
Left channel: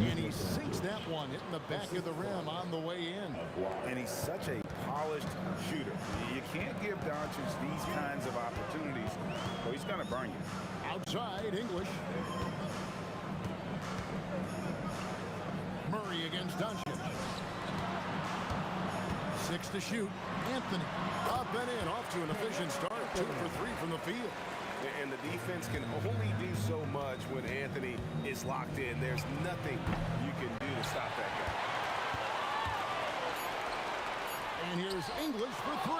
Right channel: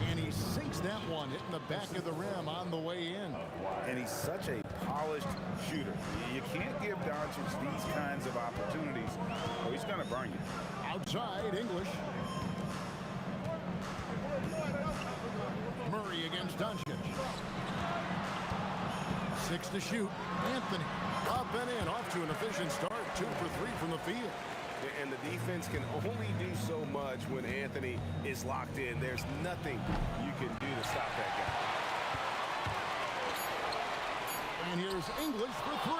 And he sinks that one, hitting the back of the rim on the way in. And he's such a polished shooter. You can't give Doncic these kinds of opportunities, or he's going to burn you. Outside, English. Murray against Doncic. 6 to shoot. Anthony up and in, off to an efficient start. 2 for 3 from the field. And the defense can only do so much when Anthony is locked in. There's nothing you can do to stop that guy. And here's English for 3.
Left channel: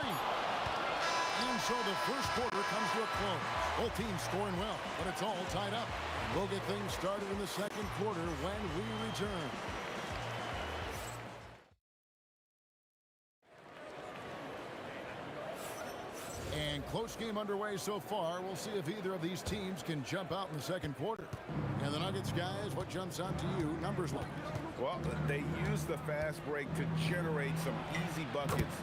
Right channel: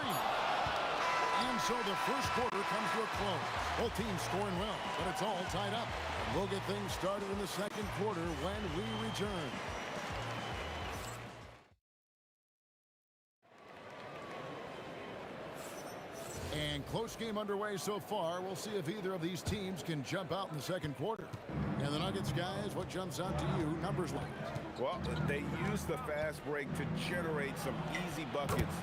And so the first quarter comes to a close. Both teams scoring well, but it's all tied up. And we'll get things started in the second quarter when we return. And close game underway so far. We'll see if either of these teams can jump out in the second quarter. And the Nuggets, guys, what jumps out to you numbers-wise? Well, they use the fast break to generate some easy buckets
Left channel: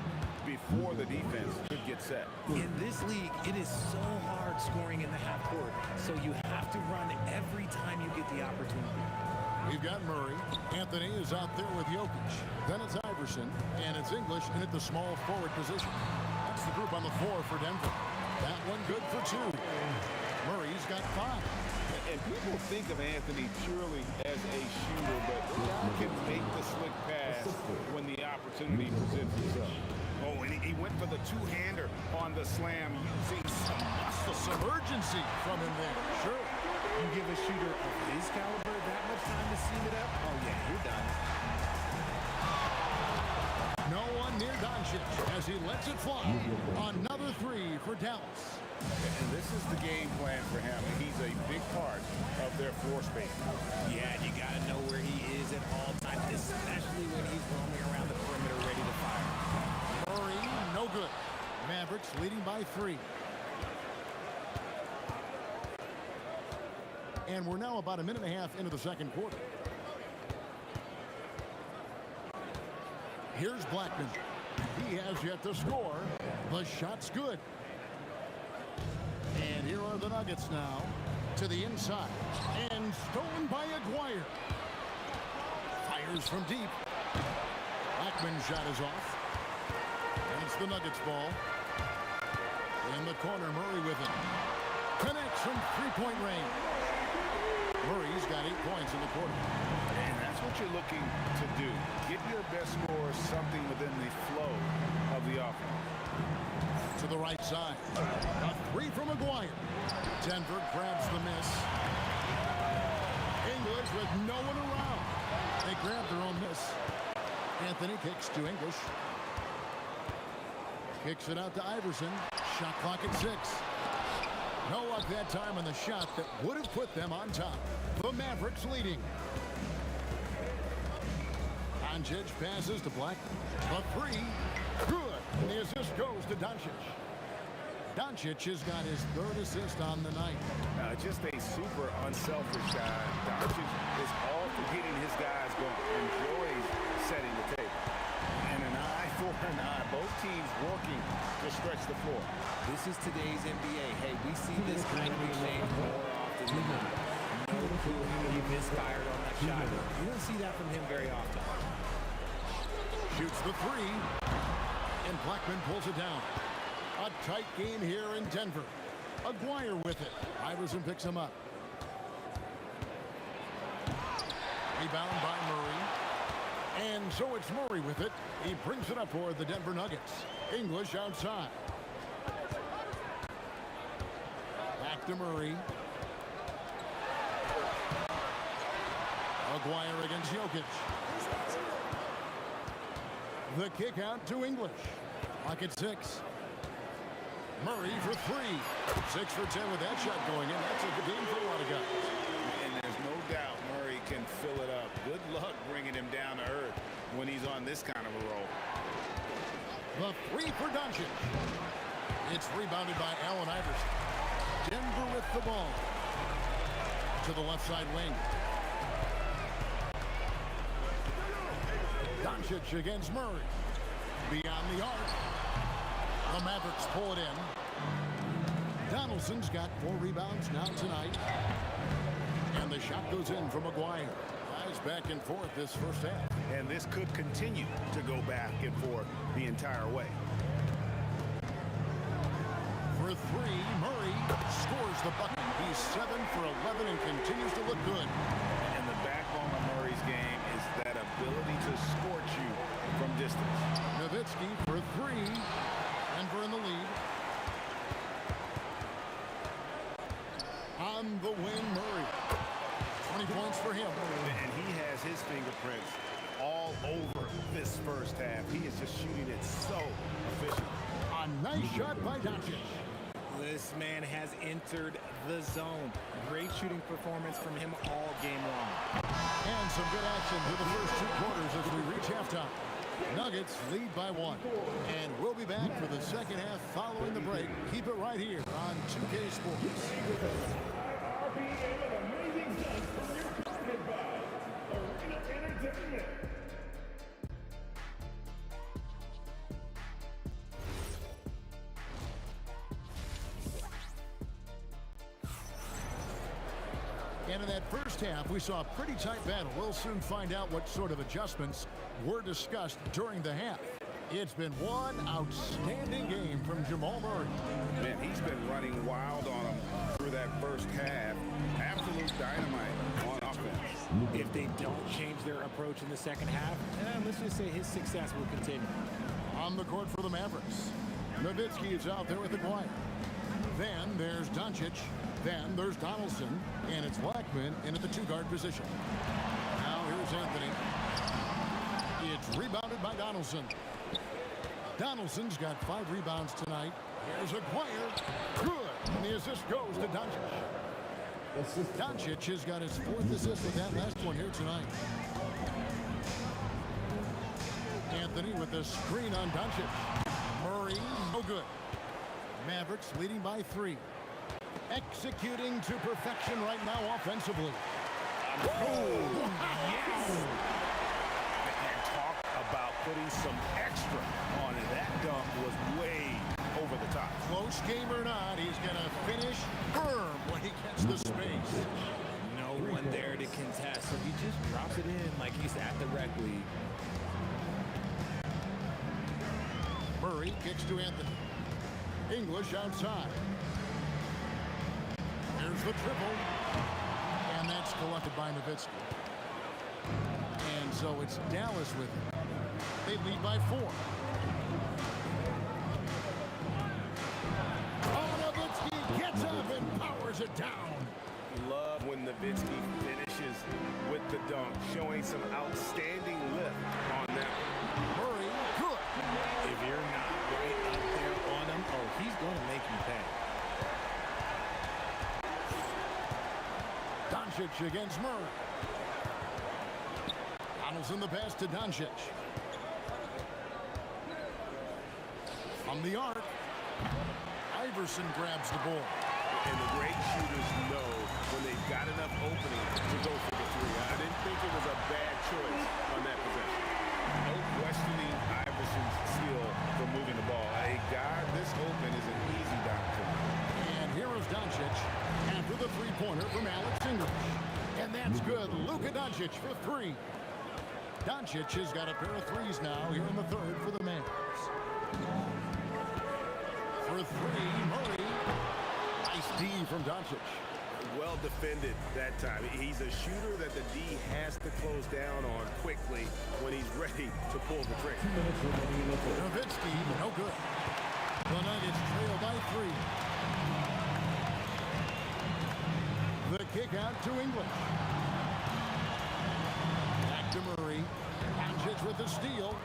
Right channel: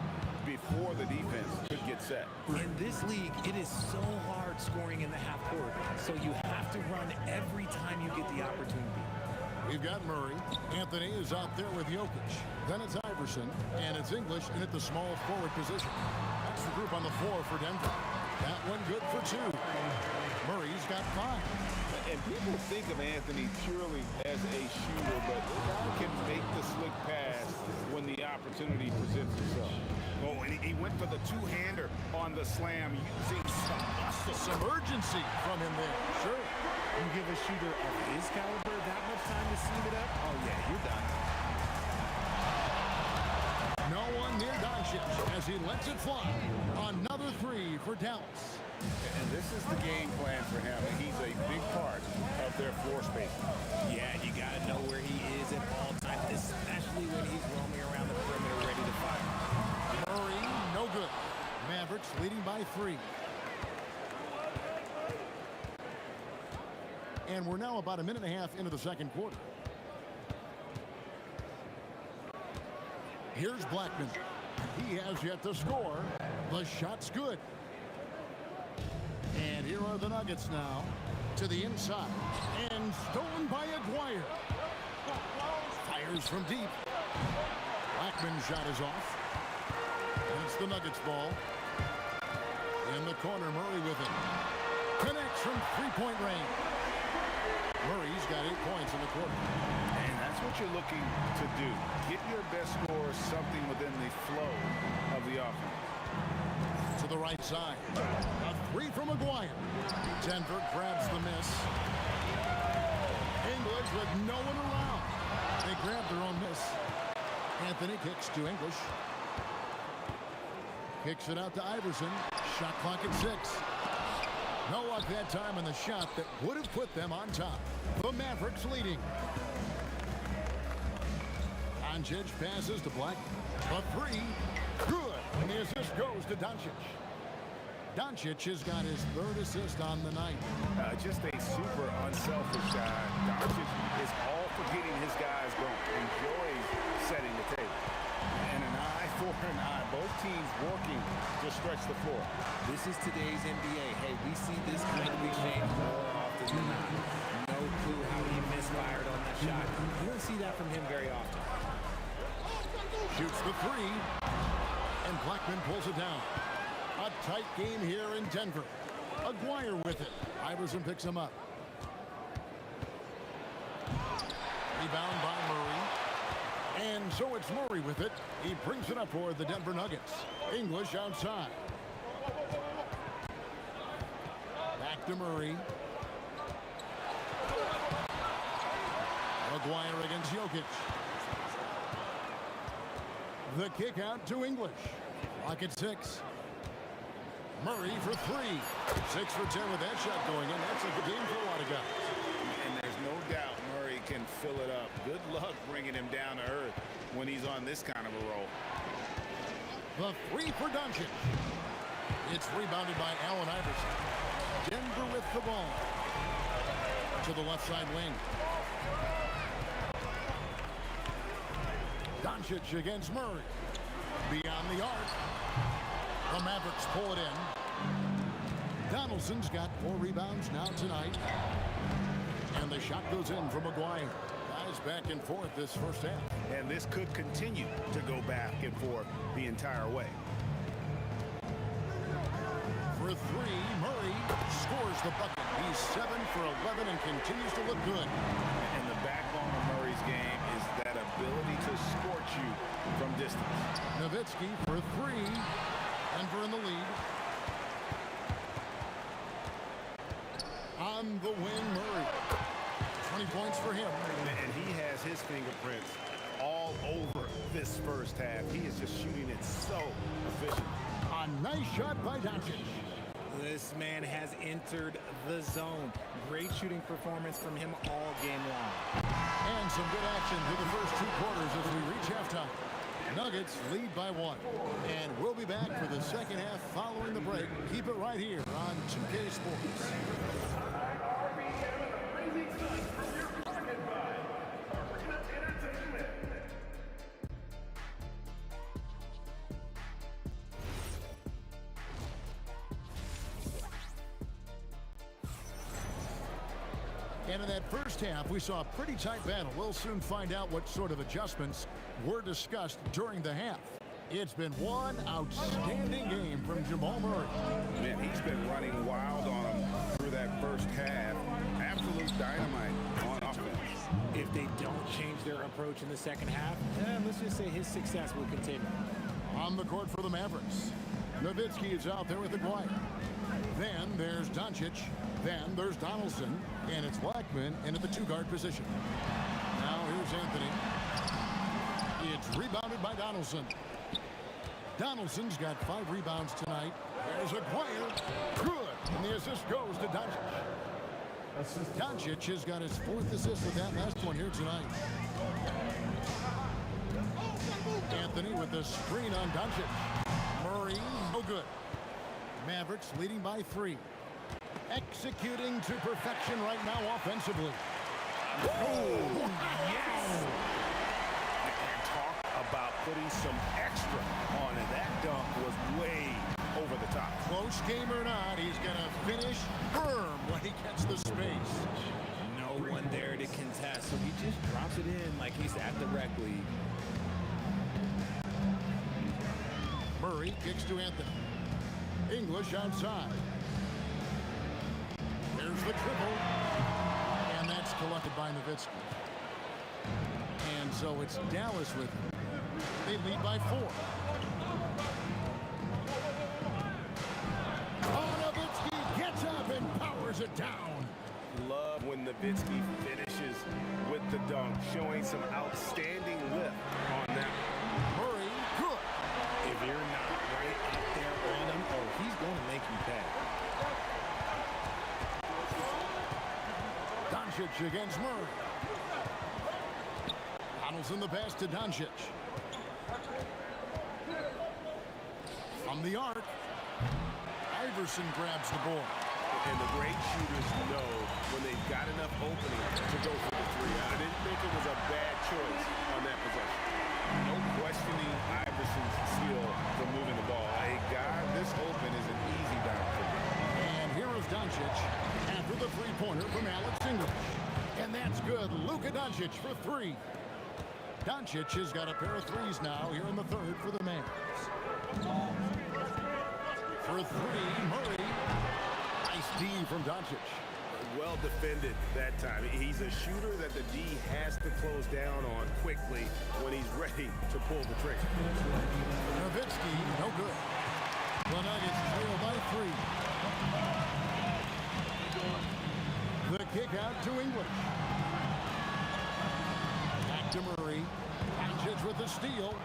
before the defense could get set. In this league, it is so hard scoring in the half court, so you have to run every time you get the opportunity. We've got Murray. Anthony is out there with Jokic. Then it's Iverson, and it's English in at the small forward position. That's the group on the floor for Denver. That one good for 2. Murray's got 5. And people think of Anthony purely as a shooter, but the guy can make the slick pass when the opportunity presents itself. Oh, and he went for the two-hander on the slam using some muscle. Some urgency from him there. Sure. You give a shooter of his caliber that much time to seam it up, oh yeah, you're done. No one near Doncic as he lets it fly. Another 3 for Dallas. And this is the game plan for him. He's a big part of their floor space. Yeah, you got to know where he is at all times, especially when he's roaming around the perimeter ready to fire. Murray, no good. Mavericks leading by 3. And we're now about a minute and a half into the second quarter. Here's Blackman. He has yet to score. The shot's good. And here are the Nuggets now to the inside. And stolen by Aguirre. Fires from deep. Blackman's shot is off. And it's the Nuggets ball. In the corner, Murray with it. Connects from three-point range. Murray's got 8 points in the quarter. And that's what you're looking to do. Get your best score something within the flow of the offense. To the right side. A 3 from Aguirre. Denver grabs the miss. English with no one around. They grab their own miss. Anthony kicks to English. Kicks it out to Iverson. Shot clock at 6. No luck that time on the shot that would have put them on top. The Mavericks leading. Doncic passes to Black. The 3. Good. And the assist goes to Doncic. Doncic has got his 3rd assist on the night. Just a super unselfish guy. Doncic is all for getting his guys going. Enjoys setting the table. And an eye for an eye. Both teams working to stretch the floor. This is today's NBA. Hey, we see this kind of exchange more often than not. No clue how he misfired on that shot. You don't see that from him very often. Shoots the 3. And Blackman pulls it down. A tight game here in Denver. Aguirre with it. Iverson picks him up. Rebound by Murray. And so it's Murray with it. He brings it up for the Denver Nuggets. English outside. Back to Murray. Aguirre against Jokic. The kick out to English. Clock at 6. Murray for 3. 6 for 10 with that shot going in. That's a good game for a lot of guys. And there's no doubt Murray can fill it up. Good luck bringing him down to earth when he's on this kind of a roll. The 3 for Doncic. It's rebounded by Allen Iverson. Denver with the ball. To the left side wing. Doncic against Murray. Beyond the arc. The Mavericks pull it in. Donaldson's got 4 rebounds now tonight. And the shot goes in from Aguirre. Guys back and forth this first half. And this could continue to go back and forth the entire way. For 3, Murray scores the bucket. He's 7 for 11 and continues to look good. And the backbone of Murray's game is that ability to scorch you from distance. Nowitzki for 3. Denver in the lead. On the wing, Murray. 20 points for him. And he has his fingerprints all over this first half. He is just shooting it so efficient. A nice shot by Doncic. This man has entered the zone. Great shooting performance from him all game long. And some good action through the first 2 quarters as we reach halftime. Nuggets lead by 1. And we'll be back for the second half following the break. Keep it right here on 2K Sports. And in that first half, we saw a pretty tight battle. We'll soon find out what sort of adjustments were discussed during the half. It's been one outstanding game from Jamal Murray. Man, he's been running wild on him through that first half. Absolute dynamite on offense. If they don't change their approach in the second half, let's just say his success will continue. On the court for the Mavericks, Nowitzki is out there with Aguirre. Then there's Doncic. Then there's Donaldson, and it's Blackman in at the 2-guard position. Now here's Anthony. It's rebounded by Donaldson. Donaldson's got 5 rebounds tonight. Here's Aguirre. Good. And the assist goes to Doncic. Doncic has got his 4th assist with that last one here tonight. Anthony with the screen on Doncic. Murray, no good. Mavericks leading by 3. Executing to perfection right now offensively. Oh, yes! And talk about putting some extra on it. That dunk was way over the top. Close game or not, he's going to finish firm when he gets the space. No one there to contest, so he just drops it in like he's at the rec league. Murray kicks to Anthony. English outside. There's the triple. And that's collected by Nowitzki. And so it's Dallas with him. They lead by 4. Nowitzki gets up and powers it down. Love when Nowitzki finishes with the dunk, showing some outstanding lift on that one. Murray, good. If you're not right up there on him, oh, he's going to make you pay. Doncic against Murray. Donaldson the pass to Doncic. From the arc, Iverson grabs the ball. And the great shooters know when they've got enough opening to go for the 3. I didn't think it was a bad choice on that possession. No questioning Iverson's skill for moving the ball. A guy this open is an easy down for him. And here is Doncic after the 3-pointer from Alex English. And that's good. Luka Doncic for 3. Doncic has got a pair of 3s now here in the 3rd for the Mavs. For 3, Murray. Nice D from Doncic. Well defended that time. He's a shooter that the D has to close down on quickly when he's ready to pull the trigger. Nowitzki, no good. The Nuggets trail by 3. The kick out to English. Back to Murray. Doncic with the steal.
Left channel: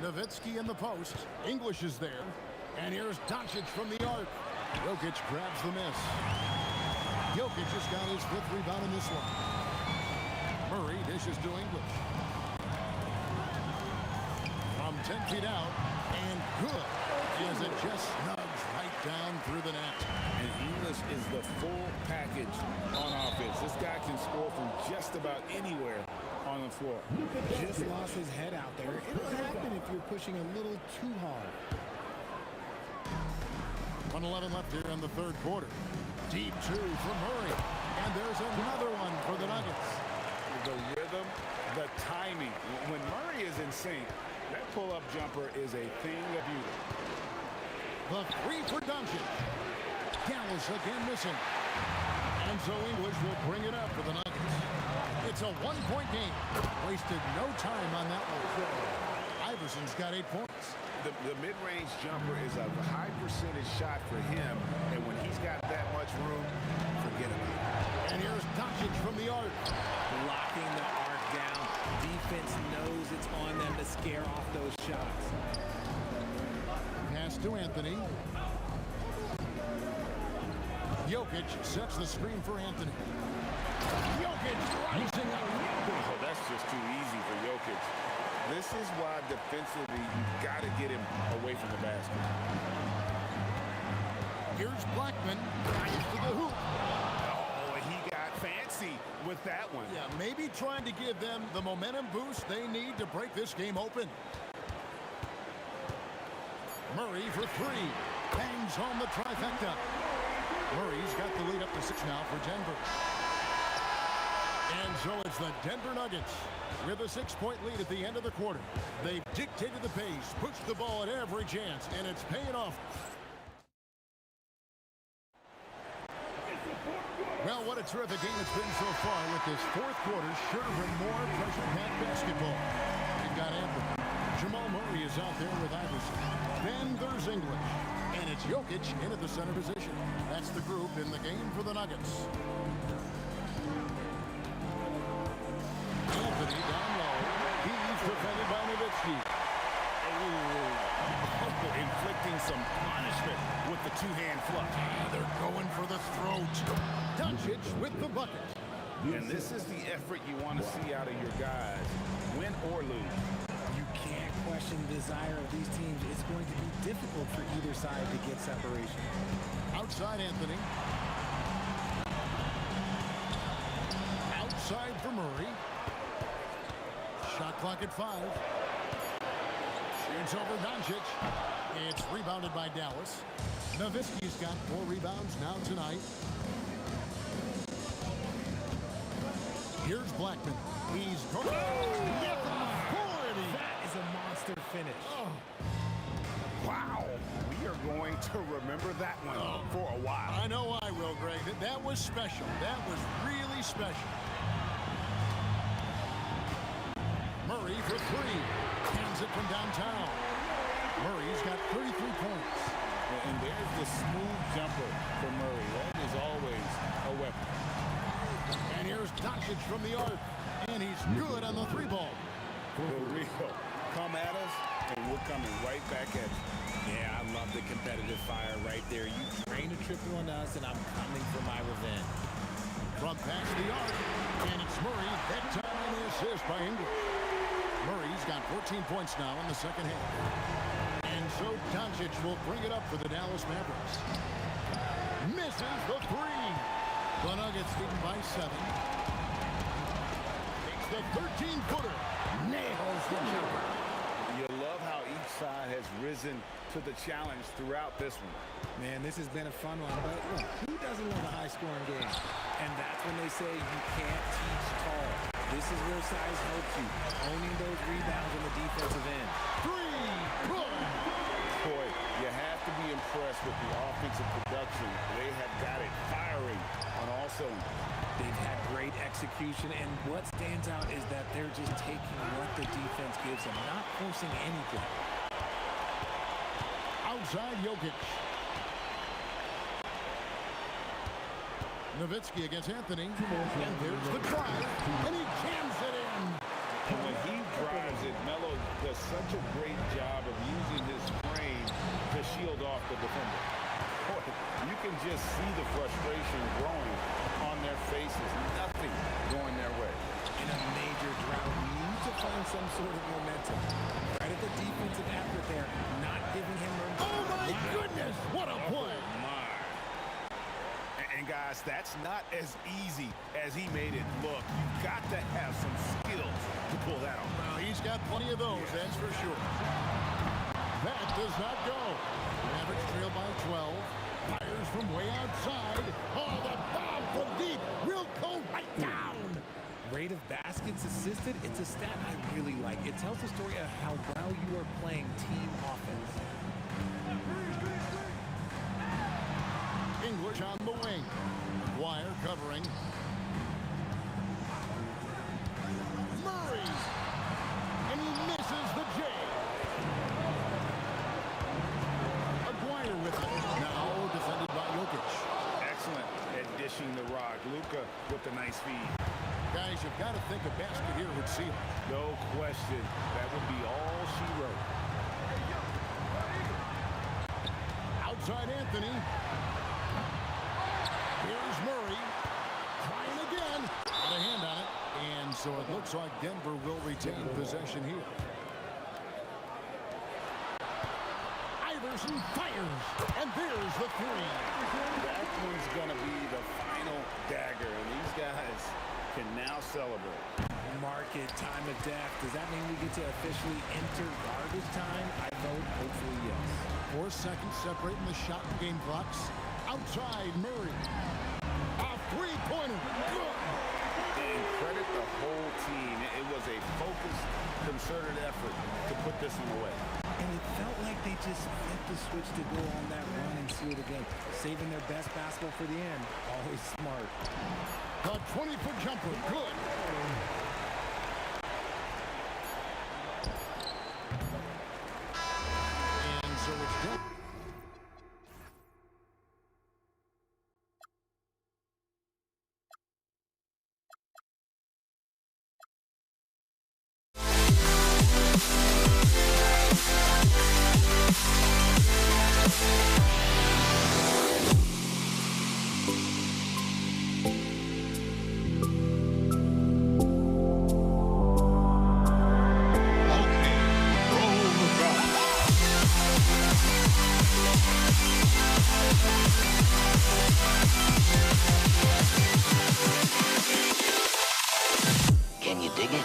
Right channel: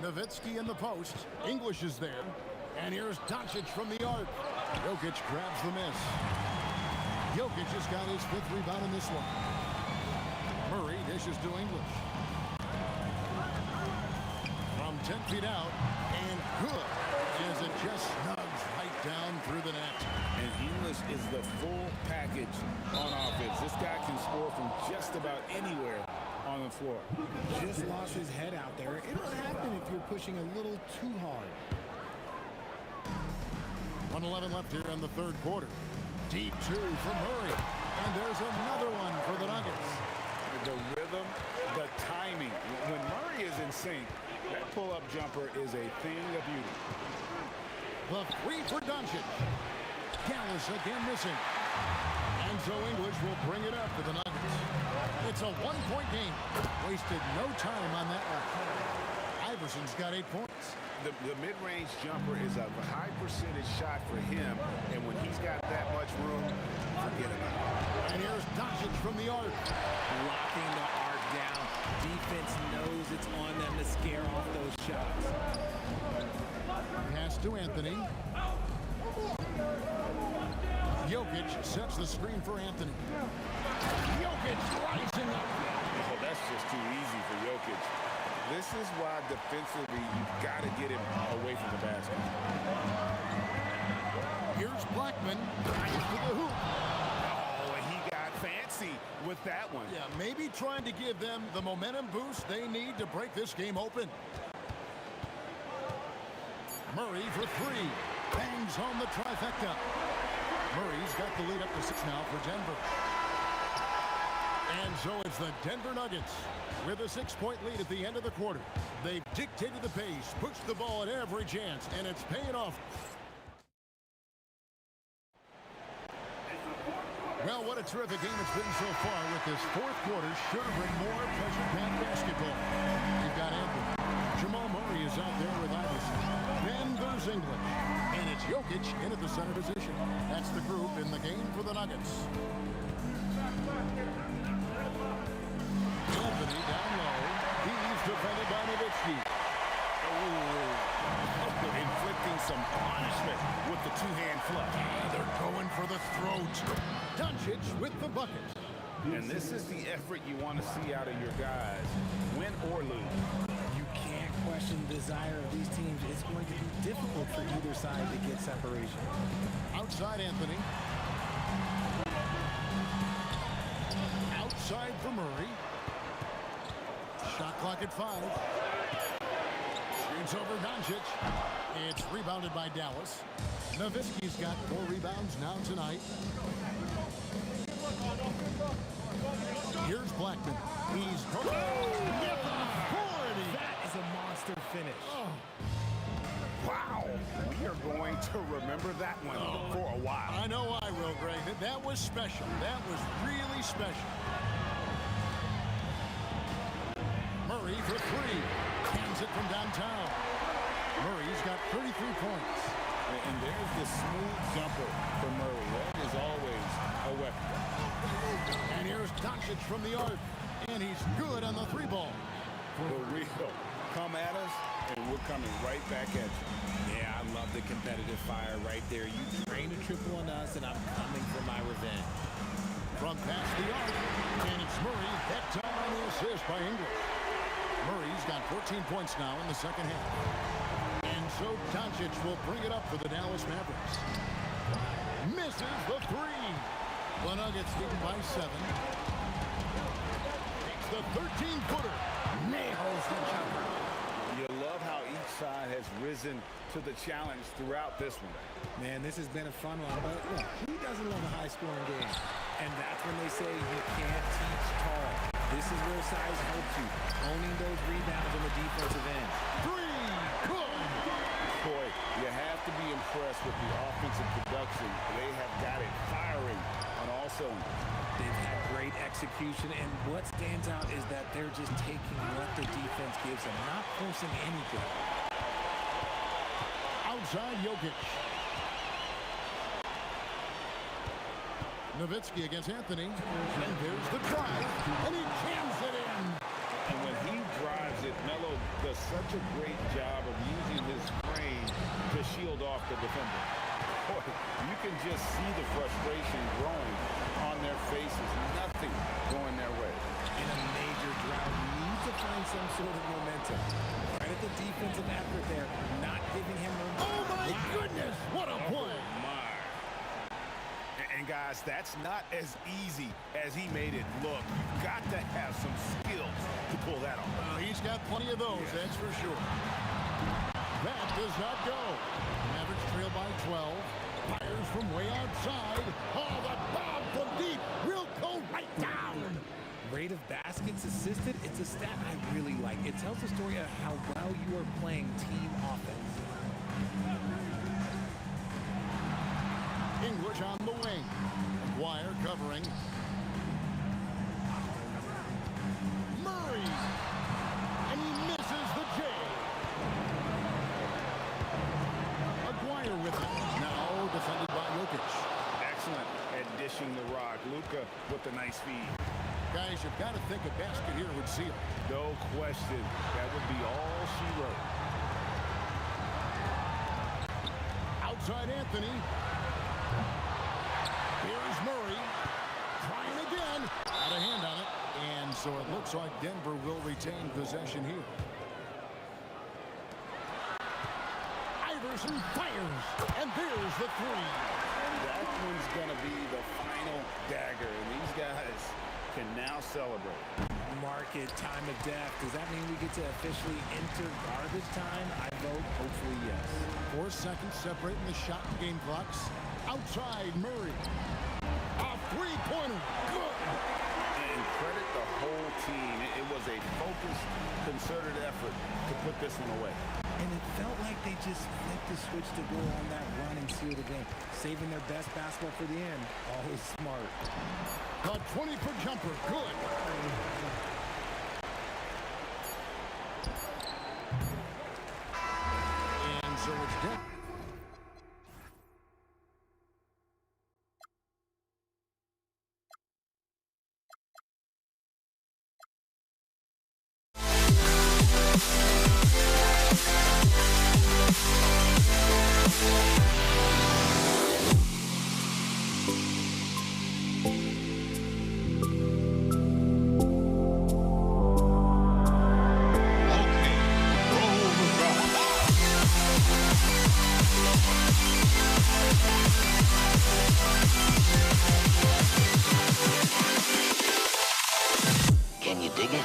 Nowitzki in the post. English is there. And here's Doncic from the arc. Jokic grabs the miss. Jokic has got his 5th rebound in this one. Murray dishes to English. From 10 feet out. And good. As it just snugs right down through the net. And English is the full package on offense. This guy can score from just about anywhere on the floor. Just lost his head out there. It'll happen if you're pushing a little too hard. 1:11 left here in the 3rd quarter. Deep 2 from Murray. And there's another one for the Nuggets. The rhythm, the timing. When Murray is in sync, that pull-up jumper is a thing of beauty. The 3 for Doncic. Dallas again missing. And so English will bring it up for the Nuggets. It's a 1-point game. Wasted no time on that one. Iverson's got 8 points. The mid-range jumper is a high percentage shot for him, and when he's got that much room, forget about it. And here's Doncic from the arc. Locking the arc down. Defense knows it's on them to scare off those shots. Pass to Anthony. Jokic sets the screen for Anthony. Jokic rising up. Oh, that's just too easy for Jokic. This is why defensively you've got to get him away from the basket. Here's Blackman. Drives to the hoop. Oh, and he got fancy with that one. Yeah, maybe trying to give them the momentum boost they need to break this game open. Murray for three. Bangs home the trifecta. Murray's got the lead up to 6 now for Denver. And so it's the Denver Nuggets with a 6-point lead at the end of the quarter. They've dictated the pace, pushed the ball at every chance, and it's paying off. Well, what a terrific game it's been so far with this fourth quarter. Sure to bring more pressure-packed basketball. You've got Anthony. Jamal Murray is out there with Iverson. Then there's English. And it's Jokic in at the center position. That's the group in the game for the Nuggets. Anthony down low. He's defended by Nowitzki. Oh, inflicting some punishment with the two-hand flush. They're going for the throat. Doncic with the bucket. And this is the effort you want to see out of your guys, win or lose. You can't question the desire of these teams. It's going to be difficult for either side to get separation. Outside Anthony. Outside for Murray. Shot clock at 5. Shoots over Doncic. It's rebounded by Dallas. Nowitzki's got 4 rebounds now tonight. Here's Blackman. He's going. That is a monster finish. Oh. Wow. We are going to remember that one for a while. I know I will, Greg. That was special. That was really special. Murray for 3. Hands it from downtown. Murray's got 33 points. And there's the smooth jumper for Murray. That is always a weapon. And here's Doncic from the arc. And he's good on the 3-ball. For real. Come at us, and we're coming right back at you. Yeah, I love the competitive fire right there. You drain a triple on us, and I'm coming for my revenge. From past the arc, and it's Murray, that time on the assist by English. Murray's got 14 points now in the second half. And so Doncic will bring it up for the Dallas Mavericks. Misses the 3. The Nuggets leading by 7. Takes the 13-footer. Nails the jumper. You love how each side has risen to the challenge throughout this one. Man, this has been a fun one, but look, who doesn't love a high-scoring game? And that's when they say you can't teach tall. This is where size helps you, owning those rebounds on the defensive end. 3, good. Boy, you have to be impressed with the offensive production. They have got it firing on all cylinders. They've had great execution, and what stands out is that they're just taking what the defense gives them, not forcing anything. Outside Jokic. Nowitzki against Anthony. And there's the drive, and he jams it in. And when he drives it, Melo does such a great job of using his frame to shield off the defender. Boy, you can just see the frustration growing on their faces. Nothing going their way. In a major drought, you need to find some sort of momentum. Right at the defensive effort there, not giving him room. Oh, my goodness. What a play. Oh, my. And guys, that's not as easy as he made it look. You've got to have some skills to pull that off. Well, he's got plenty of those, that's for sure. That does not go. Mavericks trail by 12. Fires from way outside. Oh, the bomb from deep will go right down. Rate of baskets assisted, it's a stat I really like. It tells the story of how well you are playing team offense. English on the wing. McGuire covering. Murray. And he misses the J. McGuire with it. Now defended by Jokic. Excellent at dishing the rock. Luka with the nice feed. Guys, you've got to think a basket here would seal it. No question. That would be all she wrote. Outside Anthony. Here's Murray. Trying again. Out of hand on it. And so it looks like Denver will retain possession here. Iverson fires. And there's the three. That one's going to be the final dagger. And these guys can now celebrate. Market time of death. Does that mean we get to officially enter garbage time? I vote hopefully yes. 4 seconds separating the shot and game clocks. Outside Murray. A three-pointer. Good. And credit the whole team. It was a focused, concerted effort to put this one away. And it felt like they just flipped the switch to go on that run and seal the game. Saving their best basketball for the end. Always smart. A 20-foot jumper. Good. And so it's Denver. Can you dig it?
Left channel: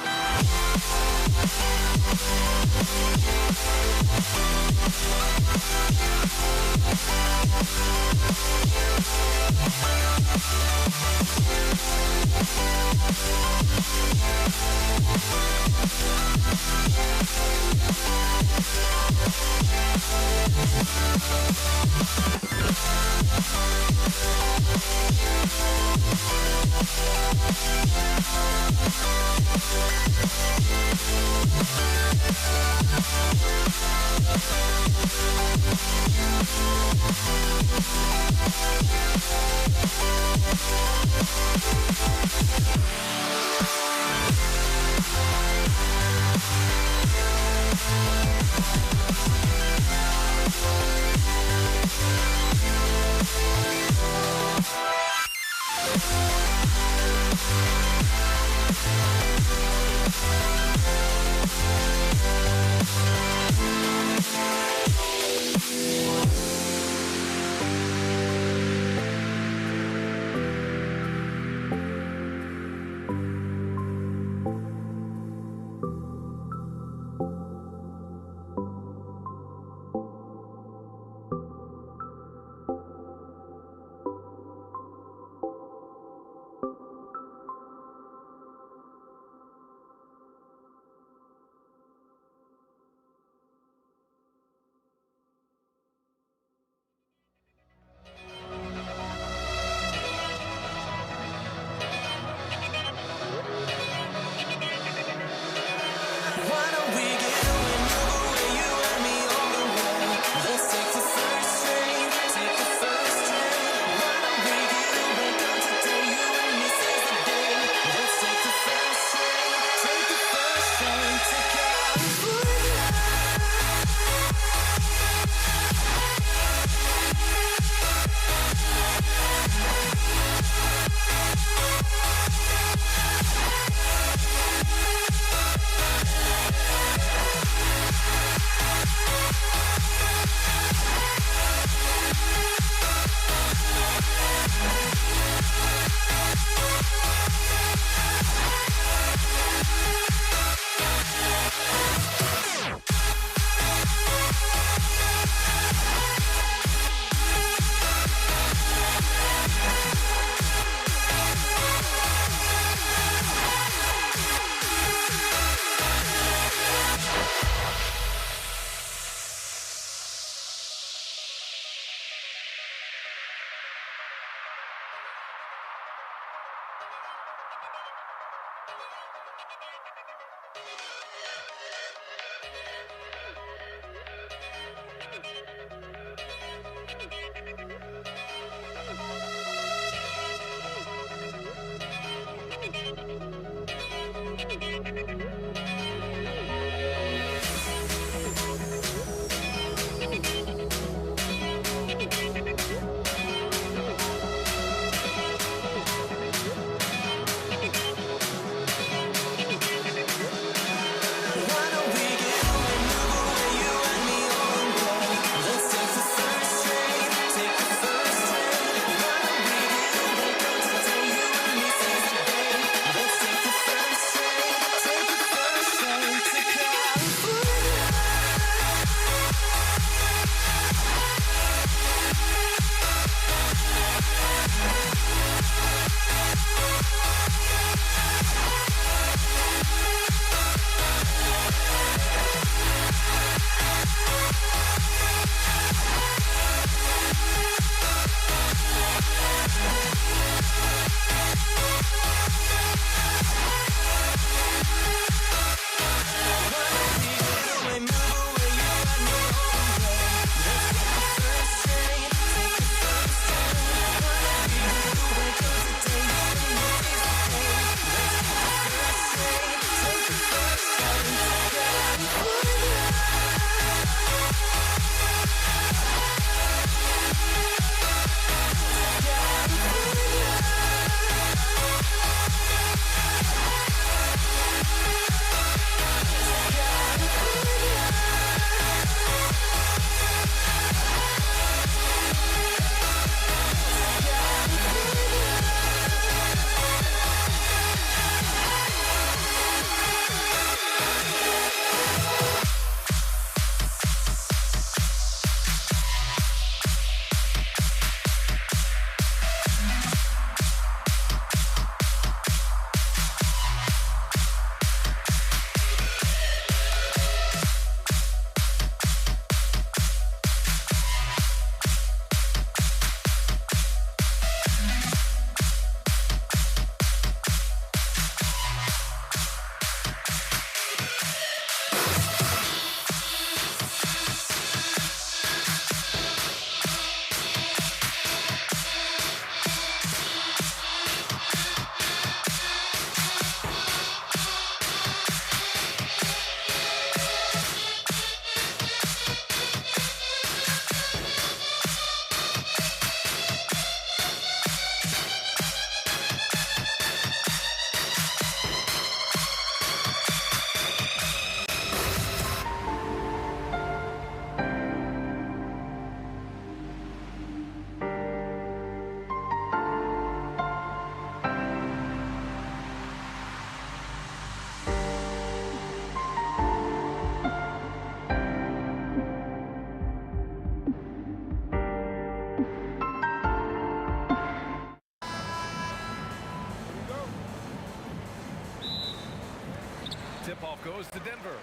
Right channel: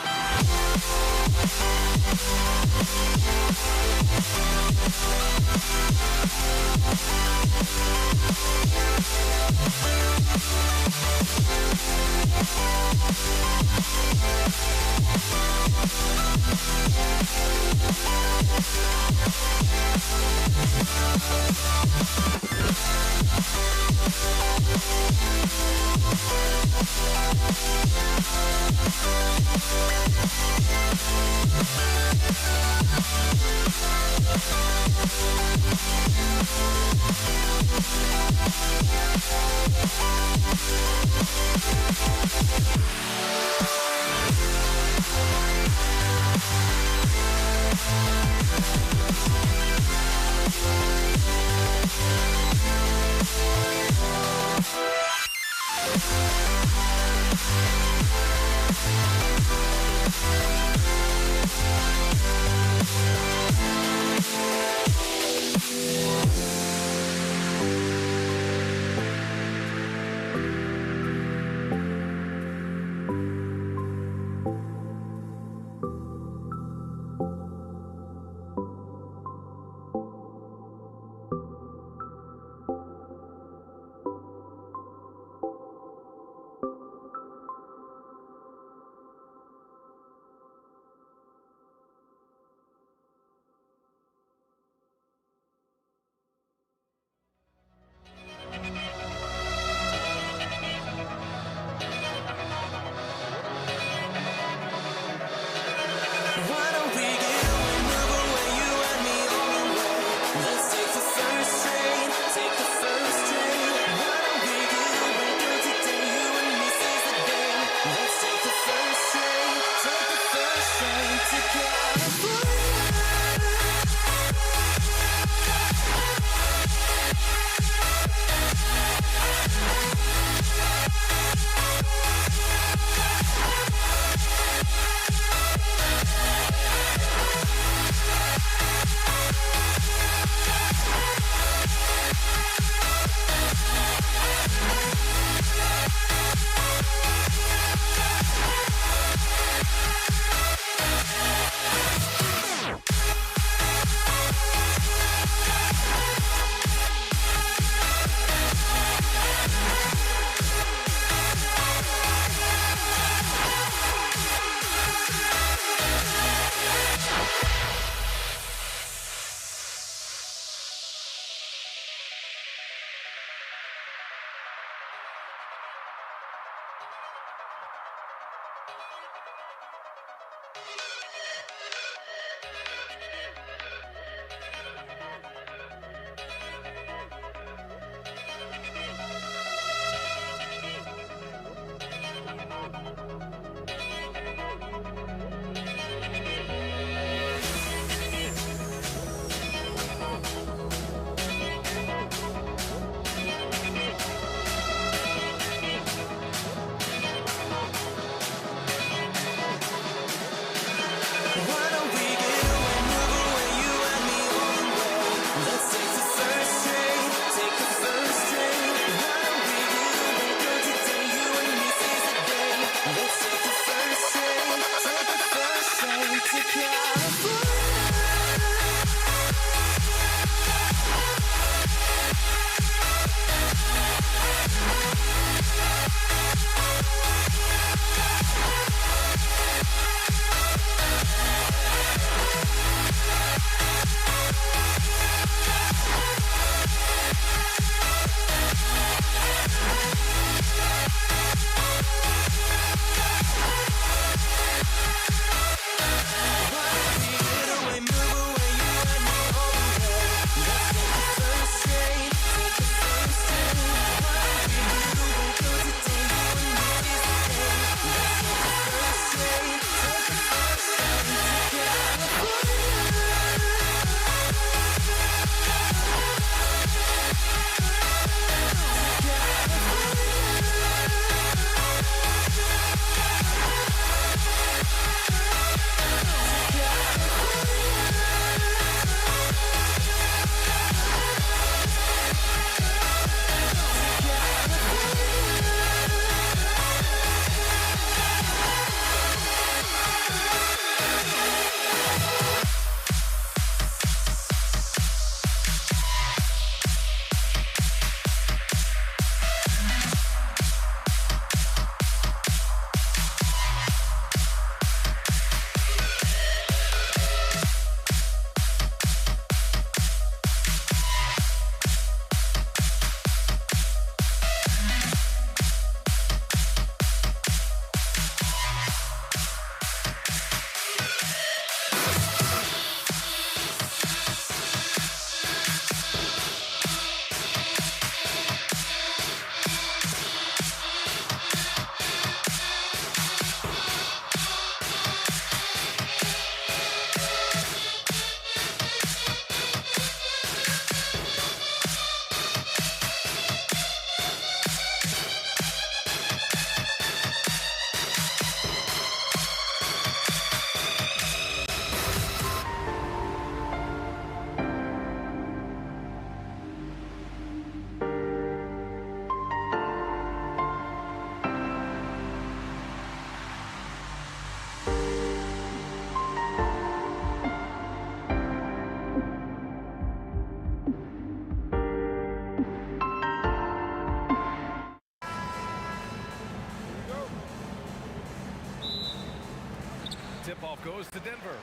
Off goes to Denver.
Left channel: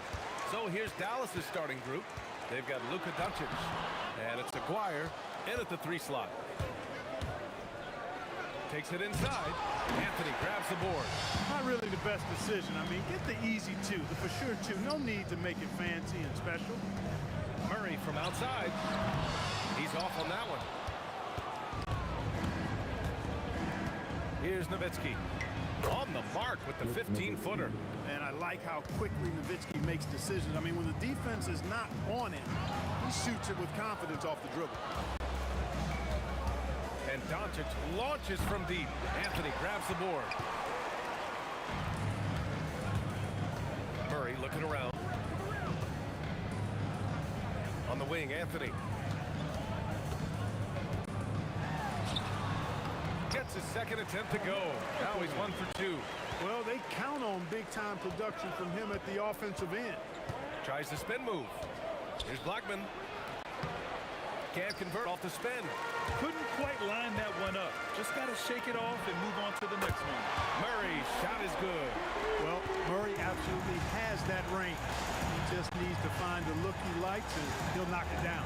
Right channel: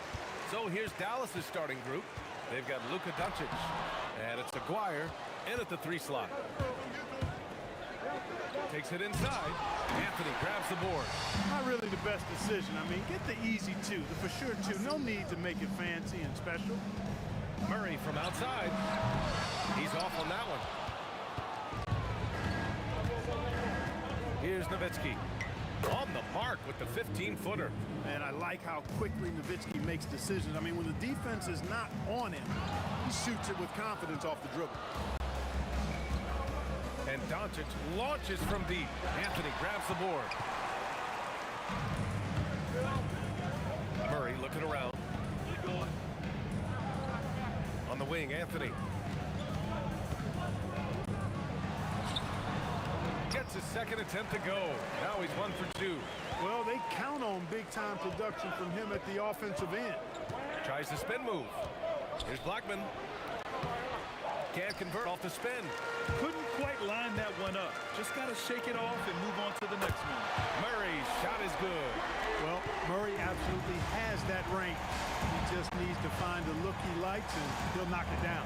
So here's Dallas's starting group. They've got Luka Doncic. And it's Aguirre in at the 3 slot. Takes it inside. Anthony grabs the board. Not really the best decision. I mean, get the easy 2, the for sure 2. No need to make it fancy and special. Murray from outside. He's off on that one. Here's Nowitzki. On the mark with the 15-footer. And I like how quickly Nowitzki makes decisions. I mean, when the defense is not on him, he shoots it with confidence off the dribble. And Doncic launches from deep. Anthony grabs the board. Murray looking around. On the wing, Anthony. Gets his second attempt to go. Now he's 1 for 2. Well, they count on big-time production from him at the offensive end. Tries the spin move. Here's Blackman. Can't convert off the spin. Couldn't quite line that one up. Just got to shake it off and move on to the next one. Murray's shot is good. Well, Murray absolutely has that range. He just needs to find the look he likes, and he'll knock it down.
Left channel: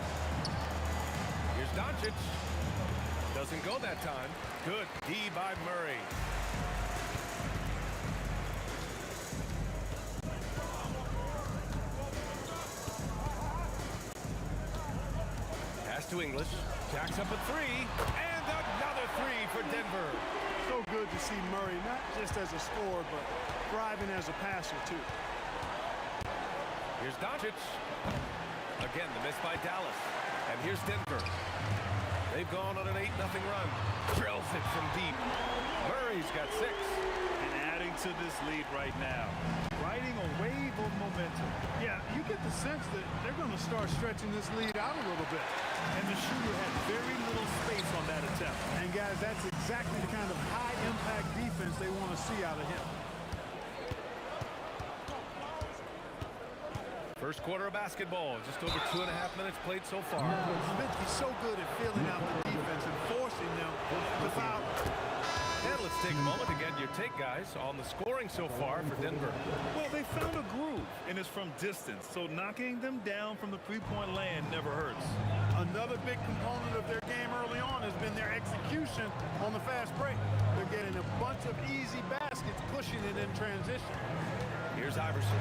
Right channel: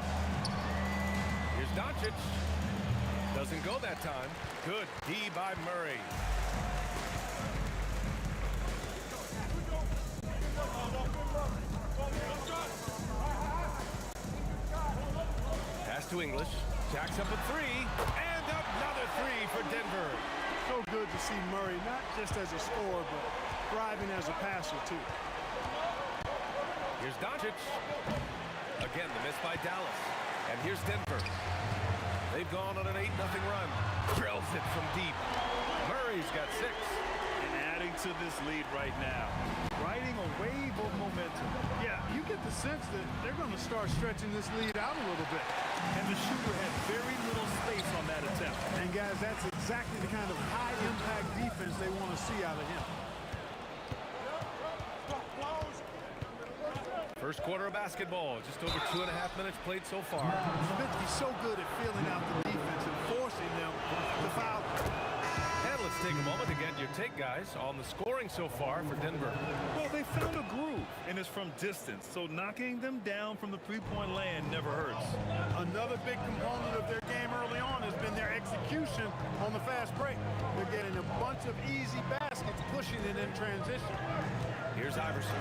Here's Doncic. Doesn't go that time. Good D by Murray. Pass to English. Jacks up a 3. And another 3 for Denver. So good to see Murray, not just as a scorer, but thriving as a passer, too. Here's Doncic. Again, the miss by Dallas. And here's Denver. They've gone on an 8-0 run. Drills it from deep. Murray's got 6. And adding to this lead right now. Riding a wave of momentum. Yeah, you get the sense that they're going to start stretching this lead out a little bit. And the shooter had very little space on that attempt. And guys, that's exactly the kind of high-impact defense they want to see out of him. First quarter of basketball. Just over 2.5 minutes played so far. Nowitzki's so good at feeling out the defense and forcing them to foul. And let's take a moment to get your take, guys, on the scoring so far for Denver. Well, they found a groove, and it's from distance, so knocking them down from the three-point land never hurts. Another big component of their game early on has been their execution on the fast break. They're getting a bunch of easy baskets, pushing it in transition. Here's Iverson.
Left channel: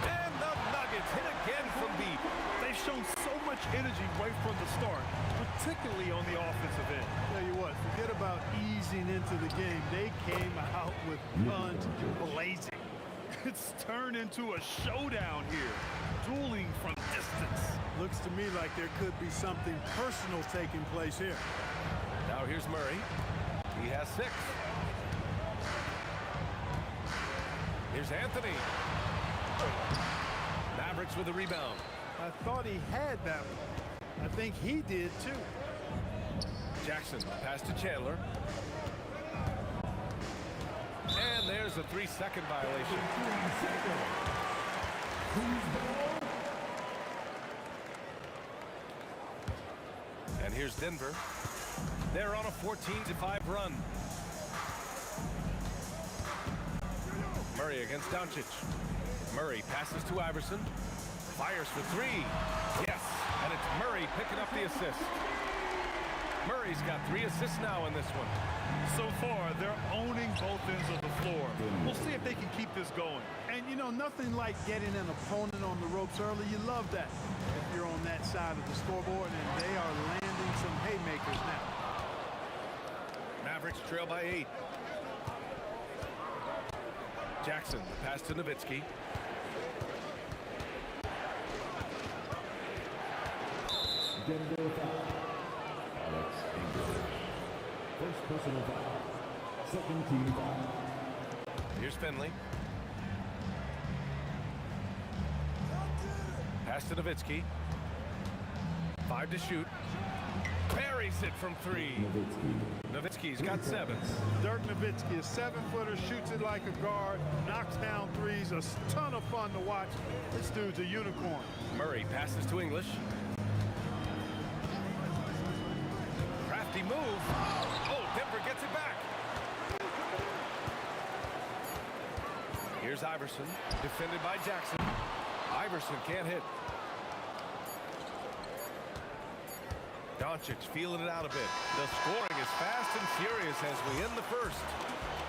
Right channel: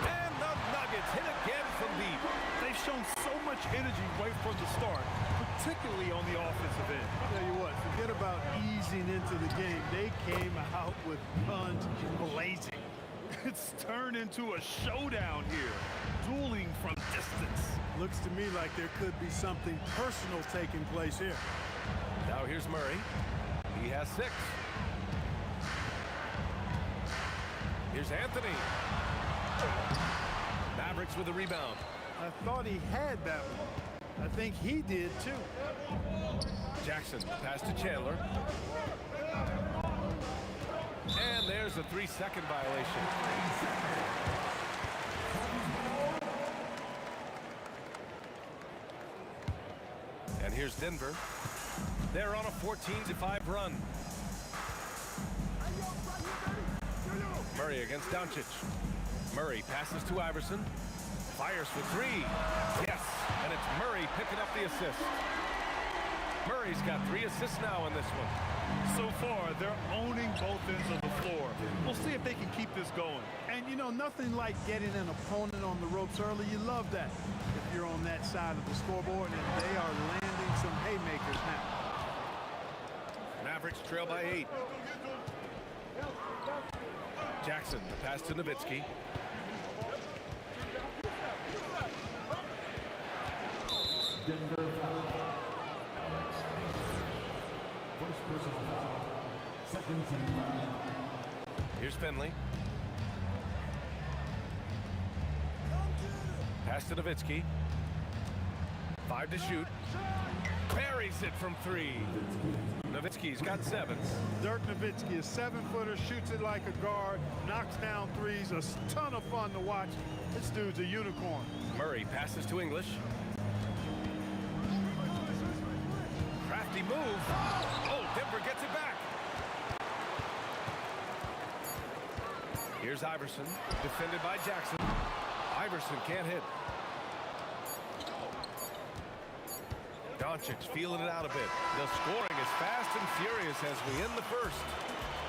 And the Nuggets hit again from deep. They've shown so much energy right from the start, particularly on the offensive end. Tell you what, forget about easing into the game. They came out with guns blazing. It's turned into a showdown here, dueling from distance. Looks to me like there could be something personal taking place here. Now here's Murray. He has 6. Here's Anthony. Mavericks with a rebound. I thought he had that one. I think he did too. Jackson, pass to Chandler. And there's a 3-second violation. And here's Denver. They're on a 14-5 run. Murray against Doncic. Murray passes to Iverson. Fires for 3. Yes, and it's Murray picking up the assist. Murray's got 3 assists now in this one. So far, they're owning both ends of the floor. We'll see if they can keep this going. And, you know, nothing like getting an opponent on the ropes early. You love that if you're on that side of the scoreboard, and they are landing some haymakers now. Mavericks trail by 8. Jackson, the pass to Nowitzki. Denver foul. First personal foul. Second team foul. Here's Finley. Pass to Nowitzki. 5 to shoot. Buries it from 3. Nowitzki's got 7. Dirk Nowitzki, a 7-footer, shoots it like a guard, knocks down threes. A ton of fun to watch. This dude's a unicorn. Murray passes to English. Crafty move. Oh, Denver gets it back. Here's Iverson, defended by Jackson. Iverson can't hit. Doncic feeling it out a bit. The scoring is fast and furious as we end the first.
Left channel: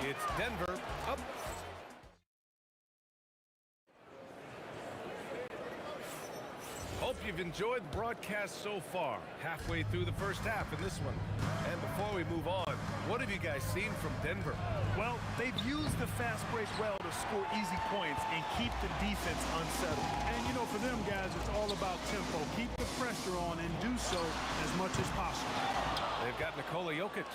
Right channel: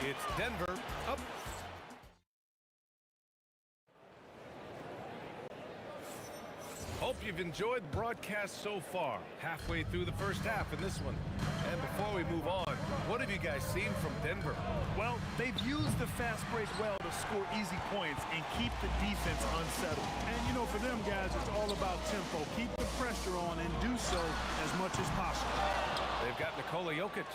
It's Denver up. Hope you've enjoyed the broadcast so far. Halfway through the first half in this one. And before we move on, what have you guys seen from Denver? Well, they've used the fast break well to score easy points and keep the defense unsettled. And, you know, for them guys, it's all about tempo. Keep the pressure on and do so as much as possible. They've got Nikola Jokic.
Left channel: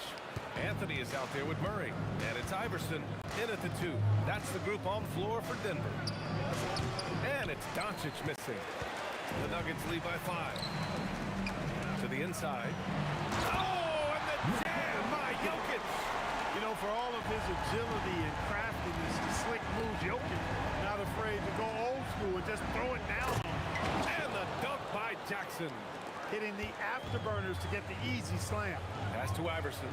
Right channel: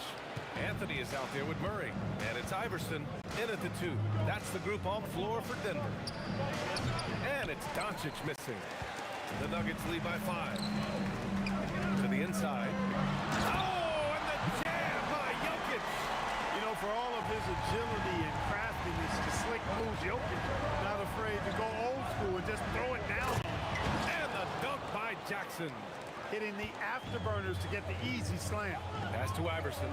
Anthony is out there with Murray. And it's Iverson in at the 2. That's the group on the floor for Denver. And it's Doncic missing. The Nuggets lead by 5. To the inside. Oh, and the jam by Jokic. You know, for all of his agility and craftiness to slick moves, Jokic not afraid to go old school and just throw it down on him. And the dunk by Jackson. Hitting the afterburners to get the easy slam. Pass to Iverson.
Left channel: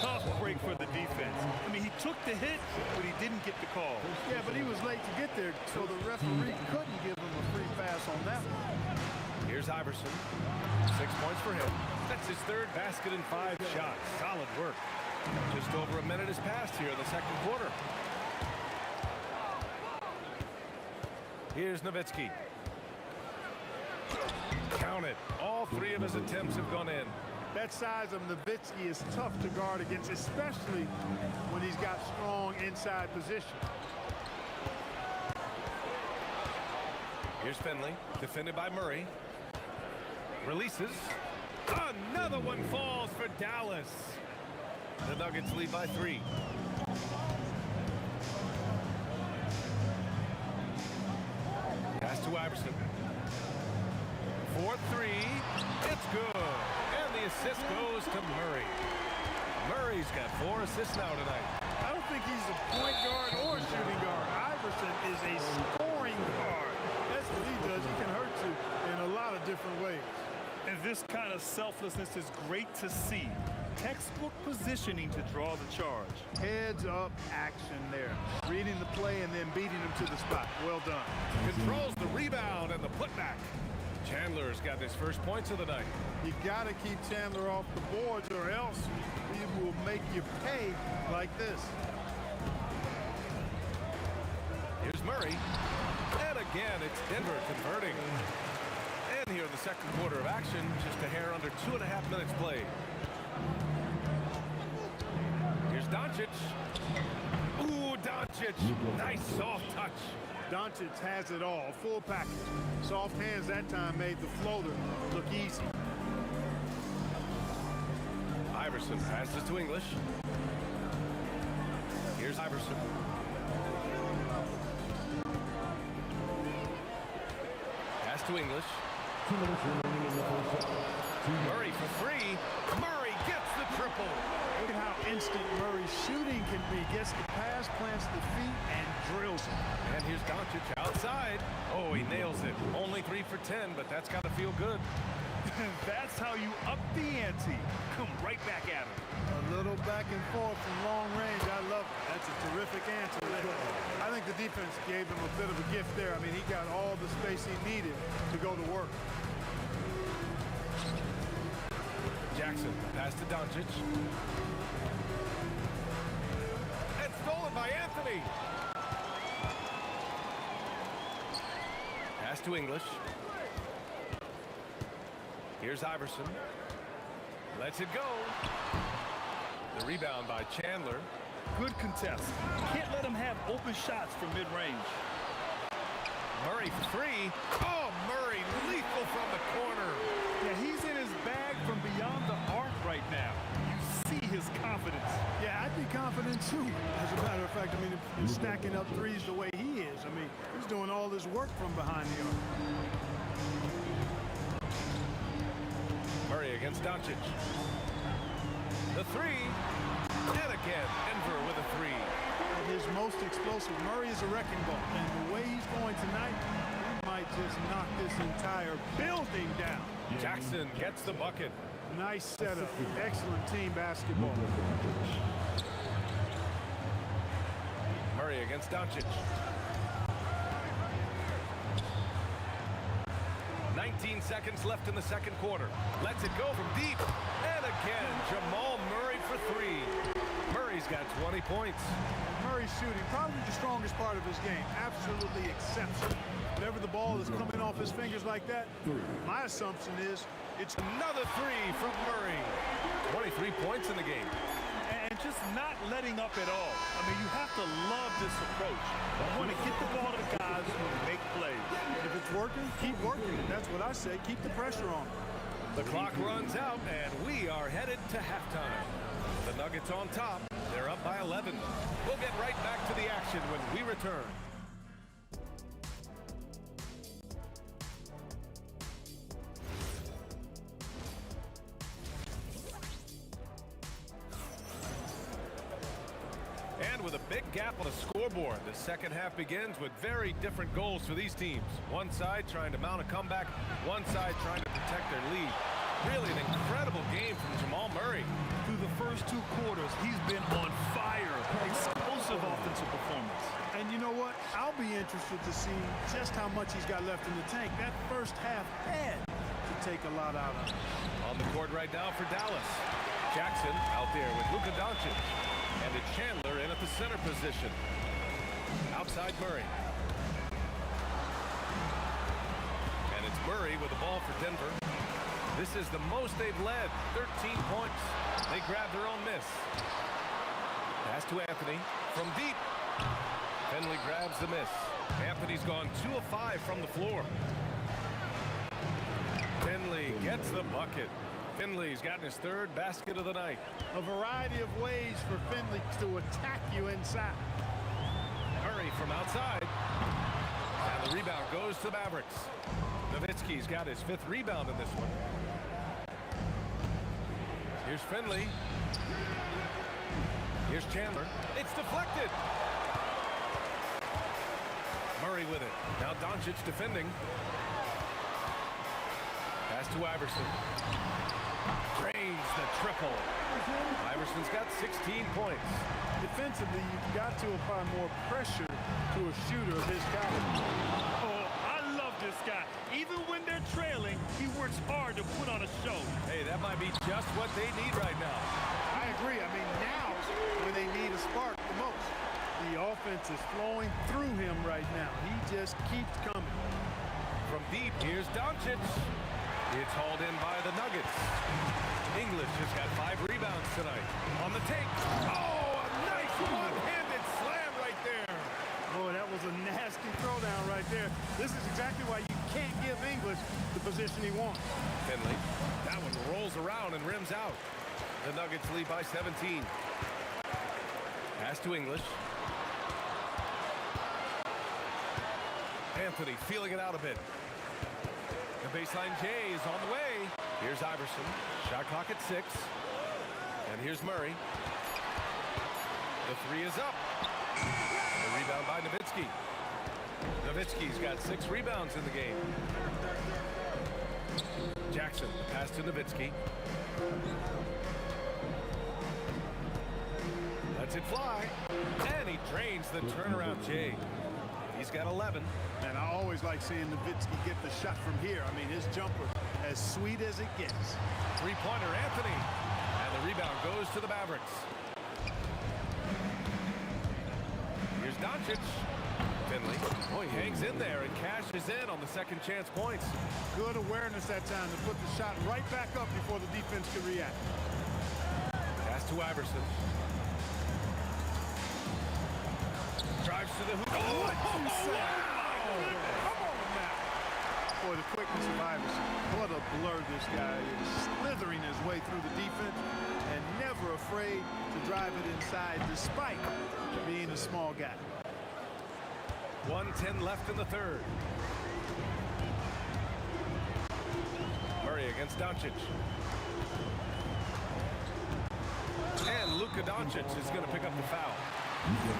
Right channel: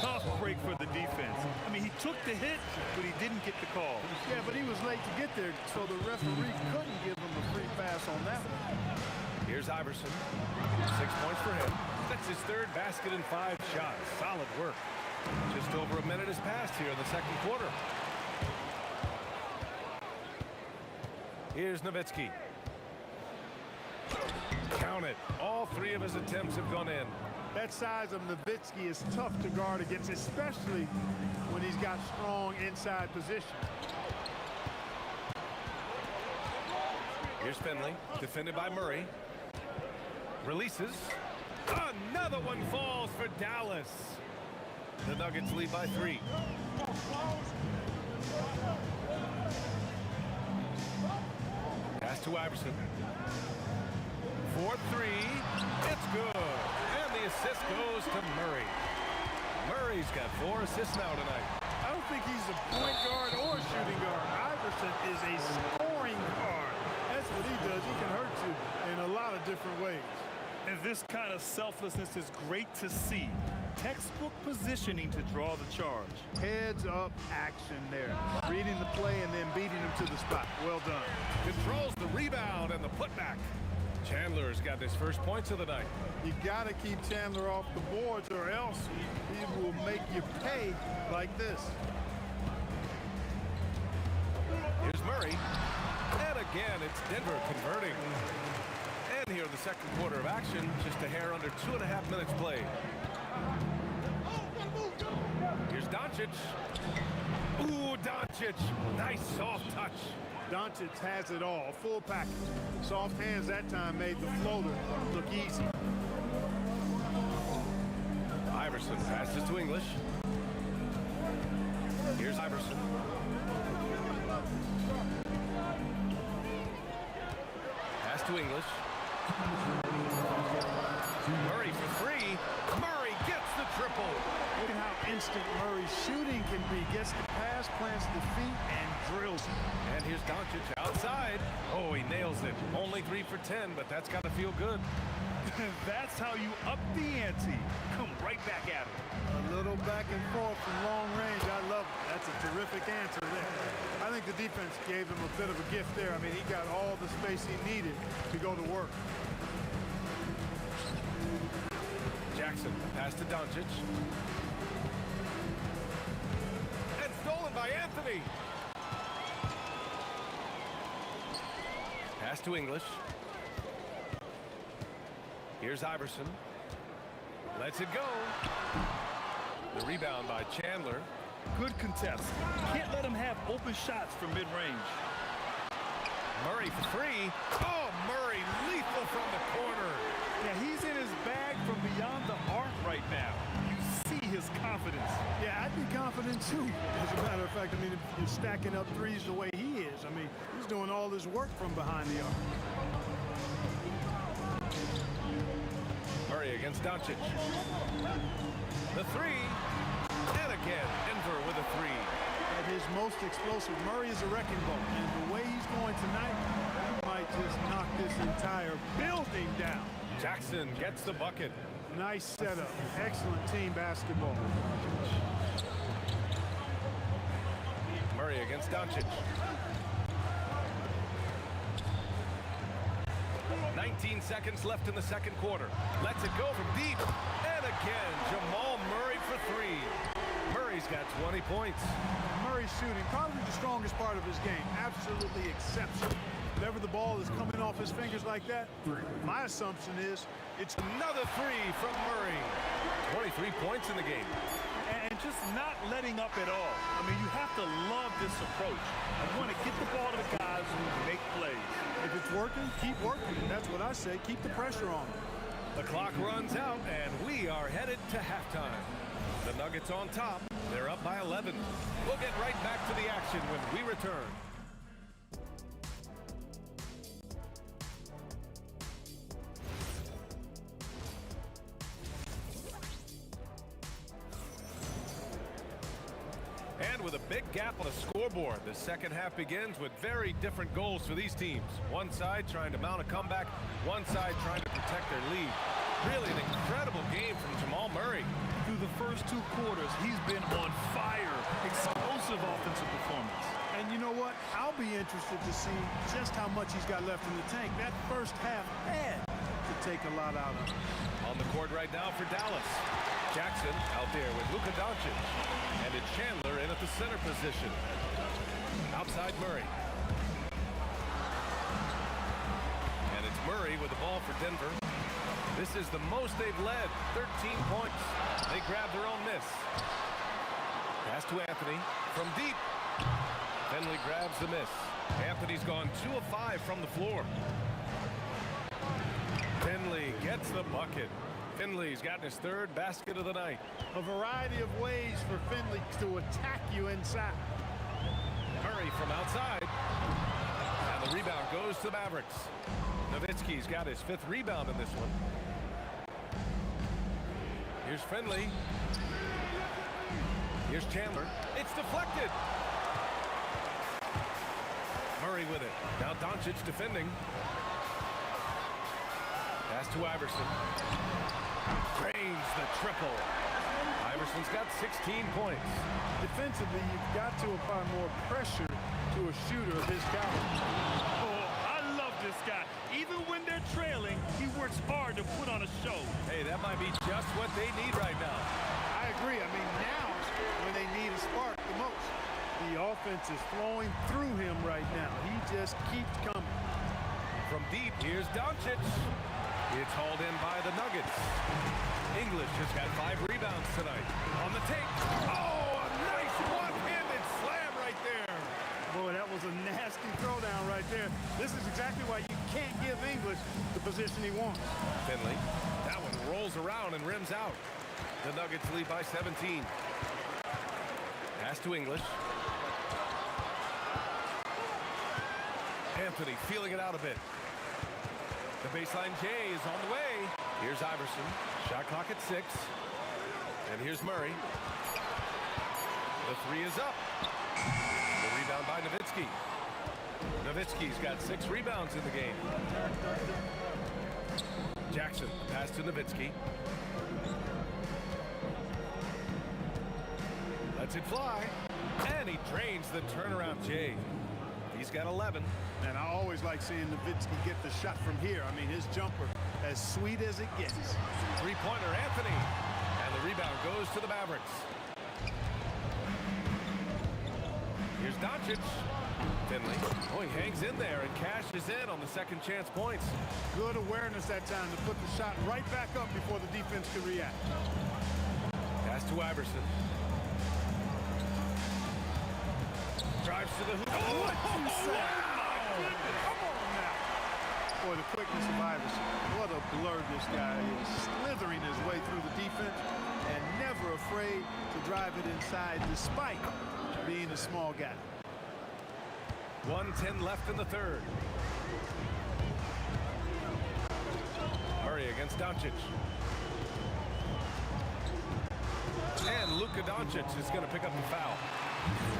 Tough break for the defense. I mean, he took the hit, but he didn't get the call. Yeah, but he was late to get there, so the referee couldn't give him a free pass on that one. Here's Iverson. 6 points for him. That's his 3rd basket in 5 shots. Solid work. Just over a minute has passed here in the second quarter. Here's Nowitzki. Count it. All 3 of his attempts have gone in. That size of Nowitzki is tough to guard against, especially when he's got strong inside position. Here's Finley, defended by Murray. Releases. Another one falls for Dallas. The Nuggets lead by 3. Pass to Iverson. 4-3. It's good. And the assist goes to Murray. Murray's got 4 assists now tonight. I don't think he's a point guard or a shooting guard. Iverson is a scoring guard. That's what he does. He can hurt you in a lot of different ways. And this kind of selflessness is great to see. Textbook positioning to draw the charge. Heads up action there. Reading the play and then beating him to the spot. Well done. Controls the rebound and the putback. Chandler's got his first points of the night. You got to keep Chandler off the boards or else he will make you pay like this. Here's Murray. And again, it's Denver converting. And here in the second quarter of action, just a hair under 2.5 minutes played. Here's Doncic. Ooh, Doncic. Nice soft touch. Doncic has it all. Full package. Soft hands that time made the floater look easy. Iverson passes to English. Here's Iverson. Pass to English. 2 minutes remaining in the first half. Murray for 3. Murray gets the triple. Look at how instant Murray's shooting can be. Gets the pass, plants the feet, and drills it. And here's Doncic outside. Oh, he nails it. Only 3 for 10, but that's got to feel good. That's how you up the ante. Come right back at him. A little back and forth from long range. I love it. That's a terrific answer there. I think the defense gave him a bit of a gift there. I mean, he got all the space he needed to go to work. Jackson, pass to Doncic. And stolen by Anthony. Pass to English. Here's Iverson. Lets it go. The rebound by Chandler. Good contest. Can't let him have open shots from mid-range. Murray for 3. Oh, Murray lethal from the corner. Yeah, he's in his bag from beyond the arc right now. You see his confidence. Yeah, I'd be confident too. As a matter of fact, I mean, if you're stacking up threes the way he is, I mean, he's doing all this work from behind the arc. Murray against Doncic. The 3. And again, Denver with a 3. At his most explosive, Murray is a wrecking ball. And the way he's going tonight, he might just knock this entire building down. Jackson gets the bucket. Nice setup. Excellent team basketball. Murray against Doncic. 19 seconds left in the second quarter. Lets it go from deep. And again, Jamal Murray for three. Murray's got 20 points. And Murray's shooting, probably the strongest part of his game. Absolutely exceptional. Whenever the ball is coming off his fingers like that, my assumption is it's another three from Murray. 23 points in the game. And just not letting up at all. I mean, you have to love this approach. You want to get the ball to the guys who make plays. If it's working, keep working it. That's what I say. Keep the pressure on them. The clock runs out, and we are headed to halftime. The Nuggets on top. They're up by 11. We'll get right back to the action when we return. And with a big gap on the scoreboard, the second half begins with very different goals for these teams. One side trying to mount a comeback, one side trying to protect their lead. Really an incredible game from Jamal Murray. Through the first two quarters, he's been on fire. Explosive offensive performance. And you know what? I'll be interested to see just how much he's got left in the tank. That first half had to take a lot out of him. On the court right now for Dallas. Jackson out there with Luka Doncic. And it's Chandler in at the center position. Outside Murray. And it's Murray with the ball for Denver. This is the most they've led, 13 points. They grab their own miss. Pass to Anthony from deep. Finley grabs the miss. Anthony's gone 2 of 5 from the floor. Finley gets the bucket. Finley's gotten his third basket of the night. A variety of ways for Finley to attack you inside. Murray from outside. And the rebound goes to the Mavericks. Nowitzki's got his 5th rebound in this one. Here's Finley. Here's Chandler. It's deflected. Murray with it. Now Doncic defending. Pass to Iverson. Drains the triple. Iverson's got 16 points. Defensively, you've got to apply more pressure to a shooter of his caliber. Oh, I love this guy. Even when they're trailing, he works hard to put on a show. Hey, that might be just what they need right now. I agree. I mean, now's when they need a spark the most. The offense is flowing through him right now. He just keeps coming. From deep, here's Doncic. It's hauled in by the Nuggets. English has got 5 rebounds tonight. On the take. Oh, a nice one-handed slam right there. Boy, that was a nasty throwdown right there. This is exactly why you can't give English the position he wants. Finley. That one rolls around and rims out. The Nuggets lead by 17. Pass to English. Anthony feeling it out a bit. The baseline J is on the way. Here's Iverson. Shot clock at 6. And here's Murray. The 3 is up. The rebound by Nowitzki. Nowitzki's got 6 rebounds in the game. Jackson, the pass to Nowitzki. Lets it fly. And he drains the turnaround J. He's got 11. And I always like seeing Nowitzki get the shot from here. I mean, his jumper, as sweet as it gets. Three-pointer, Anthony. And the rebound goes to the Mavericks. Here's Doncic. Finley. Oh, he hangs in there and cashes in on the second chance points. Good awareness that time to put the shot right back up before the defense could react. Pass to Iverson. Drives to the hoop. Oh, What you say? my goodness. Come on now. Boy, the quickness of Iverson. What a blur this guy is. Slithering his way through the defense and never afraid to drive it inside despite being a small guy. 1:10 left in the third. Murray against Doncic. And Luka Doncic is going to pick up the foul.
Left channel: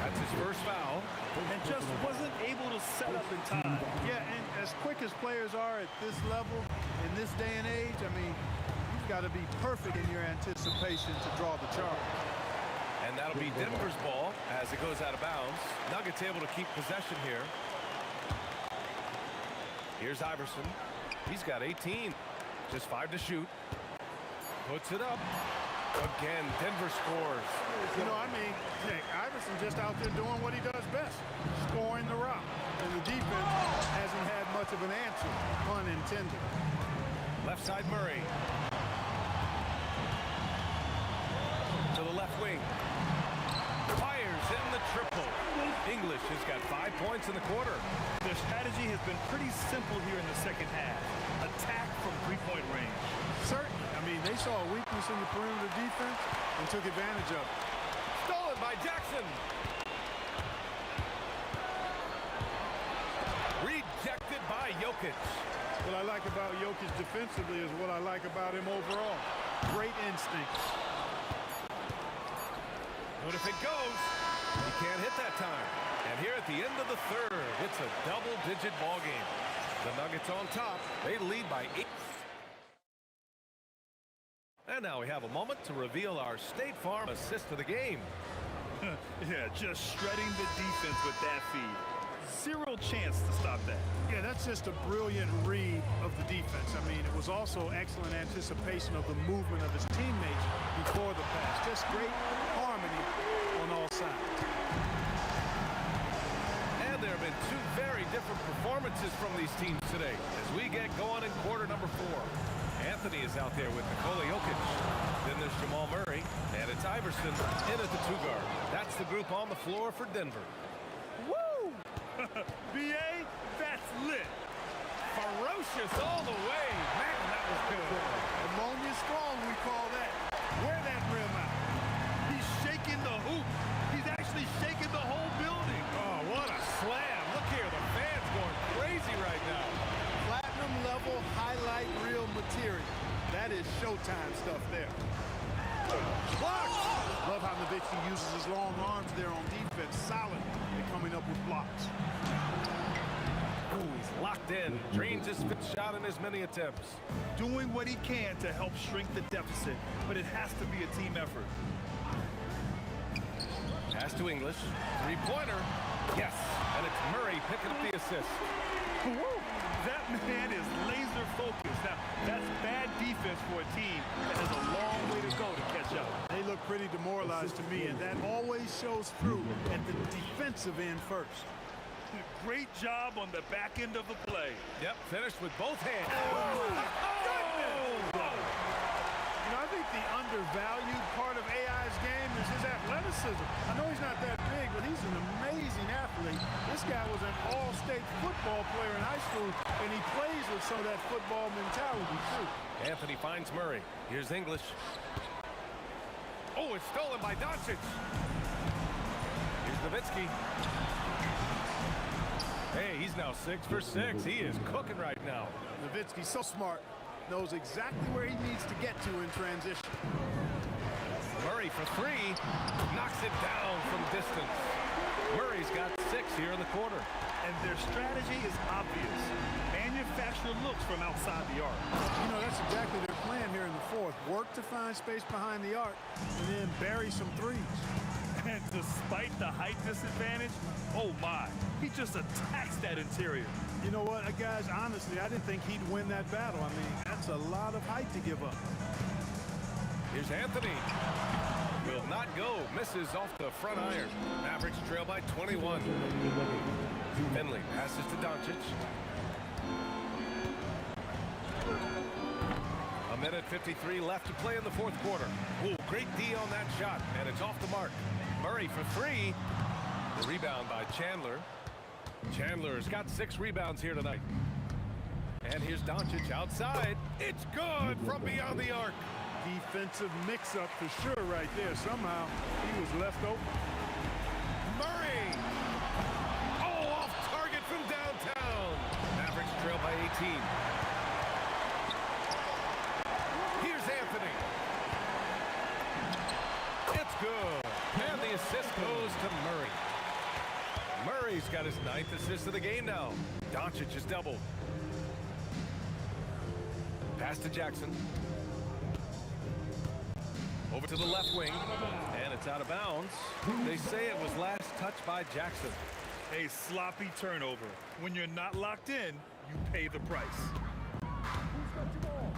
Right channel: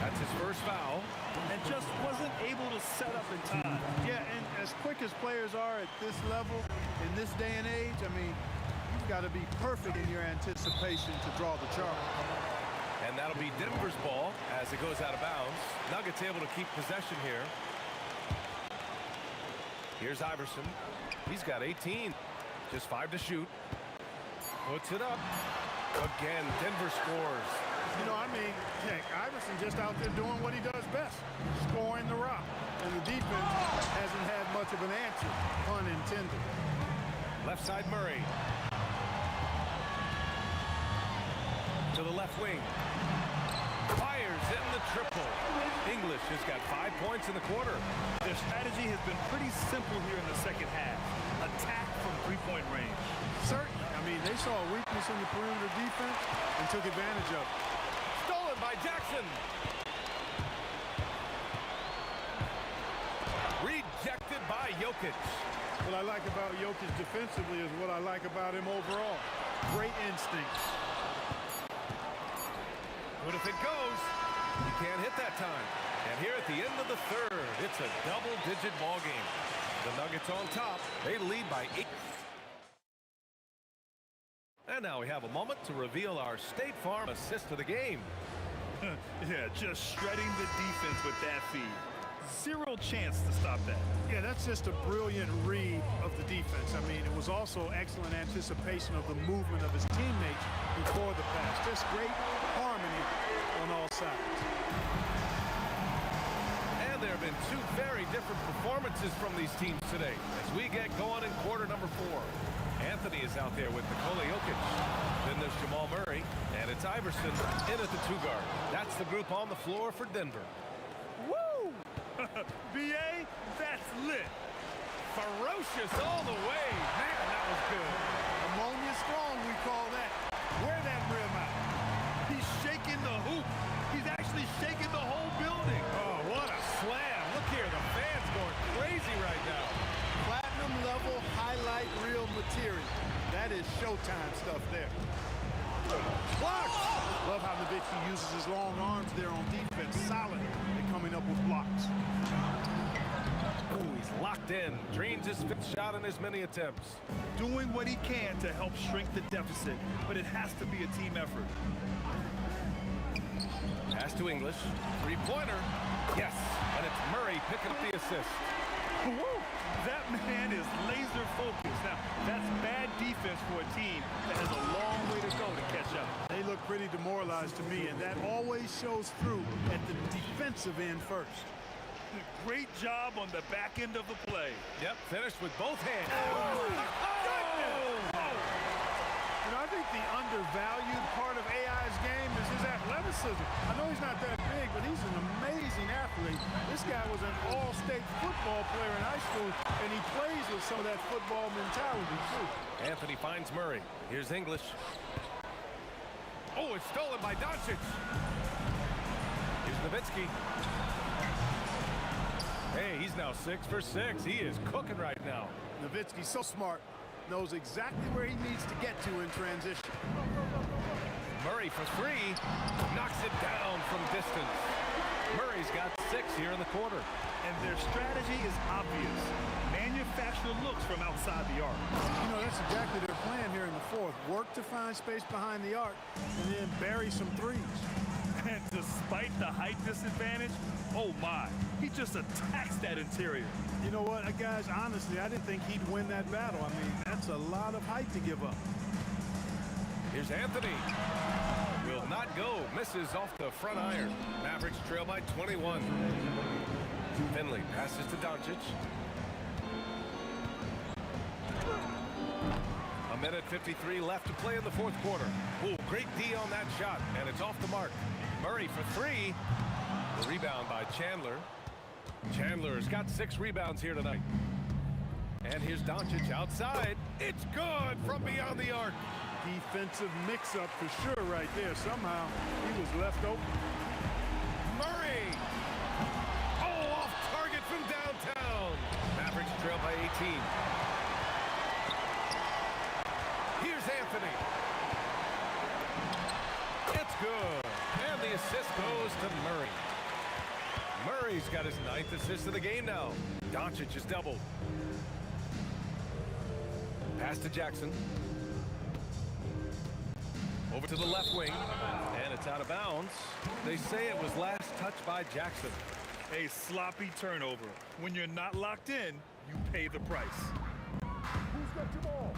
That's his first foul. And just wasn't able to set up in time. Yeah, and as quick as players are at this level, in this day and age, I mean, you've got to be perfect in your anticipation to draw the charge. And that'll be Denver's ball as it goes out of bounds. Nuggets able to keep possession here. Here's Iverson. He's got 18. Just 5 to shoot. Puts it up. Again, Denver scores. You know, I mean, heck, Iverson just out there doing what he does best, scoring the rock. And the defense hasn't had much of an answer, pun intended. Left side Murray. To the left wing. Fires in the triple. English has got 5 points in the quarter. Their strategy has been pretty simple here in the second half. Attack from three-point range. Certainly. I mean, they saw a weakness in the perimeter defense and took advantage of it. Stolen by Jackson. Rejected by Jokic. What I like about Jokic defensively is what I like about him overall. Great instincts. But if it goes, he can't hit that time. And here at the end of the third, it's a double-digit ball game. The Nuggets on top. They lead by 8. And now we have a moment to reveal our State Farm assist of the game. Yeah, just shredding the defense with that feed. Zero chance to stop that. Yeah, that's just a brilliant read of the defense. I mean, it was also excellent anticipation of the movement of his teammates before the pass. Just great harmony on all sides. And there have been 2 very different performances from these teams today as we get going in quarter number 4. Anthony is out there with Nikola Jokic. Then there's Jamal Murray, and it's Iverson in at the 2 guard. That's the group on the floor for Denver. Woo! BA, that's lit. Ferocious all the way. Man, that was good. Ammonia strong, we call that. Wear that rim out. He's shaking the hoop. He's actually shaking the whole building. Oh, what a slam. Look here, the fans going crazy right now. Platinum level highlight reel material. That is Showtime stuff there. Blocks! Love how Nowitzki uses his long arms there on defense. Solid at coming up with blocks. Ooh, he's locked in. Drains his 5th shot in as many attempts. Doing what he can to help shrink the deficit, but it has to be a team effort. Pass to English. 3-pointer. Yes, and it's Murray picking up the assist. Woo! That man is laser focused. Now, that's bad defense for a team that has a long way to go to catch up. They look pretty demoralized to me, and that always shows through at the defensive end first. Great job on the back end of the play. Yep, finished with both hands. Oh, my goodness! Oh. You know, I think the undervalued part of AI's game is his athleticism. I know he's not that big, but he's an amazing athlete. This guy was an all-state football player in high school, and he plays with some of that football mentality, too. Anthony finds Murray. Here's English. Oh, it's stolen by Doncic. Here's Nowitzki. Hey, he's now 6 for 6. He is cooking right now. Nowitzki's so smart. Knows exactly where he needs to get to in transition. Murray for 3. Knocks it down from distance. Murray's got 6 here in the quarter. And their strategy is obvious. Manufacture looks from outside the arc. You know, that's exactly their plan here in the 4th. Work to find space behind the arc and then bury some threes. And despite the height disadvantage, oh my, he just attacks that interior. You know what, guys, honestly, I didn't think he'd win that battle. I mean, that's a lot of height to give up. Here's Anthony. Will not go. Misses off the front iron. Mavericks trail by 21. Finley passes to Doncic. A minute 53 left to play in the 4th quarter. Ooh, great D on that shot, and it's off the mark. Murray for 3. The rebound by Chandler. Chandler's got 6 rebounds here tonight. And here's Doncic outside. It's good from beyond the arc. Defensive mix-up for sure right there. Somehow he was left open. Murray! Oh, off target from downtown. Mavericks trail by 18. Here's Anthony. It's good. And the assist goes to Murray. Murray's got his 9th assist of the game now. Doncic is doubled. Pass to Jackson. Over to the left wing. And it's out of bounds. They say it was last touched by Jackson. A sloppy turnover. When you're not locked in, you pay the price. Who's got your ball?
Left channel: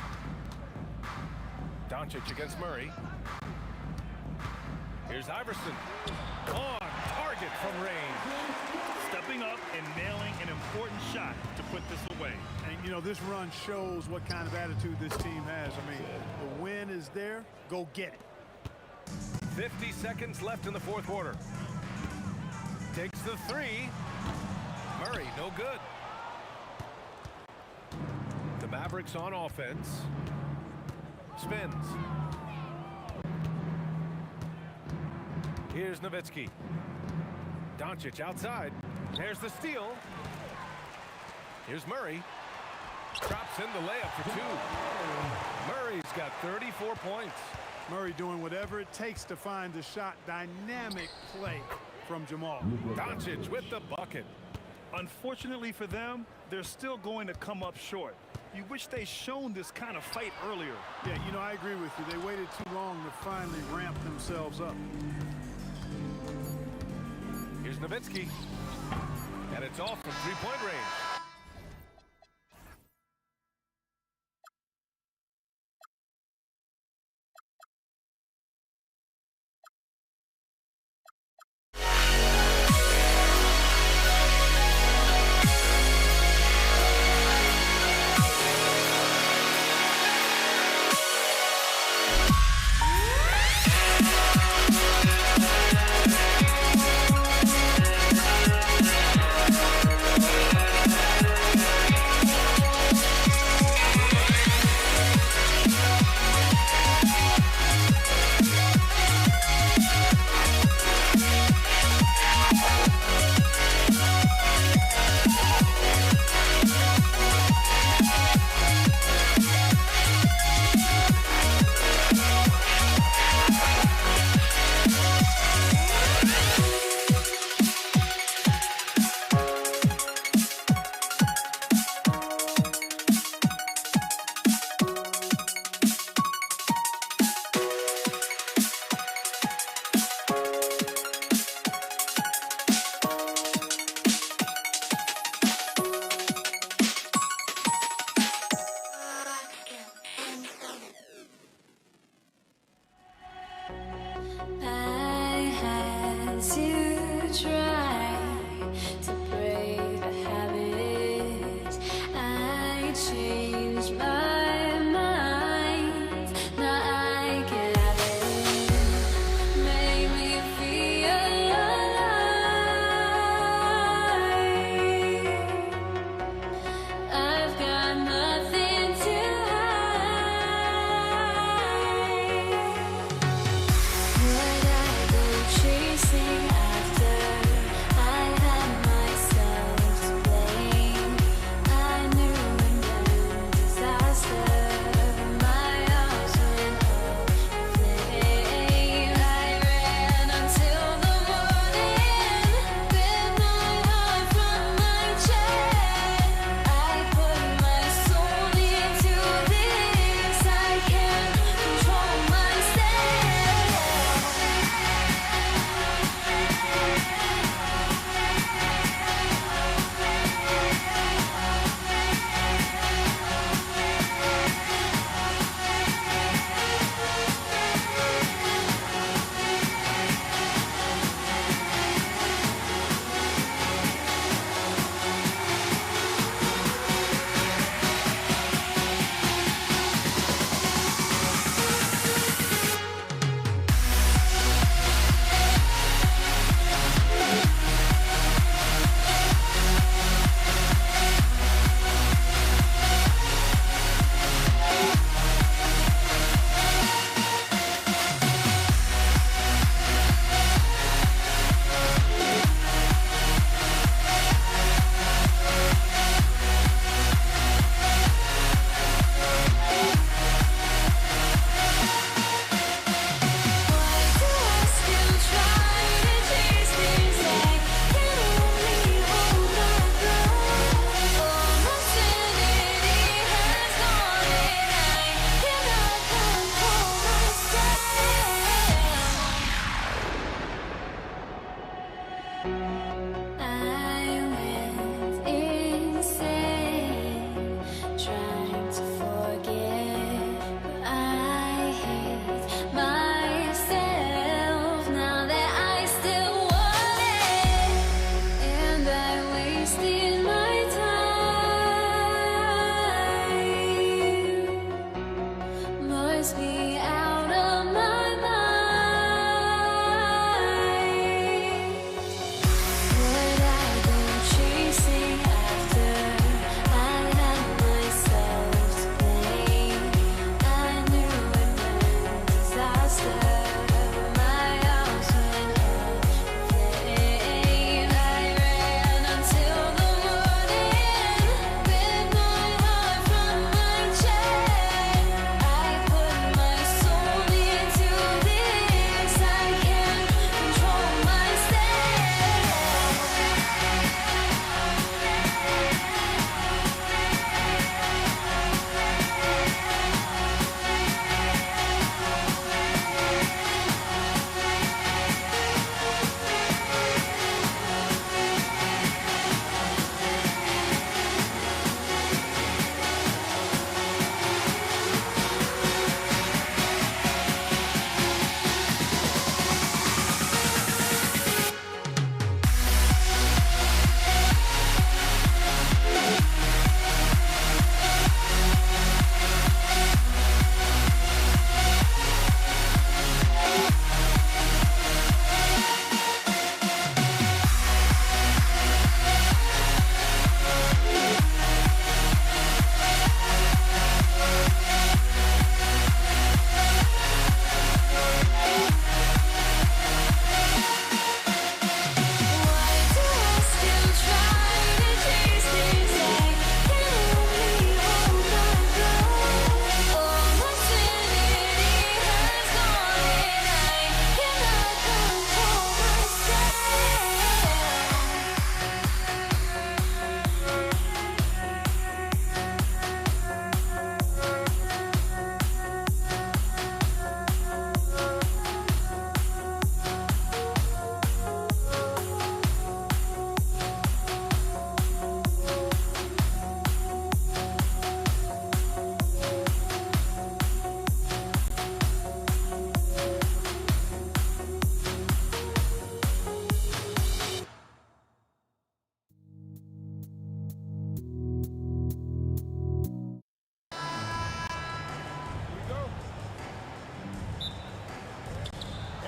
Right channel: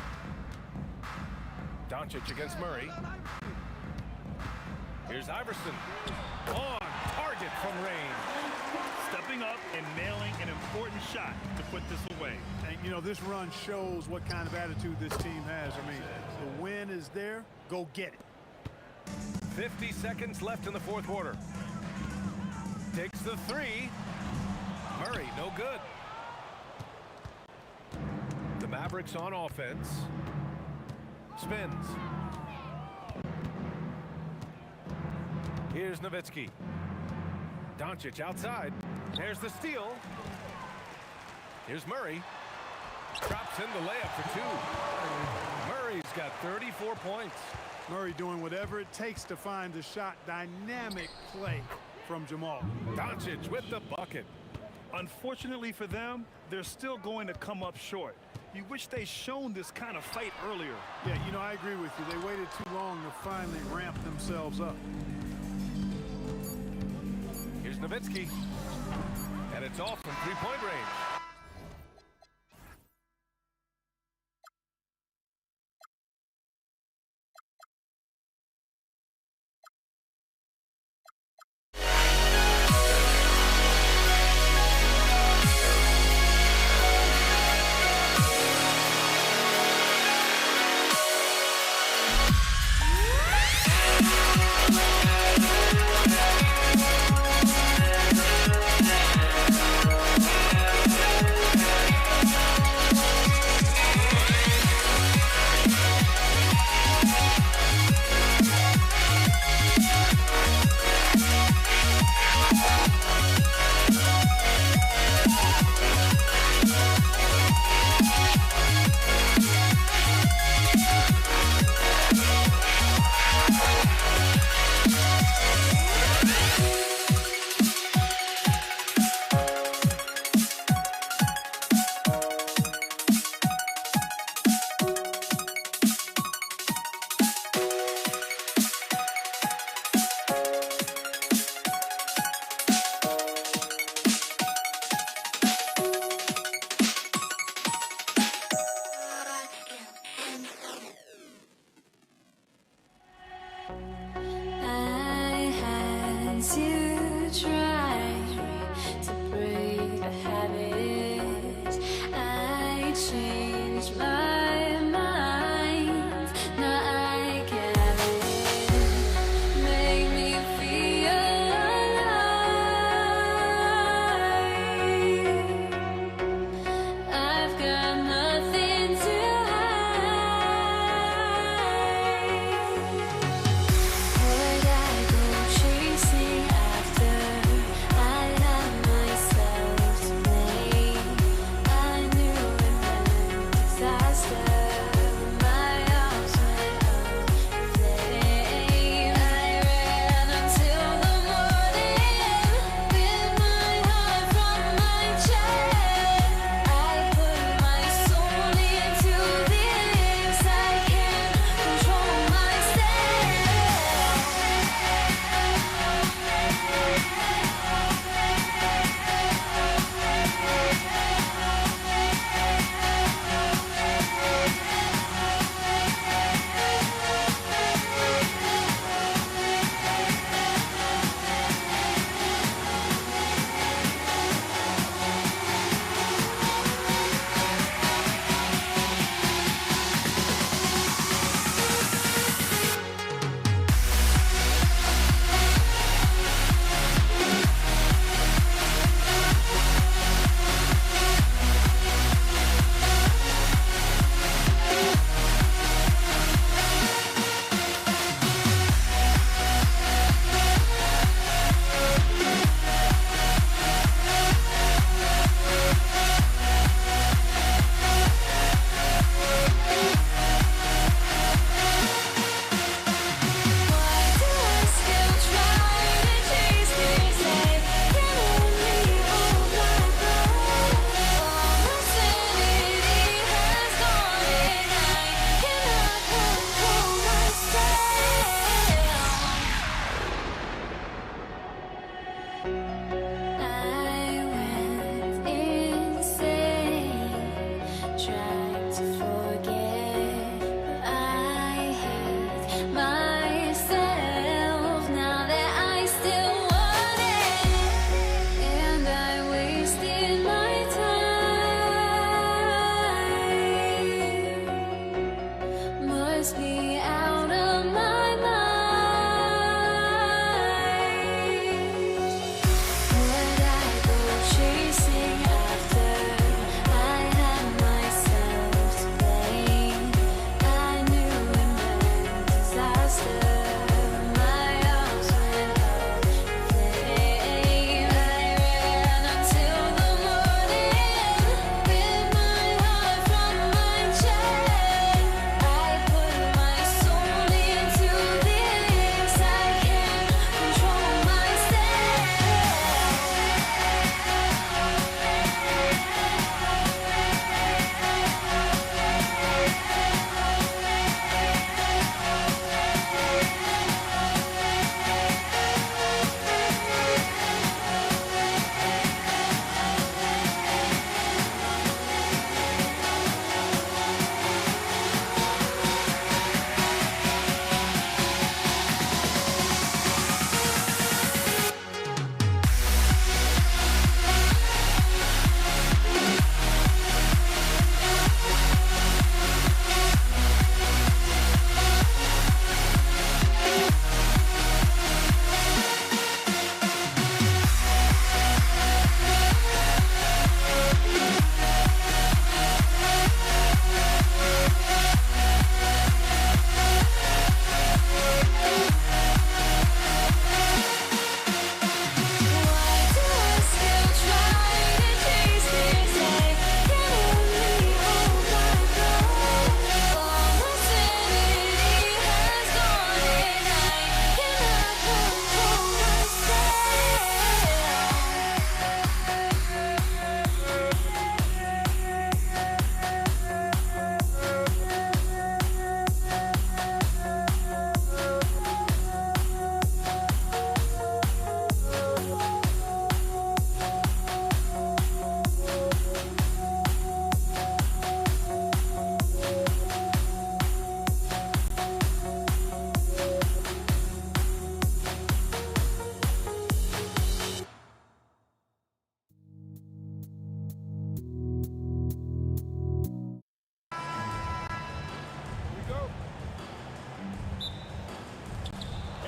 Doncic against Murray. Here's Iverson. On target from range. Stepping up and nailing an important shot to put this away. And, you know, this run shows what kind of attitude this team has. I mean, the win is there. Go get it. 50 seconds left in the fourth quarter. Takes the three. Murray, no good. The Mavericks on offense. Spins. Here's Nowitzki. Doncic outside. There's the steal. Here's Murray. Drops in the layup for two. Murray's got 34 points. Murray doing whatever it takes to find the shot. Dynamic play from Jamal. Doncic with the bucket. Unfortunately for them, they're still going to come up short. You wish they shown this kind of fight earlier. Yeah, you know, I agree with you. They waited too long to finally ramp themselves up. Here's Nowitzki. And it's off from three-point range.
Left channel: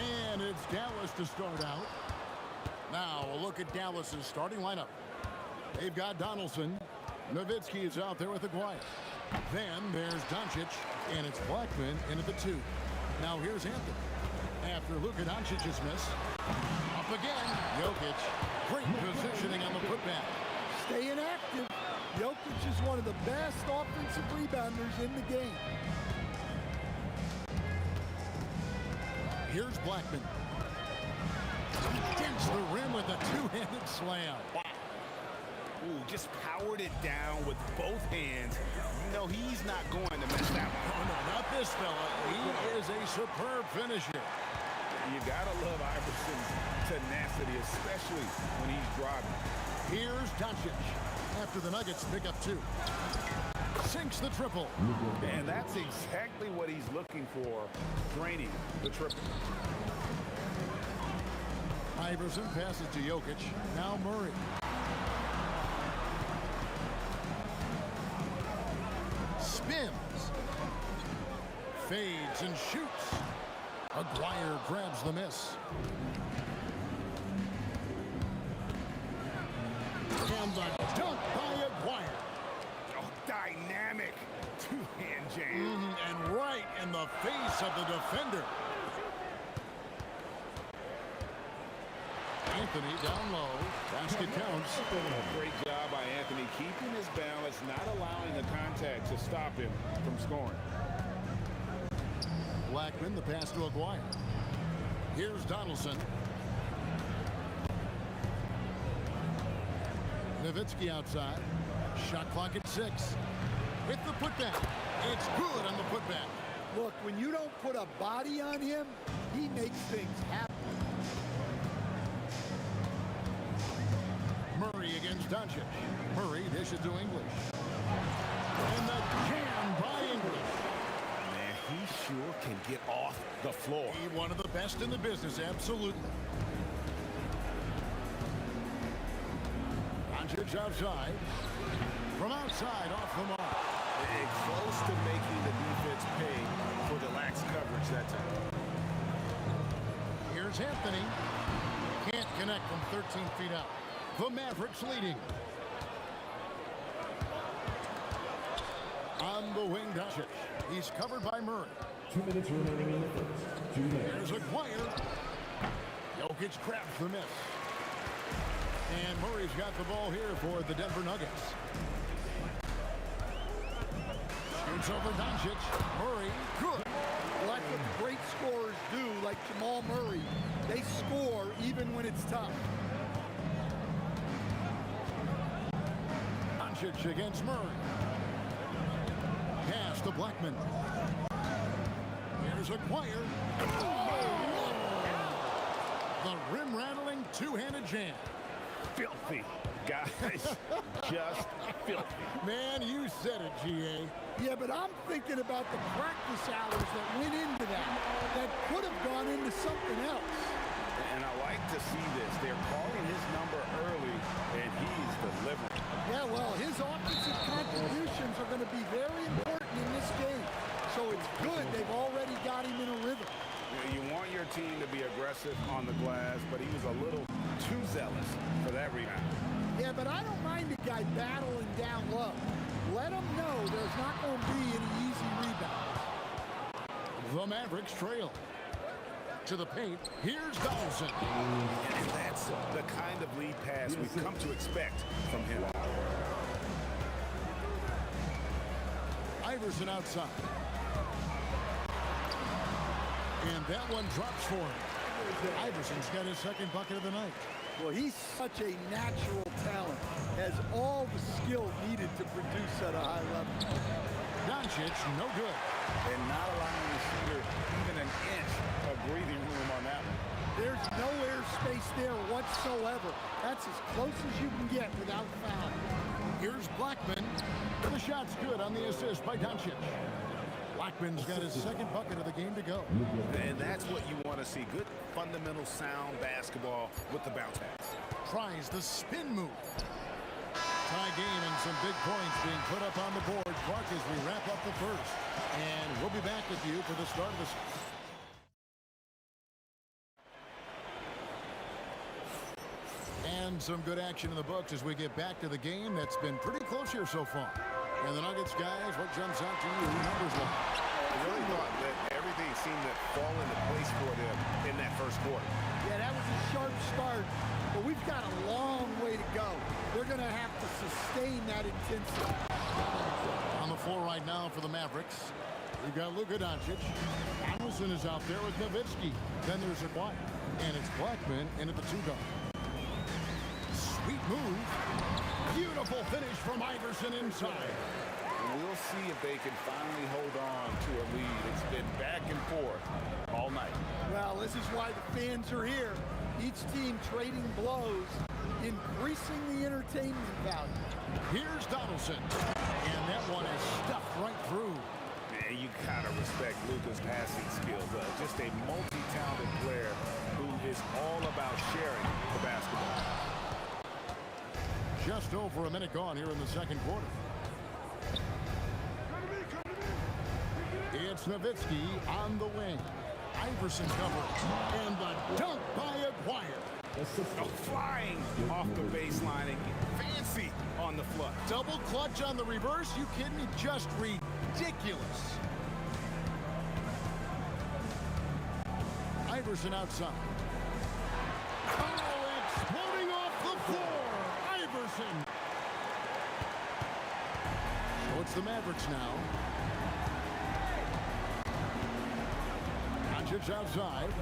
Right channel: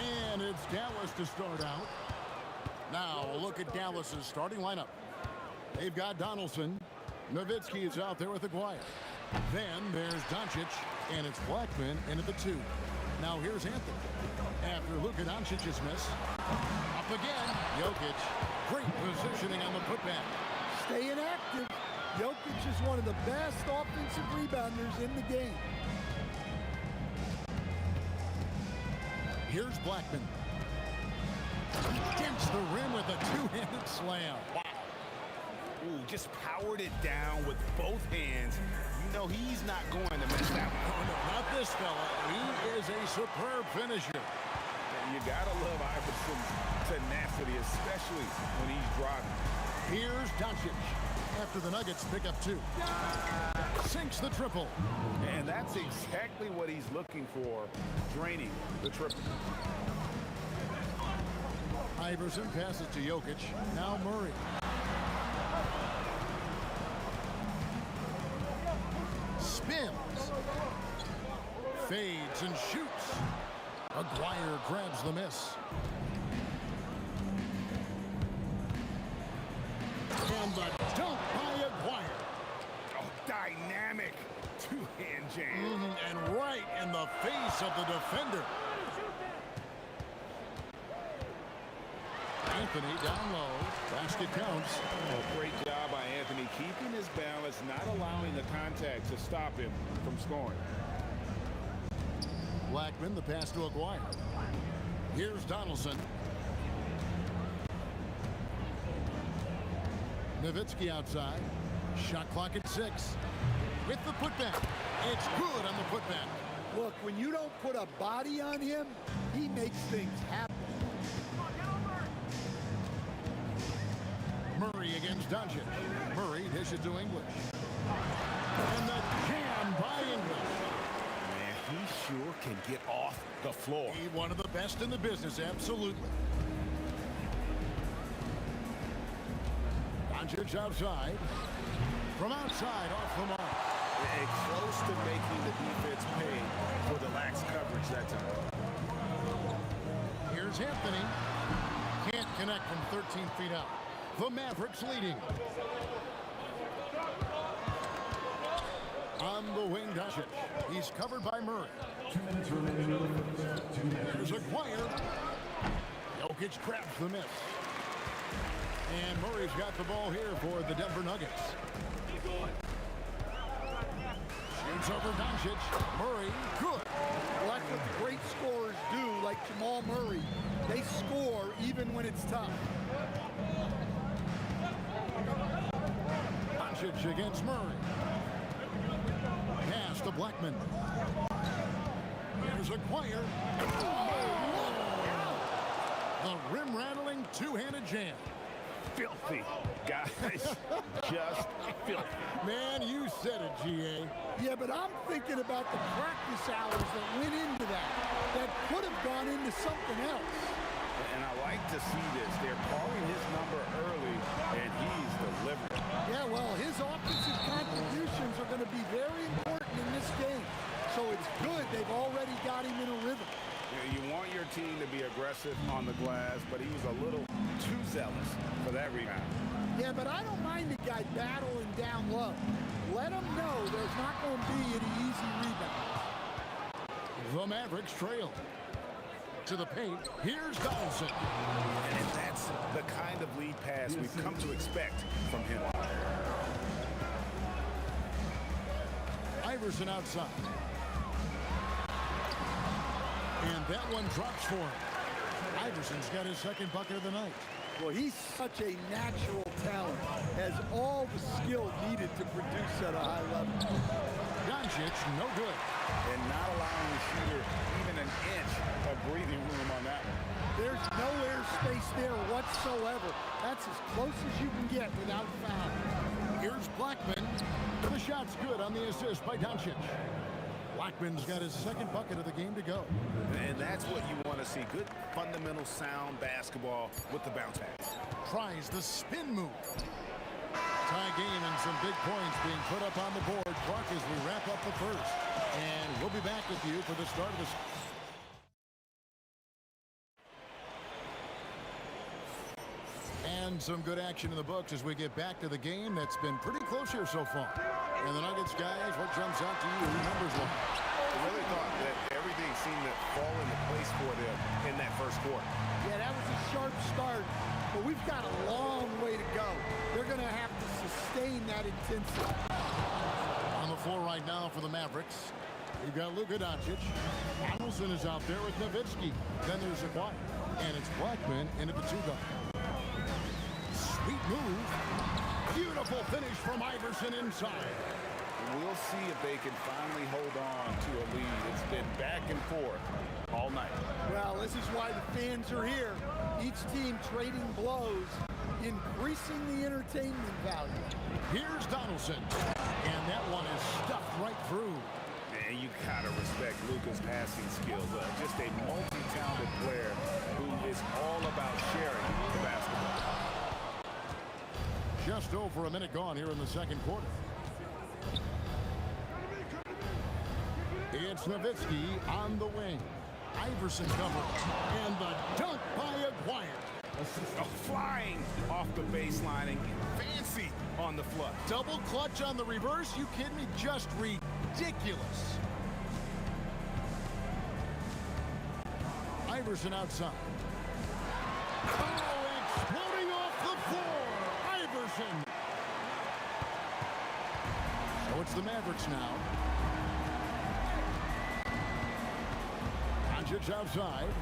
And it's Dallas to start out. Now, a look at Dallas's starting lineup. They've got Donaldson. Nowitzki is out there with Aguirre. Then there's Doncic, and it's Blackman in at the 2. Now here's Anthony. After Luka Doncic's miss, up again, Jokic. Great positioning on the putback. Staying active. Jokic is one of the best offensive rebounders in the game. Here's Blackman. Against the rim with a two-handed slam. Wow. Ooh, just powered it down with both hands. You know he's not going to miss that one. Oh, no, not this fella. He is a superb finisher. You gotta love Iverson's tenacity, especially when he's driving. Here's Doncic. After the Nuggets pick up 2. Sinks the triple. And that's exactly what he's looking for, draining the triple. Iverson passes to Jokic. Now Murray. Spins. Fades and shoots. Aguirre grabs the miss. And the dunk by Aguirre. Oh, dynamic two-hand jam. And right in the face of the defender. Anthony down low. Basket counts. Oh, great job by Anthony keeping his balance, not allowing the contact to stop him from scoring. Blackman, the pass to Aguirre. Here's Donaldson. Nowitzki outside. Shot clock at 6. With the putback. It's good on the putback. Look, when you don't put a body on him, he makes things happen. Murray against Doncic. Murray dishes to English. And the jam by English. Man, he sure can get off the floor. He's one of the best in the business, absolutely. Doncic outside. From outside, off the mark. And close to making the defense pay for the lax coverage that time. Here's Anthony. Can't connect from 13 feet out. The Mavericks leading. On the wing, Doncic. He's covered by Murray. 2 minutes remaining in the first. 2 minutes. There's Aguirre. Jokic grabs the miss. And Murray's got the ball here for the Denver Nuggets. Shoots over Doncic. Murray, good. Well, that's what the great scorers do, like Jamal Murray. They score even when it's tough. Doncic against Murray. Pass to Blackman. Here's Aguirre. Oh, the rim-rattling two-handed jam. Filthy, guys. Just filthy. Man, you said it, G.A. Yeah, but I'm thinking about the practice hours that went into that could have gone into something else. And I like to see this. They're calling his number early, and he's delivering. Yeah, well, his offensive contributions are going to be very important in this game. So it's good they've already got him in a rhythm. You want your team to be aggressive on the glass, but he was a little too zealous for that rebound. Yeah, but I don't mind a guy battling down low. Let him know there's not going to be any easy rebounds. The Mavericks trail. To the paint, here's Donaldson. And that's the kind of lead pass we've come to expect from him. Iverson outside. And that one drops for him. Iverson's got his second bucket of the night. Well, he's such a natural talent, has all the skill needed to produce at a high level. Doncic, no good. And not allowing the shooter even an inch of breathing room on that one. There's no airspace there whatsoever. That's as close as you can get without foul. Here's Blackman. The shot's good on the assist by Doncic. Blackman's got his second bucket of the game to go. And that's what you want to see. Good, fundamental, sound basketball with the bounce pass. Tries the spin move. Tie game and some big points being put up on the board. Clark, as we wrap up the first. And we'll be back with you for the start of the And some good action in the books as we get back to the game that's been pretty close here so far. And the Nuggets, guys, what jumps out to you numbers-wise? I really thought that everything seemed to fall into place for them in that first quarter. Yeah, that was a sharp start, but we've got a long way to go. They're going to have to sustain that intensity. On the floor right now for the Mavericks, we've got Luka Doncic. Donaldson is out there with Nowitzki. Then there's Aguirre. And it's Blackman in at the 2-guard. Sweet move. Beautiful finish from Iverson inside. We'll see if they can finally hold on to a lead. It's been back and forth all night. Well, this is why the fans are here. Each team trading blows, increasing the entertainment value. Here's Donaldson. And that one is stuffed right through. Man, you gotta respect Luka's passing skills. Just a multi-talented player who is all about sharing the basketball. Just over a minute gone here in the second quarter. It's Nowitzki on the wing. Iverson covered. And the dunk by Aguirre. Oh, flying off the baseline and getting fancy on the flush. Double clutch on the reverse? You kidding me? Just ridiculous. Iverson outside. Oh, exploding off the floor. Iverson. So it's the Mavericks now. Doncic outside.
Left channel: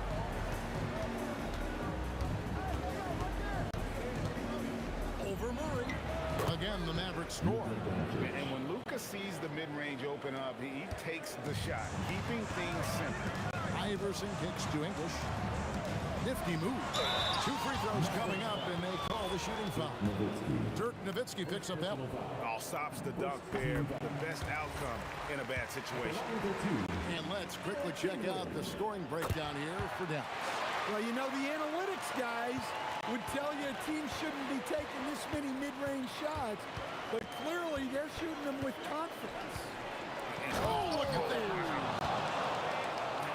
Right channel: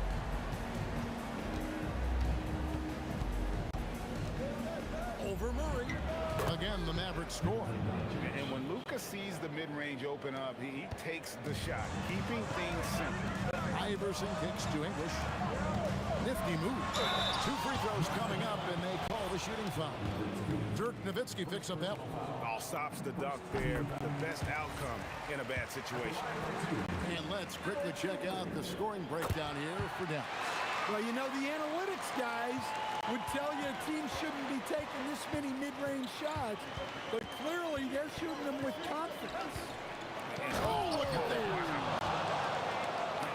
Over Murray. Again, the Mavericks score. And when Luka sees the mid-range open up, he takes the shot, keeping things simple. Iverson kicks to English. Nifty move. 2 free throws coming up, and they call the shooting foul. Dirk Nowitzki picks up that one. All stops the dunk there. The best outcome in a bad situation. And let's quickly check out the scoring breakdown here for Dallas. Well, you know, the analytics guys would tell you a team shouldn't be taking this many mid-range shots, but clearly they're shooting them with confidence. Oh, look at that.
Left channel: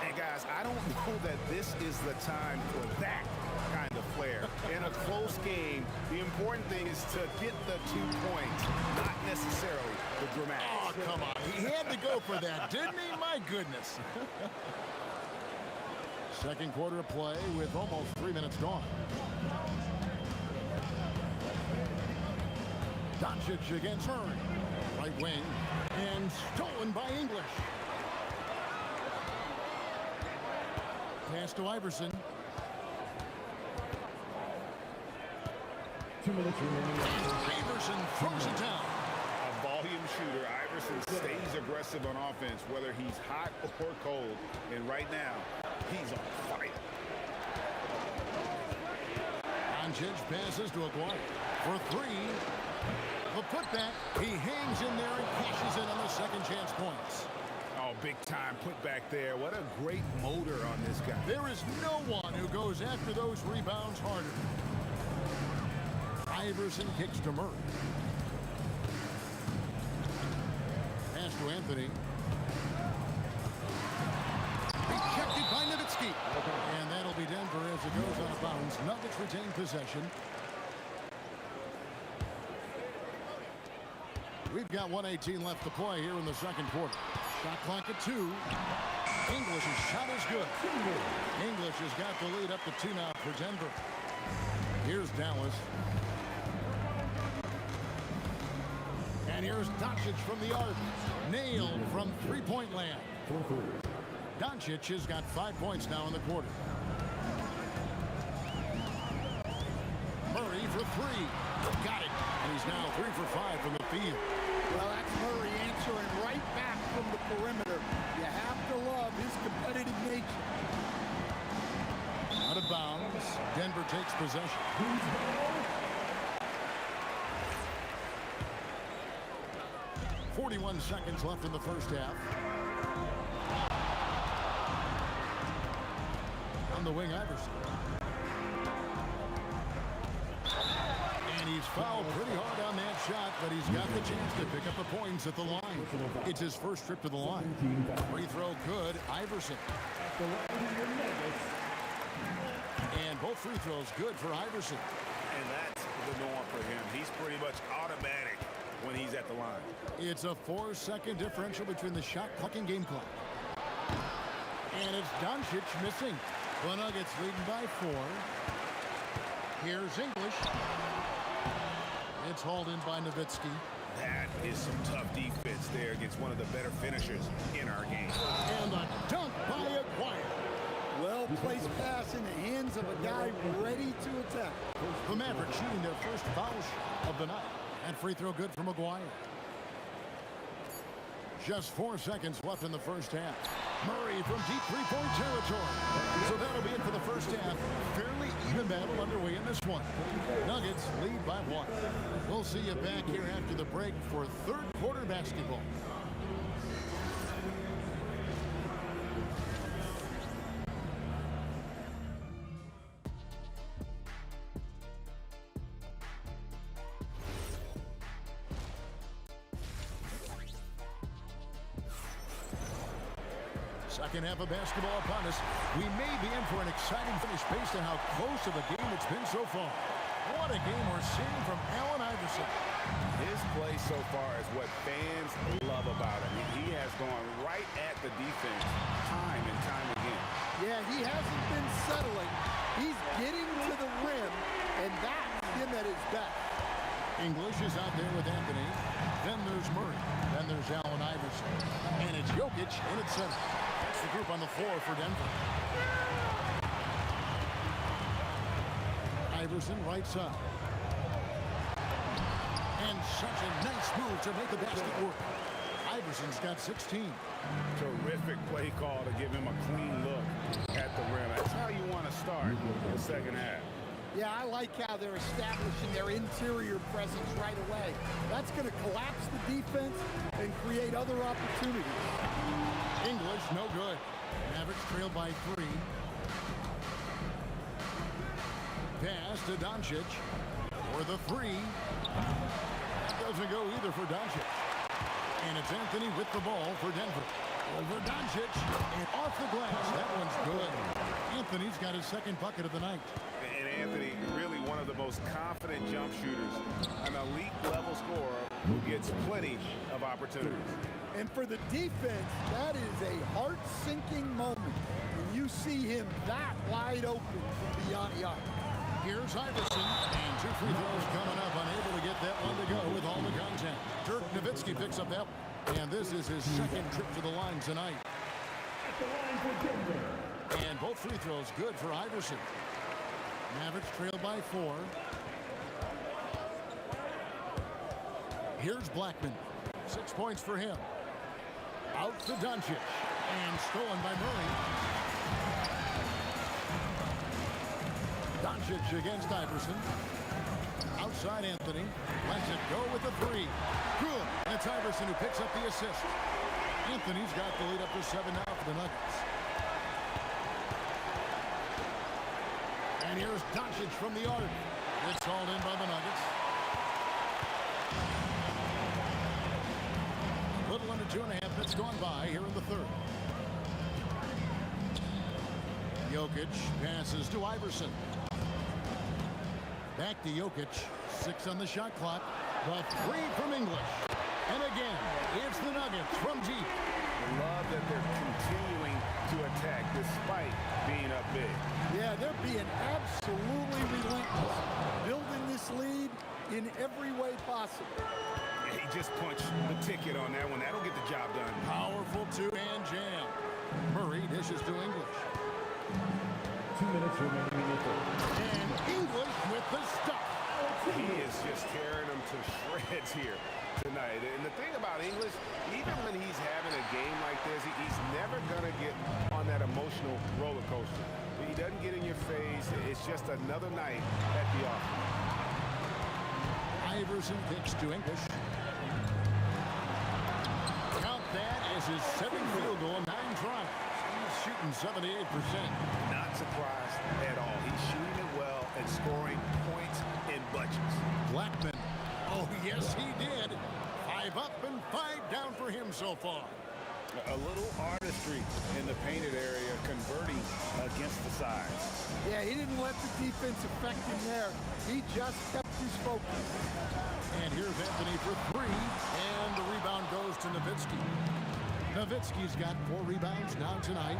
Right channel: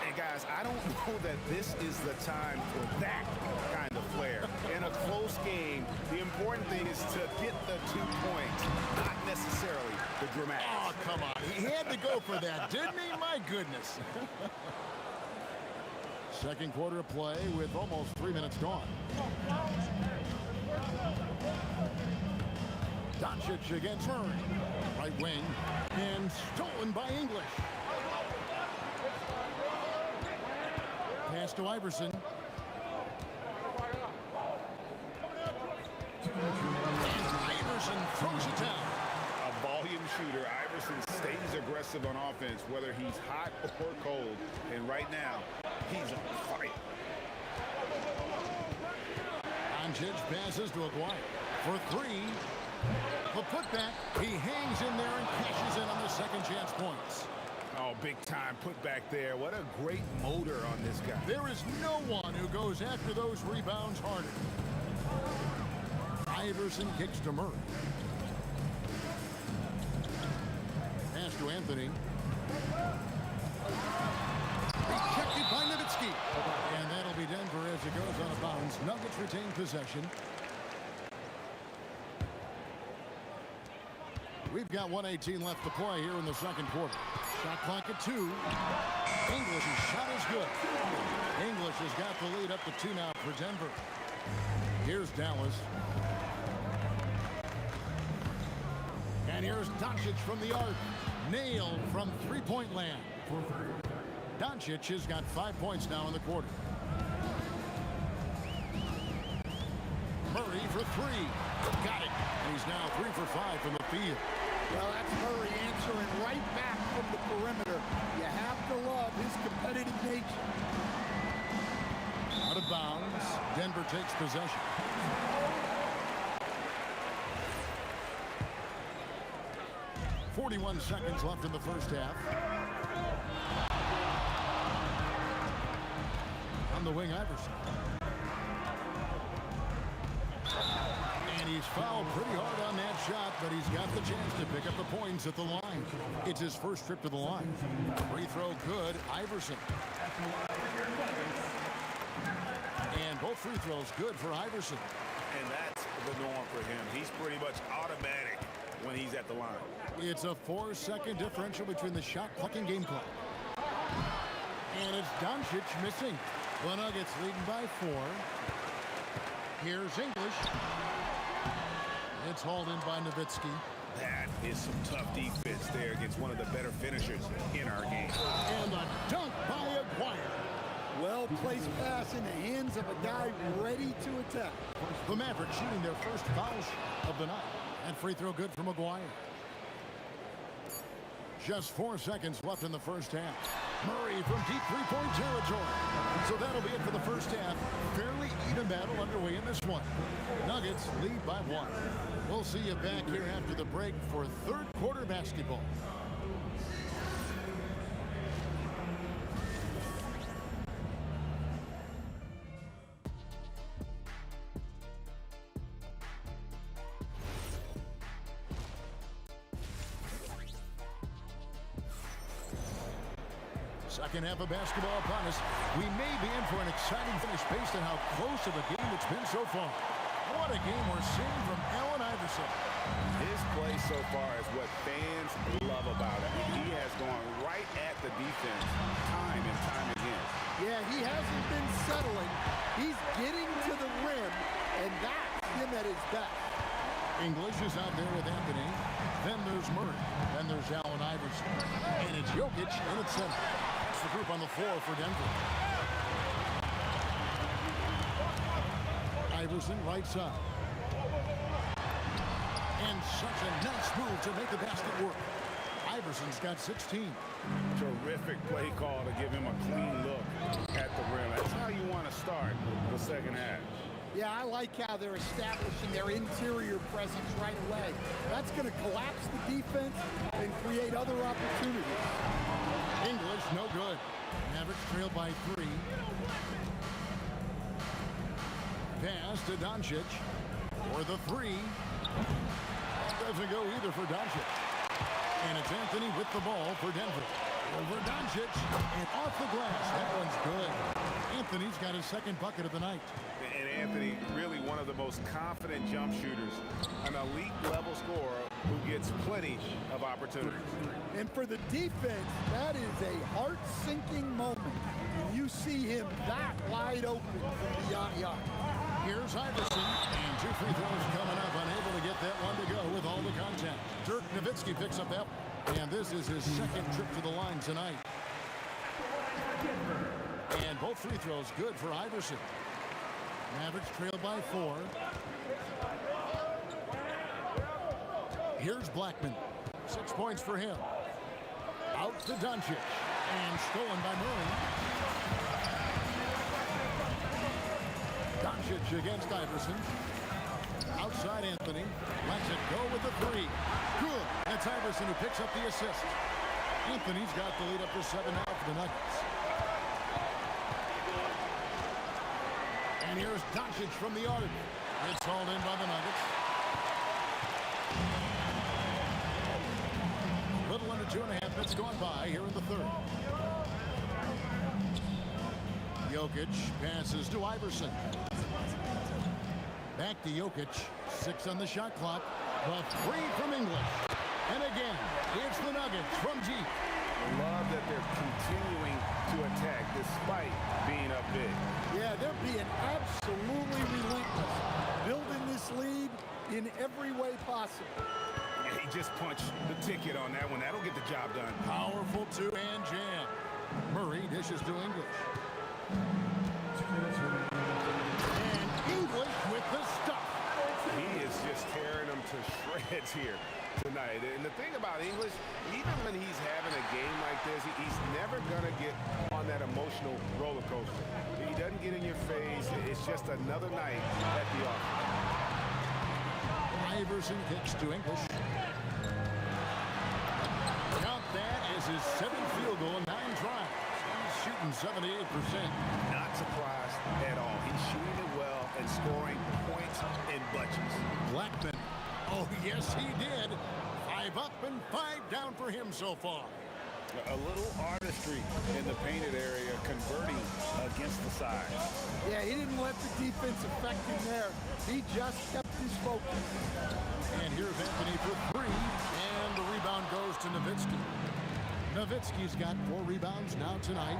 And guys, I don't know that this is the time for that kind of flair. In a close game, the important thing is to get the 2 points, not necessarily the dramatics. Oh, come on. He had to go for that, didn't he? My goodness. Second quarter of play with almost 3 minutes gone. Doncic against Murray. Right wing. And stolen by English. Pass to Iverson. 2 minutes remaining. And Iverson throws it down. A volume shooter. Iverson stays aggressive on offense, whether he's hot or cold. And right now, he's on fire. Doncic passes to Aguirre for 3. The putback. He hangs in there and cashes in on the second chance points. Oh, big time put back there. What a great motor on this guy. There is no one who goes after those rebounds harder. Iverson kicks to Murray. Pass to Anthony. Rejected by Nowitzki. And that'll be Denver as it goes out of bounds. Nuggets retain possession. We've got 1:18 left to play here in the second quarter. Shot clock at 2. English's shot is good. English has got the lead up to 2 now for Denver. Here's Dallas. And here's Doncic from the arc. Nailed from three-point land. Doncic has got 5 points now in the quarter. Murray for 3. Got it. And he's now 3 for 5 from the field. Well, that's Murray answering right back from the perimeter. You have to love his competitive nature. Out of bounds. Denver takes possession. .41 seconds left in the first half. On the wing, Iverson. And he's fouled pretty hard on that shot, but he's got the chance to pick up the points at the line. It's his first trip to the line. Free throw good, Iverson. And both free throws good for Iverson. And that's the norm for him. He's pretty much automatic when he's at the line. It's a 4-second differential between the shot clock and game clock. And it's Doncic missing. The Nuggets leading by 4. Here's English. It's hauled in by Nowitzki. That is some tough defense there against one of the better finishers in our game. And a dunk by Aguirre. Well-placed pass in the hands of a guy ready to attack. The Mavericks shooting their first foul shot of the night. And free throw good from Aguirre. Just 4 seconds left in the first half. Murray from deep three-point territory. So that'll be it for the first half. Fairly even battle underway in this one. Nuggets lead by 1. We'll see you back here after the break for third quarter basketball. Second half of basketball upon us. We may be in for an exciting finish based on how close of a game it's been so far. What a game we're seeing from Allen Iverson. His play so far is what fans love about him. He has gone right at the defense time and time again. Yeah, he hasn't been settling. He's getting to the rim, and that's him at his best. English is out there with Anthony. Then there's Murray. Then there's Allen Iverson. And it's Jokic in at center. That's the group on the floor for Denver. Iverson right side. And such a nice move to make the basket work. Iverson's got 16. Terrific play call to give him a clean look at the rim. That's how you want to start the second half. Yeah, I like how they're establishing their interior presence right away. That's going to collapse the defense and create other opportunities. English, no good. Mavericks trail by 3. Pass to Doncic for the 3. That doesn't go either for Doncic. And it's Anthony with the ball for Denver. Over Doncic and off the glass. That one's good. Anthony's got his second bucket of the night. And Anthony, really one of the most confident jump shooters, an elite level scorer who gets plenty of opportunities. And for the defense, that is a heart-sinking moment when you see him that wide open from beyond the arc. Here's Iverson, and 2 free throws coming up, unable to get that one to go with all the contact. Dirk Nowitzki picks up that one, and this is his second trip to the line tonight. And both free throws good for Iverson. Mavericks trail by 4. Here's Blackman. 6 points for him. Out to Doncic, and stolen by Murray. Doncic against Iverson. Outside Anthony. Lets it go with the 3. Good. And it's Iverson who picks up the assist. Anthony's got the lead up to 7 now for the Nuggets. And here's Doncic from the arc. It's hauled in by the Nuggets. A little under 2.5 minutes gone by here in the third. Jokic passes to Iverson. Back to Jokic. 6 on the shot clock. The 3 from English. And again, it's the Nuggets from deep. Love that they're continuing to attack despite being up big. Yeah, they're being absolutely relentless. Building this lead in every way possible. Yeah, he just punched the ticket on that one. That'll get the job done. Powerful 2-hand jam. Murray dishes to English. 2 minutes remaining in the third. And English with the stuff. He is just tearing them to shreds here tonight. And the thing about English, even when he's having a game like this, he's never going to get on that emotional roller coaster. He doesn't get in your face. It's just another night at the office. Iverson kicks to English. Count that as his 7th field goal in 9 tries. He's shooting 78%. Not surprised at all. He's shooting it well and scoring points in bunches. A little artistry in the painted area, converting against the sides. Yeah, he didn't let the defense affect him there. He just kept his focus. And here's Anthony for three, and the rebound goes to Nowitzki. Nowitzki's got 4 rebounds now tonight.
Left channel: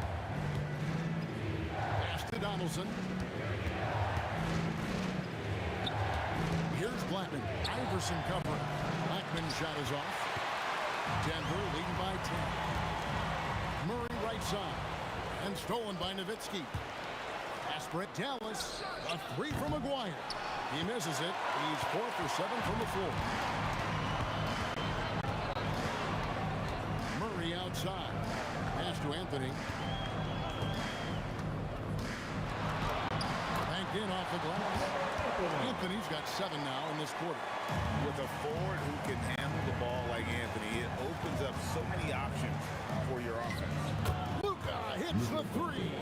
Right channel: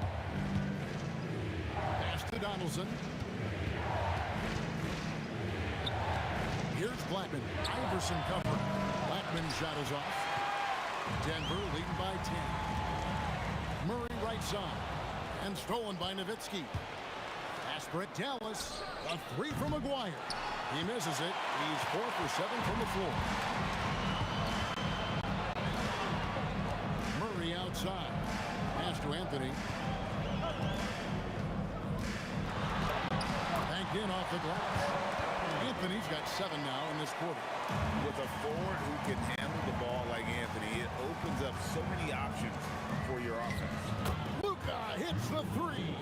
Pass to Donaldson. Here's Blackman. Iverson covering. Blackman's shot is off. Denver leading by 10. Murray right side. And stolen by Nowitzki. Pass Brett Dallas. A 3 from McGuire. He misses it. He's 4 for 7 from the floor. Murray outside. Pass to Anthony. Banked in off the glass. Anthony's got 7 now in this quarter. With a forward who can handle the ball like Anthony, it opens up so many options for your offense. Luka hits the 3.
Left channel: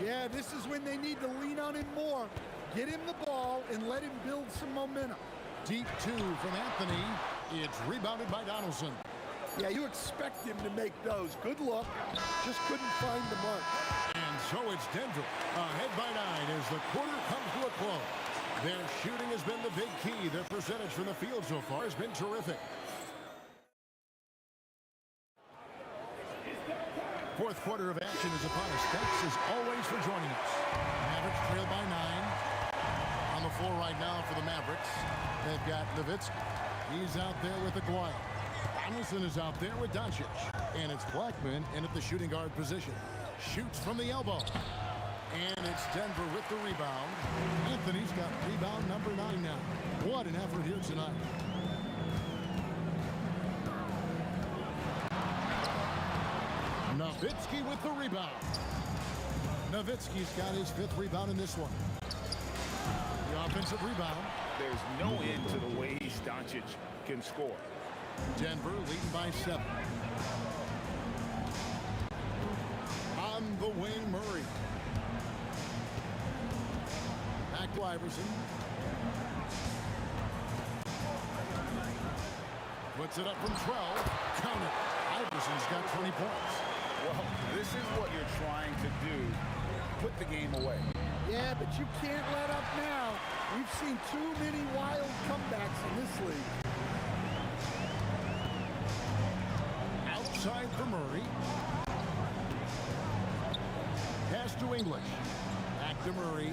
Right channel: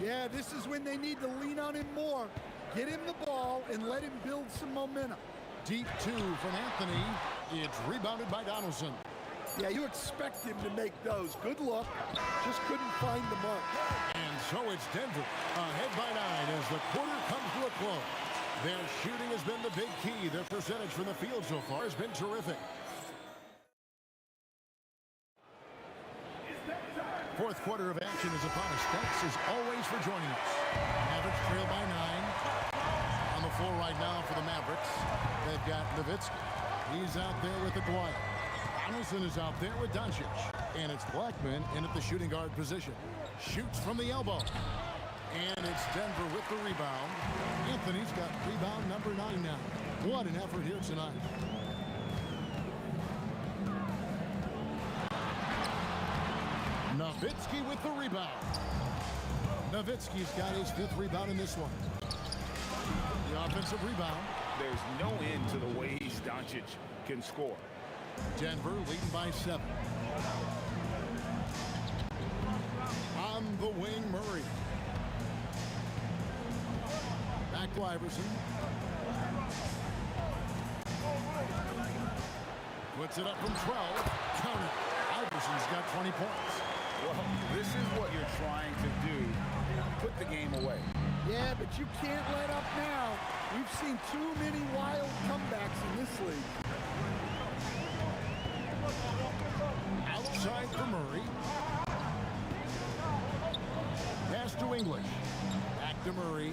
Yeah, this is when they need to lean on him more. Get him the ball and let him build some momentum. Deep 2 from Anthony. It's rebounded by Donaldson. Yeah, you expect him to make those. Good luck. Just couldn't find the mark. And so it's Denver ahead by 9 as the quarter comes to a close. Their shooting has been the big key. Their percentage from the field so far has been terrific. Fourth quarter of action is upon us. Thanks as always for joining us. Mavericks trail by 9. On the floor right now for the Mavericks, they've got Nowitzki. He's out there with Aguirre. Donaldson is out there with Doncic. And it's Blackman in at the shooting guard position. Shoots from the elbow. And it's Denver with the rebound. Anthony's got rebound number 9 now. What an effort here tonight. Nowitzki with the rebound. Nowitzki's got his 5th rebound in this one. The offensive rebound. There's no end to the ways Doncic can score. Denver leading by 7. On the wing, Murray. Back to Iverson. Puts it up from 12. Count it. Iverson's got 20 points. Well, this is what you're trying to do. Put the game away. Yeah, but you can't let up now. We've seen too many wild comebacks in this league. Outside for Murray. Pass to English. Back to Murray.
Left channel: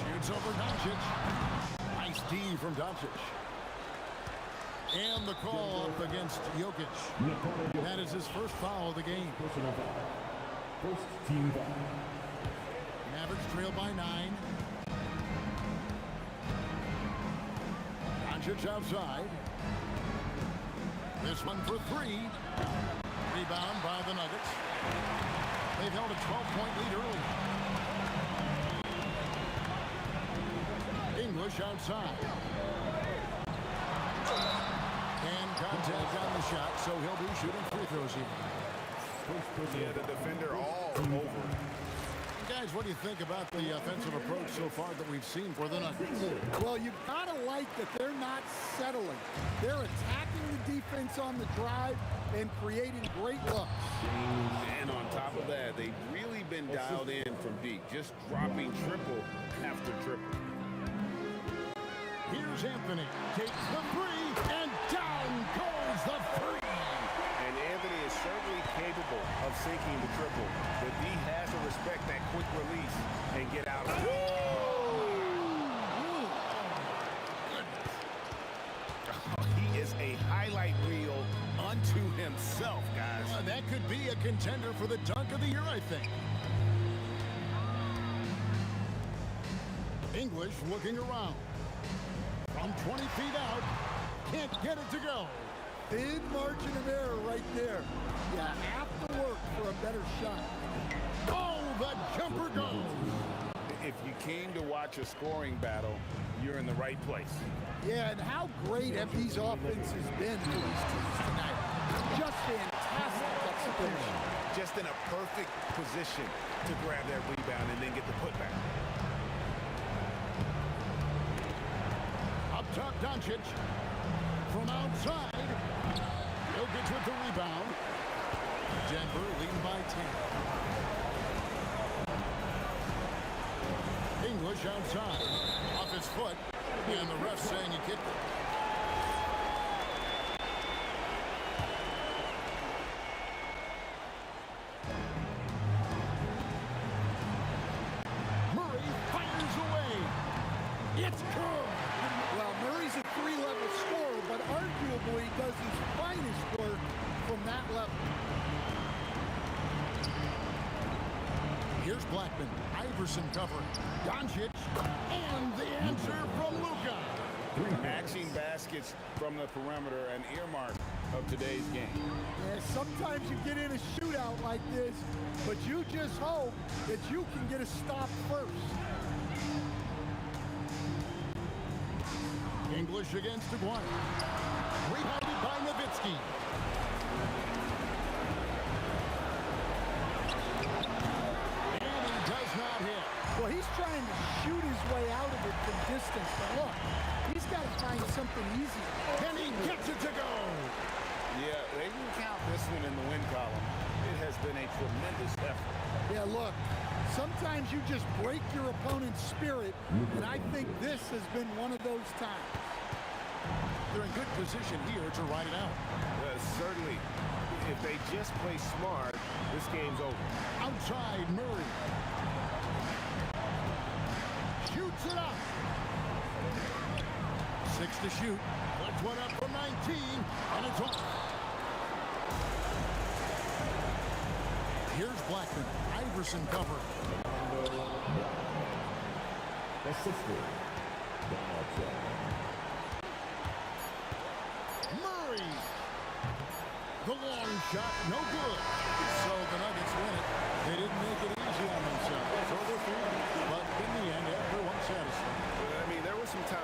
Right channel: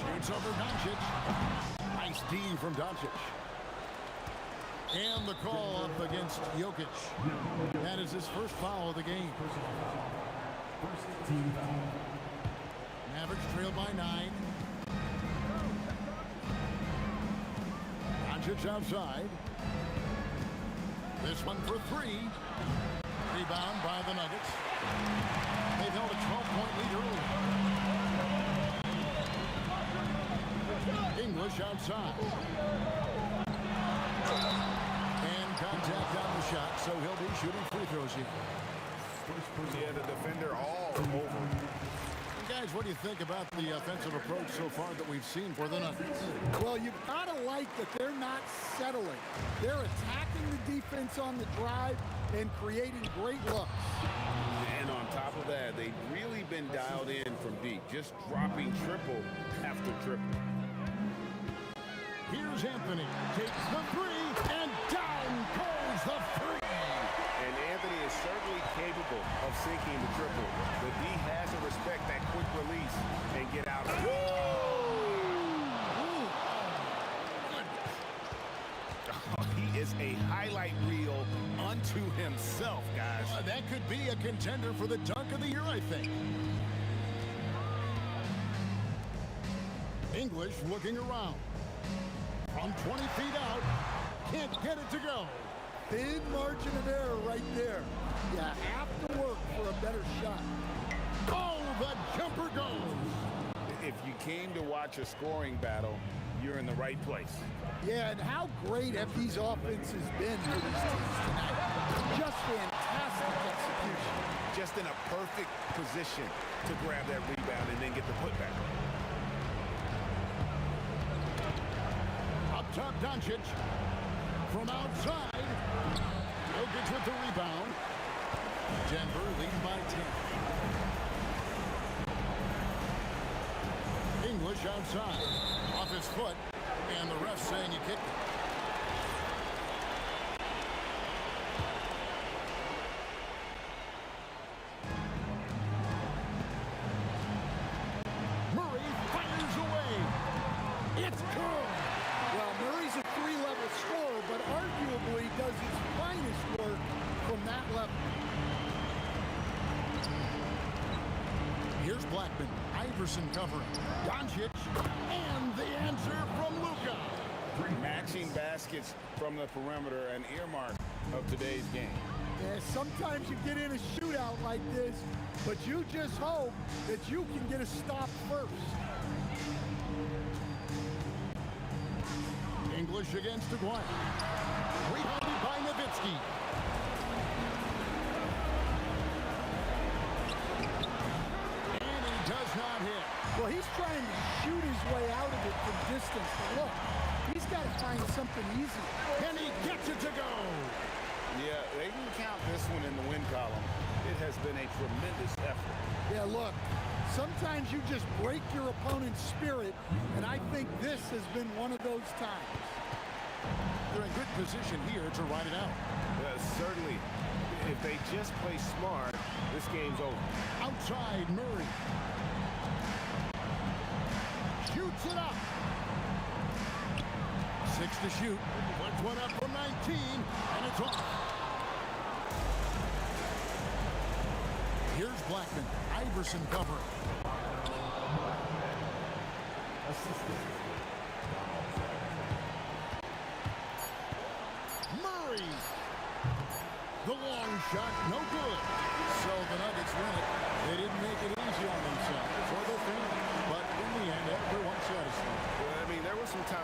Shoots over Doncic. Nice D from Doncic. And the call up against Jokic. That is his first foul of the game. First team foul. Mavericks trail by 9. Doncic outside. This one for 3. Rebound by the Nuggets. They've held a 12-point lead early. English outside. And contact on the shot, so he'll be shooting free throws here. Yeah, the defender all over. Guys, what do you think about the offensive approach so far that we've seen for the Nuggets? Well, you've got to like that they're not settling. They're attacking the defense on the drive and creating great looks. And on top of that, they've really been dialed in from deep, just dropping triple after triple. Here's Anthony. Takes the 3, and down goes the 3. And Anthony is certainly capable of sinking the triple. The D has to respect that quick release and get out of it. Oh, my goodness. He is a highlight reel unto himself, guys. That could be a contender for the dunk of the year, I think. English looking around. From 20 feet out, can't get it to go. Thin margin of error right there. You have to work for a better shot. Oh, the jumper goes. If you came to watch a scoring battle, you're in the right place. Yeah, and how great have these offenses been for these teams tonight? Just fantastic execution. Just in a perfect position to grab that rebound and then get the putback. Up top, Doncic. From outside, Jokic with the rebound. Denver leading by 10. English outside. Off his foot. And the ref saying he kicked it. Murray fires away. It's good. Well, Murray's a three-level scorer, but arguably does his finest work from that level. Here's Blackman. Iverson covering. Doncic. And the answer from Luka. Matching baskets from the perimeter, an earmark of today's game. Yeah, sometimes you get in a shootout like this, but you just hope that you can get a stop first. English against Aguirre. Rebounded by Nowitzki. And he does not hit. Well, he's trying to shoot his way out of it from distance, but look, he's got to find something easier. And he gets it to go. Yeah, they can count this one in the win column. It has been a tremendous effort. Yeah, look, sometimes you just break your opponent's spirit, and I think this has been one of those times. They're in good position here to ride it out. Certainly, if they just play smart, this game's over. Outside Murray. Shoots it up. 6 to shoot. Flips one up from 19, and it's off. Here's Blackman. Iverson covering. Assistant. Murray. The long shot, no good. So the Nuggets win it. They didn't make it easy on themselves or their fans, but in the end, everyone's satisfied. I mean, there were some times